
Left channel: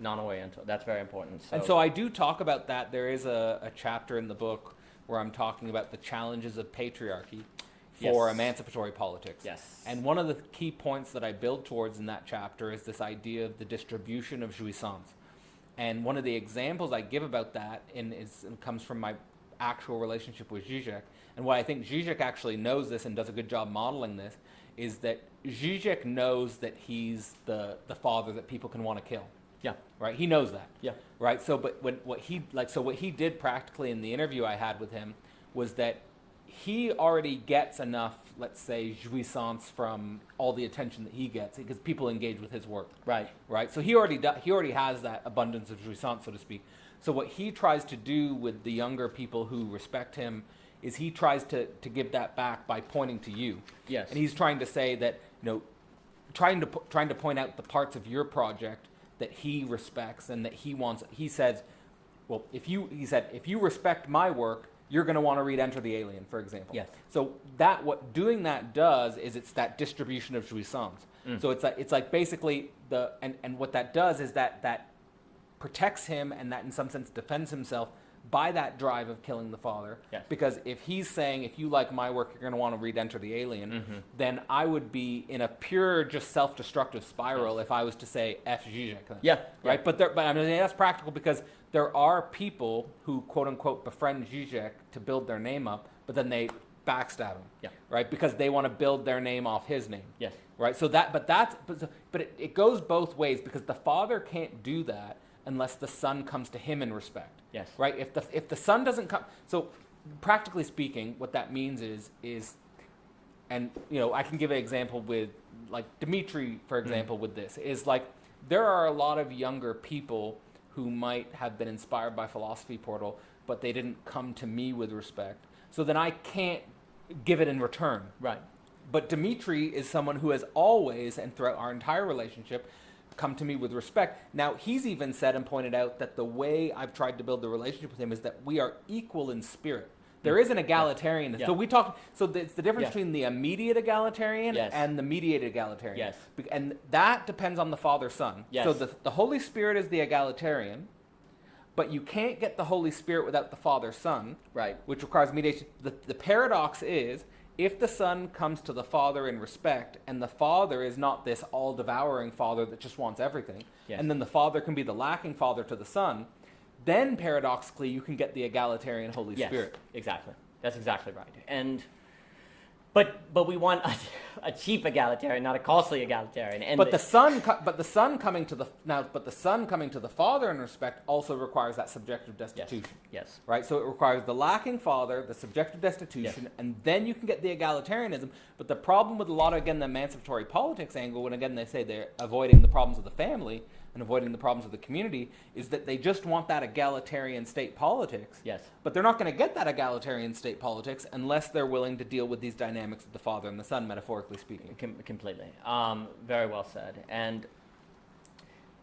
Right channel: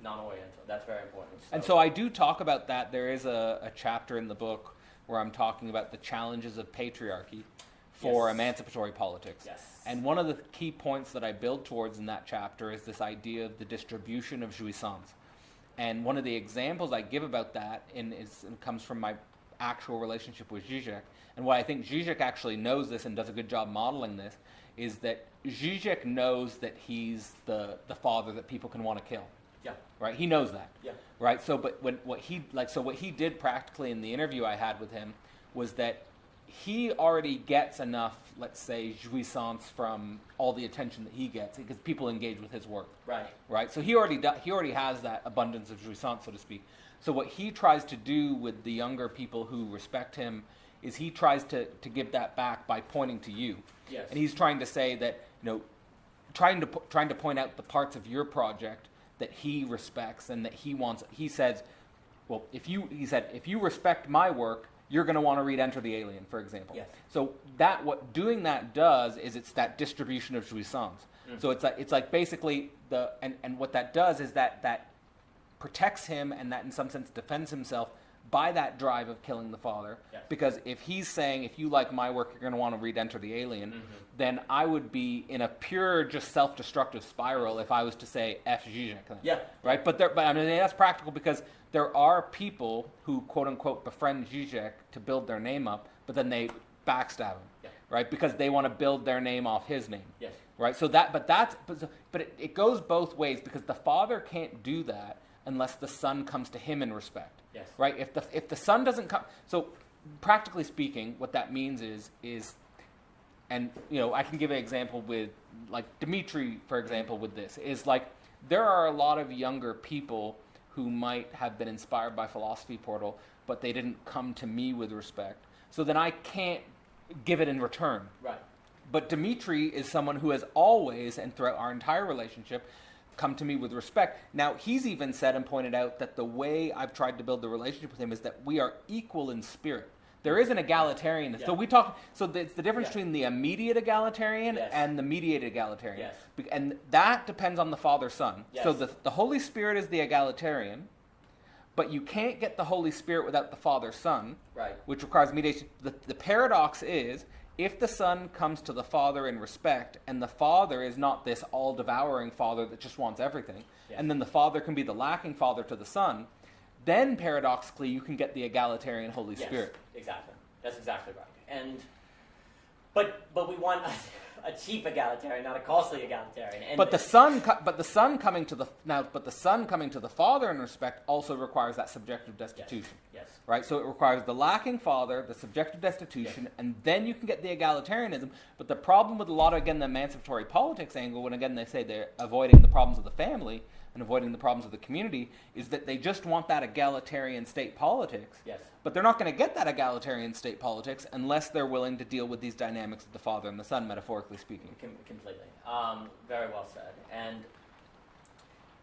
Non-oriental. That's very important. And so I do talk about that. There is a chapter in the book where I'm talking about the challenges of patriarchy for emancipatory politics. Yes. And one of the key points that I build towards in that chapter is this idea of the distribution of jouissance. And one of the examples I give about that comes from my actual relationship with Zizek. And why I think Zizek actually knows this and does a good job modeling this is that Zizek knows that he's the father that people can want to kill. Yeah. Right? He knows that. Yeah. Right? So but what he did practically in the interview I had with him was that he already gets enough, let's say, jouissance from all the attention that he gets because people engage with his work. Right. Right? So he already has that abundance of jouissance, so to speak. So what he tries to do with the younger people who respect him is he tries to give that back by pointing to you. Yes. And he's trying to say that, trying to point out the parts of your project that he respects and that he wants. He says, well, if you respect my work, you're going to want to read Enter the Alien, for example. Yes. So what doing that does is it's that distribution of jouissance. So it's like basically and what that does is that protects him and that in some sense defends himself by that drive of killing the father. Yes. Because if he's saying, if you like my work, you're going to want to read Enter the Alien, then I would be in a pure just self-destructive spiral if I was to say F. Zizek. Yeah. Right? But I mean, that's practical because there are people who, quote unquote, befriend Zizek to build their name up, but then they backstab him. Yeah. Right? Because they want to build their name off his name. Yes. Right? So it goes both ways because the father can't do that unless the son comes to him in respect. Yes. Right? If the son doesn't come, so practically speaking, what that means is, and I can give an example with like Dimitri, for example, with this is like there are a lot of younger people who might have been inspired by Philosophy Portal, but they didn't come to me with respect. So then I can't give it in return. Right. But Dimitri is someone who has always, and throughout our entire relationship, come to me with respect. Now, he's even said and pointed out that the way I've tried to build the relationship with him is that we are equal in spirit. There is an egalitarian. Yeah. So it's the difference between the immediate egalitarian and the mediated egalitarian. Yes. And that depends on the Father-Son. Yes. So the Holy Spirit is the egalitarian, but you can't get the Holy Spirit without the Father-Son, Right. which requires mediation. The paradox is, if the Son comes to the Father in respect, and the Father is not this all-devouring Father that just wants everything, and then the Father can be the lacking Father to the Son, then paradoxically you can get the egalitarian Holy Spirit. Exactly. That's exactly right. But we want a cheap egalitarian, not a costly egalitarian. But the Son coming to the Father in respect also requires that subjective destitution. Yes. Right? So it requires the lacking Father, the subjective destitution, and then you can get the egalitarianism. But the problem with a lot of, again, the emancipatory politics angle, when again they say they're avoiding the problems of the family and avoiding the problems of the community, is that they just want that egalitarian state politics. Yes. But they're not going to get that egalitarian state politics unless they're willing to deal with these dynamics of the Father and the Son, metaphorically speaking. Completely. Very well said. And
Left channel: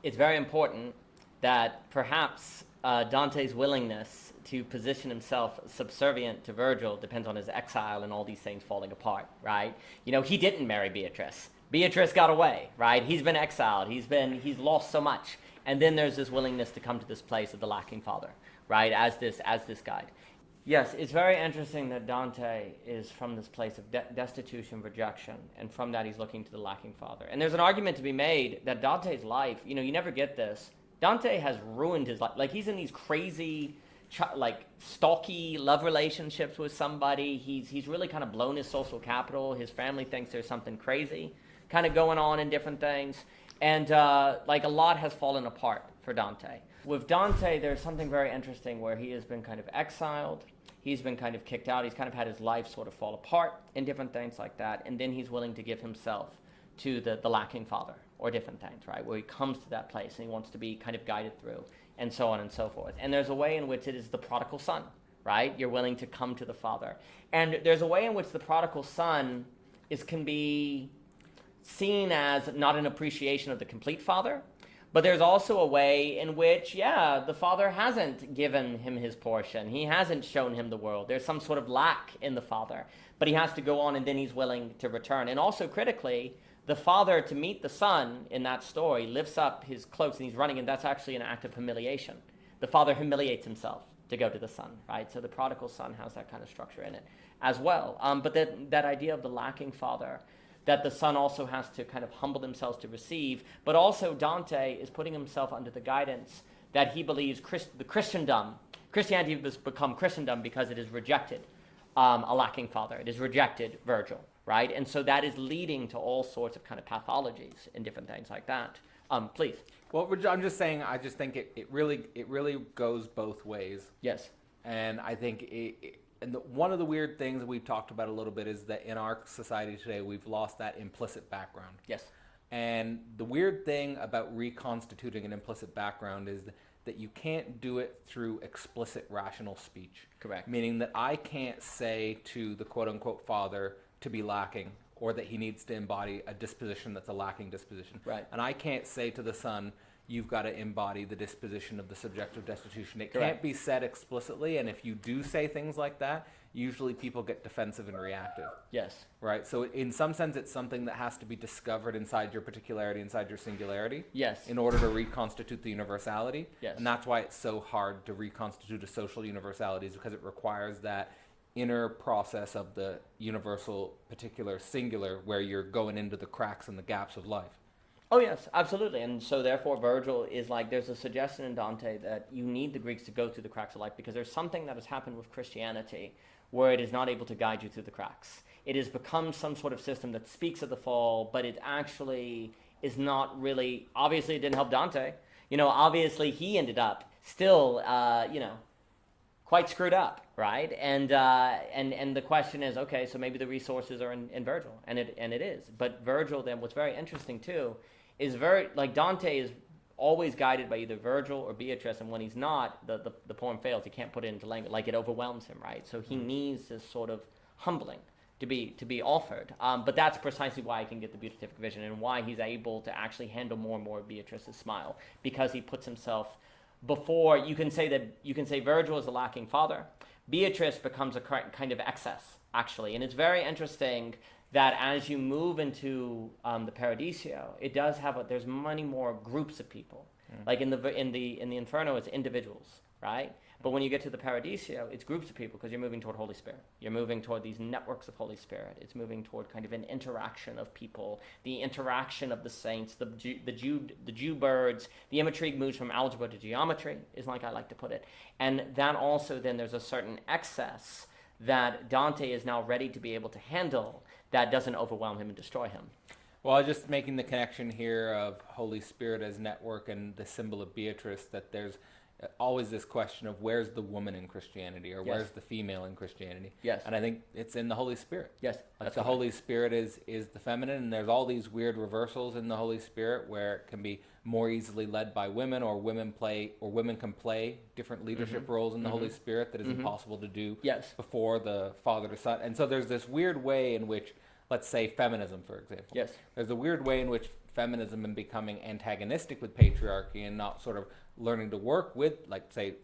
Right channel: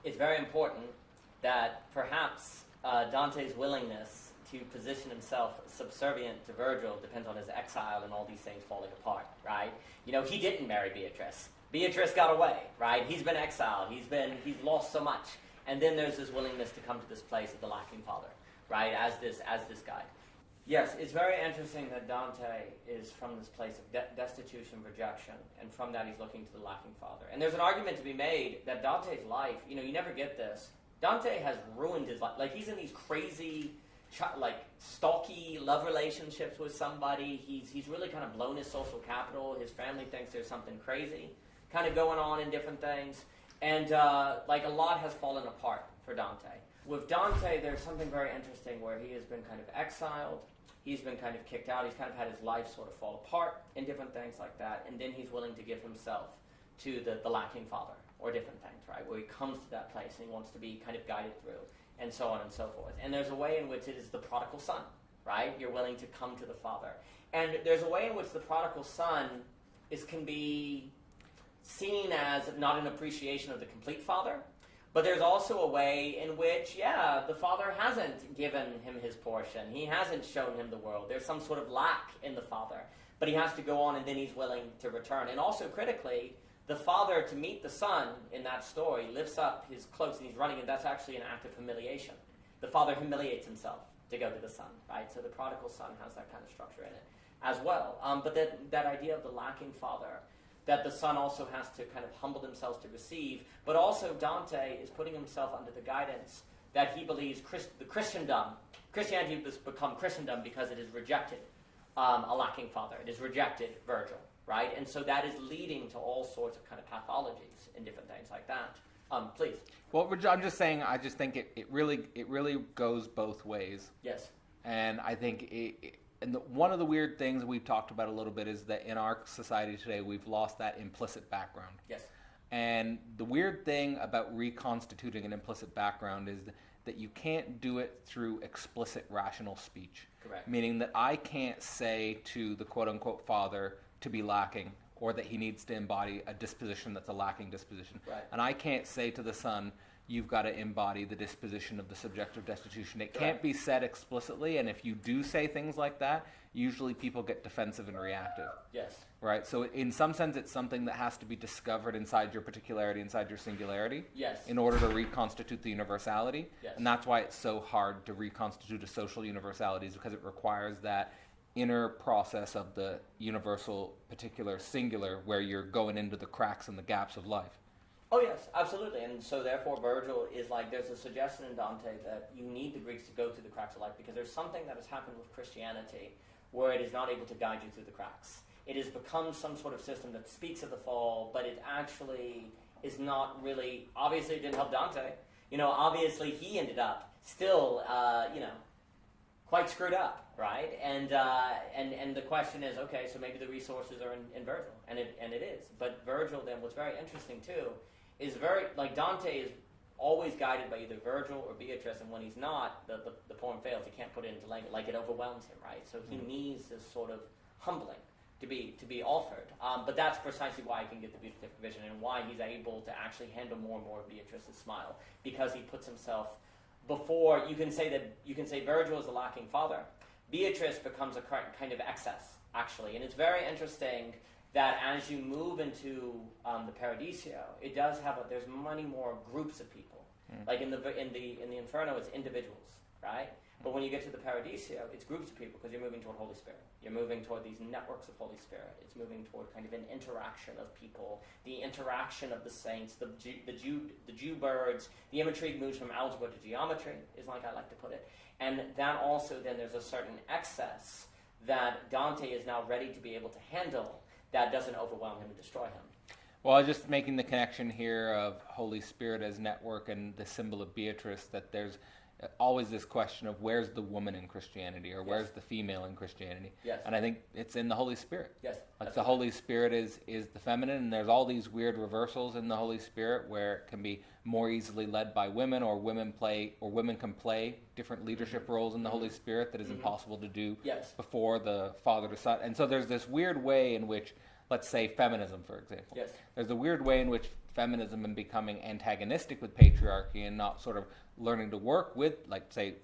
it's very important that perhaps Dante's willingness to position himself subservient to Virgil depends on his exile and all these things falling apart, right? He didn't marry Beatrice. Beatrice got away, right? He's been exiled. He's lost so much. And then there's this willingness to come to this place of the lacking father, right? As this guide. Yes, it's very interesting that Dante is from this place of destitution, rejection, and from that he's looking to the lacking father. And there's an argument to be made that Dante's life, you never get this. Dante has ruined his life. Like, he's in these crazy, stalky love relationships with somebody. He's really kind of blown his social capital. His family thinks there's something crazy kind of going on in different things. And, a lot has fallen apart for Dante. With Dante, there's something very interesting where he has been kind of exiled. He's been kind of kicked out. He's kind of had his life sort of fall apart and different things like that. And then he's willing to give himself to the lacking father or different things, right? Where he comes to that place and he wants to be kind of guided through, and so on and so forth. And there's a way in which it is the prodigal son, right? You're willing to come to the Father. And there's a way in which the prodigal son can be seen as not an appreciation of the complete Father, but there's also a way in which, the Father hasn't given him his portion. He hasn't shown him the world. There's some sort of lack in the Father, but he has to go on and then he's willing to return. And also critically, the Father, to meet the Son in that story, lifts up his cloaks and he's running, and that's actually an act of humiliation. The Father humiliates himself to go to the Son, right? So the prodigal son has that kind of structure in it as well. But that idea of the lacking Father, that the Son also has to kind of humble themselves to receive, but also Dante is putting himself under the guidance that he believes Christianity has become Christendom because it has rejected a lacking Father. It has rejected Virgil, right? And so that is leading to all sorts of kind of pathologies and different things like that. Please. Well, I'm just saying, I just think it really goes both ways. Yes. And I think one of the weird things we've talked about a little bit is that in our society today, we've lost that implicit background. Yes. And the weird thing about reconstituting an implicit background is that you can't do it through explicit rational speech. Correct. Meaning that I can't say to the quote-unquote Father to be lacking, or that he needs to embody a disposition that's a lacking disposition. Right. And I can't say to the Son, you've got to embody the disposition of the subjective destitution. It Correct. can't be said explicitly, and if you do say things like that, usually people get defensive and reactive. Yes. Right? So in some sense, it's something that has to be discovered inside your particularity, inside your singularity. Yes. In order to reconstitute the universality. Yes. And that's why it's so hard to reconstitute a social universality, is because it requires that inner process of the universal, particular, singular, where you're going into the cracks and the gaps of life. Oh, yes, absolutely. And so therefore Virgil is like, there's a suggestion in Dante that you need the Greeks to go through the cracks of life, because there's something that has happened with Christianity where it is not able to guide you through the cracks. It has become some sort of system that speaks of the fall, but it actually is not really, obviously it didn't help Dante. Obviously he ended up still, quite screwed up, right? And the question is, okay, so maybe the resources are in Virgil, and it is. But Virgil, then, what's very interesting too, is Dante is always guided by either Virgil or Beatrice, and when he's not, the poem fails. He can't put it into language, like it overwhelms him, right? So he needs this sort of humbling to be offered. But that's precisely why I can get the beatific vision, and why he's able to actually handle more and more of Beatrice's smile, because he puts himself before. You can say Virgil is the lacking Father. Beatrice becomes a kind of excess, actually, and it's very interesting that as you move into the Paradiso, it does there's many more groups of people. Like in the Inferno, it's individuals, right? But when you get to the Paradiso, it's groups of people, because you're moving toward Holy Spirit. You're moving toward these networks of Holy Spirit. It's moving toward kind of an interaction of people, the interaction of the saints, the Jew birds. The imagery moves from algebra to geometry, is like I like to put it. And that also, then, there's a certain excess that Dante is now ready to be able to handle, that doesn't overwhelm him and destroy him. Well, just making the connection here of Holy Spirit as network and the symbol of Beatrice, that there's always this question of where's the woman in Christianity, or where's the female in Christianity. Yes. And I think it's in the Holy Spirit. Yes. Like the Holy Spirit is the feminine, and there's all these weird reversals in the Holy Spirit where it can be more easily led by women, or women can play different leadership roles in the Holy Spirit that is impossible to do before the Father to Son. And so there's this weird way in which, let's say feminism, for example. Yes. There's a weird way in which feminism and becoming antagonistic with patriarchy and not sort of learning to work with, like, say,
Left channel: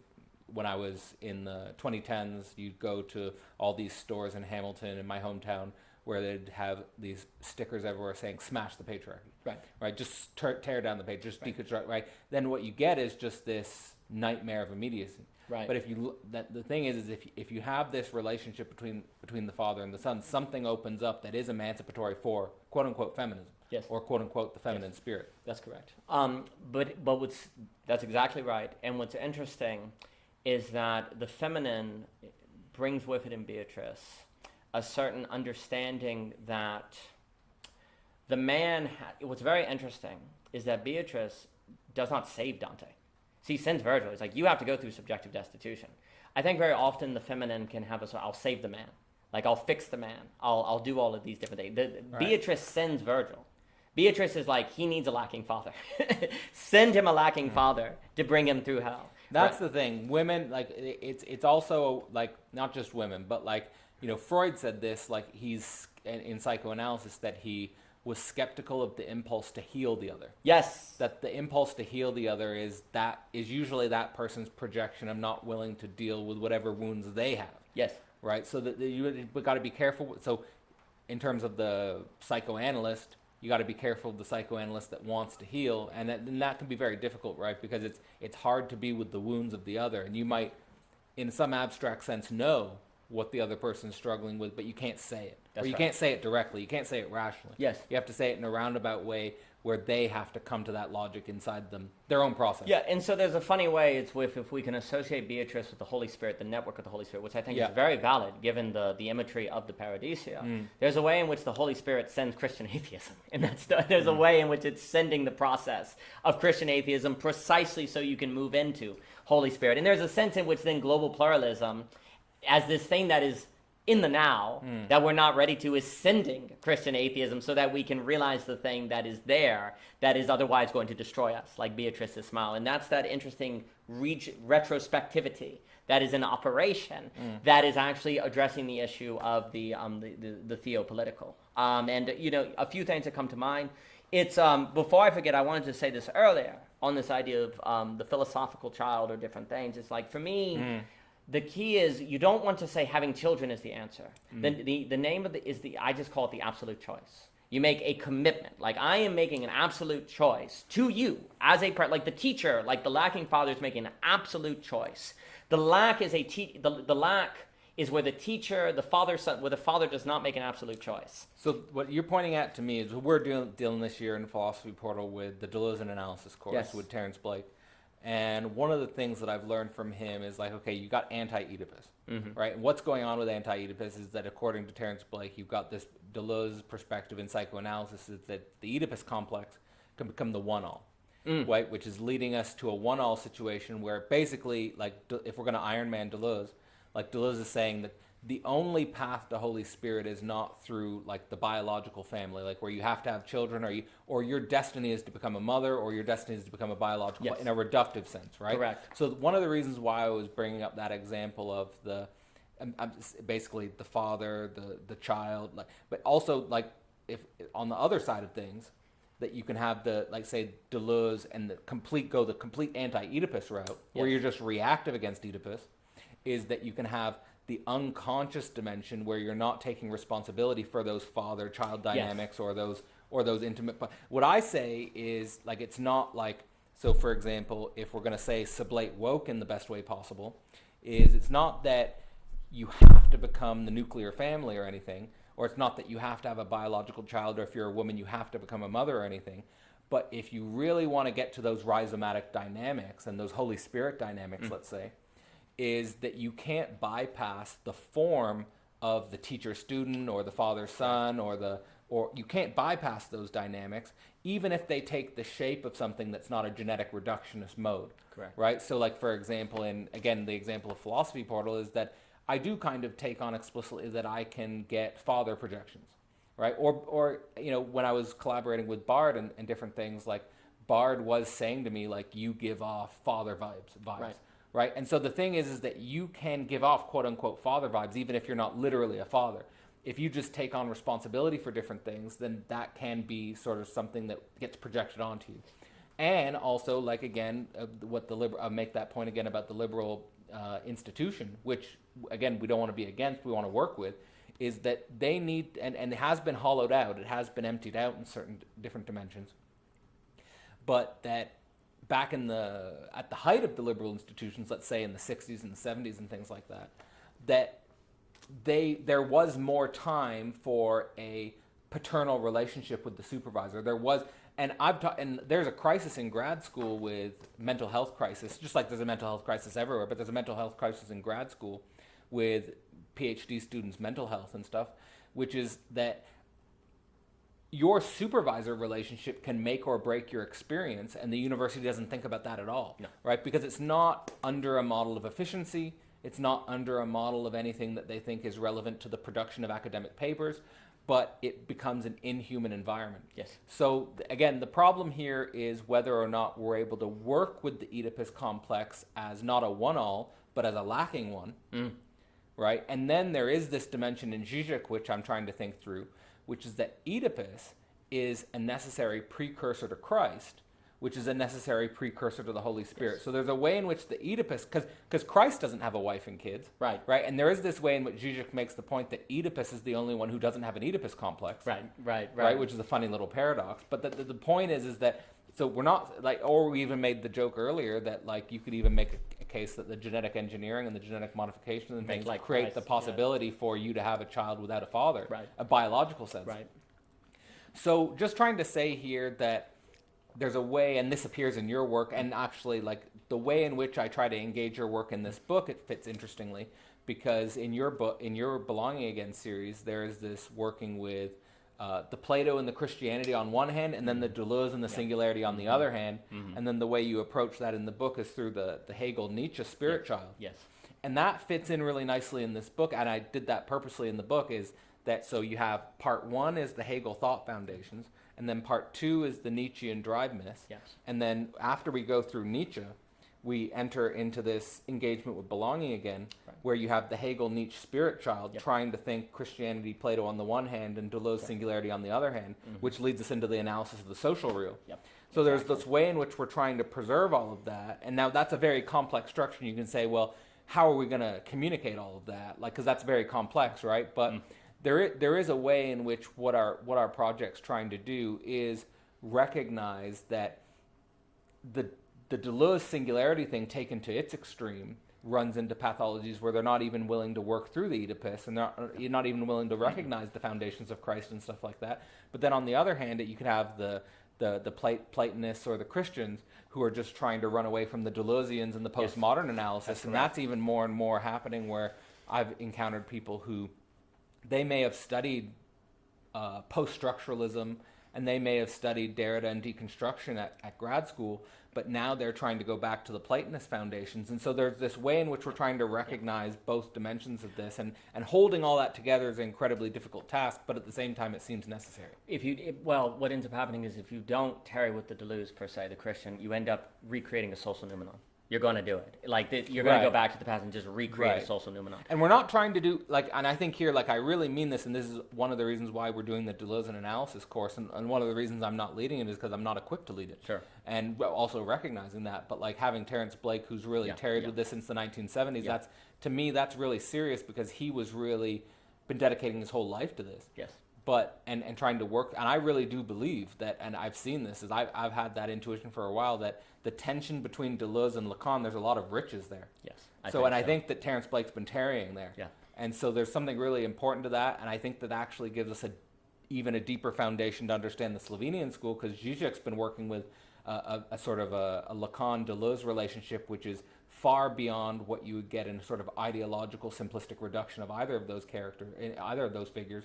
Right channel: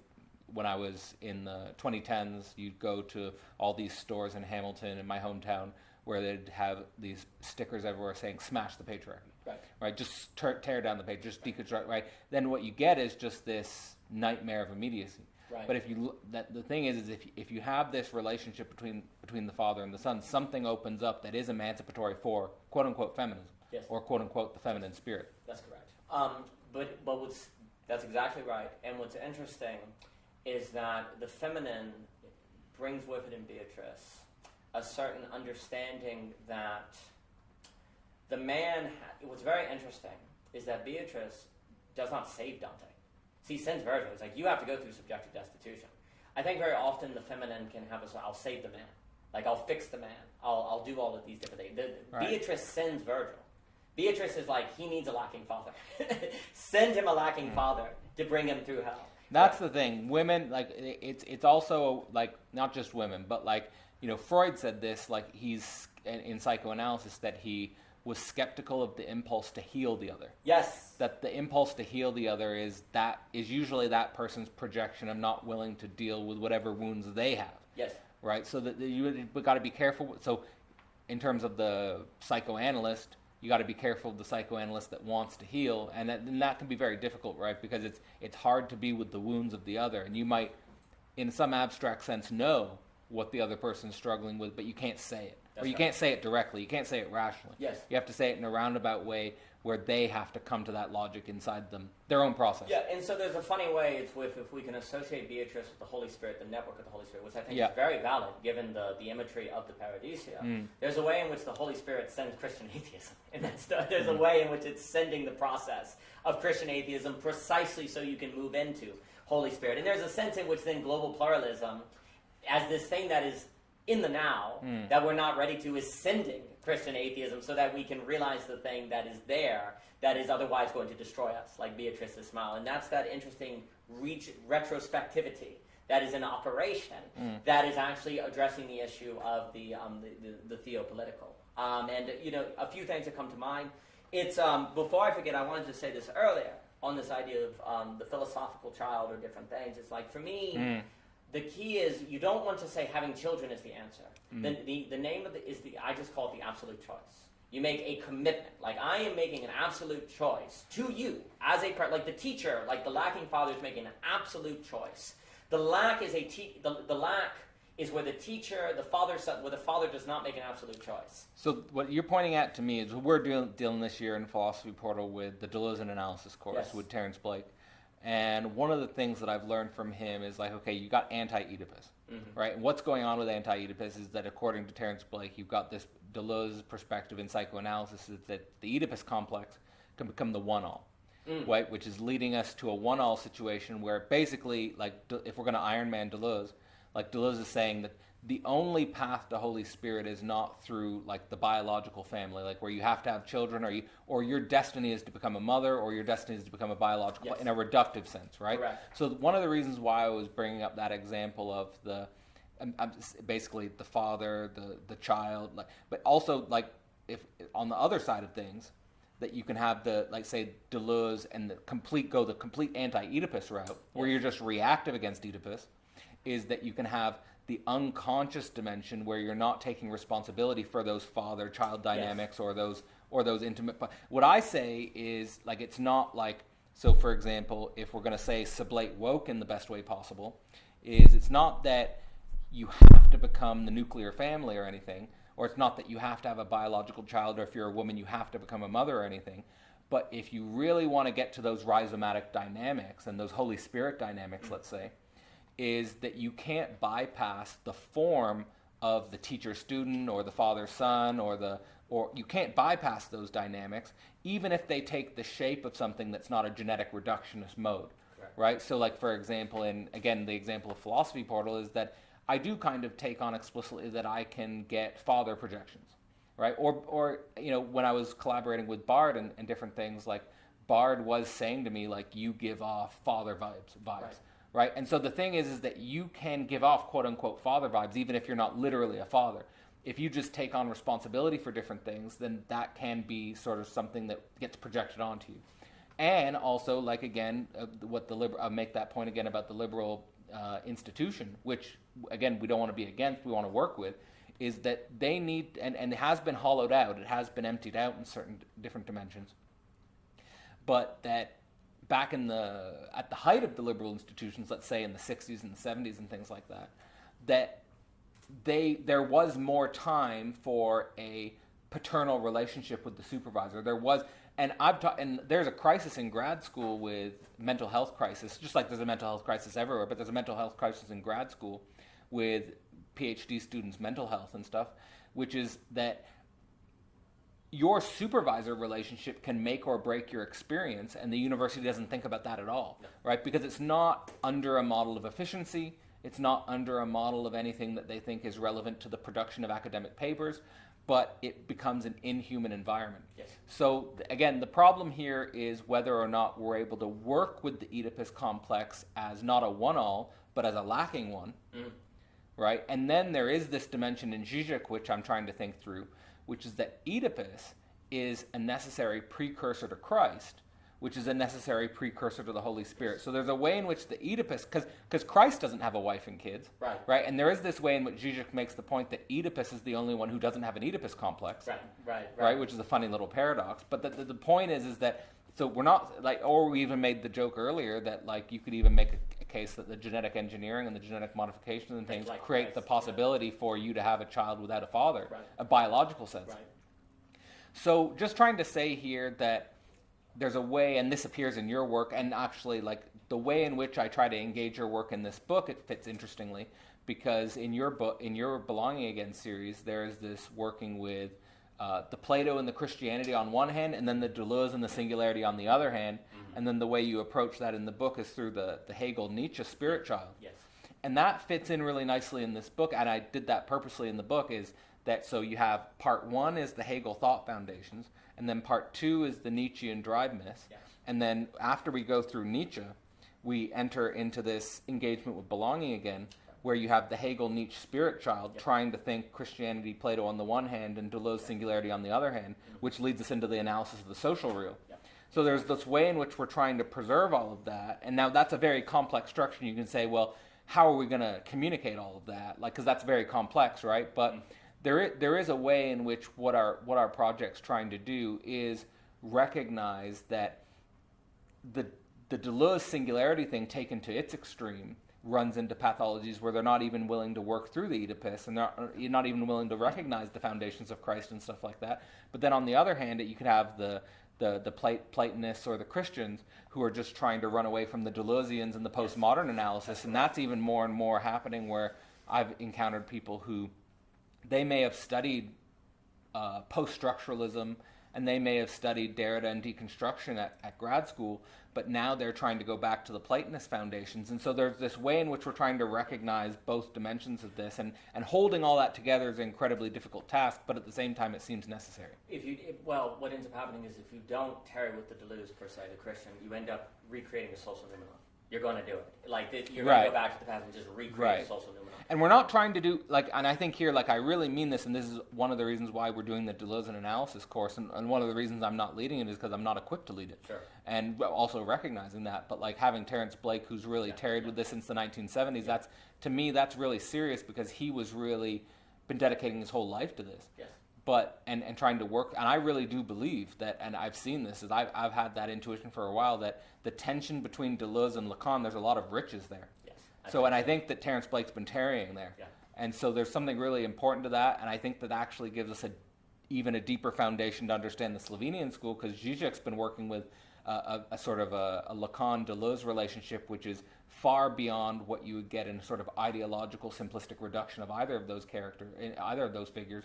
when I was in the 2010s, you'd go to all these stores in Hamilton, in my hometown, where they'd have these stickers everywhere saying, smash the patriarchy. Right? Just tear down the patriarchy, just deconstruct, right? Then what you get is just this nightmare of immediacy. Right. But the thing is if you have this relationship between the Father and the Son, something opens up that is emancipatory for quote unquote feminism, or quote unquote the feminine spirit. That's correct. But that's exactly right. And what's interesting is that the feminine brings with it in Beatrice a certain understanding that the man. What's very interesting is that Beatrice does not save Dante. He sends Virgil. It's like, you have to go through subjective destitution. I think very often the feminine can have I'll save the man. Like, I'll fix the man. I'll do all of these different things. Beatrice sends Virgil. Beatrice is like, he needs a lacking father. Send him a lacking father to bring him through hell. That's the thing. Women, like, it's also, like, not just women, but, like, Freud said this, like, he's, in psychoanalysis, that he was skeptical of the impulse to heal the other. Yes. That the impulse to heal the other is usually that person's projection of not willing to deal with whatever wounds they have. Yes. Right? So that you got to be careful. So in terms of the psychoanalyst, you got to be careful of the psychoanalyst that wants to heal, and that can be very difficult, right? Because it's hard to be with the wounds of the other, and you might, in some abstract sense, know what the other person's struggling with, but you can't say it. That's or you right. can't say it directly. You can't say it rationally. Yes. You have to say it in a roundabout way where they have to come to that logic inside them, their own process. Yeah, and so there's a funny way, it's with, if we can associate Beatrice with the Holy Spirit, the network of the Holy Spirit, which I think is very valid given the imagery of the Paradisia. There's a way in which the Holy Spirit sends Christian atheism. And there's a way in which it's sending the process of Christian atheism precisely so you can move into Holy Spirit. And there's a sense in which then global pluralism, as this thing that is in the now, that we're not ready to, is sending Christian atheism so that we can realize the thing that is there that is otherwise going to destroy us, like Beatrice's smile. And that's that interesting retrospectivity that is in operation that is actually addressing the issue of the theopolitical. And, a few things that come to mind. It's, before I forget, I wanted to say this earlier on this idea of the philosophical child or different things. It's like, for me, the key is you don't want to say having children is the answer. The name of I just call it the absolute choice. You make a commitment. Like, I am making an absolute choice to you as like the teacher, like the lacking father is making an absolute choice. The lack is the lack is where the teacher, where the father does not make an absolute choice. So what you're pointing at to me is we're dealing this year in Philosophy Portal with the Deleuze Analysis course with Terence Blake. And one of the things that I've learned from him is like, okay, you got anti-Oedipus, right? And what's going on with anti-Oedipus is that according to Terence Blake, you've got this Deleuze perspective in psychoanalysis is that the Oedipus complex can become the one-all, right? Which is leading us to a one-all situation where basically, like, if we're going to Iron Man Deleuze, like Deleuze is saying that the only path to Holy Spirit is not through like the biological family, like where you have to have children, or your destiny is to become a mother, or your destiny is to become a biological, in a reductive sense, right? Correct. So one of the reasons why I was bringing up that example of basically the father, the child, like, but also like if on the other side of things, that you can have the, like, say Deleuze and the complete anti-Oedipus route, where you're just reactive against Oedipus, is that you can have the unconscious dimension where you're not taking responsibility for those father-child dynamics or those intimate. What I say is, like, it's not like, so for example, if we're going to say sublate woke in the best way possible, is it's not that you have to become the nuclear family or anything, or it's not that you have to have a biological child, or if you're a woman you have to become a mother or anything. But if you really want to get to those rhizomatic dynamics and those Holy Spirit dynamics, let's say, is that you can't bypass the form of the teacher-student or the father-son or you can't bypass those dynamics, even if they take the shape of something that's not a genetic reductionist mode. Correct. Right? So, like, for example, the example of Philosophy Portal is that I do kind of take on explicitly that I can get father projections, right? Or when I was collaborating with Bard and different things, like, Bard was saying to me, like, you give off father vibes. Right? And so the thing is that you can give off quote-unquote father vibes even if you're not literally a father. If you just take on responsibility for different things, then that can be sort of something that gets projected onto you. And also, like, again, I'll make that point again about the liberal institution, which, again, we don't want to be against, we want to work with, is that they need, and it has been hollowed out, it has been emptied out in certain different dimensions, but that back at the height of the liberal institutions, let's say in the 60s and the 70s and things like that, that there was more time for a paternal relationship with the supervisor. There was, and there's a crisis in grad school with mental health crisis, just like there's a mental health crisis everywhere, but there's a mental health crisis in grad school with PhD students' mental health and stuff, which is that your supervisor relationship can make or break your experience, and the university doesn't think about that at all, right? Because it's not under a model of efficiency, it's not under a model of anything that they think is relevant to the production of academic papers. but it becomes an inhuman environment. Yes. So again, the problem here is whether or not we're able to work with the Oedipus complex as not a one-all, but as a lacking one, right? And then there is this dimension in Zizek, which I'm trying to think through, which is that Oedipus is a necessary precursor to Christ, which is a necessary precursor to the Holy Spirit. Yes. So there's a way in which the Oedipus, because Christ doesn't have a wife and kids, right? And there is this way in which Zizek makes the point that Oedipus is the only one who doesn't have an Oedipus complex, right? Which is a funny little paradox. But the point is that, so we're not, like, or we even made the joke earlier that, like, you could even make a case that the genetic engineering and the genetic modification and things like create the possibility for you to have a child without a father, a biological sense. Right. So just trying to say here that there's a way, and this appears in your work, and actually, like, the way in which I try to engage your work in this book, it fits interestingly, because in your book, in your Belonging Again series, there is this working with the Plato and the Christianity on one hand, and then the Deleuze and the singularity on the other hand, and then the way you approach that in the book is through the Hegel-Nietzsche spirit child. Yes. And that fits in really nicely in this book, and I did that purposely in the book, is that, so you have part one is the Hegel thought foundations, and then part two is the Nietzschean drive myths. Yes. And then after we go through Nietzsche, we enter into this engagement with Belonging Again, where you have the Hegel-Nietzsche spirit child trying to think Christianity, Plato on the one hand, and Deleuze singularity on the other hand, which leads us into the analysis of the social real. So there's this way in which we're trying to preserve all of that, and now that's a very complex structure. You can say, well, how are we going to communicate all of that? Like, because that's very complex, right? But there is a way in which what our project's trying to do is recognize that the Deleuze singularity thing taken to its extreme runs into pathologies where they're not even willing to work through the Oedipus, and they're not even willing to recognize the foundations of Christ and stuff like that. But then on the other hand, you could have the Platonists or the Christians who are just trying to run away from the Deleuzians and the postmodern analysis, and that's even more and more happening, where I've encountered people who they may have studied post-structuralism, and they may have studied Derrida and deconstruction at grad school, but now they're trying to go back to the Platonist foundations. And so there's this way in which we're trying to recognize both dimensions of this, and holding all that together is an incredibly difficult task, but at the same time it seems necessary. What ends up happening is if you don't tarry with the Deleuze, per se, the Christian, you end up recreating a social noumenon. You're going to do it. Like, you're going to go back to the past and just recreate a social noumenon. And we're not trying to do, like, and I think here, like, I really mean this, and this is one of the reasons why we're doing the Deleuze analysis course, and one of the reasons I'm not leading it is because I'm not equipped to lead it. Sure. And also recognizing that, but, like, having Terence Blake, who's really tarried with this since the 1970s, that's, to me, that's really serious, because he was really been dedicating his whole life to this. Yes. But, and trying to work, and I really do believe that, and I've seen this, is I've had that intuition for a while, that the tension between Deleuze and Lacan, there's a lot of riches there. Yes. I think that Terence Blake's been tarrying there. Yeah. And so there's something really important to that, and I think that actually gives us even a deeper foundation to understand the Slovenian school, because Zizek's been working with a sort of a Lacan-Deleuze relationship, which is far beyond what you would get in a sort of ideological, simplistic reduction of either of those figures.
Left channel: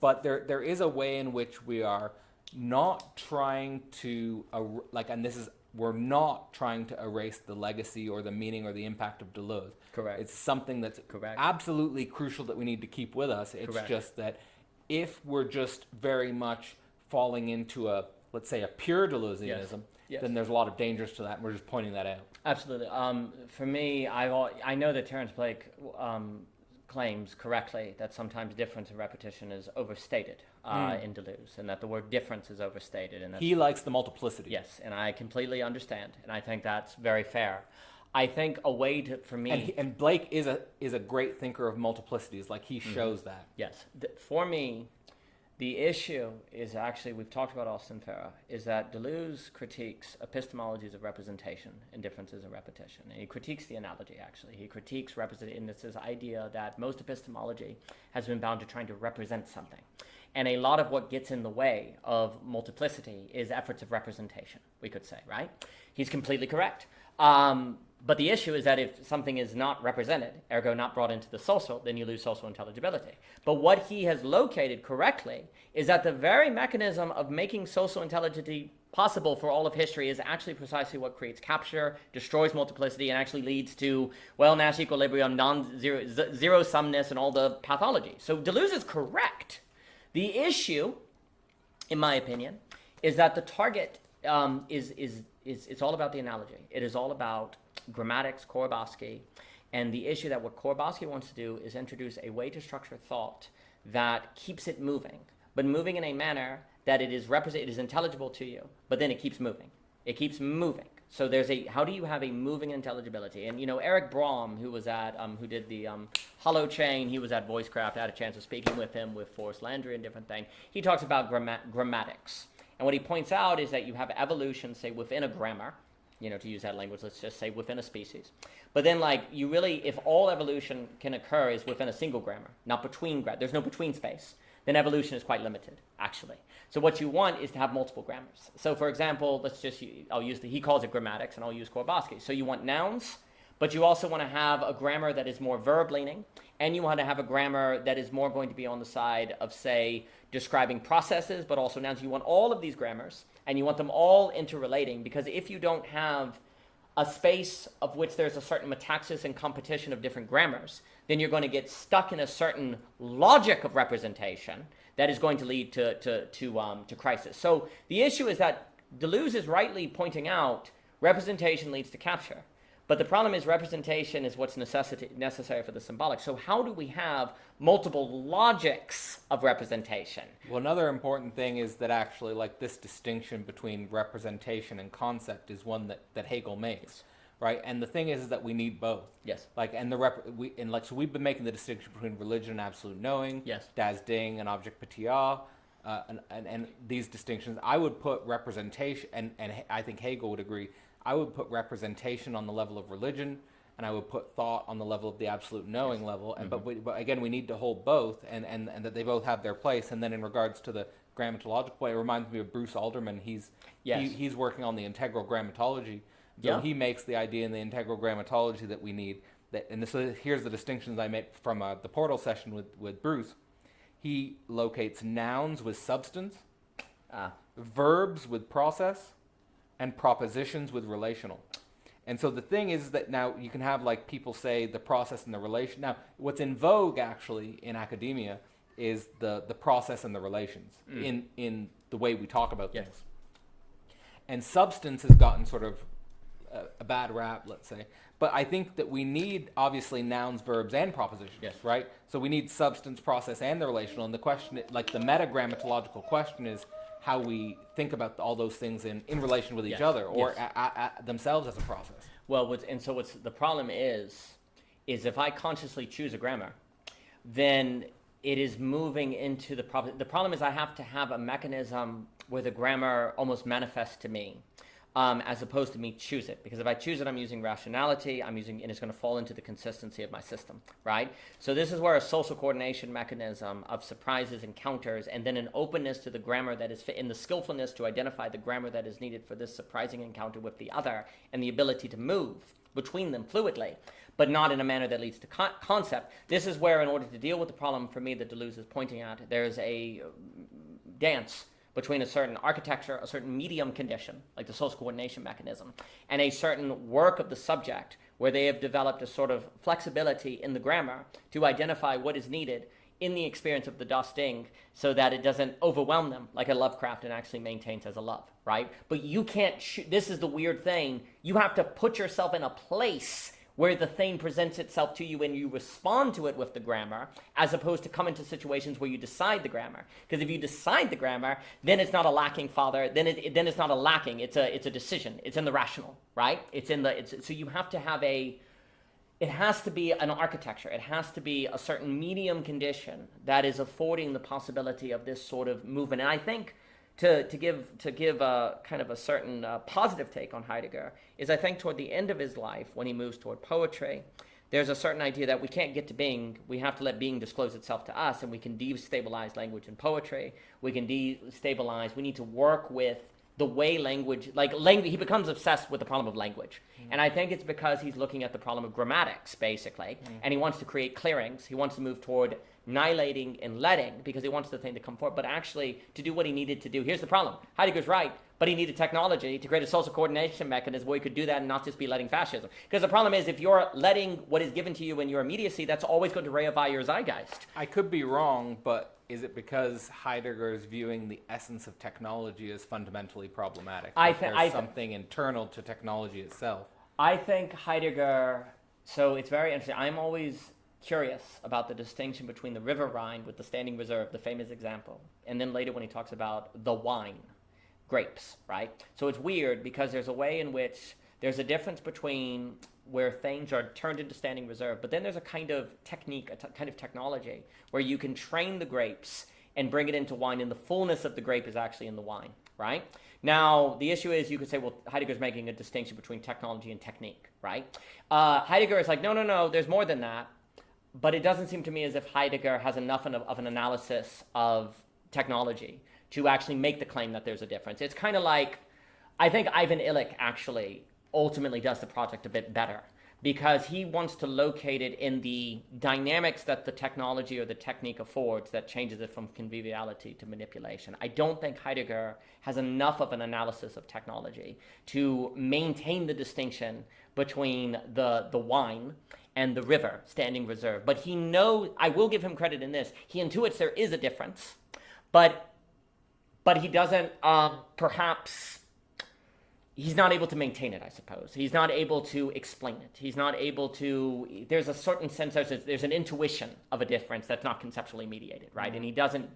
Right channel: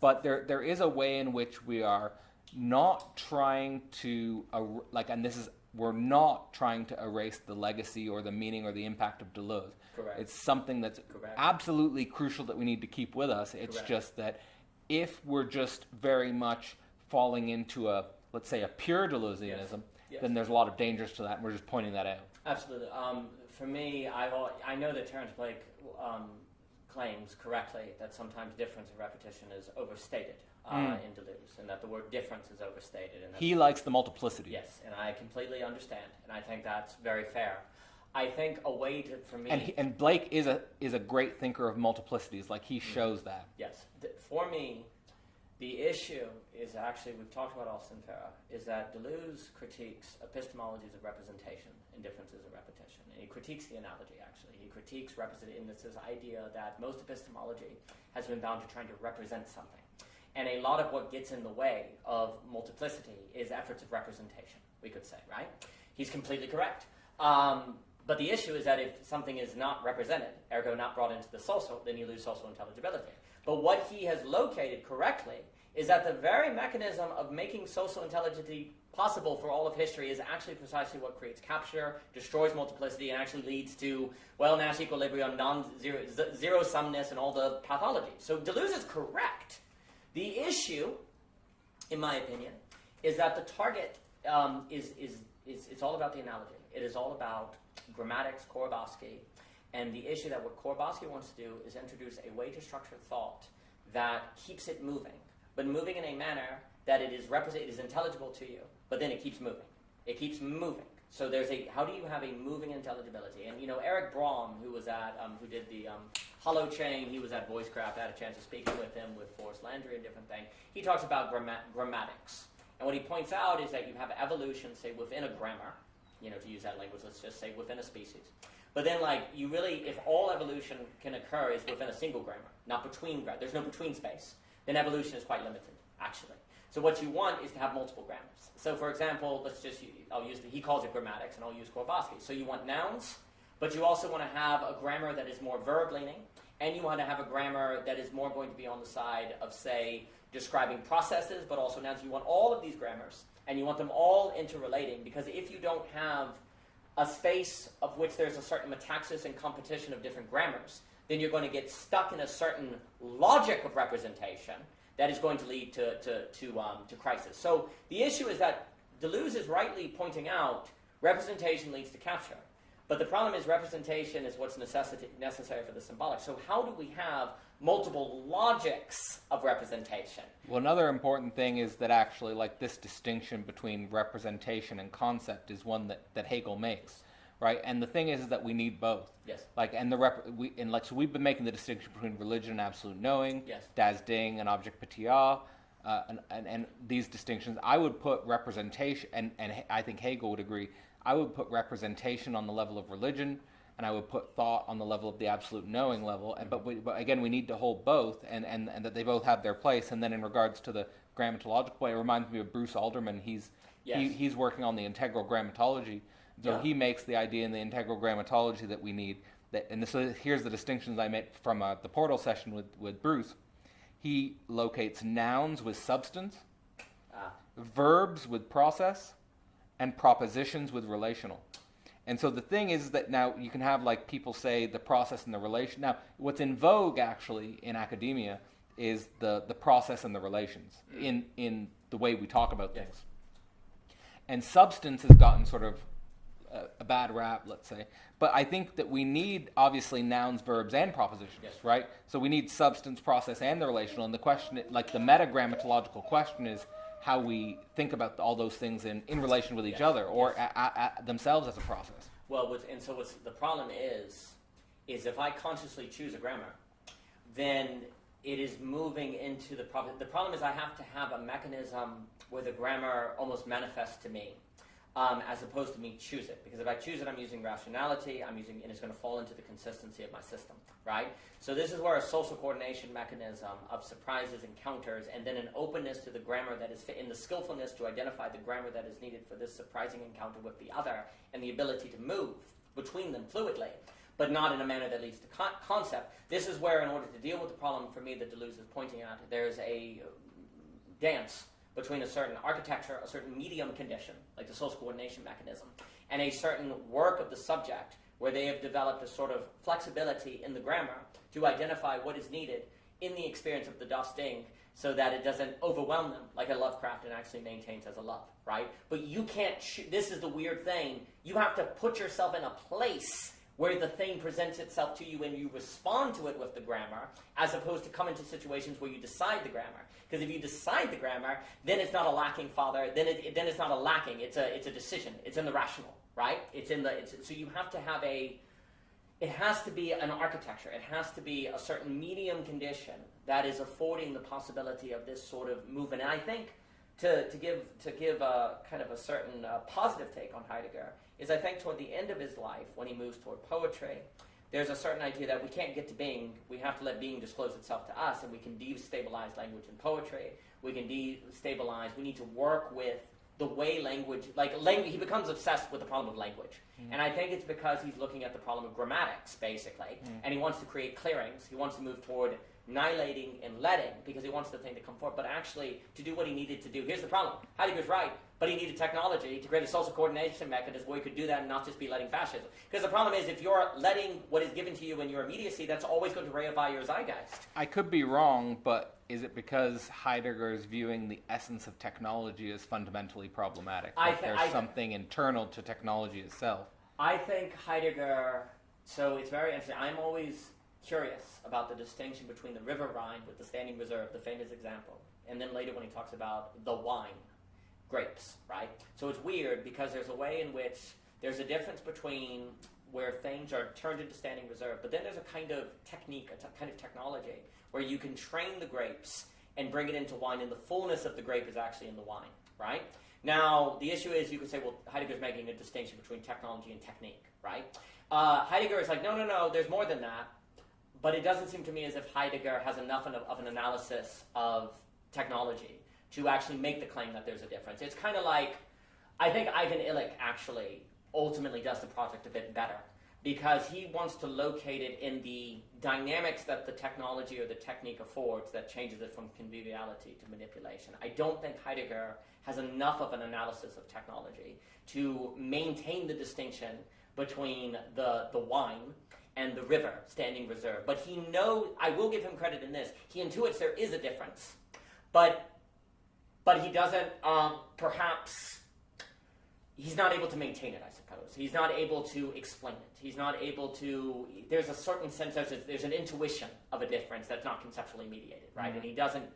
But there is a way in which we are not trying to, we're not trying to erase the legacy or the meaning or the impact of Deleuze. Correct. It's something that's absolutely crucial that we need to keep with us. It's just that if we're just very much falling into let's say a pure Deleuzianism, then there's a lot of dangers to that, and we're just pointing that out. Absolutely. For me, I know that Terence Blake claims correctly that sometimes difference and repetition is overstated in Deleuze, and that the word difference is overstated. And he likes the multiplicity. Yes, and I completely understand, and I think that's very fair. I think a way to, for me... And Blake is a great thinker of multiplicities, like he shows that. Yes. For me, the issue is actually, we've talked about Austin Farah, is that Deleuze critiques epistemologies of representation and differences of repetition. And he critiques the analogy, actually. He critiques in this idea that most epistemology has been bound to trying to represent something. And a lot of what gets in the way of multiplicity is efforts of representation, we could say, right? He's completely correct. But the issue is that if something is not represented, ergo not brought into the social, then you lose social intelligibility. But what he has located correctly is that the very mechanism of making social intelligibility possible for all of history is actually precisely what creates capture, destroys multiplicity, and actually leads to, Nash equilibrium, zero-sumness, and all the pathology. So Deleuze is correct The issue, in my opinion, is that the target is it's all about the analogy. It is all about grammatics, Korobowski, and the issue that what Korobowski wants to do is introduce a way to structure thought that keeps it moving, but moving in a manner that it is intelligible to you, but then it keeps moving. It keeps moving. So how do you have a moving intelligibility? And Eric Brahm, who was at, who did the Hollow Chain, he was at VoiceCraft. I had a chance of speaking with him, with Forrest Landry and different things. He talks about grammatics. And what he points out is that you have evolution, say, within a grammar, to use that language, let's just say within a species. But then, if all evolution can occur is within a single grammar, not between there's no between space, then evolution is quite limited, actually. So what you want is to have multiple grammars. So for example, he calls it grammatics, and I'll use Korobowski. So you want nouns, but you also want to have a grammar that is more verb-leaning, and you want to have a grammar that is more going to be on the side of, say, describing processes, but also nouns. You want all of these grammars, and you want them all interrelating, because if you don't have a space of which there's a certain metaxis and competition of different grammars, then you're going to get stuck in a certain logic of representation that is going to lead to crisis. So the issue is that Deleuze is rightly pointing out representation leads to capture. But the problem is representation is what's necessary for the symbolic. So how do we have multiple logics of representation? Well, another important thing is that actually, this distinction between representation and concept is one that Hegel makes, right? And the thing is that we need both. Yes. So we've been making the distinction between religion and absolute knowing. Yes. Das Ding and object patia, and these distinctions. I would put representation, and I think Hegel would agree. I would put representation on the level of religion, and I would put thought on the level of the absolute knowing level. And but again, we need to hold both, and that they both have their place. And then in regards to the grammatological way, it reminds me of Bruce Alderman. He's working on the integral grammatology. So he makes the idea in the integral grammatology that we need. Here's the distinctions I made from the portal session with Bruce. He locates nouns with substance, verbs with process, and propositions with relational. And so the thing is that now you can have people say the process and the relation. Now, what's in vogue actually in academia is the process and the relations in the way we talk about things. And substance has gotten sort of a bad rap, let's say. But I think that we need, obviously, nouns, verbs, and propositions, right? So we need substance, process, and the relational. And the question, the meta-grammatological question is how we think about all those things in relation with each other, or themselves as a process. Well, the problem is if I consciously choose a grammar, then it is moving into the problem. The problem is I have to have a mechanism where the grammar almost manifests to me, as opposed to me choose it. Because if I choose it, I'm using rationality, and it's going to fall into the consistency of my system, right? So this is where a social coordination mechanism of surprises, encounters, and then an openness to the grammar that is fit in the skillfulness to identify the grammar that is needed for this surprising encounter with the other, and the ability to move between them fluidly, but not in a manner that leads to concept. This is where, in order to deal with the problem for me that Deleuze is pointing at, there's a dance between a certain architecture, a certain medium condition, like the social coordination mechanism, and a certain work of the subject, where they have developed a sort of flexibility in the grammar to identify what is needed in the experience of the Das Ding, so that it doesn't overwhelm them like a Lovecraftian actually maintains as a love, right? But you can't, this is the weird thing, you have to put yourself in a place where the thing presents itself to you and you respond to it with the grammar, as opposed to come into situations where you decide the grammar. Because if you decide the grammar, then it's not a lacking father, then it's not a lacking, it's a decision. It's in the rational, right? So you have to have it has to be an architecture. It has to be a certain medium condition that is affording the possibility of this sort of movement. And I think to give a kind of a certain positive take on Heidegger is, I think, toward the end of his life, when he moves toward poetry, there's a certain idea that we can't get to being, we have to let being disclose itself to us, and we can destabilize language in poetry. We can destabilize, we need to work with the way language, he becomes obsessed with the problem of language. And I think it's because he's looking at the problem of grammatics, basically, and he wants to create clearings. He wants to move toward annihilating and letting because he wants the thing to come forward, but actually to do what he needed to do. Here's the problem. Heidegger's right, but he needed technology to create a social coordination mechanism where he could do that and not just be letting fascism. Because the problem is, if you're letting what is given to you in your immediacy, that's always going to reify your zeitgeist. I could be wrong, but is it because Heidegger is viewing the essence of technology as fundamentally problematic? There's something internal to technology itself. I think Heidegger, so it's very interesting. I'm always curious about the distinction between the river Rhine with the standing reserve, the famous example, and then later when he talks about the wine, grapes, right? So it's weird because there's a way in which there's a difference between where things are turned into standing reserve, but then there's a kind of technique, kind of technology where you can train the grapes and bring it into wine, and the fullness of the grape is actually in the wine, right? Now, the issue is you could say, well, Heidegger's making a distinction between technology and technique, right? Heidegger is like, no, there's more than that. But it doesn't seem to me as if Heidegger has enough of an analysis of technology to actually make the claim that there's a difference. It's kind of like, I think Ivan Illich actually ultimately does the project a bit better because he wants to locate it in the dynamics that the technology or the technique affords that changes it from conviviality to manipulation. I don't think Heidegger has enough of an analysis of technology to maintain the distinction between the wine and the river, standing reserve. But he knows, I will give him credit in this, he intuits there is a difference, but he doesn't, perhaps, he's not able to maintain it, I suppose. He's not able to explain it. He's not able to, there's a certain sense, there's an intuition of a difference that's not conceptually mediated, right? Mm-hmm. And he doesn't,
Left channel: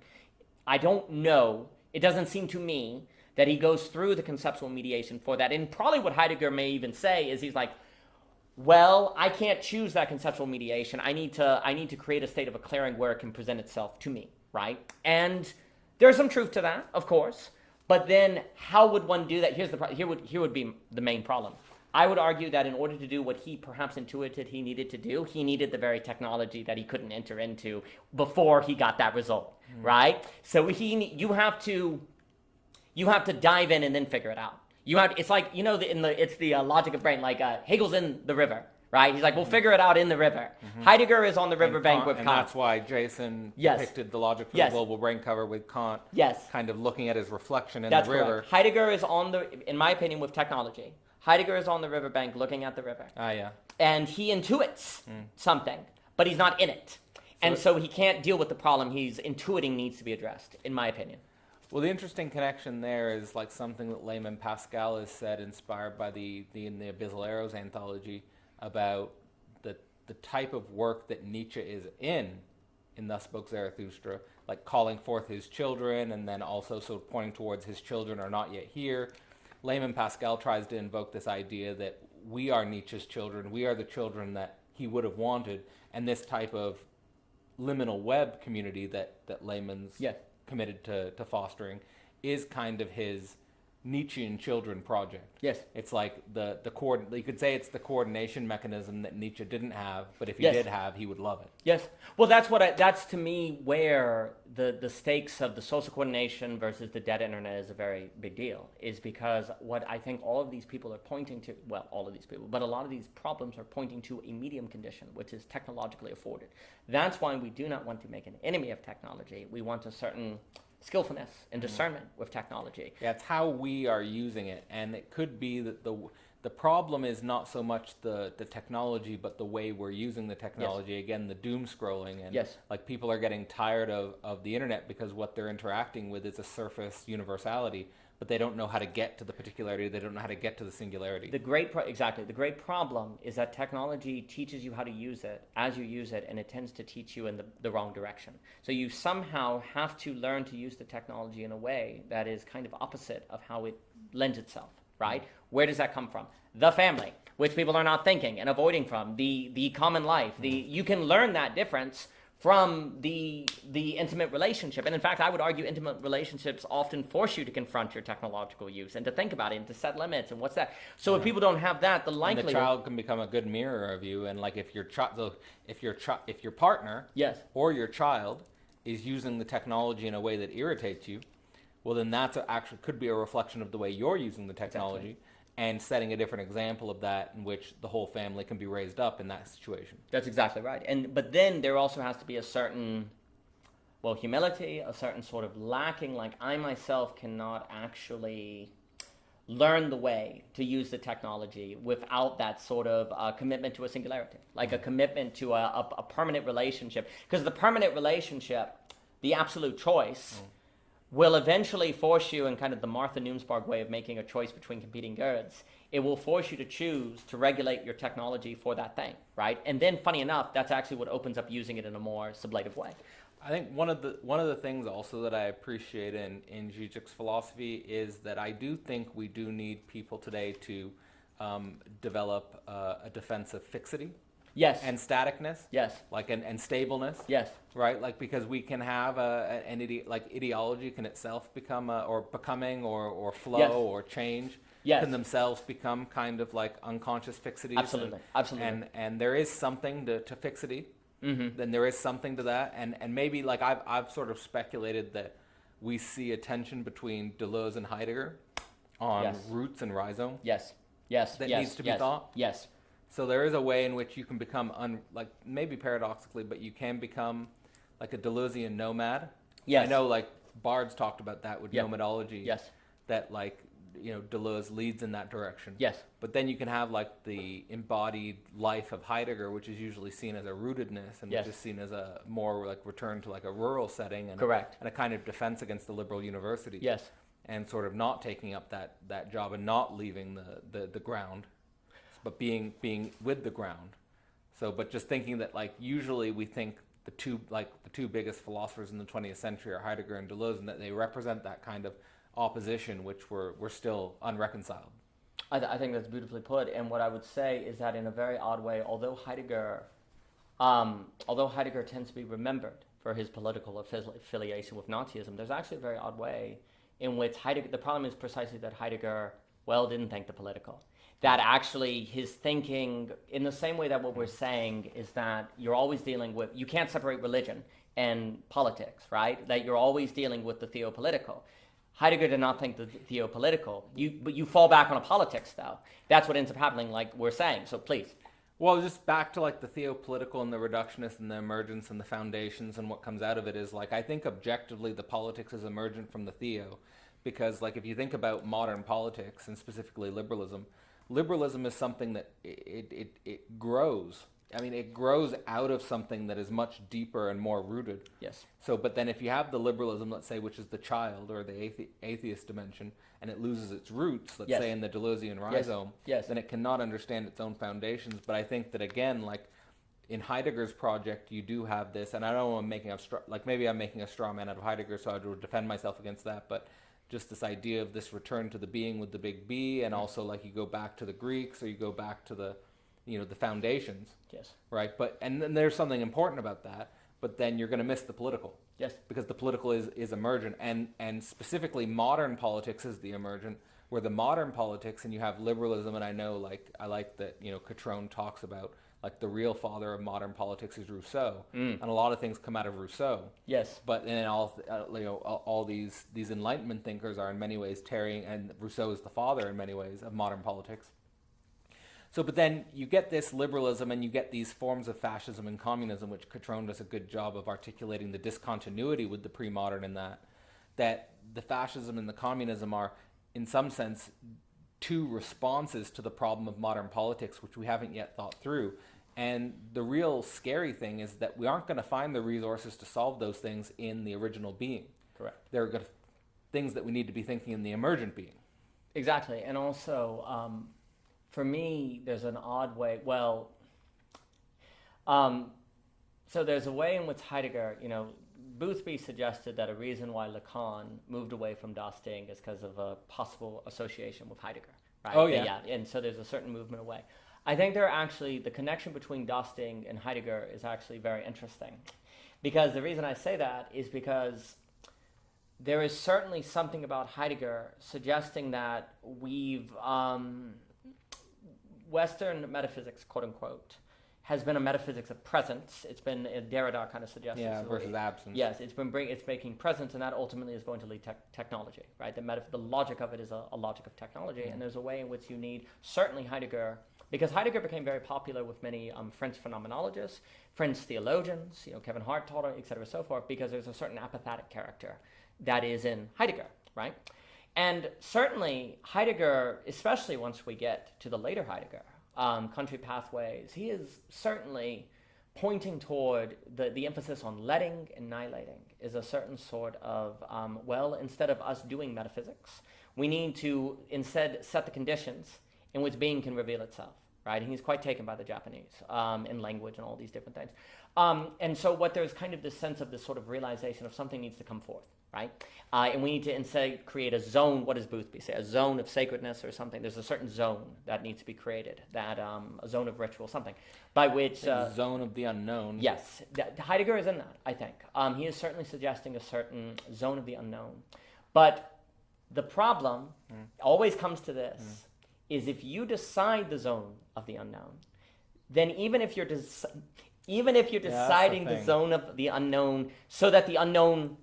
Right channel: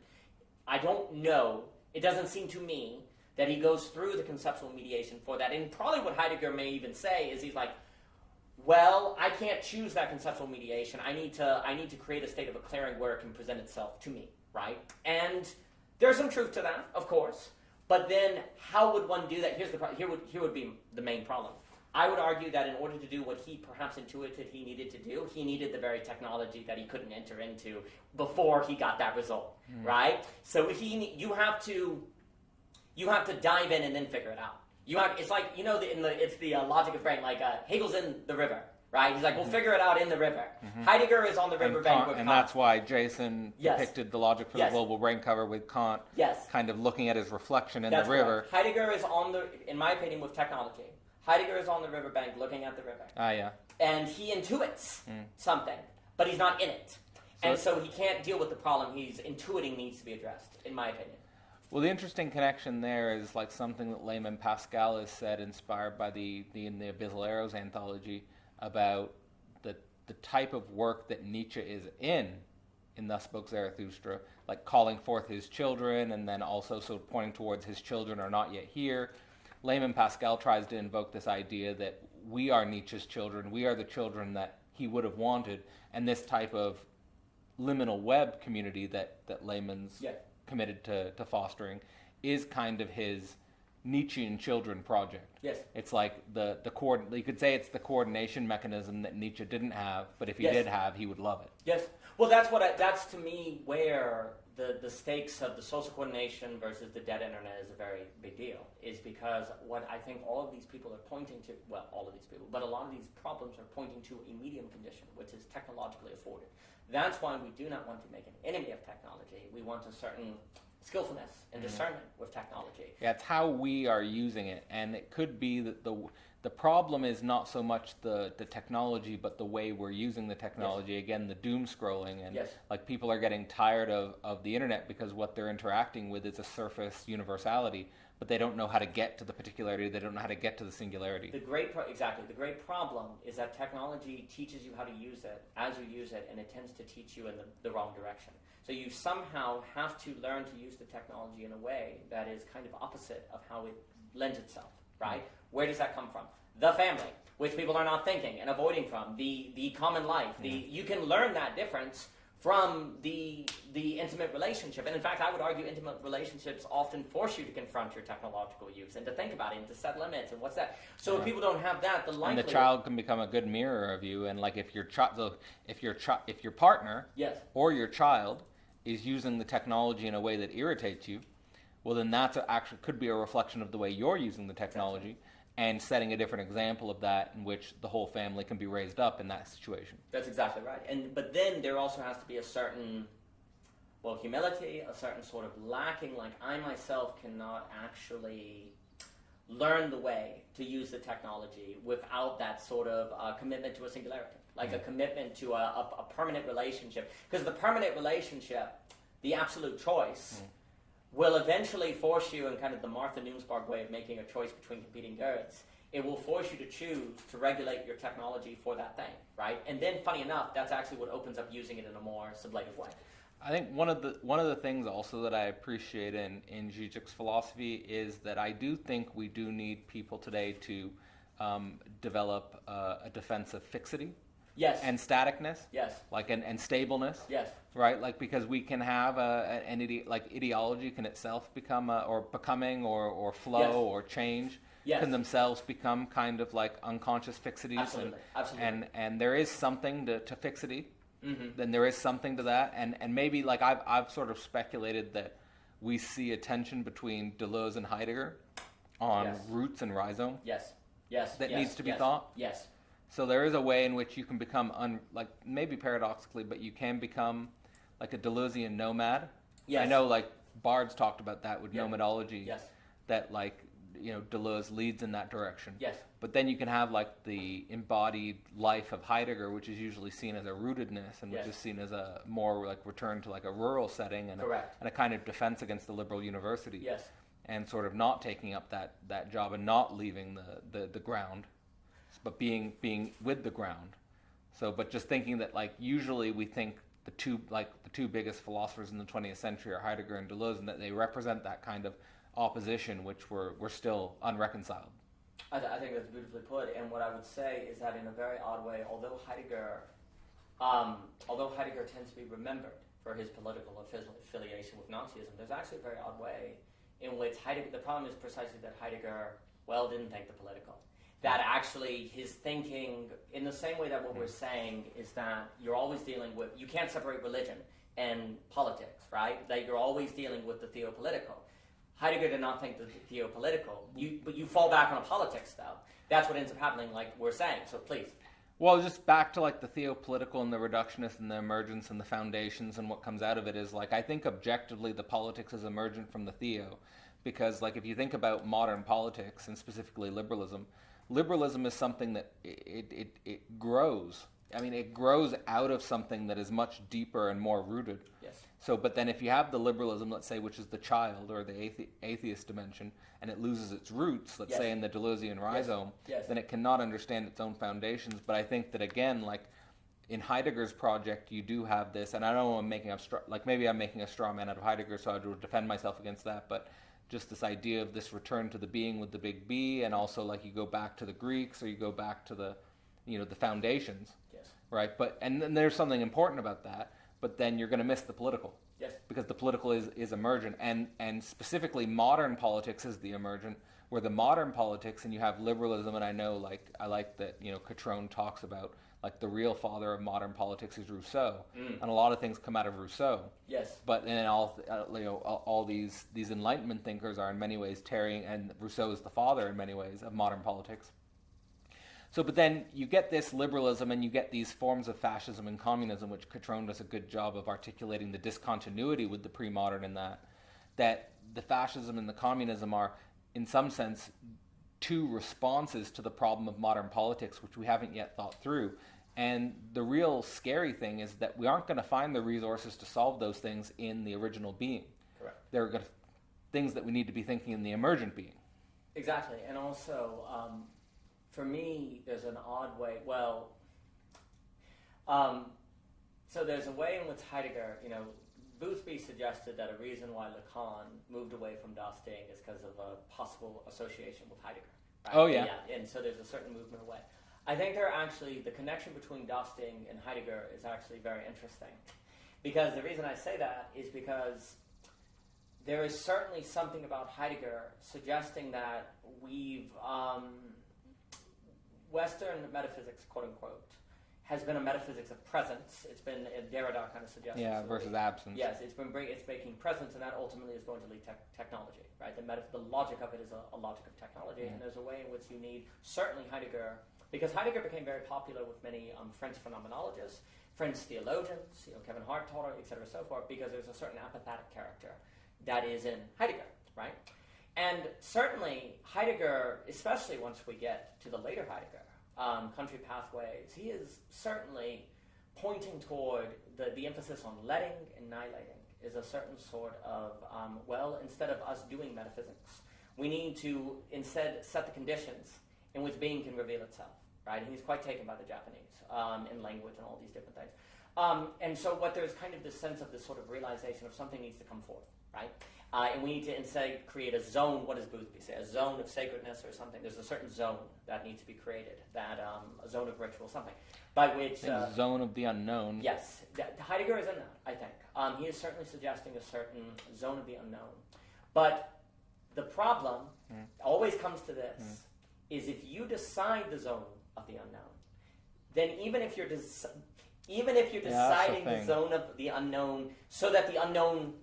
I don't know, it doesn't seem to me that he goes through the conceptual mediation for that. And probably what Heidegger may even say is he's like, well, I can't choose that conceptual mediation. I need to create a state of a clearing where it can present itself to me, right? And there's some truth to that, of course. But then, how would one do that? Here would be the main problem. I would argue that in order to do what he perhaps intuited he needed to do, he needed the very technology that he couldn't enter into before he got that result, right? So you have to dive in and then figure it out. It's like, it's the logic of brain, like Hegel's in the river, right? He's like, we'll figure it out in the river. Mm-hmm. Heidegger is on the riverbank with Kant. And that's why Jason depicted the logic for the global brain cover with Kant, kind of looking at his reflection in the river. Correct. Heidegger is in my opinion, with technology. Heidegger is on the riverbank looking at the river. And he intuits something, but he's not in it. So he can't deal with the problem he's intuiting needs to be addressed, in my opinion. Well, the interesting connection there is like something that Layman Pascal has said, inspired by in the Abyssal Arrows anthology, about the type of work that Nietzsche is in Thus Spoke Zarathustra, like calling forth his children, and then also sort of pointing towards his children are not yet here. Layman Pascal tries to invoke this idea that we are Nietzsche's children, we are the children that he would have wanted, and this type of liminal web community that Layman's committed to fostering is kind of his Nietzschean children project. Yes. It's like you could say it's the coordination mechanism that Nietzsche didn't have, but if he did have, he would love it. Yes. Well, that's to me where the stakes of the social coordination versus the dead internet is a very big deal, is because what I think all of these people are pointing to, well, all of these people, but a lot of these problems are pointing to a medium condition, which is technologically afforded. That's why we do not want to make an enemy of technology. We want a certain skillfulness and discernment with technology. Yeah, it's how we are using it, and it could be that the problem is not so much the technology, but the way we're using the technology. Yes. Again, the doom scrolling, and like people are getting tired of the internet because what they're interacting with is a surface universality, but they don't know how to get to the particularity. They don't know how to get to the singularity. The great problem is that technology teaches you how to use it as you use it, and it tends to teach you in the wrong direction. So you somehow have to learn to use the technology in a way that is kind of opposite of how it lends itself, right? Mm-hmm. Where does that come from? The family, which people are not thinking and avoiding from. The common life. You can learn that difference from the intimate relationship. And in fact, I would argue intimate relationships often force you to confront your technological use and to think about it and to set limits and what's that. So if people don't have that, the likelihood... And the child can become a good mirror of you. And like if your partner or your child is using the technology in a way that irritates you, well then that's actually could be a reflection of the way you're using the technology. Exactly. And setting a different example of that in which the whole family can be raised up in that situation. That's exactly right. But then there also has to be a certain humility, a certain sort of lacking, like I myself cannot actually learn the way to use the technology without that sort of commitment to a singularity, like a commitment to a permanent relationship. Because the permanent relationship, the absolute choice, will eventually force you, in kind of the Martha Nussbaum way of making a choice between competing goods, it will force you to choose to regulate your technology for that thing, right? And then, funny enough, that's actually what opens up using it in a more sublative way. I think one of the things also that I appreciate in Zizek's philosophy is that I do think we do need people today to develop a defense of fixity. Yes. And staticness. Yes. Like and stableness. Yes. Right. Like because we can have ideology can itself become or becoming or flow Yes. or change. Yes. Can themselves become kind of like unconscious fixities. Absolutely. Absolutely. And there is something to fixity. Mm-hmm. Then there is something to that, and maybe like I've sort of speculated that we see a tension between Deleuze and Heidegger on Yes. roots and rhizome. Yes. Yes. That yes. needs to be yes. thought. Yes. So there is a way in which you can become like maybe paradoxically, but you can become like a Deleuzean nomad. Yes. I know like Bard's talked about that with Yep. nomadology. Yes. That like Deleuze leads in that direction. Yes. But then you can have like the embodied life of Heidegger, which is usually seen as a rootedness and Yes. which is seen as a more like return to like a rural setting and Correct. and a kind of defense against the liberal university. Yes. And sort of not taking up that job and not leaving the ground, but being with the ground. So, but just thinking that like usually we think the two biggest philosophers in the 20th century are Heidegger and Deleuze, and that they represent that kind of opposition which we're still unreconciled. I think that's beautifully put. And what I would say is that in a very odd way, although Heidegger tends to be remembered for his political affiliation with Nazism, there's actually a very odd way in which Heidegger, the problem is precisely that Heidegger, didn't think the political. That actually his thinking, in the same way that what we're saying is that you're always dealing with, you can't separate religion and politics, right? That you're always dealing with the theopolitical. Heidegger did not think the theopolitical, but you fall back on a politics though. That's what ends up happening, like we're saying, so please. Well, just back to like the theopolitical and the reductionist and the emergence and the foundations and what comes out of it is like I think objectively the politics is emergent from the theo, because like if you think about modern politics and specifically liberalism is something that it grows. I mean, it grows out of something that is much deeper and more rooted. Yes. So, but then if you have the liberalism, let's say, which is the child or the atheist dimension, and it loses its roots, let's Yes. say in the Deleuzean rhizome, Yes. then it cannot understand its own foundations. But I think that again, like in Heidegger's project, you do have this, and I don't know I'm making maybe I'm making a straw man out of Heidegger, so I would defend myself against that, but just this idea of this return to the being with the big B, and also like you go back to the Greeks or you go back to the the foundations. Yes. Right, but and then there's something important about that, but then you're going to miss the political. Yes. Because the political is emergent, and specifically modern politics is the emergent, where the modern politics, and you have liberalism, and I like that Catrone talks about like the real father of modern politics is Rousseau, and a lot of things come out of Rousseau. Yes. But then all these Enlightenment thinkers are in many ways tarrying, and Rousseau is the father in many ways of modern politics. So, but then you get this liberalism and you get these forms of fascism and communism, which Catrone does a good job of articulating the discontinuity with the pre-modern in that the fascism and the communism are, in some sense, two responses to the problem of modern politics, which we haven't yet thought through. And the real scary thing is that we aren't going to find the resources to solve those things in the original being. Correct. They're things that we need to be thinking in the emergent being. Exactly, and also, for me, there's an odd way. So there's a way in which Heidegger, Boothby suggested that a reason why Lacan moved away from Dosting is because of a possible association with Heidegger. Right? Oh, yeah. And so there's a certain movement away. I think the connection between Dosting and Heidegger is actually very interesting. Because the reason I say that is because there is certainly something about Heidegger suggesting that Western metaphysics, quote unquote, has been a metaphysics of presence. It's been a Derrida kind of suggestion. Yeah, versus absence. Yes, it's making presence, and that ultimately is going to lead to technology, right? The logic of it is a logic of technology, and there's a way in which you need, certainly Heidegger because Heidegger became very popular with many French phenomenologists, French theologians, Kevin Hart taught it, et cetera, so forth, because there's a certain apathetic character that is in Heidegger, right? And certainly Heidegger, especially once we get to the later Heidegger, Country Pathways, he is certainly pointing toward the emphasis on letting and annihilating is a certain sort of, instead of us doing metaphysics, we need to instead set the conditions in which being can reveal itself, right? And he's quite taken by the Japanese in language and all these different things. And so what there's kind of this sense of this sort of realization of something needs to come forth, right? And we need to instead create a zone. What does Boothby say? A zone of sacredness or something. There's a certain zone that needs to be created, that a zone of ritual, something, by which... zone of the unknown. Yes. Heidegger is in that, I think. He is certainly suggesting a certain zone of the unknown. But the problem always comes to this, is if you decide the zone of the unknown, then even if you're deciding the zone of the unknown so that the unknown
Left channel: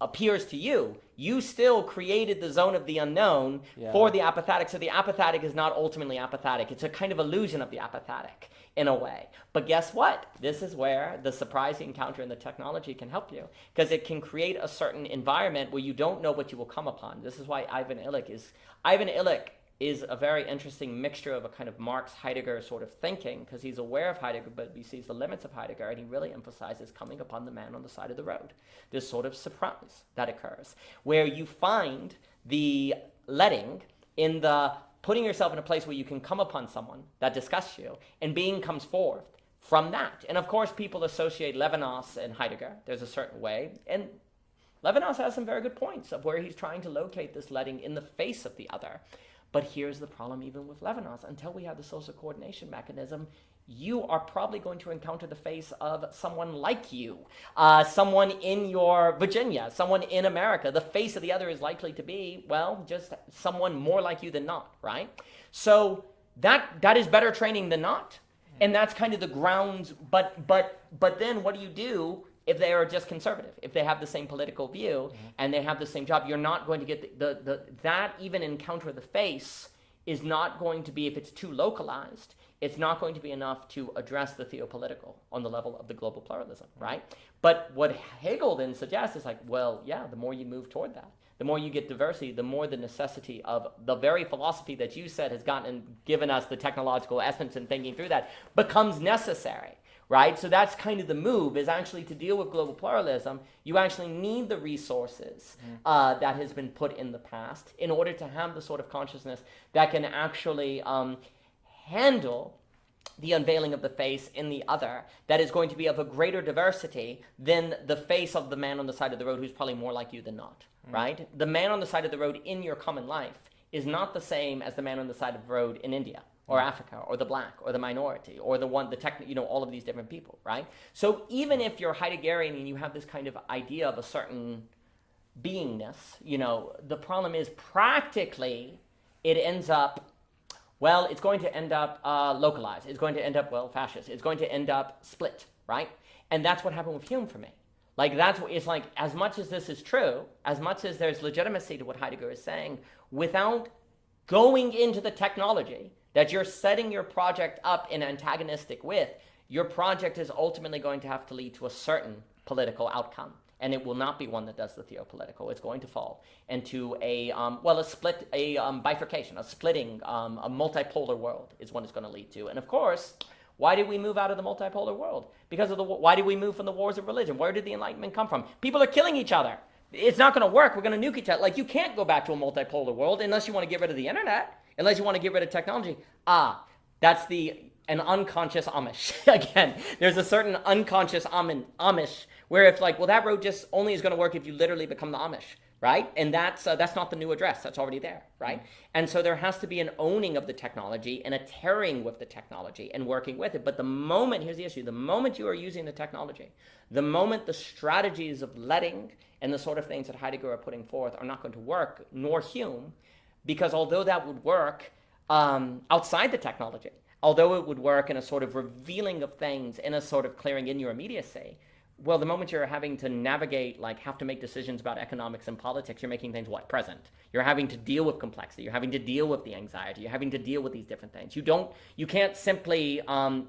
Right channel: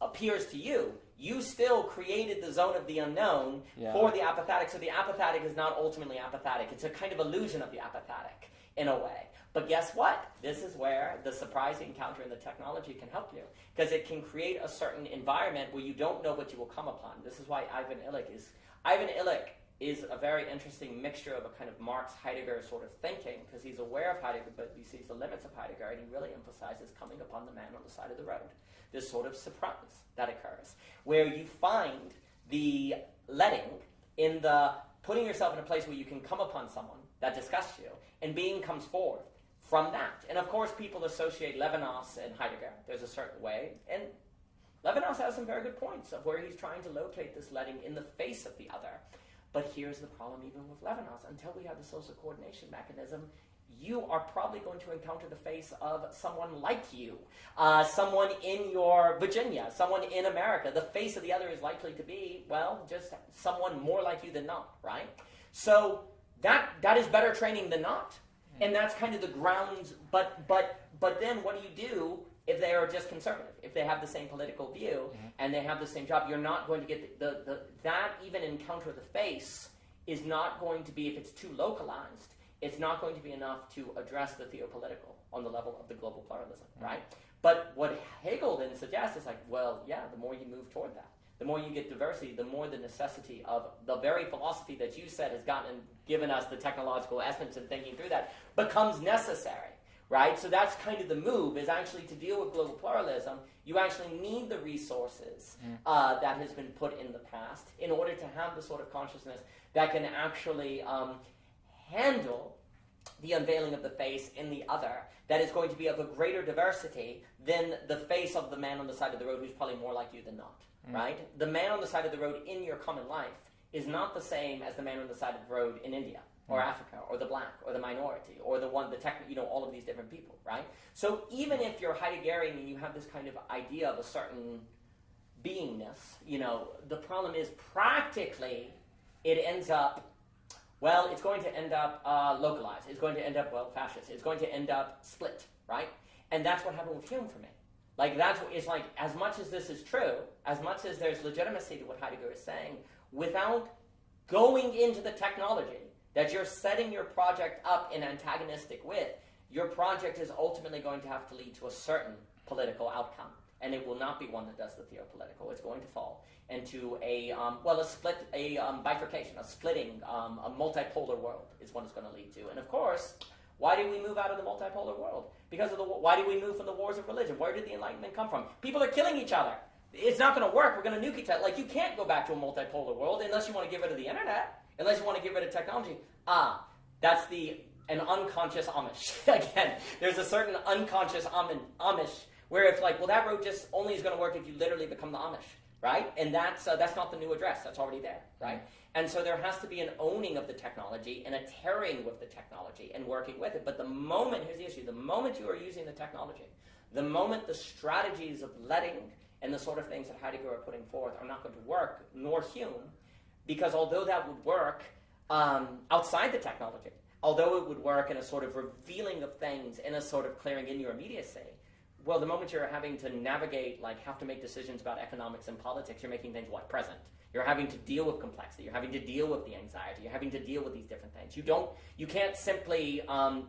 appears to you, you still created the zone of the unknown for the apathetic. So the apathetic is not ultimately apathetic. It's a kind of illusion of the apathetic in a way. But guess what? This is where the surprising encounter in the technology can help you, because it can create a certain environment where you don't know what you will come upon. This is why Ivan Illich is a very interesting mixture of a kind of Marx Heidegger sort of thinking, because he's aware of Heidegger, but he sees the limits of Heidegger, and he really emphasizes coming upon the man on the side of the road. This sort of surprise that occurs, where you find the letting in the putting yourself in a place where you can come upon someone that disgusts you, and being comes forth from that. And of course, people associate Levinas and Heidegger. There's a certain way, and Levinas has some very good points of where he's trying to locate this letting in the face of the other. But here's the problem even with Levinas. Until we have the social coordination mechanism, you are probably going to encounter the face of someone like you, someone in your Virginia, someone in America. The face of the other is likely to be, just someone more like you than not, right? So that is better training than not. And that's kind of the grounds. But then what do you do if they are just conservative, if they have the same political view and they have the same job? You're not going to get that even encounter of the face is not going to be, if it's too localized, it's not going to be enough to address the theopolitical on the level of the global pluralism, right? But what Hegel then suggests is the more you move toward that, the more you get diversity, the more the necessity of the very philosophy that you said has given us the technological essence in thinking through that becomes necessary. Right? So that's kind of the move, is actually to deal with global pluralism. You actually need the resources that has been put in the past in order to have the sort of consciousness that can actually handle the unveiling of the face in the other, that is going to be of a greater diversity than the face of the man on the side of the road who's probably more like you than not, right? The man on the side of the road in your common life is not the same as the man on the side of the road in India, or Africa, or the black, or the minority, or all of these different people, right? So even if you're Heideggerian and you have this kind of idea of a certain beingness, the problem is practically it ends up, it's going to end up localized. It's going to end up, fascist. It's going to end up split, right? And that's what happened with Hume for me. As much as this is true, as much as there's legitimacy to what Heidegger is saying, without going into the technology that you're setting your project up in antagonistic with, your project is ultimately going to have to lead to a certain political outcome. And it will not be one that does the theopolitical. It's going to fall into a bifurcation, a splitting, a multipolar world is what it's going to lead to. And of course, why did we move out of the multipolar world? Why did we move from the wars of religion? Where did the Enlightenment come from? People are killing each other. It's not going to work. We're going to nuke each other. You can't go back to a multipolar world unless you want to get rid of the internet. Unless you want to get rid of technology. That's an unconscious Amish. Again, there's a certain unconscious Amish where if that road just only is going to work if you literally become the Amish, right? And that's not the new address. That's already there, right? And so there has to be an owning of the technology and a tearing with the technology and working with it. But here's the issue, the moment you are using the technology, the moment the strategies of letting and the sort of things that Heidegger are putting forth are not going to work, nor Hume, because although that would work outside the technology, although it would work in a sort of revealing of things, in a sort of clearing in your immediacy, well, the moment you're having to navigate, like have to make decisions about economics and politics, you're making things what? Present. You're having to deal with complexity. You're having to deal with the anxiety. You're having to deal with these different things. You can't simply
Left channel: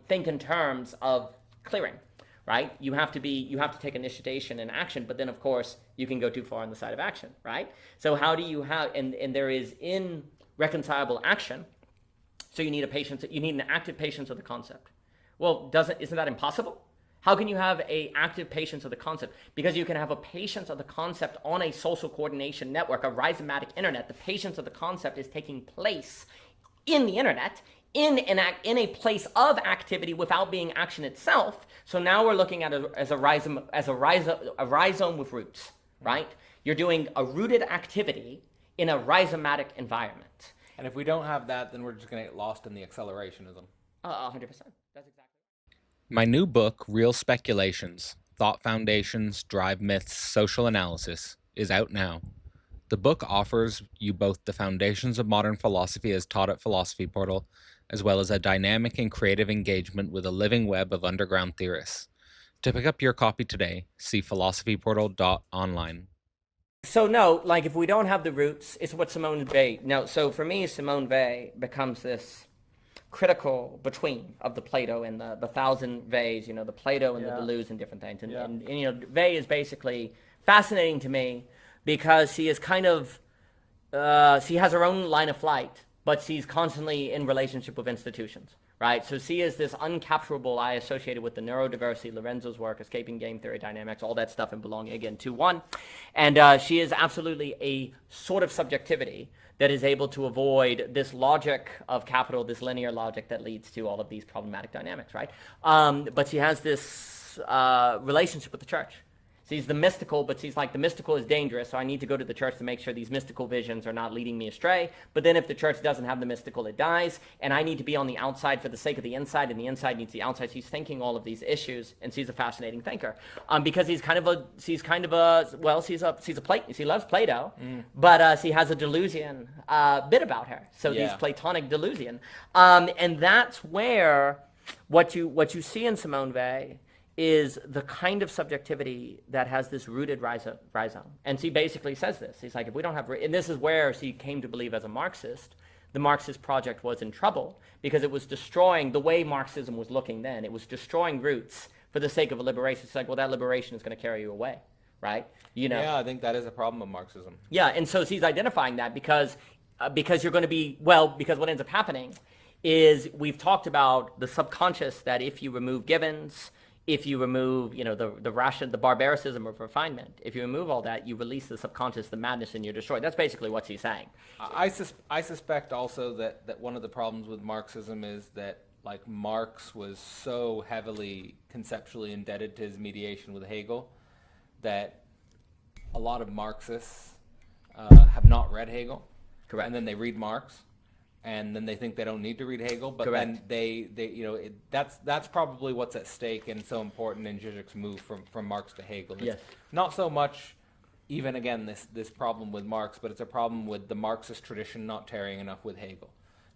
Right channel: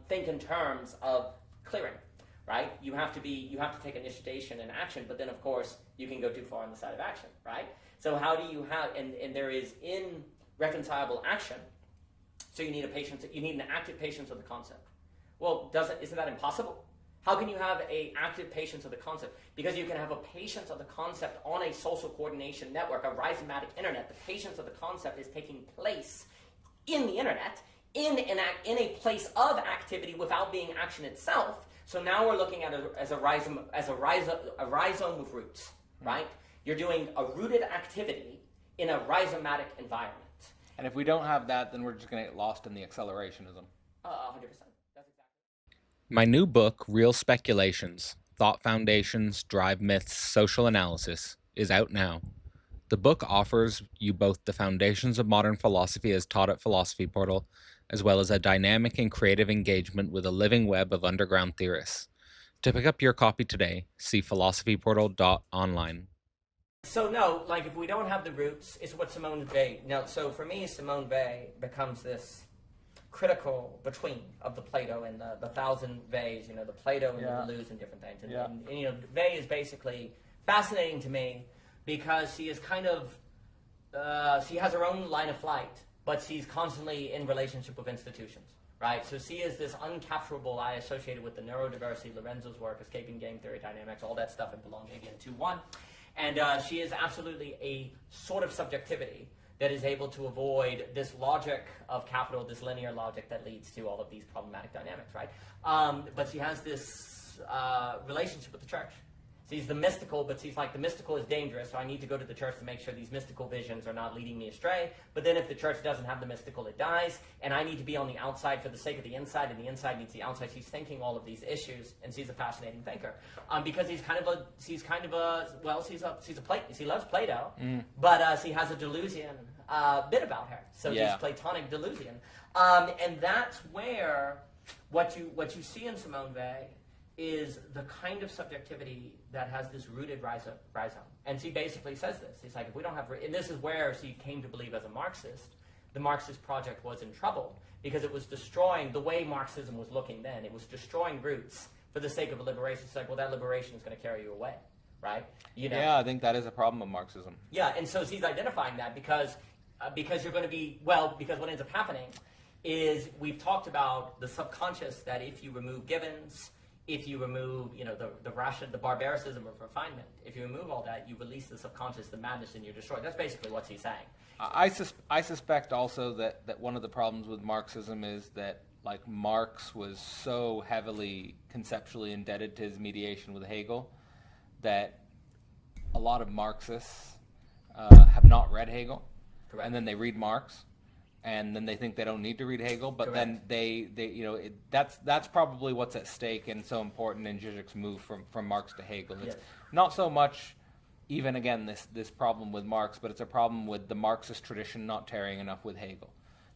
think in terms of clearing, right? You have to take initiation and action, but then of course you can go too far on the side of action, right? So how do you have, and there is irreconcilable action, so you need an active patience of the concept. Well, isn't that impossible? How can you have an active patience of the concept? Because you can have a patience of the concept on a social coordination network, a rhizomatic internet. The patience of the concept is taking place in the internet, in a place of activity without being action itself. So now we're looking at it as a rhizome with roots, right? You're doing a rooted activity in a rhizomatic environment. And if we don't have that, then we're just going to get lost in the accelerationism. 100%. That's exactly. My new book, Real Speculations, Thought Foundations, Drive Myths, Social Analysis, is out now. The book offers you both the foundations of modern philosophy as taught at Philosophy Portal, as well as a dynamic and creative engagement with a living web of underground theorists. To pick up your copy today, see philosophyportal.online. So no, like if we don't have the roots, it's what Simone Weil. No, so for me, Simone Weil becomes this critical between of the Plato and the thousand Veils, the Plato and the Deleuze and different things. And Weil is basically fascinating to me because she is kind of, she has her own line of flight, but she's constantly in relationship with institutions, right? So she is this uncapturable I associated with the neurodiversity, Lorenzo's work, escaping game theory dynamics, all that stuff, and belonging again to one. And she is absolutely a sort of subjectivity that is able to avoid this logic of capital, this linear logic that leads to all of these problematic dynamics, right? But she has this relationship with the church. She's the mystical, but she's like, the mystical is dangerous, so I need to go to the church to make sure these mystical visions are not leading me astray. But then if the church doesn't have the mystical, it dies, and I need to be on the outside for the sake of the inside, and the inside needs the outside. She's thinking all of these issues, and she's a fascinating thinker. Because she loves Plato, but she has a Deleuzian bit about her. So she's Platonic Deleuzian. And that's where what you see in Simone Weil is the kind of subjectivity that has this rooted rhizome. And she basically says this. She's like, if we don't have, and this is where she came to believe as a Marxist, the Marxist project was in trouble because it was destroying the way Marxism was looking then. It was destroying roots for the sake of a liberation. It's like, well, that liberation is going to carry you away, right? Yeah, I think that is a problem of Marxism. Yeah, and so she's identifying that because you're going to be, because what ends up happening is we've talked about the subconscious, that if you remove givens, if you remove, the barbaricism of refinement, if you remove all that, you release the subconscious, the madness, and you're destroyed. That's basically what she's saying. I suspect also that one of the problems with Marxism is that, like, Marx was so heavily conceptually indebted to his mediation with Hegel that a lot of Marxists have not read Hegel. Correct. And then they read Marx, and then they think they don't need to read Hegel, but Correct. then that's probably what's at stake and so important in Zizek's move from Marx to Hegel. It's not so much even, again, this problem with Marx, but it's a problem with the Marxist tradition not tarrying enough with Hegel.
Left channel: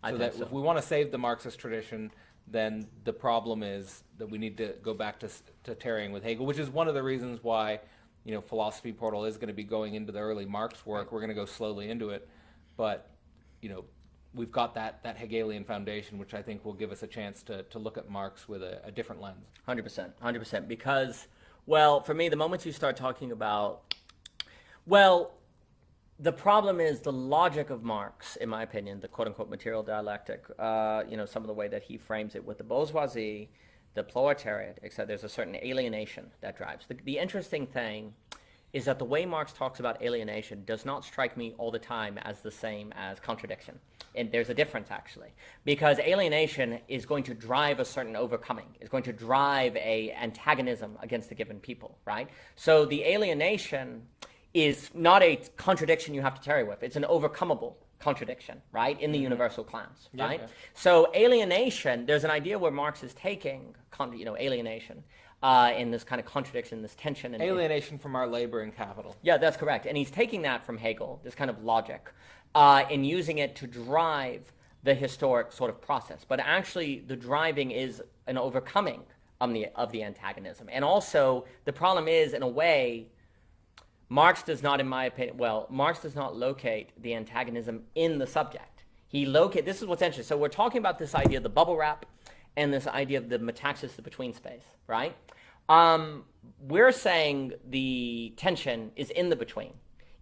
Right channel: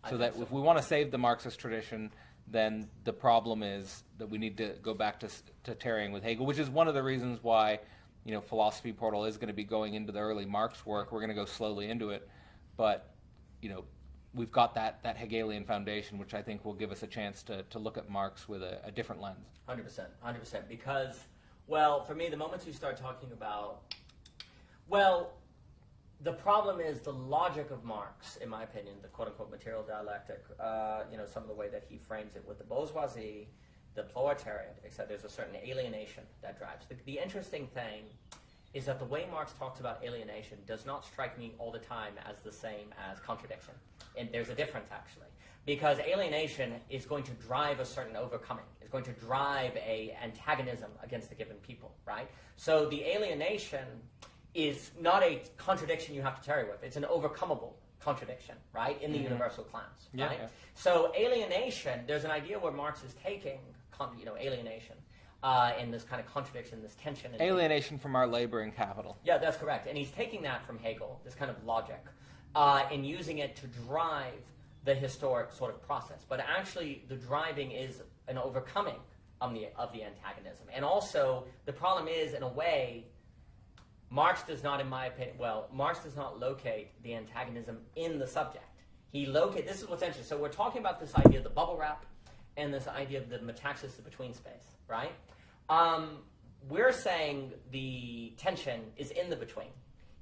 So if we want to save the Marxist tradition, then the problem is that we need to go back to tarrying with Hegel, which is one of the reasons why Philosophy Portal is going to be going into the early Marx work. We're going to go slowly into it, but we've got that Hegelian foundation, which I think will give us a chance to look at Marx with a different lens. 100%. Because, for me, the moment you start talking about, the problem is the logic of Marx, in my opinion, the quote-unquote material dialectic, some of the way that he frames it with the bourgeoisie, the proletariat, etc. There's a certain alienation that drives. The interesting thing is that the way Marx talks about alienation does not strike me all the time as the same as contradiction. And there's a difference, actually. Because alienation is going to drive a certain overcoming. It's going to drive a antagonism against a given people, right? So the alienation is not a contradiction you have to tarry with. It's an overcomable contradiction, right, in the universal class, right? Yeah. So alienation, there's an idea where Marx is taking, alienation, in this kind of contradiction, this tension. Alienation from our labor and capital. Yeah, that's correct. And he's taking that from Hegel, this kind of logic, and using it to drive the historic sort of process. But actually, the driving is an overcoming of the antagonism. And also, the problem is, in a way, Marx does not, in my opinion, Marx does not locate the antagonism in the subject. This is what's interesting. So we're talking about this idea of the bubble wrap and this idea of the metaxis, the between space, right? We're saying the tension is in the between.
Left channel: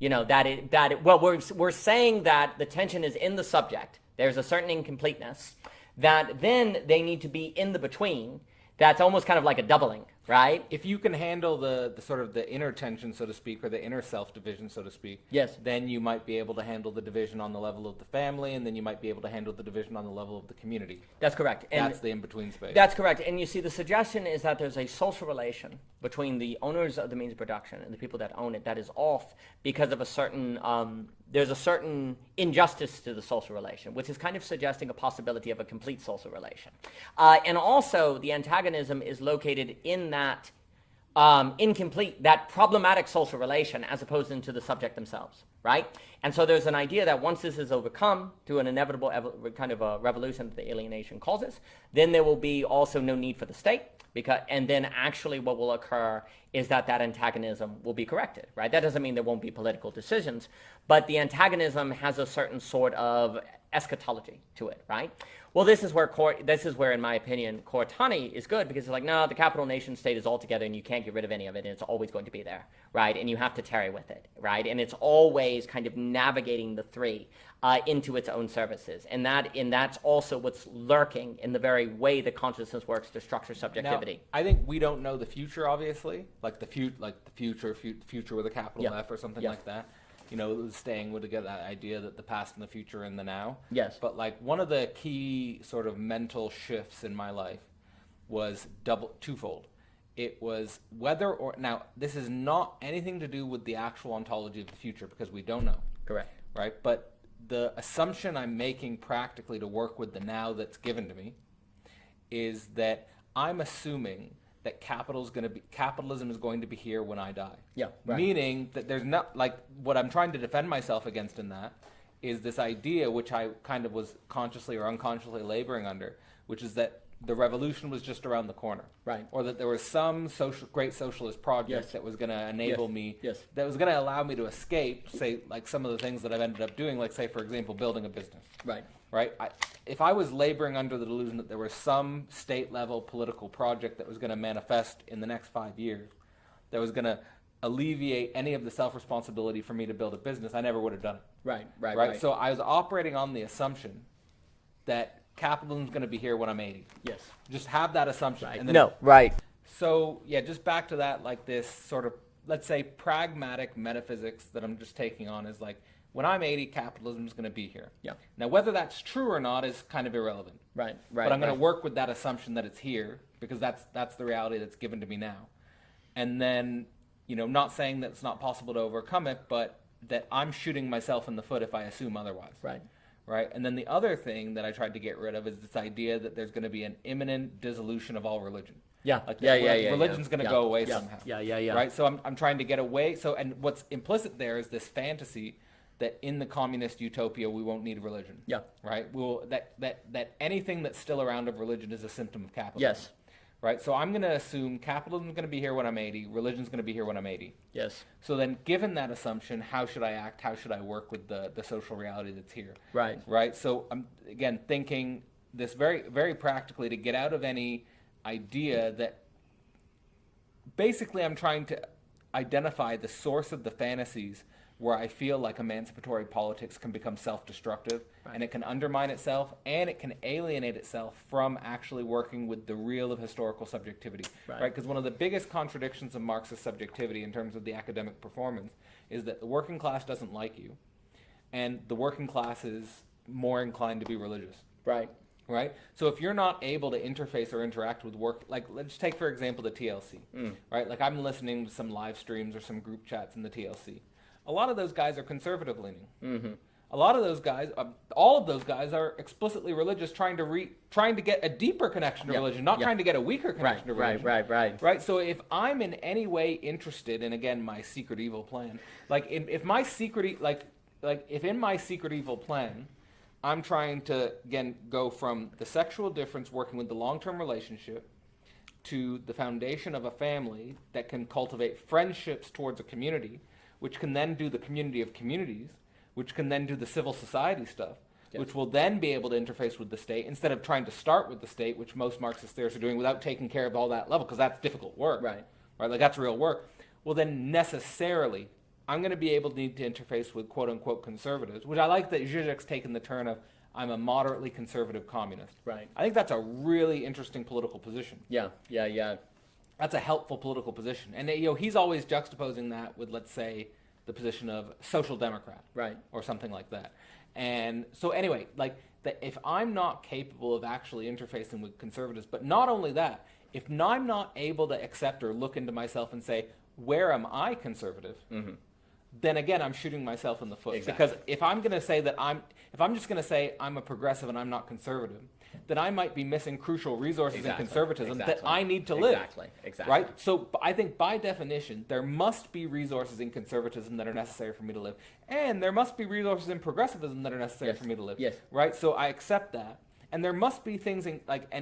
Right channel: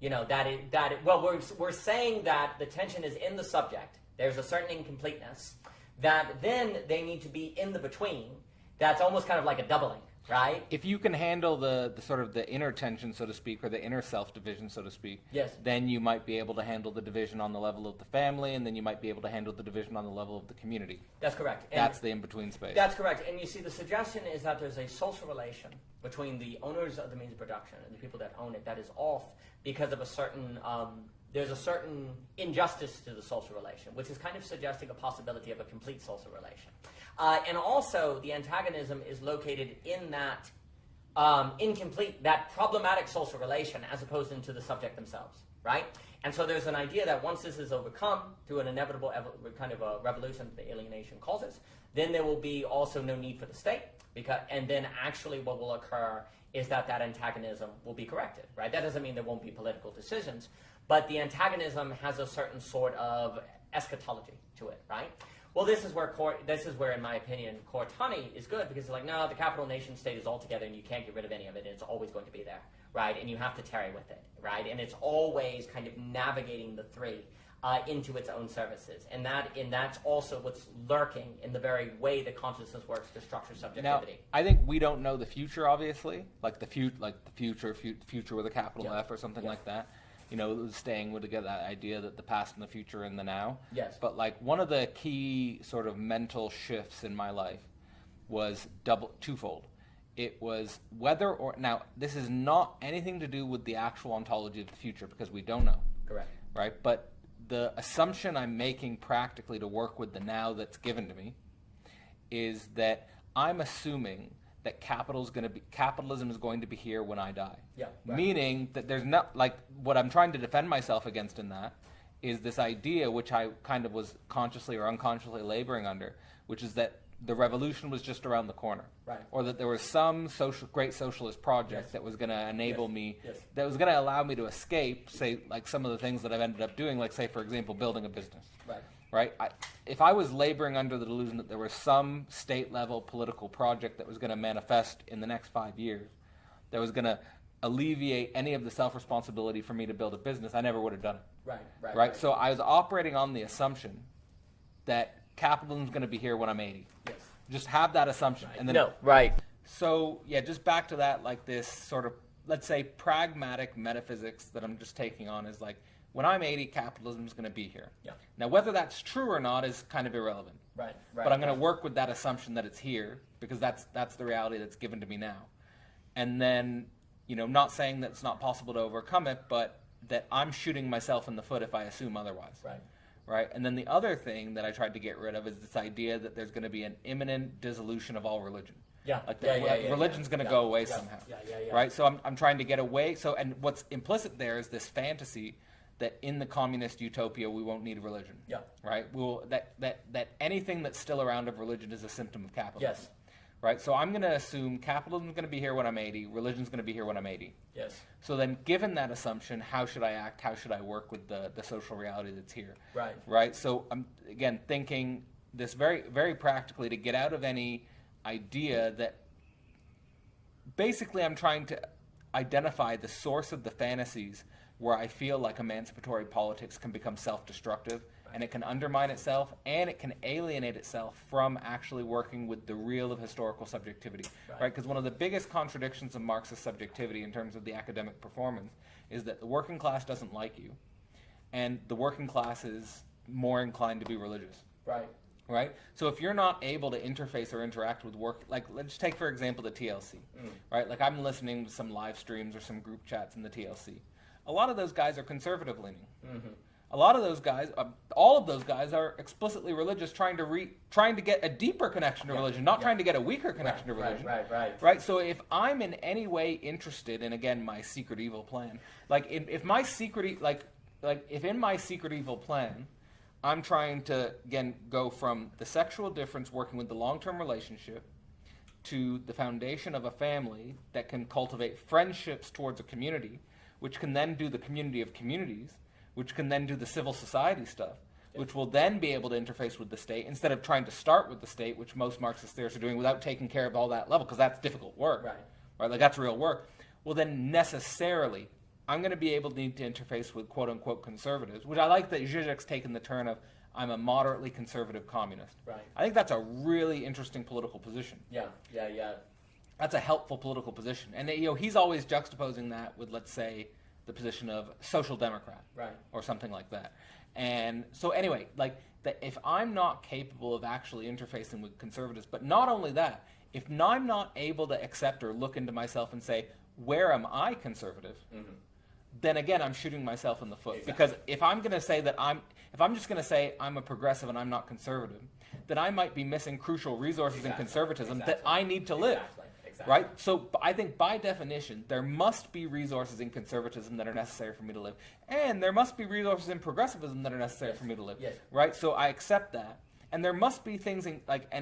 We're saying that the tension is in the subject. There's a certain incompleteness that then they need to be in the between. That's almost kind of like a doubling, right? If you can handle the sort of the inner tension, so to speak, or the inner self-division, so to speak, yes, then you might be able to handle the division on the level of the family, and then you might be able to handle the division on the level of the community. That's correct. And that's the in-between space. That's correct. And you see, the suggestion is that there's a social relation between the owners of the means of production and the people that own it that is off because of a certain there's a certain injustice to the social relation, which is kind of suggesting a possibility of a complete social relation. And also, the antagonism is located in that incomplete, that problematic social relation, as opposed into the subject themselves, right? And so there's an idea that once this is overcome through an inevitable kind of a revolution that the alienation causes, then there will be also no need for the state, and then actually what will occur is that antagonism will be corrected, right? That doesn't mean there won't be political decisions, but the antagonism has a certain sort of eschatology to it, right? Well, this is where, in my opinion, Cortani is good, because it's like, no, the capital nation state is all together and you can't get rid of any of it, and it's always going to be there, right? And you have to tarry with it, right? And it's always kind of navigating the three into its own services. And that's also what's lurking in the very way that consciousness works to structure subjectivity. Now, I think we don't know the future, obviously, like the future with a capital F or something like that. Staying with that idea that the past and the future and the now. Yes. But like one of the key sort of mental shifts in my life was twofold. It was whether or, now this is not anything to do with the actual ontology of the future, because we don't know. Correct. Right? But the assumption I'm making practically to work with the now that's given to me is that I'm assuming that capitalism is going to be here when I die. Yeah. Right. Meaning that there's not, like, what I'm trying to defend myself against in that is this idea, which I kind of was consciously or unconsciously laboring under, which is that the revolution was just around the corner. Right. Or that there was some great socialist project that was going to enable me, that was going to allow me to escape, say, like some of the things that I've ended up doing, like, say, for example, building a business. Right. Right? If I was laboring under the delusion that there was some state-level political project that was going to manifest in the next 5 years, that was going to alleviate any of the self-responsibility for me to build a business, I never would have done it. Right. So I was operating on the assumption that capitalism is going to be here when I'm 80. Yes. Just have that assumption. Right. And then, no, right. So, yeah, just back to that, like this sort of, let's say, pragmatic metaphysics that I'm just taking on is like, when I'm 80, capitalism is going to be here. Yeah. Now, whether that's true or not is kind of irrelevant. Right. But I'm going to work with that assumption that it's here, because that's the reality that's given to me now. And then, not saying that it's not possible to overcome it, but that I'm shooting myself in the foot if I assume otherwise. Right. And then the other thing that I tried to get rid of is this idea that there's going to be an imminent dissolution of all religion. Yeah. Like religion's going to go away somehow. Yeah. Right. So I'm trying to get away. So, and what's implicit there is this fantasy that in the communist utopia we won't need religion. Yeah. Right. That anything that's still around of religion is a symptom of capitalism. Yes. Right. So I'm going to assume capitalism is going to be here when I'm 80. Religion's going to be here when I'm 80. Yes. So then, given that assumption, how should I act? How should I work with the social reality that's here? Right. Right. So I'm again thinking this very, very practically to get out of any idea that basically I'm trying to identify the source of the fantasies where I feel like emancipatory politics can become self-destructive, and it can undermine itself, and it can alienate itself from actually working with the real of historical subjectivity, right? Because one of the biggest contradictions of Marxist subjectivity in terms of the academic performance is that the working class doesn't like you, and the working class is more inclined to be religious. Right? So if you're not able to interface or interact with work, like let's take, for example, the TLC, right? Like I'm listening to some live streams or some group chats in the TLC. A lot of those guys are conservative leaning. Mm-hmm. A lot of those guys, all of those guys are explicitly religious, trying to get a deeper connection to religion, not trying to get a weaker connection to religion. Right. So if I'm in any way interested in, again, my secret evil plan, like if my secret, like if in my secret evil plan, I'm trying to, again, go from the sexual difference working with the long-term relationship to the foundation of a family that can cultivate friendships towards a community, which can then do the community of communities, which can then do the civil society stuff, which will then be able to interface with the state instead of trying to start with the state, which most Marxist theorists are doing without taking care of all that level, because that's difficult work. Right? Like that's real work. Well, then necessarily, I'm going to be able to need to interface with quote-unquote conservatives, which I like that Zizek's taken the turn of, I'm a moderately conservative communist. Right. I think that's a really interesting political position. Yeah. That's a helpful political position. And he's always juxtaposing that with, let's say, the position of social democrat. Right. Or something like that. And so anyway, like if I'm not capable of actually interfacing with conservatives, but not only that, if I'm not able to accept or look into myself and say, where am I conservative? Mm-hmm. Then again, I'm shooting myself in the foot. Exactly. Because if I'm going to say that if I'm just going to say I'm a progressive and I'm not conservative, then I might be missing crucial resources in conservatism that I need to live. Exactly. Right? So I think by definition, there must be resources in conservatism that are necessary for me to live. And there must be resources in progressivism that are necessary for me to live. Yes. Right? So I accept that. And there must be things and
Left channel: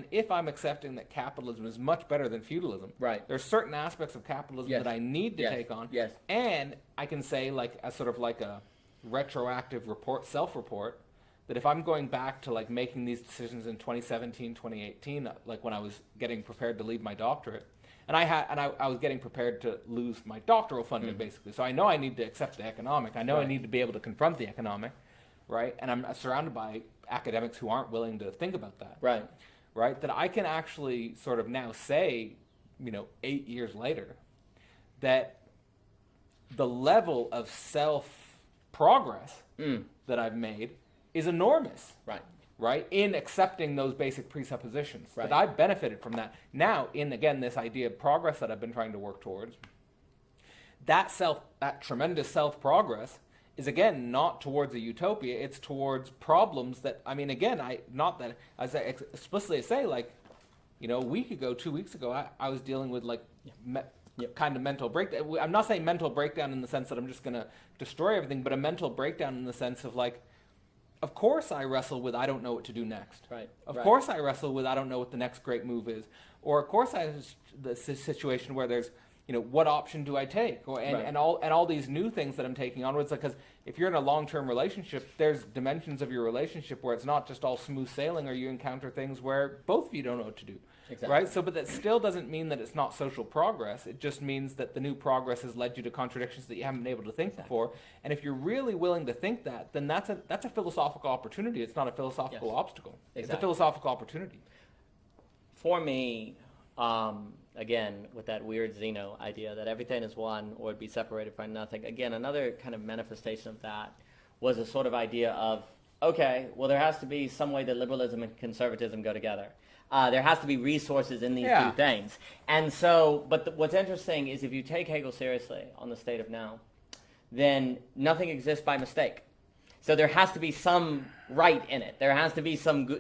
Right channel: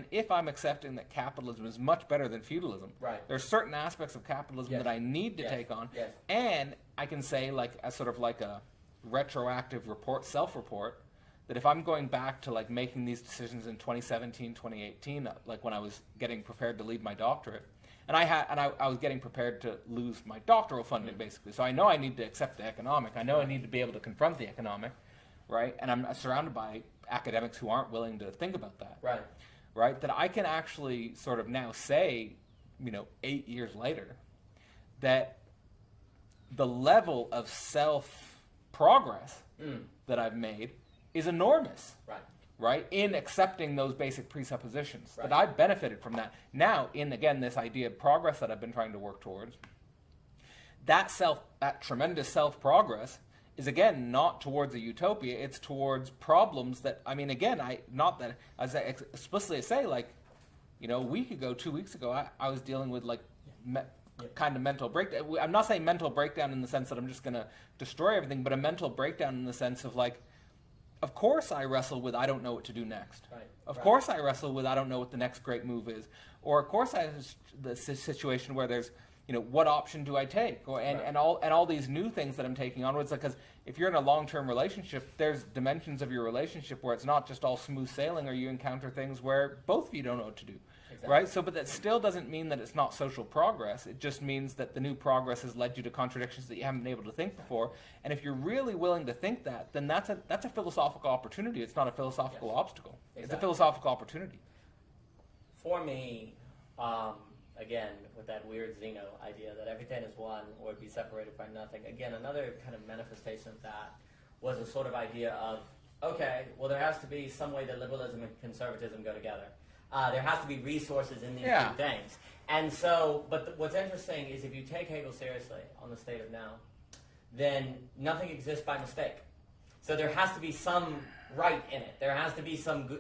if I'm accepting that capitalism is much better than feudalism, right, there's certain aspects of capitalism that I need to take on. Yes. And I can say as sort of like a retroactive self-report, that if I'm going back to like making these decisions in 2017, 2018, like when I was getting prepared to leave my doctorate, and I was getting prepared to lose my doctoral funding basically. So I know I need to accept the economic. I know I need to be able to confront the economic, right? And I'm surrounded by academics who aren't willing to think about that. Right? That I can actually sort of now say, 8 years later, that the level of self-progress that I've made is enormous. Right? In accepting those basic presuppositions. That I've benefited from that. Now, in, again, this idea of progress that I've been trying to work towards, that tremendous self-progress is again not towards a utopia, it's towards problems that, as I explicitly say, like, a week ago, 2 weeks ago, I was dealing with like kind of mental breakdown. I'm not saying mental breakdown in the sense that I'm just going to destroy everything, but a mental breakdown in the sense of like, of course I wrestle with I don't know what to do next. Of course I wrestle with I don't know what the next great move is. Or of course I have the situation where there's, what option do I take? And all these new things that I'm taking on. It's like, because if you're in a long-term relationship, there's dimensions of your relationship where it's not just all smooth sailing, or you encounter things where both of you don't know what to do. Right? So, but that still doesn't mean that it's not social progress. It just means that the new progress has led you to contradictions that you haven't been able to think before. And if you're really willing to think that, then that's a philosophical opportunity. It's not a philosophical obstacle. It's a philosophical opportunity. For me, again, with that weird Zeno idea that everything is one or be separated by nothing, again, another kind of manifestation of that was a sort of idea of, okay, well, there has to be some way that liberalism and conservatism go together. There has to be resources in these two things. And so, what's interesting is if you take Hegel seriously on the state of now, then nothing exists by mistake. So there has to be some right in it. There has to be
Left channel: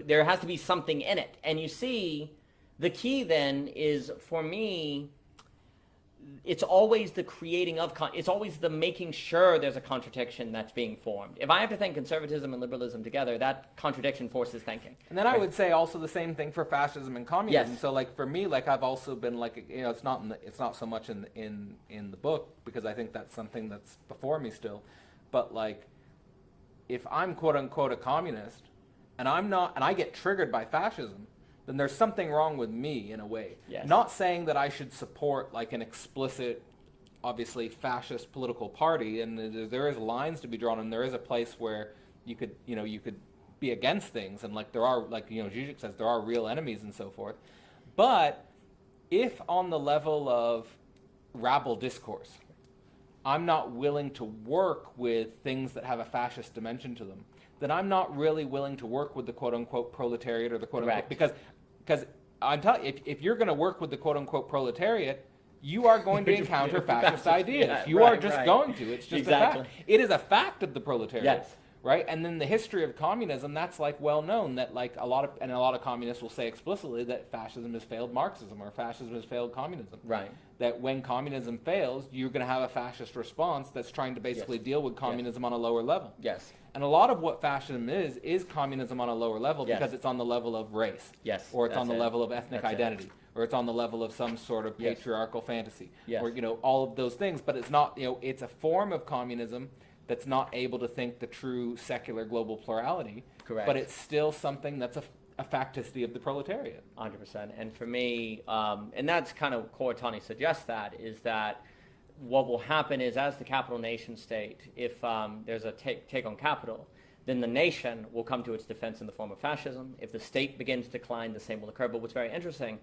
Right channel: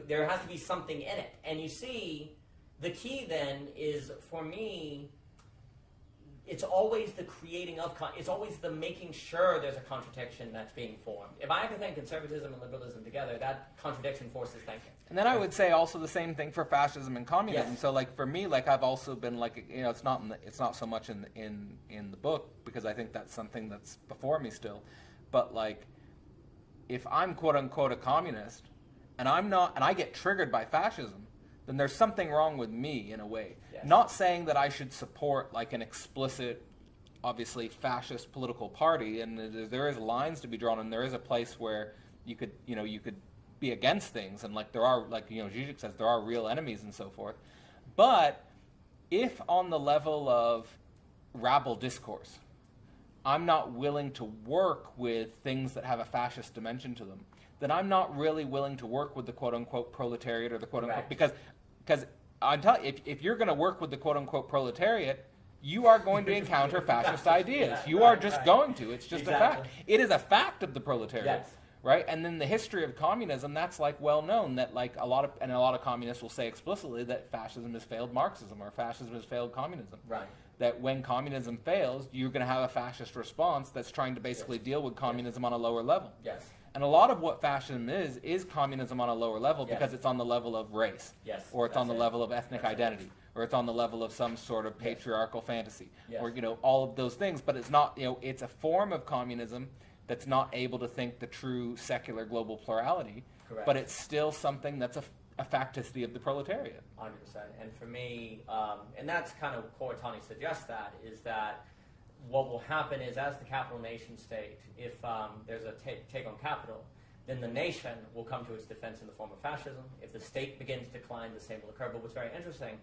there has to be something in it. And you see, the key then is, for me, it's always the creating of, it's always the making sure there's a contradiction that's being formed. If I have to think conservatism and liberalism together, that contradiction forces thinking. And then I would say also the same thing for fascism and communism. So like for me, like I've also been like, it's not so much in the book, because I think that's something that's before me still. But like, if I'm quote unquote a communist and I get triggered by fascism, then there's something wrong with me in a way. Not saying that I should support like an explicit, obviously fascist political party, and there is lines to be drawn, and there is a place where you could be against things, and like there are, like Zizek says, there are real enemies and so forth. But if on the level of rabble discourse, I'm not willing to work with things that have a fascist dimension to them, then I'm not really willing to work with the quote-unquote proletariat or the quote-unquote... Because I'm telling you, if you're going to work with the quote-unquote proletariat, you are going to encounter fascist ideas. You are just going to. It's just a fact. It is a fact of the proletariat. right? And then the history of communism, that's like well known that like a lot of communists will say explicitly that fascism has failed Marxism or fascism has failed communism. Right. That when communism fails, you're going to have a fascist response that's trying to basically deal with communism on a lower level. Yes. And a lot of what fascism is communism on a lower level because it's on the level of race. Yes. Or it's on the level of ethnic identity. Or it's on the level of some sort of patriarchal fantasy. Yes. Or, all of those things. But it's not, it's a form of communism that's not able to think the true secular global plurality. Correct. But it's still something that's a facticity of the proletariat. 100%. And for me, and that's kind of Koratani suggests that, is that what will happen is as the capital nation state, if there's a take on capital, then the nation will come to its defense in the form of fascism. If the state begins to decline, the same will occur. But what's very interesting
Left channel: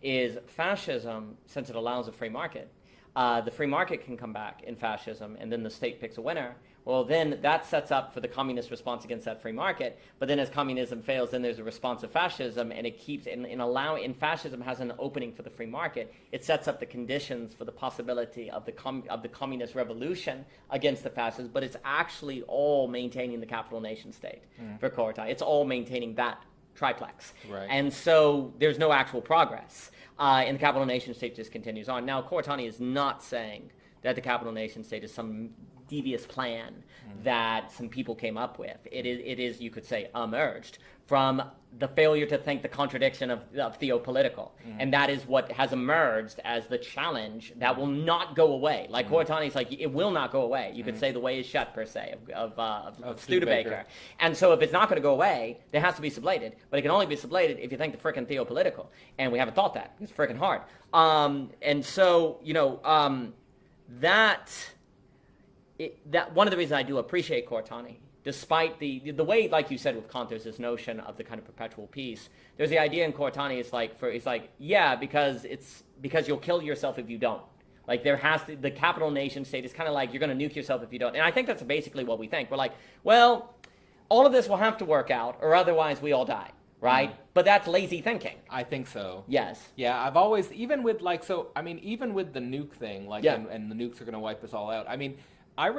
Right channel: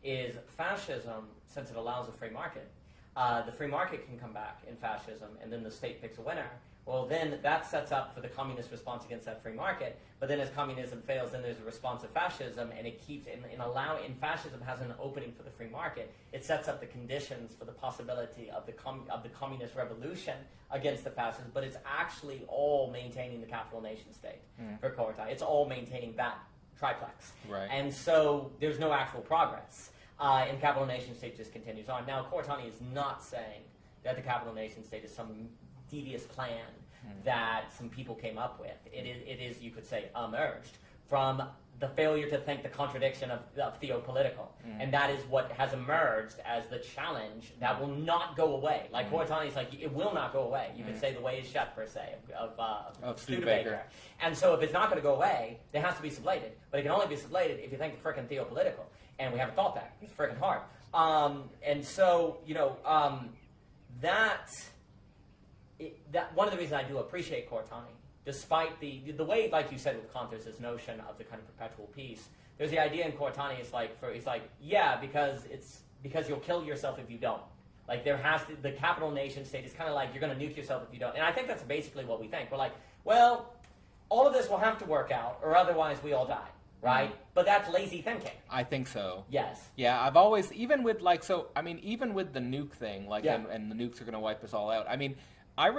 is fascism, since it allows a free market, the free market can come back in fascism, and then the state picks a winner. Well, then that sets up for the communist response against that free market. But then as communism fails, then there's a response of fascism, and it keeps, in fascism has an opening for the free market. It sets up the conditions for the possibility of the communist revolution against the fascists, but it's actually all maintaining the capital nation state for Koratani. It's all maintaining that triplex. Right. And so there's no actual progress. And the capital nation state just continues on. Now, Koratani is not saying that the capital nation state is some devious plan that some people came up with. It is, you could say, emerged from the failure to think the contradiction of theopolitical. And that is what has emerged as the challenge that will not go away. Like Koratani's like, it will not go away. You could say the way is shut, per se, of Studebaker. And so if it's not going to go away, it has to be sublated. But it can only be sublated if you think the frickin' theopolitical. And we haven't thought that. It's frickin' hard. And so, that one of the reasons I do appreciate Koratani, despite the way, like you said with Kant, there's this notion of the kind of perpetual peace. There's the idea in Koratani, because you'll kill yourself if you don't. Like the capital nation state is kind of like you're going to nuke yourself if you don't. And I think that's basically what we think. We're like, well, all of this will have to work out, or otherwise we all die. Right? But that's lazy thinking. I think so. Yes. Yeah, I've always, even with the nuke thing, and the nukes are going to wipe us all out. I mean, I've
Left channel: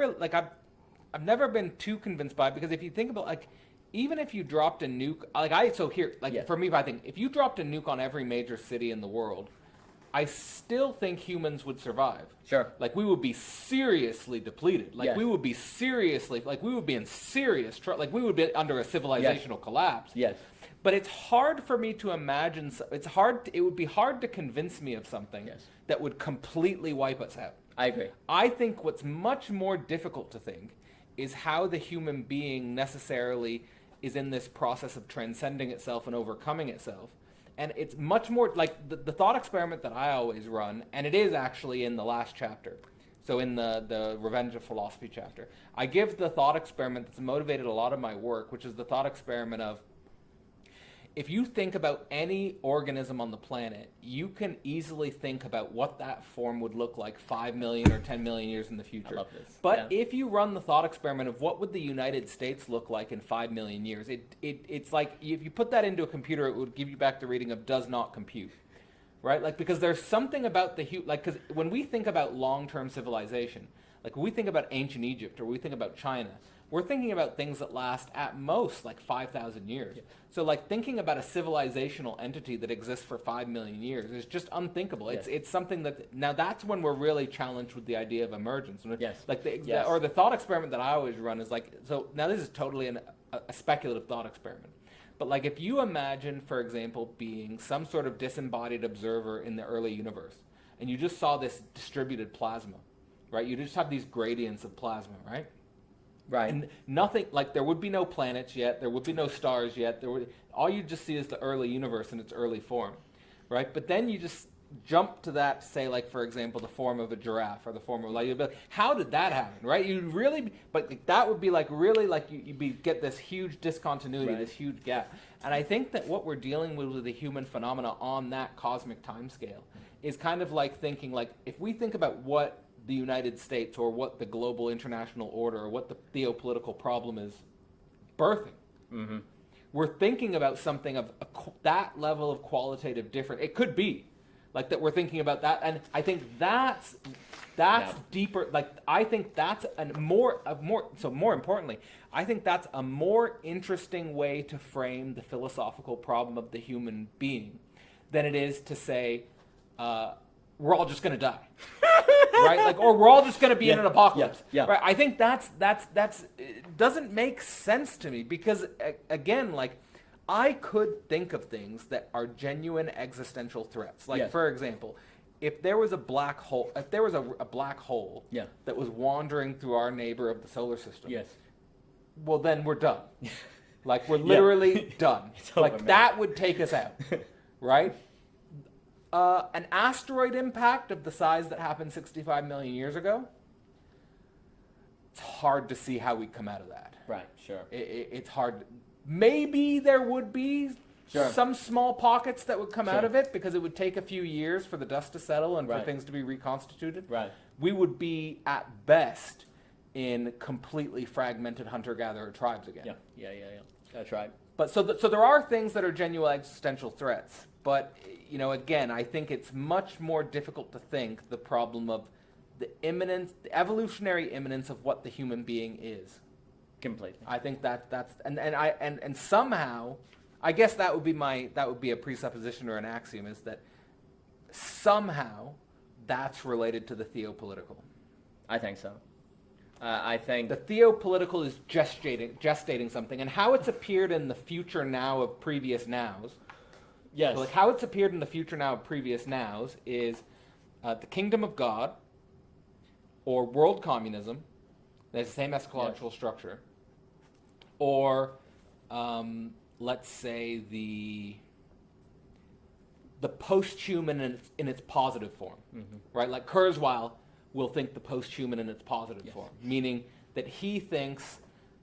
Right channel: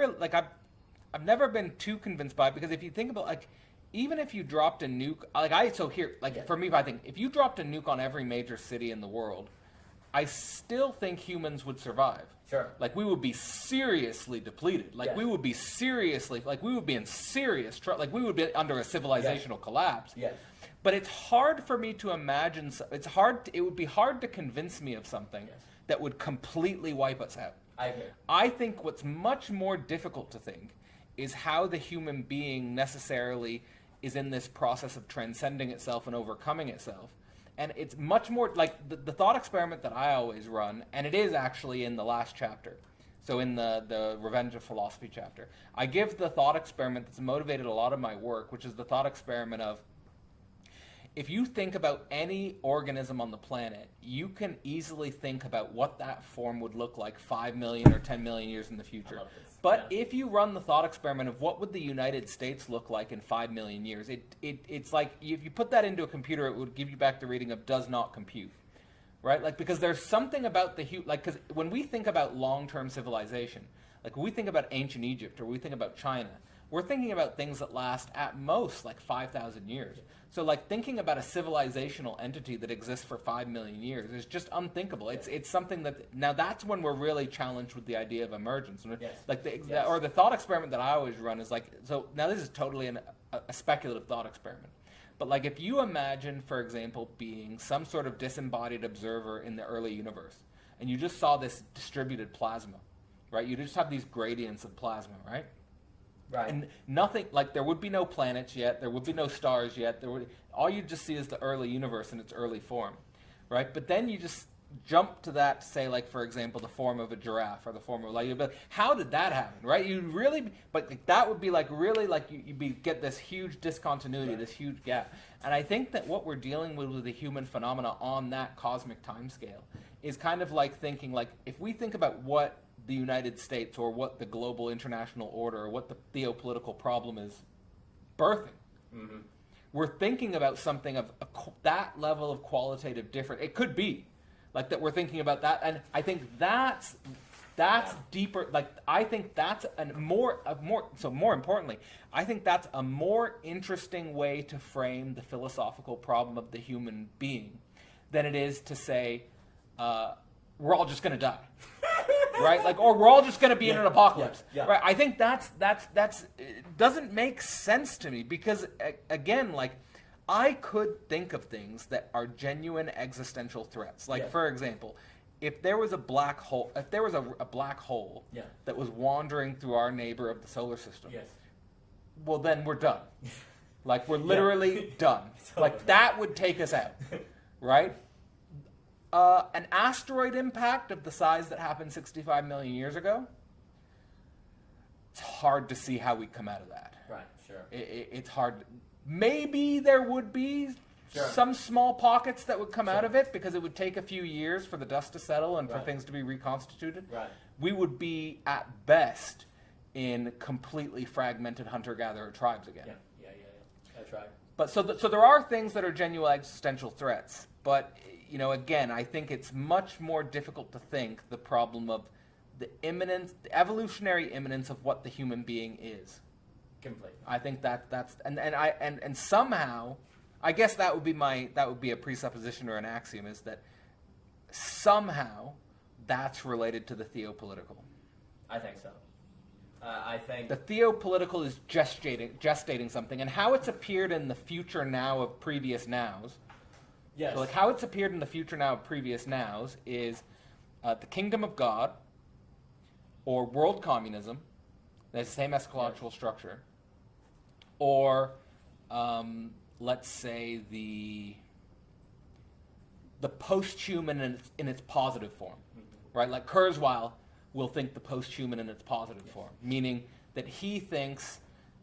never been too convinced by it, because if you think about, even if you dropped a nuke, for me, I think if you dropped a nuke on every major city in the world, I still think humans would survive. Sure. We would be seriously depleted. We would be seriously, we would be in serious trouble. We would be under a civilizational collapse. Yes. But it's hard for me to imagine. It would be hard to convince me of something that would completely wipe us out. I agree. I think what's much more difficult to think is how the human being necessarily is in this process of transcending itself and overcoming itself. And it's much more like the thought experiment that I always run, and it is actually in the last chapter. So in the Revenge of Philosophy chapter, I give the thought experiment that's motivated a lot of my work, which is the thought experiment of, if you think about any organism on the planet, you can easily think about what that form would look like 5 million or 10 million years in the future. I love this. But if you run the thought experiment of what would the United States look like in 5 million years, it's like if you put that into a computer, it would give you back the reading of does not compute. Right? Because there's something about because when we think about long-term civilization, when we think about ancient Egypt or we think about China, we're thinking about things that last at most 5,000 years. Yeah. So thinking about a civilizational entity that exists for 5 million years is just unthinkable. Yes. It's something that, now that's when we're really challenged with the idea of emergence. Yes. Or the thought experiment that I always run is so now this is totally a speculative thought experiment. But if you imagine, for example, being some sort of disembodied observer in the early universe, and you just saw this distributed plasma, right? You just have these gradients of plasma, right? Right. And nothing, there would be no planets yet, there would be no stars yet, all you just see is the early universe in its early form, right? But then you just jump to that, say, for example, the form of a giraffe or the form of you'd be like, how did that happen, right? That would be you get this huge discontinuity, this huge gap. And I think that what we're dealing with the human phenomena on that cosmic timescale is kind of thinking, if we think about what the United States or what the global international order or what the theopolitical problem is birthing. Mm-hmm. We're thinking about something of that level of qualitative difference. It could be that we're thinking about that, and I think that's That's Yeah. deeper. Like, I think that's more importantly, I think that's a more interesting way to frame the philosophical problem of the human being than it is to say, we're all just going to die. Right? Like, or we're all just going to be in an apocalypse. Yeah. Right? I think that's it doesn't make sense to me because, again, like, I could think of things that are genuine existential threats. Like, Yes. for example, if there was a black hole, Yeah. that was wandering through our neighbor of the solar system, Yes. well, then we're done. Like, we're literally done. It's over, Like, man. that would take us out, right? An asteroid impact of the size that happened 65 million years ago, it's hard to see how we come out of that. Right. Sure. It's hard. Maybe there would be Sure. some small pockets that would come out Sure. of it because it would take a few years for the dust to settle and for Right. things to be reconstituted. Right. We would be, at best, in completely fragmented hunter-gatherer tribes again. Yeah. That's right. But so there are things that are genuine existential threats. But, you know, again, I think it's much more difficult to think the problem of the evolutionary imminence of what the human being is. Completely. I think that's and somehow, I guess that would be a presupposition or an axiom, is that somehow that's related to the theopolitical. I think so. I think The theopolitical is gestating something, and how it's appeared in the future now of previous nows. yes. So, like, how it's appeared in the future now of previous nows is the kingdom of God, or world communism. That's the same eschatological structure. Or, let's say the post-human in its positive form, right? Like Kurzweil will think the post-human in its positive form, meaning that he thinks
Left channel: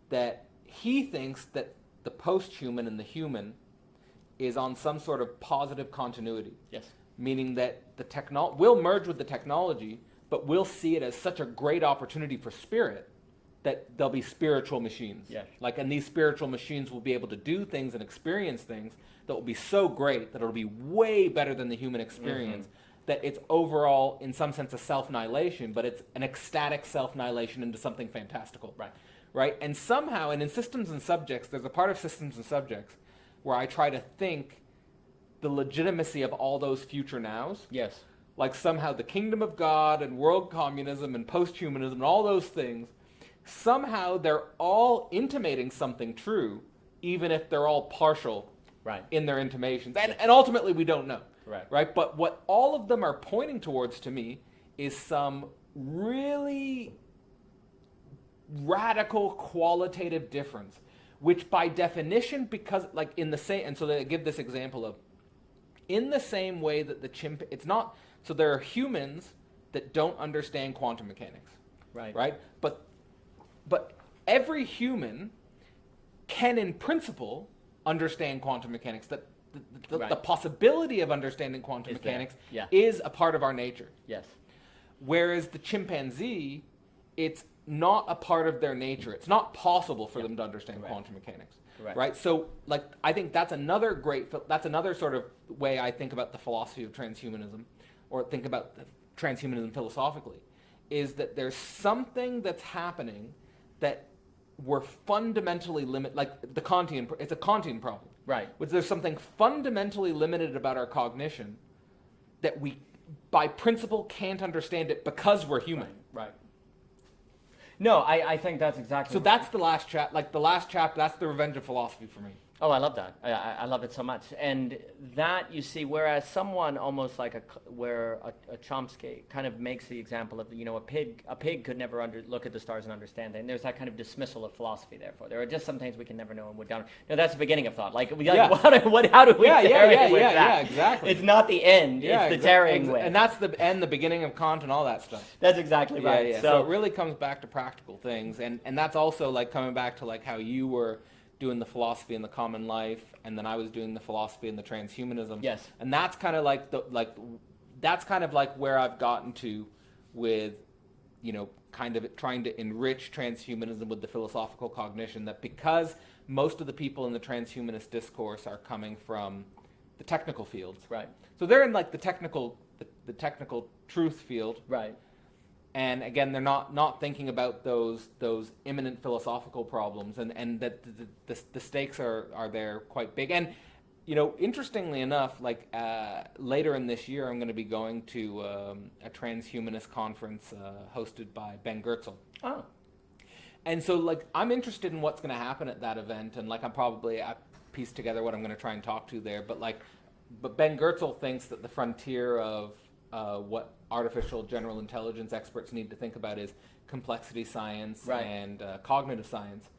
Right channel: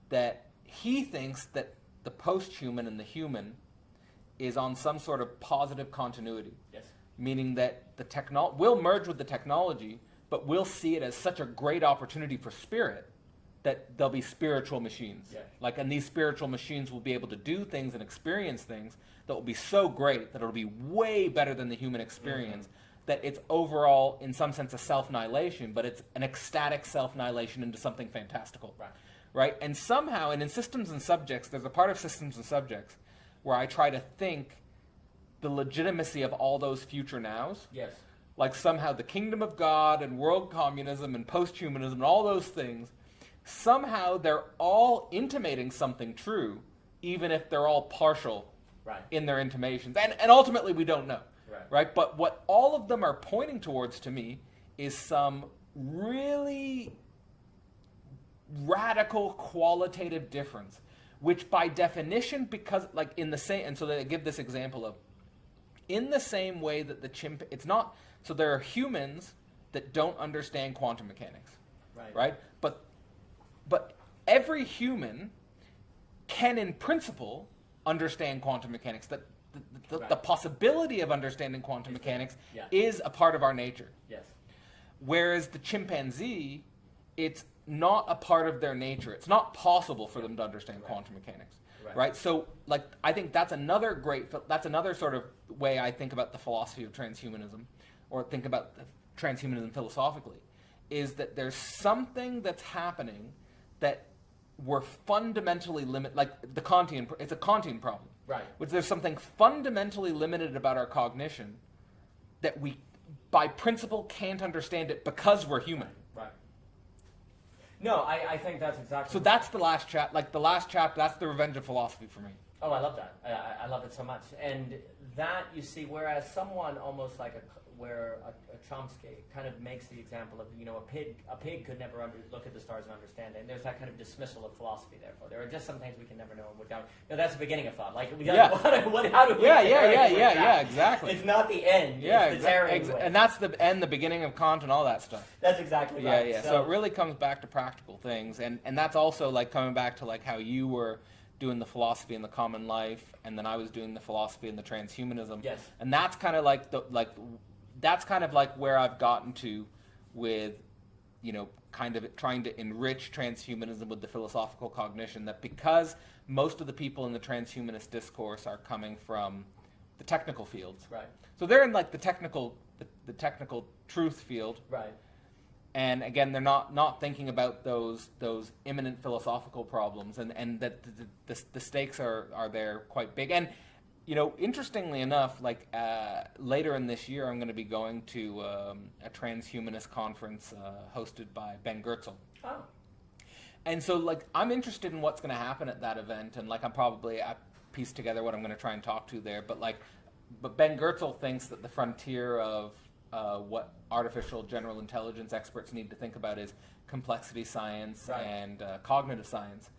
that the post-human and the human is on some sort of positive continuity. Yes. Meaning that we'll merge with the technology, but we'll see it as such a great opportunity for spirit that there'll be spiritual machines. Yeah. Like, and these spiritual machines will be able to do things and experience things that will be so great that it'll be way better than the human experience. That it's overall, in some sense, a self-annihilation, but it's an ecstatic self-annihilation into something fantastical. Right. Right? And somehow, and in Systems and Subjects, there's a part of Systems and Subjects where I try to think the legitimacy of all those future nows. Yes. Like, somehow the kingdom of God and world communism and post-humanism and all those things, somehow they're all intimating something true, even if they're all partial Right. in their intimations. And ultimately, we don't know. Right. But what all of them are pointing towards, to me, is some really radical qualitative difference, which by definition, because, like, in the same, and so they give this example of, in the same way that the it's not, so there are humans that don't understand quantum mechanics, right? But every human can, in principle, understand quantum mechanics. That the possibility of understanding quantum mechanics is a part of our nature. Yes. Whereas the chimpanzee, it's not a part of their nature. It's not possible for them to understand quantum mechanics. Right? So, like, I think that's another sort of way I think about the philosophy of transhumanism, or think about transhumanism philosophically, is that there's something that's happening that we're fundamentally like the Kantian, it's a Kantian problem. Right. Which there's something fundamentally limited about our cognition that we, by principle, can't understand it because we're human. Right. No, I think that's exactly. So that's the last chapter. Like, the last chapter, that's the revenge of philosophy for me. Oh, I love that. I love it so much. And that, you see, whereas someone almost like where a Chomsky kind of makes the example of, you know, a pig could never look at the stars and understand it. And there's that kind of dismissal of philosophy, therefore. There are just some things we can never know and we're down. You know, that's the beginning of thought. Like, how do we Yeah, exactly. It's not the end, it's the tearing away. And that's the end, the beginning of Kant and all that stuff. That's exactly right. Yeah. So it really comes back to practical things. And that's also, like, coming back to, like, how you were doing the philosophy in the common life, and then I was doing the philosophy in the transhumanism. Yes. And that's kind of like where I've gotten to with, you know, kind of trying to enrich transhumanism with the philosophical cognition, that because most of the people in the transhumanist discourse are coming from the technical fields. Right. So they're in, like, the technical truth field. Right. And again, they're not thinking about those imminent philosophical problems, and that the stakes are there quite big. And interestingly enough, like later in this year, I'm going to be going to a transhumanist conference hosted by Ben Goertzel. Oh. And so, like, I'm interested in what's going to happen at that event, and like, I piece together what I'm going to try and talk to there. But Ben Goertzel thinks that the frontier of what artificial general intelligence experts need to think about is complexity science Right. and cognitive science.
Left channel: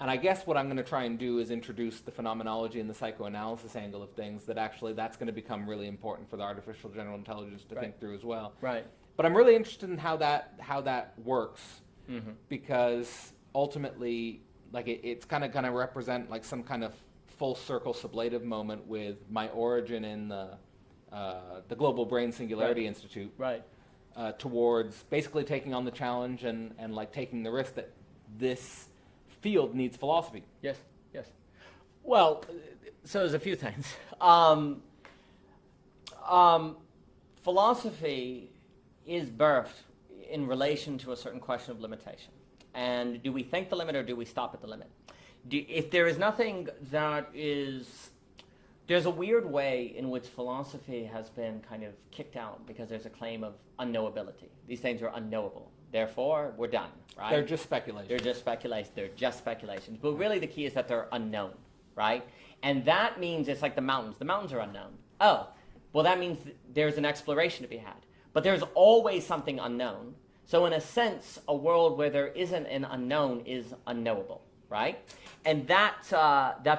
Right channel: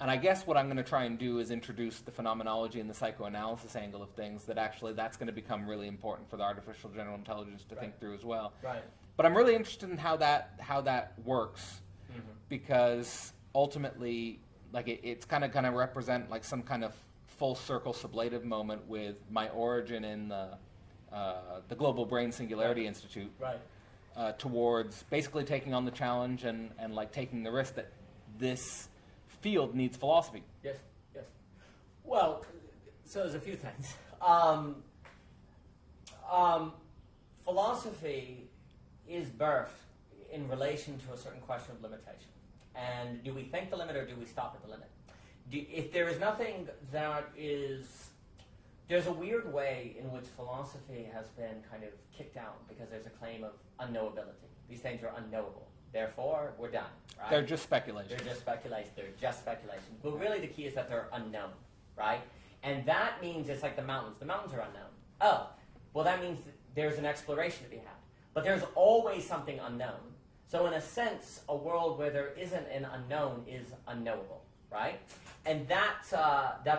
And I guess what I'm going to try and do is introduce the phenomenology and the psychoanalysis angle of things, that's going to become really important for the artificial general intelligence to Right. think through as well. Right. But I'm really interested in how that works, Mm-hmm. because ultimately, like, it's kind of going to represent like some kind of full circle sublative moment with my origin in the Global Brain Singularity Right. Institute, Right. towards basically taking on the challenge and like taking the risk that this field needs philosophy. Yes. Yes. Well, so there's a few things. Philosophy is birthed in relation to a certain question of limitation. And do we think the limit, or do we stop at the limit? If there is nothing that is... There's a weird way in which philosophy has been kind of kicked out because there's a claim of unknowability. These things are unknowable. Therefore, we're done, right? They're just speculation. They're just speculations. But really the key is that they're unknown, right? And that means it's like the mountains. The mountains are unknown. Oh, well, that means there's an exploration to be had. But there's always something unknown. So in a sense, a world where there isn't an unknown is unknowable, right? And that's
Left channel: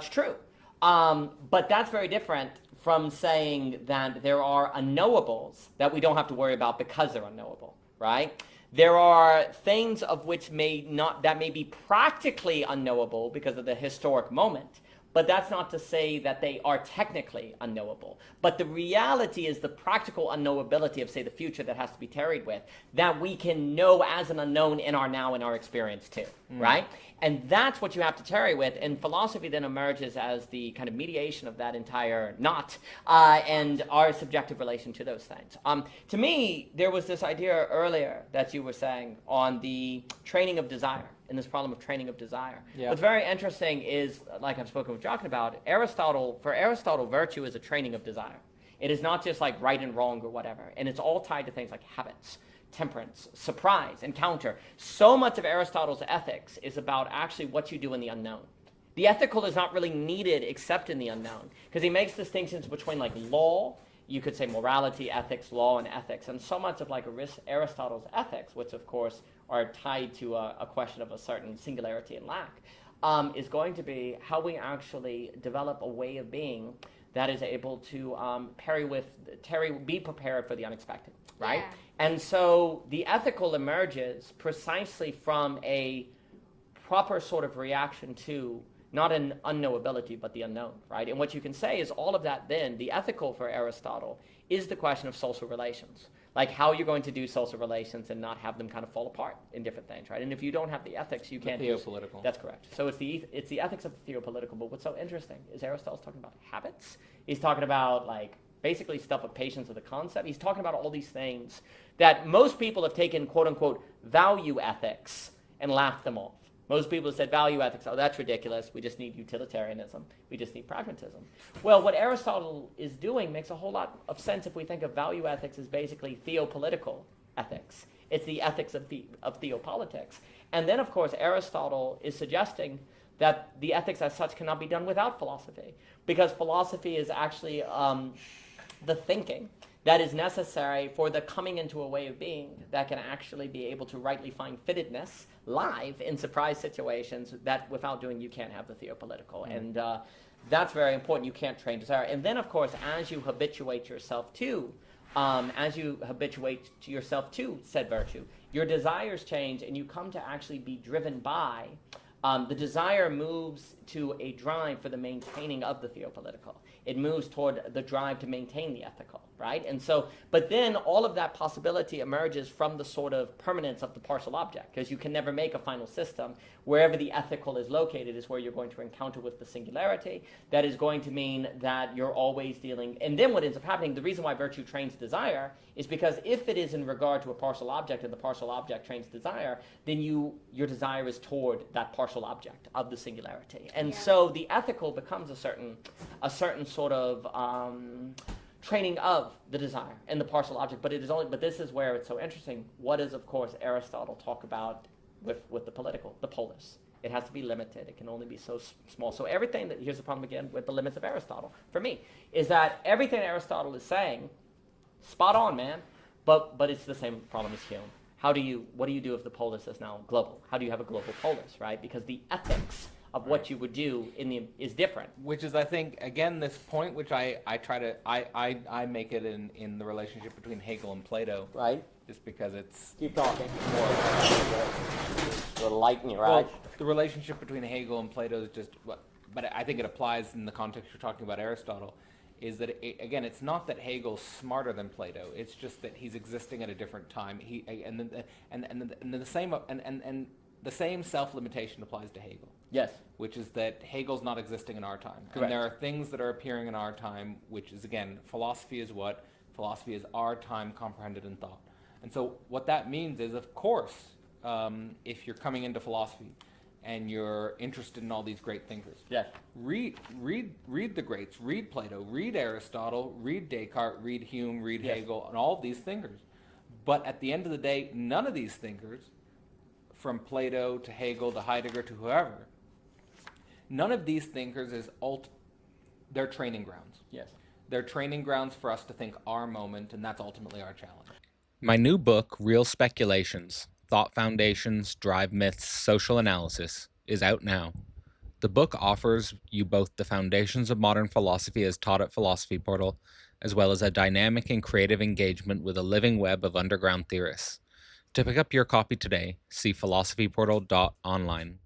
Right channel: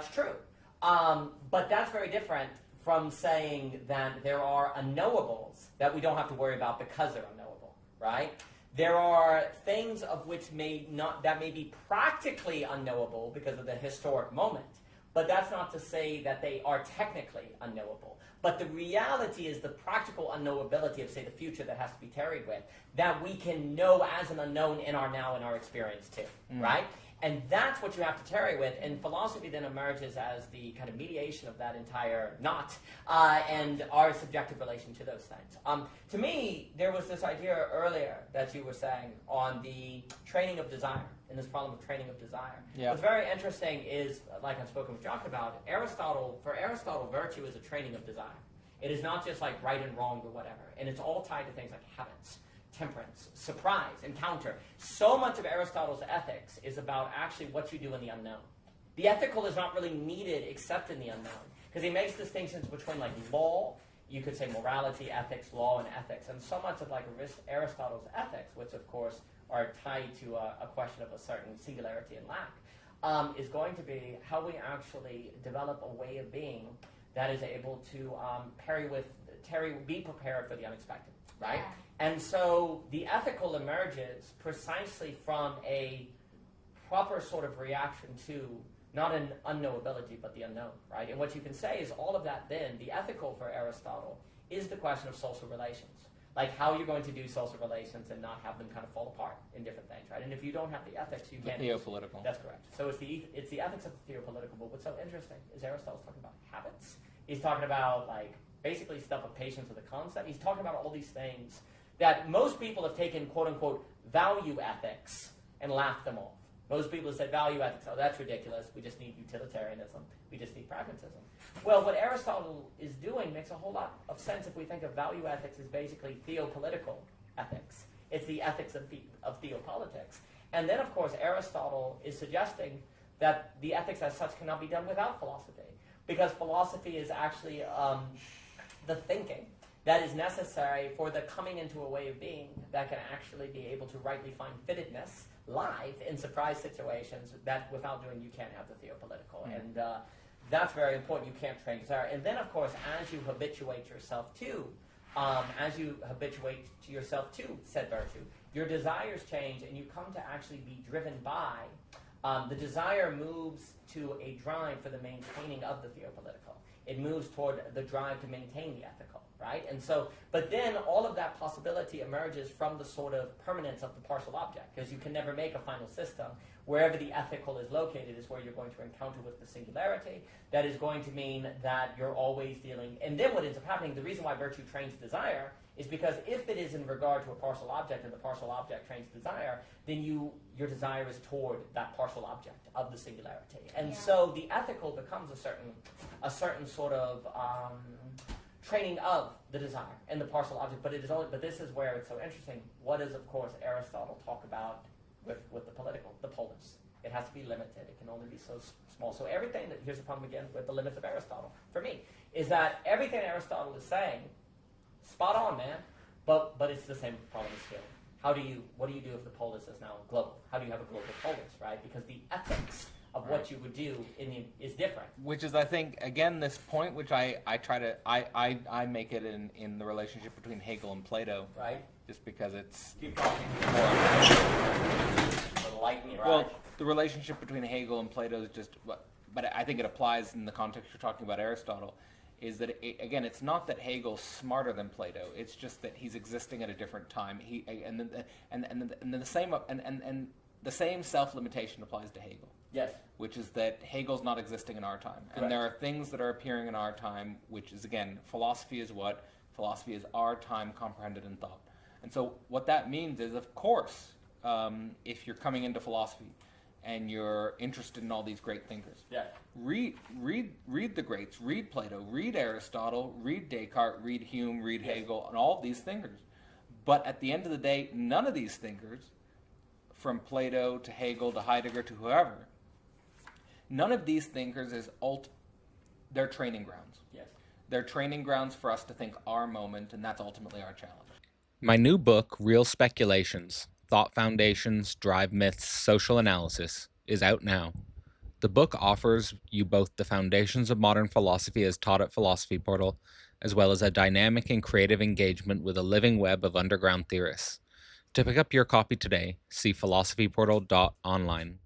true. But that's very different from saying that there are unknowables that we don't have to worry about because they're unknowable, right? There are things of which may be practically unknowable because of the historic moment, but that's not to say that they are technically unknowable. But the reality is the practical unknowability of, say, the future that has to be tarried with, that we can know as an unknown in our now, in our experience too, right? And that's what you have to tarry with, and philosophy then emerges as the kind of mediation of that entire knot, and our subjective relation to those things. To me, there was this idea earlier that you were saying on the training of desire, in this problem of training of desire. Yeah. What's very interesting is, like I've spoken with Jochen about, for Aristotle, virtue is a training of desire. It is not just like right and wrong or whatever, and it's all tied to things like habits, temperance, surprise, encounter. So much of Aristotle's ethics is about actually what you do in the unknown. The ethical is not really needed except in the unknown, because he makes distinctions between like law, you could say morality, ethics, law, and ethics, and so much of like Aristotle's ethics, which of course are tied to a question of a certain singularity and lack, is going to be how we actually develop a way of being that is able to be prepared for the unexpected, right? Yeah. And so the ethical emerges precisely from a proper sort of reaction to not an unknowability, but the unknown, right? And what you can say is all of that then, the ethical for Aristotle is the question of social relations. Like how you're going to do social relations and not have them kind of fall apart in different things, right? And if you don't have the ethics, you can't... Theopolitical. That's correct. So it's the ethics of the theopolitical, but what's so interesting is Aristotle's talking about habits. He's talking about like basically stuff of patience of the concept. He's talking about all these things that most people have taken quote-unquote value ethics and laughed them off. Most people have said value ethics, oh, that's ridiculous. We just need utilitarianism. We just need pragmatism. Well, what Aristotle is doing makes a whole lot of sense if we think of value ethics as basically theopolitical ethics. It's the ethics of theopolitics. And then, of course, Aristotle is suggesting that the ethics as such cannot be done without philosophy, because philosophy is actually the thinking that is necessary for the coming into a way of being that can actually be able to rightly find fittedness live in surprise situations that without doing you can't have the theopolitical. And that's very important. You can't train desire. And then, of course, as you habituate yourself to said virtue, your desires change and you come to actually be driven by, the desire moves to a drive for the maintaining of the theopolitical. It moves toward the drive to maintain the ethical, right? And so, but then all of that possibility emerges from the sort of permanence of the partial object, because you can never make a final system. Wherever the ethical is located is where you're going to encounter with the singularity. That is going to mean that you're always dealing, and then what ends up happening, the reason why virtue trains desire is because if it is in regard to a partial object and the partial object trains desire, then your desire is toward that partial object of the singularity. And so the ethical becomes a certain sort of training of the desire and the partial object, but this is where it's so interesting. What does, of course, Aristotle talk about with the political, the polis? It has to be limited. It can only be so small. So everything here's the problem again with the limits of Aristotle, for me, is that everything Aristotle is saying, spot on, man, but it's the same problem as Hume. What do you do if the polis is now global? How do you have a global polis, right? Because the ethics of what you would do is different. Which is, I think, again, this point which I make it in the relationship between Hegel and Plato. Right. Just because it's Keep talking. more. A little light in your Well, eyes. the relationship between Hegel and Plato is just what, but I think it applies in the context you're talking about Aristotle, is that again, it's not that Hegel's smarter than Plato. It's just that he's existing at a different time. The same self-limitation applies to Hegel. Yes. Which is that Hegel's not existing in our time. Correct. And there are things that are appearing in our time, which is, again, philosophy is what? Philosophy is our time comprehended in thought. And so what that means is, of course, if you're coming into philosophy and you're interested in all these great thinkers, Yes. read the greats, read Plato, read Aristotle, read Descartes, read Hume, read Hegel, and all these thinkers. But at the end of the day, none of these thinkers, from Plato to Hegel to Heidegger to whoever, none of these thinkers is they're training grounds. Yes. They're training grounds for us to think our moment, and that's ultimately our challenge. My new book, Real Speculations, Thought Foundations, Drive Myths, Social Analysis, is out now. The book offers you both the foundations of modern philosophy as taught at Philosophy Portal, as well as a dynamic and creative engagement with a living web of underground theorists. To pick up your copy today, see philosophyportal.online.